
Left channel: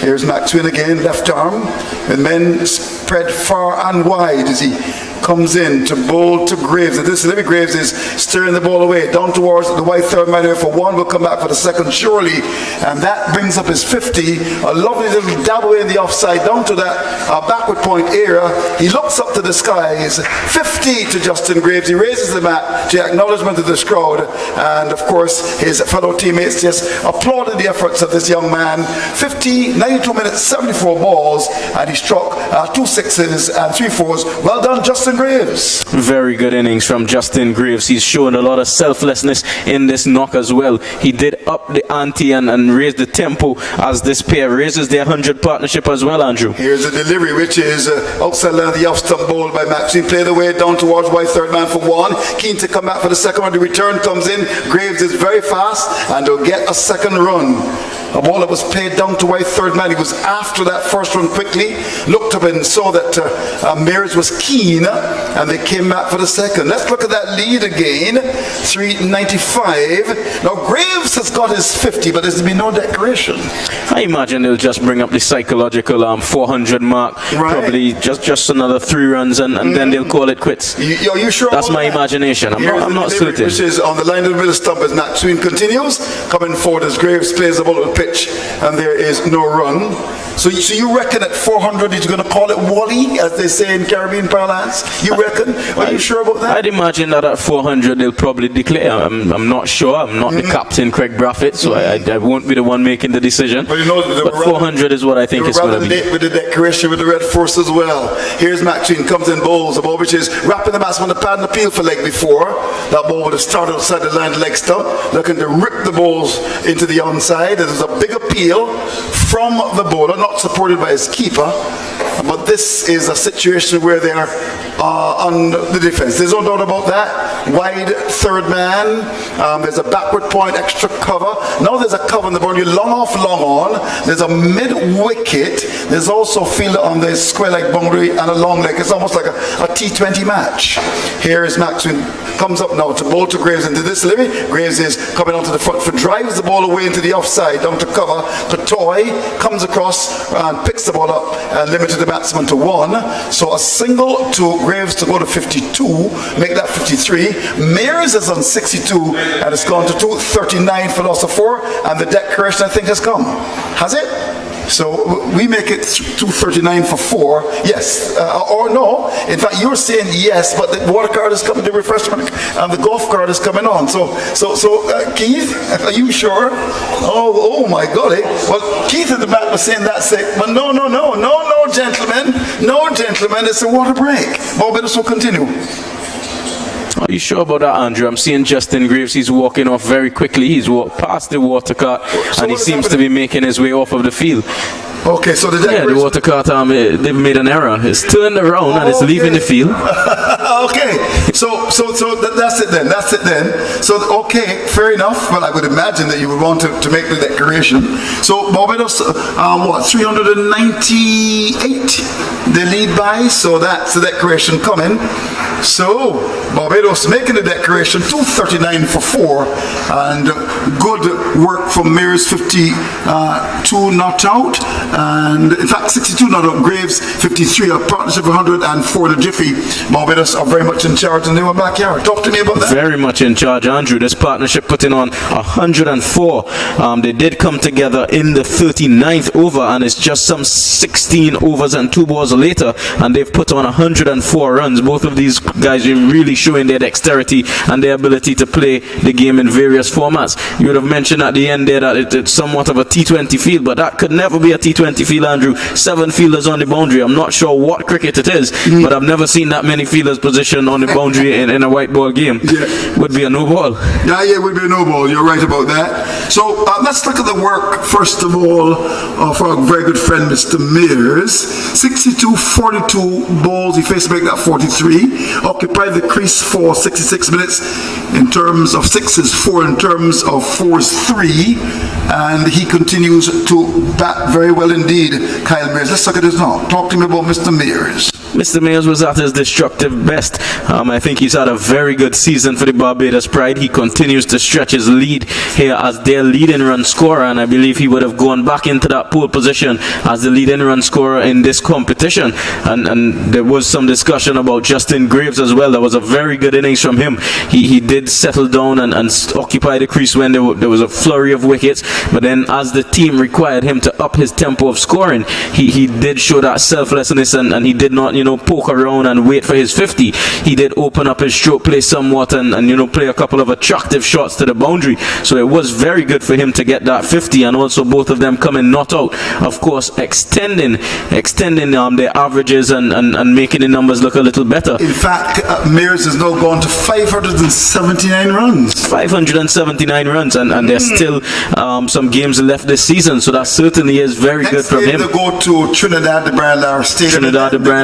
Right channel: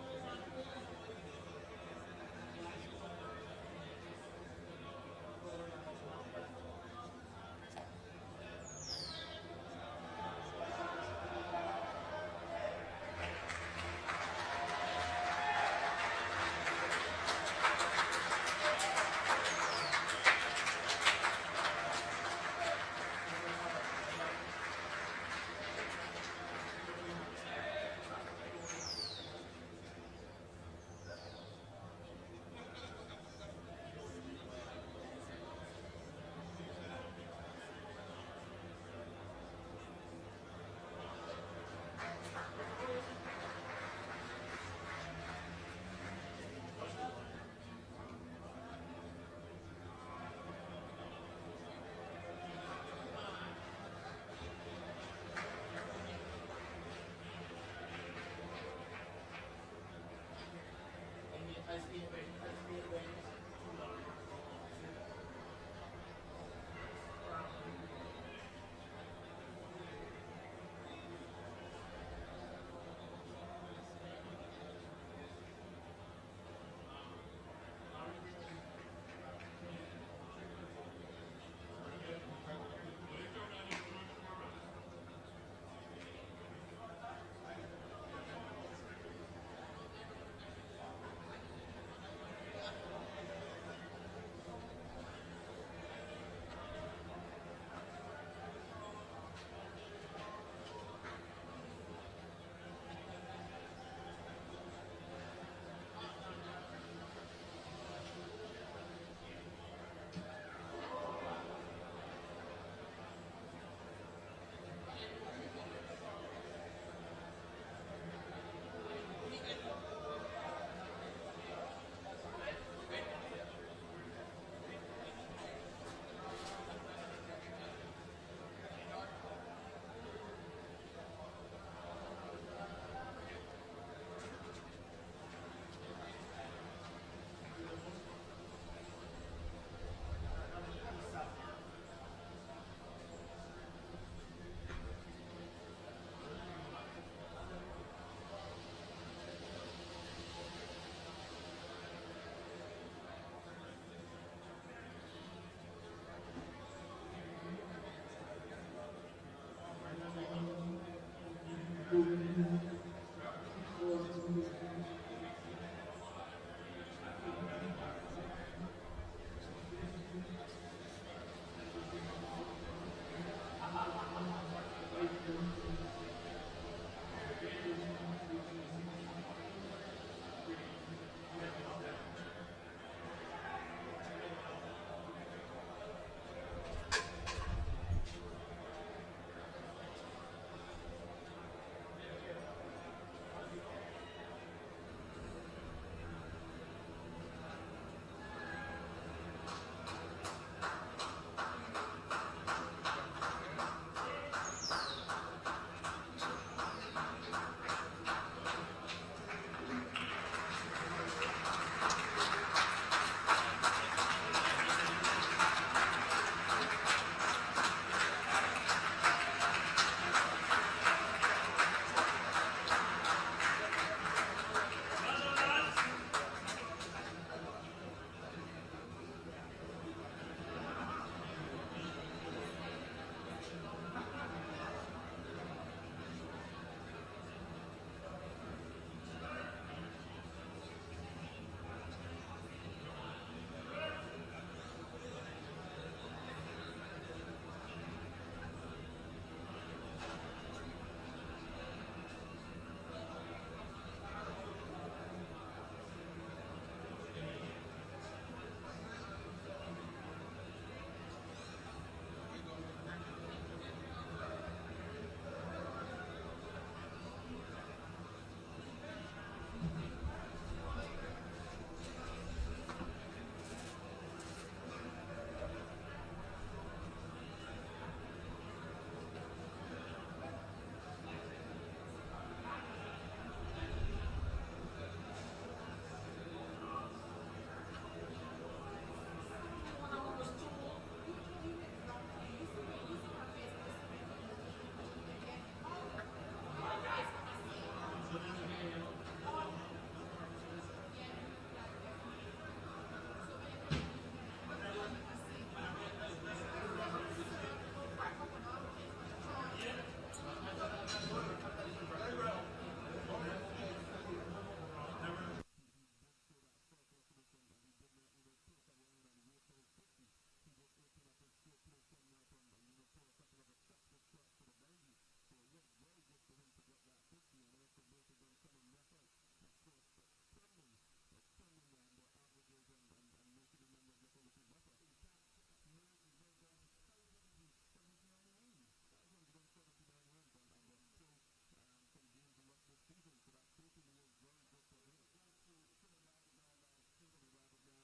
Here's Maxwell again, left arm, and men spread far and wide as he comes in to bowl to Graves. And this Livy Graves is steering the ball away down towards the white third man here for one. Will come back for the second surely, and that brings up his 50. A lovely little dab away in the offside down to that backward point area. He looks up to the skies. 50 to Justin Graves. He raises the mat to acknowledgement of this crowd, and of course his fellow teammates just applauded the efforts of this young man. 50, 92 minutes, 74 balls, and he struck 2 sixes and 3 fours. Well done, Justin Graves. Very good innings from Justin Graves. He's shown a lot of selflessness in this knock as well. He did up the ante and raise the tempo as this pair raises their 100 partnership as well, Andrew. Here's a delivery which is outside line of the off stump bowl by Maxine. Played away down towards white third man for one. Keen to come back for the second one. The return comes in. Graves is very fast and will get a second run. A ball that was played down to white third man. He was after that first run quickly, looked up and saw that Mears was keen, and they came back for the second. Let's look at that lead again. 395. Now Graves has got his 50, but there's been no decoration. I imagine they'll just bring up the psychological 400 mark. Right. Probably just another 3 runs, and then they'll call it quits. Are you sure? That's my imagination. I'm not certain. Which is on the line of the middle stump as Maxwell continues. Coming forward as Graves plays the ball at the pitch, and there is no run. So you reckon at 400 he's going to call it Wally, as they say in Caribbean parlance? You reckon? Are you sure about that? I'd imagine that at 400 they'll probably declare. I'm not sure. I'm not the captain, Craig Braffett, so I won't be the one making the decision. But, you know, but 400 is what I think it's going to be. With the decoration with the red force as well. Here's Maxine, comes in, bowls a ball which is wrapping the batsman the pad and appeal for leg before. That ball would have started outside the line leg stump, looking to rip the balls into the onside. There's a big appeal from the bowler, not supported by his keeper, but this is a situation where they are on the defense. There's no doubt about that. Wide third man, there's a backward point, extra cover. Now there's a cover in the boundary, long off, long on. There's a mid wicket. There's also a fielder on the square leg boundary and a long leg. It's almost like a T20 match. Here is Maxwell, comes up now to bowl to Graves into this delivery. Graves is coming onto the front foot, drives the ball away into the offside, down to cover. Kotoy comes across and picks the ball up and limited the batsman to 1. So a single to Graves to go to 52, make that 53. Mears is on 62 and it's gone to 239 for loss of 4, and the declaration I think has come. Has it? So we make it 239 for 4, yes, or no. In fact, you're saying yes, but the water card is coming, the refreshment, and the golf card is coming on. So Keith, are you sure? Oh my golly. Well, Keith in the back was saying that's it, but no, gentlemen, it's a water break. Barbados will continue. Are you sure about that, Andrew? I'm seeing Justin Graves. He's walking off very quickly. He's walked past the water cart, and he seems to be making his way off of the field. Okay, so the water cart, they've made an error. It's turned around and it's leaving the field. Okay, so that's it then. So, okay, fair enough. Well, I would imagine that you would want to make the declaration. So, Barbados, 398 they lead by, so that's the declaration coming. So, Barbados making the declaration, 239 for 4, and good work from Mears, 52 not out, and in fact 62 not out. Graves 53, a partnership of 104 to Jiffy. Barbados are very much in charge in their backyard. Talk to me about that. Very much in charge, Andrew. This partnership putting on 104. They did come together in the 39th over, and it's just some 16 overs and 2 balls later, and they've put on 104 runs. Both of these guys are really showing their dexterity and their ability to play the game in various formats. You would have mentioned at the end there that it's somewhat of a T20 field, but that could never be a T20 field, Andrew. 7 fielders on the boundary. I'm not sure what cricket it is, but I've never seen that many fielders positioned position on the boundary in a white ball game would be a no ball. Yeah, it would be a no ball. You're right about that. So let's look at the work, first of all, of our very good friend, Mr. Mears. 62-42 balls. He faced back that 43. Occupied the crease for 66 minutes in terms of sixes, 4 in terms of fours, 3. And he continues to bat very well indeed, Kyle Mears. Let's look at this now. Talk to me about Mr. Mears. Mr. Mears was at his destructive best. I think he's had a very good season for the Barbados Pride. He continues to stretch his lead here as their leading run scorer, and I believe he would have gone back into that pole position as the leading run scorer in this competition. And there was some discussion about Justin Graves as well. That was a very good innings from him. He did settle down and occupy the crease when there was a flurry of wickets, but then as the team required him to up his tempo of scoring, he did show that selflessness, and he did not poke around and wait for his 50. He did open up his stroke play somewhat and play a couple of attractive shots to the boundary. So it was very good for him to get that 50, and also both of them coming not out. Of course, extending their averages and making the numbers look a little better. In fact, Mears has now gone to 579 runs. 579 runs, and there's still some games left this season, so that certainly is very good from him. Next game they go to Trinidad de Brian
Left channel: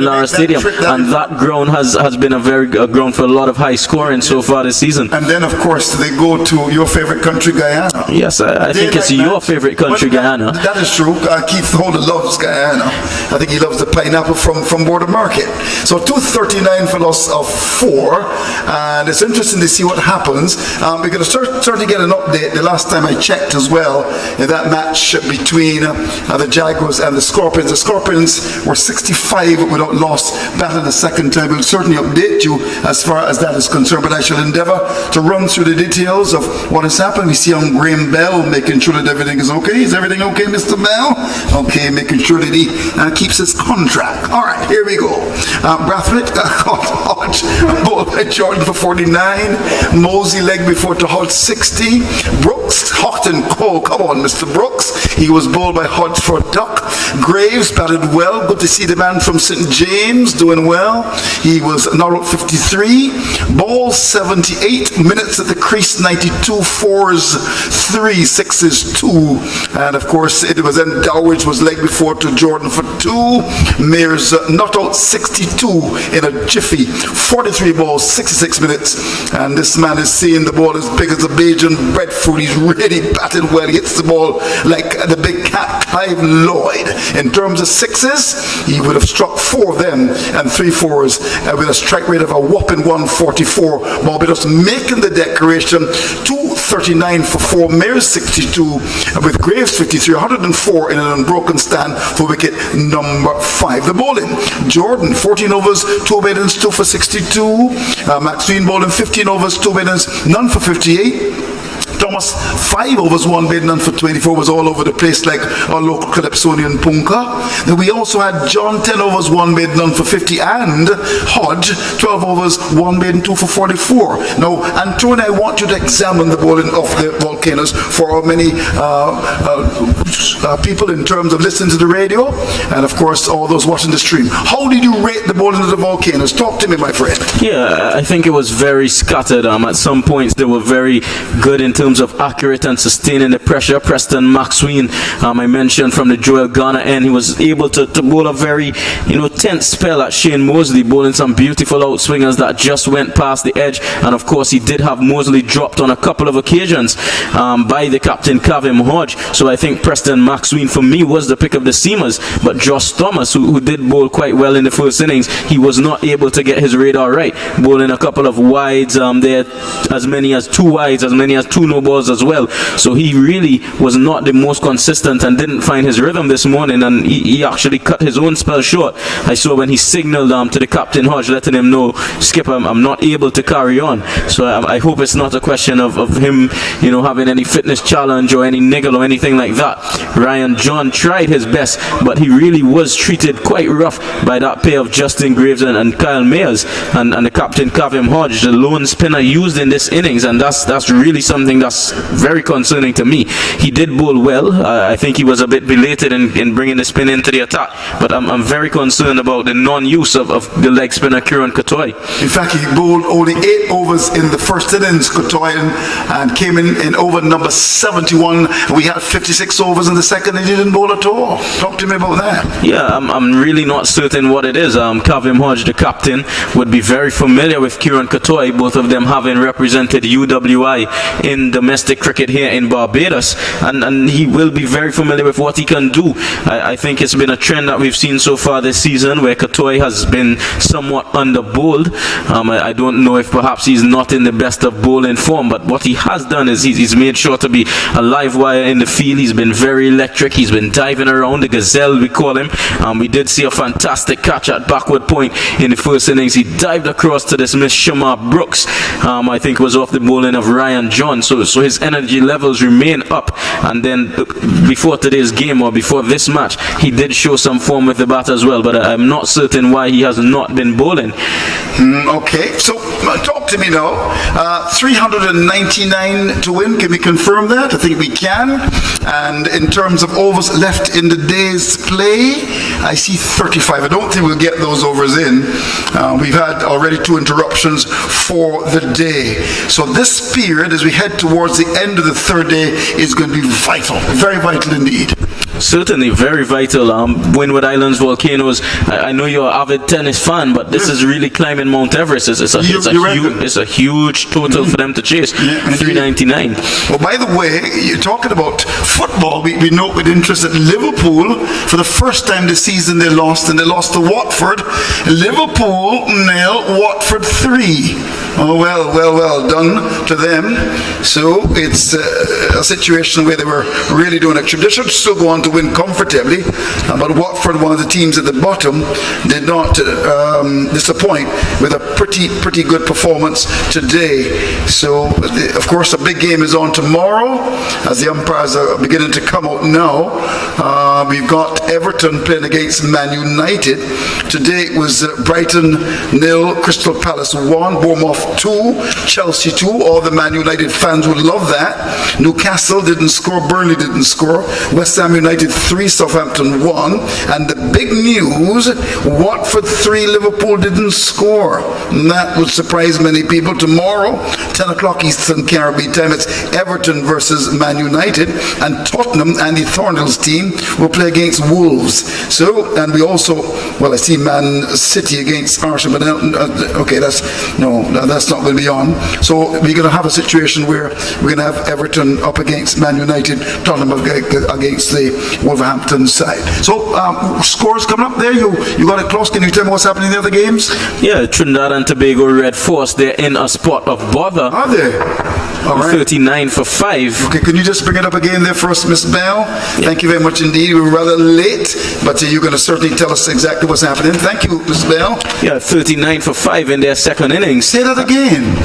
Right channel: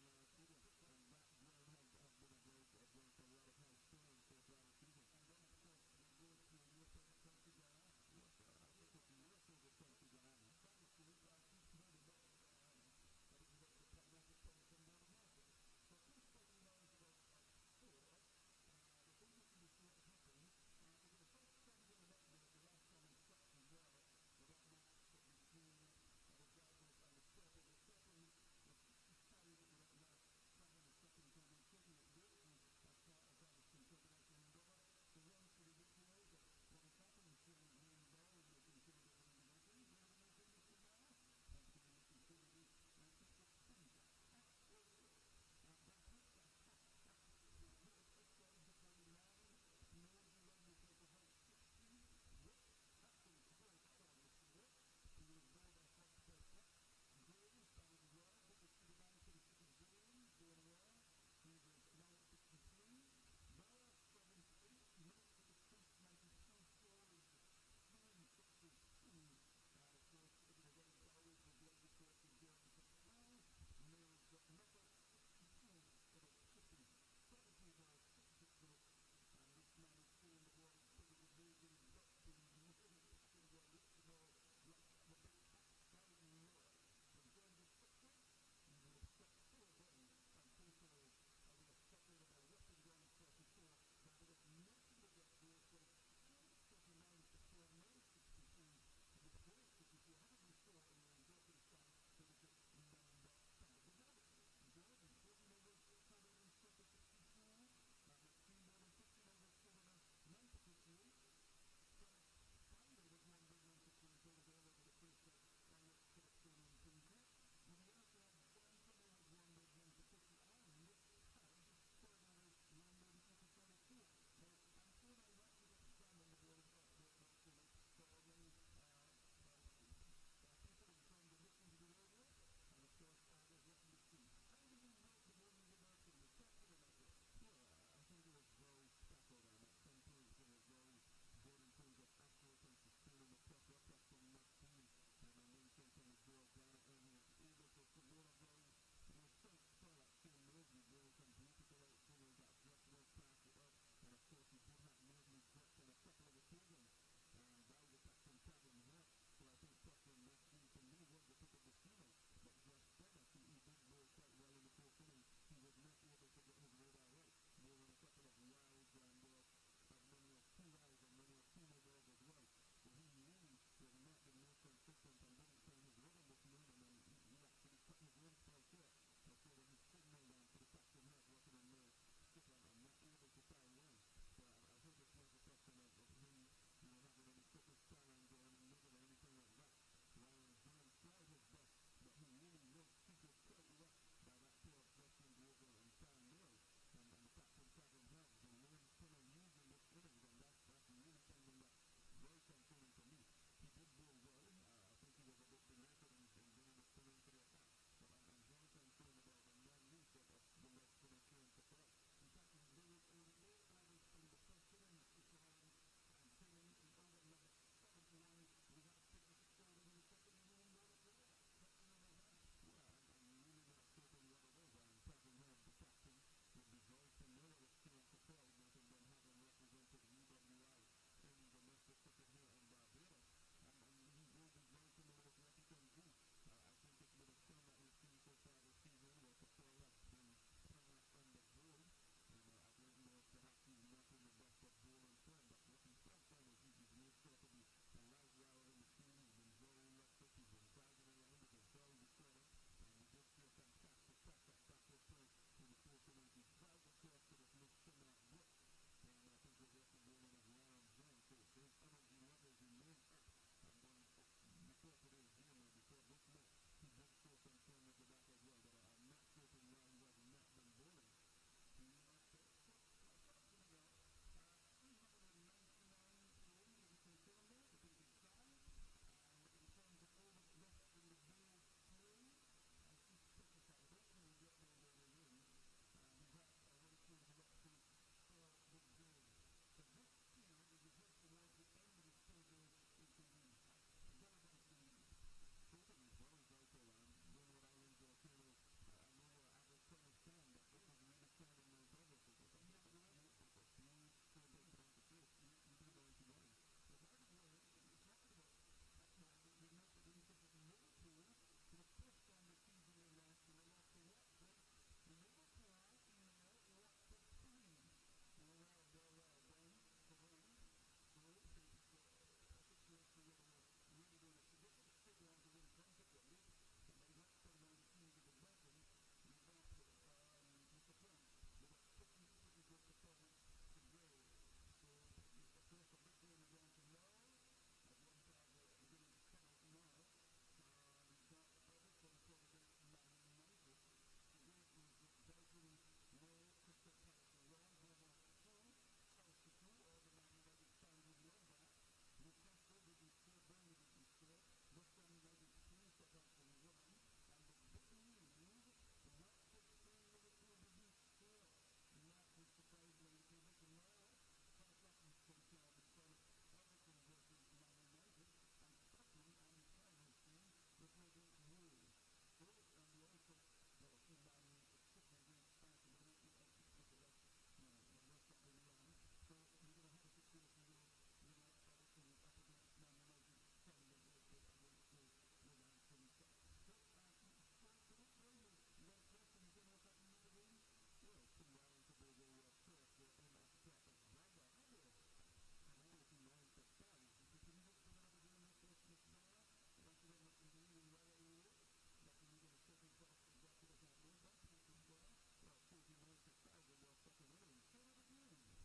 Lara Stadium. And that ground has been a very good ground for a lot of high scoring so far this season. And then, of course, they go to your favorite country, Guyana. Yes, I think it's your favorite country, Guyana. That is true. Keith Holder loves Guyana. I think he loves the pineapple from Border Market. So 239 for loss of 4. And it's interesting to see what happens. We're going to start to get an update. The last time I checked as well, in that match between the Jaguars and the Scorpions. The Scorpions were 65 without loss, batting the second time. We'll certainly update you as far as that is concerned, but I shall endeavour to run through the details of what has happened. We see on Graham Bell making sure that everything is okay. Is everything okay, Mr. Bell? Okay, making sure that he keeps his contract. All right, here we go. Brathwaite caught Hodge, ball by Jordan for 49. Mosey leg before to Hodge 60. Brooks, hot and cold. Come on, Mr. Brooks. He was bowled by Hodge for a duck. Graves batted well. Good to see the man from St. James doing well. He was not out 53. Ball 78. Minutes at the crease 92. Fours 3. Sixes 2. And of course it was then Dowridge was leg before to Jordan for 2. Mears not out 62 in a jiffy. 43 balls, 66 minutes. And this man is seeing the ball as big as a Bajan breadfruit. He's really batted well. He hits the ball like the big cat Clive Lloyd. In terms of sixes, he would have struck 4 of them and 3 fours with a strike rate of a whopping 144. Barbados making the declaration. 239 for 4. Mears 62 with Graves 53. 104 in an unbroken stand for wicket number 5. The bowling. Jordan 14 overs, 2 maidens, 2 for 62. Maxine bowling 15 overs, 2 maidens, none for 58. Thomas, 5 overs, 1 bid, none for 24, was all over the place like our local Calypsonian Punka. Then we also had John, 10 overs, 1 bid, none for 50, and Hodge, 12 overs, 1 bid, and 2 for 44. Now, Antonio, I want you to examine the bowling of the Volcanoes for how many people in terms of listening to the radio, and of course, all those watching the stream. How did you rate the bowling of the Volcanoes? Talk to me, my friend. Yeah, I think it was very scattered. At some points, they were very good in terms of accurate and sustaining the pressure. Preston Maxwell, I mentioned from the Joel Garner end, he was able to bowl a very tense spell at Shane Mosley, bowling some beautiful outswingers that just went past the edge. And of course he did have Mosley dropped on a couple of occasions by the captain Kavim Hodge. So I think Preston Maxwell for me was the pick of the seamers. But Josh Thomas, who did bowl quite well in the first innings, he was not able to get his radar right, bowling a couple of wides there, as many as 2 wides, as many as 2 no balls as well. So he really was not the most consistent and didn't find his rhythm this morning, and he actually cut his own spell short. I saw when he signaled to the captain Hodge, letting him know, Skipper, I'm not able to carry on. So I hope it's not a question of him having any fitness challenge or any niggle or anything like that. Ryan John tried his best, but he really was treated quite rough by that pair of Justin Graves and Kyle Mears and the captain Kavim Hodge, the lone spinner used in this innings, and that's really something that just very concerning to me. He did bowl well. I think he was a bit belated in bringing the spin into the attack, but I'm very concerned about the non-use of the leg spinner Kieran Cottoy. In fact, he bowled only 8 overs in the first innings, Cottoy, and came in over number 71. We had 56 overs in the second, and he didn't bowl at all. Talk to me about that. Yeah, I'm really not certain what it is. Kavim Hodge, the captain, would be very familiar with Kieran Cottoy, both of them having represented UWI in domestic cricket here in Barbados, and he will be very familiar with what he can do. I think it's been a trend that we've seen so far this season where Cottoy has been somewhat under-bowled. I don't know if perhaps he's not in the best of bowling form, but what he has done is he's made sure to be a live wire in the field. He's been very electric. He's been diving around, the gazelle we call him. We did see a fantastic catch at backward point in the first innings. He dived across to dismiss Shamar Brooks. I think it was off the bowling of Ryan John. So his energy levels remain up. And then before today's game, or before this match, he did show some form with the bat as well, but I'm not certain why he has not been bowling. Okay, so talk to me now. 399 to win, can we confirm that? I think we can. And in terms of overs left in the day's play, I see 35. I don't think we'll get those overs in. We've had already 2 interruptions for the day. So this period, as we head towards the end of the third day, is going to be vital, very vital indeed. Certainly, very vital. Windward Islands Volcanoes, I know you're an avid tennis fan, but this is really climbing Mount Everest. It's a huge total for them to chase, 399. Well, by the way, you're talking about football. We note with interest that Liverpool, for the first time this season, they lost, and they lost to Watford. Liverpool 0, Watford 3. Oh, well done to them. So it's a situation where they were really doing it. They should still go on to win comfortably, but Watford, one of the teams at the bottom, did not disappoint with a pretty good performance today. So, of course, a big game is on tomorrow as the umpires are beginning to come out now. We've got Everton playing against Man United. Today it was Brighton 0, Crystal Palace 1, Bournemouth 2, Chelsea 2. All the Man United fans would love that. Newcastle didn't score, Burnley didn't score. West Ham United 3, Southampton 1. And the big news, Watford 3, Liverpool didn't score. And that would surprise many people. Tomorrow, 10 o'clock Eastern Caribbean time, it's Everton versus Man United. And Tottenham, Andy Thornhill's team, will play against Wolves. So, and we also, well, I see Man City against Arsenal, but okay, that's not going to be on. So we're going to have a situation where we're going to have Everton up against Man United, Tottenham against the Wolverhampton side. So scores coming up there. You got it close. Can you tell me what's happening in the other games? Yeah, Trinidad and Tobago Red Force, they're in a spot of bother. Are they? All right. 39 for 5. Okay, can you just bring it up again there for us, Miss Bell? Yeah. Thank you very much indeed. We were rather late, but you're going to certainly tell us exactly what's happening. Thank you, Miss Bell. Yeah, 39 for 5 in their second innings. Say that again.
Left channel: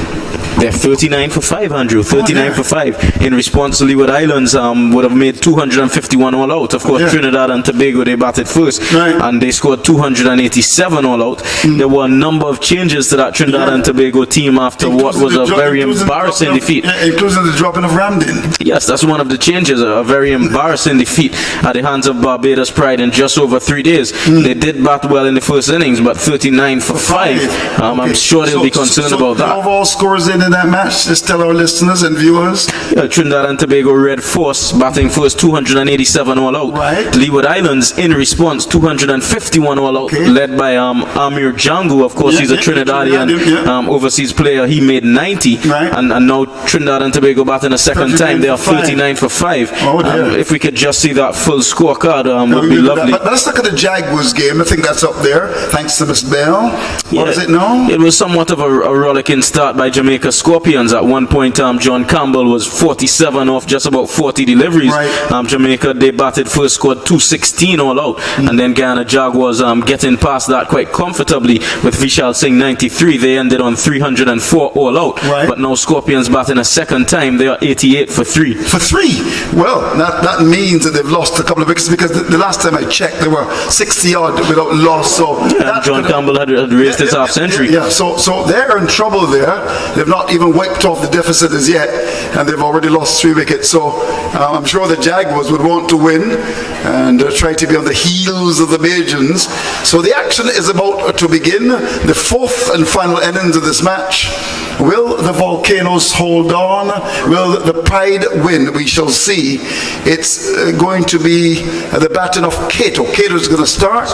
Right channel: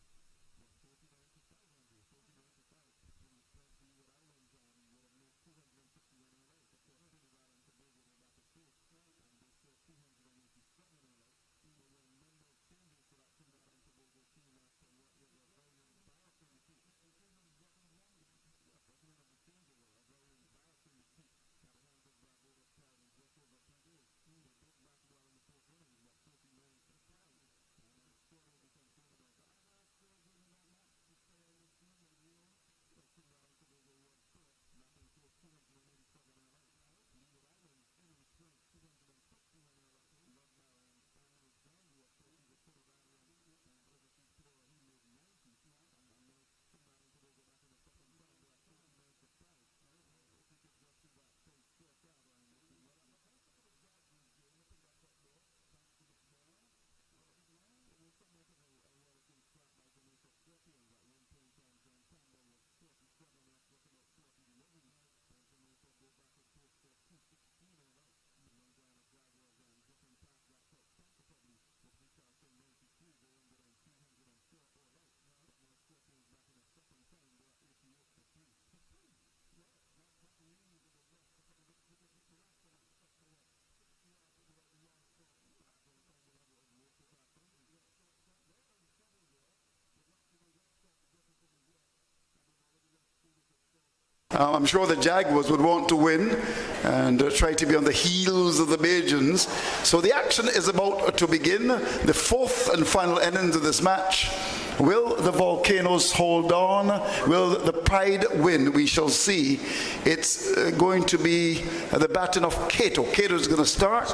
They're 39 for 5, Andrew. 39 for 5. In response to Leeward Islands, would have made 251 all out. Of course, Trinidad and Tobago, they batted first, and they scored 287 all out. There were a number of changes to that Trinidad and Tobago team after what was a very embarrassing defeat. Including the dropping of Ramdin. Yes, that's one of the changes. A very embarrassing defeat at the hands of Barbados Pride in just over 3 days. They did bat well in the first innings, but 39 for 5. I'm sure they'll be concerned about that. Overall scores in that match, just tell our listeners and viewers. Yeah, Trinidad and Tobago Red Force batting first, 287 all out. Right. Leeward Islands in response, 251 all out, led by Amir Django. Of course, he's a Trinidadian overseas player. He made 90. Right. And now Trinidad and Tobago batting a second time. They are 39 for 5. If we could just see that full scorecard, would be lovely. But let's look at the Jaguars game. I think that's up there, thanks to Miss Bell. What is it now? It was somewhat of a rollicking start by Jamaica Scorpions. At one point, John Campbell was 47 off just about 40 deliveries. Right. Jamaica, they batted first, scored 216 all out, and then Guyana Jaguars getting past that quite comfortably with Vishal Singh 93. They ended on 304 all out. Right. But now Scorpions batting a second time. They are 88 for 3. For 3? Well, that means that they've lost a couple of wickets, because the last time I checked, they were 60 odd without loss. So John Campbell had raised his half century. So they're in trouble there. They've not not even wiped off the deficit as yet, and they've already lost 3 wickets. So I'm sure the Jaguars would want to win and try to be on the heels of the Bajans. So the action is about to begin, the 4th and final innings of this match. Will the Volcanoes hold on? Will the Pride win? We shall see. It's going to be the batting of Cato. Cato's going to start,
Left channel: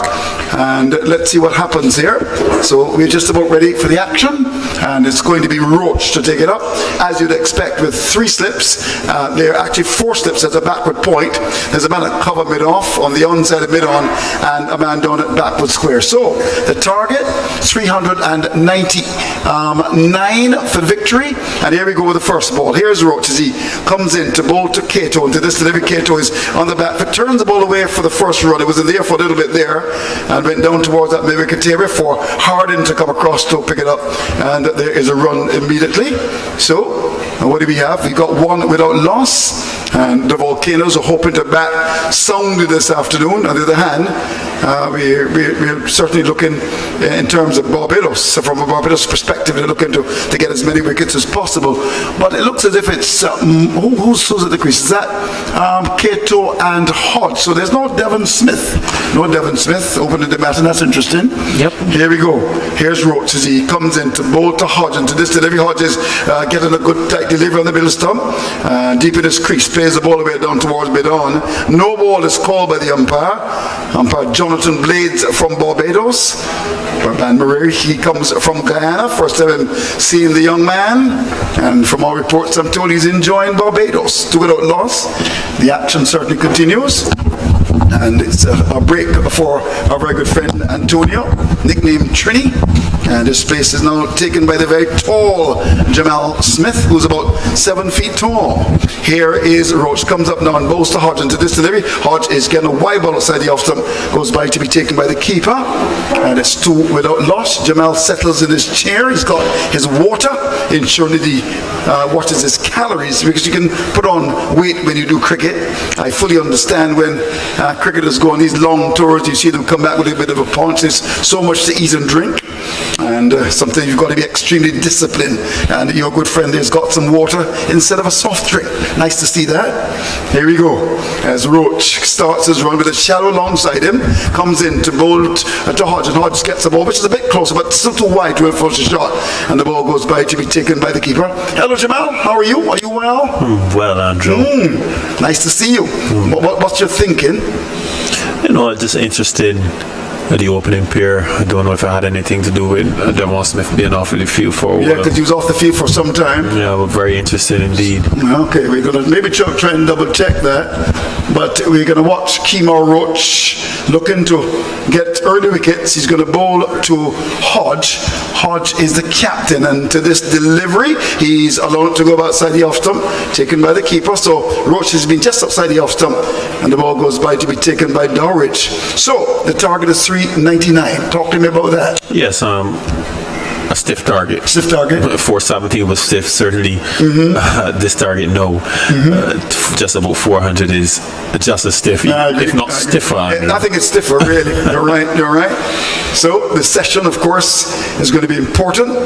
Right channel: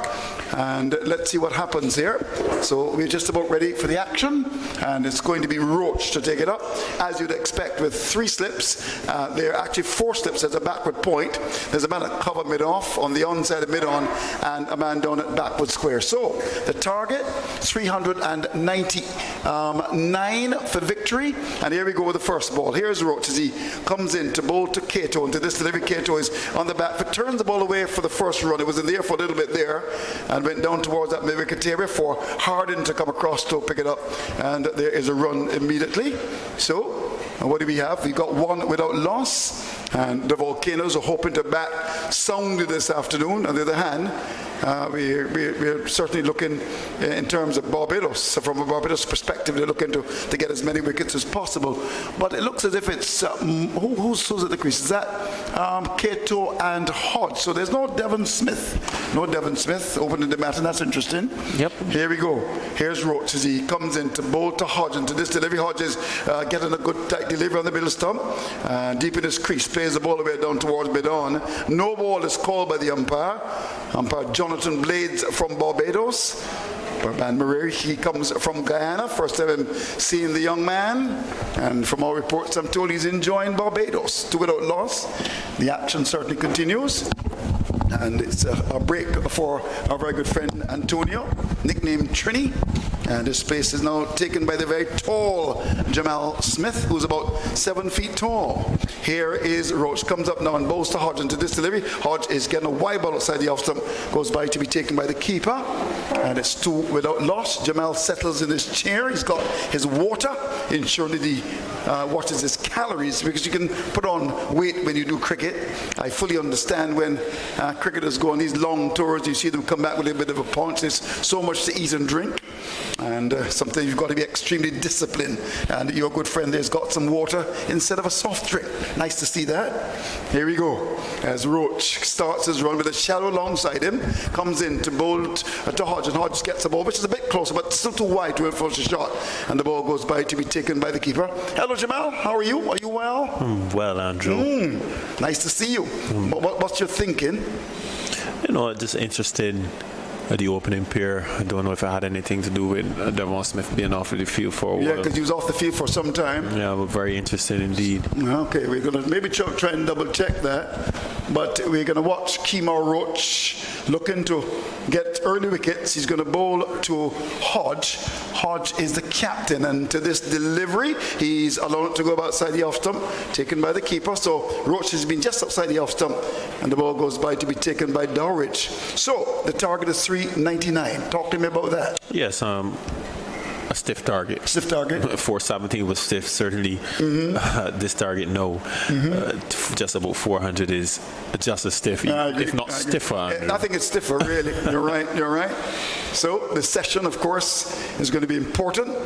and let's see what happens here. So we're just about ready for the action, and it's going to be Roach to take it up, as you'd expect, with 3 slips. There are actually 4 slips at a backward point. There's a man at cover mid-off, on the onside of mid-on, and a man down at backward square. So the target, 399 for victory, and here we go with the first ball. Here's Roach as he comes in to bowl to Cato, and to this delivery Cato is on the back foot, turns the ball away for the first run. It was in the air for a little bit there and went down towards that mid-wicket area for Hardin to come across to pick it up, and there is a run immediately. So what do we have? We got 1 without loss, and the Volcanoes are hoping to bat soundly this afternoon. On the other hand, we're certainly looking in terms of Barbados. So from a Barbados perspective, they're looking to get as many wickets as possible. But it looks as if it's who's at the crease? Is that Cato and Hodge? So there's no Devon Smith. No Devon Smith opening the bat, and that's interesting. Yep. Here we go. Here's Roach as he comes in to bowl to Hodge, and to this delivery, Hodge is getting a good tight delivery on the middle stump. Deep in his crease, plays the ball away down towards mid-on. No ball is called by the umpire. Umpire Jonathan Blades from Barbados. Ban Murray, he comes from Guyana. First time I'm seeing the young man, and from all reports I'm told he's enjoying Barbados. 2 without loss. The action certainly continues, and it's a break for our very good friend Antonio, nicknamed Trini, and his place is now taken by the very tall Jamal Smith, who's about 7 feet tall. Here is Roach, comes up now and bowls to Hodge, and to this delivery, Hodge is getting a wide ball outside the off stump, goes by to be taken by the keeper, and it's 2 without loss. Jamal settles in his chair. He's got his water, ensuring that he watches his calories, because you can put on weight when you do cricket. I fully understand when cricketers go on these long tours, you see them come back with a bit of a punch. There's so much to eat and drink, and sometimes you've got to be extremely disciplined, and your good friend there's got some water instead of a soft drink. Nice to see that. Here we go, as Roach starts his run with a shallow alongside him, comes in to bowl to Hodge, and Hodge gets the ball, which is a bit closer, but still too wide to enforce a shot, and the ball goes by to be taken by the keeper. Hello Jamal, how are you? Are you well? Well, Andrew. Nice to see you. What's your thinking? You know, just interested at the opening pair. I don't know if it had anything to do with Devon Smith being off of the field for a while. Yeah, because he was off the field for some time. Yeah, but very interested indeed. Okay, we're going to maybe try and double check that. But we're going to watch Kemar Roach looking to get early wickets. He's going to bowl to Hodge. Hodge is the captain, and to this delivery, he's allowed to go outside the off stump, taken by the keeper. So Roach has been just outside the off stump, and the ball goes by to be taken by Dowridge. So the target is 399. Talk to me about that. Yes, a stiff target. Stiff target. 470 was stiff, certainly. This target, no. Just about 400 is just as stiff, if not stiffer. I think it's stiffer, really. You're right. So the session, of course, is going to be important.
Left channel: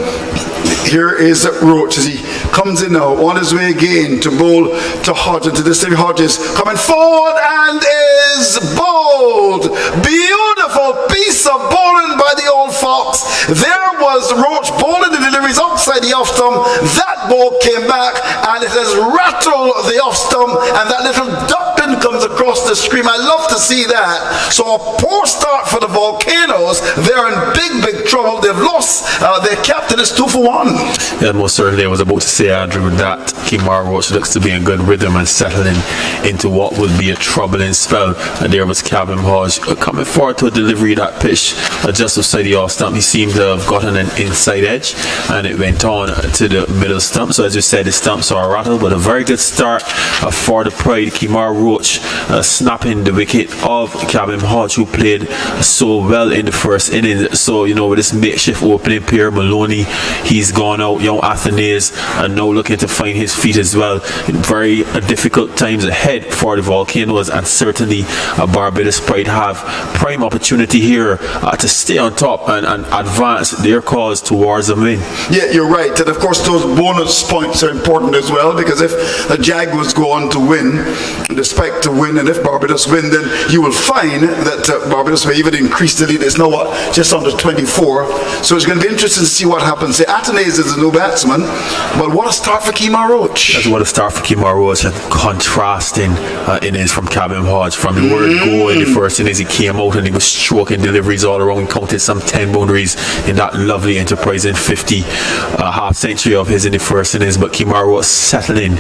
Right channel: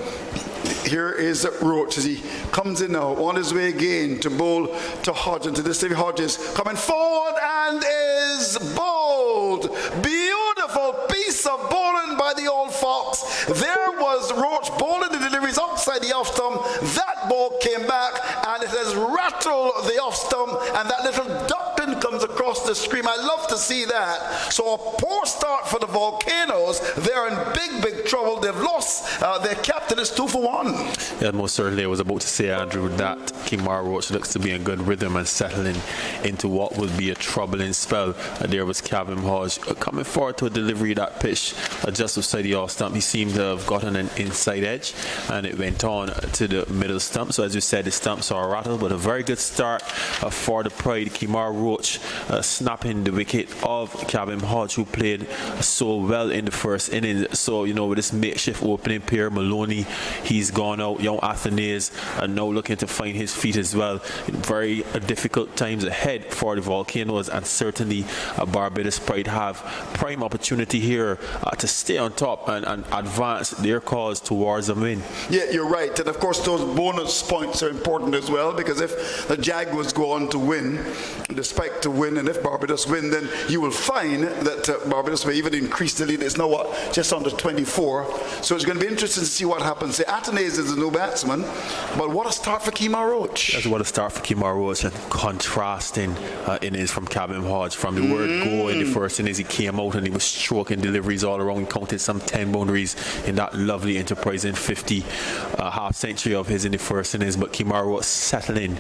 Here is Roach as he comes in now, on his way again to bowl to Hodge, and to this time Hodge is coming forward and is bowled. Beautiful piece of bowling by the old fox. There was Roach bowling the deliveries outside the off stump. That ball came back and it has rattled the off stump, and that little duck pin comes across the screen. I love to see that. So a poor start for the Volcanoes. They're in big trouble. They've lost. Their captain is 2 for 1. Yeah, most certainly. I was about to say, Andrew, that Kemar Roach looks to be in good rhythm and settling into what would be a troubling spell. And there was Cabin Hodge coming forward to a delivery of that pitch just outside the off stump. He seemed to have gotten an inside edge, and it went on to the middle stump. So as you said, the stumps are rattled, but a very good start for the Pride. Kemar Roach snapping the wicket of Cabin Hodge, who played so well in the first inning. So, you know, with this makeshift opening pair, Maloney he's gone out, young Athenaeus, and now looking to find his feet as well. Very difficult times ahead for the Volcanoes, and certainly Barbados Pride have prime opportunity here to stay on top and advance their cause towards a win. Yeah, you're right. And of course, those bonus points are important as well, because if the Jaguars go on to win, the Spike to win, and if Barbados win, then you will find that Barbados may even increase the lead. It's now just under 24. So it's going to be interesting to see what happens. The Athenaeus is a new batsman, but what a start for Kemar Roach. That's what a start for Kemar Roach, and contrasting innings from Cabin Hodge. From the word go in the first innings, he came out and he was stroking deliveries all around, counted some 10 boundaries in that lovely enterprising 50 half century of his in the first innings. But Kemar Roach settling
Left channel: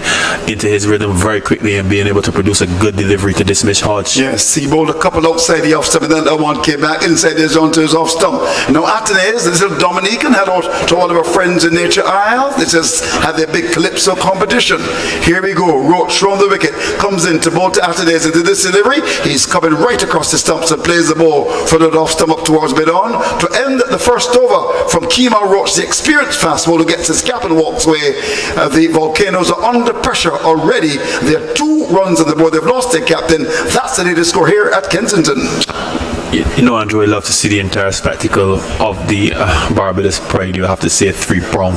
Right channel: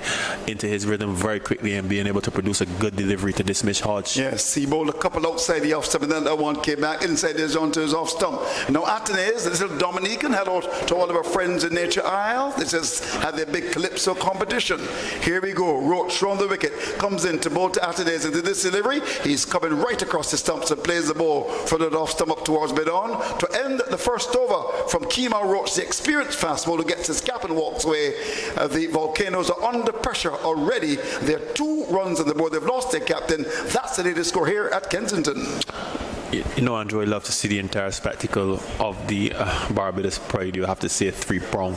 into his rhythm very quickly and being able to produce a good delivery to dismiss Hodge. Yes, he bowled a couple outside the off stump, and then that one came back inside his onto his off stump. Now Athenaeus, this little Dominican, hello to all of our friends in Nature Isle. They just had their big Calypso competition. Here we go. Roach from the wicket, comes in to bowl to Athenaeus into this delivery. He's coming right across the stumps and plays the ball for the off stump up towards mid-on. To end the first over from Kemar Roach, the experienced fast bowler, gets his cap and walks away. The Volcanoes are under pressure already. They're 2 runs on the board. They've lost their captain. That's the latest score here at Kensington. You know, Andrew, I love to see the entire spectacle of the Barbados Pride. You have to say 3-prong.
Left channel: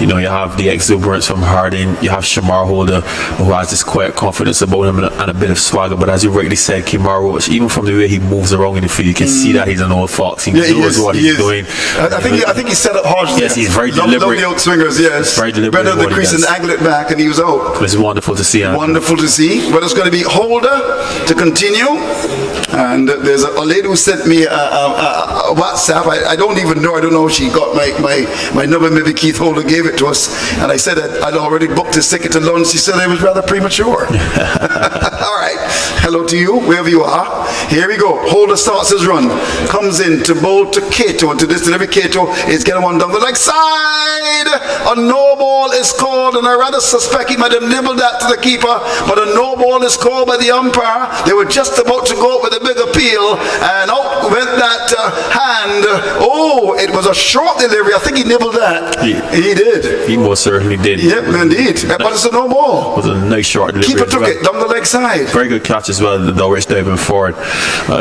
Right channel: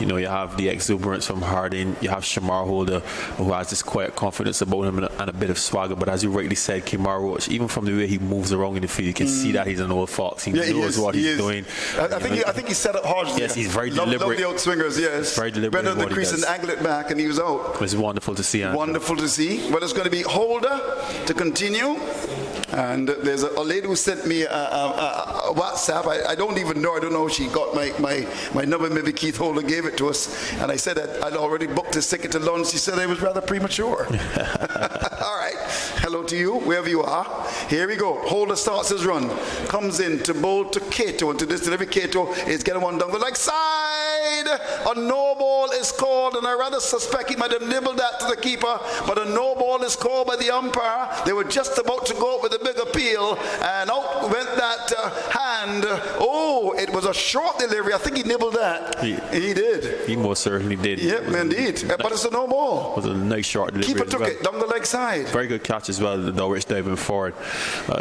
You know, you have the exuberance from Harding. You have Shamar Holder, who has this quiet confidence about him and a bit of swagger. But as you rightly said, Kemar Roach, even from the way he moves around in the field, you can see that he's an old fox. He knows what he's doing. I think he set up Hodge. Yes, he's very deliberate. Love the outswingers, yes. Very deliberate. Better the crease and angle it back, and he was out. It's wonderful to see. Andrew. Wonderful to see. But it's going to be Holder to continue. And there's a lady who sent me a WhatsApp. I don't even know. I don't know if she got my number. Maybe Keith Holder gave it to us. And I said that I'd already booked his ticket to London. She said it was rather premature. All right. Hello to you, wherever you are. Here we go. Holder starts his run. Comes in to bowl to Cato. And to this delivery, Cato is getting one down the leg side. A no ball is called. And I rather suspect he might have nibbled that to the keeper. But a no ball is called by the umpire. They were just about to go with a big appeal, and out went that hand. Oh, it was a short delivery. I think he nibbled that. He did. He most certainly did. Yep, indeed. But it's a no ball. It was a nice short delivery. Keeper took it down the leg side. Very good catch as well. The Dulwich diving forward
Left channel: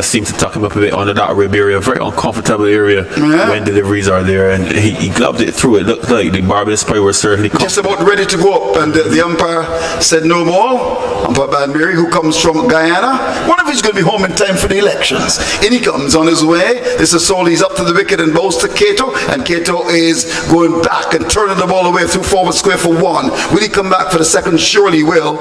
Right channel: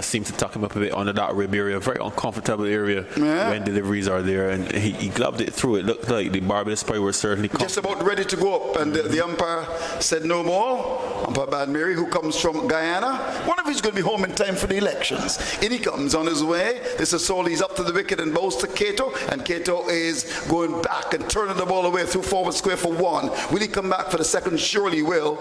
seemed to tuck him up a bit under that rib area. Very uncomfortable area when deliveries are there, and he gloved it through. It looked like the Barbados player was certainly just about ready to go up, and the umpire said no more. Umpire Bad Mary, who comes from Guyana, wonder if he's going to be home in time for the elections. In he comes on his way. This is Sol. He's up to the wicket and bowls to Cato, and Cato is going back and turning the ball away through forward square for 1. Will he come back for the second? Surely he will.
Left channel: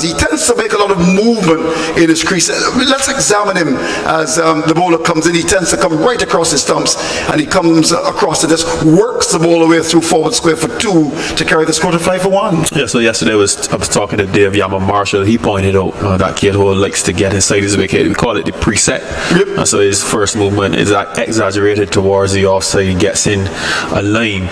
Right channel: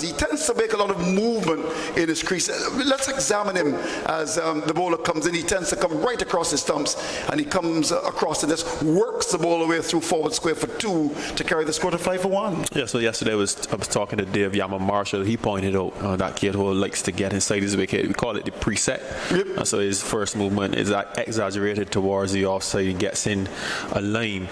He tends to make a lot of movement in his crease. Let's examine him as the bowler comes in. He tends to come right across his stumps, and he comes across and just works the ball away through forward square for 2 to carry the score to 5 for 1. Yeah, so yesterday I was talking to Dave Yama Marshall. He pointed out that Cato likes to get inside his wicket. We call it the preset. Yep. So his first movement is exaggerated towards the offside. He gets in a line.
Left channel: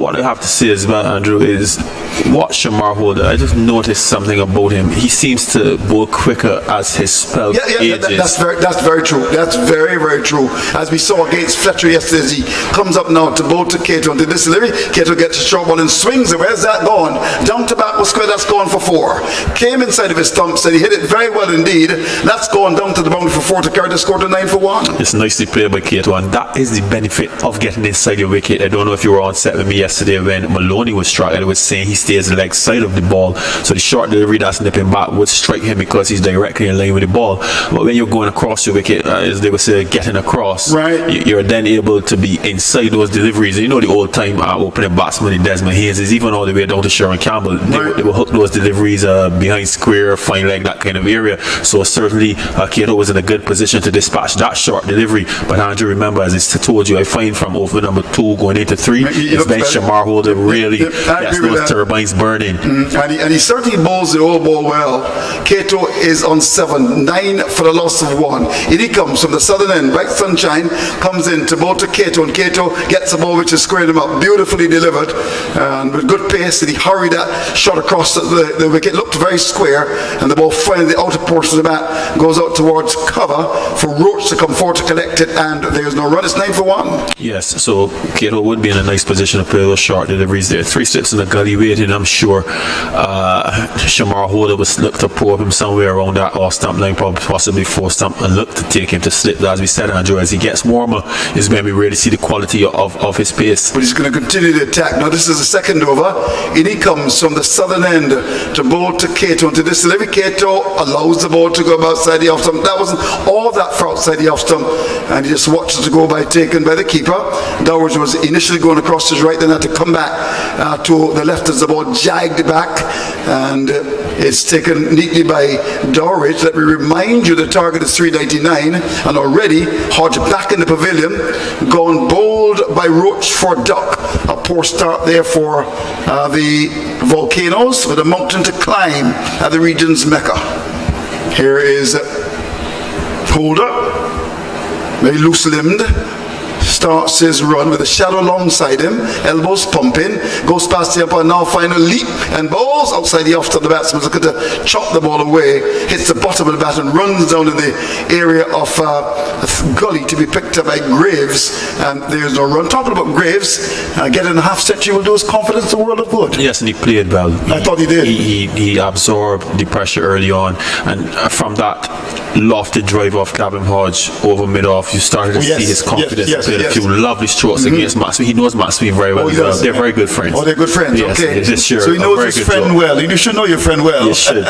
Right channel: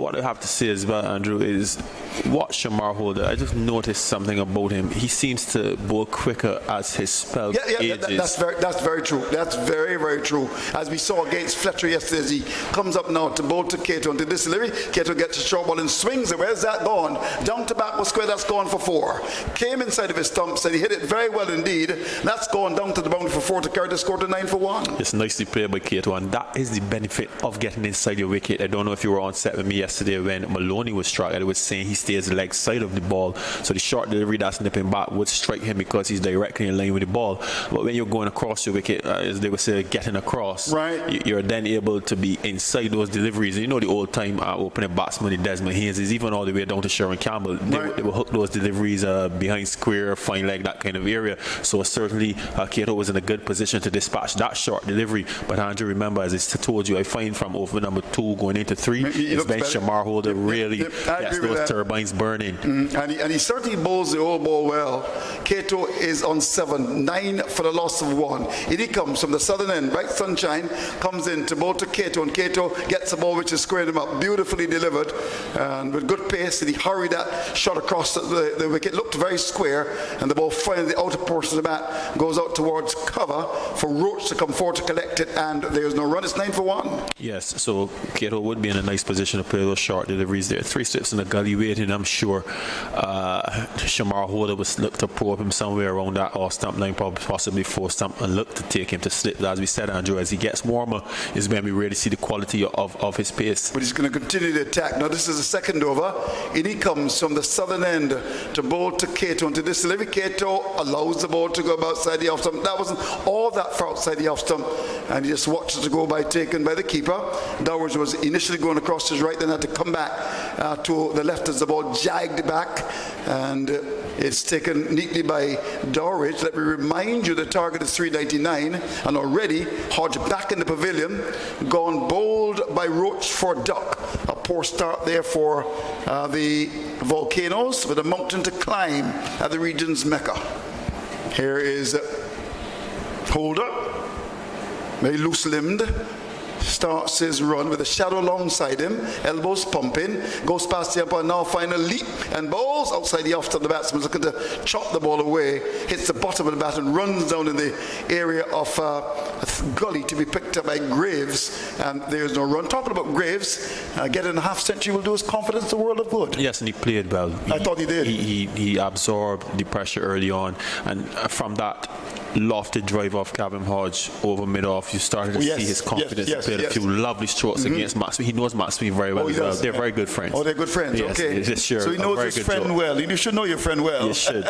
What I have to say as well, Andrew, is watch Shamar Holder. I just noticed something about him. He seems to bowl quicker as his spell ages. That's very true. That's very, very true. As we saw against Fletcher yesterday, as he comes up now to bowl to Cato and to this delivery, Cato gets a short ball and swings it. Where's that going? Down to back square. That's gone for 4. Came inside of his stumps and he hit it very well indeed. That's going down to the boundary for 4 to carry the score to 9 for 1. It's nicely played by Cato, and that is the benefit of getting inside your wicket. I don't know if you were on set with me yesterday when Maloney was struck. I was saying he stays the leg side of the ball, so the short delivery that's nipping back would strike him because he's directly in line with the ball. But when you're going across your wicket, as they would say, getting across, right, you're then able to be inside those deliveries. And you know the old time opening batsman Desmond Hayes is even all the way down to Sharon Campbell. They will hook those deliveries behind square, fine leg, that kind of area. So certainly Cato was in a good position to dispatch that short delivery. But Andrew, remember, as I told you, I find from over number 2 going into 3, it's been Shamar Holder really gets those turbine mine's burning. And he certainly bowls the old ball well. Cato is on 7, 9 for the loss of 1. In he comes from the southern end. Bright Sunshine comes in to bowl to Cato, and Cato gets the ball which is squared him up. Beautifully delivered, and with good pace, and he hurried that shot across the wicket. Looked very square, and the ball finally the outer portion of the bat goes out towards cover for Roach to come forward to collect it, and there's no run. It's 9 for 1. Yes, so Cato would be in a nice position to play those short deliveries there. 3 slips in the gully waiting, I'm sure. Shamar Holder was look to probe him somewhere around that off stump line, probably possibly 4 stump, and look to take him to slip. As we said, Andrew, as he gets warmer, is when we really see the quality of his pace. But he's going to continue the attack. Now this is the second over. In he comes from the southern end to bowl to Cato, and to this delivery, Cato allows the ball to go outside the off stump. That wasn't all that far outside the off stump, and he just watched it to go by, taken by the keeper. Dowers was initially going across his right, then had to come back to the left as the ball jagged back, and it's taken neatly by Dowridge. Let me remind you the target is 399, and already Hodge back in the pavilion, gone bowled by Roach for duck. A poor start there for the Volcanoes, with a mountain to climb at the region's Mecca. Here is Holder, very loose-limbed, starts his run with a shadow alongside him, elbows pumping, goes past the umpire, now final leap and bowls outside the off stump. The batsman's looking to chop the ball away, hits the bottom of the bat and runs down in the area of a gully to be picked up by Graves, and there's no run. Talking about Graves, getting a half century will do his confidence the world of good. Yes, and he played well. I thought he did. He absorbed the pressure early on, and from that lofted drive off Gavin Hodge over mid-off, you started to see his confidence. He played a few lovely strokes against Matt Sweeney. He knows Matt Sweeney very well. They're very good friends. Oh, they're good friends. Yes, okay. Sure, so he knows his friend well. You should know your friend well. You should.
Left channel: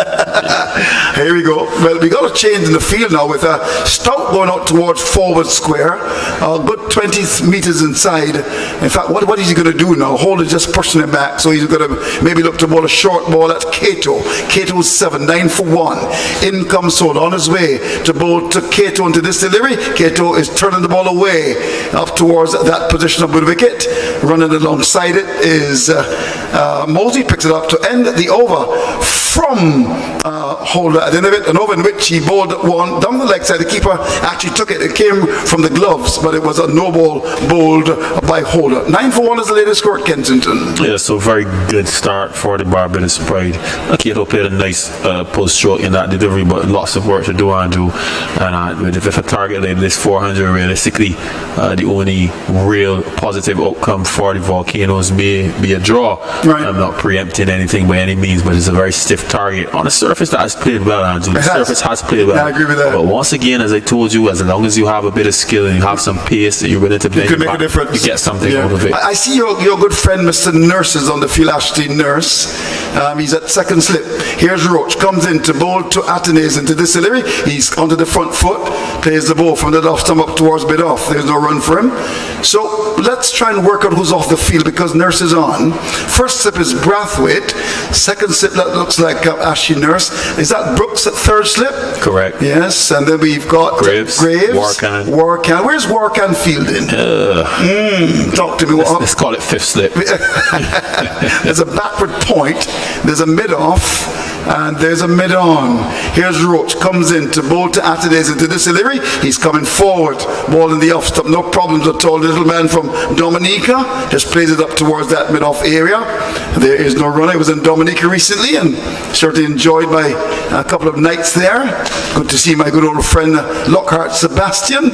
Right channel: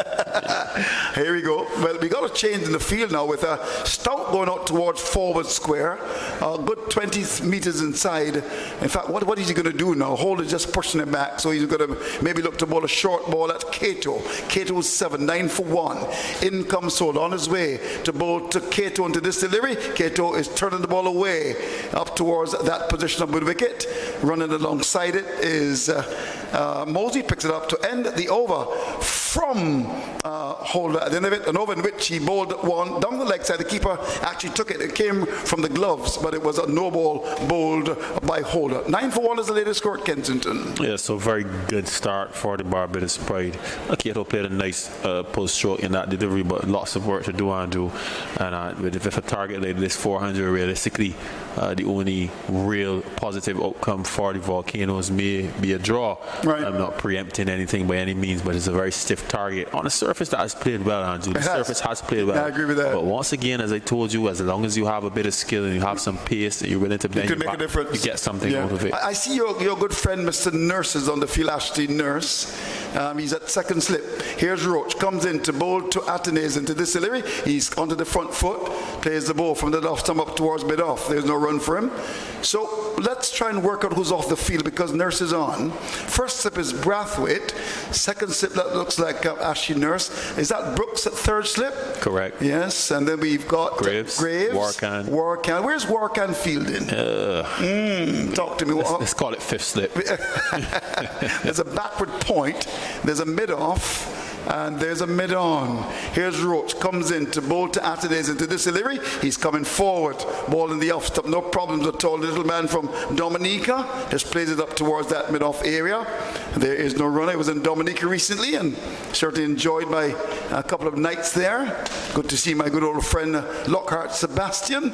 Here we go. Well, we got a change in the field now with a Stout going out towards forward square, a good 20 meters inside. In fact, what is he going to do now? Holder just pushing him back, so he's going to maybe look to bowl a short ball at Cato. Cato's 7, 9 for 1. In comes Holder on his way to bowl to Cato into this delivery. Cato is turning the ball away up towards that position of the wicket. Running alongside it is Mosey, picks it up to end the over from Holder at the end of it, an over in which he bowled one down the leg side. The keeper actually took it. It came from the gloves, but it was a no ball bowled by Holder. 9 for 1 is the latest score at Kensington. Yeah, so very good start for the Barbados Pride. Cato played a nice post stroke in that delivery, but lots of work to do, Andrew. And if a target like this 400, realistically, the only real positive outcome for the Volcanoes may be a draw. Right. I'm not preempting anything by any means, but it's a very stiff target on a surface that has played well, Andrew. The surface has played well. Yeah, I agree with that. But once again, as I told you, as long as you have a bit of skill and you have some pace that you're willing to You could make a difference. you get something out of it. I see your good friend Mr. Nurse is on the field, Ashley Nurse. He's at second slip. Here's Roach, comes in to bowl to Atenes into this delivery. He's onto the front foot, plays the ball from the off stump up towards mid-off. There's no run for him. So let's try and work out who's off the field, because Nurse is on. First slip is Brathwaite. Second slip, that looks like Ashley Nurse. Is that Brooks at third slip? Correct. Yes, and then we've got Graves. Warcan. Where's Warcan fielding? Talk to me. Let's call it fifth slip. There's a backward point, there's a mid-off, and there's a mid-on. Here's Roach, comes in to bowl to Atenes into this delivery. He's coming forward, ball in the off stump, no problems at all. Little man from Dominica just plays it up towards that mid-off area. There is no run. I was in Dominica recently and certainly enjoyed my a couple of nights there. Good to see my good old friend Lockhart Sebastian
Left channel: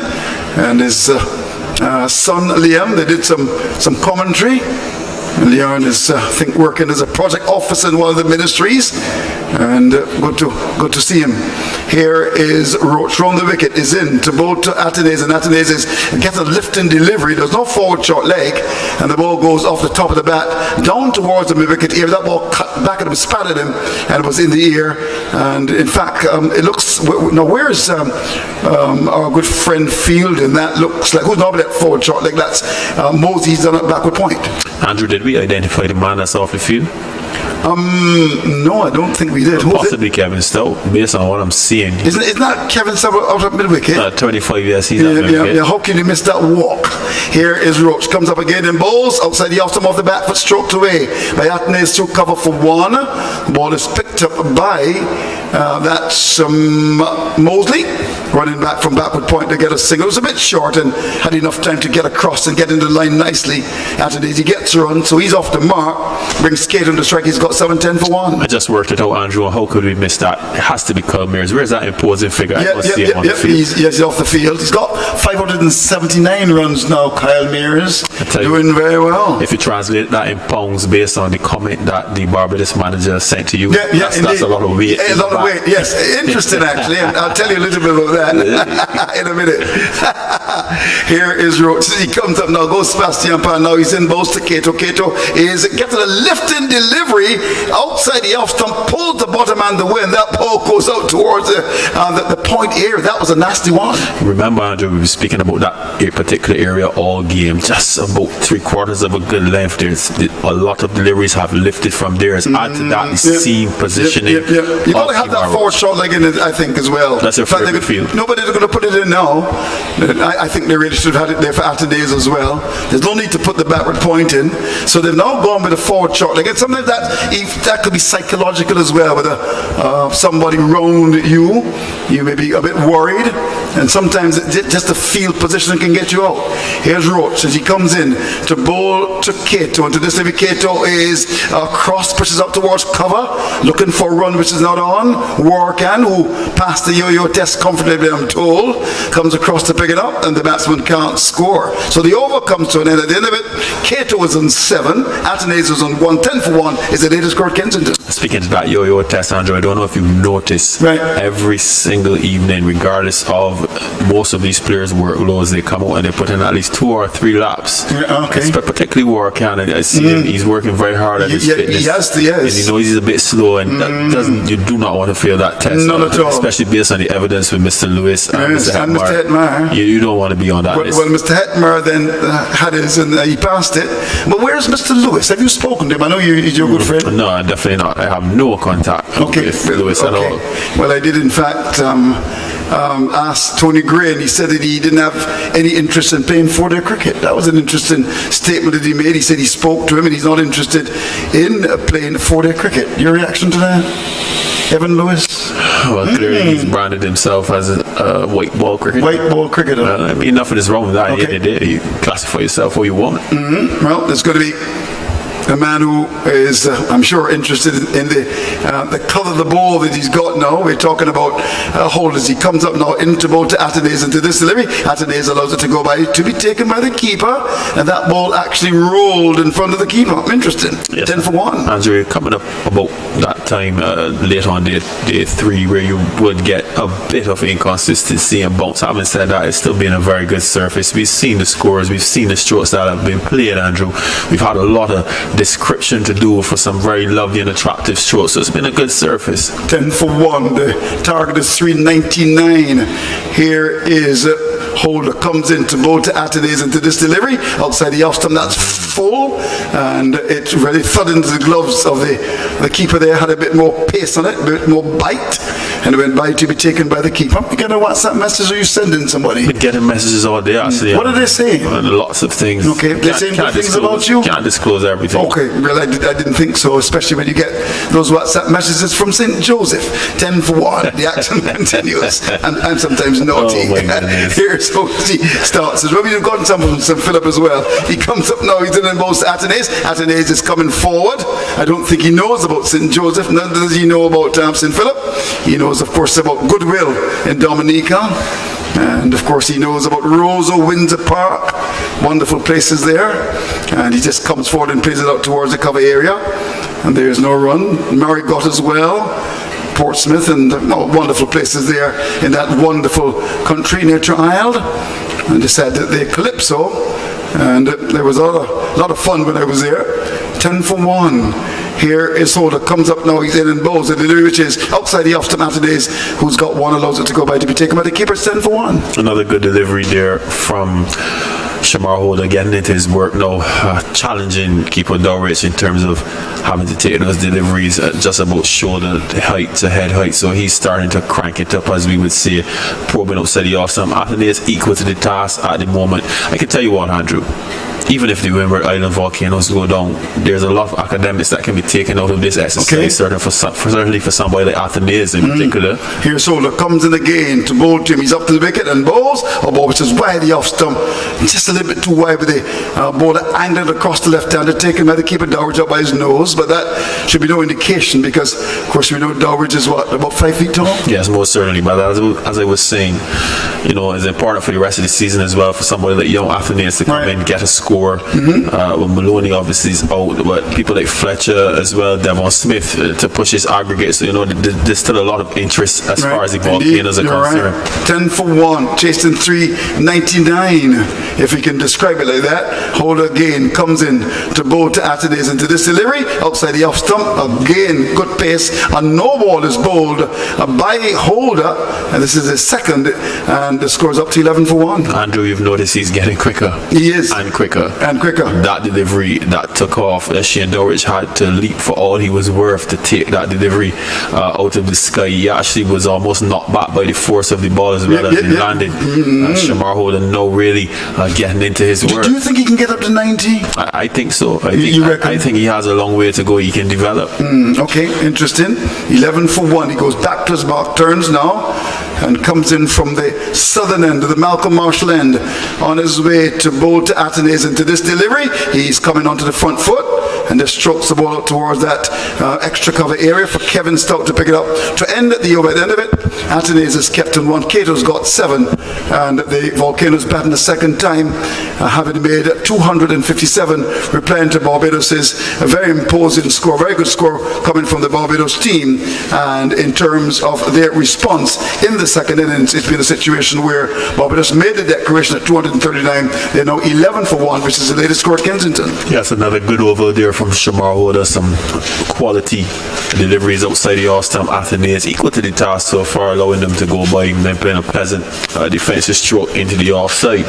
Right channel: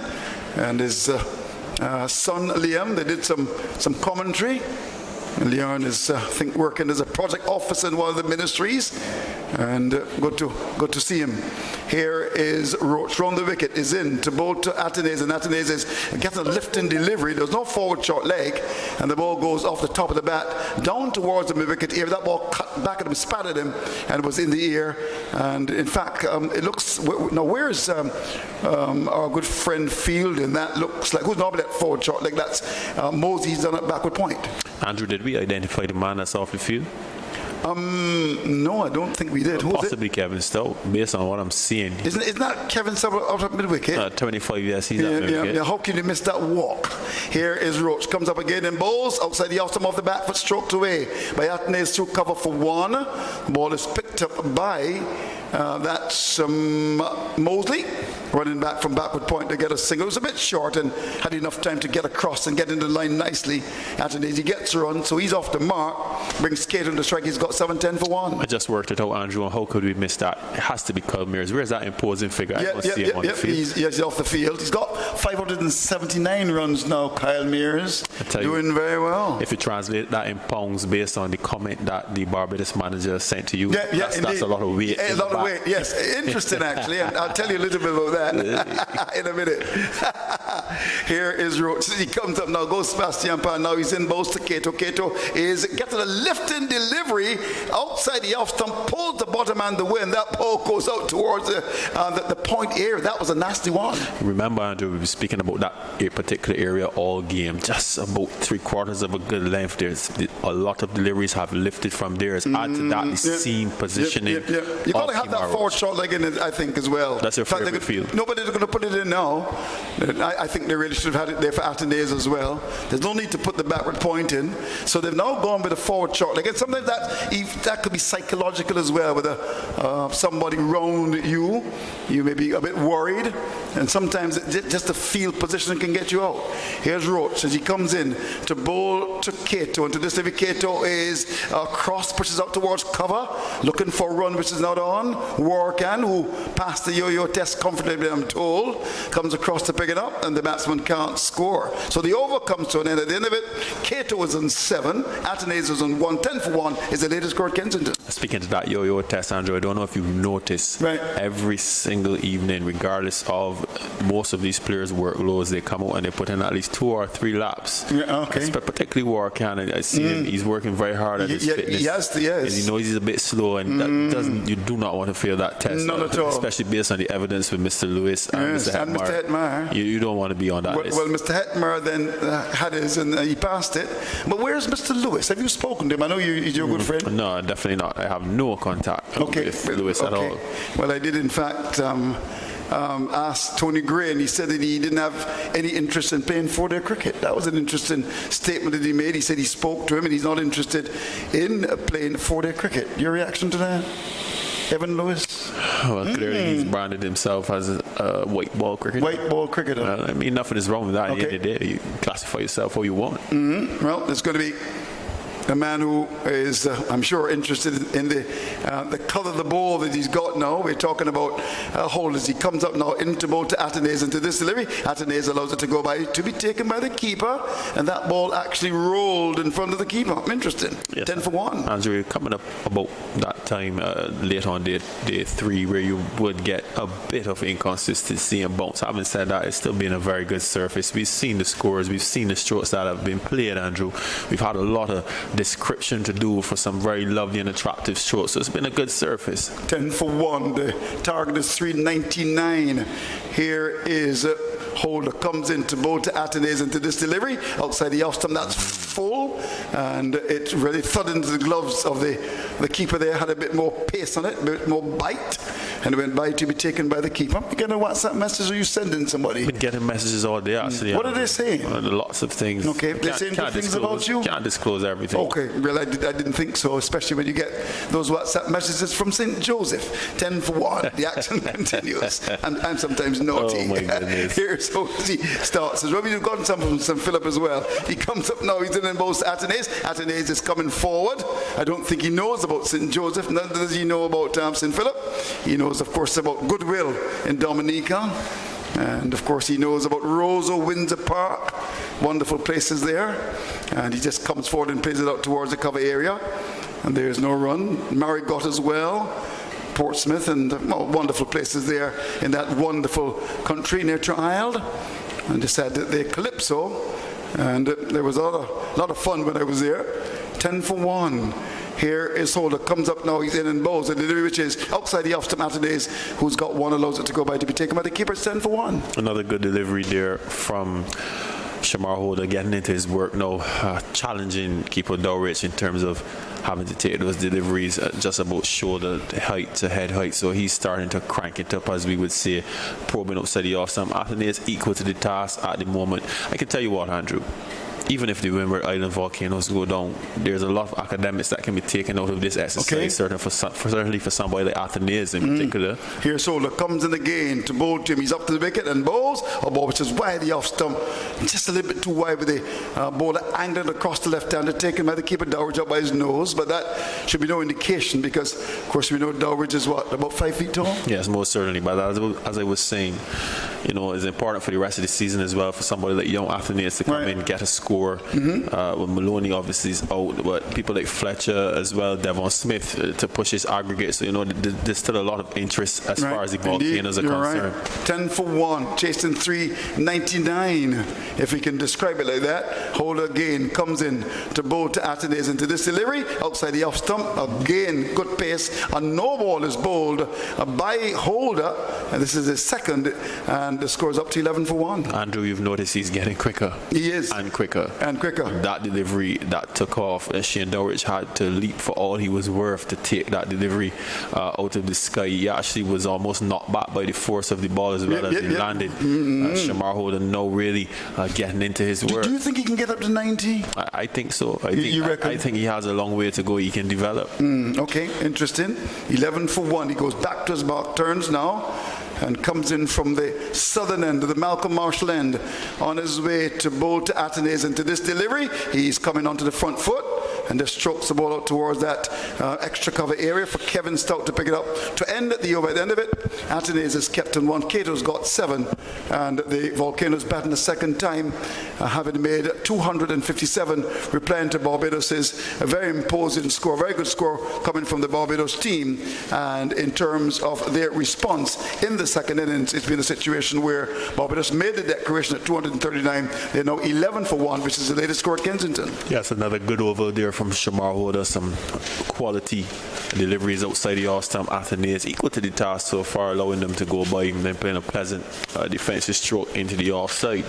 and his son Liam. They did some commentary. Leon is, I think, working as a project officer in one of the ministries, and good to see him. Here is Roach from the wicket, is in to bowl to Atenes, and Atenes gets a lift in delivery. There's no forward short leg, and the ball goes off the top of the bat down towards the mid-wicket area. That ball cut back at him, spattered him, and it was in the air. And in fact, it looks now. Where's our good friend fielding? That looks like who's normally that forward short leg? That's Mosey's done at backward point. Andrew, did we identify the man that's off the field? No, I don't think we did. Who's Possibly Kevin Stowe, based on what I'm seeing. Isn't that Kevin Stowe out at mid-wicket? 25 years he's at mid-wicket. Yeah, how can you miss that walk? Here is Roach, comes up again in bowls, outside the off of the back foot, stroked away by Athenaeus through cover for one. The ball is picked up by, that's Mosley, running back from backward point to get a single. It was a bit short and had enough time to get across and get into the line nicely. Athenaeus, he gets a run, so he's off the mark, brings Kate on the strike, he's got 7-10 for one. I just worked it out, Andrew, and how could we miss that? It has to be Kyle Mears. Where's that imposing figure? He's off the field. He's got 579 runs now, Kyle Mears. Doing very well. If you translate that in pounds based on the comment that the Barbados manager sent to you, that's a lot of weight. A lot of weight, yes. Interesting, actually. And I'll tell you a little bit about that in a minute. Here is Roach. He comes up now, goes Sebastian Pan. Now he's in both to Cato. Cato is getting a lifting delivery outside the off stump, pulls the bottom and the wind. That ball goes out towards the point area. That was a nasty one. Remember, Andrew, we were speaking about that particular area all game. Just about 3/4 of a good length. There's a lot of deliveries have lifted from there. Add to that the seam positioning. You got to have that forward shot leg in it, I think, as well. That's your favorite field. Nobody's going to put it in now. I think they really should have had it there for Athenaeus as well. There's no need to put the backward point in. So they've now gone with a forward shot leg. And sometimes that could be psychological as well. With somebody round you may be a bit worried, and sometimes just the field position can get you out. Here's Roach as he comes in to bowl to Cato, and to this level Cato is cross, pushes up towards cover, looking for a run which is not on. Warcan, who passed the yo-yo test comfortably, I'm told, comes across to pick it up, and the batsman can't score. So the over comes to an end. At the end of it, Cato is on 7, Athenaeus is on 1. 10 for 1 is the latest score at Kensington. Speaking of that yo-yo test, Andrew, I don't know if you've noticed, every single evening, regardless of most of these players' workloads, they come out and they put in at least 2 or 3 laps. Particularly Warcan, I see him, he's working very hard at his fitness. He and you know he's a bit slow, and you do not want to fail that test. None at all. Especially based on the evidence with Mr. Lewis and Mr. Hetmar. You don't want to be on that list. Well, Mr. Hetmar then had his and he passed it. But where's Mr. Lewis? Have you spoken to him? I know he's your good friend. No, definitely not. I have no contact with Lewis at all. Well, I did in fact asked Tony Gray, and he said that he didn't have any interest in playing 4-day cricket. That was an interesting statement that he made. He said he spoke to him and he's not interested in playing 4-day cricket. Your reaction to that, Evan Lewis? Well, clearly he's branded himself as a white ball cricketer. White ball cricketer. I mean, nothing is wrong with that. You classify yourself what you want. Well, there's going to be a man who is, I'm sure, interested in the colour of the ball that he's got now. We're talking about holders. He comes up now into bowl to Athenaeus, into this delivery. Athenaeus allows it to go by, to be taken by the keeper, and that ball actually rolled in front of the keeper. Interesting. Yes, 10 for 1. Andrew, coming up about that time late on day 3, where you would get a bit of inconsistency and bounce. Having said that, it's still been a very good surface. We've seen the scores, we've seen the strokes that have been played, Andrew. We've had a lot of description to do for some very lovely and attractive strokes, so it's been a good surface. 10 for 1. The target is 399. Here is Holder comes in to bowl to Athenaeus into this delivery outside the off stump. That's full, and it really thud into the gloves of the keeper there. Had a bit more pace on it, a bit more bite, and it went by to be taken by the keeper. You get a WhatsApp message, or you sending somebody? We're getting messages all day, actually. What are they saying? Lots of things. Okay, they're saying good things about you? Can't disclose everything. Okay, well, I didn't think so, especially when you get those WhatsApp messages from St. Joseph. 10 for 1. The action continues. I'm sometimes naughty. Oh, my goodness. Here's how he starts. As well, we've got some from St. Philip as well. He comes up now, he's in and both Athenaeus. Athenaeus is coming forward. I don't think he knows about St. Joseph, neither does he know about St. Philip. He knows, of course, about Goodwill in Dominica. And of course he knows about Roseau, Windsor Park, wonderful places there, and he just comes forward and plays it out towards the cover area, and there's no run. Marigot as well, Portsmouth, and wonderful places there in that wonderful country near Triald. And they said that the Calypso, and there was a lot of fun when I was there. 10 for 1. Here is Holder, comes up now, he's in and bowls it, which is outside the off to Athenaeus, who's got 1, allows it to go by to be taken by the keeper. 10 for 1. Another good delivery there from Shamar Holder getting into his work now, challenging keeper Dulwich in terms of having to take those deliveries at just about shoulder height to head height. So he's starting to crank it up, as we would say, probing outside the off stump. Anthony is equal to the task at the moment. I can tell you what, Andrew. Even if the Windward Island volcanoes go down, there's a lot of academics that can be taken out of this exercise, certainly for somebody like Athenaeus in particular. Here's Holder, comes in again to bowl to him. He's up to the wicket and bowls. Which is wide the off stump, just a little bit too wide with the bowler angled across the left-hander, taken by the keeper Dowridge up by his nose, but that should be no indication because, of course, we know Dowridge is what, about 5 feet tall? Yes, most certainly. But as I was saying, you know, it's important for the rest of the season as well for somebody like young Athenaeus to come in, get a score. Well, Maloney obviously is out, but people like Fletcher as well, Devon Smith to push his aggregate. So, you know, there's still a lot of interest as far as the volcanoes are concerned. Right. 10 for 1, chased in 399, if we can describe it like that. Holder again comes in to bowl to Athenaeus into this delivery, outside the off stump. Again, good pace, and no ball is bowled by Holder, and this is his second, and the score's up to 11 for 1. Andrew, you've noticed he's getting quicker. He is. And quicker. And quicker. That delivery that took off, Shane Dowridge had to leap for all he was worth to take that delivery out of the sky. He actually was almost knocked back by the force of the ball as well as he landed. Shamar Holder now really getting into his work. Do you think he can get up to 90? I think so. I think he has a long way to go. He can develop. Okay, interesting. 11 for 1. He goes back to his mark, turns now, and comes in from the southern end of the Malcolm Marshall end on his way to bowl to Athenaeus into this delivery. He's coming onto the front foot and just strokes the ball out towards that extra cover area for Kevin Stout to pick it up to end the over at the end of it. Athenaeus has kept in 1. Cato's got 7, and the Volcanoes batting the second time, having made 257, replying to Barbados' a very imposing score, very good score coming from the Barbados team. And in terms of their response in the second innings, it's been a situation where Barbados made the declaration at 239. They're now 11 for 1, which is the latest score at Kensington. Yes, another good over there from Shamar Holder. Some quality deliveries outside the off stump. Athenaeus equal to the task so far, allowing them to go by him, then playing a pleasant defensive stroke into the offside.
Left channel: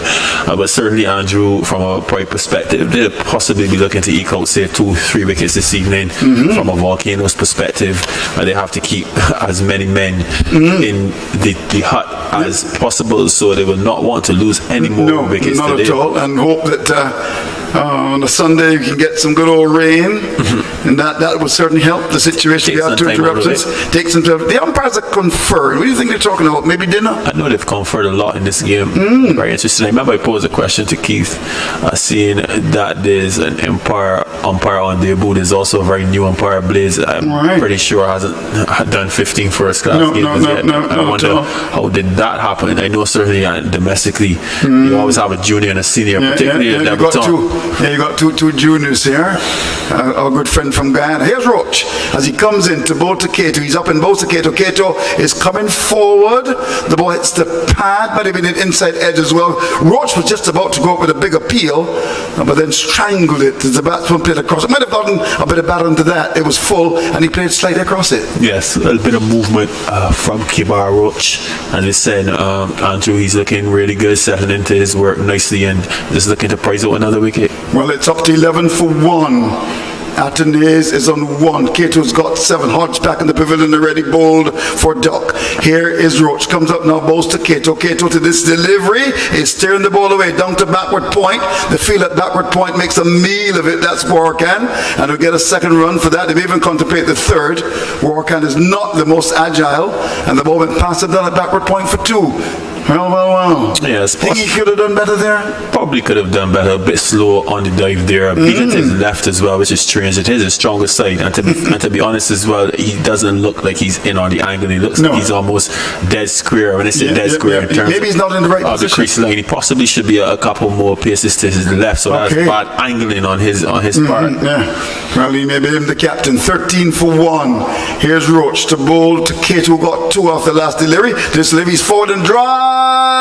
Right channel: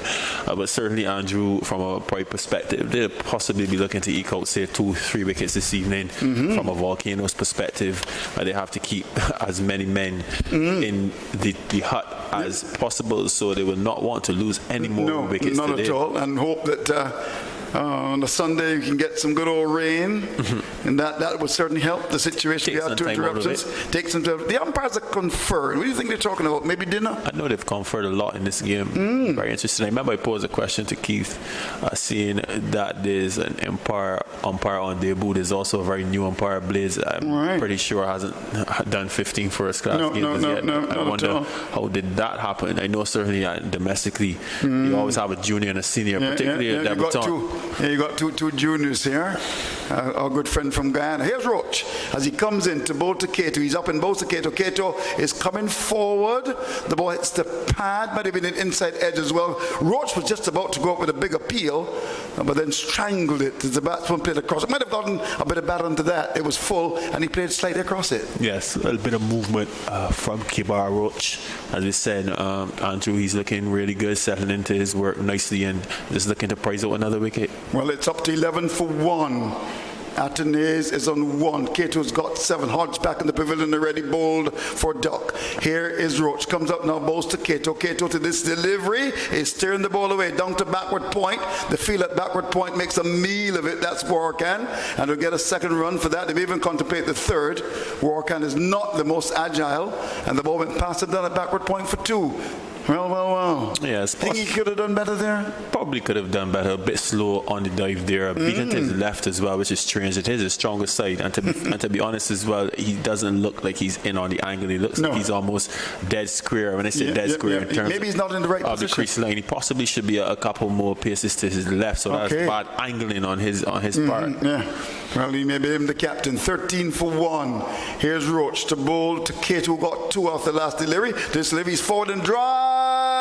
But certainly, Andrew, from a pride perspective, they'll possibly be looking to eke out, say, 2-3 wickets this evening. From a Volcanoes perspective, they have to keep as many men in the hut as possible, so they will not want to lose any more wickets not today. At all, and hope that on a Sunday we can get some good old rain, and that would certainly help the situation. We had 2 interruptions. Take some time. The umpires are conferred. What do you think they're talking about? Maybe dinner? I know they've conferred a lot in this game. Very interesting. I remember I posed a question to Keith, saying that there's an umpire on debut. There's also a very new umpire, Blaze. I'm pretty sure hasn't done 15 first class games yet. I wonder how did that happen. I know certainly domestically you always have a junior and a senior, particularly a debutant. You got two juniors here. Our good friend from Guyana. Here's Roach as he comes in to bowl to Cato. He's up in bowl to Cato. Cato is coming forward. The ball hits the pad, but even an inside edge as well. Roach was just about to go up with a big appeal, but then strangled it as the batsman played across. It might have gotten a bit of batter into that. It was full, and he played slightly across it. Yes, a little bit of movement from Kibar Roach. And they said, Andrew, he's looking really good, settling into his work nicely, and just looking to prize out another wicket. Well, it's up to 11 for 1. Athenaeus is on 1. Cato's got 7. Hodge back in the pavilion already bowled for Duck. Here is Roach. Comes up now, bowls to Cato. Cato to this delivery is steering the ball away down to backward point. The field at backward point makes a meal of it. That's Warkan. And he'll get a second run for that. They may even contemplate the third. Warkan is not the most agile. And the ball went past him down at backward point for 2. Well. Yes, think he could have done better there? Probably could have done better. A bit slow on the dive there. Beating to his left as well, which is strange. It is his strongest side. And to be honest as well, he doesn't look like he's in on the angle. He looks like he's almost dead square. When I say dead square in terms maybe he's not in the right position. The crease line. He possibly should be a couple more paces to his left. So that's bad angling on his part. Well, he may be him the captain. 13 for 1. Here's Roach to bowl to Cato, who got 2 off the last delivery. This delivery's forward and dry.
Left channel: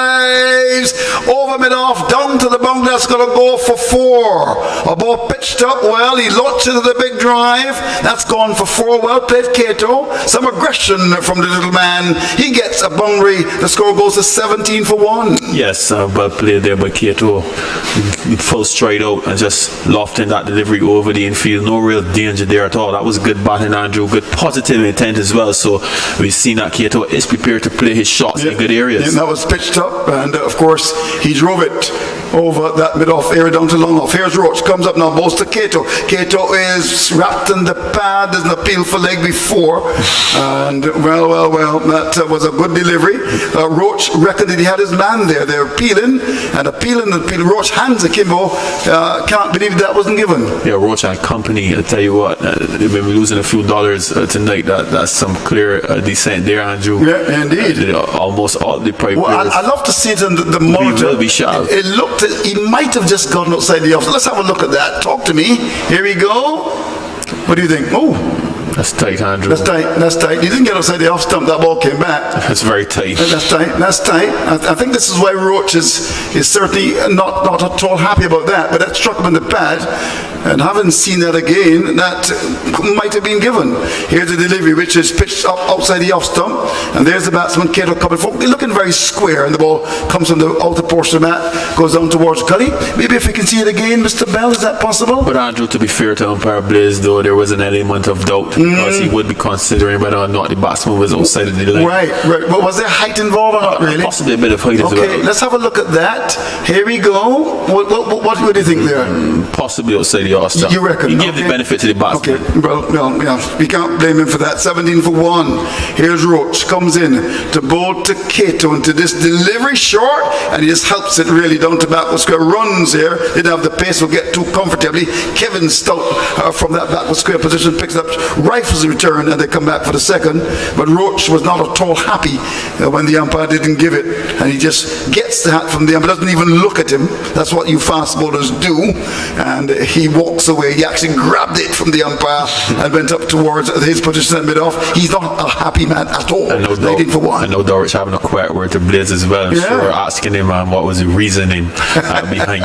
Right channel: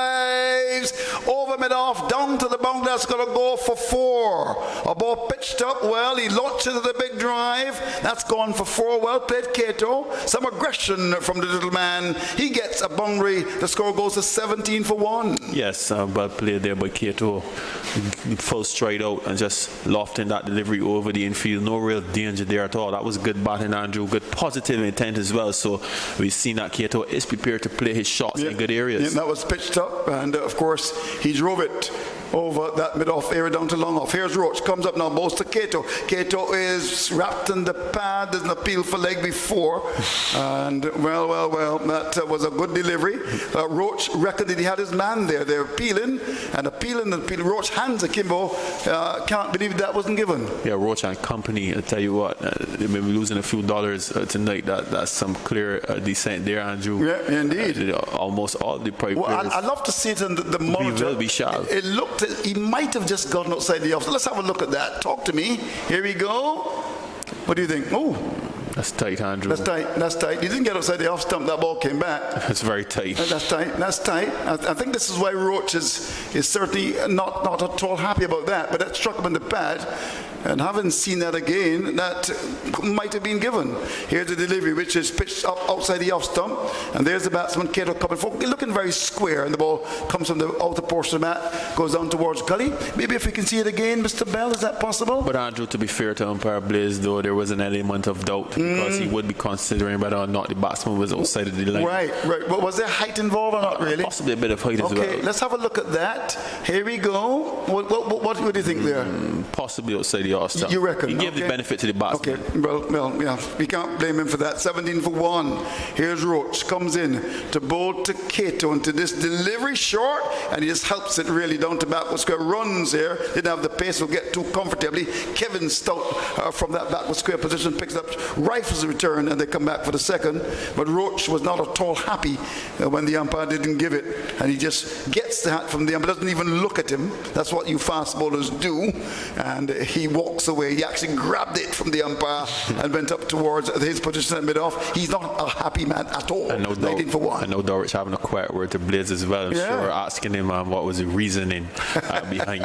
drives over mid-off, down to the boundary. That's going to go for 4. A ball pitched up well. He launched into the big drive. That's gone for 4. Well played, Cato. Some aggression from the little man. He gets a boundary. The score goes to 17 for 1. Yes, well played there by Cato. Full stride out and just lofting that delivery over the infield. No real danger there at all. That was good batting, Andrew. Good positive intent as well. So we've seen that Cato is prepared to play his shots in good areas. And that was pitched up, and of course he drove it over that mid-off area down to long off. Here's Roach, comes up now, balls to Cato. Cato is wrapped in the pad. There's an appeal for leg before, and well, that was a good delivery. Roach reckoned that he had his man there. They're appealing. Roach hands akimbo. Can't believe that wasn't given. Yeah, Roach and company, I tell you what, they've been losing a few dollars tonight. That's some clear descent there, Andrew. Yeah, indeed. Almost all the private players. I love to see it in the monitor. Will be sharp. It looked, he might have just gotten outside the off. Let's have a look at that. Talk to me. Here we go. What do you think? Oh, that's tight, Andrew. That's tight. He didn't get outside the off stump. That ball came back. That's very tight. That's tight. I think this is why Roach is certainly not at all happy about that. But that struck him in the pad. And haven't seen that again. That might have been given. Here's the delivery, which is pitched up outside the off stump. And there's the batsman, Cato, coming forward. They're looking very square. And the ball comes from the outer portion of the mat, goes down towards Gully. Maybe if we can see it again, Mr. Bell, is that possible? But Andrew, to be fair to umpire Blaze, though, there was an element of doubt because he would be considering whether or not the batsman was outside of the line. Right. But was there height involved or not really? Possibly a bit of height as well. Okay, let's have a look at that. Here we go. What do you think there? Possibly outside the off stump. You reckon? He gave the benefit to the batsman. Okay, well, yeah, we can't blame him for that. 17 for 1. Here's Roach, comes in to bowl to Cato into this delivery short, and he just helps it really down to backward square. Runs here, didn't have the pace, will get too comfortably. Kevin Stout from that backward square position picks up, rifles the return, and they come back for the second. But Roach was not at all happy when the umpire didn't give it, and he just gets the hat from the umpire, doesn't even look at him. That's what you fast bowlers do, and he walks away. He actually grabbed it from the umpire and went up towards his position at mid-off. He's not a happy man at all. And no doubt, 19 for 1. I know Dorrich having a quiet word to Blaze as well. I'm sure asking him what was the reasoning behind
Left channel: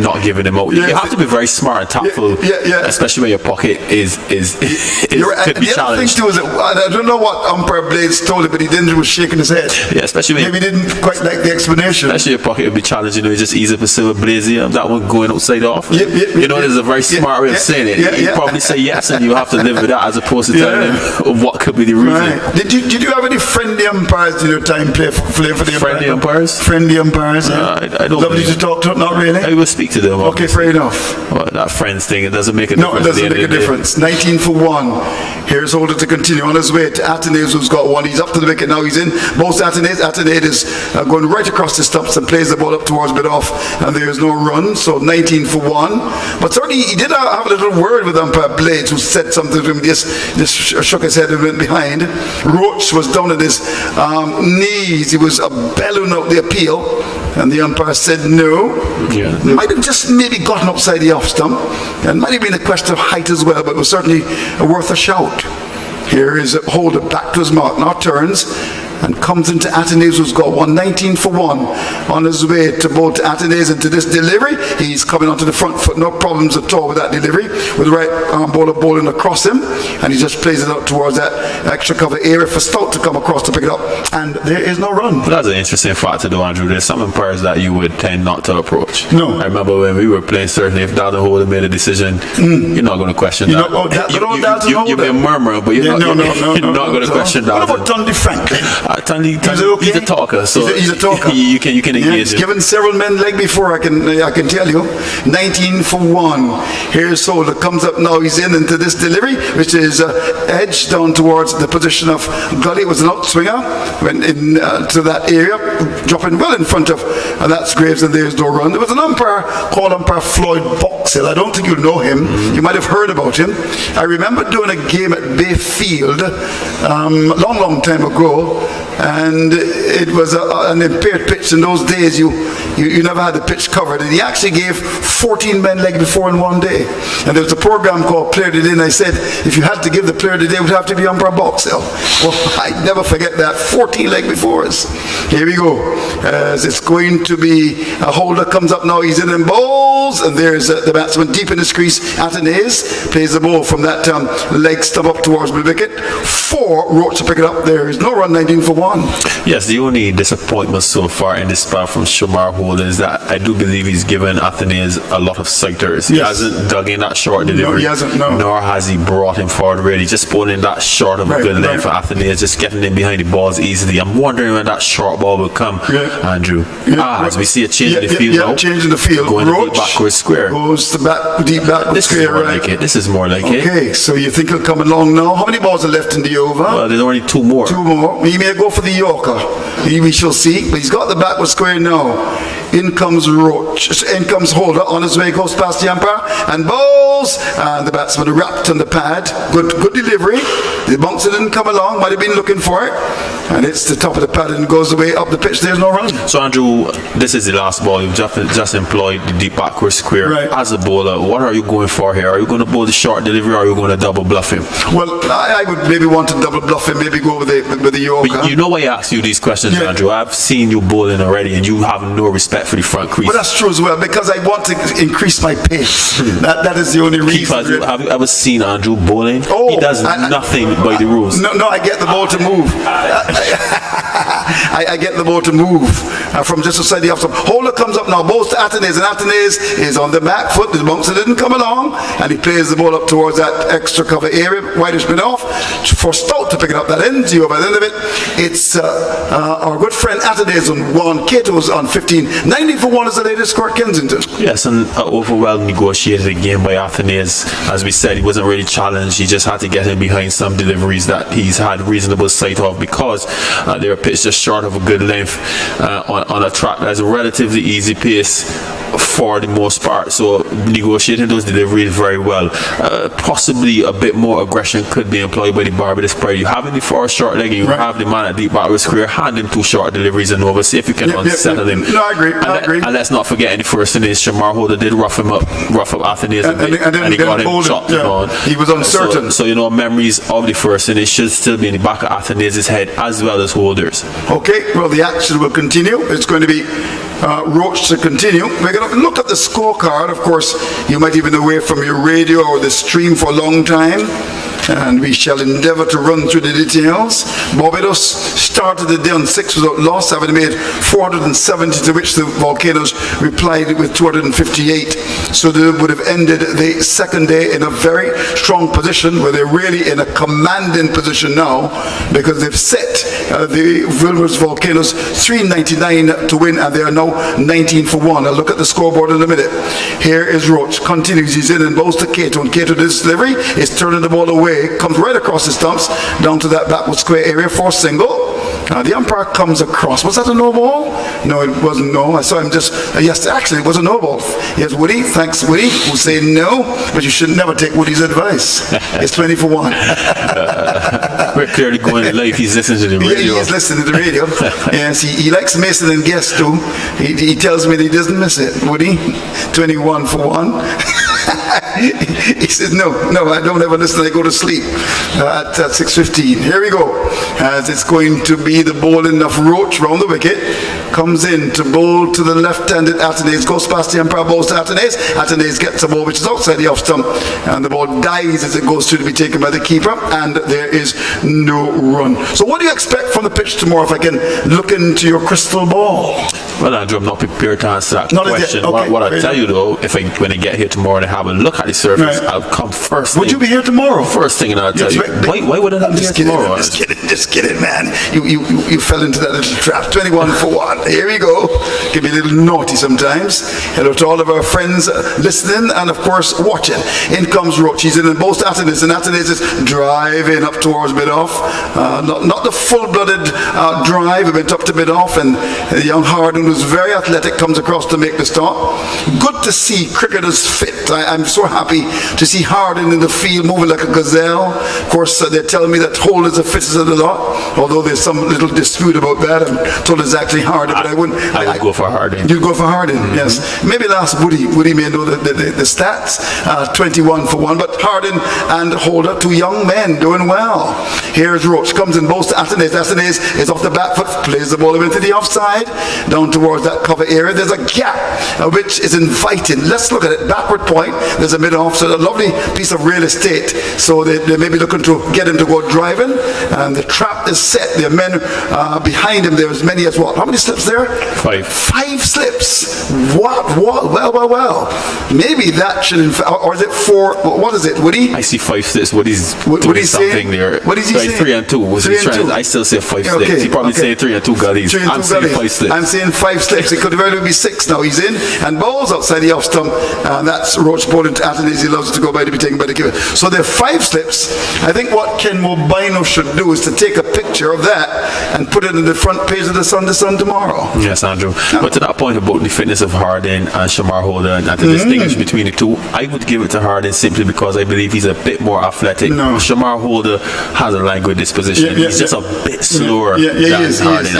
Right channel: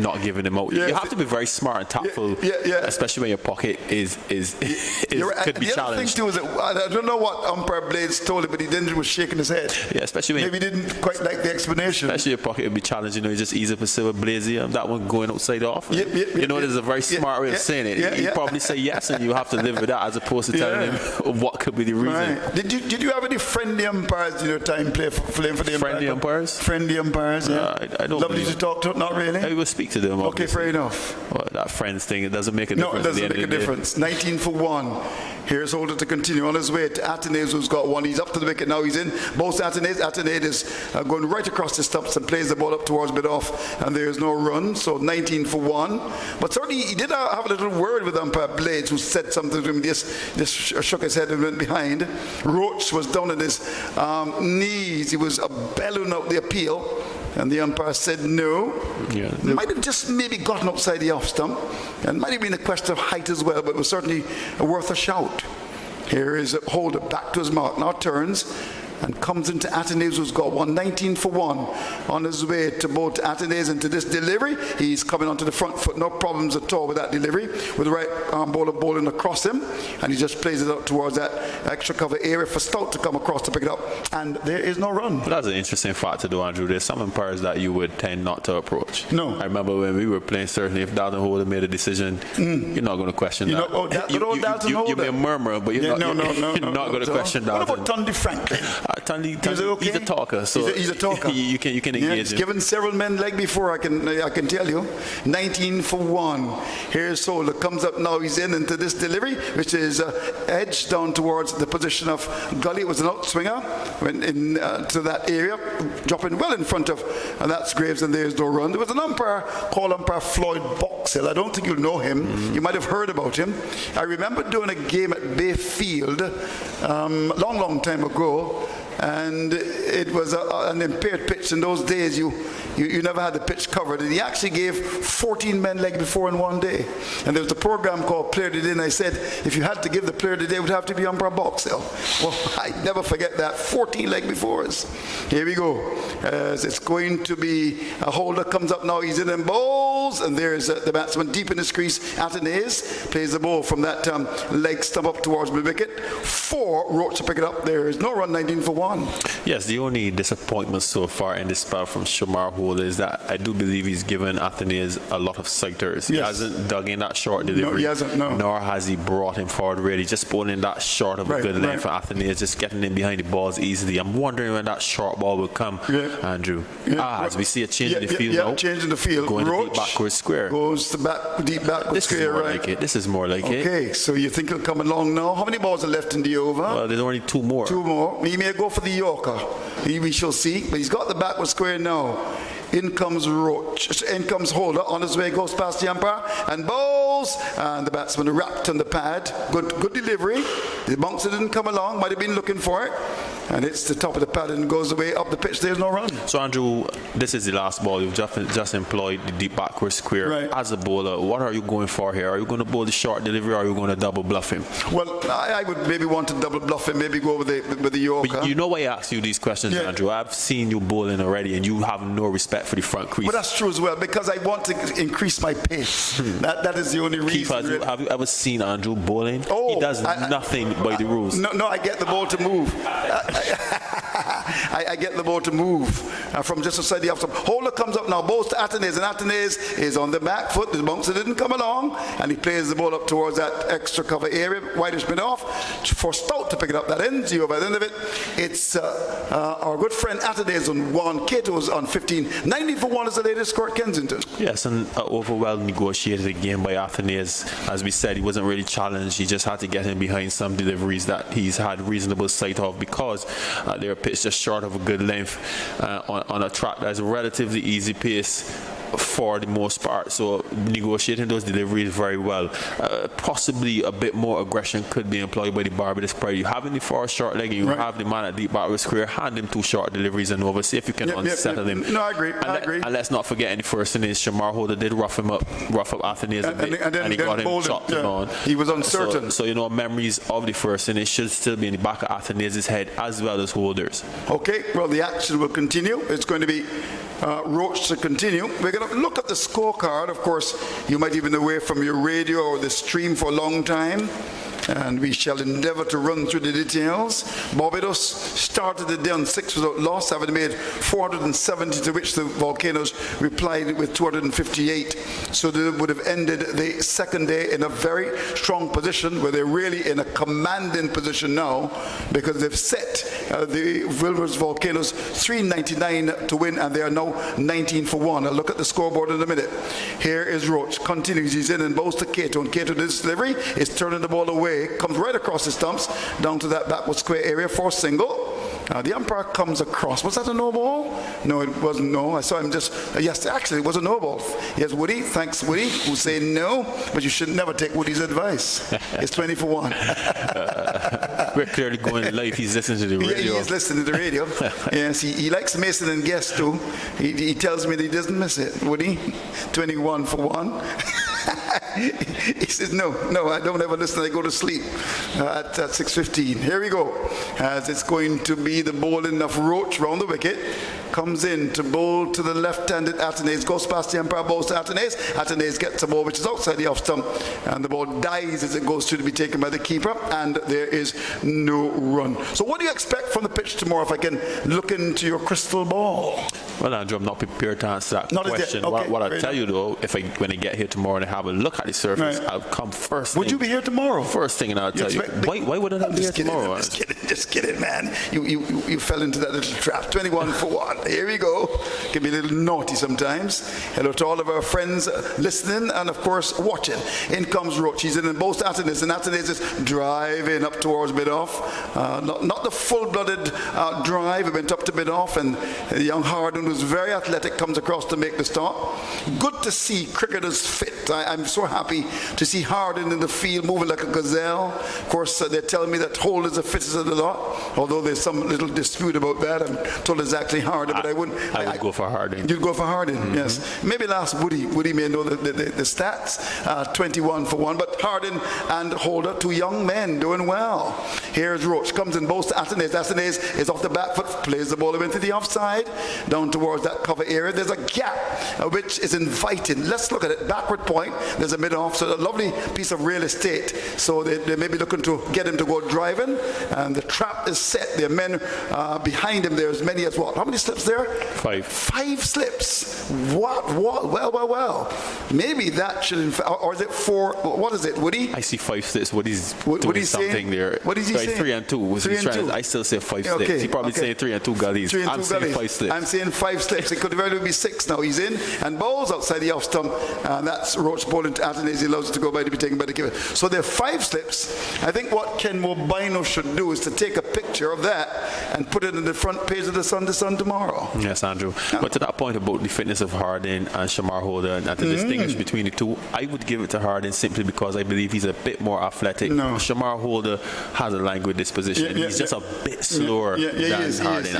not giving him out. You have to be very smart and tactful, especially when your pocket is could be the other thing challenged. too is that, I don't know what umpire Blaze told him, but he didn't, was shaking his head. Yeah, especially when maybe he didn't quite like the explanation. especially your pocket would be challenged. It's just easy to say with Blaze, that one going outside off. There's a very smart way of saying it. You probably say yes, and you have to live with that, as opposed to telling him what could be the reason. Right. Did you have any friendly umpires in your time play for the Friendly umpires? Friendly umpires, yeah. I don't. Lovely to talk to them, not really? I will speak to them. Okay, fair enough. Well, that friends thing, it doesn't make a No, difference. it doesn't make a difference. 19 for 1. Here's Holder to continue on his way to Atenaeus, who's got 1. He's up to the wicket now. He's in. Most Atenaeus is going right across the stumps and plays the ball up towards mid-off, and there's no run. So 19 for 1. But certainly he did have a little word with umpire Blades, who said something to him. Just shook his head and went behind. Roach was down at his knees. He was bellowing out the appeal, and the umpire said no. Might have just maybe gotten upside the off stump, and might have been a question of height as well, but it was certainly worth a shout. Here is Holder back to his mark, now turns and comes into Atenaeus, who's got 19 for 1 on his way to bowl to Atenaeus into this delivery. He's coming onto the front foot, no problems at all with that delivery, with the right arm bowler bowling across him, and he just plays it out towards that extra cover area for Stout to come across to pick it up, and there is no run. But that's an interesting fact to do, Andrew. There's some umpires that you would tend not to approach. No. I remember when we were playing, certainly if Dalton Holder made a decision, you're not going to question that. You may murmur, but you're not going to question that. What about Tunde Franklin? He's a talker, so he's a talker. you can engage He's him. given several men leg before, I can tell you. 19 for 1. Here's Holder, comes up now. He's into this delivery, which is edged down towards the position of Gully. It was an outswinger, went in to that area, dropping well in front of, and that's Graves, and there's no run. There was an umpire called umpire Floyd Boxhill. I don't think you know him. You might have heard about him. I remember doing a game at Bayfield long time ago, and it was an impaired pitch. In those days, you never had the pitch covered, and he actually gave 14 men leg before in one day. And there was a program called Player of the Day, and I said, if you had to give the Player of the Day, it would have to be umpire Boxell. Well, I never forget that. 14 leg before us. Here we go. As it's going to be a holder comes up now. He's in and bowls, and there's the batsman deep in his crease. Atenes plays the ball from that leg stump up towards the wicket. 4 Roach to pick it up. There is no run. 19 for 1. Yes, the only disappointment so far in this spell from Shamar Holder is that I do believe he's given Athenaeus a lot of sighters. He hasn't dug in that short delivery. No, he hasn't, no. Nor has he brought him forward really. Just pulling that short of a good length for Athenaeus, just getting in behind the balls easily. I'm wondering when that short ball will come, Andrew. As we see a change in the field now. Change in the field. Going Roach to deep backward square. Goes to deep backward This square. is more like it. This is more like it. Okay, so you think he'll come along now? How many balls are left in the over? Well, there's only 2 more. 2 more. He may go for the Yorker. We shall see. But he's got the backward square now. In comes Roach. In comes Holder. On his way, goes past the umpire and bowls. And the batsman wrapped on the pad. Good delivery. The bouncer didn't come along. Might have been looking for it. And it's the top of the pad and goes away up the pitch. There's no run. So, Andrew, this is the last ball. You've just employed the deep backward square. Right. As a bowler, what are you going for here? Are you going to bowl the short delivery, or are you going to double bluff him? Well, I would maybe want to double bluff him, maybe go with the Yorker. But you know why I ask you these questions, Andrew? I've seen you bowling already, and you have no respect for the front crease. But that's true as well, because I want to increase my pace. That is the only reason. Keepers, have you ever seen Andrew bowling? He does nothing by the rules. No, I get the ball to move. I get the ball to move from just outside the off stump. Holder comes up now, bowls to Atenes, and Atenes is on the back foot. The bouncer didn't come along, and he plays the ball up towards that extra cover area. Whitish been off for Stout to pick it up that end. You by the end of it, it's our good friend Atenes on 1, Cato's on 15. 90 for 1 is the latest score at Kensington. Yes, and well negotiated again by Athenaeus. As we said, he wasn't really challenged. He just had to get him behind some deliveries that he's had reasonable sight of, because they were pitched just short of a good length on a track that's a relatively easy pace for the most part. So negotiating those deliveries very well. Possibly a bit more aggression could be employed by the Barbados player. You have him for a short leg, and you have the man at deep backward square, hand him 2 short deliveries and over. See if you can unsettle him. No, I agree. And let's not forget, in the first innings, Shamar Holder did rough up Athenaeus and he got him chopped on. He was uncertain. So memories of the first innings should still be in the back of Athenaeus' head, as well as Holder's. Okay, well, the action will continue. It's going to be Roach to continue. We're going to look at the scorecard. Of course, you might even away from your radio or the stream for a long time, and we shall endeavour to run through the details. Barbados started the day on 6 without loss, having made 470, to which the Volcanoes replied with 258. So they would have ended the second day in a very strong position, where they're really in a commanding position now, because they've set the Windward Volcanoes 399 to win, and they are now 19 for 1. I'll look at the scoreboard in a minute. Here is Roach. Continues. He's in and bowls to Cato. And Cato, this delivery is turning the ball away. Comes right across the stumps down to that backward square area for single. The umpire comes across. Was that a no ball? No, it wasn't. No, I saw him just. Yes, actually, it was a no ball. Yes, Woody. Thanks, Woody. Who say no, but you should never take Woody's advice. It's 20 for 1. We're clearly going live. He's listening to the radio. Yeah, he is listening to the radio. Yes, he likes missing and guess too. He tells me that he doesn't miss it. Woody, 21 for 1. He says, no, I don't ever listen. I go to sleep at 6:15. Here we go. As it's going to be the bowling of Roach round the wicket. Comes in to bowl to the left-handed Atenes. Goes past the umpire, bowls to Atenes. Atenes gets a ball which is outside the off stump. And the ball dies as it goes through to be taken by the keeper. And there is no run. So what do you expect from the pitch tomorrow, if I can look into your crystal ball? Well, Andrew, I'm not prepared to answer that question. Okay, what I'll tell you, though, when I get here tomorrow and have a look at the surface, I'll come first thing. Would you be here tomorrow? First thing, and I'll tell you. Why would I not be here tomorrow? Just kidding, man. You fell into that little trap. 21 for 1. Here we go. Can be a little naughty sometimes. Hello to all of our friends listening and, of course, watching. In comes Roach. He's in both Athenaeus, and Athenaeus is driving up towards mid-off. Not the full-blooded drive. He went up to mid-off, and the young Harden, who's very athletic, comes across to make the start. Good to see cricketers fit. I'm so happy to see Harden in the field moving like a gazelle. Of course, they're telling me that Holt is the fittest of the lot, although there's some little dispute about that. I'm told it's actually Harden, but I wouldn't. I would go for Harden. You'd go for Harden, yes. Maybe last Woody may know the stats. 21 for 1, but Harden and Holder, two young men doing well. Here's Roach, comes in both to Athenaeus. Athenaeus is off the back foot, plays the ball into the offside, down towards that cover area. There's a gap which is inviting. Let's look at it. Backward point, there's a mid-off, so a lovely piece of real estate. So they may be looking to get him to go driving, and the trap is set. There are men behind him. There are as many as what? How many slips there? 5. 5 slips. What? Well. Maybe that should, or is it 4? What is it, Woody? I see 5 slips. Woody's doing something there. What is he saying? 3 and 2. Was he trying? I still say 5 slips. He probably saying 3 and 2 gullies. I'm saying 5 slips. I'm saying 5 slips. It could very well be 6 now. He's in and balls outside the off stump. That's Roach bowling to Athenaeus. He loves to go by to be taken by the keeper. So there are 5 slips. I think what Ken Mobino should do is to take a picture of that and put it in the front page of the Sun tomorrow. Yes, Andrew. But to that point about the fitness of Harden and Shamar Holder, and to distinguish between the two, I would give it to Harden simply because I believe he's a bit more athletic. No. Shamar Holder has a languid disposition. He's just a bit slower than Harden.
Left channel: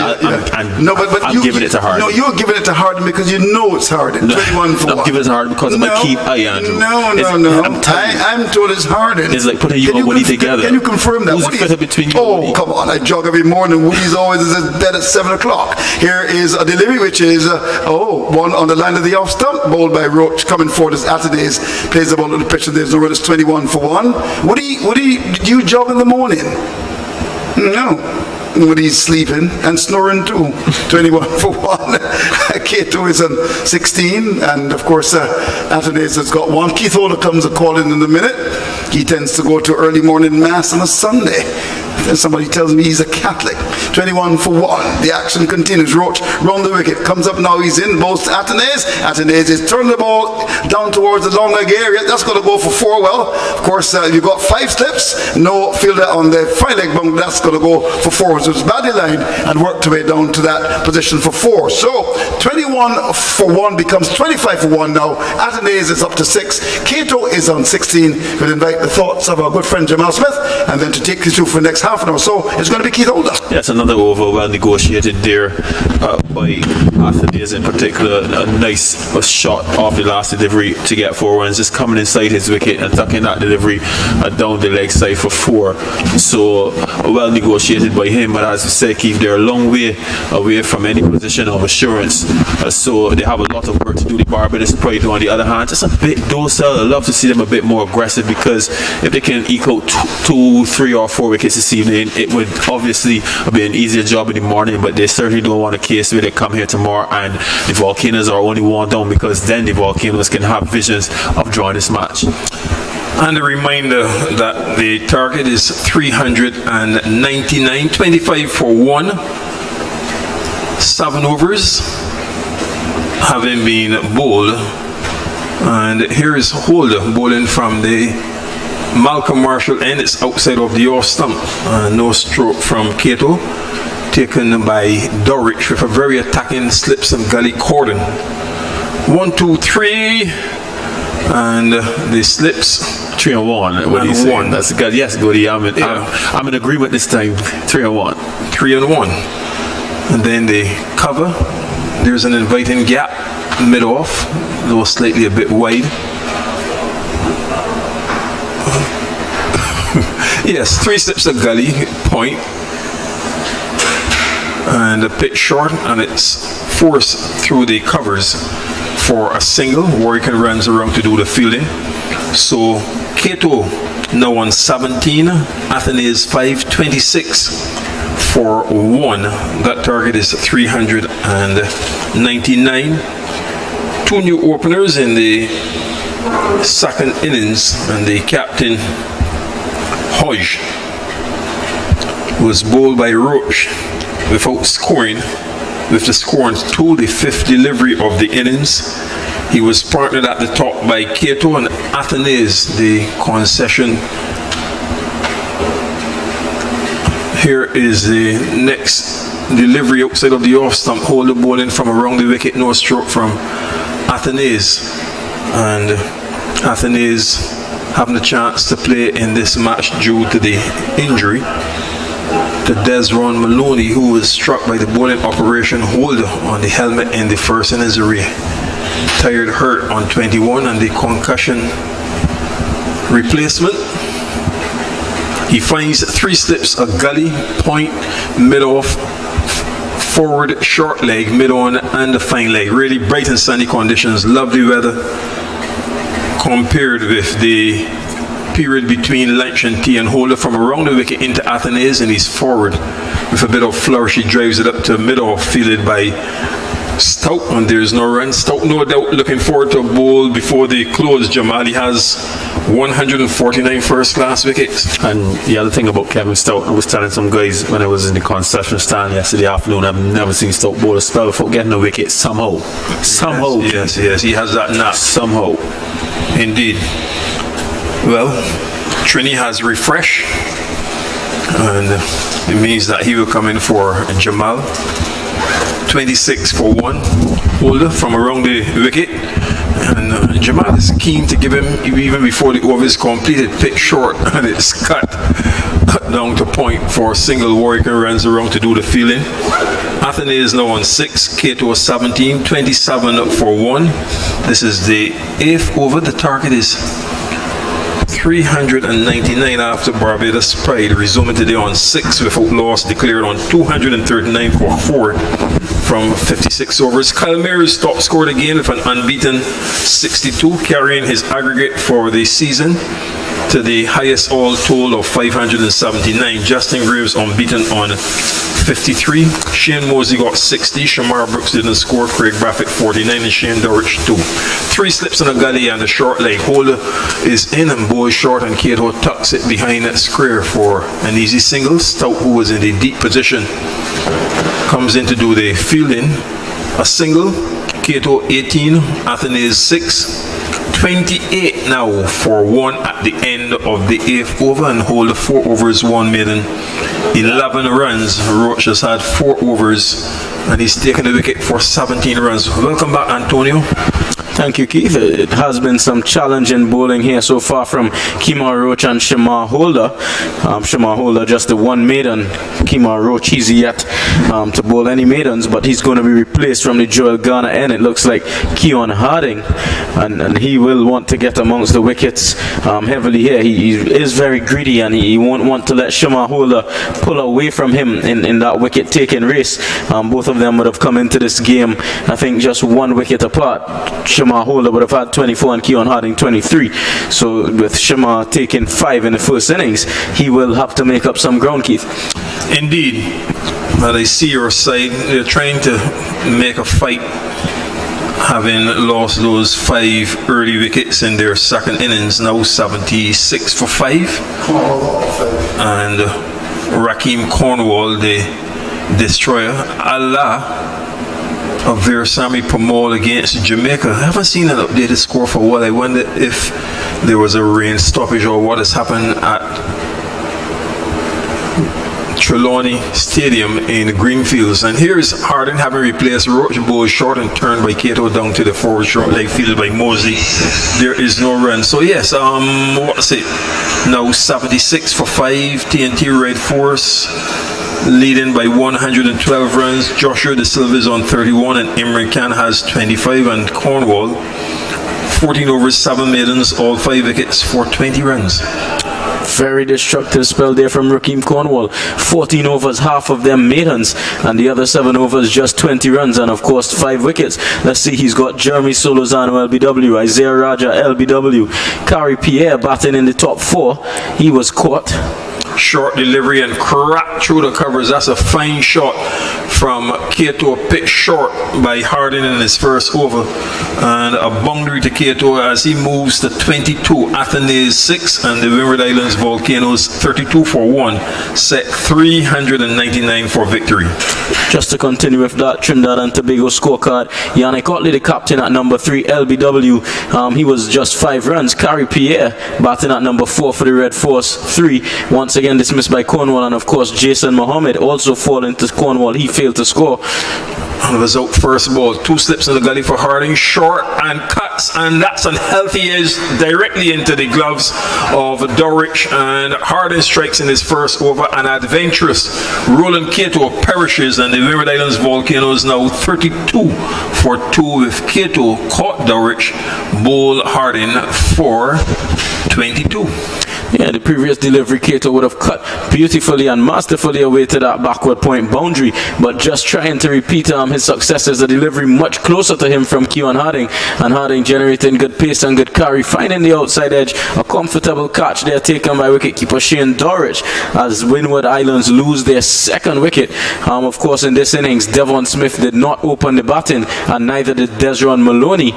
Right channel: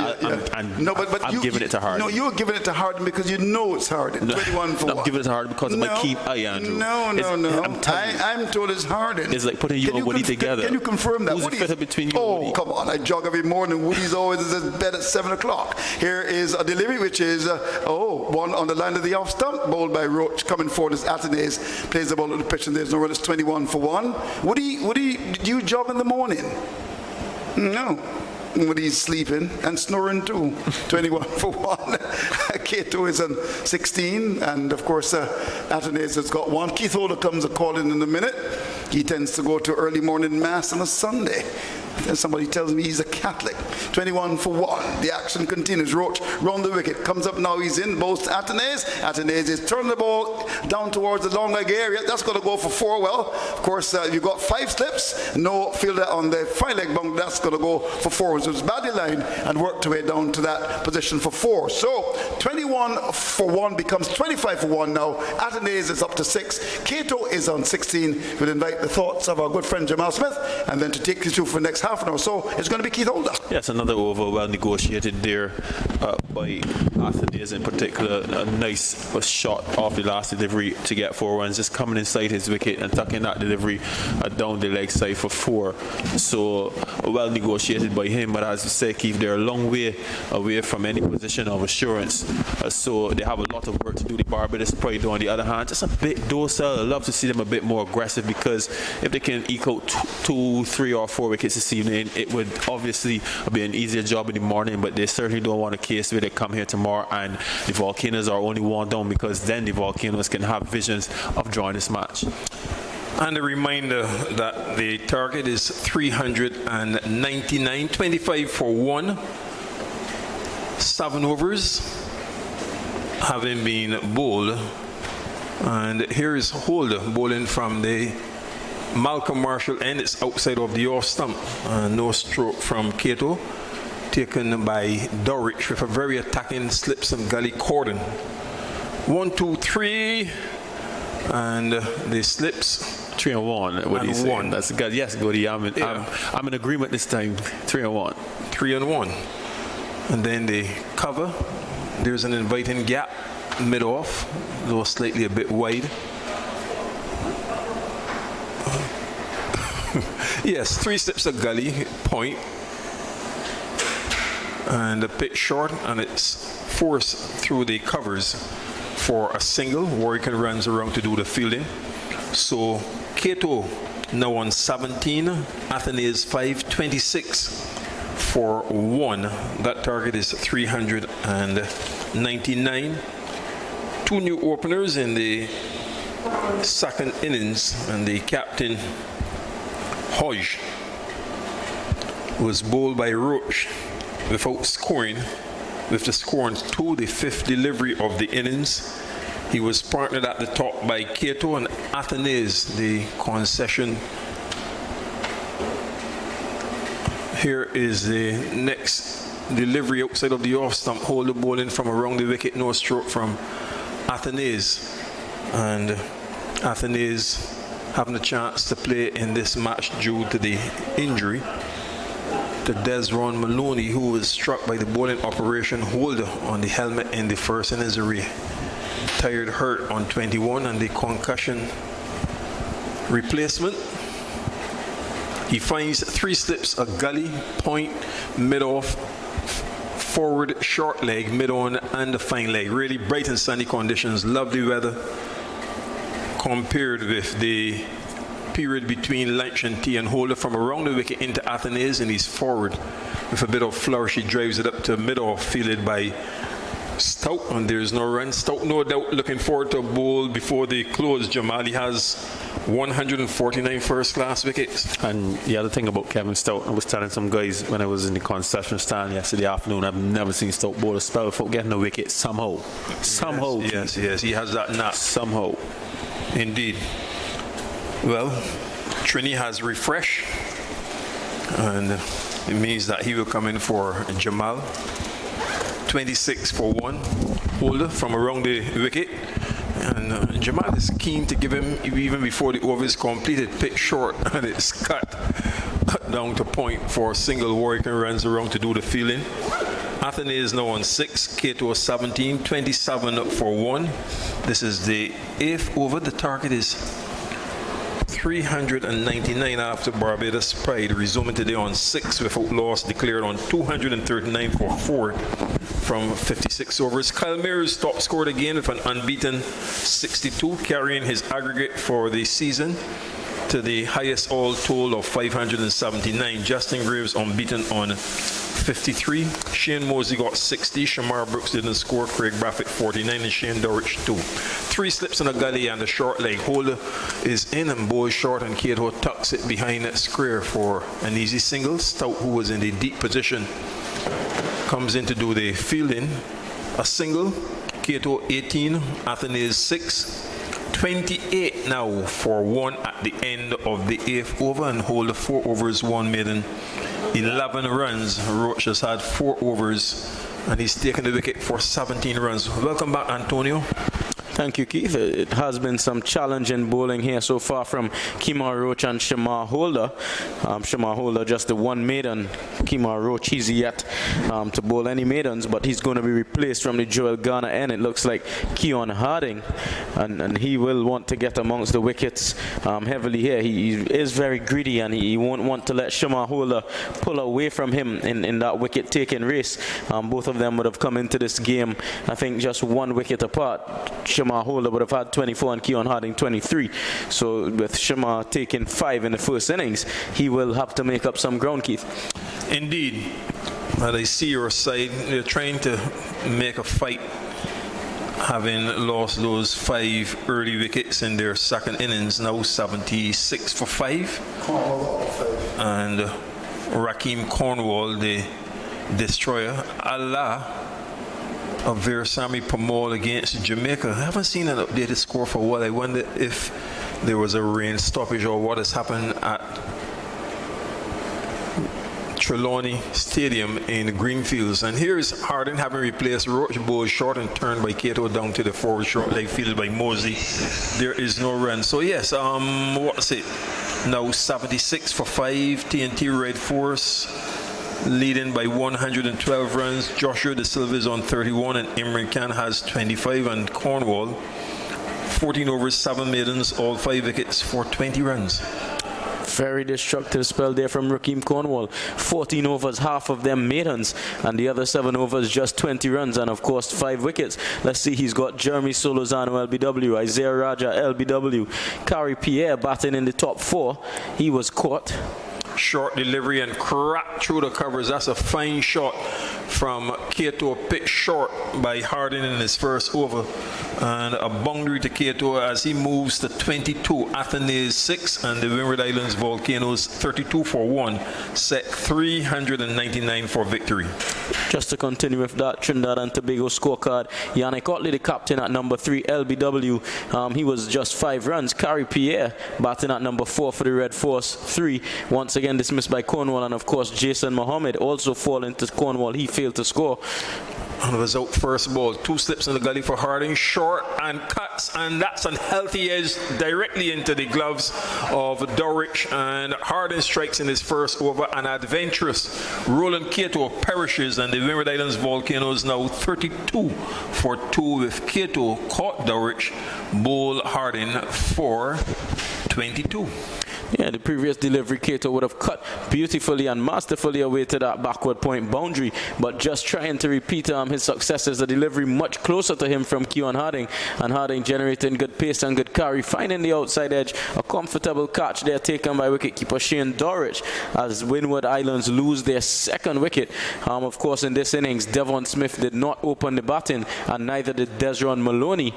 I'm giving it to Harden. No, you're giving it to Harden because you know it's Harden. 21 for 1. I'm giving it to Harden because of my keep eye, Andrew. No. I'm told it's Harden. It's like putting you and Woody together. Can you confirm that? Who's fitter between you and Woody? Oh, come on. I jog every morning. Woody's always in bed at 7 o'clock. Here is a delivery which is, one on the line of the off stump, bowled by Roach, coming forward as Athenaeus plays the ball to the pitch, and there's no run. It's 21 for 1. Woody, did you jog in the morning? No. Woody's sleeping and snoring too. 21 for 1. Cato is on 16, and of course Athenaeus has got 1. Keith Holder comes a call in a minute. He tends to go to early morning mass on a Sunday. Somebody tells me he's a Catholic. 21 for 1. The action continues. Roach round the wicket. Comes up now. He's in. Bowls to Athenaeus. Athenaeus is turning the ball down towards the long leg area. That's going to go for 4. Well, of course, you've got 5 slips. No fielder on the 5 leg bunk. That's going to go for 4. So it's badly lined and worked away down to that position for 4. So 21 for 1 becomes 25 for 1 now. Athenaeus is up to 6. Cato is on 16. We'll invite the thoughts of our good friend Jamal Smith, and then to take you through for the next half an hour. So it's going to be Keith Holder. Yes, another over, well negotiated there by Athenaeus in particular. A nice shot off the last delivery to get 4 runs, just coming inside his wicket and tucking that delivery down the leg side for 4. So well negotiated by him, but as you said, Keith, they're a long way away from any position of assurance. So they have a lot of work to do. The Barbados Pride, on the other hand, just a bit docile. I'd love to see them a bit more aggressive, because if they can eke out 2, 3 or 4 wickets this evening, it would obviously be an easier job in the morning, but they certainly don't want a case where they come here tomorrow and the Volcanoes are only 1 down, because then the Volcanoes can have visions of drawing this match. And a reminder that the target is 399, 25 for 1. 7 overs having been bowled. And here is Holder bowling from the Malcolm Marshall end. It's outside of the off stump. No stroke from Cato, taken by Dorrich with a very attacking slips and gully cordon. 1, 2, 3, and the slips. 3 and 1. What do you say? That's good. Yes, Goody. I'm in agreement this time. 3 and 1. 3 and 1. And then the cover. There's an inviting gap mid off, though slightly a bit wide. Yes, 3 slips of gully point, and a pitch short, and it's forced through the covers for a single. Warwick runs around to do the fielding. So Cato now on 17, Athenaeus 5, 26 for 1. That target is 399. 2 new openers in the second innings, and the captain Hodge was bowled by Roach without scoring. with the score on 2, the 5th delivery of the innings. He was partnered at the top by Cato and Athenaeus, the concession. Here is the next delivery outside of the off stump. Holder bowling from around the wicket, no stroke from Athenaeus. And Athenaeus having a chance to play in this match due to the injury to Desron Maloney, who was struck by the bowling operation holder on the helmet in the first innings array. Tired hurt on 21 and the concussion replacement. He finds 3 slips, a gully, point, mid-off, forward, short leg, mid-on and a fine leg. Really bright and sunny conditions, lovely weather compared with the period between lunch and tea, and Holder from around the wicket into Athenaeus, and he's forward with a bit of flourish. He drives it up to mid-off, fielded by Stout, and there's no run. Stout, no doubt, looking forward to a bowl before they close. Jamal, he has 149 first-class wickets. And the other thing about Kevin Stout, I was telling some guys when I was in the concession stand yesterday afternoon, I've never seen Stout bowl a spell without getting a wicket somehow. Somehow. Yes, he has that knack. Somehow. Indeed. Well, Trini has refresh, and it means that he will come in for Jamal. 26 for 1. Holder from around the wicket, and Jamal is keen to give him, even before the over is completed, pitch short, and it's cut down to point for a single. Warwick runs around to do the fielding. Athenaeus is now on 6, Cato 17, 27 for 1. This is the 8th over. The target is 399 after Barbados Pride, resuming today on 6 without loss, declared on 239 for 4 from 56 overs. Kyle Mears top scored again with an unbeaten 62, carrying his aggregate for the season to the highest all total of 579. Justin Graves unbeaten on 53. Shane Mosley got 60. Shamar Brooks didn't score. Craig Braffett 49 and Shane Dorrich 2. 3 slips in a gully and a short leg. Holder is in and boy short, and Cato tucks it behind that square for an easy single. Stout, who was in the deep position, comes in to do the fielding. A single. Cato 18. Athenaeus 6. 28 now for 1 at the end of the 8th over, and Holder 4 overs, 1 maiden, 11 runs. Roach has had 4 overs, and he's taken the wicket for 17 runs. Welcome back, Antonio. Thank you, Keith. It has been some challenging bowling here so far from Kemar Roach and Shamar Holder. Shamar Holder just the 1 maiden. Kemar Roach, he's yet to bowl any maidens, but he's going to be replaced from the Joel Garner end. It looks like Keon Harding, and he will want to get amongst the wickets heavily here. He is very greedy, and he won't want to let Shamar Holder pull away from him in that wicket-taking race. Both of them would have come into this game, I think, just 1 wicket apart. Shamar Holder would have had 24 and Keon Harding 23. So with Shamar taking 5 in the first innings, he will have to make up some ground, Keith. Indeed. But I see your side. They're trying to make a fight, having lost those 5 early wickets in their second innings. Now 76 for 5. And Raheem Cornwall, the destroyer. Allah of Veersamy Pamal against Jamaica. I haven't seen an updated score for a while. I wonder if there was a rain stoppage or what has happened at Trelawney Stadium in Greenfields. And here's Harding having replaced Roach. Bowl short and turned by Cato down to the forward short leg, fielded by Mosley. There is no run. So yes, what's it? Now 76 for 5. TNT Red Force leading by 112 runs. Joshua De Silva is on 31, and Imran Khan has 25, and Cornwall 14 overs, 7 maidens, all 5 wickets for 20 runs. Very destructive spell there from Raheem Cornwall. 14 overs, half of them maidens, and the other 7 overs just 20 runs, and of course 5 wickets. Let's see, he's got Jeremy Solozano LBW, Isaiah Raja LBW, Kari Pierre batting in the top 4. He was caught. Short delivery and crack through the covers. That's a fine shot from Cato, pitched short by Harding in his first over, and a boundary to Cato as he moves to 22, Athenaeus 6, and the Windward Islands Volcanoes 32 for 1, set 399 for victory. Just to continue with that Trinidad and Tobago scorecard, Yannick Otley, the captain at number 3, LBW, he was just 5 runs. Carrie Pierre batting at number 4 for the Red Force, 3, once again dismissed by Cornwall, and of course Jason Mohammed also falling to Cornwall. He failed to score. And was out first ball, 2 slips in the gully for Harding, short and cuts, and that's unhealthy edge directly into the gloves of Dorrich, and Harding strikes in his first over. An adventurous Roland Cato perishes, and the Windward Islands Volcanoes now 32 for 2 with Cato caught Dorrich, bowl Harding for 22. Yeah, the previous delivery, Cato would have cut beautifully and masterfully away to that backward point boundary, but just trying to repeat his successes, the delivery much closer to him from Keon Harding, and Harding generating good pace and good carry, finding the outside edge, a comfortable catch there taken by wicketkeeper Shane Dorrich as Windward Islands lose their second wicket. Of course, in this innings, Devon Smith did not open the batting, and neither did Desron Maloney.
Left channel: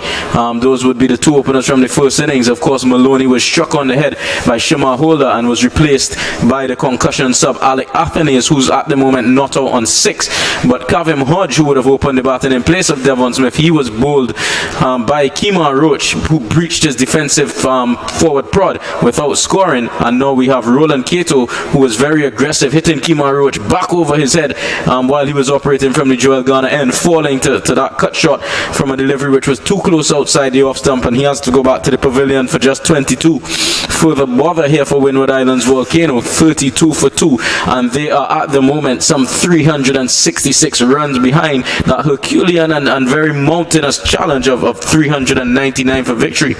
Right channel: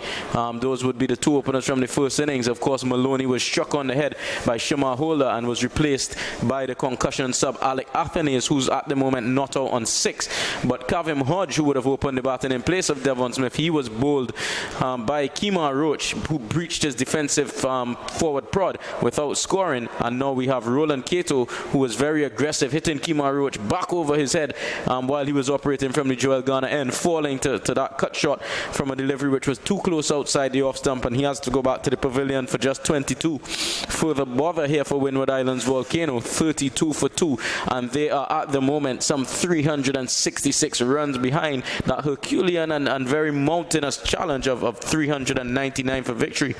Those would be the 2 openers from the first innings. Of course, Maloney was struck on the head by Shema Holder and was replaced by the concussion sub Alec Athenaeus, who's at the moment not out on 6. But Kavim Hodge, who would have opened the batting in place of Devon Smith, he was bowled by Kemar Roach, who breached his defensive forward prod without scoring. And now we have Roland Cato, who was very aggressive, hitting Kemar Roach back over his head while he was operating from the Joel Garner end, falling to that cut shot from a delivery which was too close outside the off stump, and he has to go back to the pavilion for just 22. Further bother here for Windward Islands Volcano, 32 for 2, and they are at the moment some 366 runs behind that Herculean and very mountainous challenge of 399 for victory.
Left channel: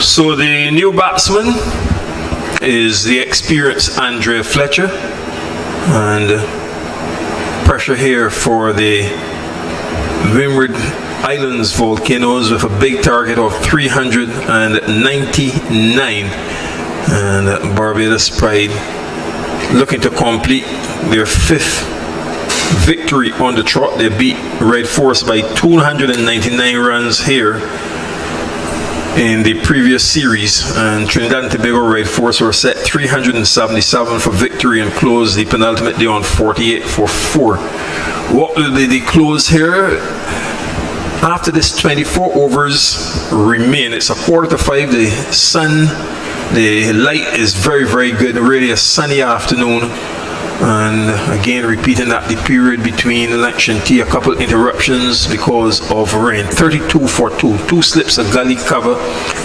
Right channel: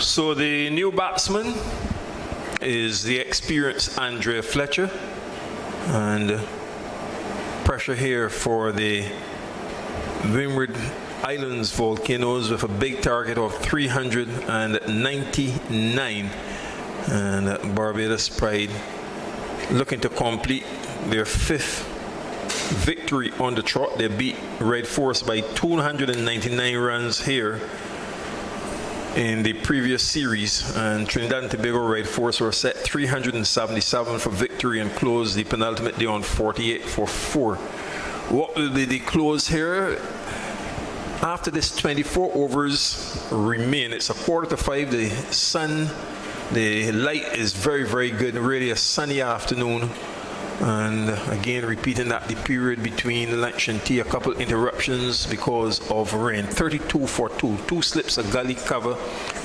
So the new batsman is the experienced Andrea Fletcher, and pressure here for the Windward Islands Volcanoes with a big target of 399, and Barbados Pride looking to complete their 5th victory on the trot. They beat Red Force by 299 runs here in the previous series, and Trinidad and Tobago Red Force were set 377 for victory and closed the penultimate day on 48 for 4. What will be the close here? After this 24 overs remain, it's 4:45, the sun, the light is very, very good, really a sunny afternoon, and again repeating that the period between lunch and tea, a couple interruptions because of rain. 32 for 2, 2 slips of gully cover,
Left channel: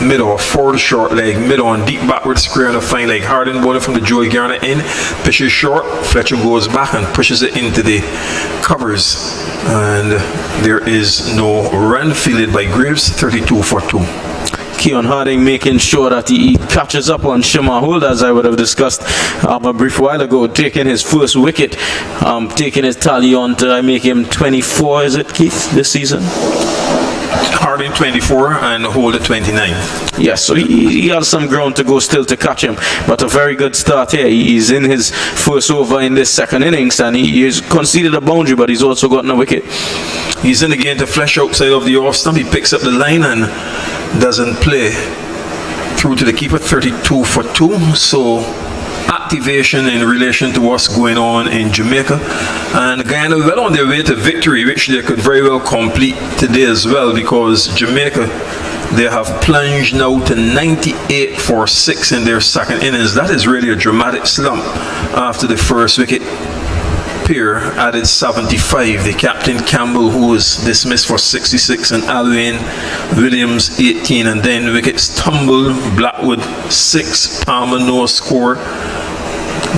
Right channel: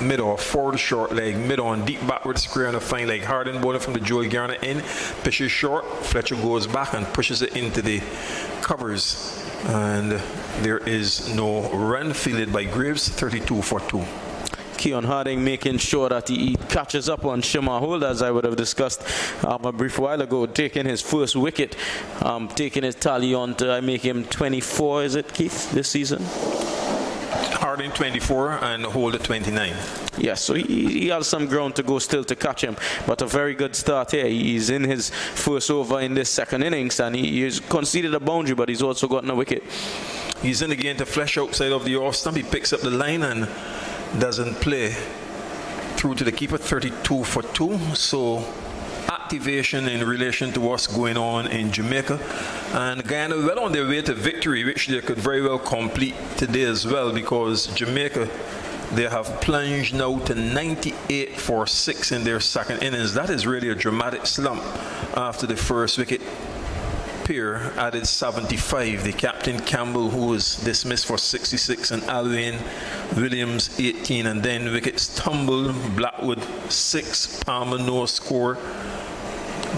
mid-off, forward short leg, mid-on, deep backward square on a fine leg. Harding bowling from the Joey Garner end, pitches short, Fletcher goes back and pushes it into the covers, and there is no run fielded by Graves. 32 for 2. Keon Harding making sure that he catches up on Shema Holder, as I would have discussed a brief while ago, taking his first wicket, taking his tally on to make him 24, is it, Keith, this season? Harding 24 and Holder 29. Yes, so he has some ground to go still to catch him, but a very good start here. He's in his first over in this second innings, and he has conceded a boundary, but he's also gotten a wicket. He's in again to flash outside of the off stump. He picks up the line and doesn't play through to the keeper. 32 for 2. So activation in relation to what's going on in Jamaica, and Guyana well on their way to victory, which they could very well complete today as well, because Jamaica, they have plunged now to 98 for 6 in their second innings. That is really a dramatic slump after the first wicket. Peer added 75. The captain Campbell, who was dismissed for 66, and Alwyn Williams 18, and then wickets tumble. Blackwood 6, Palmer no score,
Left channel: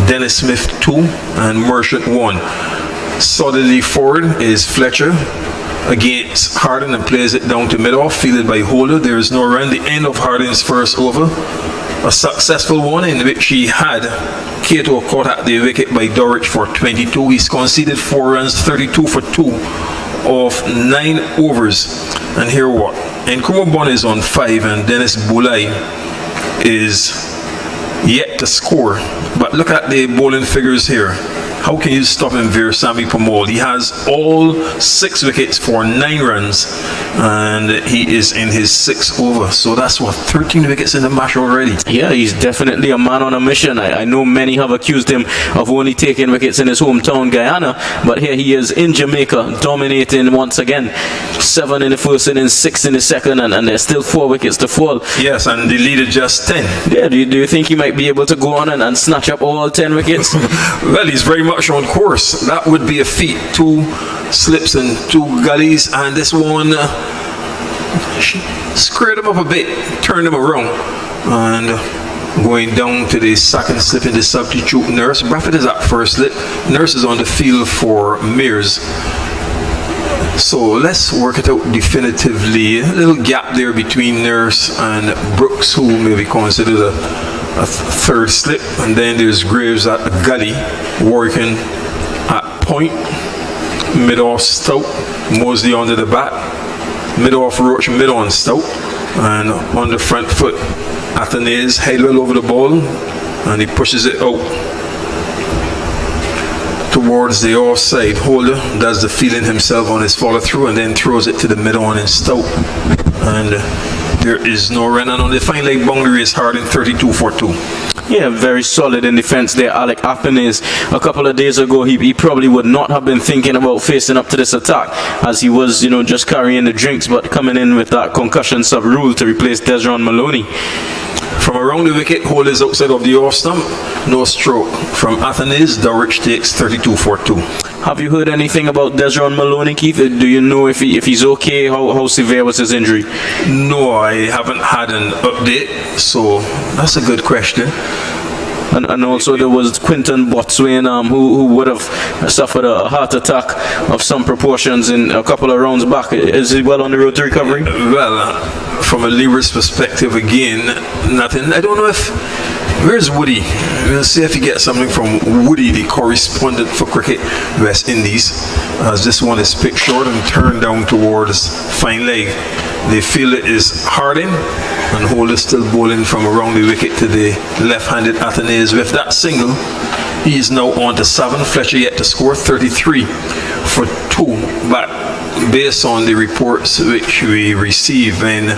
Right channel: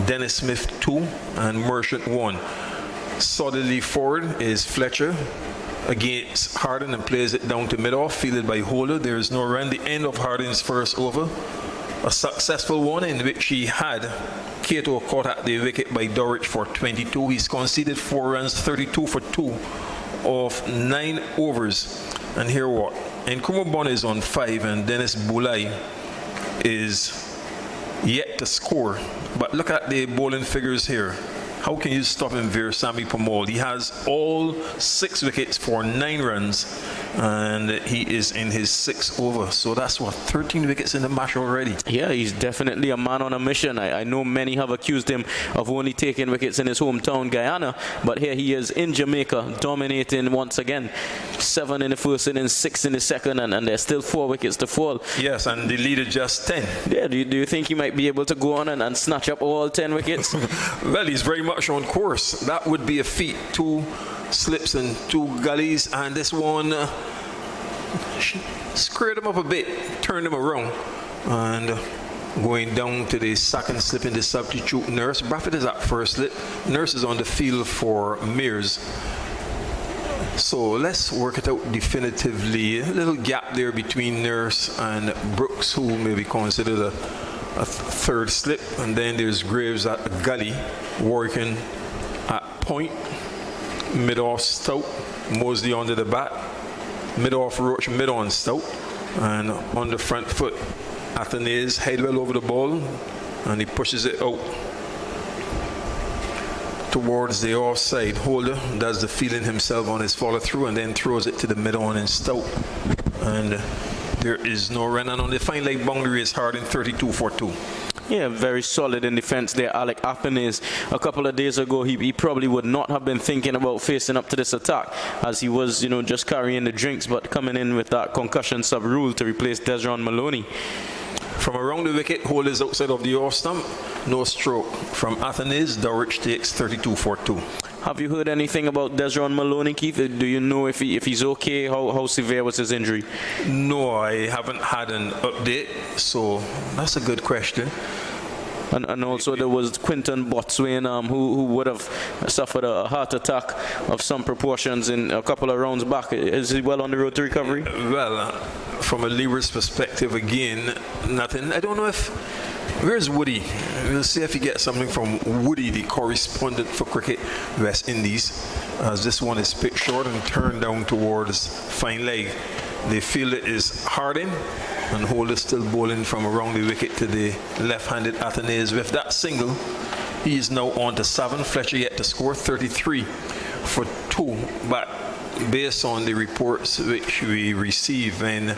Dennis Smith 2, and Merchant 1. Solidly forward is Fletcher against Harding and plays it down to mid-off, fielded by Holder. There is no run. The end of Harding's first over, a successful one in which he had Cato caught at the wicket by Dorrich for 22. He's conceded 4 runs, 32 for 2 of 9 overs. And here what? Nkrumah Bon is on 5, and Dennis Boulay is yet to score. But look at the bowling figures here. how can you stop him, Veersamy Pamol? He has all 6 wickets for 9 runs, and he is in his 6th over. So that's what, 13 wickets in the match already. Yeah, he's definitely a man on a mission. I know many have accused him of only taking wickets in his hometown, Guyana, but here he is in Jamaica, dominating once again. 7 in the first innings, 6 in the second, and there's still 4 wickets to fall. Yes, and the lead is just 10. Yeah, do you think he might be able to go on and snatch up all 10 wickets? Well, he's very much on course. That would be a feat. 2 slips and 2 gullies, and this one squared him up a bit, turned him around, and going down to the second slip in the substitute Nurse. Brafford is at first slip. Nurse is on the field for Mears. So let's work it out definitively. A little gap there between Nurse and Brooks, who may be considered a third slip. And then there's Graves at the gully, working at point. Mid-off Stout, Mosley under the bat. Mid-off Roach, mid-on Stout. And on the front foot, Athanaze head well over the ball, and he pushes it out towards the offside. Holder does the feeling himself on his follow through, and then throws it to the mid-on and Stout. And there is no run, and on the fine leg boundary is Harding 32 for 2. Yeah, very solid in defense there, Alec Athanaze. A couple of days ago, he probably would not have been thinking about facing up to this attack, as he was, just carrying the drinks, but coming in with that concussion sub rule to replace Desron Maloney. From around the wicket, Hole is outside of the off stump. No stroke. From Athanaze, Dulwich takes 32 for 2. Have you heard anything about Desron Maloney, Keith? Do you know if he's okay? How severe was his injury? No, I haven't had an update, so that's a good question. And also there was Quinton Botswain, who would have suffered a heart attack of some proportions in a couple of rounds back. Is he well on the road to recovery? Well, from a Lever's perspective, again, nothing. I don't know if... Where's Woody? We'll see if you get something from Woody, the correspondent for Cricket West Indies, as this one is picked short and turned down towards fine leg. They feel it is Harding, and Hole is still bowling from around the wicket to the left-handed Athanaze. With that single, he is now on to 7. Fletcher yet to score 33 for 2. But based on the reports which we received, when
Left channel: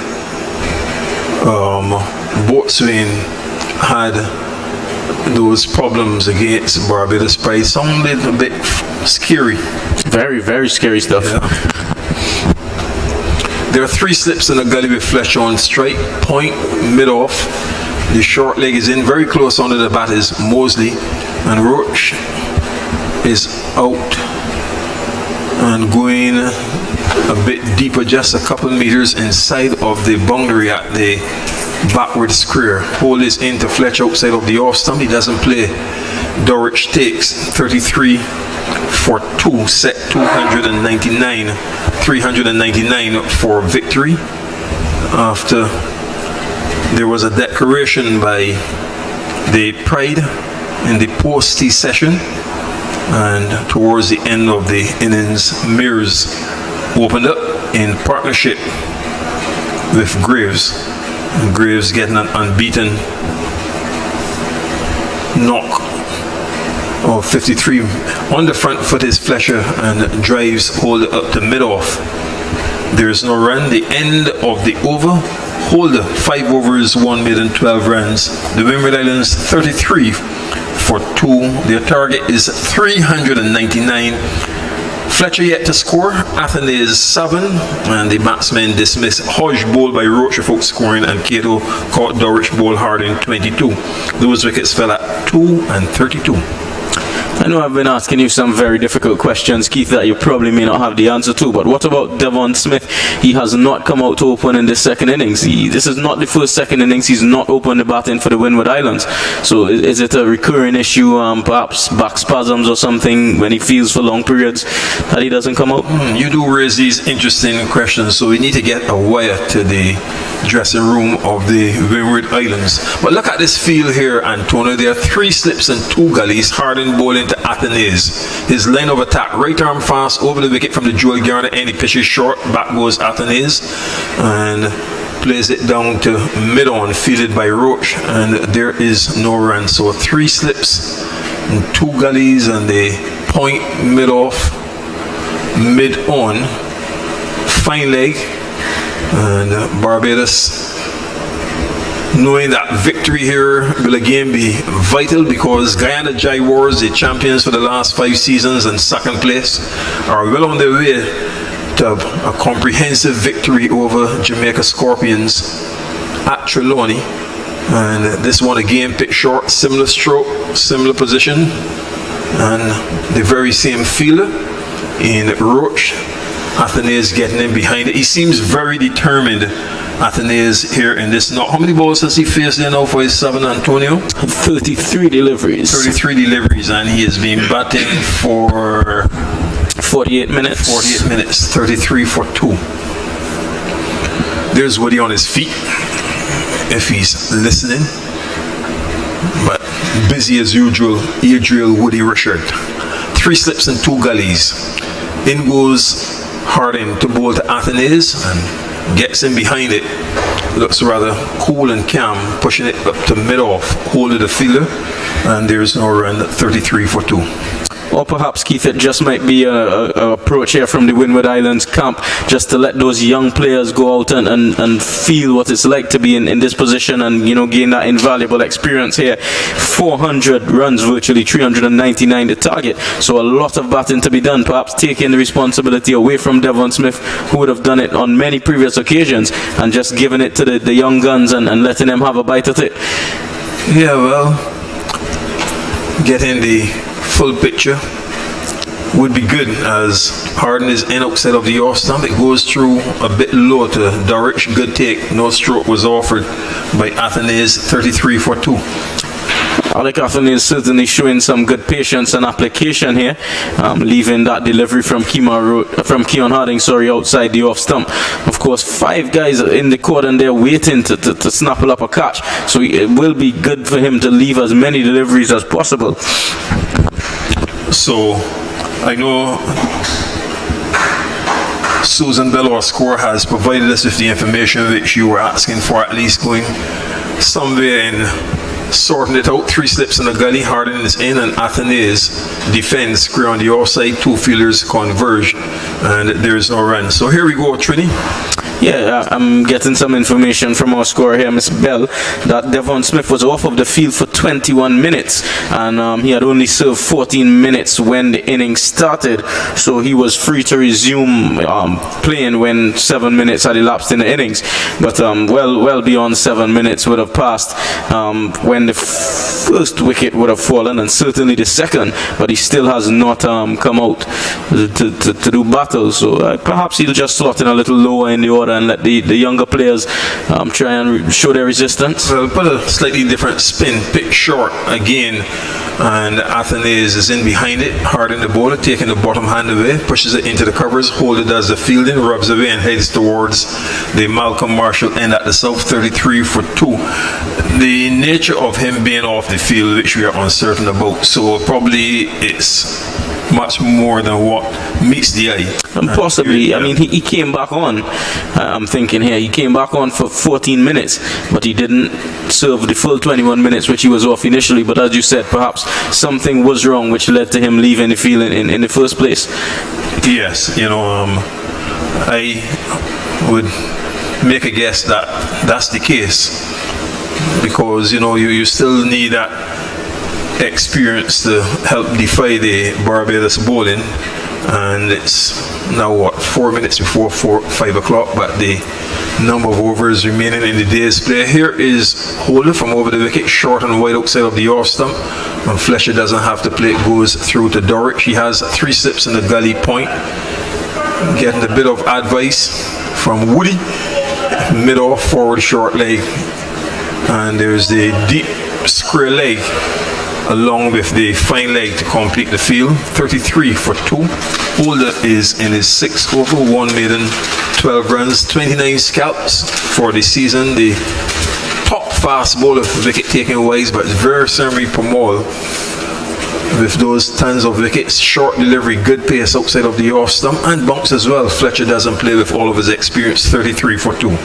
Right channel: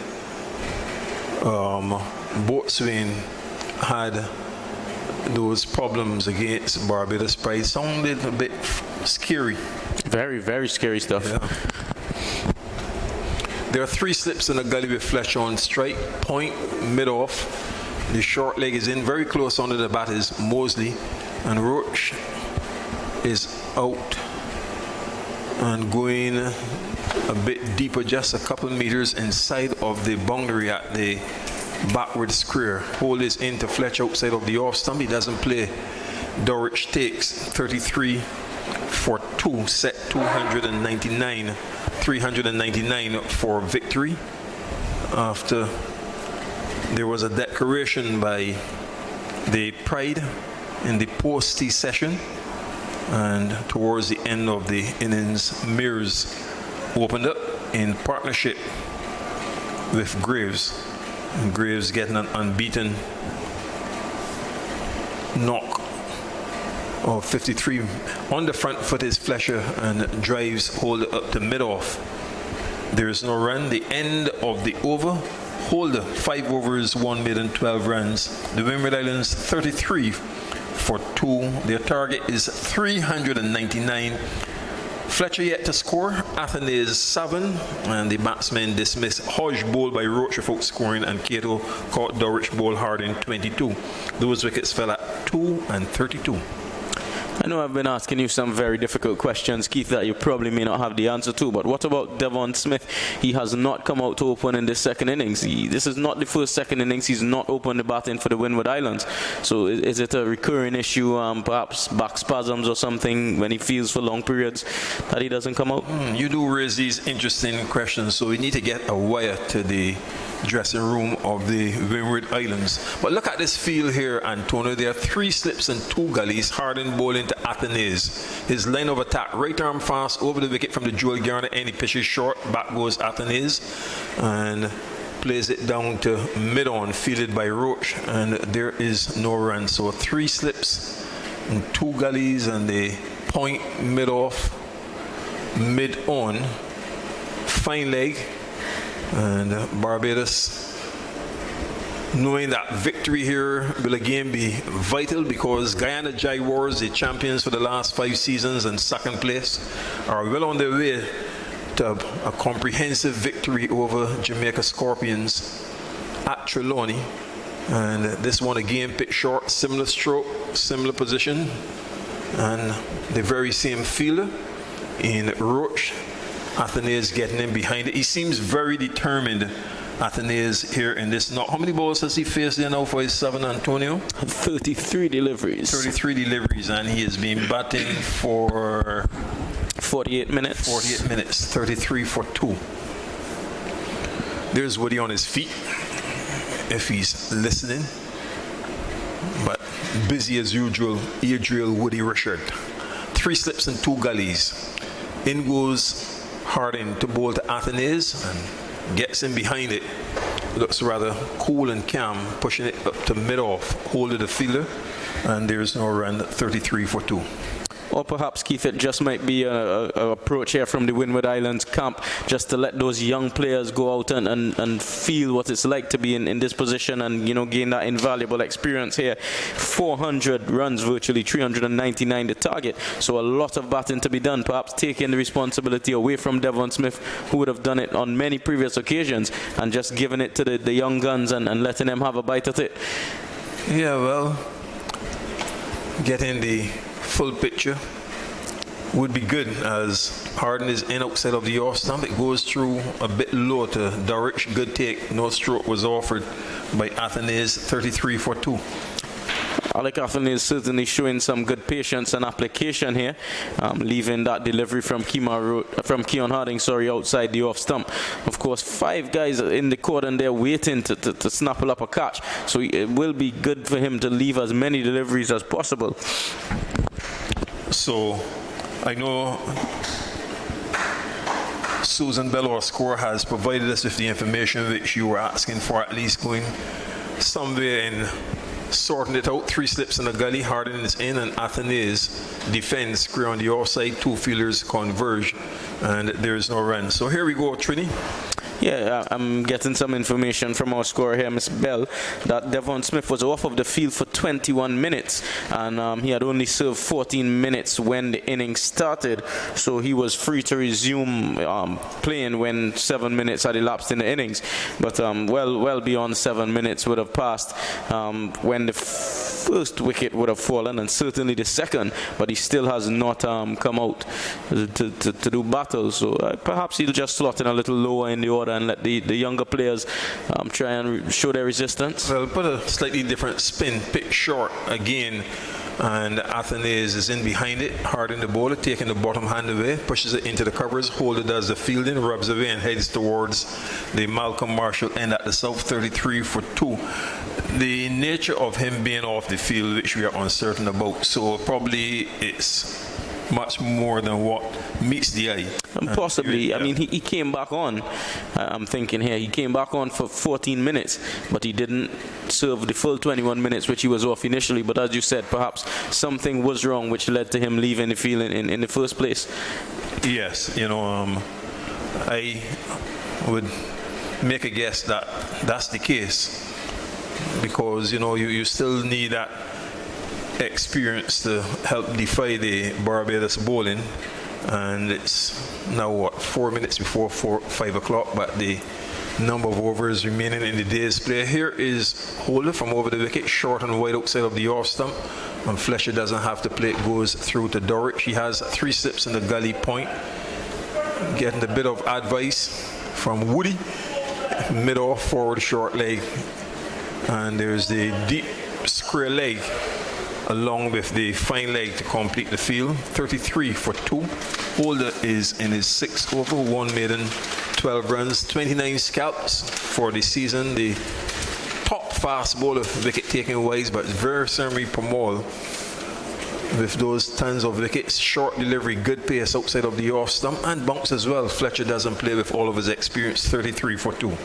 Botswain had those problems against Barbados, it sounded a bit scary. Very, very scary stuff. Yeah. There are 3 slips in the gully with Fletcher on strike, point, mid-off. The short leg is in, very close under the bat is Mosley, and Roach is out and going a bit deeper, just a couple meters inside of the boundary at the backward square. Hole is into Fletcher outside of the off stump. He doesn't play. Dulwich takes 33 for 2, set 299, 399 for victory. After there was a declaration by the Pride in the post-tea session, and towards the end of the innings, Mears opened up in partnership with Graves. And Graves getting an unbeaten knock of 53. On the front foot is Fletcher and drives Holder up to mid-off. There is no run. The end of the over. Holder, 5 overs, 1 made and 12 runs. The Windward Islands 33 for 2. Their target is 399. Fletcher yet to score. Athanaze 7, and the batsmen dismiss. Hodge bowled by Roach without scoring, and Cato caught Dulwich ball hard in 22. Those wickets fell at 2 and 32. I know I've been asking you some very difficult questions, Keith, that you probably may not have the answer to, but what about Devon Smith? He has not come out to open in this second innings. This is not the first second innings he's not opened the batting for the Windward Islands. So is it a recurring issue, perhaps back spasms or something, when he feels for long periods that he doesn't come out? You do raise these interesting questions, so we need to get a wire to the dressing room of the Windward Islands. But look at this field here, Antonio. There are 3 slips and 2 gullies. Harding bowling to Athanaze. His line of attack, right arm fast over the wicket from the Joel Garner end. He pitches short, back goes Athanaze, and plays it down to mid-on, fielded by Roach, and there is no run. So 3 slips and 2 gullies and the point mid-off, mid-on, fine leg, and Barbados, knowing that victory here will again be vital because Guyana Jaguars, the champions for the last 5 seasons and second place, are well on their way to a comprehensive victory over Jamaica Scorpions at Trelawney. And this one again picked short, similar stroke, similar position, and the very same feeler in Roach. Athenaeus getting in behind it. He seems very determined, Athenaeus, here in this. Now, how many balls has he faced there now for his 7, Antonio? 33 deliveries. 33 deliveries, and he has been batting for 48 minutes. 48 minutes, 33 for 2. There's Woody on his feet, if he's listening. But busy as usual, Adriel Woody Richard. 3 slips and 2 gullies. In goes Harding to bowl to Athenaeus and gets in behind it. Looks rather cool and calm, pushing it up to mid-off, hold of the fielder, and there's no run, 33 for 2. Or perhaps, Keith, it just might be a approach here from the Windward Islands camp, just to let those young players go out and feel what it's like to be in this position and, you know, gain that invaluable experience here. 400 runs, virtually 399 the target. So a lot of batting to be done, perhaps taking the responsibility away from Devon Smith, who would have done it on many previous occasions, and just giving it to the young guns and letting them have a bite at it. Yeah, well, getting the full picture would be good, as Harden is in outside of the off stump. It goes through a bit low to Dorich. Good take. No stroke was offered by Athenaeus. 33 for 2. Alec Athenaeus is certainly showing some good patience and application here, leaving that delivery from Keon Harding, outside the off stump. Of course, 5 guys in the cordon there waiting to snapple up a catch, so it will be good for him to leave as many deliveries as possible. So I know Susan Bell, our scorer, has provided us with the information which you were asking for, at least going somewhere in sorting it out. 3 slips in the gully, Harding is in, and Athenaeus defends square on the offside. 2 fielders converge, and there's no run. So here we go, Trini. Yeah, I'm getting some information from our scorer here, Miss Bell, that Devon Smith was off of the field for 21 minutes, and he had only served 14 minutes when the innings started, so he was free to resume playing when 7 minutes had elapsed in the innings. But well beyond 7 minutes would have passed when the first wicket would have fallen, and certainly the second, but he still has not come out to do battle, so perhaps he'll just slot in a little lower in the order and let the younger players try and show their resistance. Well, put a slightly different spin, pick short again, and Athenaeus is in behind it. Harding the bowler, taking the bottom hand away, pushes it into the covers, hold it as the fielding, rubs away and heads towards the Malcolm Marshall end at the south. 33 for 2. The nature of him being off the field, which we are uncertain about, so probably it's much more than what meets the eye. And possibly, I mean, he came back on, I'm thinking here, he came back on for 14 minutes, but he didn't serve the full 21 minutes which he was off initially. But as you said, perhaps something was wrong which led to him leaving the field in the first place. Yes, you know, I would make a guess that that's the case, because, you know, you still need that experience to help defy the Barbados bowling, and it's now what, 4 minutes before 5 o'clock, but the number of overs remaining in the day's play. Here is Holder from over the wicket, short and wide outside of the off stump, and Fletcher doesn't have to play, it goes through to Dorich. He has 3 slips in the gully point, getting a bit of advice from Woody, mid-off, forward short leg, and there's the deep square leg along with the fine leg to complete the field. 33 for 2. Holder is in his 6th over, 1 maiden, 12 runs, 29 scalps for the season. The top fast bowler, wicket taking wise, but very Samri Pamal with those tons of wickets. Short delivery, good pace outside of the off stump, and bounce as well. Fletcher doesn't play with all of his experience. 33 for 2.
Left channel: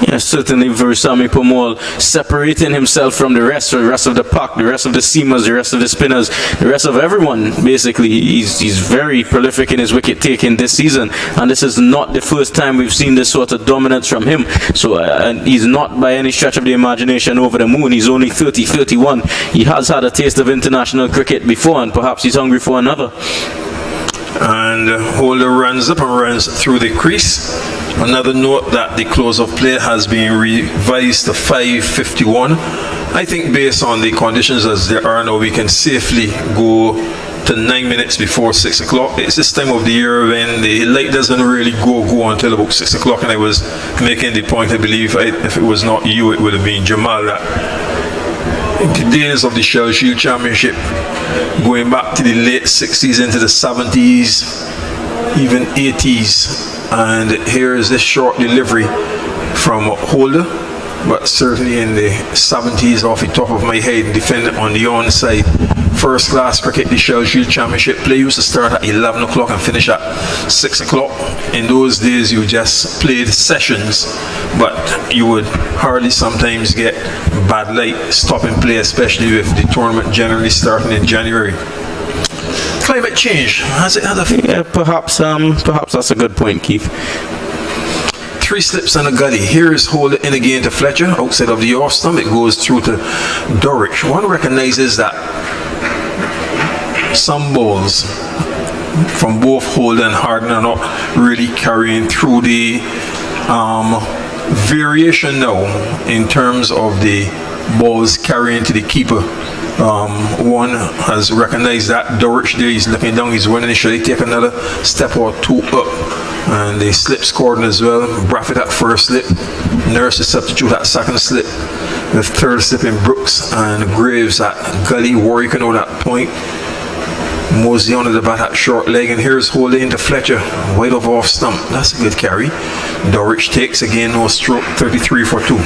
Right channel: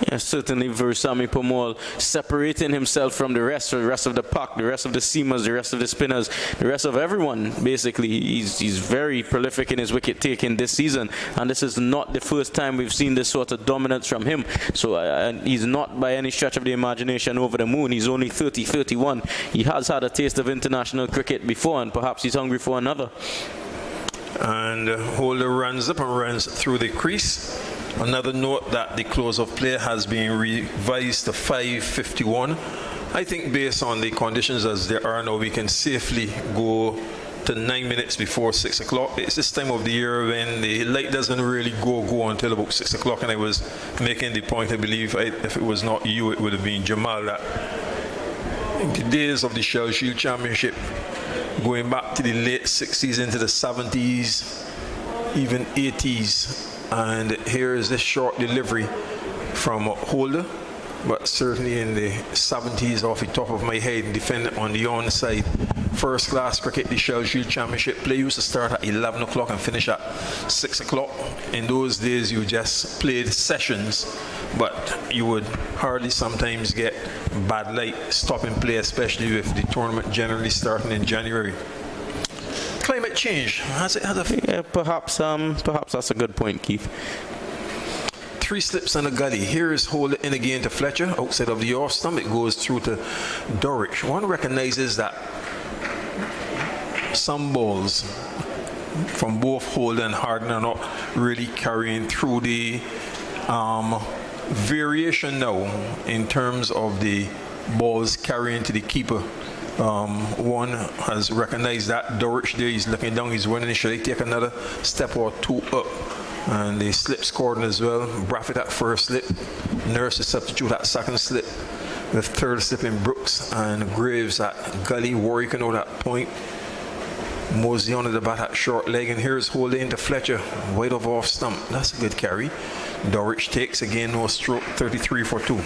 Yeah, certainly Versami Pomol separating himself from the rest of the pack, the rest of the seamers, the rest of the spinners, the rest of everyone. Basically, he's very prolific in his wicket taking this season, and this is not the first time we've seen this sort of dominance from him. So he's not by any stretch of the imagination over the moon. He's only 30, 31. He has had a taste of international cricket before, and perhaps he's hungry for another. And Holder runs up and runs through the crease. Another note that the close of play has been revised to 5:51. I think based on the conditions as they are now, we can safely go to 9 minutes before 6 o'clock. It's this time of the year when the light doesn't really go until about 6 o'clock, and I was making the point, I believe, if it was not you, it would have been Jamal, that in the days of the Shell Shield Championship, going back to the late 60s into the 70s, even 80s, and here is this short delivery from Holder, but certainly in the 70s, off the top of my head, defending on the onside. First class cricket, the Shell Shield Championship play used to start at 11 o'clock and finish at 6 o'clock. In those days, you just played sessions, but you would hardly sometimes get bad light stopping play, especially with the tournament generally starting in January. Climate change, has it had a... Yeah, perhaps that's a good point, Keith. 3 slips and a gully. Here is Holder in again to Fletcher, outside of the off stump. It goes through to Dorich. One recognizes that some balls from both Holder and Harden are not really carrying through the variation now in terms of the balls carrying to the keeper. One has recognized that. Dorich there, he's looking down, he's running. Should he take another step or two up? And the slip scored as well. Braffett at first slip, Nurse to substitute at second slip, the third slip in Brooks, and Graves at gully. Warwick on that point. Mosley on the bat at short leg, and here's Holder into Fletcher, wide off stump. That's a good carry. Dorich takes again, no stroke, 33 for 2.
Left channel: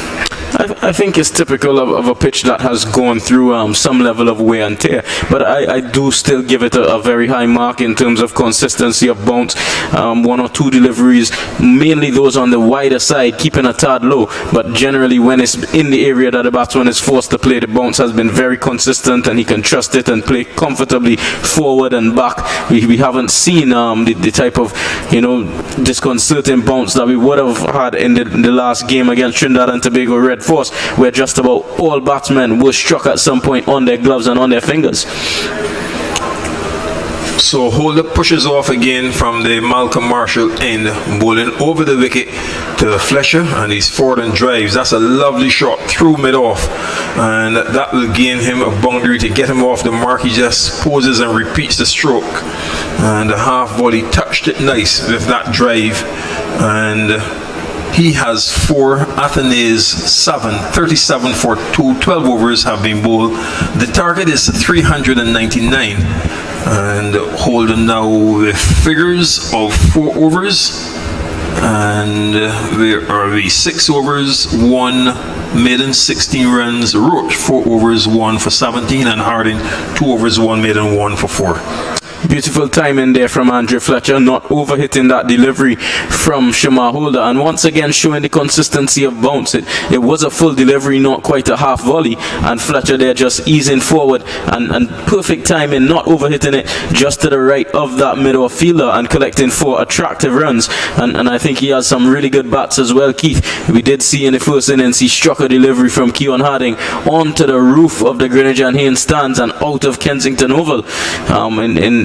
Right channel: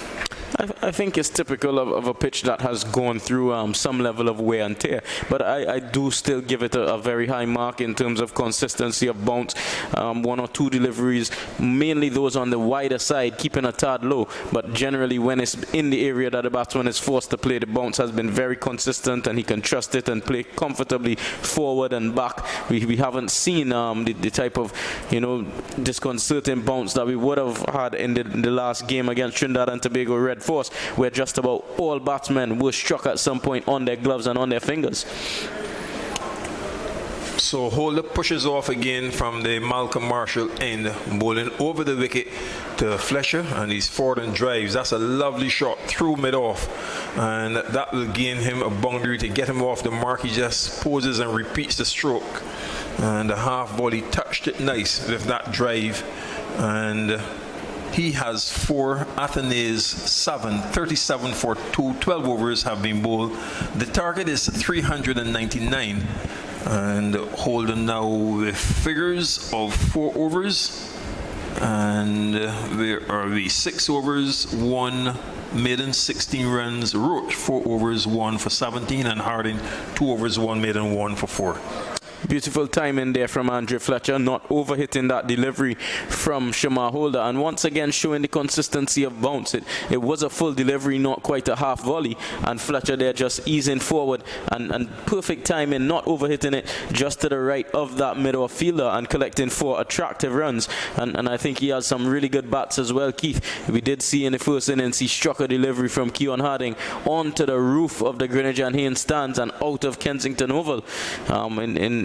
I think it's typical of a pitch that has gone through some level of wear and tear, but I do still give it a very high mark in terms of consistency of bounce. 1 or 2 deliveries, mainly those on the wider side, keeping a tad low, but generally when it's in the area that the batsman is forced to play, the bounce has been very consistent and he can trust it and play comfortably forward and back. We haven't seen the type of, disconcerting bounce that we would have had in the last game against Trinidad and Tobago Red Force, where just about all batsmen were struck at some point on their gloves and on their fingers. So Holder pushes off again from the Malcolm Marshall end, bowling over the wicket to Fletcher, and he's forward and drives. That's a lovely shot through mid-off, and that will gain him a boundary to get him off the mark. He just poses and repeats the stroke, and the half volley touched it nice with that drive, and he has 4, Athenaeus 7, 37 for 2, 12 overs have been bowled. The target is 399, and Holden now with figures of 4 overs, and there are the 6 overs, 1 maiden, 16 runs. Roach 4 overs, 1 for 17, and Harding 2 overs, 1 maiden, 1 for 4. Beautiful timing there from Andrew Fletcher, not overhitting that delivery from Shamar Holder, and once again showing the consistency of bounce. It was a full delivery, not quite a half volley, and Fletcher there just easing forward and perfect timing, not overhitting it, just to the right of that middle fielder and collecting 4 attractive runs. And I think he has some really good bats as well, Keith. We did see in the first innings he struck a delivery from Keon Harding onto the roof of the Greenwich and Haynes stands and out of Kensington Oval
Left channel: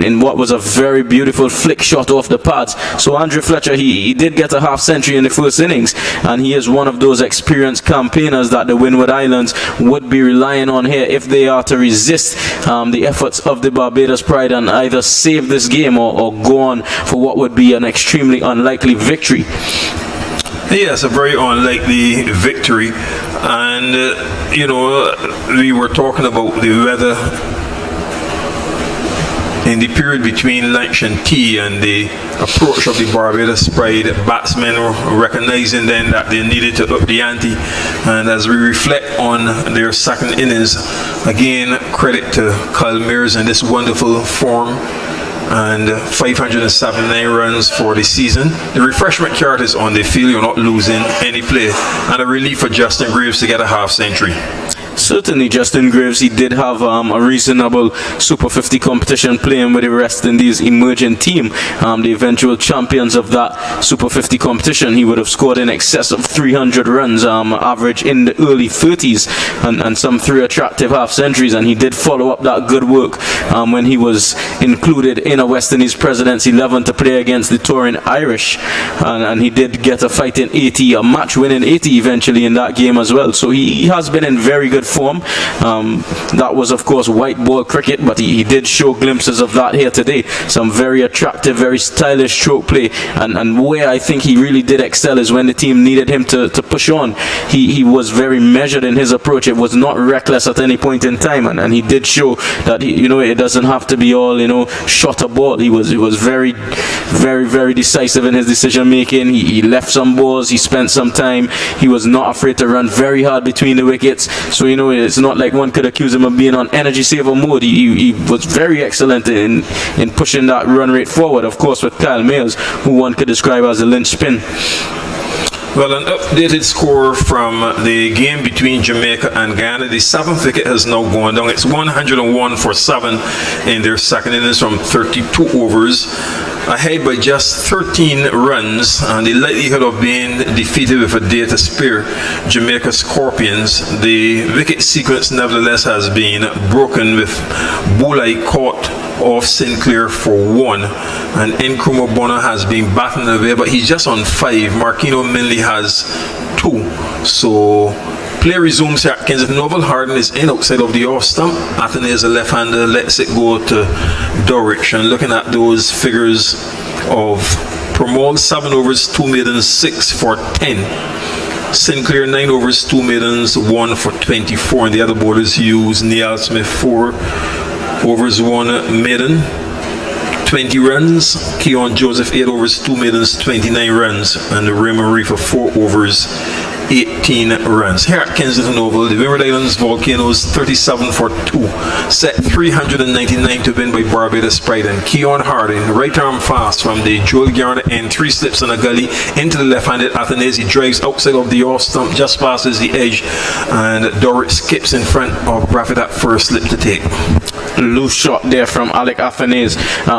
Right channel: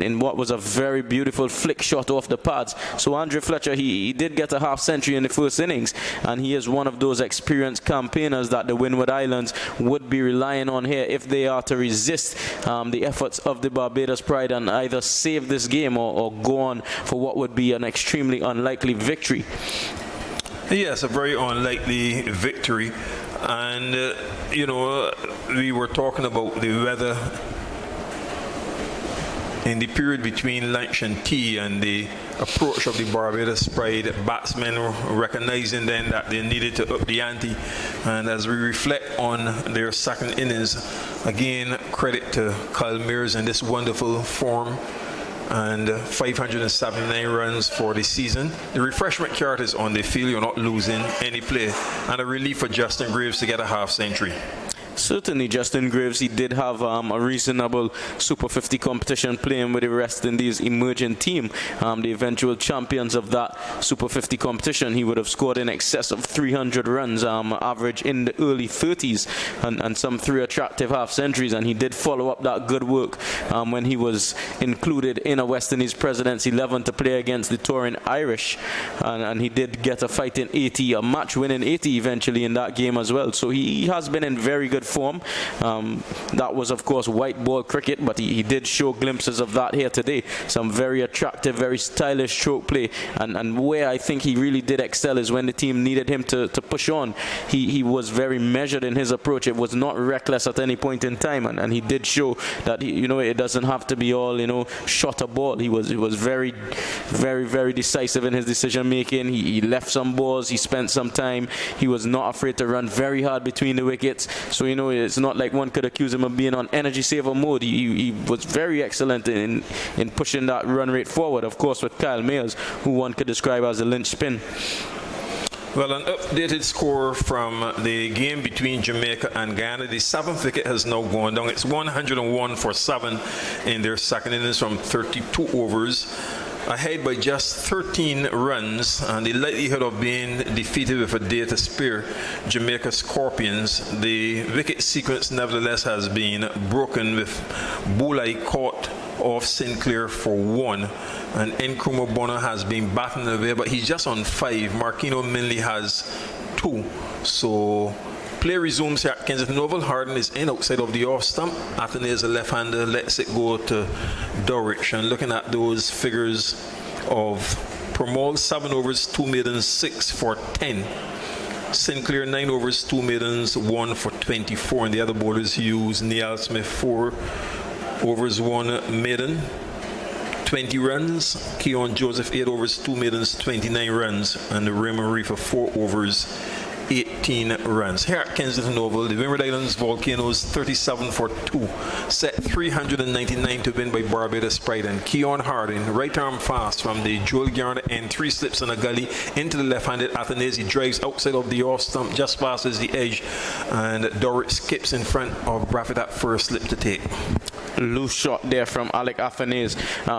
in what was a very beautiful flick shot off the pads. So Andrew Fletcher, he did get a half century in the first innings, and he is one of those experienced campaigners that the Windward Islands would be relying on here if they are to resist the efforts of the Barbados Pride and either save this game or go on for what would be an extremely unlikely victory. Yes, a very unlikely victory, and we were talking about the weather in the period between lunch and tea, and the approach of the Barbados Pride batsmen recognizing then that they needed to up the ante. And as we reflect on their second innings, again credit to Kyle Mears in this wonderful form. and 579 runs for the season. The refreshment card is on the field. You're not losing any play, and a relief for Justin Graves to get a half century. Certainly, Justin Graves, he did have a reasonable Super 50 competition playing with the West Indies emerging team, the eventual champions of that Super 50 competition. He would have scored in excess of 300 runs, average in the early 30s, and some 3 attractive half centuries. And he did follow up that good work when he was included in a West Indies President's 11 to play against the touring Irish, and he did get a fighting 80, a match-winning 80 eventually in that game as well. So he has been in very good form. That was, of course, white ball cricket, but he did show glimpses of that here today. Some very attractive, very stylish stroke play, and where I think he really did excel is when the team needed him to push on. He was very measured in his approach. It was not reckless at any point in time, and he did show that it doesn't have to be all shot a ball. He was very, very, very decisive in his decision making. He left some balls. He spent some time. He was not afraid to run very hard between the wickets. So it's not like one could accuse him of being on energy saver mode. He was very excellent in pushing that run rate forward, of course, with Kyle Mayers, who one could describe as a linchpin. Well, an updated score from the game between Jamaica and Ghana. The 7th wicket has now gone down. It's 101 for 7 in their second innings from 32 overs. Ahead by just 13 runs, and the likelihood of being defeated with a day to spare Jamaica Scorpions. The wicket sequence nevertheless has been broken, with Bulai caught off Sinclair for 1, and Nkrumah Bonner has been batting away, but he's just on 5. Marquino Minley has 2. So play resumes here at Kensington Oval. Harden is in outside of the off stump. Athene is a left-hander, lets it go to Dulwich. And looking at those figures of Pramod, 7 overs, 2 maidens, 6 for 10. Sinclair, 9 overs, 2 maidens, 1 for 24. And the other bowlers use Neil Smith, 4 overs, 1 maiden, 20 runs. Keon Joseph, 8 overs, 2 maidens, 29 runs. And Raymond Reefer, 4 overs, 18 runs. Here at Kensington Oval, the Windward Islands Volcanoes 37 for 2, set 399 to win by Barbados Pride, and Keon Harding, right arm fast from the Joel Garner end, 3 slips in a gully into the left-handed Athenaeus. He drives outside of the off stump, just passes the edge, and Dorrit skips in front of Braffett at first slip to take. Loose shot there from Alec Athenaeus.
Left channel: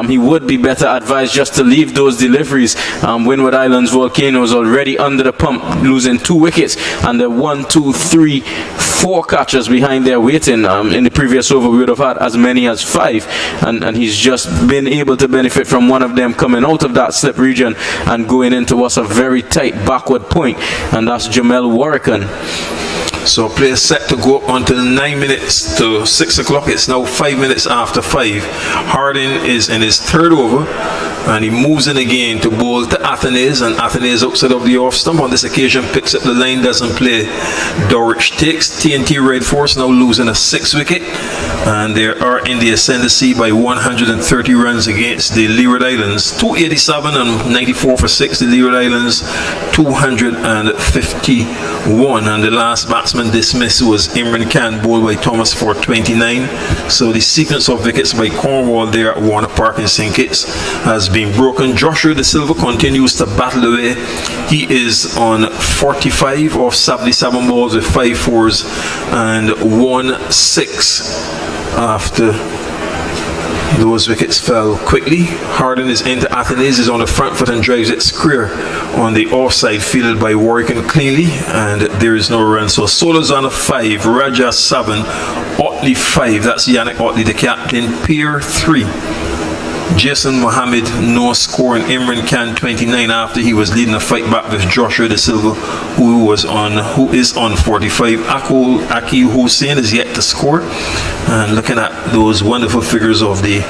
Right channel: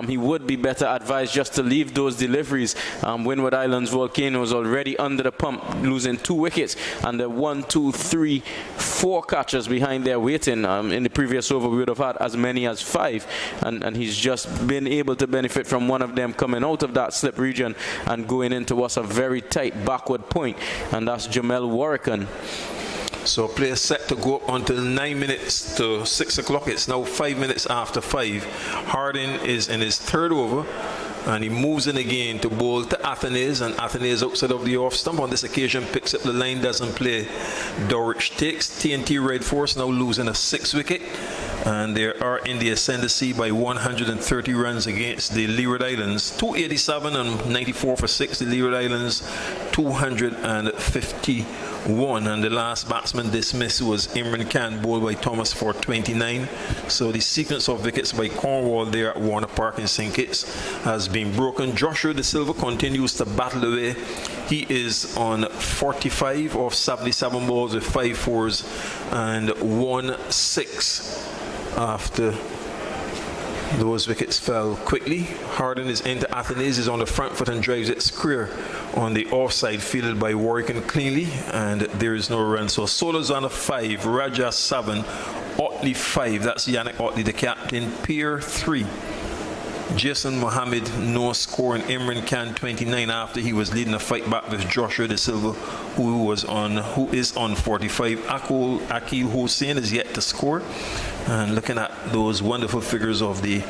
He would be better advised just to leave those deliveries. Windward Islands Volcanoes already under the pump, losing 2 wickets, and the 1, 2, 3, 4 catchers behind there waiting. In the previous over we would have had as many as 5, and he's just been able to benefit from one of them coming out of that slip region and going into us a very tight backward point, and that's Jamel Warrican. So play is set to go up until 9 minutes to 6 o'clock. It's now 5 minutes after 5. Harding is in his 3rd over, and he moves in again to bowl to Athenaeus, and Athenaeus outside of the off stump. On this occasion picks up the line, doesn't play. Dorwich takes. TNT Red Force now losing a 6th wicket, and they are in the ascendancy by 130 runs against the Leeward Islands. 287 and 94 for 6. The Leeward Islands 251, and the last batsman dismissed was Imran Khan, bowled by Thomas for 29. So the sequence of wickets by Cornwall there at Warner Park in St. Kitts has been broken. Joshua De Silva continues to battle away. He is on 45 of 77 balls with 5 fours and 1 6 after those wickets fell quickly. Harden is into Athenaeus, is on the front foot and drives it square on the offside, fielded by Warwick and cleanly, and there is no run. So Solozana 5, Raja 7, Otley 5, that's Yannick Otley the captain, Pierre 3. Jason Mohammed no score, and Imran Khan 29 after he was leading a fight back with Joshua De Silva, who is on 45. Aki Hussein is yet to score. And looking at those wonderful figures of the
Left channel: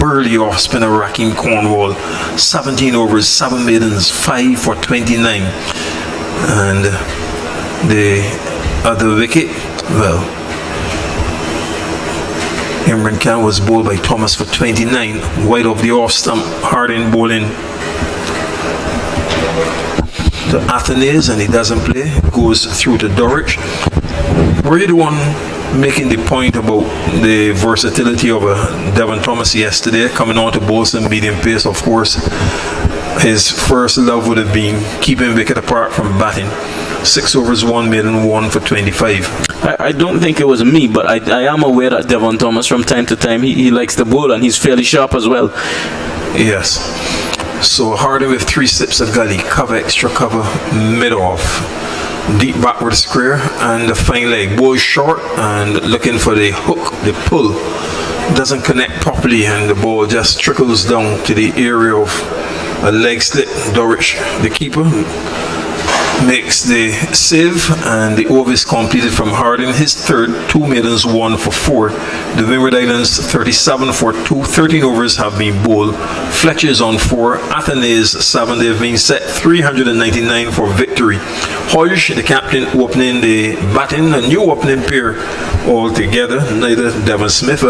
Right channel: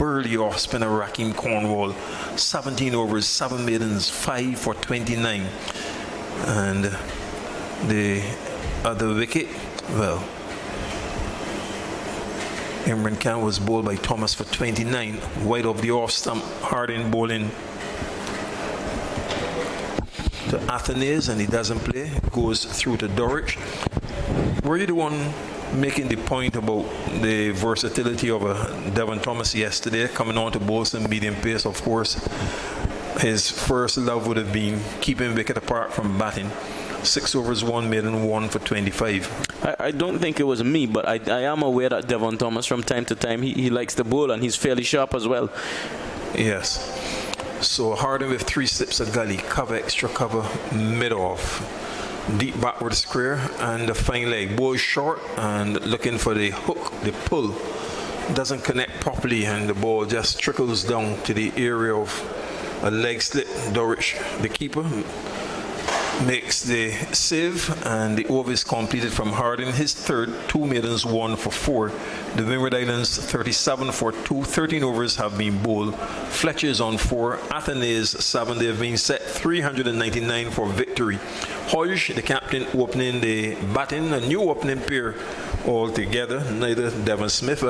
burly off spinner Raheem Cornwall, 17 overs, 7 maidens, 5 for 29. And the other wicket, well, Imran Khan was bowled by Thomas for 29, wide of the off stump. Harding bowling to Athenaeus, and he doesn't play, goes through to Dorwich. Were you the one making the point about the versatility of Devon Thomas yesterday, coming on to bowl some medium pace. Of course, his first love would have been keeping wicket apart from batting. 6 overs, 1 maiden, 1 for 25. I don't think it was me, but I am aware that Devon Thomas from time to time he likes the bowl, and he's fairly sharp as well. Yes. So Harding with 3 slips of gully, cover, extra cover, mid-off. Deep backward square and the fine leg. Ball short and looking for the hook, the pull. Doesn't connect properly and the ball just trickles down to the area of a leg slip. Dorich, the keeper, makes the save and the over is completed from Harding. His third, 2 maidens, 1 for 4. The Windward Islands 37 for 2. 13 overs have been bowled. Fletcher is on 4. Athenaeus 7. They've been set 399 for victory. Hodge, the captain, opening the batting. A new opening pair altogether. Neither Devon Smith,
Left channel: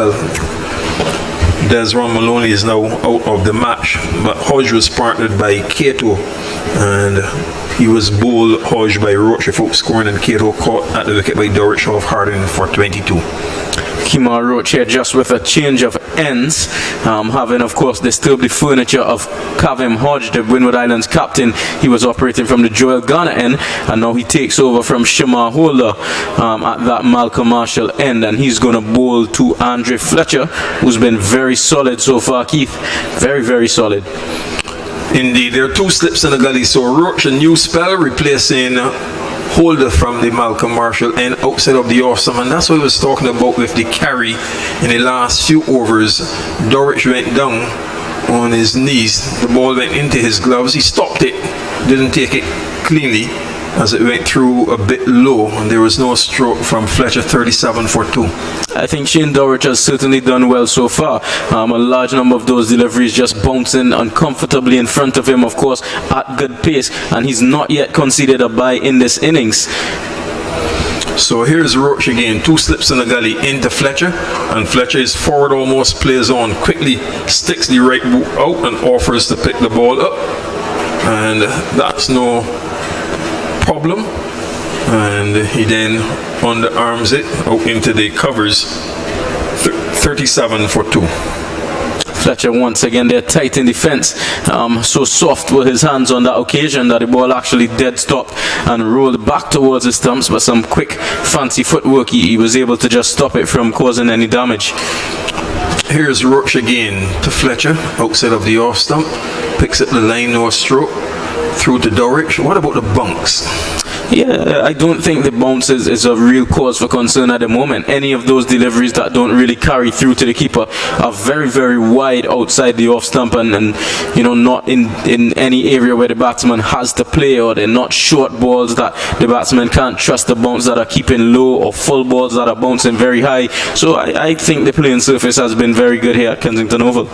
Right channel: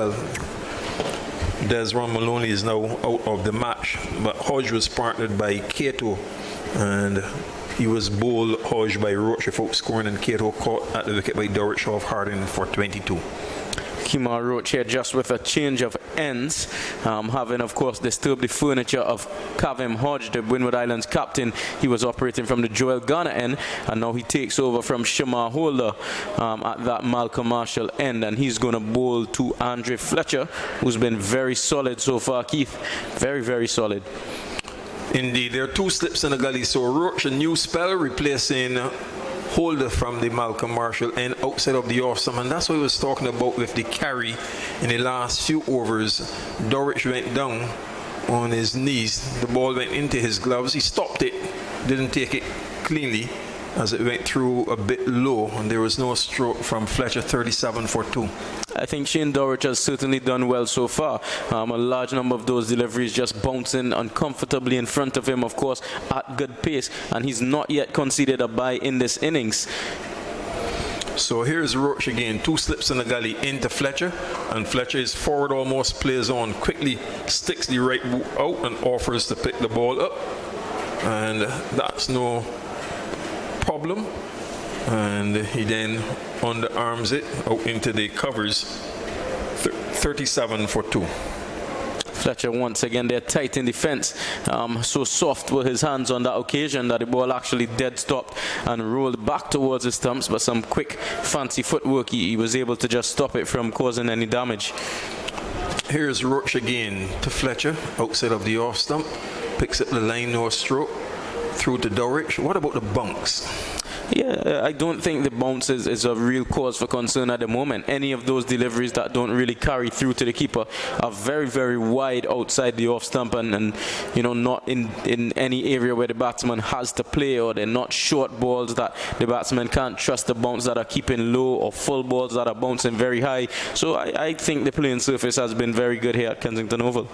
Desron Maloney is now out of the match, but Hodge was partnered by Cato, and he was bowled Hodge by Rochefort, scoring, and Cato caught at the wicket by Dorich of Harding for 22. Kemar Roach here just with a change of ends, having of course disturbed the furniture of Kavem Hodge, the Windward Islands captain. He was operating from the Joel Garner end, and now he takes over from Shamar Holder at that Malcolm Marshall end, and he's going to bowl to Andre Fletcher, who's been very solid so far, Keith. Very, very solid. Indeed, there are 2 slips in the gully, so Roach, a new spell, replacing Holder from the Malcolm Marshall end outside of the awesome, and that's what I was talking about with the carry in the last few overs. Dorich went down on his knees, the ball went into his gloves, he stopped it, didn't take it cleanly as it went through a bit low, and there was no stroke from Fletcher. 37 for 2. I think Shane Dorich has certainly done well so far. A large number of those deliveries just bouncing uncomfortably in front of him, of course, at good pace, and he's not yet conceded a bye in this innings. So here's Roach again, 2 slips in the gully into Fletcher, and Fletcher is forward, almost plays on, quickly sticks the right boot out and offers to pick the ball up, and that's no problem, and he then underarms it out into the covers. 37 for 2. Fletcher once again there tight in defense, so soft were his hands on that occasion that the ball actually dead stopped and rolled back towards his stumps, but some quick fancy footwork he was able to just stop it from causing any damage. Here's Roach again to Fletcher outside of the off stump, picks up the line, no stroke, through to Dorich. What about the bunks? Yeah, I don't think the bounce is a real cause for concern at the moment. Any of those deliveries that don't really carry through to the keeper are very, very wide outside the off stump, and you know, not in any area where the batsman has to play, or they're not short balls that the batsman can't trust the bounce that are keeping low, or full balls that are bouncing very high. So I think the playing surface has been very good here at Kensington Oval.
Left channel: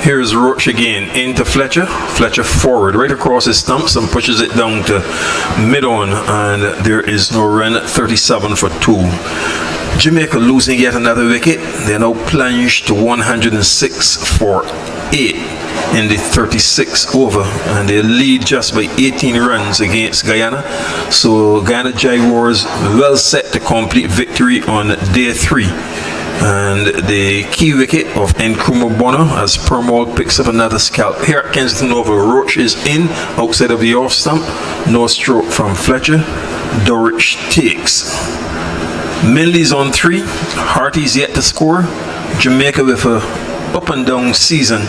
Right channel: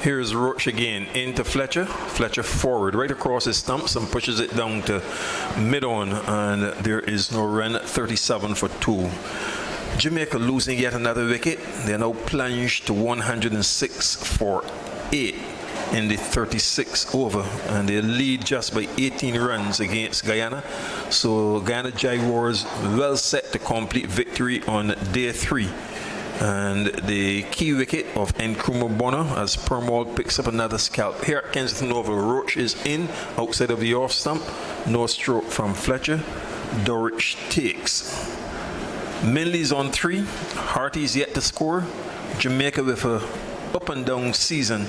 Here's Roach again into Fletcher. Fletcher forward, right across his stumps, and pushes it down to mid-on, and there is no run. 37 for 2. Jamaica losing yet another wicket. They're now plunged to 106 for 8 in the 36th over, and they lead just by 18 runs against Guyana. So Guyana Jaguars well set to complete victory on day 3. And the key wicket of Nkrumah Bonner as Permaul picks up another scalp. Here at Kensington Oval, Roach is in outside of the off stump. No stroke from Fletcher. Dorich takes. Minley's on 3. Harty's yet to score. Jamaica with a up and down season.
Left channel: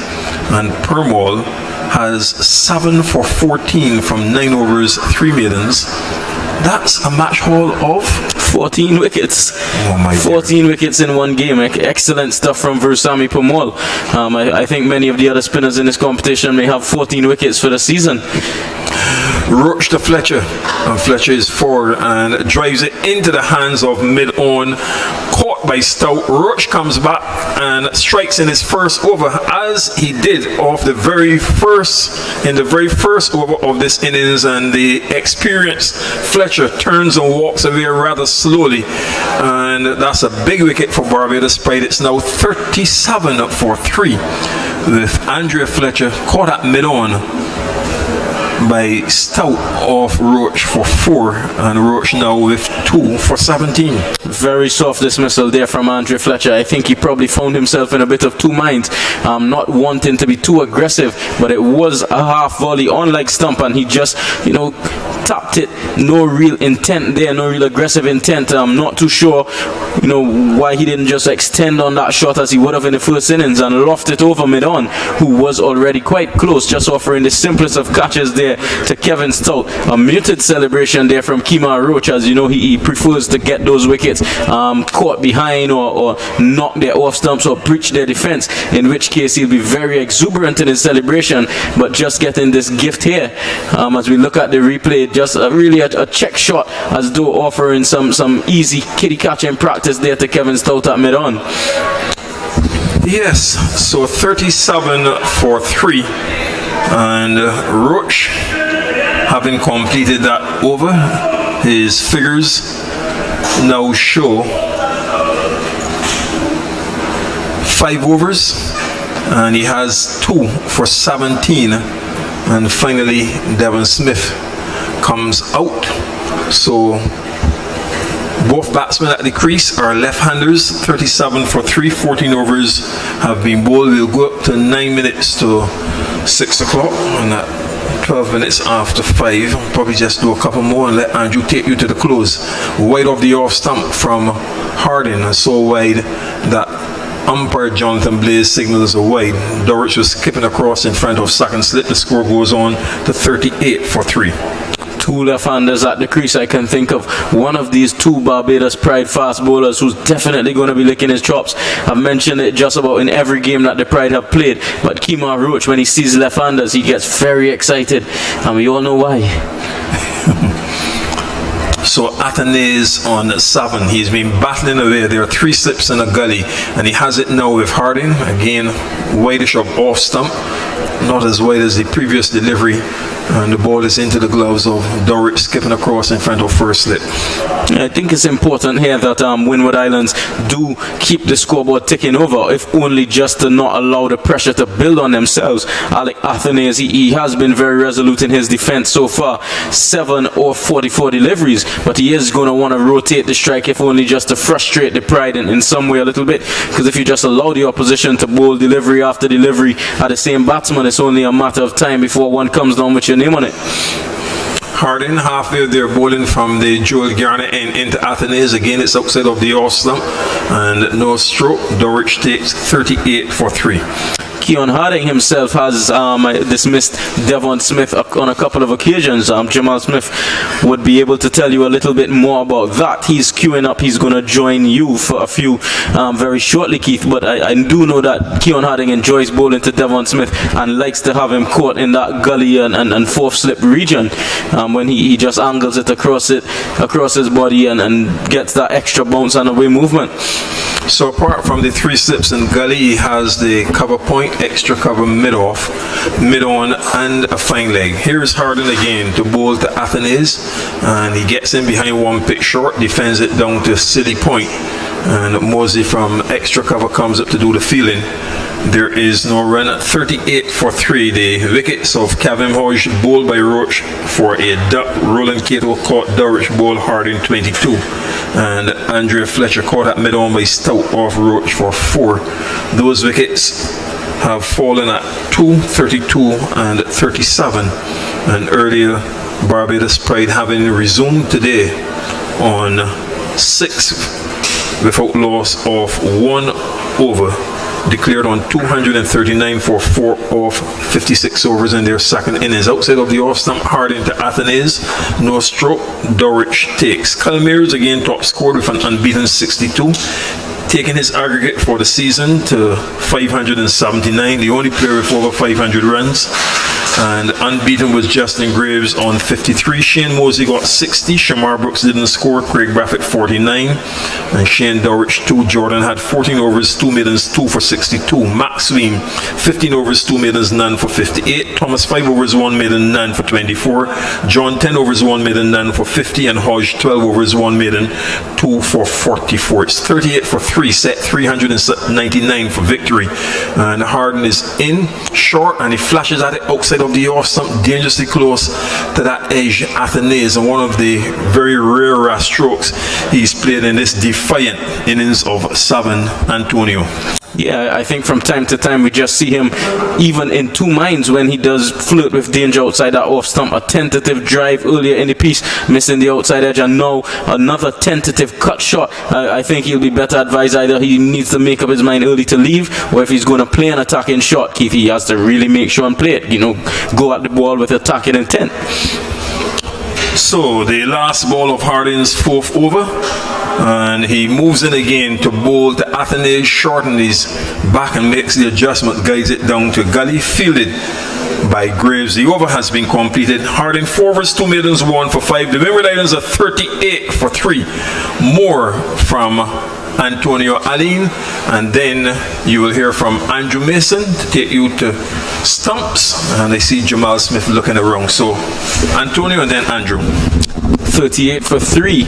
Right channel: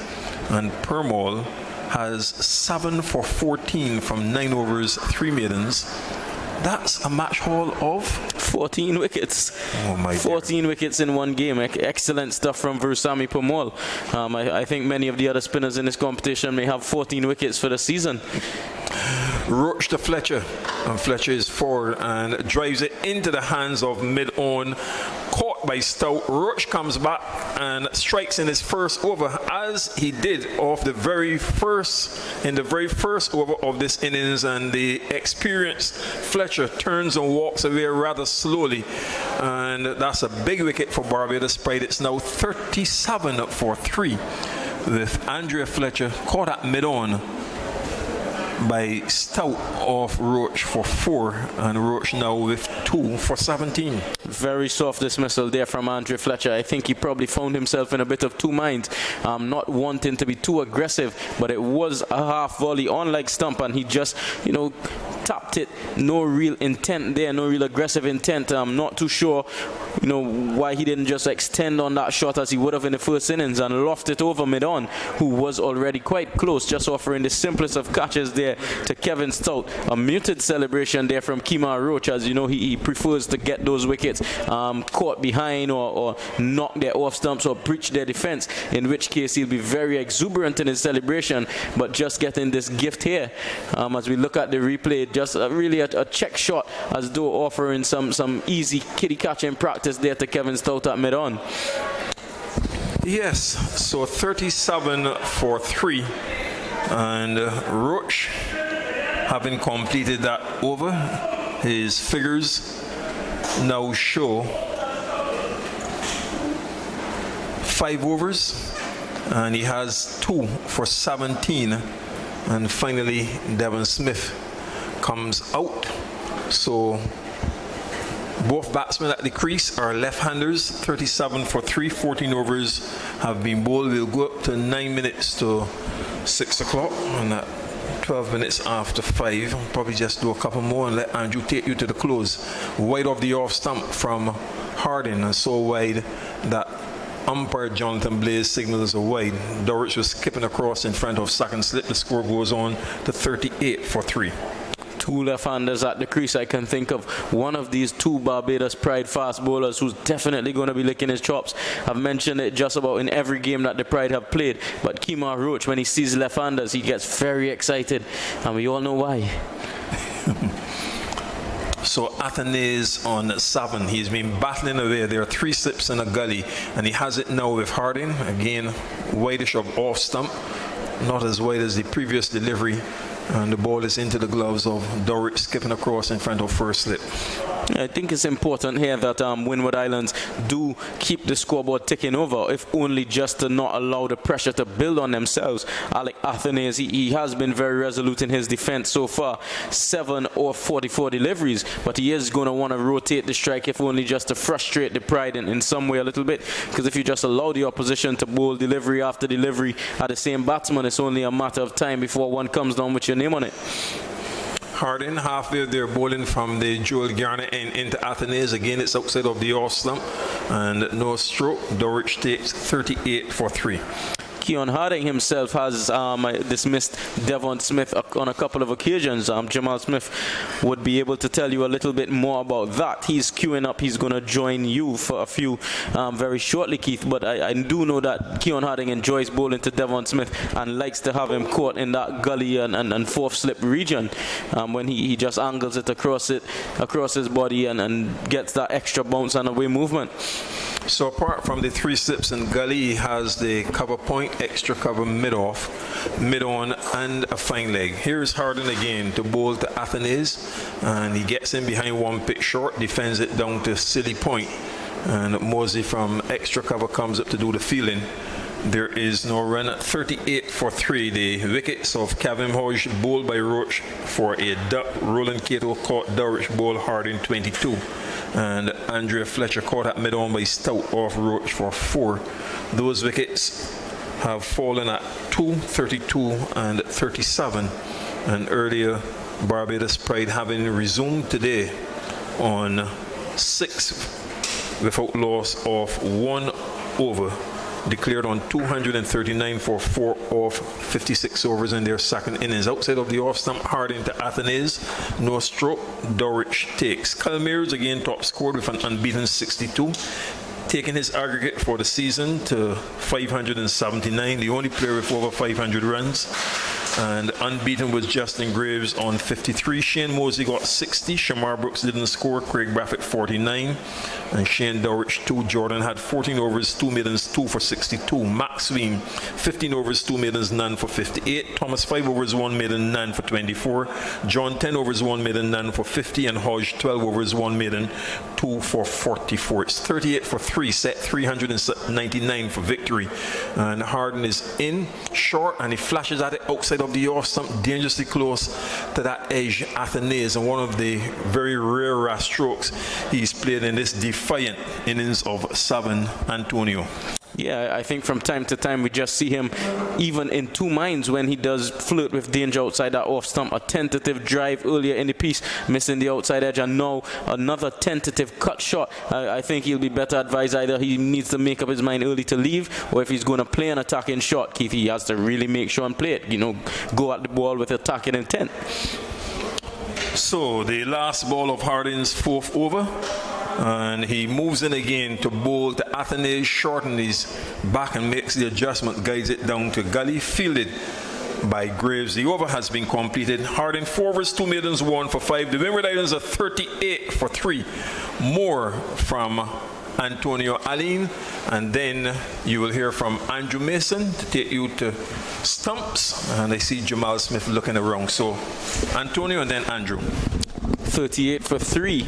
And Permaul has 7 for 14 from 9 overs, 3 maidens. That's a match haul of 14 wickets. Oh my 14 wickets in one game. Excellent stuff from Versamy Permaul. I think many of the other spinners in this competition may have 14 wickets for the season. Roach to Fletcher, and Fletcher is forward and drives it into the hands of mid-on, caught by Stout. Roach comes back and strikes in his first over, as he did in the very first over of this innings, and the experienced Fletcher turns and walks away rather slowly, and that's a big wicket for Barbados Pride. It's now 37 for 3 with Andrea Fletcher caught at mid-on. by Stout off Roach for 4, and Roach now with 2 for 17. Very soft dismissal there from Andre Fletcher. I think he probably found himself in a bit of two minds, not wanting to be too aggressive, but it was a half volley on leg stump, and he just, tapped it. No real intent there, no real aggressive intent. I'm not too sure, why he didn't just extend on that shot as he would have in the first innings and loft it over mid-on, who was already quite close, just offering the simplest of catches there to Kevin Stout. A muted celebration there from Kemar Roach, as he prefers to get those wickets caught behind or knock their off stumps or breach their defense, in which case he'll be very exuberant in his celebration. But just getting this gift here, as we look at the replay, just really a check shot, as though offering some easy kitty catching practice there to Kevin Stout at mid-on. Yes, so 37 for 3, and Roach, having completed that over, his figures now show 5 overs, and he has 2 for 17, and finally Devon Smith comes out. So both batsmen at the crease are left-handers. 37 for 3, 14 overs have been bowled. We'll go up to 9 minutes to 6 o'clock, and at 12 minutes after 5, I'll probably just do a couple more and let Andrew take you to the close. Wide of the off stump from Harding, and so wide that umpire Jonathan Blaze signals a wide. Dorrich was skipping across in front of second slip. The score goes on to 38 for 3. 2 left-handers at the crease. I can think of one of these 2 Barbados Pride fast bowlers who's definitely going to be licking his chops. I've mentioned it just about in every game that the Pride have played, but Kemar Roach, when he sees left-handers, he gets very excited, and we all know why. So Athanaze on 7. He's been battling away. There are 3 slips in a gully, and he has it now with Harding. Again, wideish of off stump, not as wide as the previous delivery, and the ball is into the gloves of Dorrich, skipping across in front of first slip. I think it's important here that Windward Islands do keep the scoreboard ticking over, if only just to not allow the pressure to build on themselves. Alec Athanaze, he has been very resolute in his defense so far. 7 or 44 deliveries, but he is going to want to rotate the strike, if only just to frustrate the Pride in some way a little bit, because if you just allow the opposition to bowl delivery after delivery at the same batsman, it's only a matter of time before one comes down with your name on it. Harding halfway there, bowling from the Joel Garner end into Athanaze. Again, it's outside of the off stump and no stroke. Dorrich takes 38 for 3. Keon Harding himself has dismissed Devon Smith on a couple of occasions. Jamal Smith would be able to tell you a little bit more about that. He's queuing up. He's going to join you for a few very shortly, Keith. But I do know that Keon Harding enjoys bowling to Devon Smith and likes to have him caught in that gully and fourth slip region when he just angles it across his body and gets that extra bounce and away movement. So apart from the 3 slips in gully, he has the cover point, extra cover mid-off, mid-on, and a fine leg. Here's Harding again to bowl to Athanaze, and he gets in behind 1 pitch short, defends it down to silly point, and Mosey from extra cover comes up to do the fielding. There is no run at 38 for 3. The wickets of Kevin Hodge bowled by Roach for a duck. Roland Cato caught Dorrich, bowled Harding 22. And Andrea Fletcher caught at mid-on by Stout off Roach for 4. Those wickets have fallen at 2, 32 and 37. And earlier, Barbados Pride having resumed today on 6 without loss of 1 over. Declared on 239 for 4 off 56 overs in their second innings. Outside of the off stump, Harding to Athanaze, no stroke. Dorrich takes. Calmeers again top scored with an unbeaten 62, taking his aggregate for the season to 579, the only player with over 500 runs. And unbeaten was Justin Graves on 53. Shane Mosey got 60. Shamar Brooks didn't score. Craig Braffett 49. And Shane Dorrich 2. Jordan had 14 overs, 2 maidens, 2 for 62. Max Sween 15 overs, 2 maidens, none for 58. Thomas 5 overs, 1 maiden, none for 24. John 10 overs, 1 maiden, none for 50. And Hodge 12 overs, 1 maiden, 2 for 44. It's 38 for 3. Set 399 for victory. And Harding is in short, and he flashes at it outside of the off stump, dangerously close to that edge, Athenaeus, and one of the very rare strokes he's played in this defiant innings of San Antonio. Yeah, I think from time to time we just see him even in two minds when he does flirt with danger outside that off stump. A tentative drive earlier in the piece, missing the outside edge, and now another tentative cut shot. I think he'll be better advised either he needs to make up his mind early to leave, or if he's going to play an attacking shot, Keith, he has to really make sure and play it. You know, go at the ball with attacking intent. So the last ball of Harding's fourth over, and he moves in again to bowl to Athenaeus, shorten his back and makes the adjustment, guides it down to gully, fielded by Graves. The over has been completed. Harding 4 overs, 2 maidens, 1 for 5. The Windward Islands are 38 for 3. More from Antonio Aline, and then you will hear from Andrew Mason to take you to stumps, and I see Jamal Smith looking around. So Antonio and then Andrew. 38 for 3.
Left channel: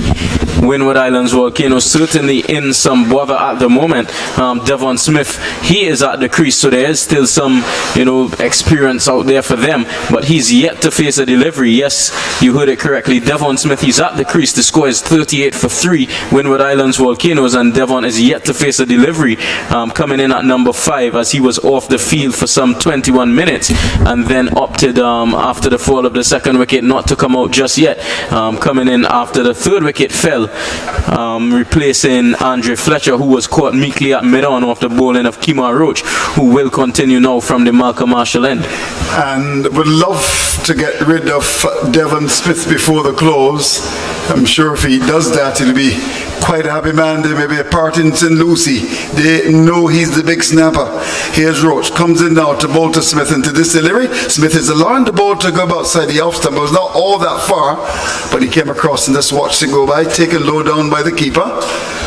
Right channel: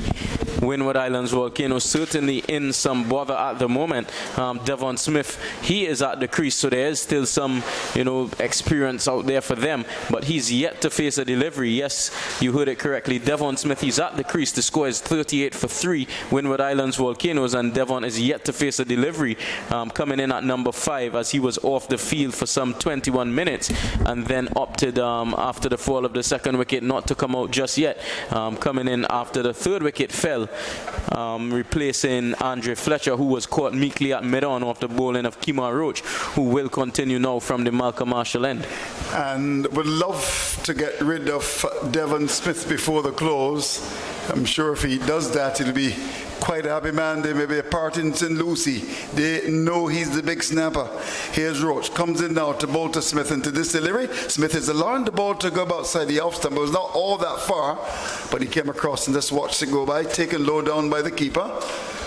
Windward Islands Volcanoes certainly in some bother at the moment. Devon Smith, he is at the crease, so there is still some, experience out there for them, but he's yet to face a delivery. Yes, you heard it correctly. Devon Smith, he's at the crease. The score is 38 for 3. Windward Islands Volcanoes, and Devon is yet to face a delivery, coming in at number 5 as he was off the field for some 21 minutes and then opted after the fall of the second wicket not to come out just yet. Coming in after the third wicket fell, replacing Andre Fletcher, who was caught meekly at mid-on off the bowling of Kemar Roach, who will continue now from the Malcolm Marshall end. And would love to get rid of Devon Smith before the close. I'm sure if he does that, he'll be quite a happy man. There may be a part in St. Lucie. They know he's the big snapper. Here's Roach, comes in now to bowl to Smith into this delivery. Smith is allowing the ball to go outside the off stump. It was not all that far, but he came across and just watched it go by, taken low down by the keeper.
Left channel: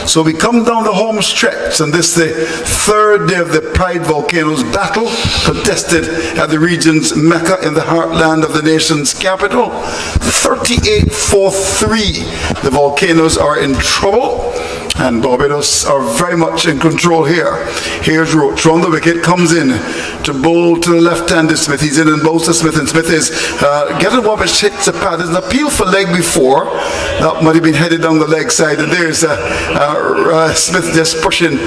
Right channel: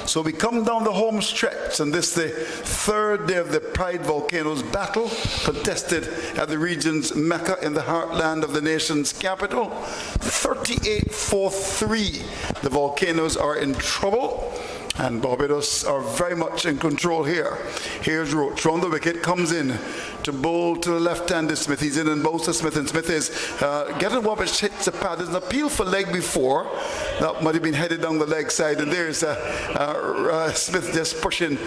So we come down the home stretch, and this the third day of the Pride Volcanoes battle, contested at the region's Mecca in the heartland of the nation's capital. 38 for 3. The Volcanoes are in trouble, and Barbados are very much in control here. Here's Roach on the wicket, comes in to bowl to the left-handed Smith. He's in and bowls to Smith, and Smith is getting Wabish hits the pad. There's an appeal for leg before. That might have been headed down the leg side, and there's Smith just pushing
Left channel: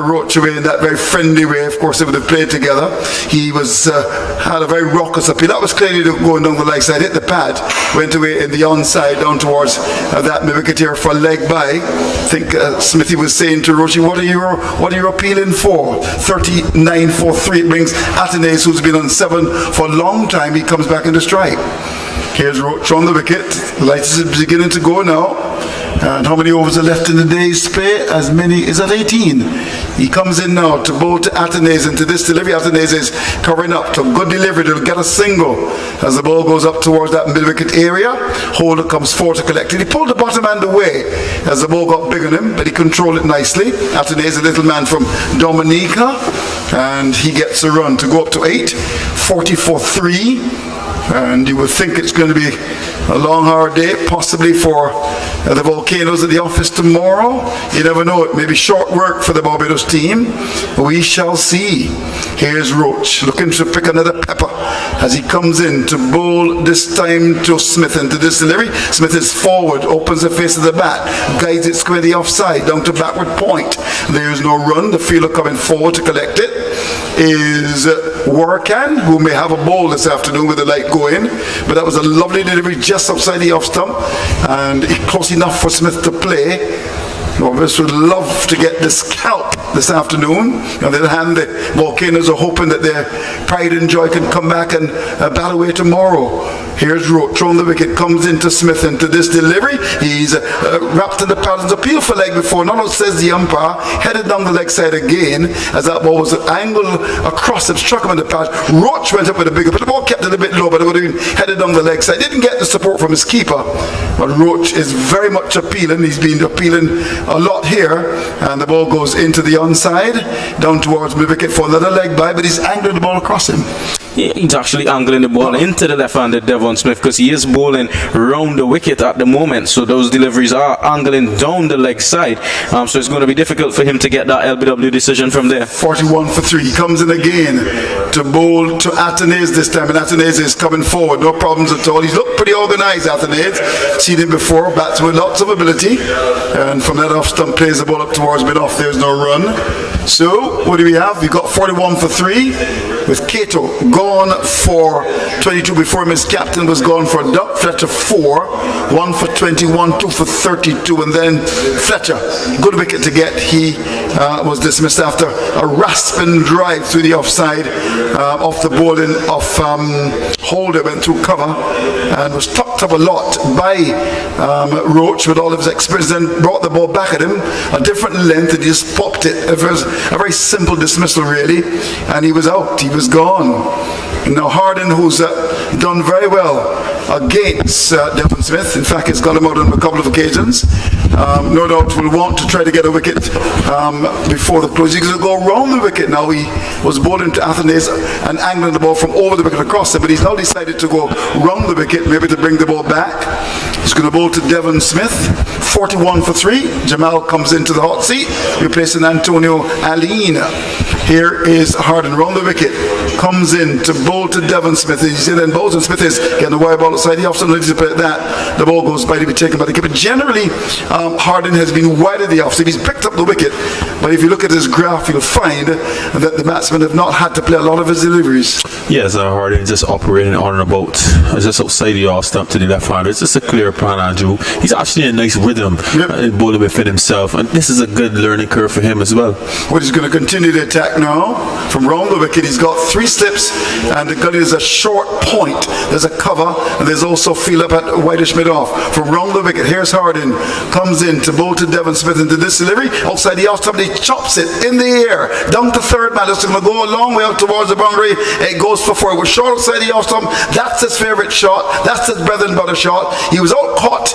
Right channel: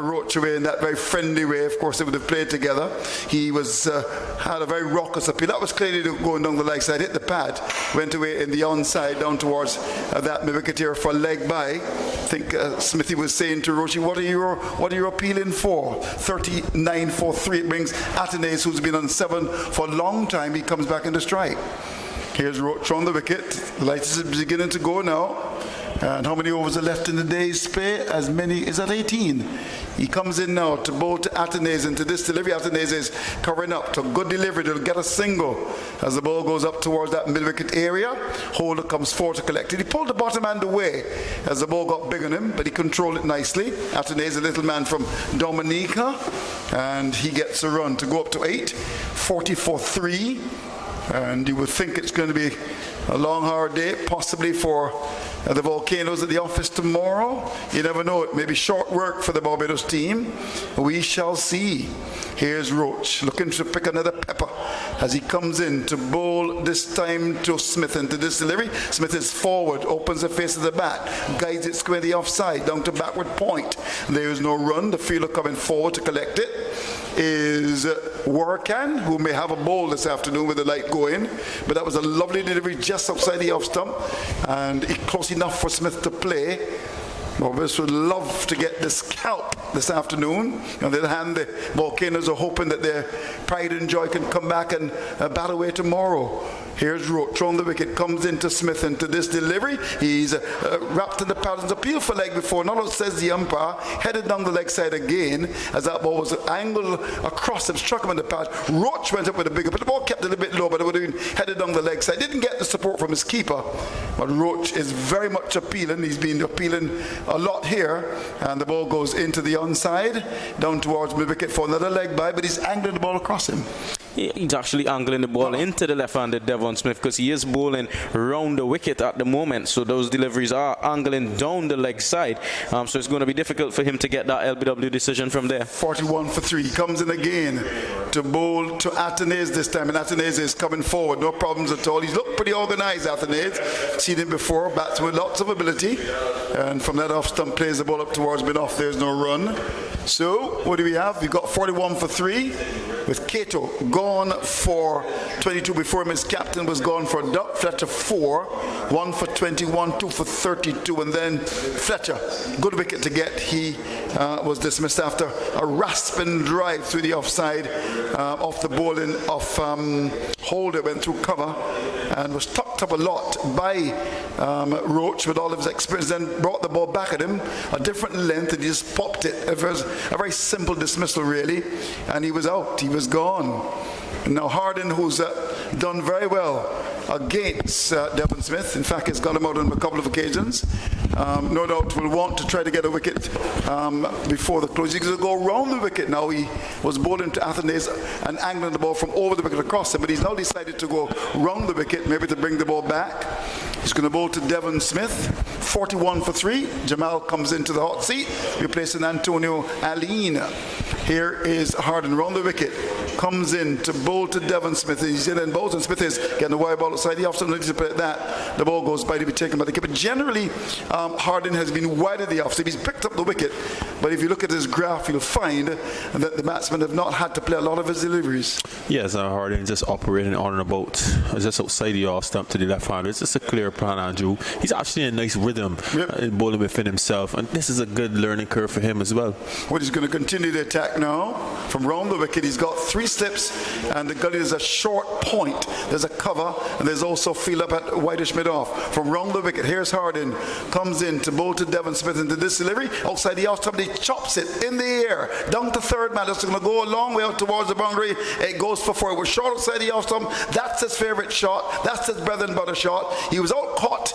Roach away in that very friendly way. Of course, they would have played together. He was had a very raucous appeal. That was clearly going down the leg side, hit the pad, went away in the onside down towards that wicket here for leg by. I think Smithy was saying to Roach, what are you appealing for? 39 for 3. It brings Athenaeus, who's been on 7 for a long time. He comes back into strike. Here's Roach on the wicket. The lights is beginning to go now. And how many overs are left in the day's play? As many, is that 18? He comes in now to bowl to Athenaeus into this delivery. Athenaeus is covering up to a good delivery. They'll get a single as the ball goes up towards that mid-wicket area. Holder comes forward to collect it. He pulled the bottom hand away as the ball got big on him, but he controlled it nicely. Athenaeus, a little man from Dominica, and he gets a run to go up to 8. 40-3. And you would think it's going to be a long, hard day, possibly for the Volcanoes at the office tomorrow. You never know, it may be short work for the Barbados team. We shall see. Here's Roach, looking to pick another pepper as he comes in to bowl this time to Smith into this delivery. Smith is forward, opens the face of the bat, guides it squarely offside, down to backward point. There's no run. The fielder coming forward to collect it is Warkan, who may have a bowl this afternoon with the light going, but that was a lovely delivery just outside the off stump and close enough for Smith to play. Barbados would love to get this scalp this afternoon. On the other hand, the Volcanoes are hoping that their pride and joy can come back and bat away tomorrow. Here's Roach on the wicket, comes into Smith into this delivery. He's wrapped in the paddles, appeal for leg before. No, says the umpire, headed down the leg side again as that ball was angled across him, struck him in the pad. Roach went up with a bigger, but the ball kept it a bit low, but it would have been headed down the leg side. Didn't get the support from his keeper, but Roach is very much appealing. He's been appealing a lot here, and the ball goes into the onside, down towards mid-wicket for another leg by, but he's angling the ball across him. Yeah, he's actually angling the ball into the left-handed Devon Smith because he is bowling round the wicket at the moment, so those deliveries are angling down the leg side, so it's going to be difficult for him to get that LBW decision from there. 41 for 3. He comes in again to bowl to Athenaeus this time, and Athenaeus is coming forward, no problems at all. He's looked pretty organized, Athenaeus. Seen him before, bats with lots of ability, and from that off stump plays the ball up towards mid-off. There's no run. So what do we have? We've got 41 for 3, with Cato gone for 22 before him. His captain was gone for Duck. Fletcher 4, 1 for 21, 2 for 32, and then Fletcher, good wicket to get. He was dismissed after a rasping drive through the offside, off the bowling of Holder, went through cover and was tucked up a lot by Roach with all of his experience, then brought the ball back at him a different length and he just popped it. It was a very simple dismissal really, and he was out, he was gone. Now Hardin, who's done very well against Devon Smith, in fact he's got him out on a couple of occasions, no doubt will want to try to get a wicket before the close. He's going to go around the wicket now. He was bowling to Athenaeus and angling the ball from over the wicket across it, but he's now decided to go round the wicket, maybe to bring the ball back. He's going to bowl to Devon Smith, 41 for 3. Jamal comes into the hot seat, replacing Antonio Aline. Here is Hardin round the wicket, comes in to bowl to Devon Smith. He's in and bowls, and Smith is getting the wire ball outside. He often lets it that. The ball goes by to be taken by the keeper. Generally, Hardin has been wide of the offside. He's picked up the wicket, but if you look at his graph, you'll find that the batsmen have not had to play a lot of his deliveries. Yes, Hardin just operating on and about, just outside the off stump to the left hander. It's just a clear plan, Andrew. He's actually in a nice rhythm, bowling within himself, and this is a good learning curve for him as well. Well, he's going to continue the attack now from round the wicket. He's got 3 slips, and the gully is a short point. There's a cover, and there's also field up at whitish mid-off. From round the wicket, here's Hardin, comes in to bowl to Devon Smith into this delivery. Outside the off stump, he chops it in the air, down to third man. It's going to go a long way out towards the boundary. It goes for 4. It was short outside the off stump. That's his favourite shot. That's his bread and butter shot. He was out caught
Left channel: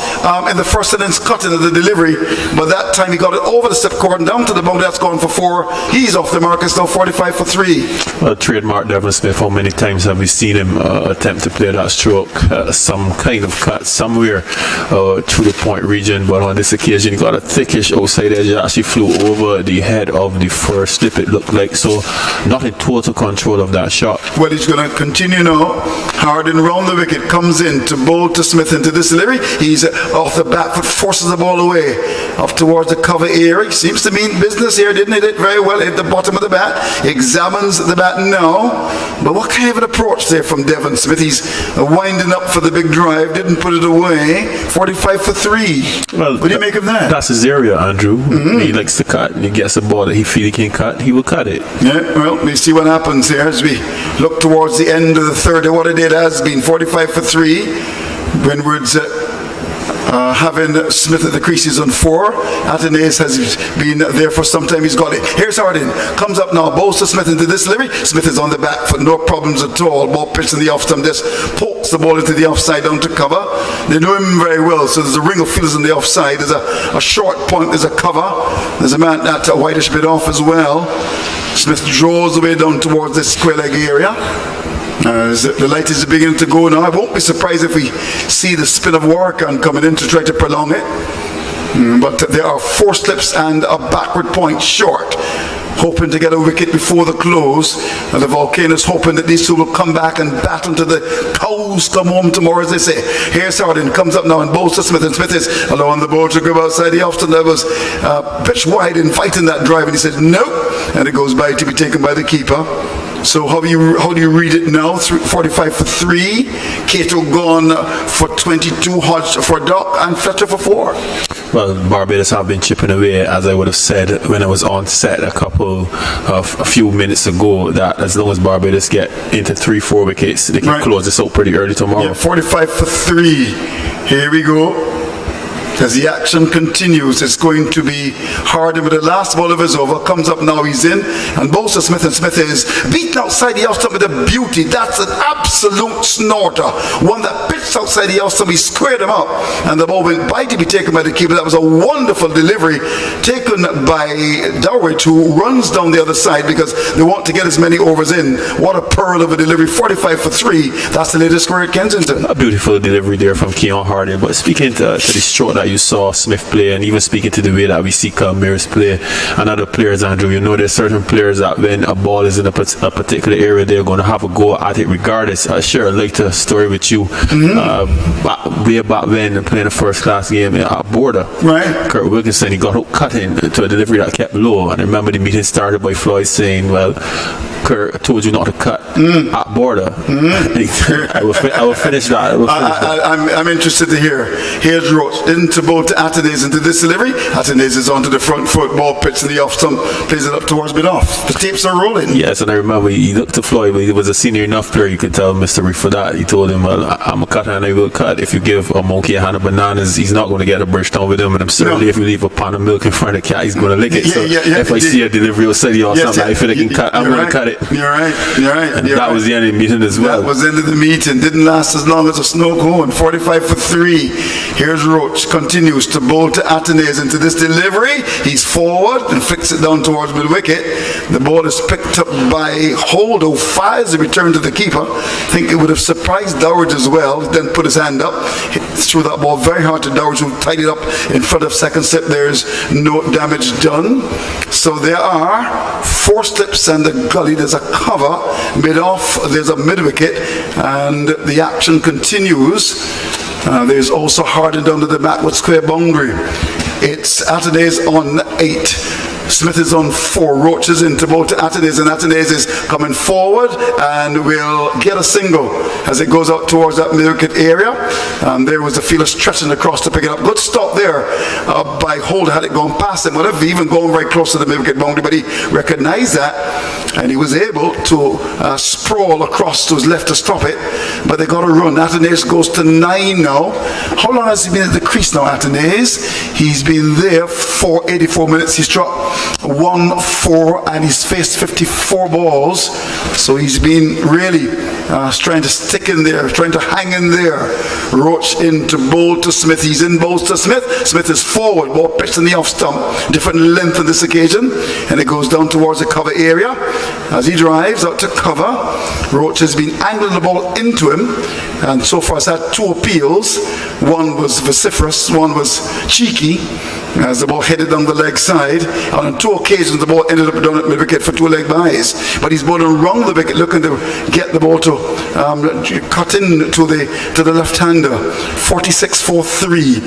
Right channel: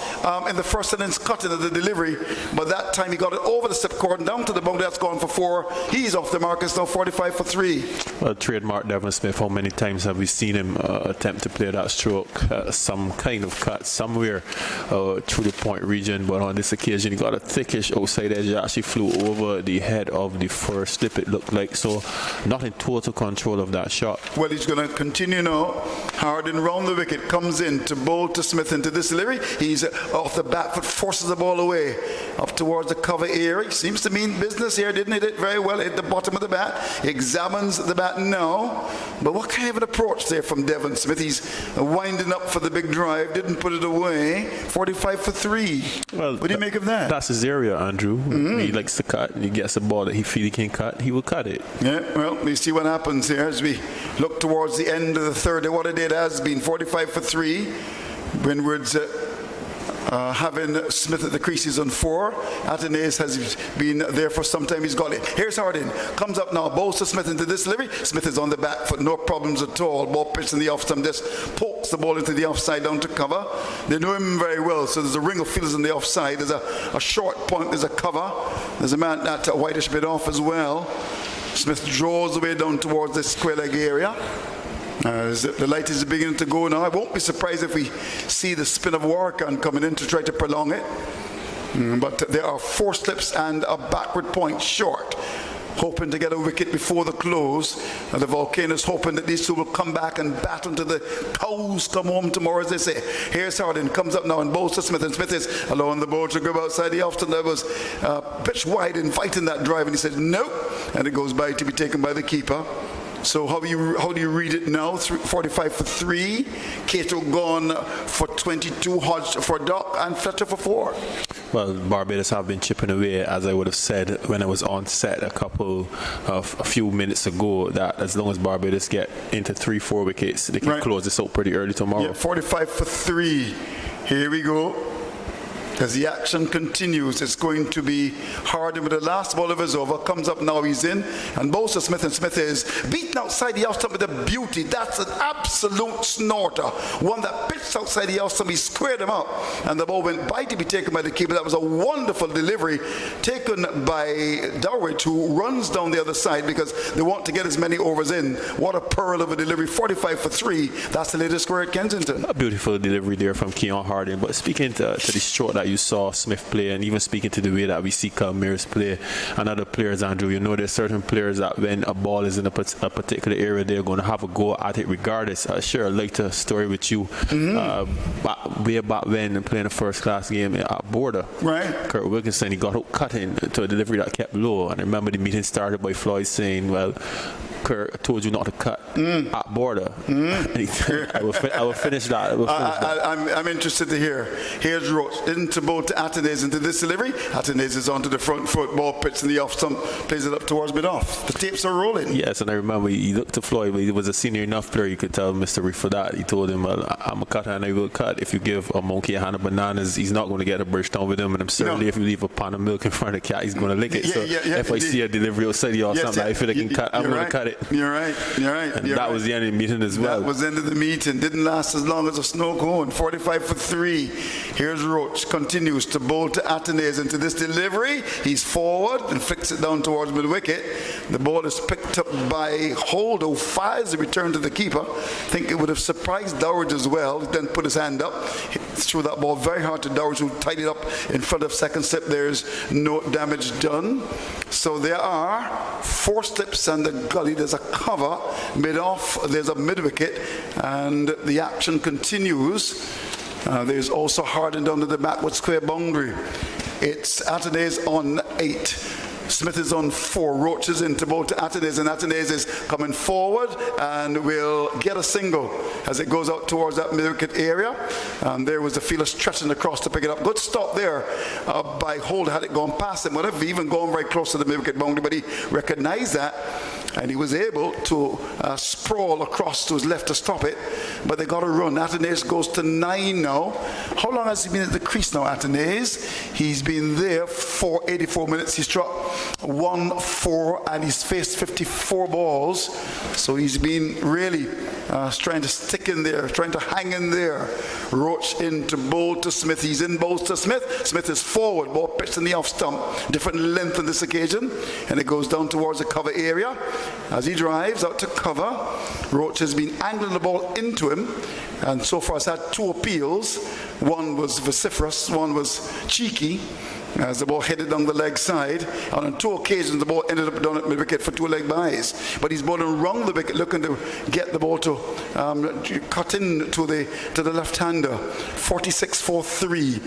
in the first innings cutting of the delivery, but that time he got it over the slip cord and down to the boundary. That's gone for 4. He's off the mark. It's now 45 for 3. Well, trademark Devon Smith. How many times have we seen him attempt to play that stroke, some kind of cut somewhere through the point region, but on this occasion he got a thickish outside edge that actually flew over the head of the first slip, it looked like, so not in total control of that shot. Well, he's going to continue now. Hardin round the wicket, comes in to bowl to Smith into this delivery. He's off the back foot, forces the ball away up towards the cover area. He seems to mean business here, didn't hit it very well, hit the bottom of the bat. He examines the bat now, but what kind of an approach there from Devon Smith? He's winding up for the big drive, didn't put it away. 45 for 3. Well, what do you make of that? That's his area, Andrew. He likes to cut. He gets a ball that he feels he can cut, he will cut it. Yeah, well, we see what happens here as we look towards the end of the third. What it has been 45 for 3. Windward's having Smith at the creases on 4. Athenaeus has been there for some time. He's got it. Here's Hardin. Comes up now. Bowls to Smith into this delivery. Smith is on the back foot. No problems at all. Ball pitched in the off stump. Just pokes the ball into the offside down to cover. They know him very well. So there's a ring of fielders on the offside. There's a short point. There's a cover. There's a man at a whitish bit off as well. Smith draws the way down towards this square leg area. The light is beginning to go now. I won't be surprised if we see the spin of Warkan coming in to try to prolong it. But there are 4 slips and a backward point short, hoping to get a wicket before the close. And the Volcanoes hoping that these two will come back and bat until the cows come home tomorrow, as they say. Here's Hardin, comes up now and bowls to Smith, and Smith is allowing the ball to go outside the off stump. That was pitched wide in fighting that drive, and he said no, and it goes by to be taken by the keeper. So how do you read it now? 45 for 3. Cato gone for 22. Hodge for Doc, and Fletcher for 4. Well, Barbados have been chipping away, as I would have said when I was on set a few minutes ago, that as long as Barbados get into 3-4 wickets, they can close this out pretty early tomorrow. Yeah, 45 for 3. Here we go. As the action continues, it's going to be Hardin with the last ball of his over. Comes up now, he's in, and bowls to Smith, and Smith is beaten outside the off stump with a beauty. That's an absolute snorter. One that pitched outside the off stump, he squared him up, and the ball went by to be taken by the keeper. That was a wonderful delivery taken by Dowridge, who runs down the other side because they want to get as many overs in. What a pearl of a delivery. 45 for 3. That's the latest score at Kensington. A beautiful delivery there from Keon Hardin. But speaking to the stroke that that you saw Smith play, and even speaking to the way that we see Calmeres play and other players, Andrew, you know there's certain players that when a ball is in a particular area, they're going to have a go at it regardless. I share a later story with you. Way back when, playing a first-class game at Border. Right. Kurt Wilkinson, he got cut in to a delivery that kept low, and I remember the meeting started by Floyd saying, well, Kurt told you not to cut at Border. I will finish that. I'm interested to hear. Here's Roach into both Atenes into this delivery. Atenes is onto the front foot, ball pitch in the off stump, plays it up towards mid-off. The tapes are rolling. Yes, and I remember he looked to Floyd, but he was a senior enough player, you could tell Mr. Reef for that. He told him, well, I'm a cutter and I will cut. If you give a monkey a hand of bananas, he's not going to get a brush down with him, and I'm certainly if you leave a pound of milk in front of the cat, he's going to lick it. If I see a delivery or city or something, I feel like he can cut, I'm going to cut it. You're right. And that was the end of the meeting as well. That was the end of the meeting. Didn't last as long as a snow cone. 45 for 3. Here's Roach. Continues to bowl to Atenes into this delivery. He's forward and flicks it down towards mid-wicket. The ball is picked up by Holdo. Fires the return to the keeper. I think it would have surprised Dowridge as well. Then put his hand up. Threw that ball very hard to Dowridge, who tied it up in front of second slip. There's no damage done. So there are 4 slips and a gully. There's a cover mid-off. There's a mid-wicket. And the action continues. There's also hardened under the backward square boundary. It's Atenes on 8. Smith is on 4. Roach is into both Atenes, and Atenes is coming forward and will get a single as it goes out towards that mid-wicket area. And there was the fielder stretching across to pick it up. Good stop there by Holder. Had it gone past him, would have even gone very close to the mid-wicket boundary, but he recognized that and he was able to sprawl across to his left to stop it. But they got a run. Atenes goes to 9 now. How long has he been at the crease now, Atenes? He's been there for 84 minutes. He's struck 1-4 and he's faced 54 balls. So he's been really trying to stick in there, trying to hang in there. Roach into bowl to Smith. He's in bowls to Smith. Smith is forward, ball pitched in the off stump. Different length on this occasion. And it goes down towards the cover area. As he drives out to cover, Roach has been angling the ball into him. And so far has had 2 appeals. One was vociferous, one was cheeky, as the ball headed down the leg side. And on 2 occasions the ball ended up down at mid-wicket for 2 leg byes. But he's bowling around the wicket, looking to get the ball to cut in to the left-hander. 46 for 3.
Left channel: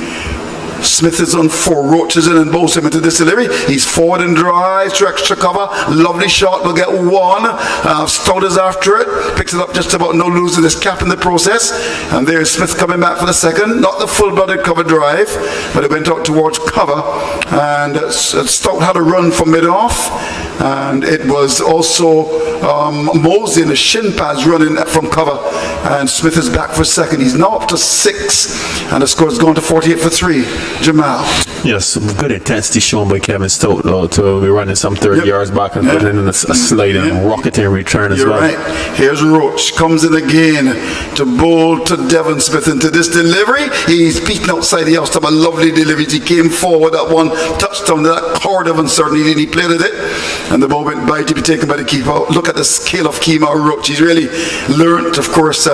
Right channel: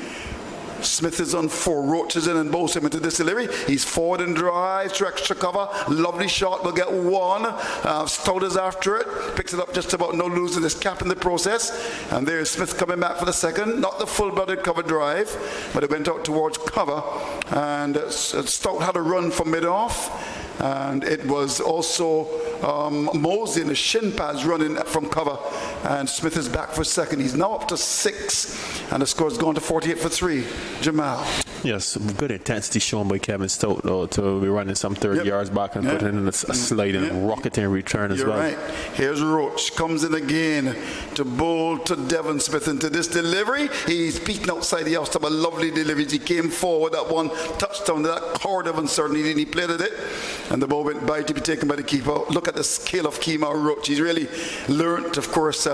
Smith is on 4. Roach is in and bowls him into this delivery. He's forward and drives to extra cover. Lovely shot. Will get 1. Stout is after it. Picks it up just about, no losing his cap in the process. And there's Smith coming back for the second. Not the full-blooded cover drive, but it went out towards cover. And Stout had a run from mid-off. And it was also Mosey and the shin pads running from cover. And Smith is back for second. He's now up to 6. And the score's gone to 48 for 3. Jamal. Yes, some good intensity shown by Kevin Stout, though, to be running some 30 yards back and putting in a slide and rocketing return as well. You're right. Here's Roach. Comes in again to bowl to Devon Smith into this delivery. He's beaten outside the house. A lovely delivery. He came forward at 1 touchdown. That cord of uncertainty, and he played at it. And the ball went by to be taken by the keeper. Look at the scale of Kemar Roach. He's really learnt, of course,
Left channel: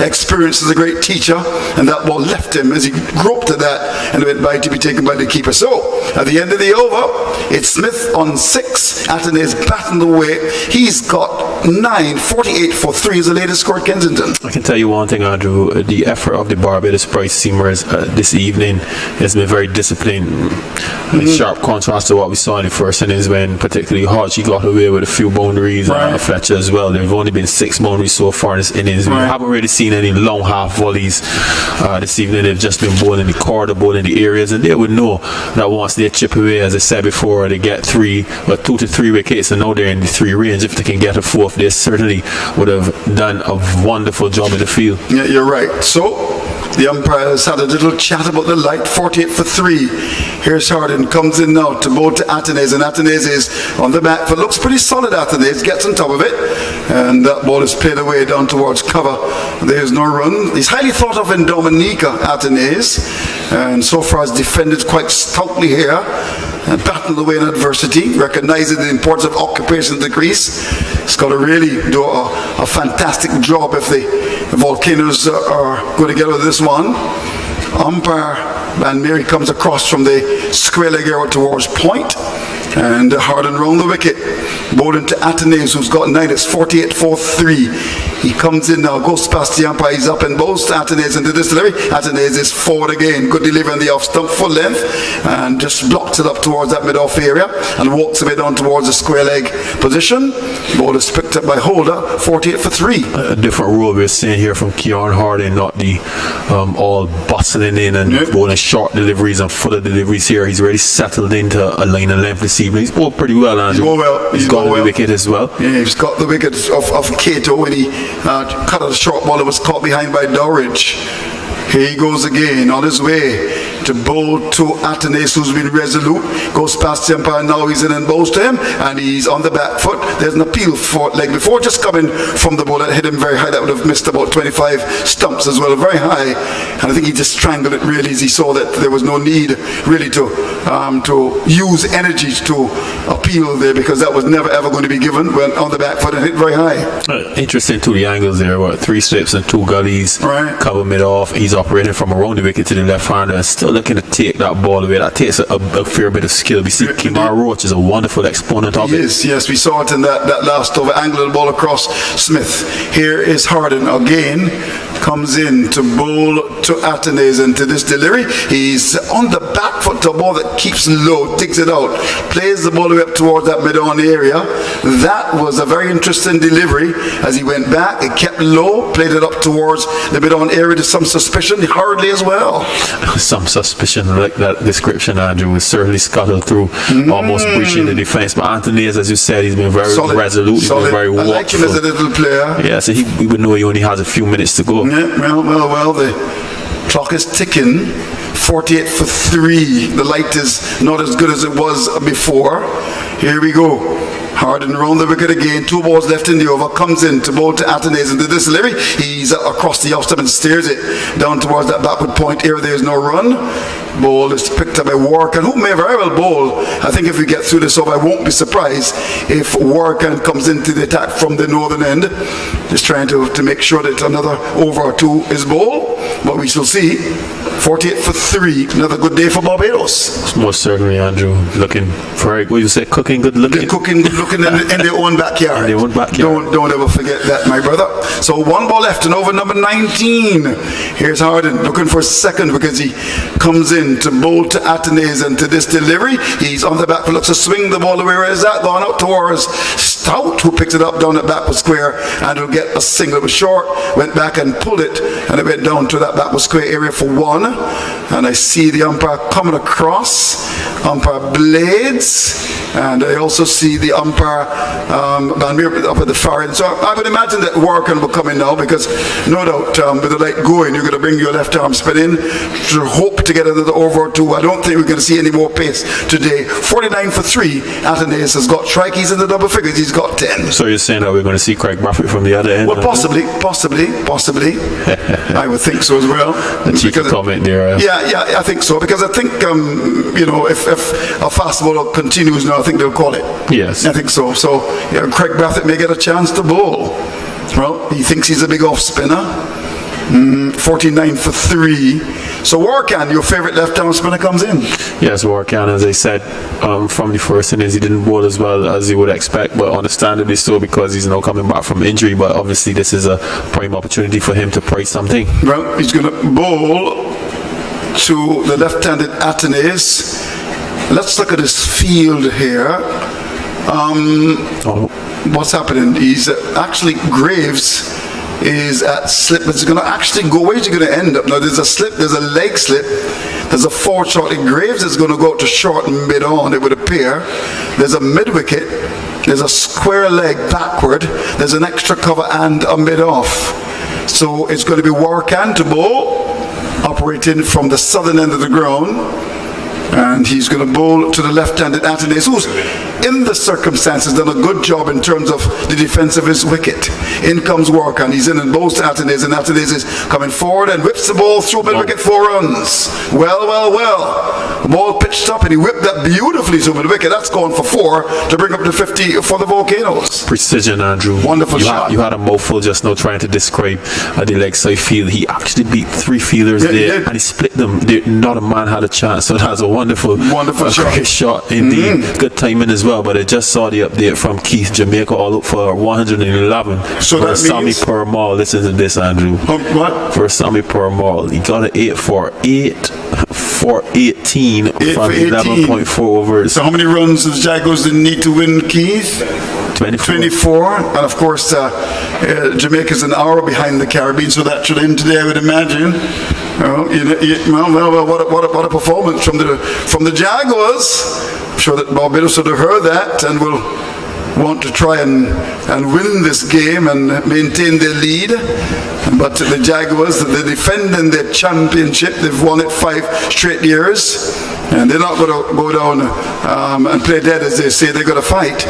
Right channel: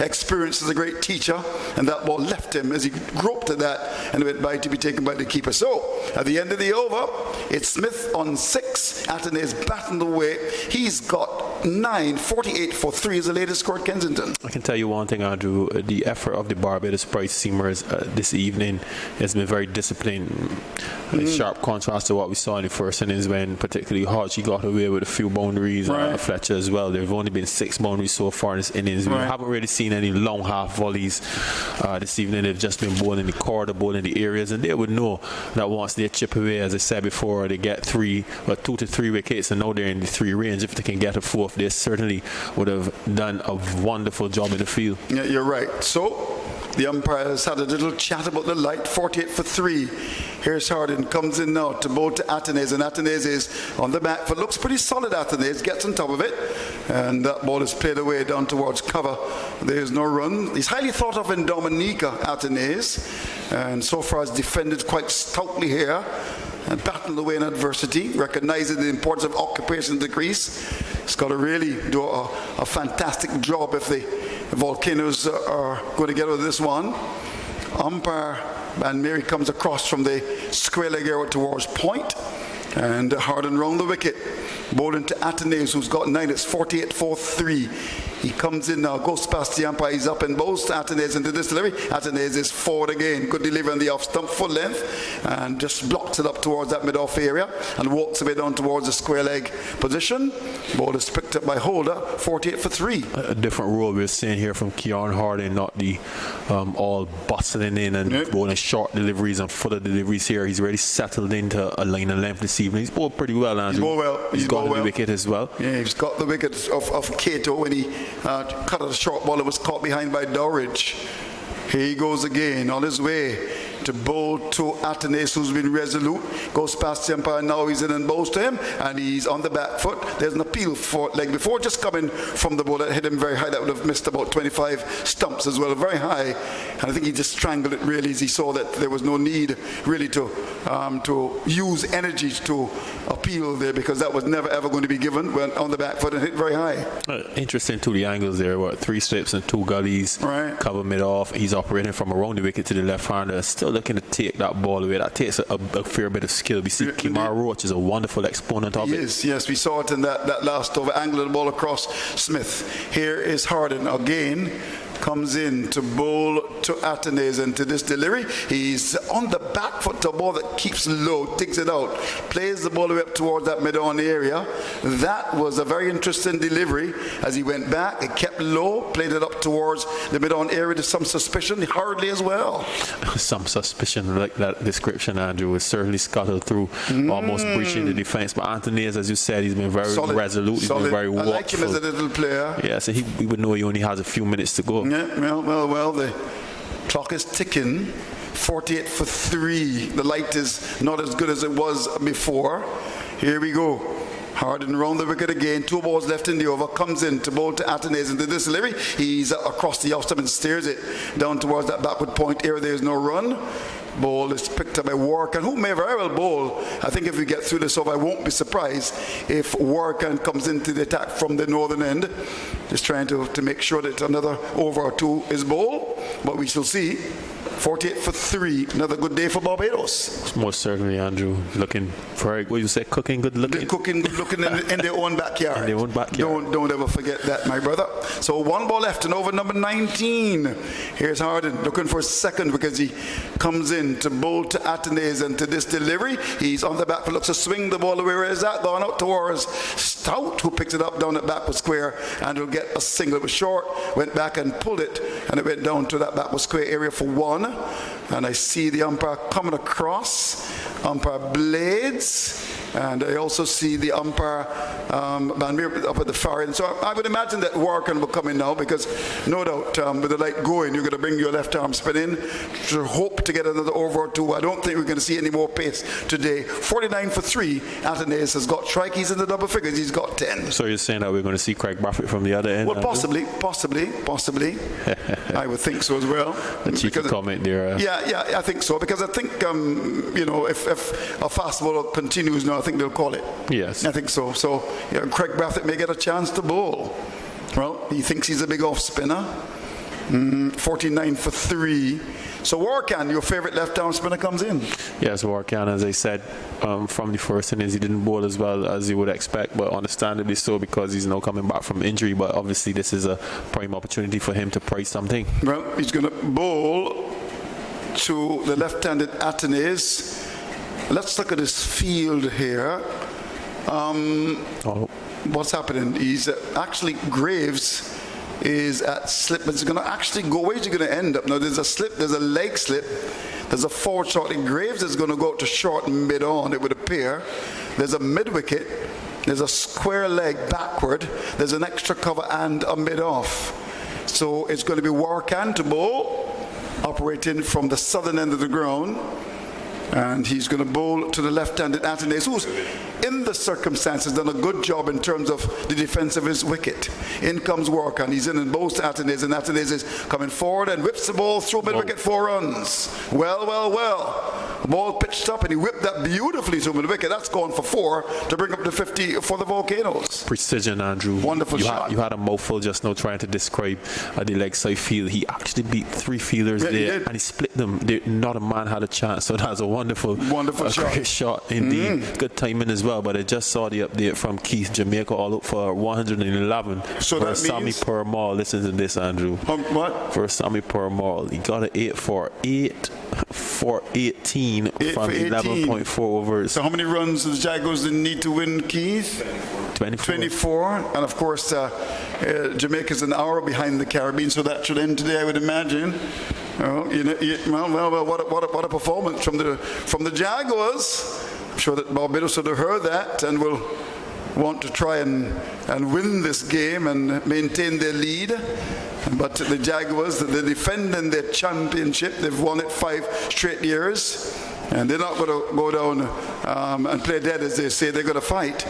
experience as a great teacher. And that ball left him as he groped at that, and it went by to be taken by the keeper. So, at the end of the over, it's Smith on 6. Atenes batting away. He's got 9. 48 for 3 is the latest score at Kensington. I can tell you one thing, Andrew. The effort of the Barbados Price Seamers this evening has been very disciplined. In sharp contrast to what we saw in the first innings, when particularly Hodge got away with a few boundaries, and Fletcher as well. There have only been 6 boundaries so far in this innings. We haven't really seen any long half volleys this evening. They've just been bowling the corridor, bowling the areas, and they would know that once they chip away, as I said before, they get 2 to 3 wickets, and now they're in the 3 range. If they can get a 4th, they certainly would have done a wonderful job in the field. Yeah, you're right. So the umpires had a little chat about the light. 48 for 3. Here's Harden, comes in now to bowl to Atenes, and Atenes is on the back foot. Looks pretty solid. Atenes gets on top of it, and that ball is played away down towards cover. There's no run. He's highly thought of in Dominica, Atenes, and so far has defended quite stoutly here. And battled away in adversity, recognizing the importance of occupation of the crease. He's got to really do a fantastic job if the Volcanoes are going to get out of this one. Umpire Van Mary comes across from the square leg area towards point. And Harden round the wicket. Bowling to Athenaeus, who's got 9. It's 48-4-3. He comes in now, goes past the umpire. He's up and bowls to Athenaeus into this delivery. Athenaeus is forward again. Good delivery on the off stump, full length. And just blocks it up towards that mid-off area. And walks a bit on towards the square leg position. Ball is picked up by Holder. 48-3. A different role we're seeing here from Keon Harding, not the all bustling in and bowling short deliveries and fuller deliveries here. He's already settled into a line and length this evening. He's bowled pretty well, Andrew. He's bowled well. He's got the wicket as well. Yeah, he's got the wicket of Cato when he cut a short ball that was caught behind by Dorridge. Here he goes again on his way to bowl to Athenaeus, who's been resolute. Goes past the umpire, now he's in and bowls to him, and he's on the back foot. There's an appeal for leg before, just coming from the ball that hit him very high. That would have missed about 25 stumps as well, very high. And I think he just strangled it really as he saw that there was no need really to use energy to appeal there, because that was never ever going to be given when on the back foot and hit very high. Interesting to the angles there. 3 slips and 2 gullies. Right. Cover mid off. He's operating from around the wicket to the left hander and still looking to take that ball away. That takes a fair bit of skill. We see Kimar Roach is a wonderful exponent of it. Yes, we saw it in that last over, angle the ball across Smith. Here is Harden again, comes in to bowl to Athenaeus into this delivery. He's on the back foot to a ball that keeps low, digs it out, plays the ball up towards that mid-on area. That was a very interesting delivery as he went back. It kept low, played it up towards the mid-on area to some suspicion, hardly as well. Some suspicion, like that description, Andrew, was certainly scuttled through, almost breaching the defense. But Athenaeus, as you said, he's been very resolute, he's been very watchful. I like him as a little player. Yeah, so we would know he only has a few minutes to go. Yeah, well, the clock is ticking. 48-3. The light is not as good as it was before. Here we go. Harden round the wicket again. 2 balls left in the over. Comes in to bowl to Athenaeus into this delivery. He's across the off stump and steers it down towards that backward point area. There's no run. Ball is picked up by Warkan, who may very well bowl. I think if we get through this over, I won't be surprised if Warkan comes into the attack from the northern end. Just trying to make sure that another over or 2 is bowled. But we shall see. 48-3. Another good day for Barbados. Most certainly, Andrew. Looking very, what you say, cooking good looking? Cooking good looking in their own backyard. In their own backyard. Don't ever forget that, my brother. So 1 ball left and over number 19. Here's Harden looking for a second because he comes in to bowl to Athenaeus and to this delivery. He's on the back foot, looks to swing the ball away. Where is that? Gone out towards Stout, who picks it up down at backward square and will get a single. It was short, went back and pulled it, and it went down to that backward square area for 1. And I see the umpire coming across, umpire Blades, and I also see the umpire Van Meer up at the far end. So I would imagine that Warkan will come in now, because no doubt with the light going, you're going to bring your left arm spin in to hope to get another over or 2. I don't think we're going to see any more pace today. 49-3. Athenaeus has got strikeys in the double figures. He's got 10. So you're saying that we're going to see Craig Brathwaite from the other end? Well, possibly. I would think so as well. The cheeky comment there. Yeah, I think so, because I think if a fast bowler continues now, I think they'll call it. Yes, I think so. So Craig Brathwaite may get a chance to bowl. Well, he thinks he's a big off spinner. 49-3. So Warkan, your favorite left-arm spinner, comes in. Yes, Warkan, as I said, from the first innings, he didn't bowl as well as you would expect, but understandably so, because he's now coming back from injury. But obviously, this is a prime opportunity for him to price something. Well, he's going to bowl to the left-handed Athenaeus. Let's look at his field here. What's happening? He's actually Graves is at slip. It's going to actually go. Where's he going to end up? Now there's a slip, there's a leg slip, there's a forward short. Graves is going to go out to short and mid on, it would appear. There's a mid wicket, there's a square leg backward, there's an extra cover and a mid off. So it's going to be Warkan to bowl, operating from the southern end of the ground. And he's going to bowl to the left-handed Athenaeus, who's, in the circumstances, done a good job in terms of the defense of his wicket. In comes Work, and he's in both to Atenez, and Atenez is coming forward and whips the ball through mid-wicket, 4 runs. Well. The ball pitched up, and he whipped that beautifully through mid-wicket. That's going for 4 to bring up to 50 for the Volcanoes. Precision, Andrew. Wonderful shot. You had a mouthful just now trying to describe the leg side field. He actually beat 3 fielders there, and he split them. Not a man had a chance. So that's a wonderful shot. Shot indeed. Good timing as well. But I just saw the update from Keith. Jamaica all up for 111. So for that Sammy means Purmall. Listen to this, Andrew. What? For Sammy Purmall, he got an 8 for 18 from 11.4 overs. So how many runs does Jaguars need to win, Keith? 24. And of course, Jamaica's an hour behind the Caribbean, so that should end today, I would imagine. What a performance from the Jaguars. I'm sure that Barbados would have heard that and will want to try and win this game and maintain their lead. But the Jaguars, they're defending their championship. They've won it 5 straight years. And they're not going to go down and play dead, as they say. They're going to fight.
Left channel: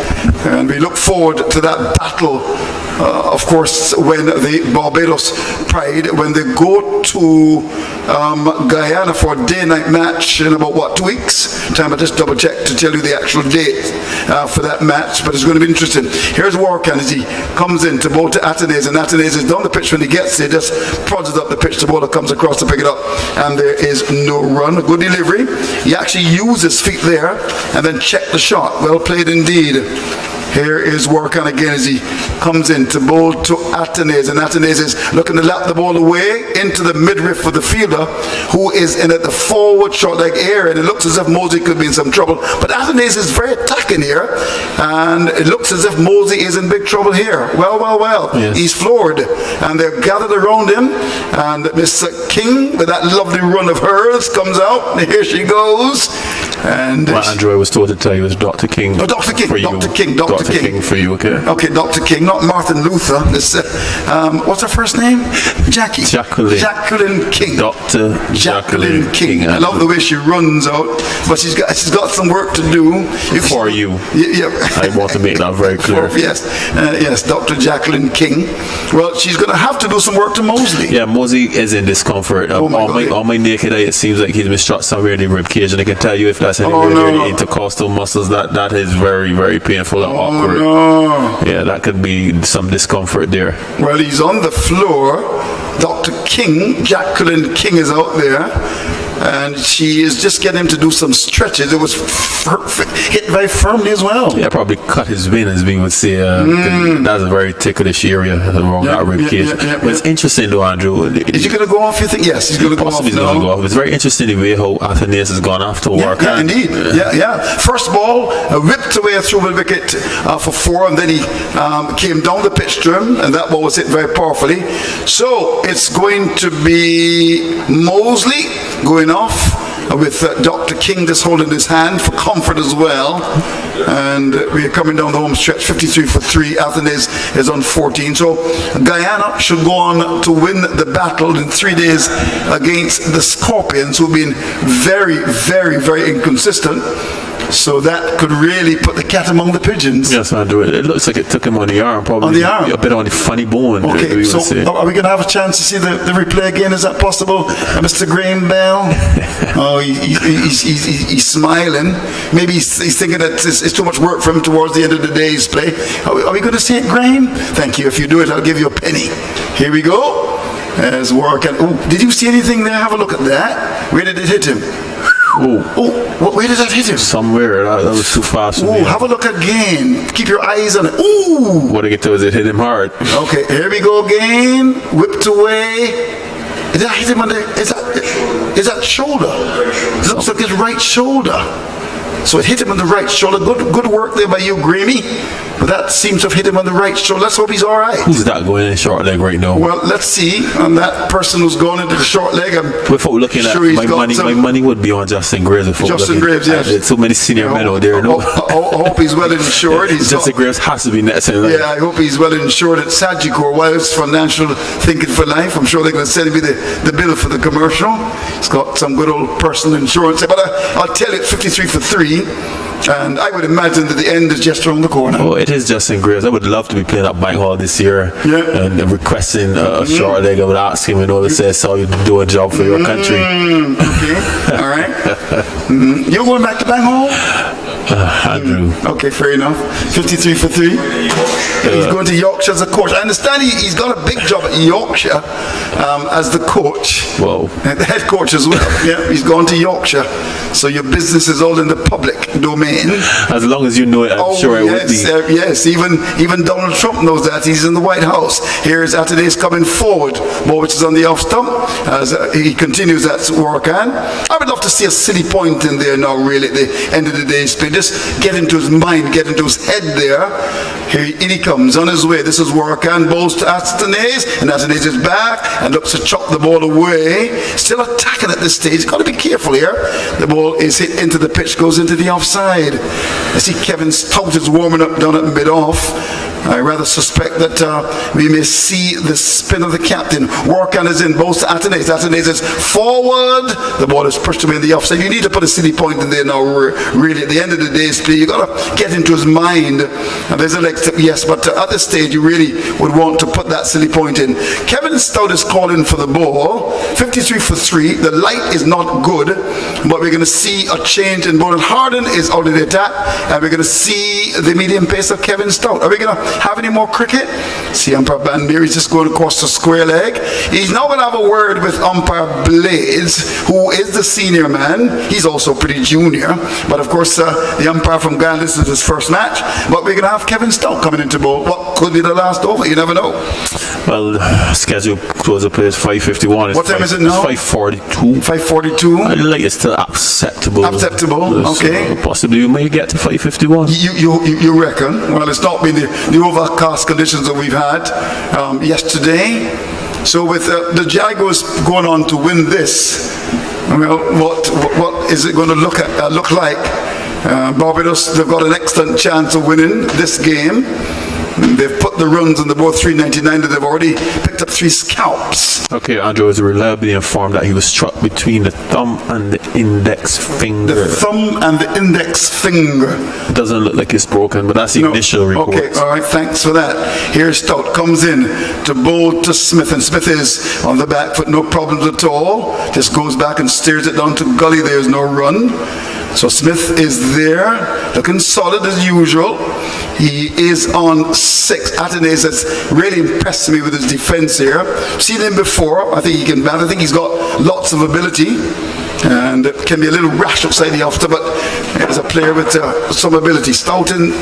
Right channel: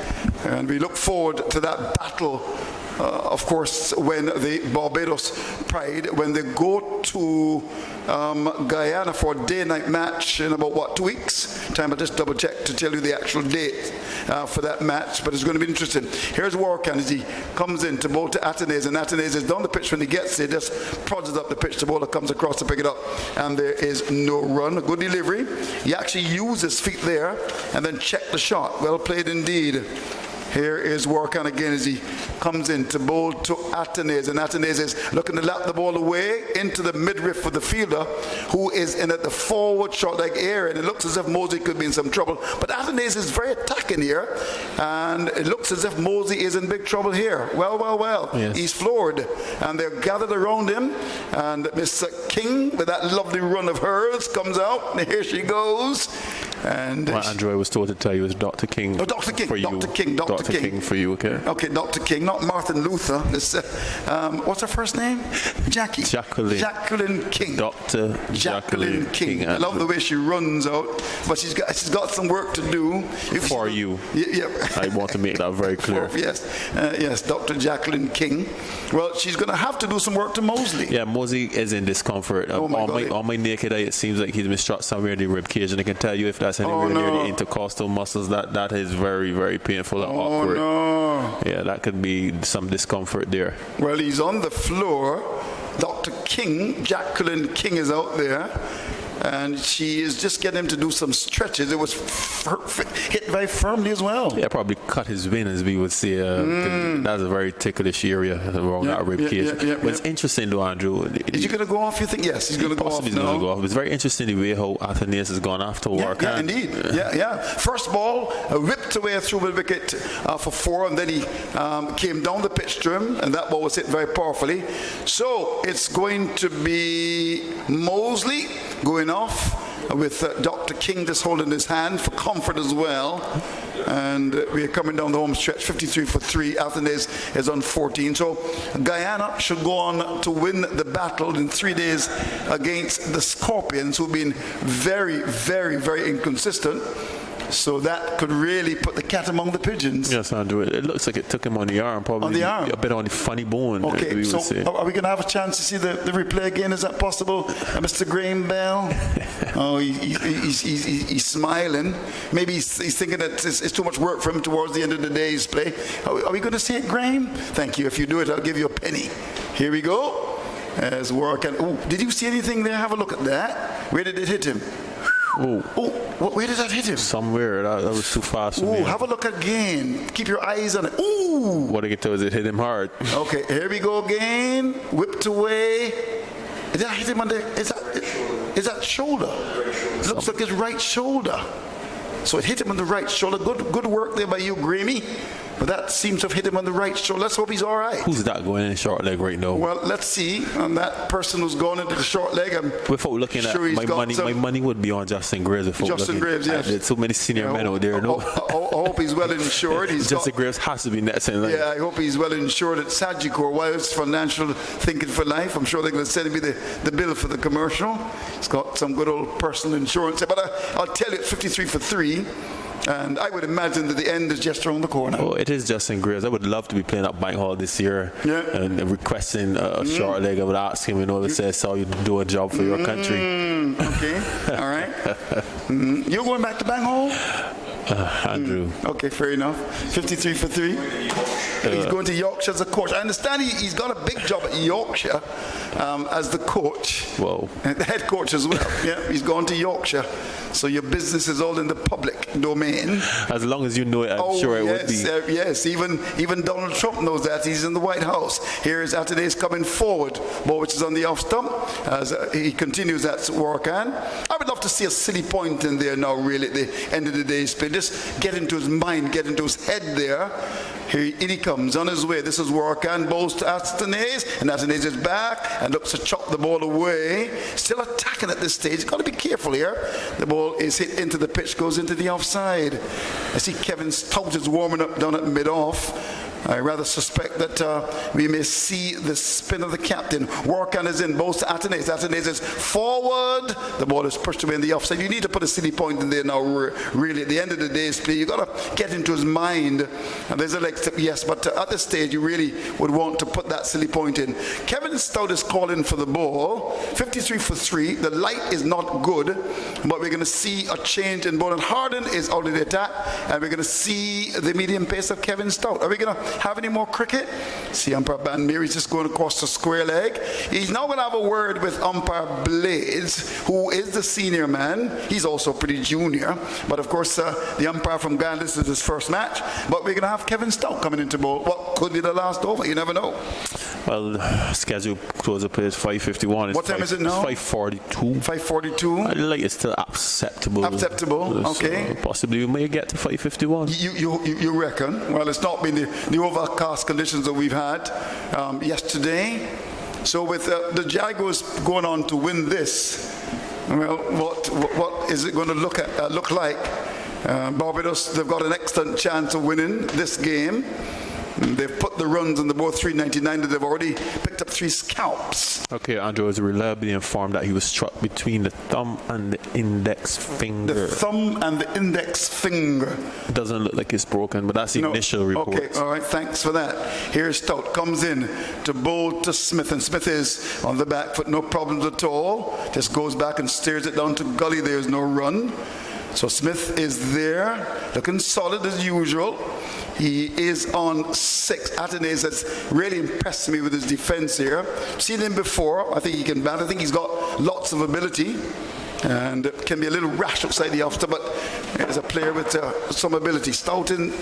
And we look forward to that battle, of course, when the Barbados Pride, when they go to Guyana for a day-night match in about, 2 weeks? Time I just double-check to tell you the actual date for that match. But it's going to be interesting. Here's Warkan as he comes in to bowl to Atenez. And Atenez is down the pitch when he gets there. Just prods it up the pitch. The bowler comes across to pick it up. And there is no run. A good delivery. He actually used his feet there and then checked the shot. Well played indeed. Here is Workan again as he comes in to bowl to Atenez, and Atenez is looking to lap the ball away into the midriff for the fielder, who is in at the forward short leg area, and it looks as if Mosey could be in some trouble. But Atenez is very attacking here, and it looks as if Mosey is in big trouble here. Well. Yes. He's floored, and they're gathered around him, and Miss King, with that lovely run of hers, comes out, and here she goes. And Andrew, I was told to tell you it was Dr. King. Oh, Dr. King, for you. Dr. King. Dr. King for you, okay? Okay, Dr. King, not Martin Luther. This, what's her first name? Jacqueline King. Dr. Jacqueline King. I love the way she runs out, but she's got some work to do. For you. Yeah. I want to make that very clear. Yes, Dr. Jacqueline King. Well, she's going to have to do some work to Mosley. Yeah, Mosley is in discomfort. On my naked eye, it seems like he's been shot somewhere in the rib cage, and I can tell you if that's anywhere near the intercostal muscles, that is very, very painful and awkward. No. Yeah, that could be some discomfort there. Well, he's on the floor. Dr. King, Jacqueline King, is out there, and she is just getting him to do some stretches. It was hit very firmly as well. Yeah, probably cut his vein, as we would say. That's a very ticklish area around that rib cage. But it's interesting, though, Andrew. Is he going to go off, you think? Yes, he's going to go off. Possibly going to go off. It's very interesting the way how Athenaeus has gone after work. Yeah, indeed. Yeah. First ball, whipped away through the wicket for 4, and then he came down the pitch to him, and that ball was hit very powerfully. So it's going to be Mosley going off with Dr. King just holding his hand for comfort as well. And we're coming down the home stretch, 53 for 3. Athenaeus is on 14. So Guyana should go on to win the battle in 3 days against the Scorpions, who've been very, very, very inconsistent. So that could really put the cat among the pigeons. Yes, Andrew. It looks like it took him on the arm, probably. On the arm? A bit on the funny bone. Okay, so are we going to have a chance to see the replay again? Is that possible? Mr. Graham Bell? Oh, he's smiling. Maybe he's thinking that it's too much work for him towards the end of the day's play. Are we going to see it, Graham? Thank you. If you do it, I'll give you a penny. Here we go. As work. Did you see anything there? Have a look at that. Where did it hit him? Where did that hit him? Somewhere. That was too fast for me. Have a look again. Keep your eyes on it. What I get to is it hit him hard. Okay, here we go again. Whipped away. Did that hit him on the... Is that shoulder? It looks like his right shoulder. So it hit him on the right shoulder. Good work there by you, Grammy. But that seems to have hit him on the right shoulder. Let's hope he's all right. Who's that going in short leg right now? Well, let's see. On that person who's going into the short leg, without looking at my money would be on Justin Graves. Justin Graves, yes. There's so many senior men out there. I hope he's well insured. Justin Graves has to be next. Yeah, I hope he's well insured at Sagicor Wales Financial Thinking for Life. I'm sure they're going to send me the bill for the commercial. It's got some good old personal insurance. But I'll tell you, it's 53 for 3. And I would imagine that the end is just around the corner. Oh, it is just in Graves. I would love to be playing at Bank Hall this year and requesting a short leg. I would ask him, to say, so you do a job for your country. Okay, all right. You're going back to Bank Hall? Andrew. Okay, fair enough. 53 for 3. He's going to Yorkshire as a coach. I understand he's got a big job at Yorkshire as the coach. Whoa. The head coach as well. Yeah, he's gone to Yorkshire. So your business is all in the public domain. As long as you know it, I'm sure it would be. Yes, even Donald Trump knows that. He's in the White House. Here's Atenes coming forward, which is on the off stump, as he continues that work. And I would love to see a silly point in there now, really, at the end of the day's play. Just get into his mind, get into his head there. Here he comes on his way. This is work and balls to Atenes, and Atenes is back and looks to chop the ball away. Still attacking at this stage. Got to be careful here. The ball is hit into the pitch, goes into the offside. I see Kevin Stout is warming up down at mid-off. I rather suspect that we may see the spin of the captain. Workan is in, both to Atenes. Atenes is forward. The ball is pushed away in the offside. You need to put a silly point in there now, really. At the end of the day's play, you got to get into his mind. And there's a leg step, yes, but at this stage, you really would want to put that silly point in. Kevin Stout is calling for the ball. 53 for 3. The light is not good, but we're going to see a change in ball. And Harden is out of the attack, and we're going to see the medium pace of Kevin Stout. Are we going to have any more cricket? See umpire Banbury just going across the square leg. He's now going to have a word with umpire Blades, who is the senior man. He's also pretty junior, but of course the umpire from Ghana, this is his first match. But we're going to have Kevin Stout coming into ball. What could be the last over? You never know. Well, schedule close of play is 5:51. What time is it now? 5:42. 5:42. I like it's still acceptable. Acceptable. Okay. Possibly we may get to 5:51. You reckon? Well, it's not been the overcast conditions that we've had yesterday. So with the Jaguars going on to win this, well, what is it going to look like? Barbados, they've got an excellent chance of winning this game. They've put the runs on the board 399 that they've already picked up 3 scalps. Okay, Andrew is reliably informed that he was struck between the thumb and the index finger. The thumb and the index finger. It doesn't look like it's broken, but that's the initial report. Okay, all right, thanks for that. Here Stout comes in to bowl to Smith, and Smith is on the back foot, no problems at all. Just goes back and steers it down to gully. There's no run. So Smith is there, looking solid as usual. He is on 6. Atenes has really impressed me with his defense here. Seen him before. I think he can bat. I think he's got lots of ability. And it can be a little rash outside the after, but he's a player with some ability. Stout in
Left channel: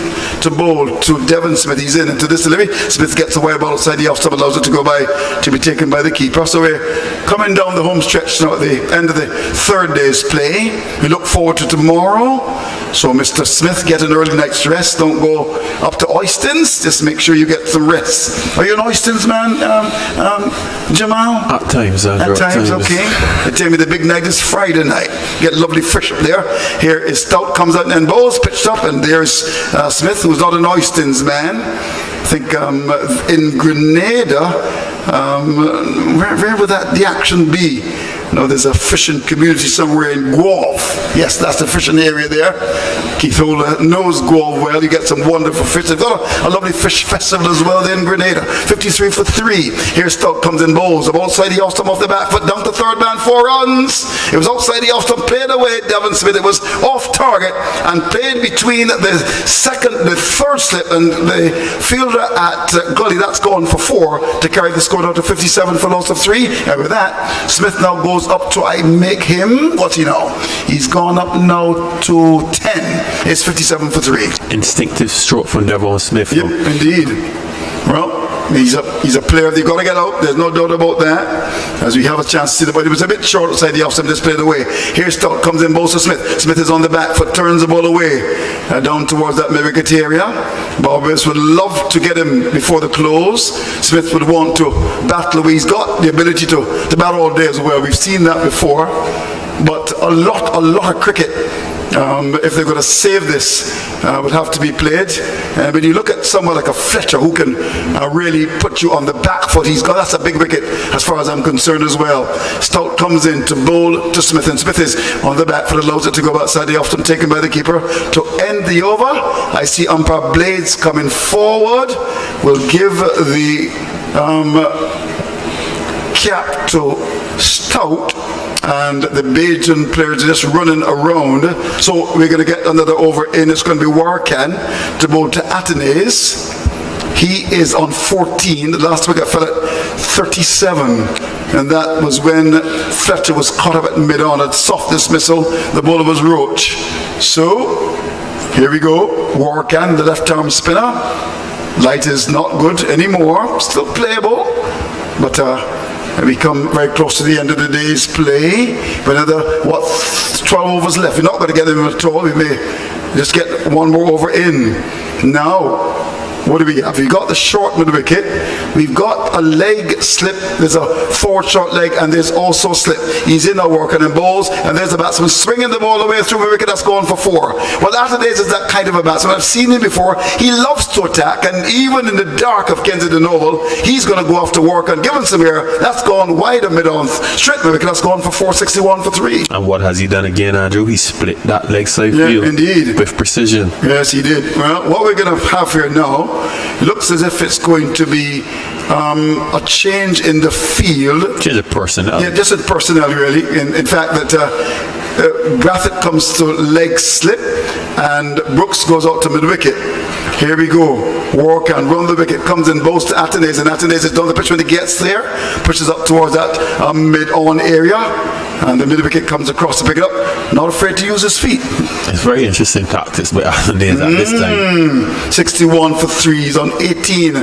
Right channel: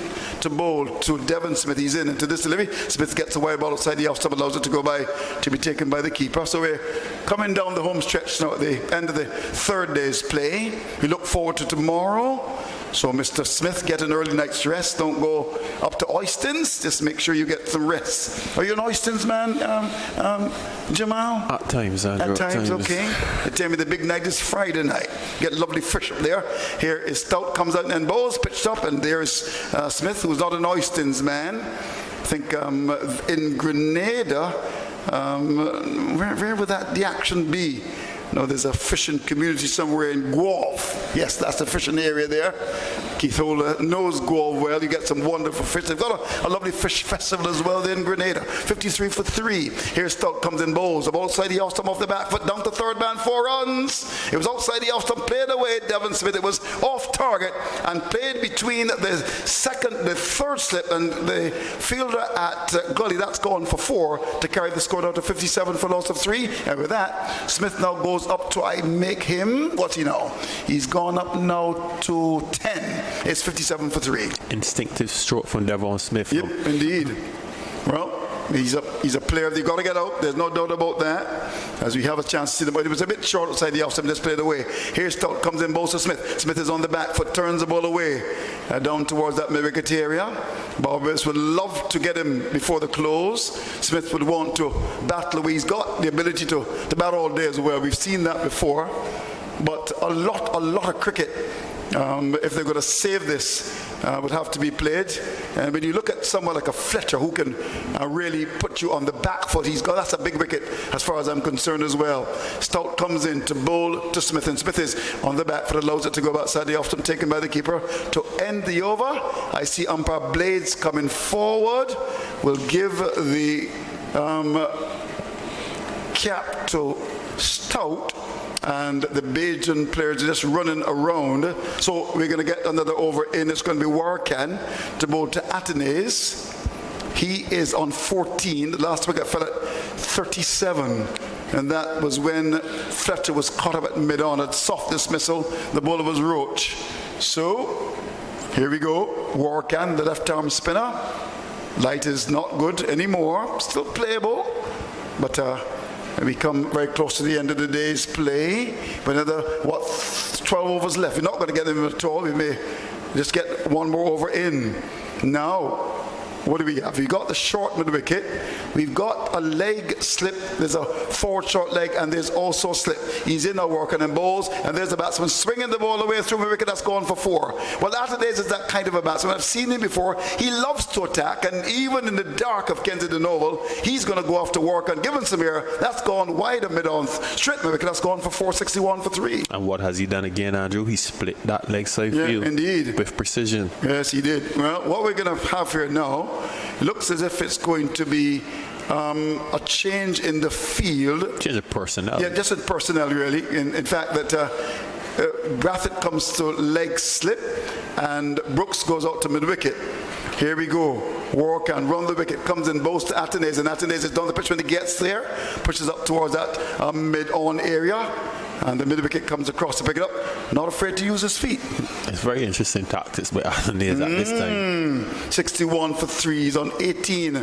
to bowl to Devon Smith. He's in into this delivery. Smith gets a wide ball outside the off stump, allows it to go by, to be taken by the keeper. So we're coming down the home stretch now at the end of the third day's play. We look forward to tomorrow. So Mr. Smith, get an early night's rest. Don't go up to Oystons. Just make sure you get some rest. Are you an Oystons man, Jamal? At times, Andrew. At times, okay. They tell me the big night is Friday night. Get lovely fish up there. Here is Stout, comes out and bowls, pitched up, and there's Smith, who's not an Oystons man. I think in Grenada, where would the action be? No, there's a fishing community somewhere in Guelph. Yes, that's the fishing area there. Keith Ola knows Guelph well. You get some wonderful fish. They've got a lovely fish festival as well there in Grenada. 53 for 3. Here Stout comes in bowls. Outside the off stump off the back foot, down to third man, 4 runs. It was outside the off stump, played away Devon Smith. It was off target and played between the third slip and the fielder at Gully. That's gone for 4 to carry the score down to 57 for loss of 3. And with that, Smith now goes up to, I make him, what's he now? He's gone up now to 10. It's 57 for 3. Instinctive stroke from Devon Smith. Yep, indeed. Well, he's a player they've got to get out. There's no doubt about that. As we have a chance to see the ball. It was a bit short outside the off-stump, just played away. Here Stout comes in, bowls to Smith. Smith is on the back foot, turns the ball away. Down towards that wicket area. Barbados would love to get him before the close. Smith would want to battle away. He's got the ability to bat all day as well. We've seen that before. But a lot of cricket if they're going to save this, would have to be played. And when you look at someone like a Fletcher who can really put you on the back foot, that's a big wicket as far as I'm concerned as well. Stout comes in to bowl to Smith, and Smith is on the back foot, allows it to go outside the off-stump, taken by the keeper. To end the over, I see umpire Blades coming forward. Will give the cap to Stout, and the Bajan players are just running around. So we're going to get another over in. It's going to be Warkan to bowl to Atenes. He is on 14. The last wicket fell at 37. And that was when Fletcher was caught up at mid-on. At soft dismissal, the bowler was Roach. So, here we go. Warkan, the left-arm spinner. Light is not good anymore. Still playable. But we come very close to the end of the day's play. But another, 12 overs left. We're not going to get them at all. We may just get one more over in. Now, what do we have? We've got the short mid wicket. We've got a leg slip. There's a forward short leg, and there's also slip. He's in there working and bowls, and there's the batsman swinging the ball away through the wicket. That's going for 4. Well, Atenes is that kind of a batsman. I've seen him before. He loves to attack, and even in the dark of Kensington Oval, he's going to go off to work and give him some air. That's gone wide of mid-on. Straight mid wicket. That's gone for 461 for 3. And what has he done again, Andrew? He split that leg side field. Indeed. With precision. Yes, he did. Well, what we're going to have here now looks as if it's going to be a change in the field. Change of personnel. Yeah, just in personnel, really. In fact, that Graffett comes to leg slip, and Brooks goes out to mid-wicket. Here we go. Warkan run the wicket, comes in, bowls to Atenes, and Atenes is down the pitch when he gets there, pushes up towards that mid-on area, and the mid-wicket comes across to pick it up. Not afraid to use his feet. It's very interesting tactics by Atenes at this time. 61 for 3, he's on 18.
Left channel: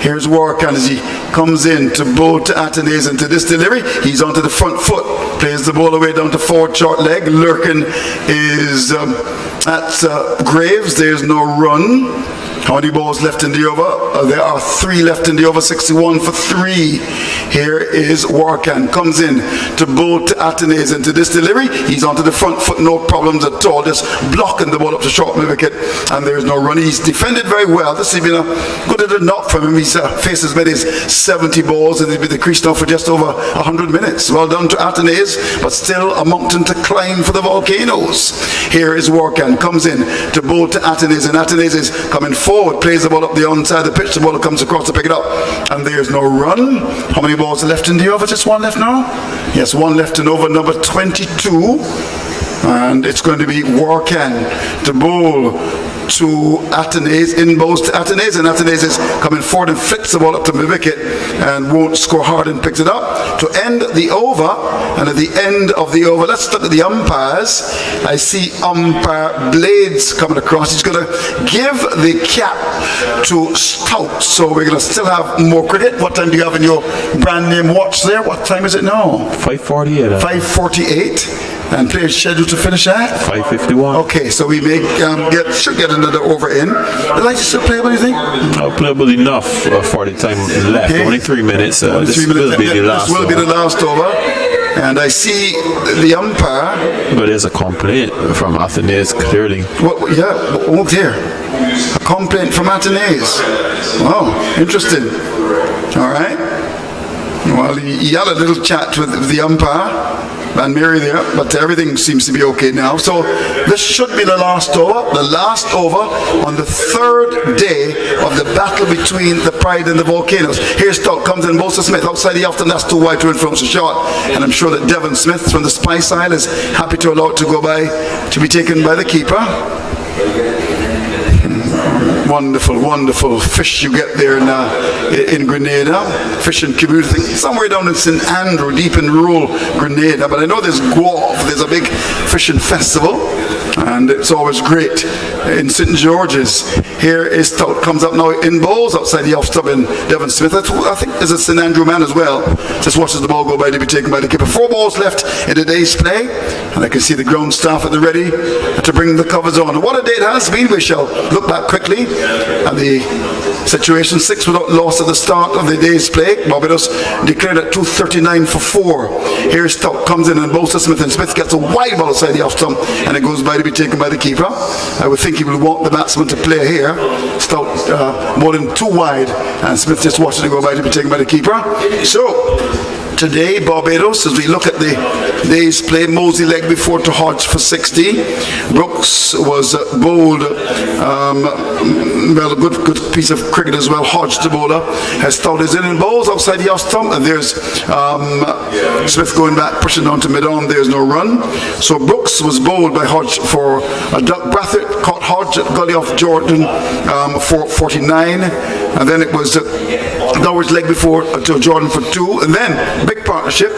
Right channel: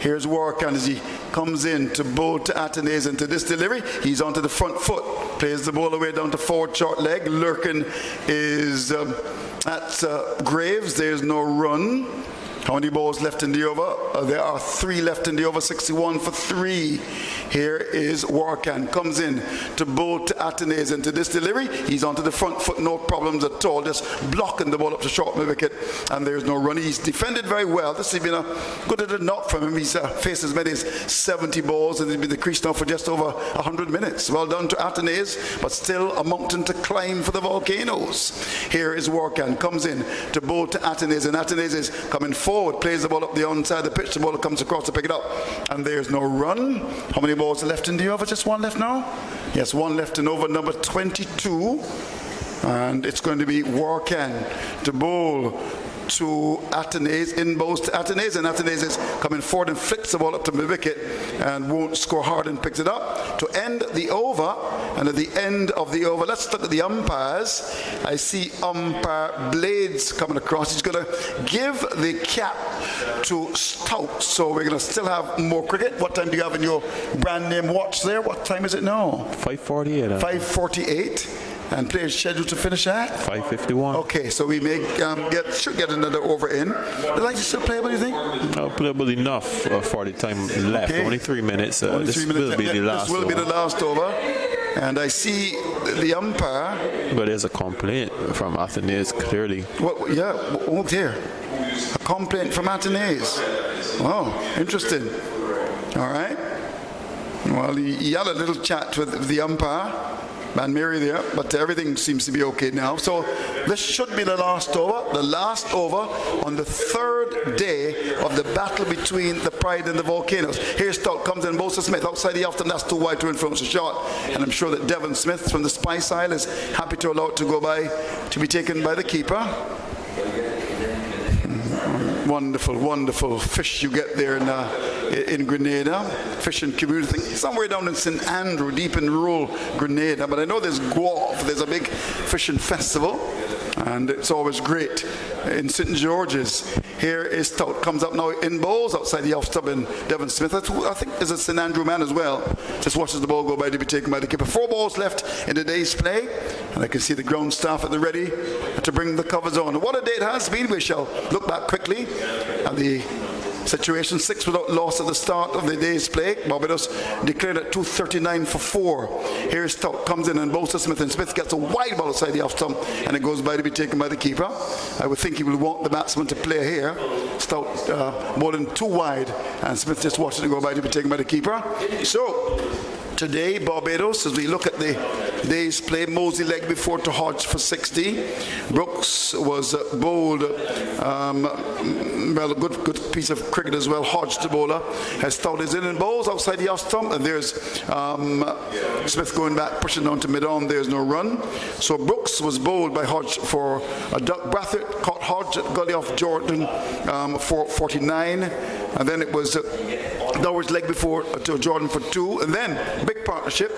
Here's Warkan as he comes in to bowl to Atenes, and to this delivery, he's onto the front foot, plays the ball away down to forward short leg. Lurkin is at Graves. There's no run. How many balls left in the over? There are 3 left in the over, 61 for 3. Here is Warkan, comes in to bowl to Atenes, and to this delivery, he's onto the front foot, no problems at all, just blocking the ball up to short mid wicket, and there's no run. He's defended very well. This has been a good little knock from him. He's faced as many as 70 balls, and he's been the crease now for just over 100 minutes. Well done to Atenes, but still a mountain to climb for the Volcanoes. Here is Warkan, comes in to bowl to Atenes, and Atenes is coming forward, plays the ball up the onside of the pitch, the ball comes across to pick it up, and there's no run. How many balls are left in the over? Just 1 left now? Yes, 1 left in over number 22, and it's going to be Warkan to bowl to Atenes, in bowls to Atenes, and Atenes is coming forward and flicks the ball up to the wicket and won't score hard and picks it up to end the over. And at the end of the over, let's look at the umpires. I see umpire Blades coming across. He's going to give the cap to Stout, so we're going to still have more cricket. What time do you have in your brand name watch there? What time is it now? 5:48. 5:48. And players scheduled to finish at 5:51. Okay, so we may should get another over in. The lights are still playable, you think? Playable enough for the time left. Okay. Only 3 minutes. Only This 3 minutes. will be the last. This will be the last over. And I see the umpire. But there's a complaint from Atenes clearly. Oh dear. A complaint from Atenes. Wow, interesting. All right. Well, he had a little chat with the umpire and Mary there, but everything seems to be okay now. So this should be the last over on the 3rd day of the battle between the Pride and the Volcanoes. Here's Stout, comes in, Bosa Smith outside the off, and that's too wide to influence the shot. And I'm sure that Devon Smith from the Spice Isle is happy to allow it to go by, to be taken by the keeper. Wonderful, wonderful fish you get there in Grenada. Fishing community, somewhere down in St. Andrew, deep in rural Grenada. But I know there's Guelph, there's a big fishing festival, and it's always great in St. George's. Here is Stout, comes up now in bowls outside the off stump, and Devon Smith, I think there's a St. Andrew man as well, just watches the ball go by to be taken by the keeper. 4 balls left in the day's play, and I can see the ground staff at the ready to bring the covers on. And what a day it has been. We shall look back quickly at the situation. 6 without loss at the start of the day's play. Barbados declared at 2:39 for 4. Here Stout comes in and bowls to Smith, and Smith gets a wide ball outside the off stump, and it goes by to be taken by the keeper. I would think he will want the batsman to play here. Stout bowling too wide, and Smith just watches it go by to be taken by the keeper. So today, Barbados, as we look at the day's play, Mosley leg before to Hodge for 60. Brooks was bowled, well, a good piece of cricket as well. Hodge, the bowler, has Stout is in and bowls outside the off stump, and there's Smith going back, pushing down to mid-on. There's no run. So Brooks was bowled by Hodge for a duck. Brathwaite caught Hodge at gully off Jordan for 49, and then it was Norwich leg before to Jordan for 2, and then big partnership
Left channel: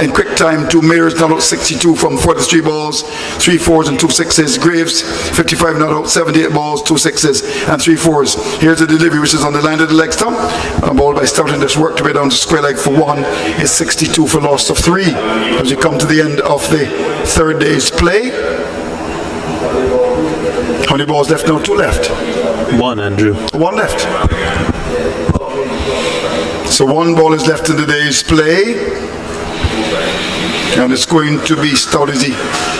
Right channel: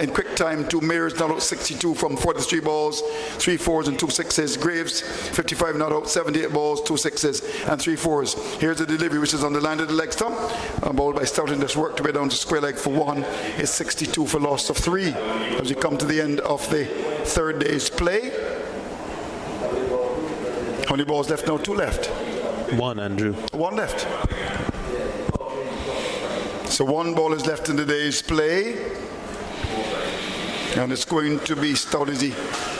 in quick time. 2 mirrors not out 62 from 43 balls, 3 fours and 2 sixes. Graves 55 not out, 78 balls, 2 sixes and 3 fours. Here's the delivery, which is on the line of the leg stump. Ball by Stout, and this worked way down to square leg for 1. Is 62 for loss of 3 as you come to the end of the third day's play. How many balls left now? 2 left. 1, Andrew. 1 left. So 1 ball is left in the day's play. And it's going to be Stout as he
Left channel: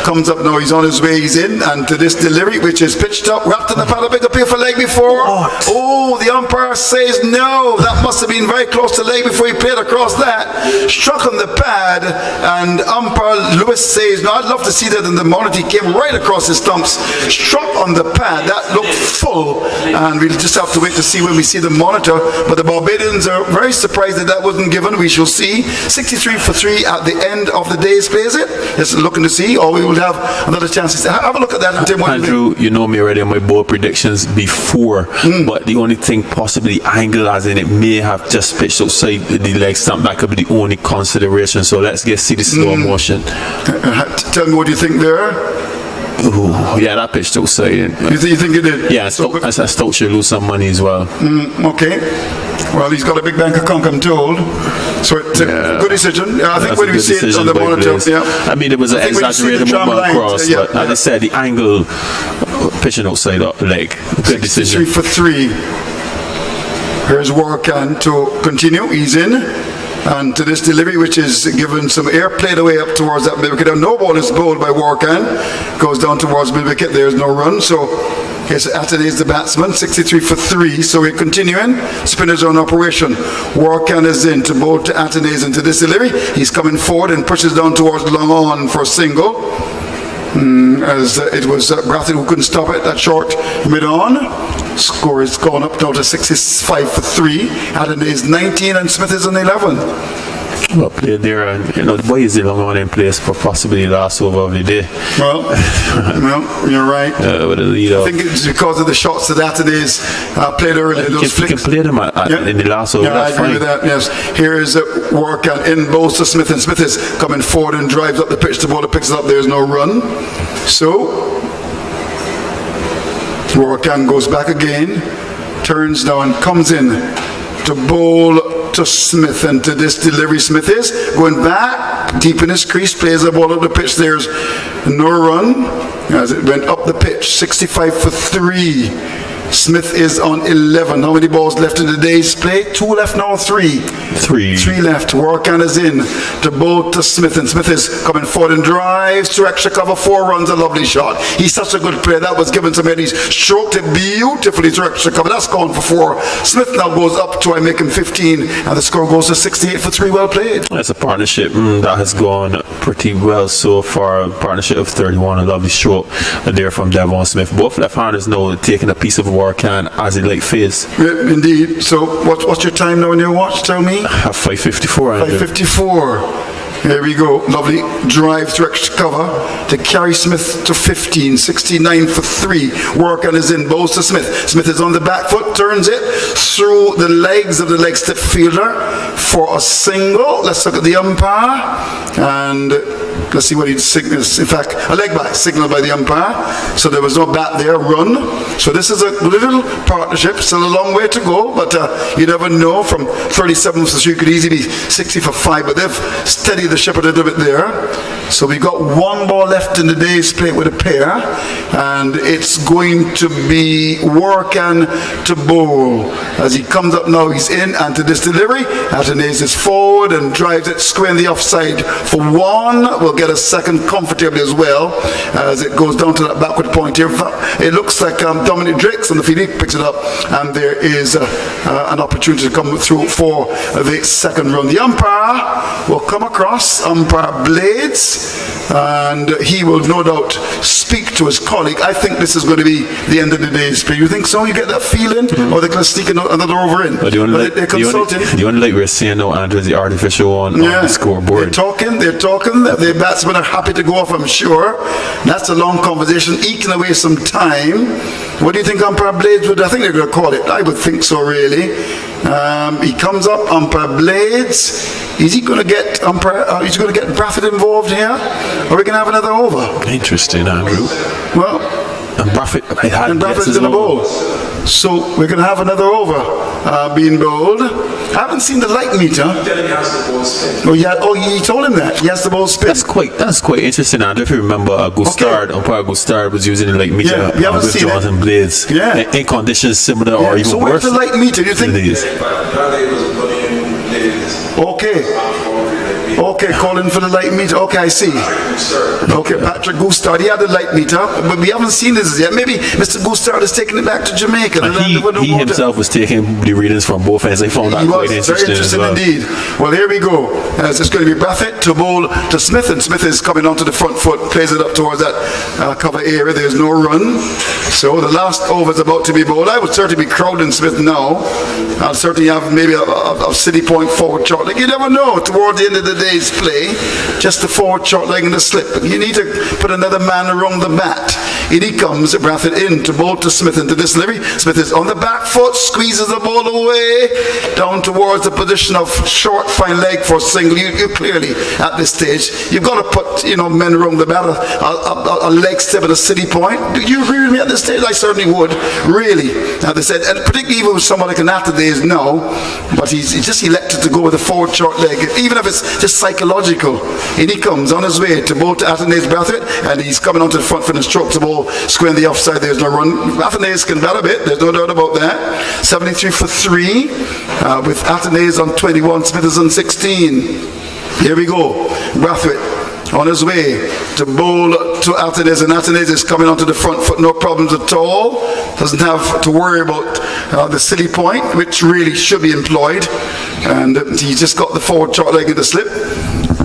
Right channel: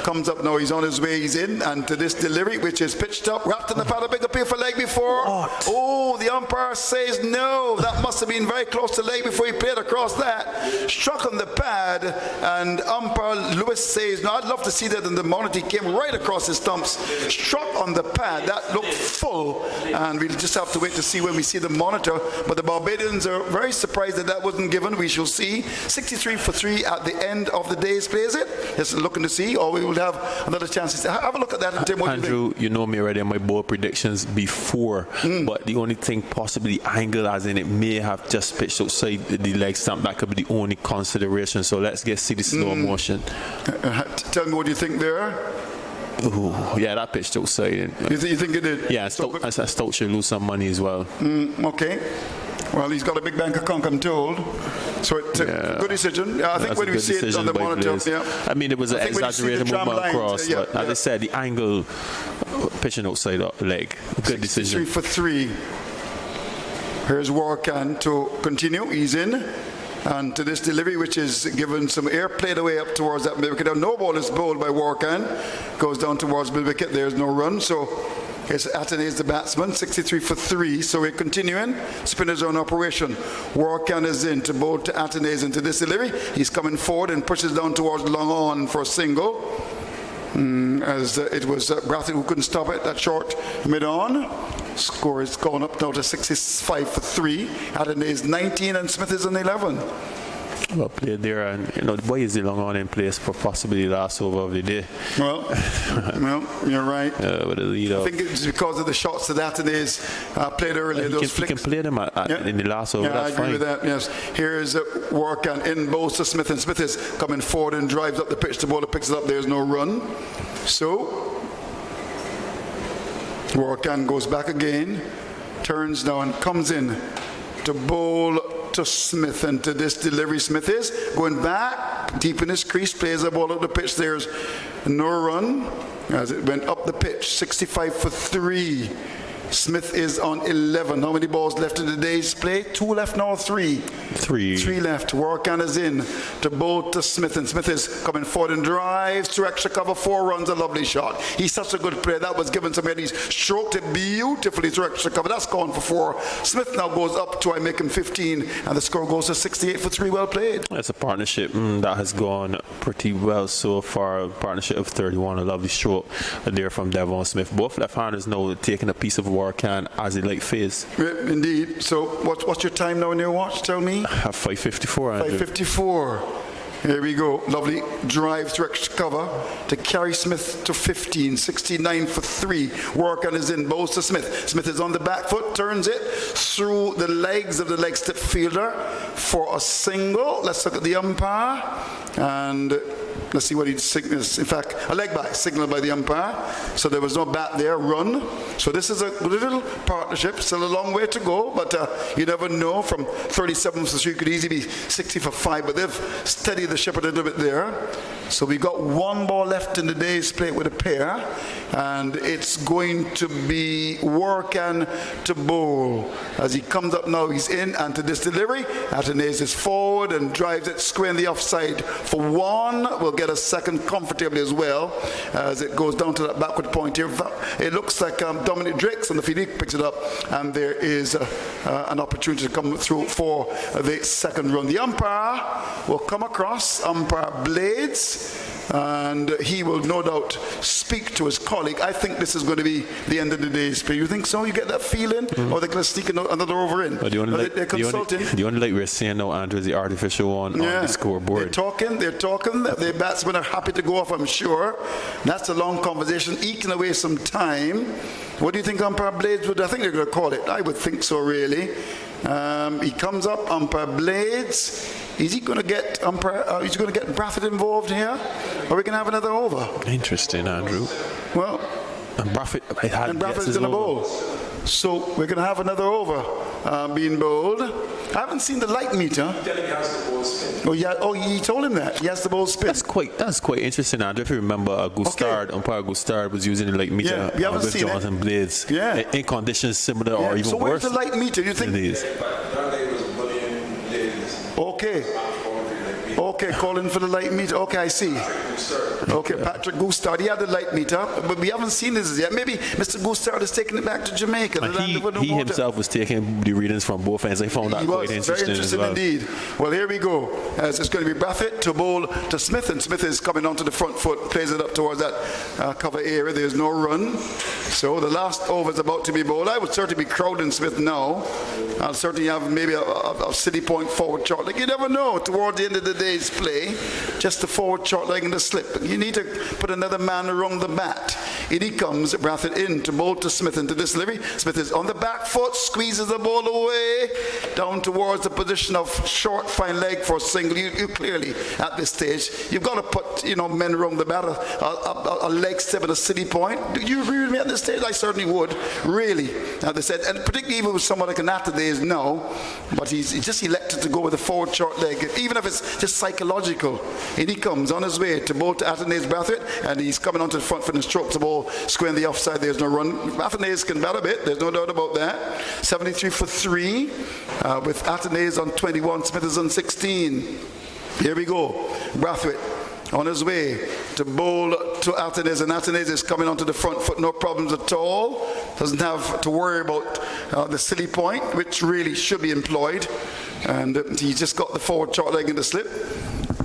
comes up now. He's on his way, he's in, and to this delivery, which is pitched up, wrapped in the pad, a big appeal for leg before. What? Oh, the umpire says no. That must have been very close to leg before he played across that. Struck on the pad, and umpire Lewis says no. I'd love to see that in the monitor. He came right across his stumps, struck on the pad. That looked full, and we'll just have to wait to see when we see the monitor. But the Barbadians are very surprised that wasn't given. We shall see. 63 for 3 at the end of the day's play, is it? Just looking to see, or we will have another chance. Have a look at that. And Tim, Andrew, you know me already on my bold predictions before, but the only thing possibly angle, as in it may have just pitched outside the leg stump. That could be the only consideration. So let's see the slow motion. Tell me what you think there. Ooh, yeah, that pitched outside. You think it did? Yeah, Stout should lose some money as well. Okay. Well, he's got a big bank account, I'm told. So it's a good decision. I think when we see it on the monitor, I mean, it was an exaggerated movement across, but as I said, the angle pitching outside the leg. Good decision. 3 for 3. Here's Warkan to continue. He's in. And to this delivery, which is given some air, played away up towards that mid wicket. No ball is bowled by Warkan. Goes down towards mid wicket. There's no run. So here's Atenez, the batsman, 63 for 3. So we're continuing. Spinners on operation. Warkan is in to bowl to Atenez into this delivery. He's coming forward and pushes down towards long on for a single. As it was Brathwaite who couldn't stop it. That short mid-on. Score is gone up now to 65 for 3. Atenez 19 and Smith is on 11. Well played there, and the boy is the long on in place for possibly the last over of the day. Well, you're right. With a lead I think it's because of the shots that Atenez played earlier. Those flicks. You can play them in the last over. Yeah, I agree with that. Yes. Here is Warkan in bowls to Smith, and Smith is coming forward and drives up the pitch. The bowler picks it up. There's no run. So Warkan goes back again, turns down, comes in to bowl to Smith, and to this delivery Smith is going back deep in his crease, plays the ball up the pitch. There's no run as it went up the pitch. 65 for 3. Smith is on 11. How many balls left in the day's play? 2 left now, 3. 3 left. Warkan is in to bowl to Smith, and Smith is coming forward and drives to extra cover. 4 runs, a lovely shot. He's such a good player. That was given to him. He's stroked it beautifully to extra cover. That's gone for 4. Smith now goes up to make him 15, and the score goes to 68 for 3. Well played. That's a partnership that has gone pretty well so far. A partnership of 31, a lovely stroke there from Devon Smith. Both left-handers now taking a piece of Warkan as a late phase. Yeah, indeed. So what's your time now on your watch? Tell me. 5:54. 5:54. Here we go. Lovely drive to extra cover to carry Smith to 15. 69 for 3. Warkan is in. Bowls to Smith. Smith is on the back foot. Turns it through the legs of the leg step fielder for a single. Let's look at the umpire. And let's see what he signals. In fact, a leg back signaled by the umpire. So there was no bat there. Run. So this is a little partnership. Still a long way to go, but you never know. From 37 for 3 could easily be 60 for 5, but they've steadied the ship a little bit there. So we got one ball left in the day's play with a pair, and it's going to be Workan to bowl. As he comes up now, he's in, and to this delivery, Athenaeus is forward and drives it square in the offside for one. We'll get a second comfortably as well, as it goes down to that backward point here. It looks like Dominic Drakes on the field, he picks it up, and there is an opportunity to come through for the second run. The umpire will come across, umpire Blades, and he will no doubt speak to his colleague. I think this is going to be the end of the day's play. You think so? You get that feeling? Or they're going to sneak another over in? But they're consulting. The only light we're seeing now, Andrew, is the artificial on the scoreboard. They're talking. The batsmen are happy to go off, I'm sure. That's a long conversation, eking away some time. What do you think umpire Blades would? I think they're going to call it. I would think so, really. He comes up, umpire Blades. Is he going to get he's going to get Brathwaite involved here? Or we can have another over? Interesting, Andrew. Well, and Brathwaite's in the bowl. So we're going to have another over being bowled. I haven't seen the light meter. He told him that. He has the ball spin. That's quite interesting, Andrew. If you remember, umpire Gustard was using the light meter with Jonathan Blades in conditions similar or even worse. So where's the light meter? You think? Okay, calling for the light meter. Okay, I see. Okay, Patrick Gustard, he had the light meter, but we haven't seen this yet. Maybe Mr. Gustard is taking it back to Jamaica. He himself was taking the readings from both ends. I found that quite interesting. Very interesting indeed. Well, here we go. It's going to be Brathwaite to bowl to Smith, and Smith is coming onto the front foot, plays it up towards that cover area. There's no run. So the last over is about to be bowled. I would certainly be crowding Smith now. I'll certainly have maybe a City Point forward short leg. You never know towards the end of the day's play. Just the forward short leg and the slip. But you need to put another man around the bat. In he comes, Brathwaite in to bowl to Smith into this delivery. Smith is on the back foot, squeezes the ball away, down towards the position of short, fine leg for single. You clearly, at this stage, you've got to put men around the bat, a leg step at a City Point. Do you agree with me at this stage? I certainly would, really. As they said, and particularly even with someone like an Athenaeus now, but he just elected to go with a forward short leg, even if it's just psychological. And he comes on his way to bowl to Athenaeus Brathwaite, and he's coming onto the front foot and strokes the ball square in the offside. There's no run. Athenaeus can bat a bit, there's no doubt about that. 73 for 3, with Athenaeus on 21, Smith is on 16. Here we go. Brathwaite on his way to bowl to Athenaeus, and Athenaeus is coming onto the front foot, no problems at all. Doesn't have to worry about the City Point, which really should be employed. And he's just got the forward short leg in the slip.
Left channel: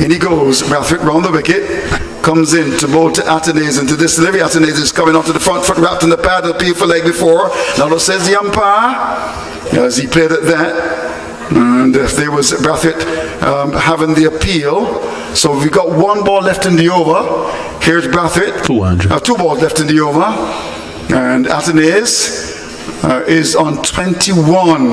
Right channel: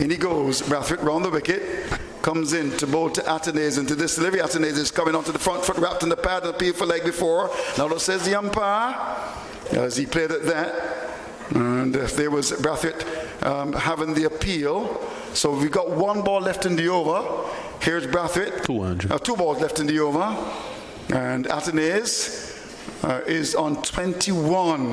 In he goes, Brathwaite round the wicket. Comes in to bowl to Athenaeus into this delivery. Athenaeus is coming onto the front foot, wrapped in the pad, a beautiful leg before. Now says the umpire, as he played at that. And there was Brathwaite having the appeal. So we've got one ball left in the over. Here's Brathwaite. 2 balls left in the over. And Athenaeus is on 21.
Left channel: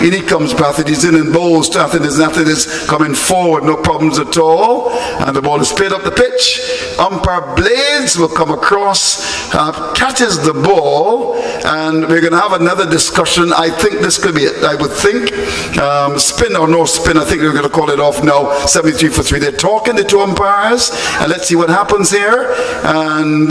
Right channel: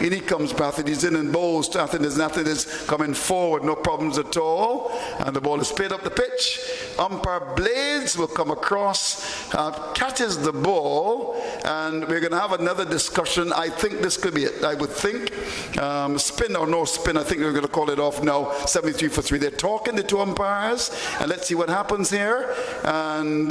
In he comes Brathwaite. He's in and bowls to Athenaeus, and Athenaeus coming forward, no problems at all. And the ball is played up the pitch. Umpire Blades will come across, catches the ball, and we're going to have another discussion. I think this could be it. I would think spin or no spin. I think we're going to call it off now. 73 for 3. They're talking, the two umpires, and let's see what happens here. And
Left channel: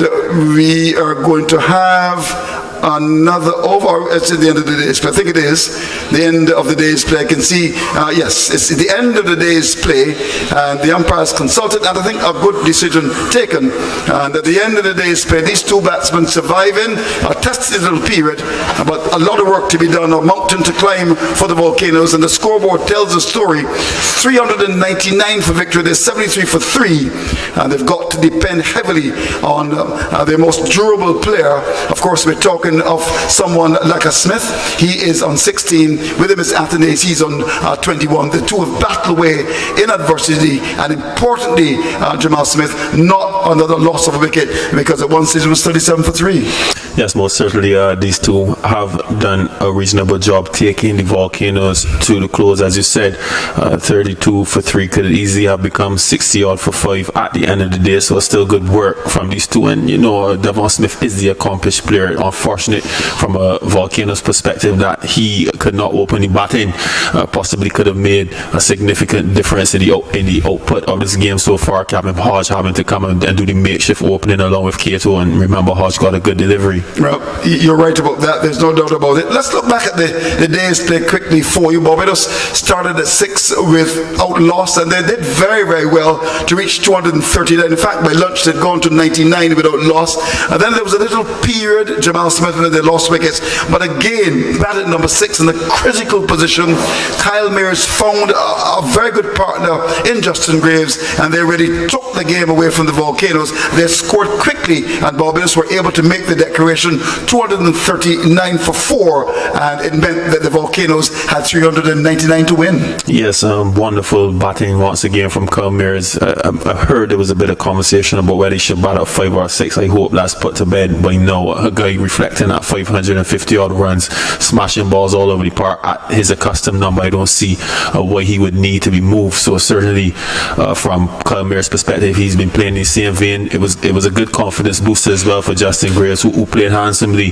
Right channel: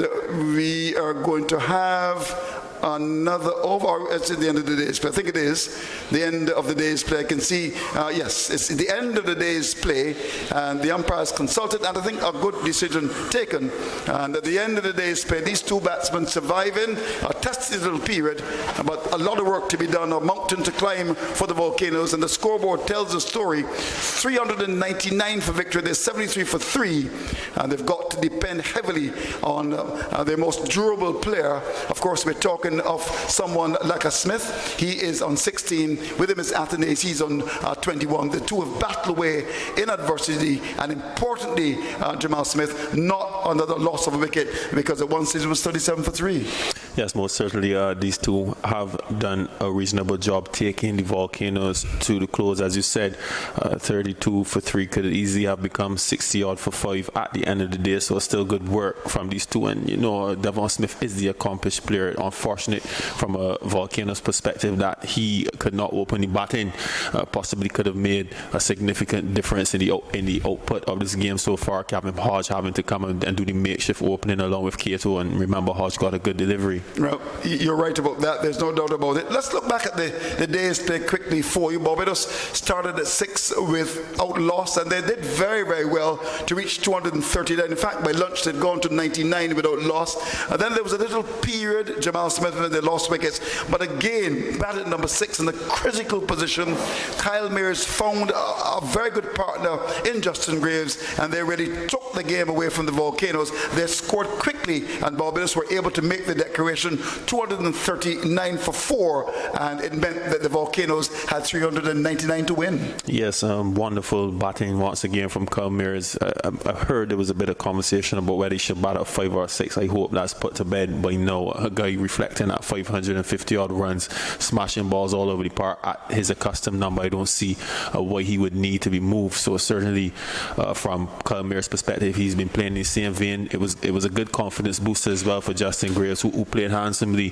we are going to have another over. It's at the end of the day's play. I think it is the end of the day's play. I can see, yes, it's the end of the day's play, and the umpires consulted, and I think a good decision taken. And at the end of the day's play, these two batsmen surviving a tested little period, but a lot of work to be done, a mountain to climb for the Volcanoes, and the scoreboard tells the story. 399 for victory. They're 73 for 3, and they've got to depend heavily on their most durable player. Of course, we're talking of someone like a Smith. He is on 16. With him is Athenaeus. He's on 21. The two have battled away in adversity, and importantly, Jamal Smith not another loss of a wicket, because at one stage it was 37 for 3. Yes, most certainly. These two have done a reasonable job taking the Volcanoes to the close. As you said, 32 for 3 could easily have become 60 odd for 5 at the end of the day. So still good work from these two. And you know, Devon Smith is the accomplished player. Unfortunate from a Volcanoes perspective that he could not open the batting. Possibly could have made a significant difference in the output of this game so far. Captain Hodge having to come and do the makeshift opening along with Cato, and remember Hodge got a good delivery. Well, you're right about that. There's no doubt about it. Let's look back at the days played quickly for you. Barbados started at 6 without loss, and they did very, very well to reach 239. In fact, by lunch they'd gone to 99 without loss. And then there was a little period, Jamal Smith, and they lost wickets. But again, batted number 6 in a critical position. Kyle Mears found a very good partner in Justin Graves, and they really took the game away from the Volcanoes. They scored quickly, and Barbados were able to make the declaration 239 for 4, and it meant that the Volcanoes had 399 to win. Yes, wonderful batting once again from Kyle Mears. I heard there was a bit of conversation about whether he should bat at 5 or 6. I hope that's put to bed by now. A guy reflecting at 550 odd runs, smashing balls all over the park at his accustomed number. I don't see why he would need to be moved. So certainly from Kyle Mears' perspective, he's been playing in the same vein. It was a good confidence booster as well for Justin Graves, who played handsomely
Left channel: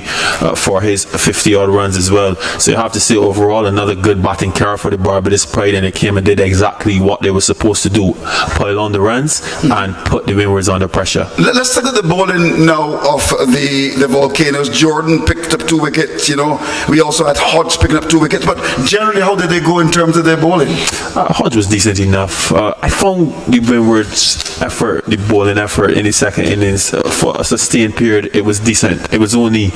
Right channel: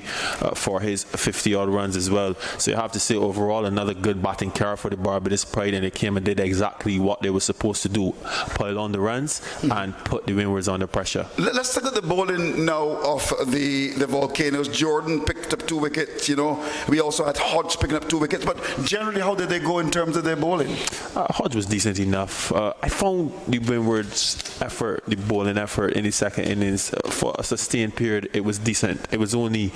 for his 50 odd runs as well. So you have to say overall another good batting carry for the Barbados Pride, and they came and did exactly what they were supposed to do: pile on the runs and put the Windwards under pressure. Let's look at the bowling now of the Volcanoes. Jordan picked up 2 wickets. You know, we also had Hodge picking up 2 wickets. But generally, how did they go in terms of their bowling? Hodge was decent enough. I found the Windwards' effort, the bowling effort in the second innings for a sustained period, it was decent. It was only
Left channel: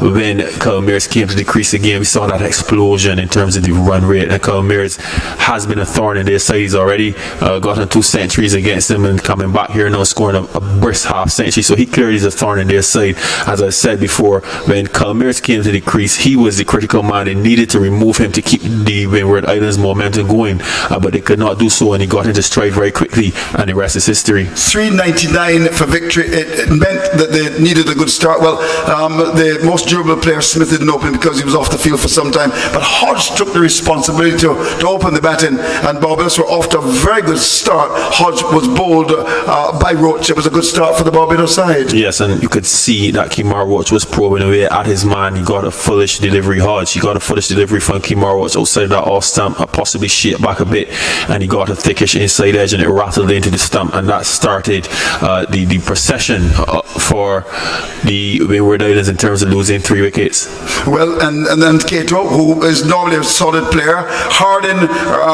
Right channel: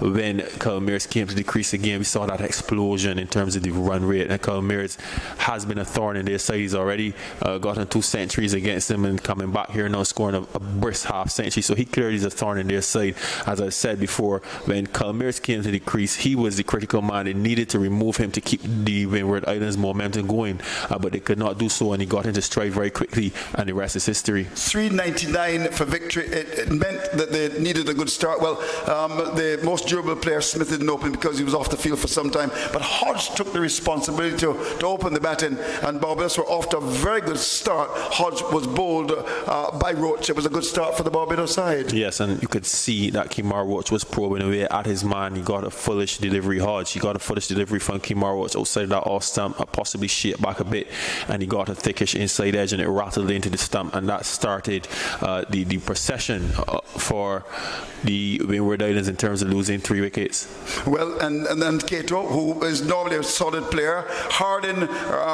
when Kyle Mears came to the crease again, we saw that explosion in terms of the run rate. And Kyle Mears has been a thorn in their side. He's already gotten 2 centuries against them, and coming back here now scoring a brisk half century. So he clearly is a thorn in their side. As I said before, when Kyle Mears came to the crease, he was the critical man. They needed to remove him to keep the Windward Islands momentum going, but they could not do so, and he got into stride very quickly, and the rest is history. 399 for victory. It meant that they needed a good start. Well, the most durable player, Smith, didn't open because he was off the field for some time, but Hodge took the responsibility to open the batting, and Barbados were off to a very good start. Hodge was bowled by Roach. It was a good start for the Barbados side. Yes, and you could see that Kemar Roach was probing away at his man. He got a foolish delivery. Hodge, he got a foolish delivery from Kemar Roach outside that off stump, possibly shaped back a bit, and he got a thickish inside edge, and it rattled into the stump, and that started the procession for the Windward Islands in terms of losing 3 wickets. Well, and then Cato, who is normally a solid player, Hardin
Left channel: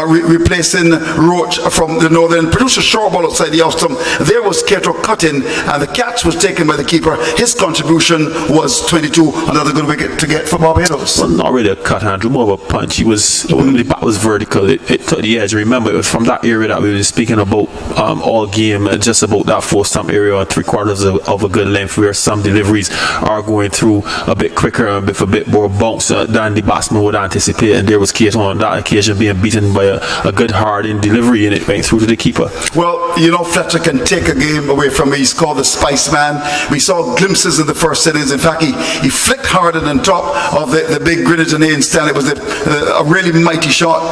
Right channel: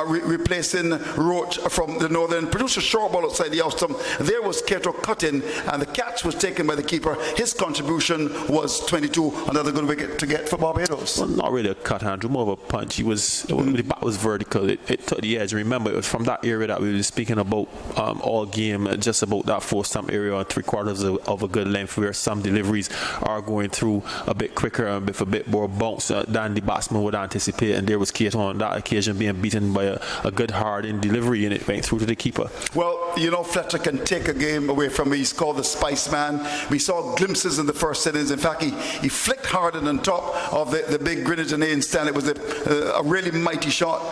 replacing Roach from the Northern, produced a short ball outside the off stump. There was Cato cutting, and the catch was taken by the keeper. His contribution was 22, another good wicket to get for Barbados. Well, not really a cut, Andrew, more of a punch. The bat was vertical. It took the edge. Remember, it was from that area that we were speaking about all game, just about that 4 stump area, 3/4 of a good length, where some deliveries are going through a bit quicker and with a bit more bounce than the batsman would anticipate. And there was Cato on that occasion being beaten by a good hard-in delivery, and it went through to the keeper. Well, you know, Fletcher can take a game away from me. He's called the Spice Man. We saw glimpses in the first innings. In fact, he flicked Hardin on top of the big Grenadier stand. It was a really mighty shot,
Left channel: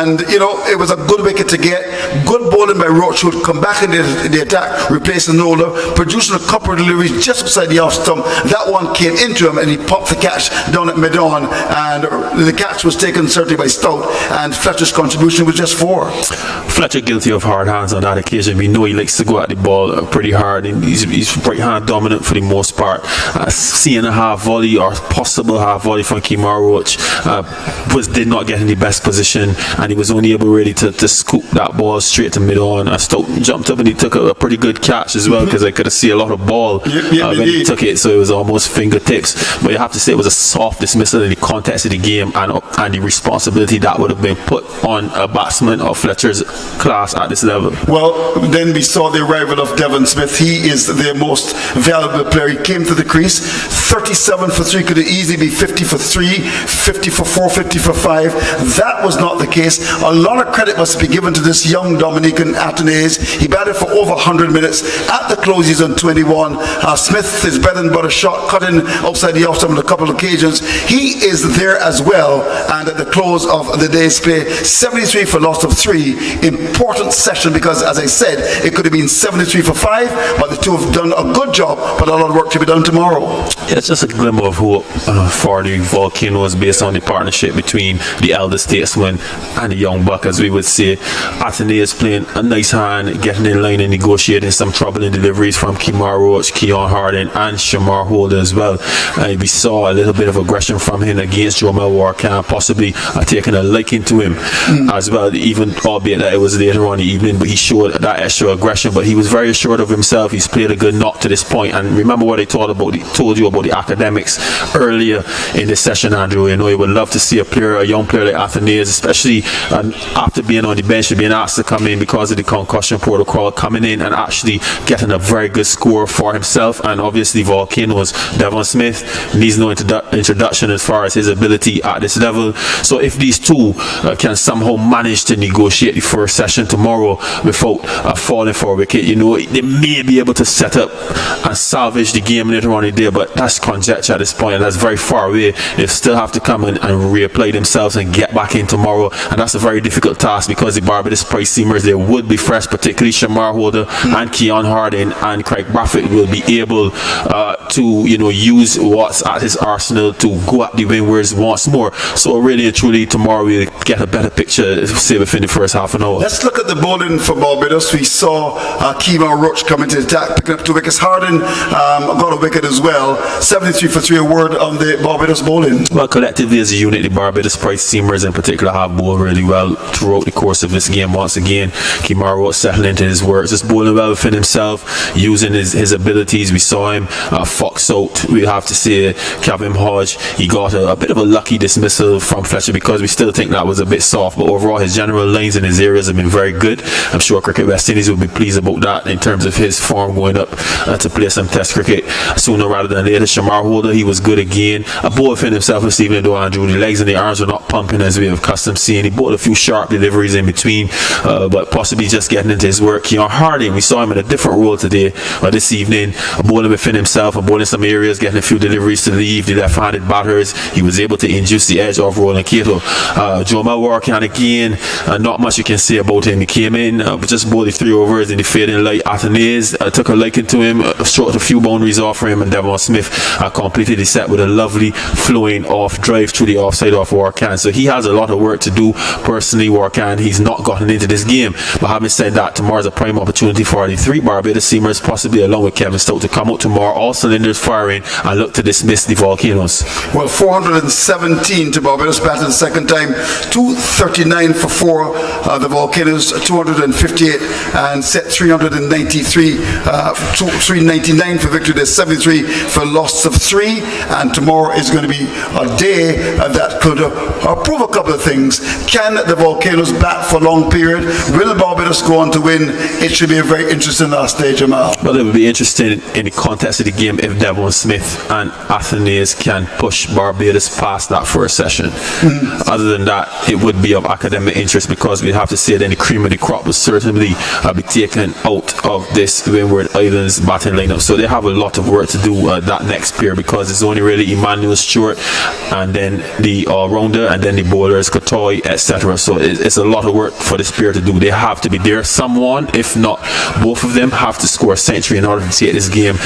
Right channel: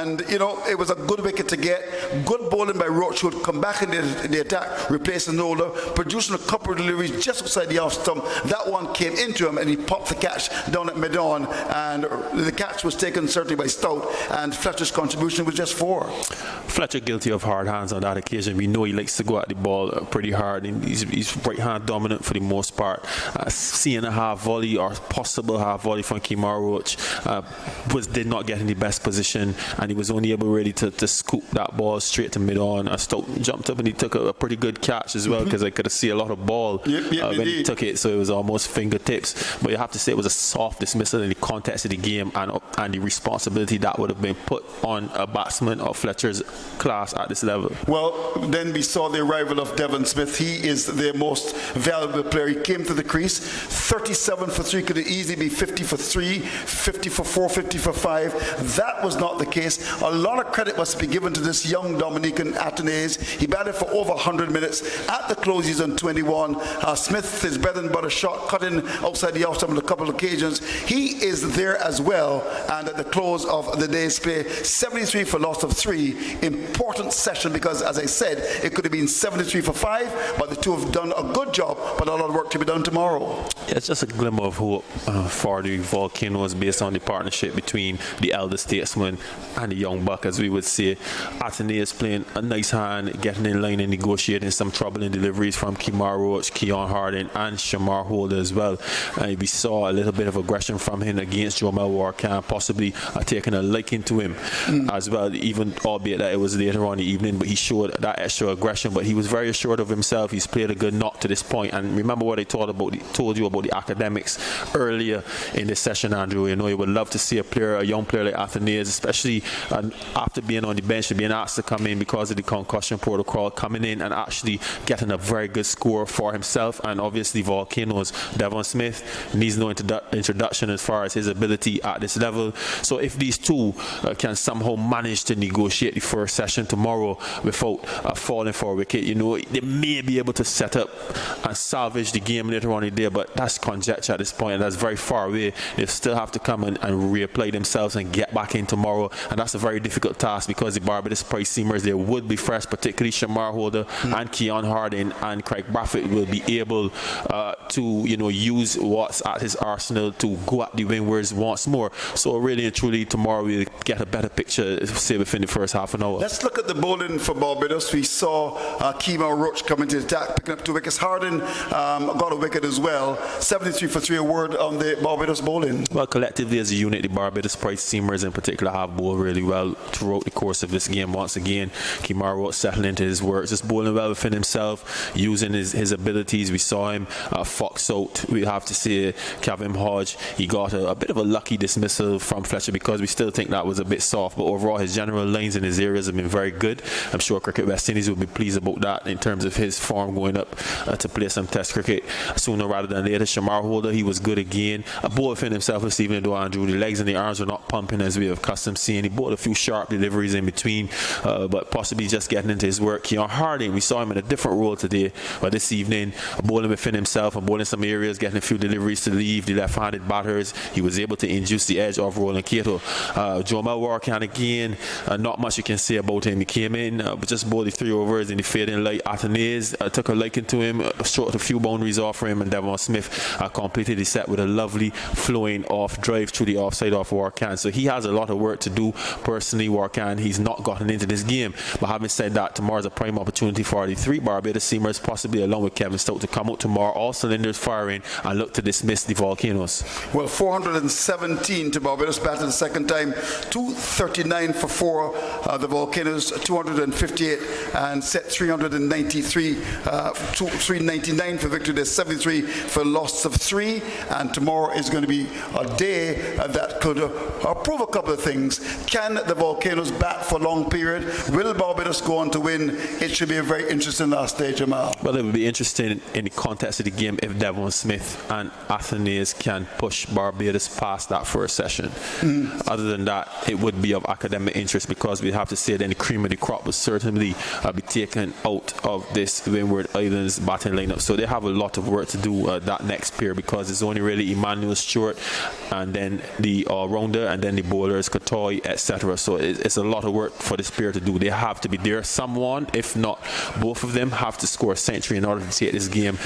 and you know, it was a good wicket to get. Good bowling by Roach, who would come back in the attack, replacing Nola, producing a couple of deliveries just outside the off stump. That one came into him, and he popped the catch down at mid-on, and the catch was taken certainly by Stout, and Fletcher's contribution was just 4. Fletcher guilty of hard hands on that occasion. We know he likes to go at the ball pretty hard, and he's right hand dominant for the most part. Seeing a half volley or possible half volley from Kemar Roach did not get in the best position, and he was only able really to scoop that ball straight to mid-on. Stout jumped up and he took a pretty good catch as well, because I could see a lot of ball when he took it, so it was almost fingertips. But you have to say it was a soft dismissal in the context of the game, and the responsibility that would have been put on a batsman of Fletcher's class at this level. Well, then we saw the arrival of Devon Smith. He is their most valuable player. He came to the crease, 37 for 3, could easily be 50 for 3, 50 for 4, 50 for 5. That was not the case. A lot of credit must be given to this young Dominican Athanaze. He batted for over 100 minutes. At the close, he's on 21. Smith, his bread and butter shot, cut in outside the off on a couple of occasions. He is there as well. And at the close of the day's play, 73 for loss of 3. Important session because, as I said, it could have been 73 for 5, but the two have done a good job, but a lot of work to be done tomorrow. Yeah, it's just a glimmer of hope for the Volcanoes based on the partnership between the elder statesman and the young buck, as we would say. Athene is playing a nice hand, getting in line and negotiating some troubling deliveries from Kemar Roach, Keon Harding and Shamar Holder as well. We saw a little bit of aggression from him against Jomel Warkan, possibly taking a liking to him as well, even albeit that it was later on in the evening, but he showed that extra aggression, but he was very assured of himself. He's played a good knock to this point, and remember what I told you about the academics earlier in this session, Andrew. You know, you would love to see a young player like Athenaeus, especially after being on the bench, being asked to come in because of the concussion protocol, coming in and actually getting a very good score for himself. And obviously Volcanoes, Devon Smith needs no introduction as far as his ability at this level. So if these two can somehow manage to negotiate the first session tomorrow without falling for a wicket, you know, they may be able to set up and salvage the game later on in the day, but that's conjecture at this point, and that's very far away. They still have to come in and reapply themselves and get back in tomorrow, and that's a very difficult task because the Barbados price seamers, they would be fresh, particularly Shamar Holder and Keon Harding and Craig Braffett will be able to, you know, use what's at his arsenal to go at the Windwards once more. So really and truly tomorrow we'll get a better picture, say, within the first half an hour. Let's look at the bowling for Barbados. We saw Kemar Roach come into the attack, picking up 2 wickets. Harding got a wicket as well. 73 for 3, a word on the Barbados bowling. Well, collectively as a unit, the Barbados price seamers in particular have bowled really well throughout the course of this game. Once again, Kemar Roach settling into his work, just bowling well within himself, using his abilities. We saw him fox out, we have to say. Kevin Hodge, he got a bit of a lucky dismissal from Fletcher because we still think that was a bit soft, but overall his general lines in his areas have been very good. I'm sure Cricket West Indies will be pleased about that in terms of his form going up to play some test cricket sooner rather than later. Shamar Holder, he was good again. A bowler within himself this evening though, Andrew. The legs and the arms were not pumping as we have accustomed seeing. He bowled a few sharp deliveries in between, but possibly just getting into his work. Keon Harding, we saw him in a different role today, but this evening, bowling within himself and bowling some areas, getting a few deliveries to leave the left-handed batters. He was able to induce the edge of Roland Cato. Jomel Warkan again, not much you can say about him. He came in, but just bowled the 3 overs in the fading light. Athenaeus took a liking to him, stroked a few boundaries off for him, and Devon Smith completed the set with a lovely flowing off drive through the offside off Warkan. So he has a lot of work to do. Personally, Warkan, he's not gotten into this game, but having said that, tomorrow's a prime opportunity for the 3 Barbados seamers, possibly along with Kevin Stout, to come out tomorrow, all cylinders firing, and look to dismiss the Volcanoes. Well, 417 to Barbados, batted the second time, 239 for 4. The Volcanoes 258 and set 393, 399 for victory. There's 73 for loss of 3, and tomorrow is going to be a day that could prove a couple of things. Can the Volcanoes bat for a long period? Will Barbados go on to win? It should be a very interesting last day, Jamal. Well, it would be interesting in the context of the game if Devon Smith and Athenaeus can push Barbados past that first session. Other than that, it would be of academic interest because we have to say that the cream of the crop will certainly be taken out of this Windward Islands batting lineup. So they have a lot of work to do that next pair because it's only really Emmanuel Stewart and then the all-rounder and then the bowlers, Kotoy, etc. So it's a lot of work for this pair to do. They have to be there. Someone, if not both of them, have to score a century in order to take this game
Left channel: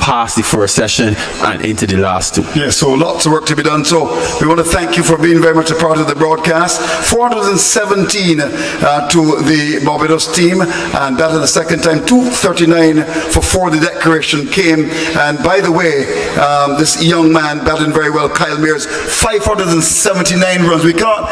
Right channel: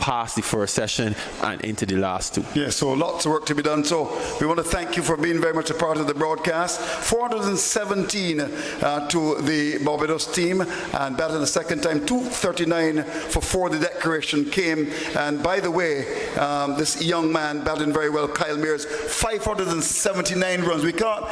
past the first session and into the last 2. Yeah, so lots of work to be done. So we want to thank you for being very much a part of the broadcast. 417 to the Barbados team, and that in the second time, 239 for 4. The declaration came, and by the way, this young man batting very well, Kyle Mears, 579 runs. We can't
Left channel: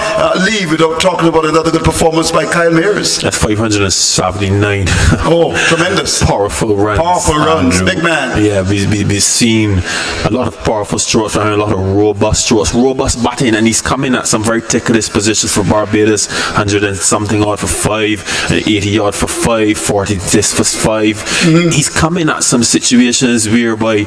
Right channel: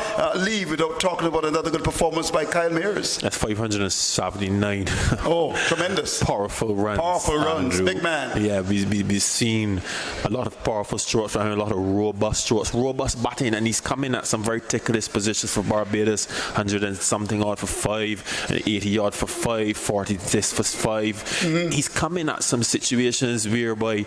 leave without talking about another good performance by Kyle Mears. That's 579. Oh, tremendous. Powerful runs. Powerful runs, big man. Yeah, we've seen a lot of powerful strokes and a lot of robust strokes, robust batting, and he's coming at some very ticklish positions for Barbados. 100 and something odd for 5, 80 odd for 5, 40 this for 5. He's coming at some situations whereby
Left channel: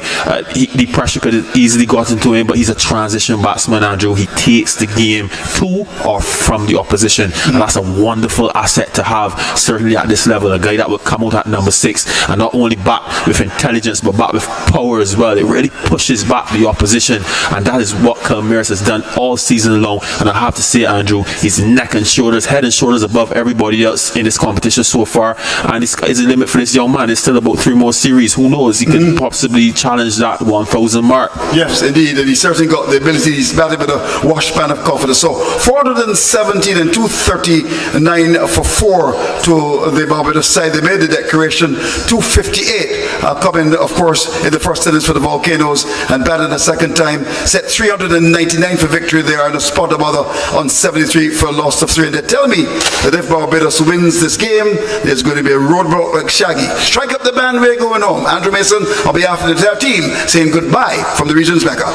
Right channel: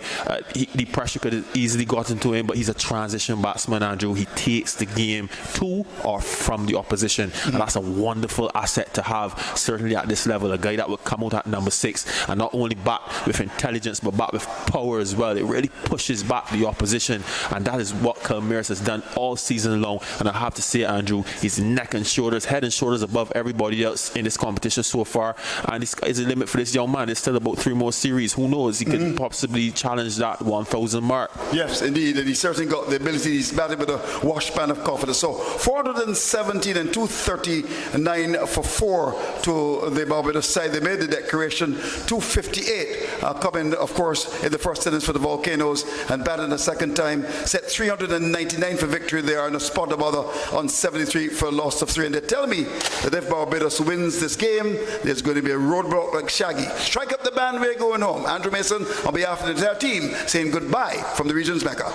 the pressure could have easily got into him, but he's a transition batsman, Andrew. He takes the game to or from the opposition, and that's a wonderful asset to have, certainly consistently at this level, a guy that would come out at number 6 and not only bat with intelligence but bat with power as well. It really pushes back the opposition, and that is what Calmeres has done all season long. And I have to say, Andrew, he's neck and shoulders, head and shoulders above everybody else in this competition so far, and the sky is the limit for this young man. There's still about 3 more series. Who knows, he could possibly challenge that 1,000 mark. Yes, indeed, and he certainly got the ability. He's batting with a wash pan of confidence. So 417 and 239 for 4 to the Barbados side. They made the declaration. 258 coming, of course, in the first innings for the Volcanoes, and batting a second time. Set 399 for victory. They are in a spot of other on 73 for a loss of 3. And they tell me that if Barbados wins this game, there's going to be a roadblock like Shaggy. Strike up the band, we're going home. Andrew Mason, on behalf of the entire team, saying goodbye from the region's Mecca.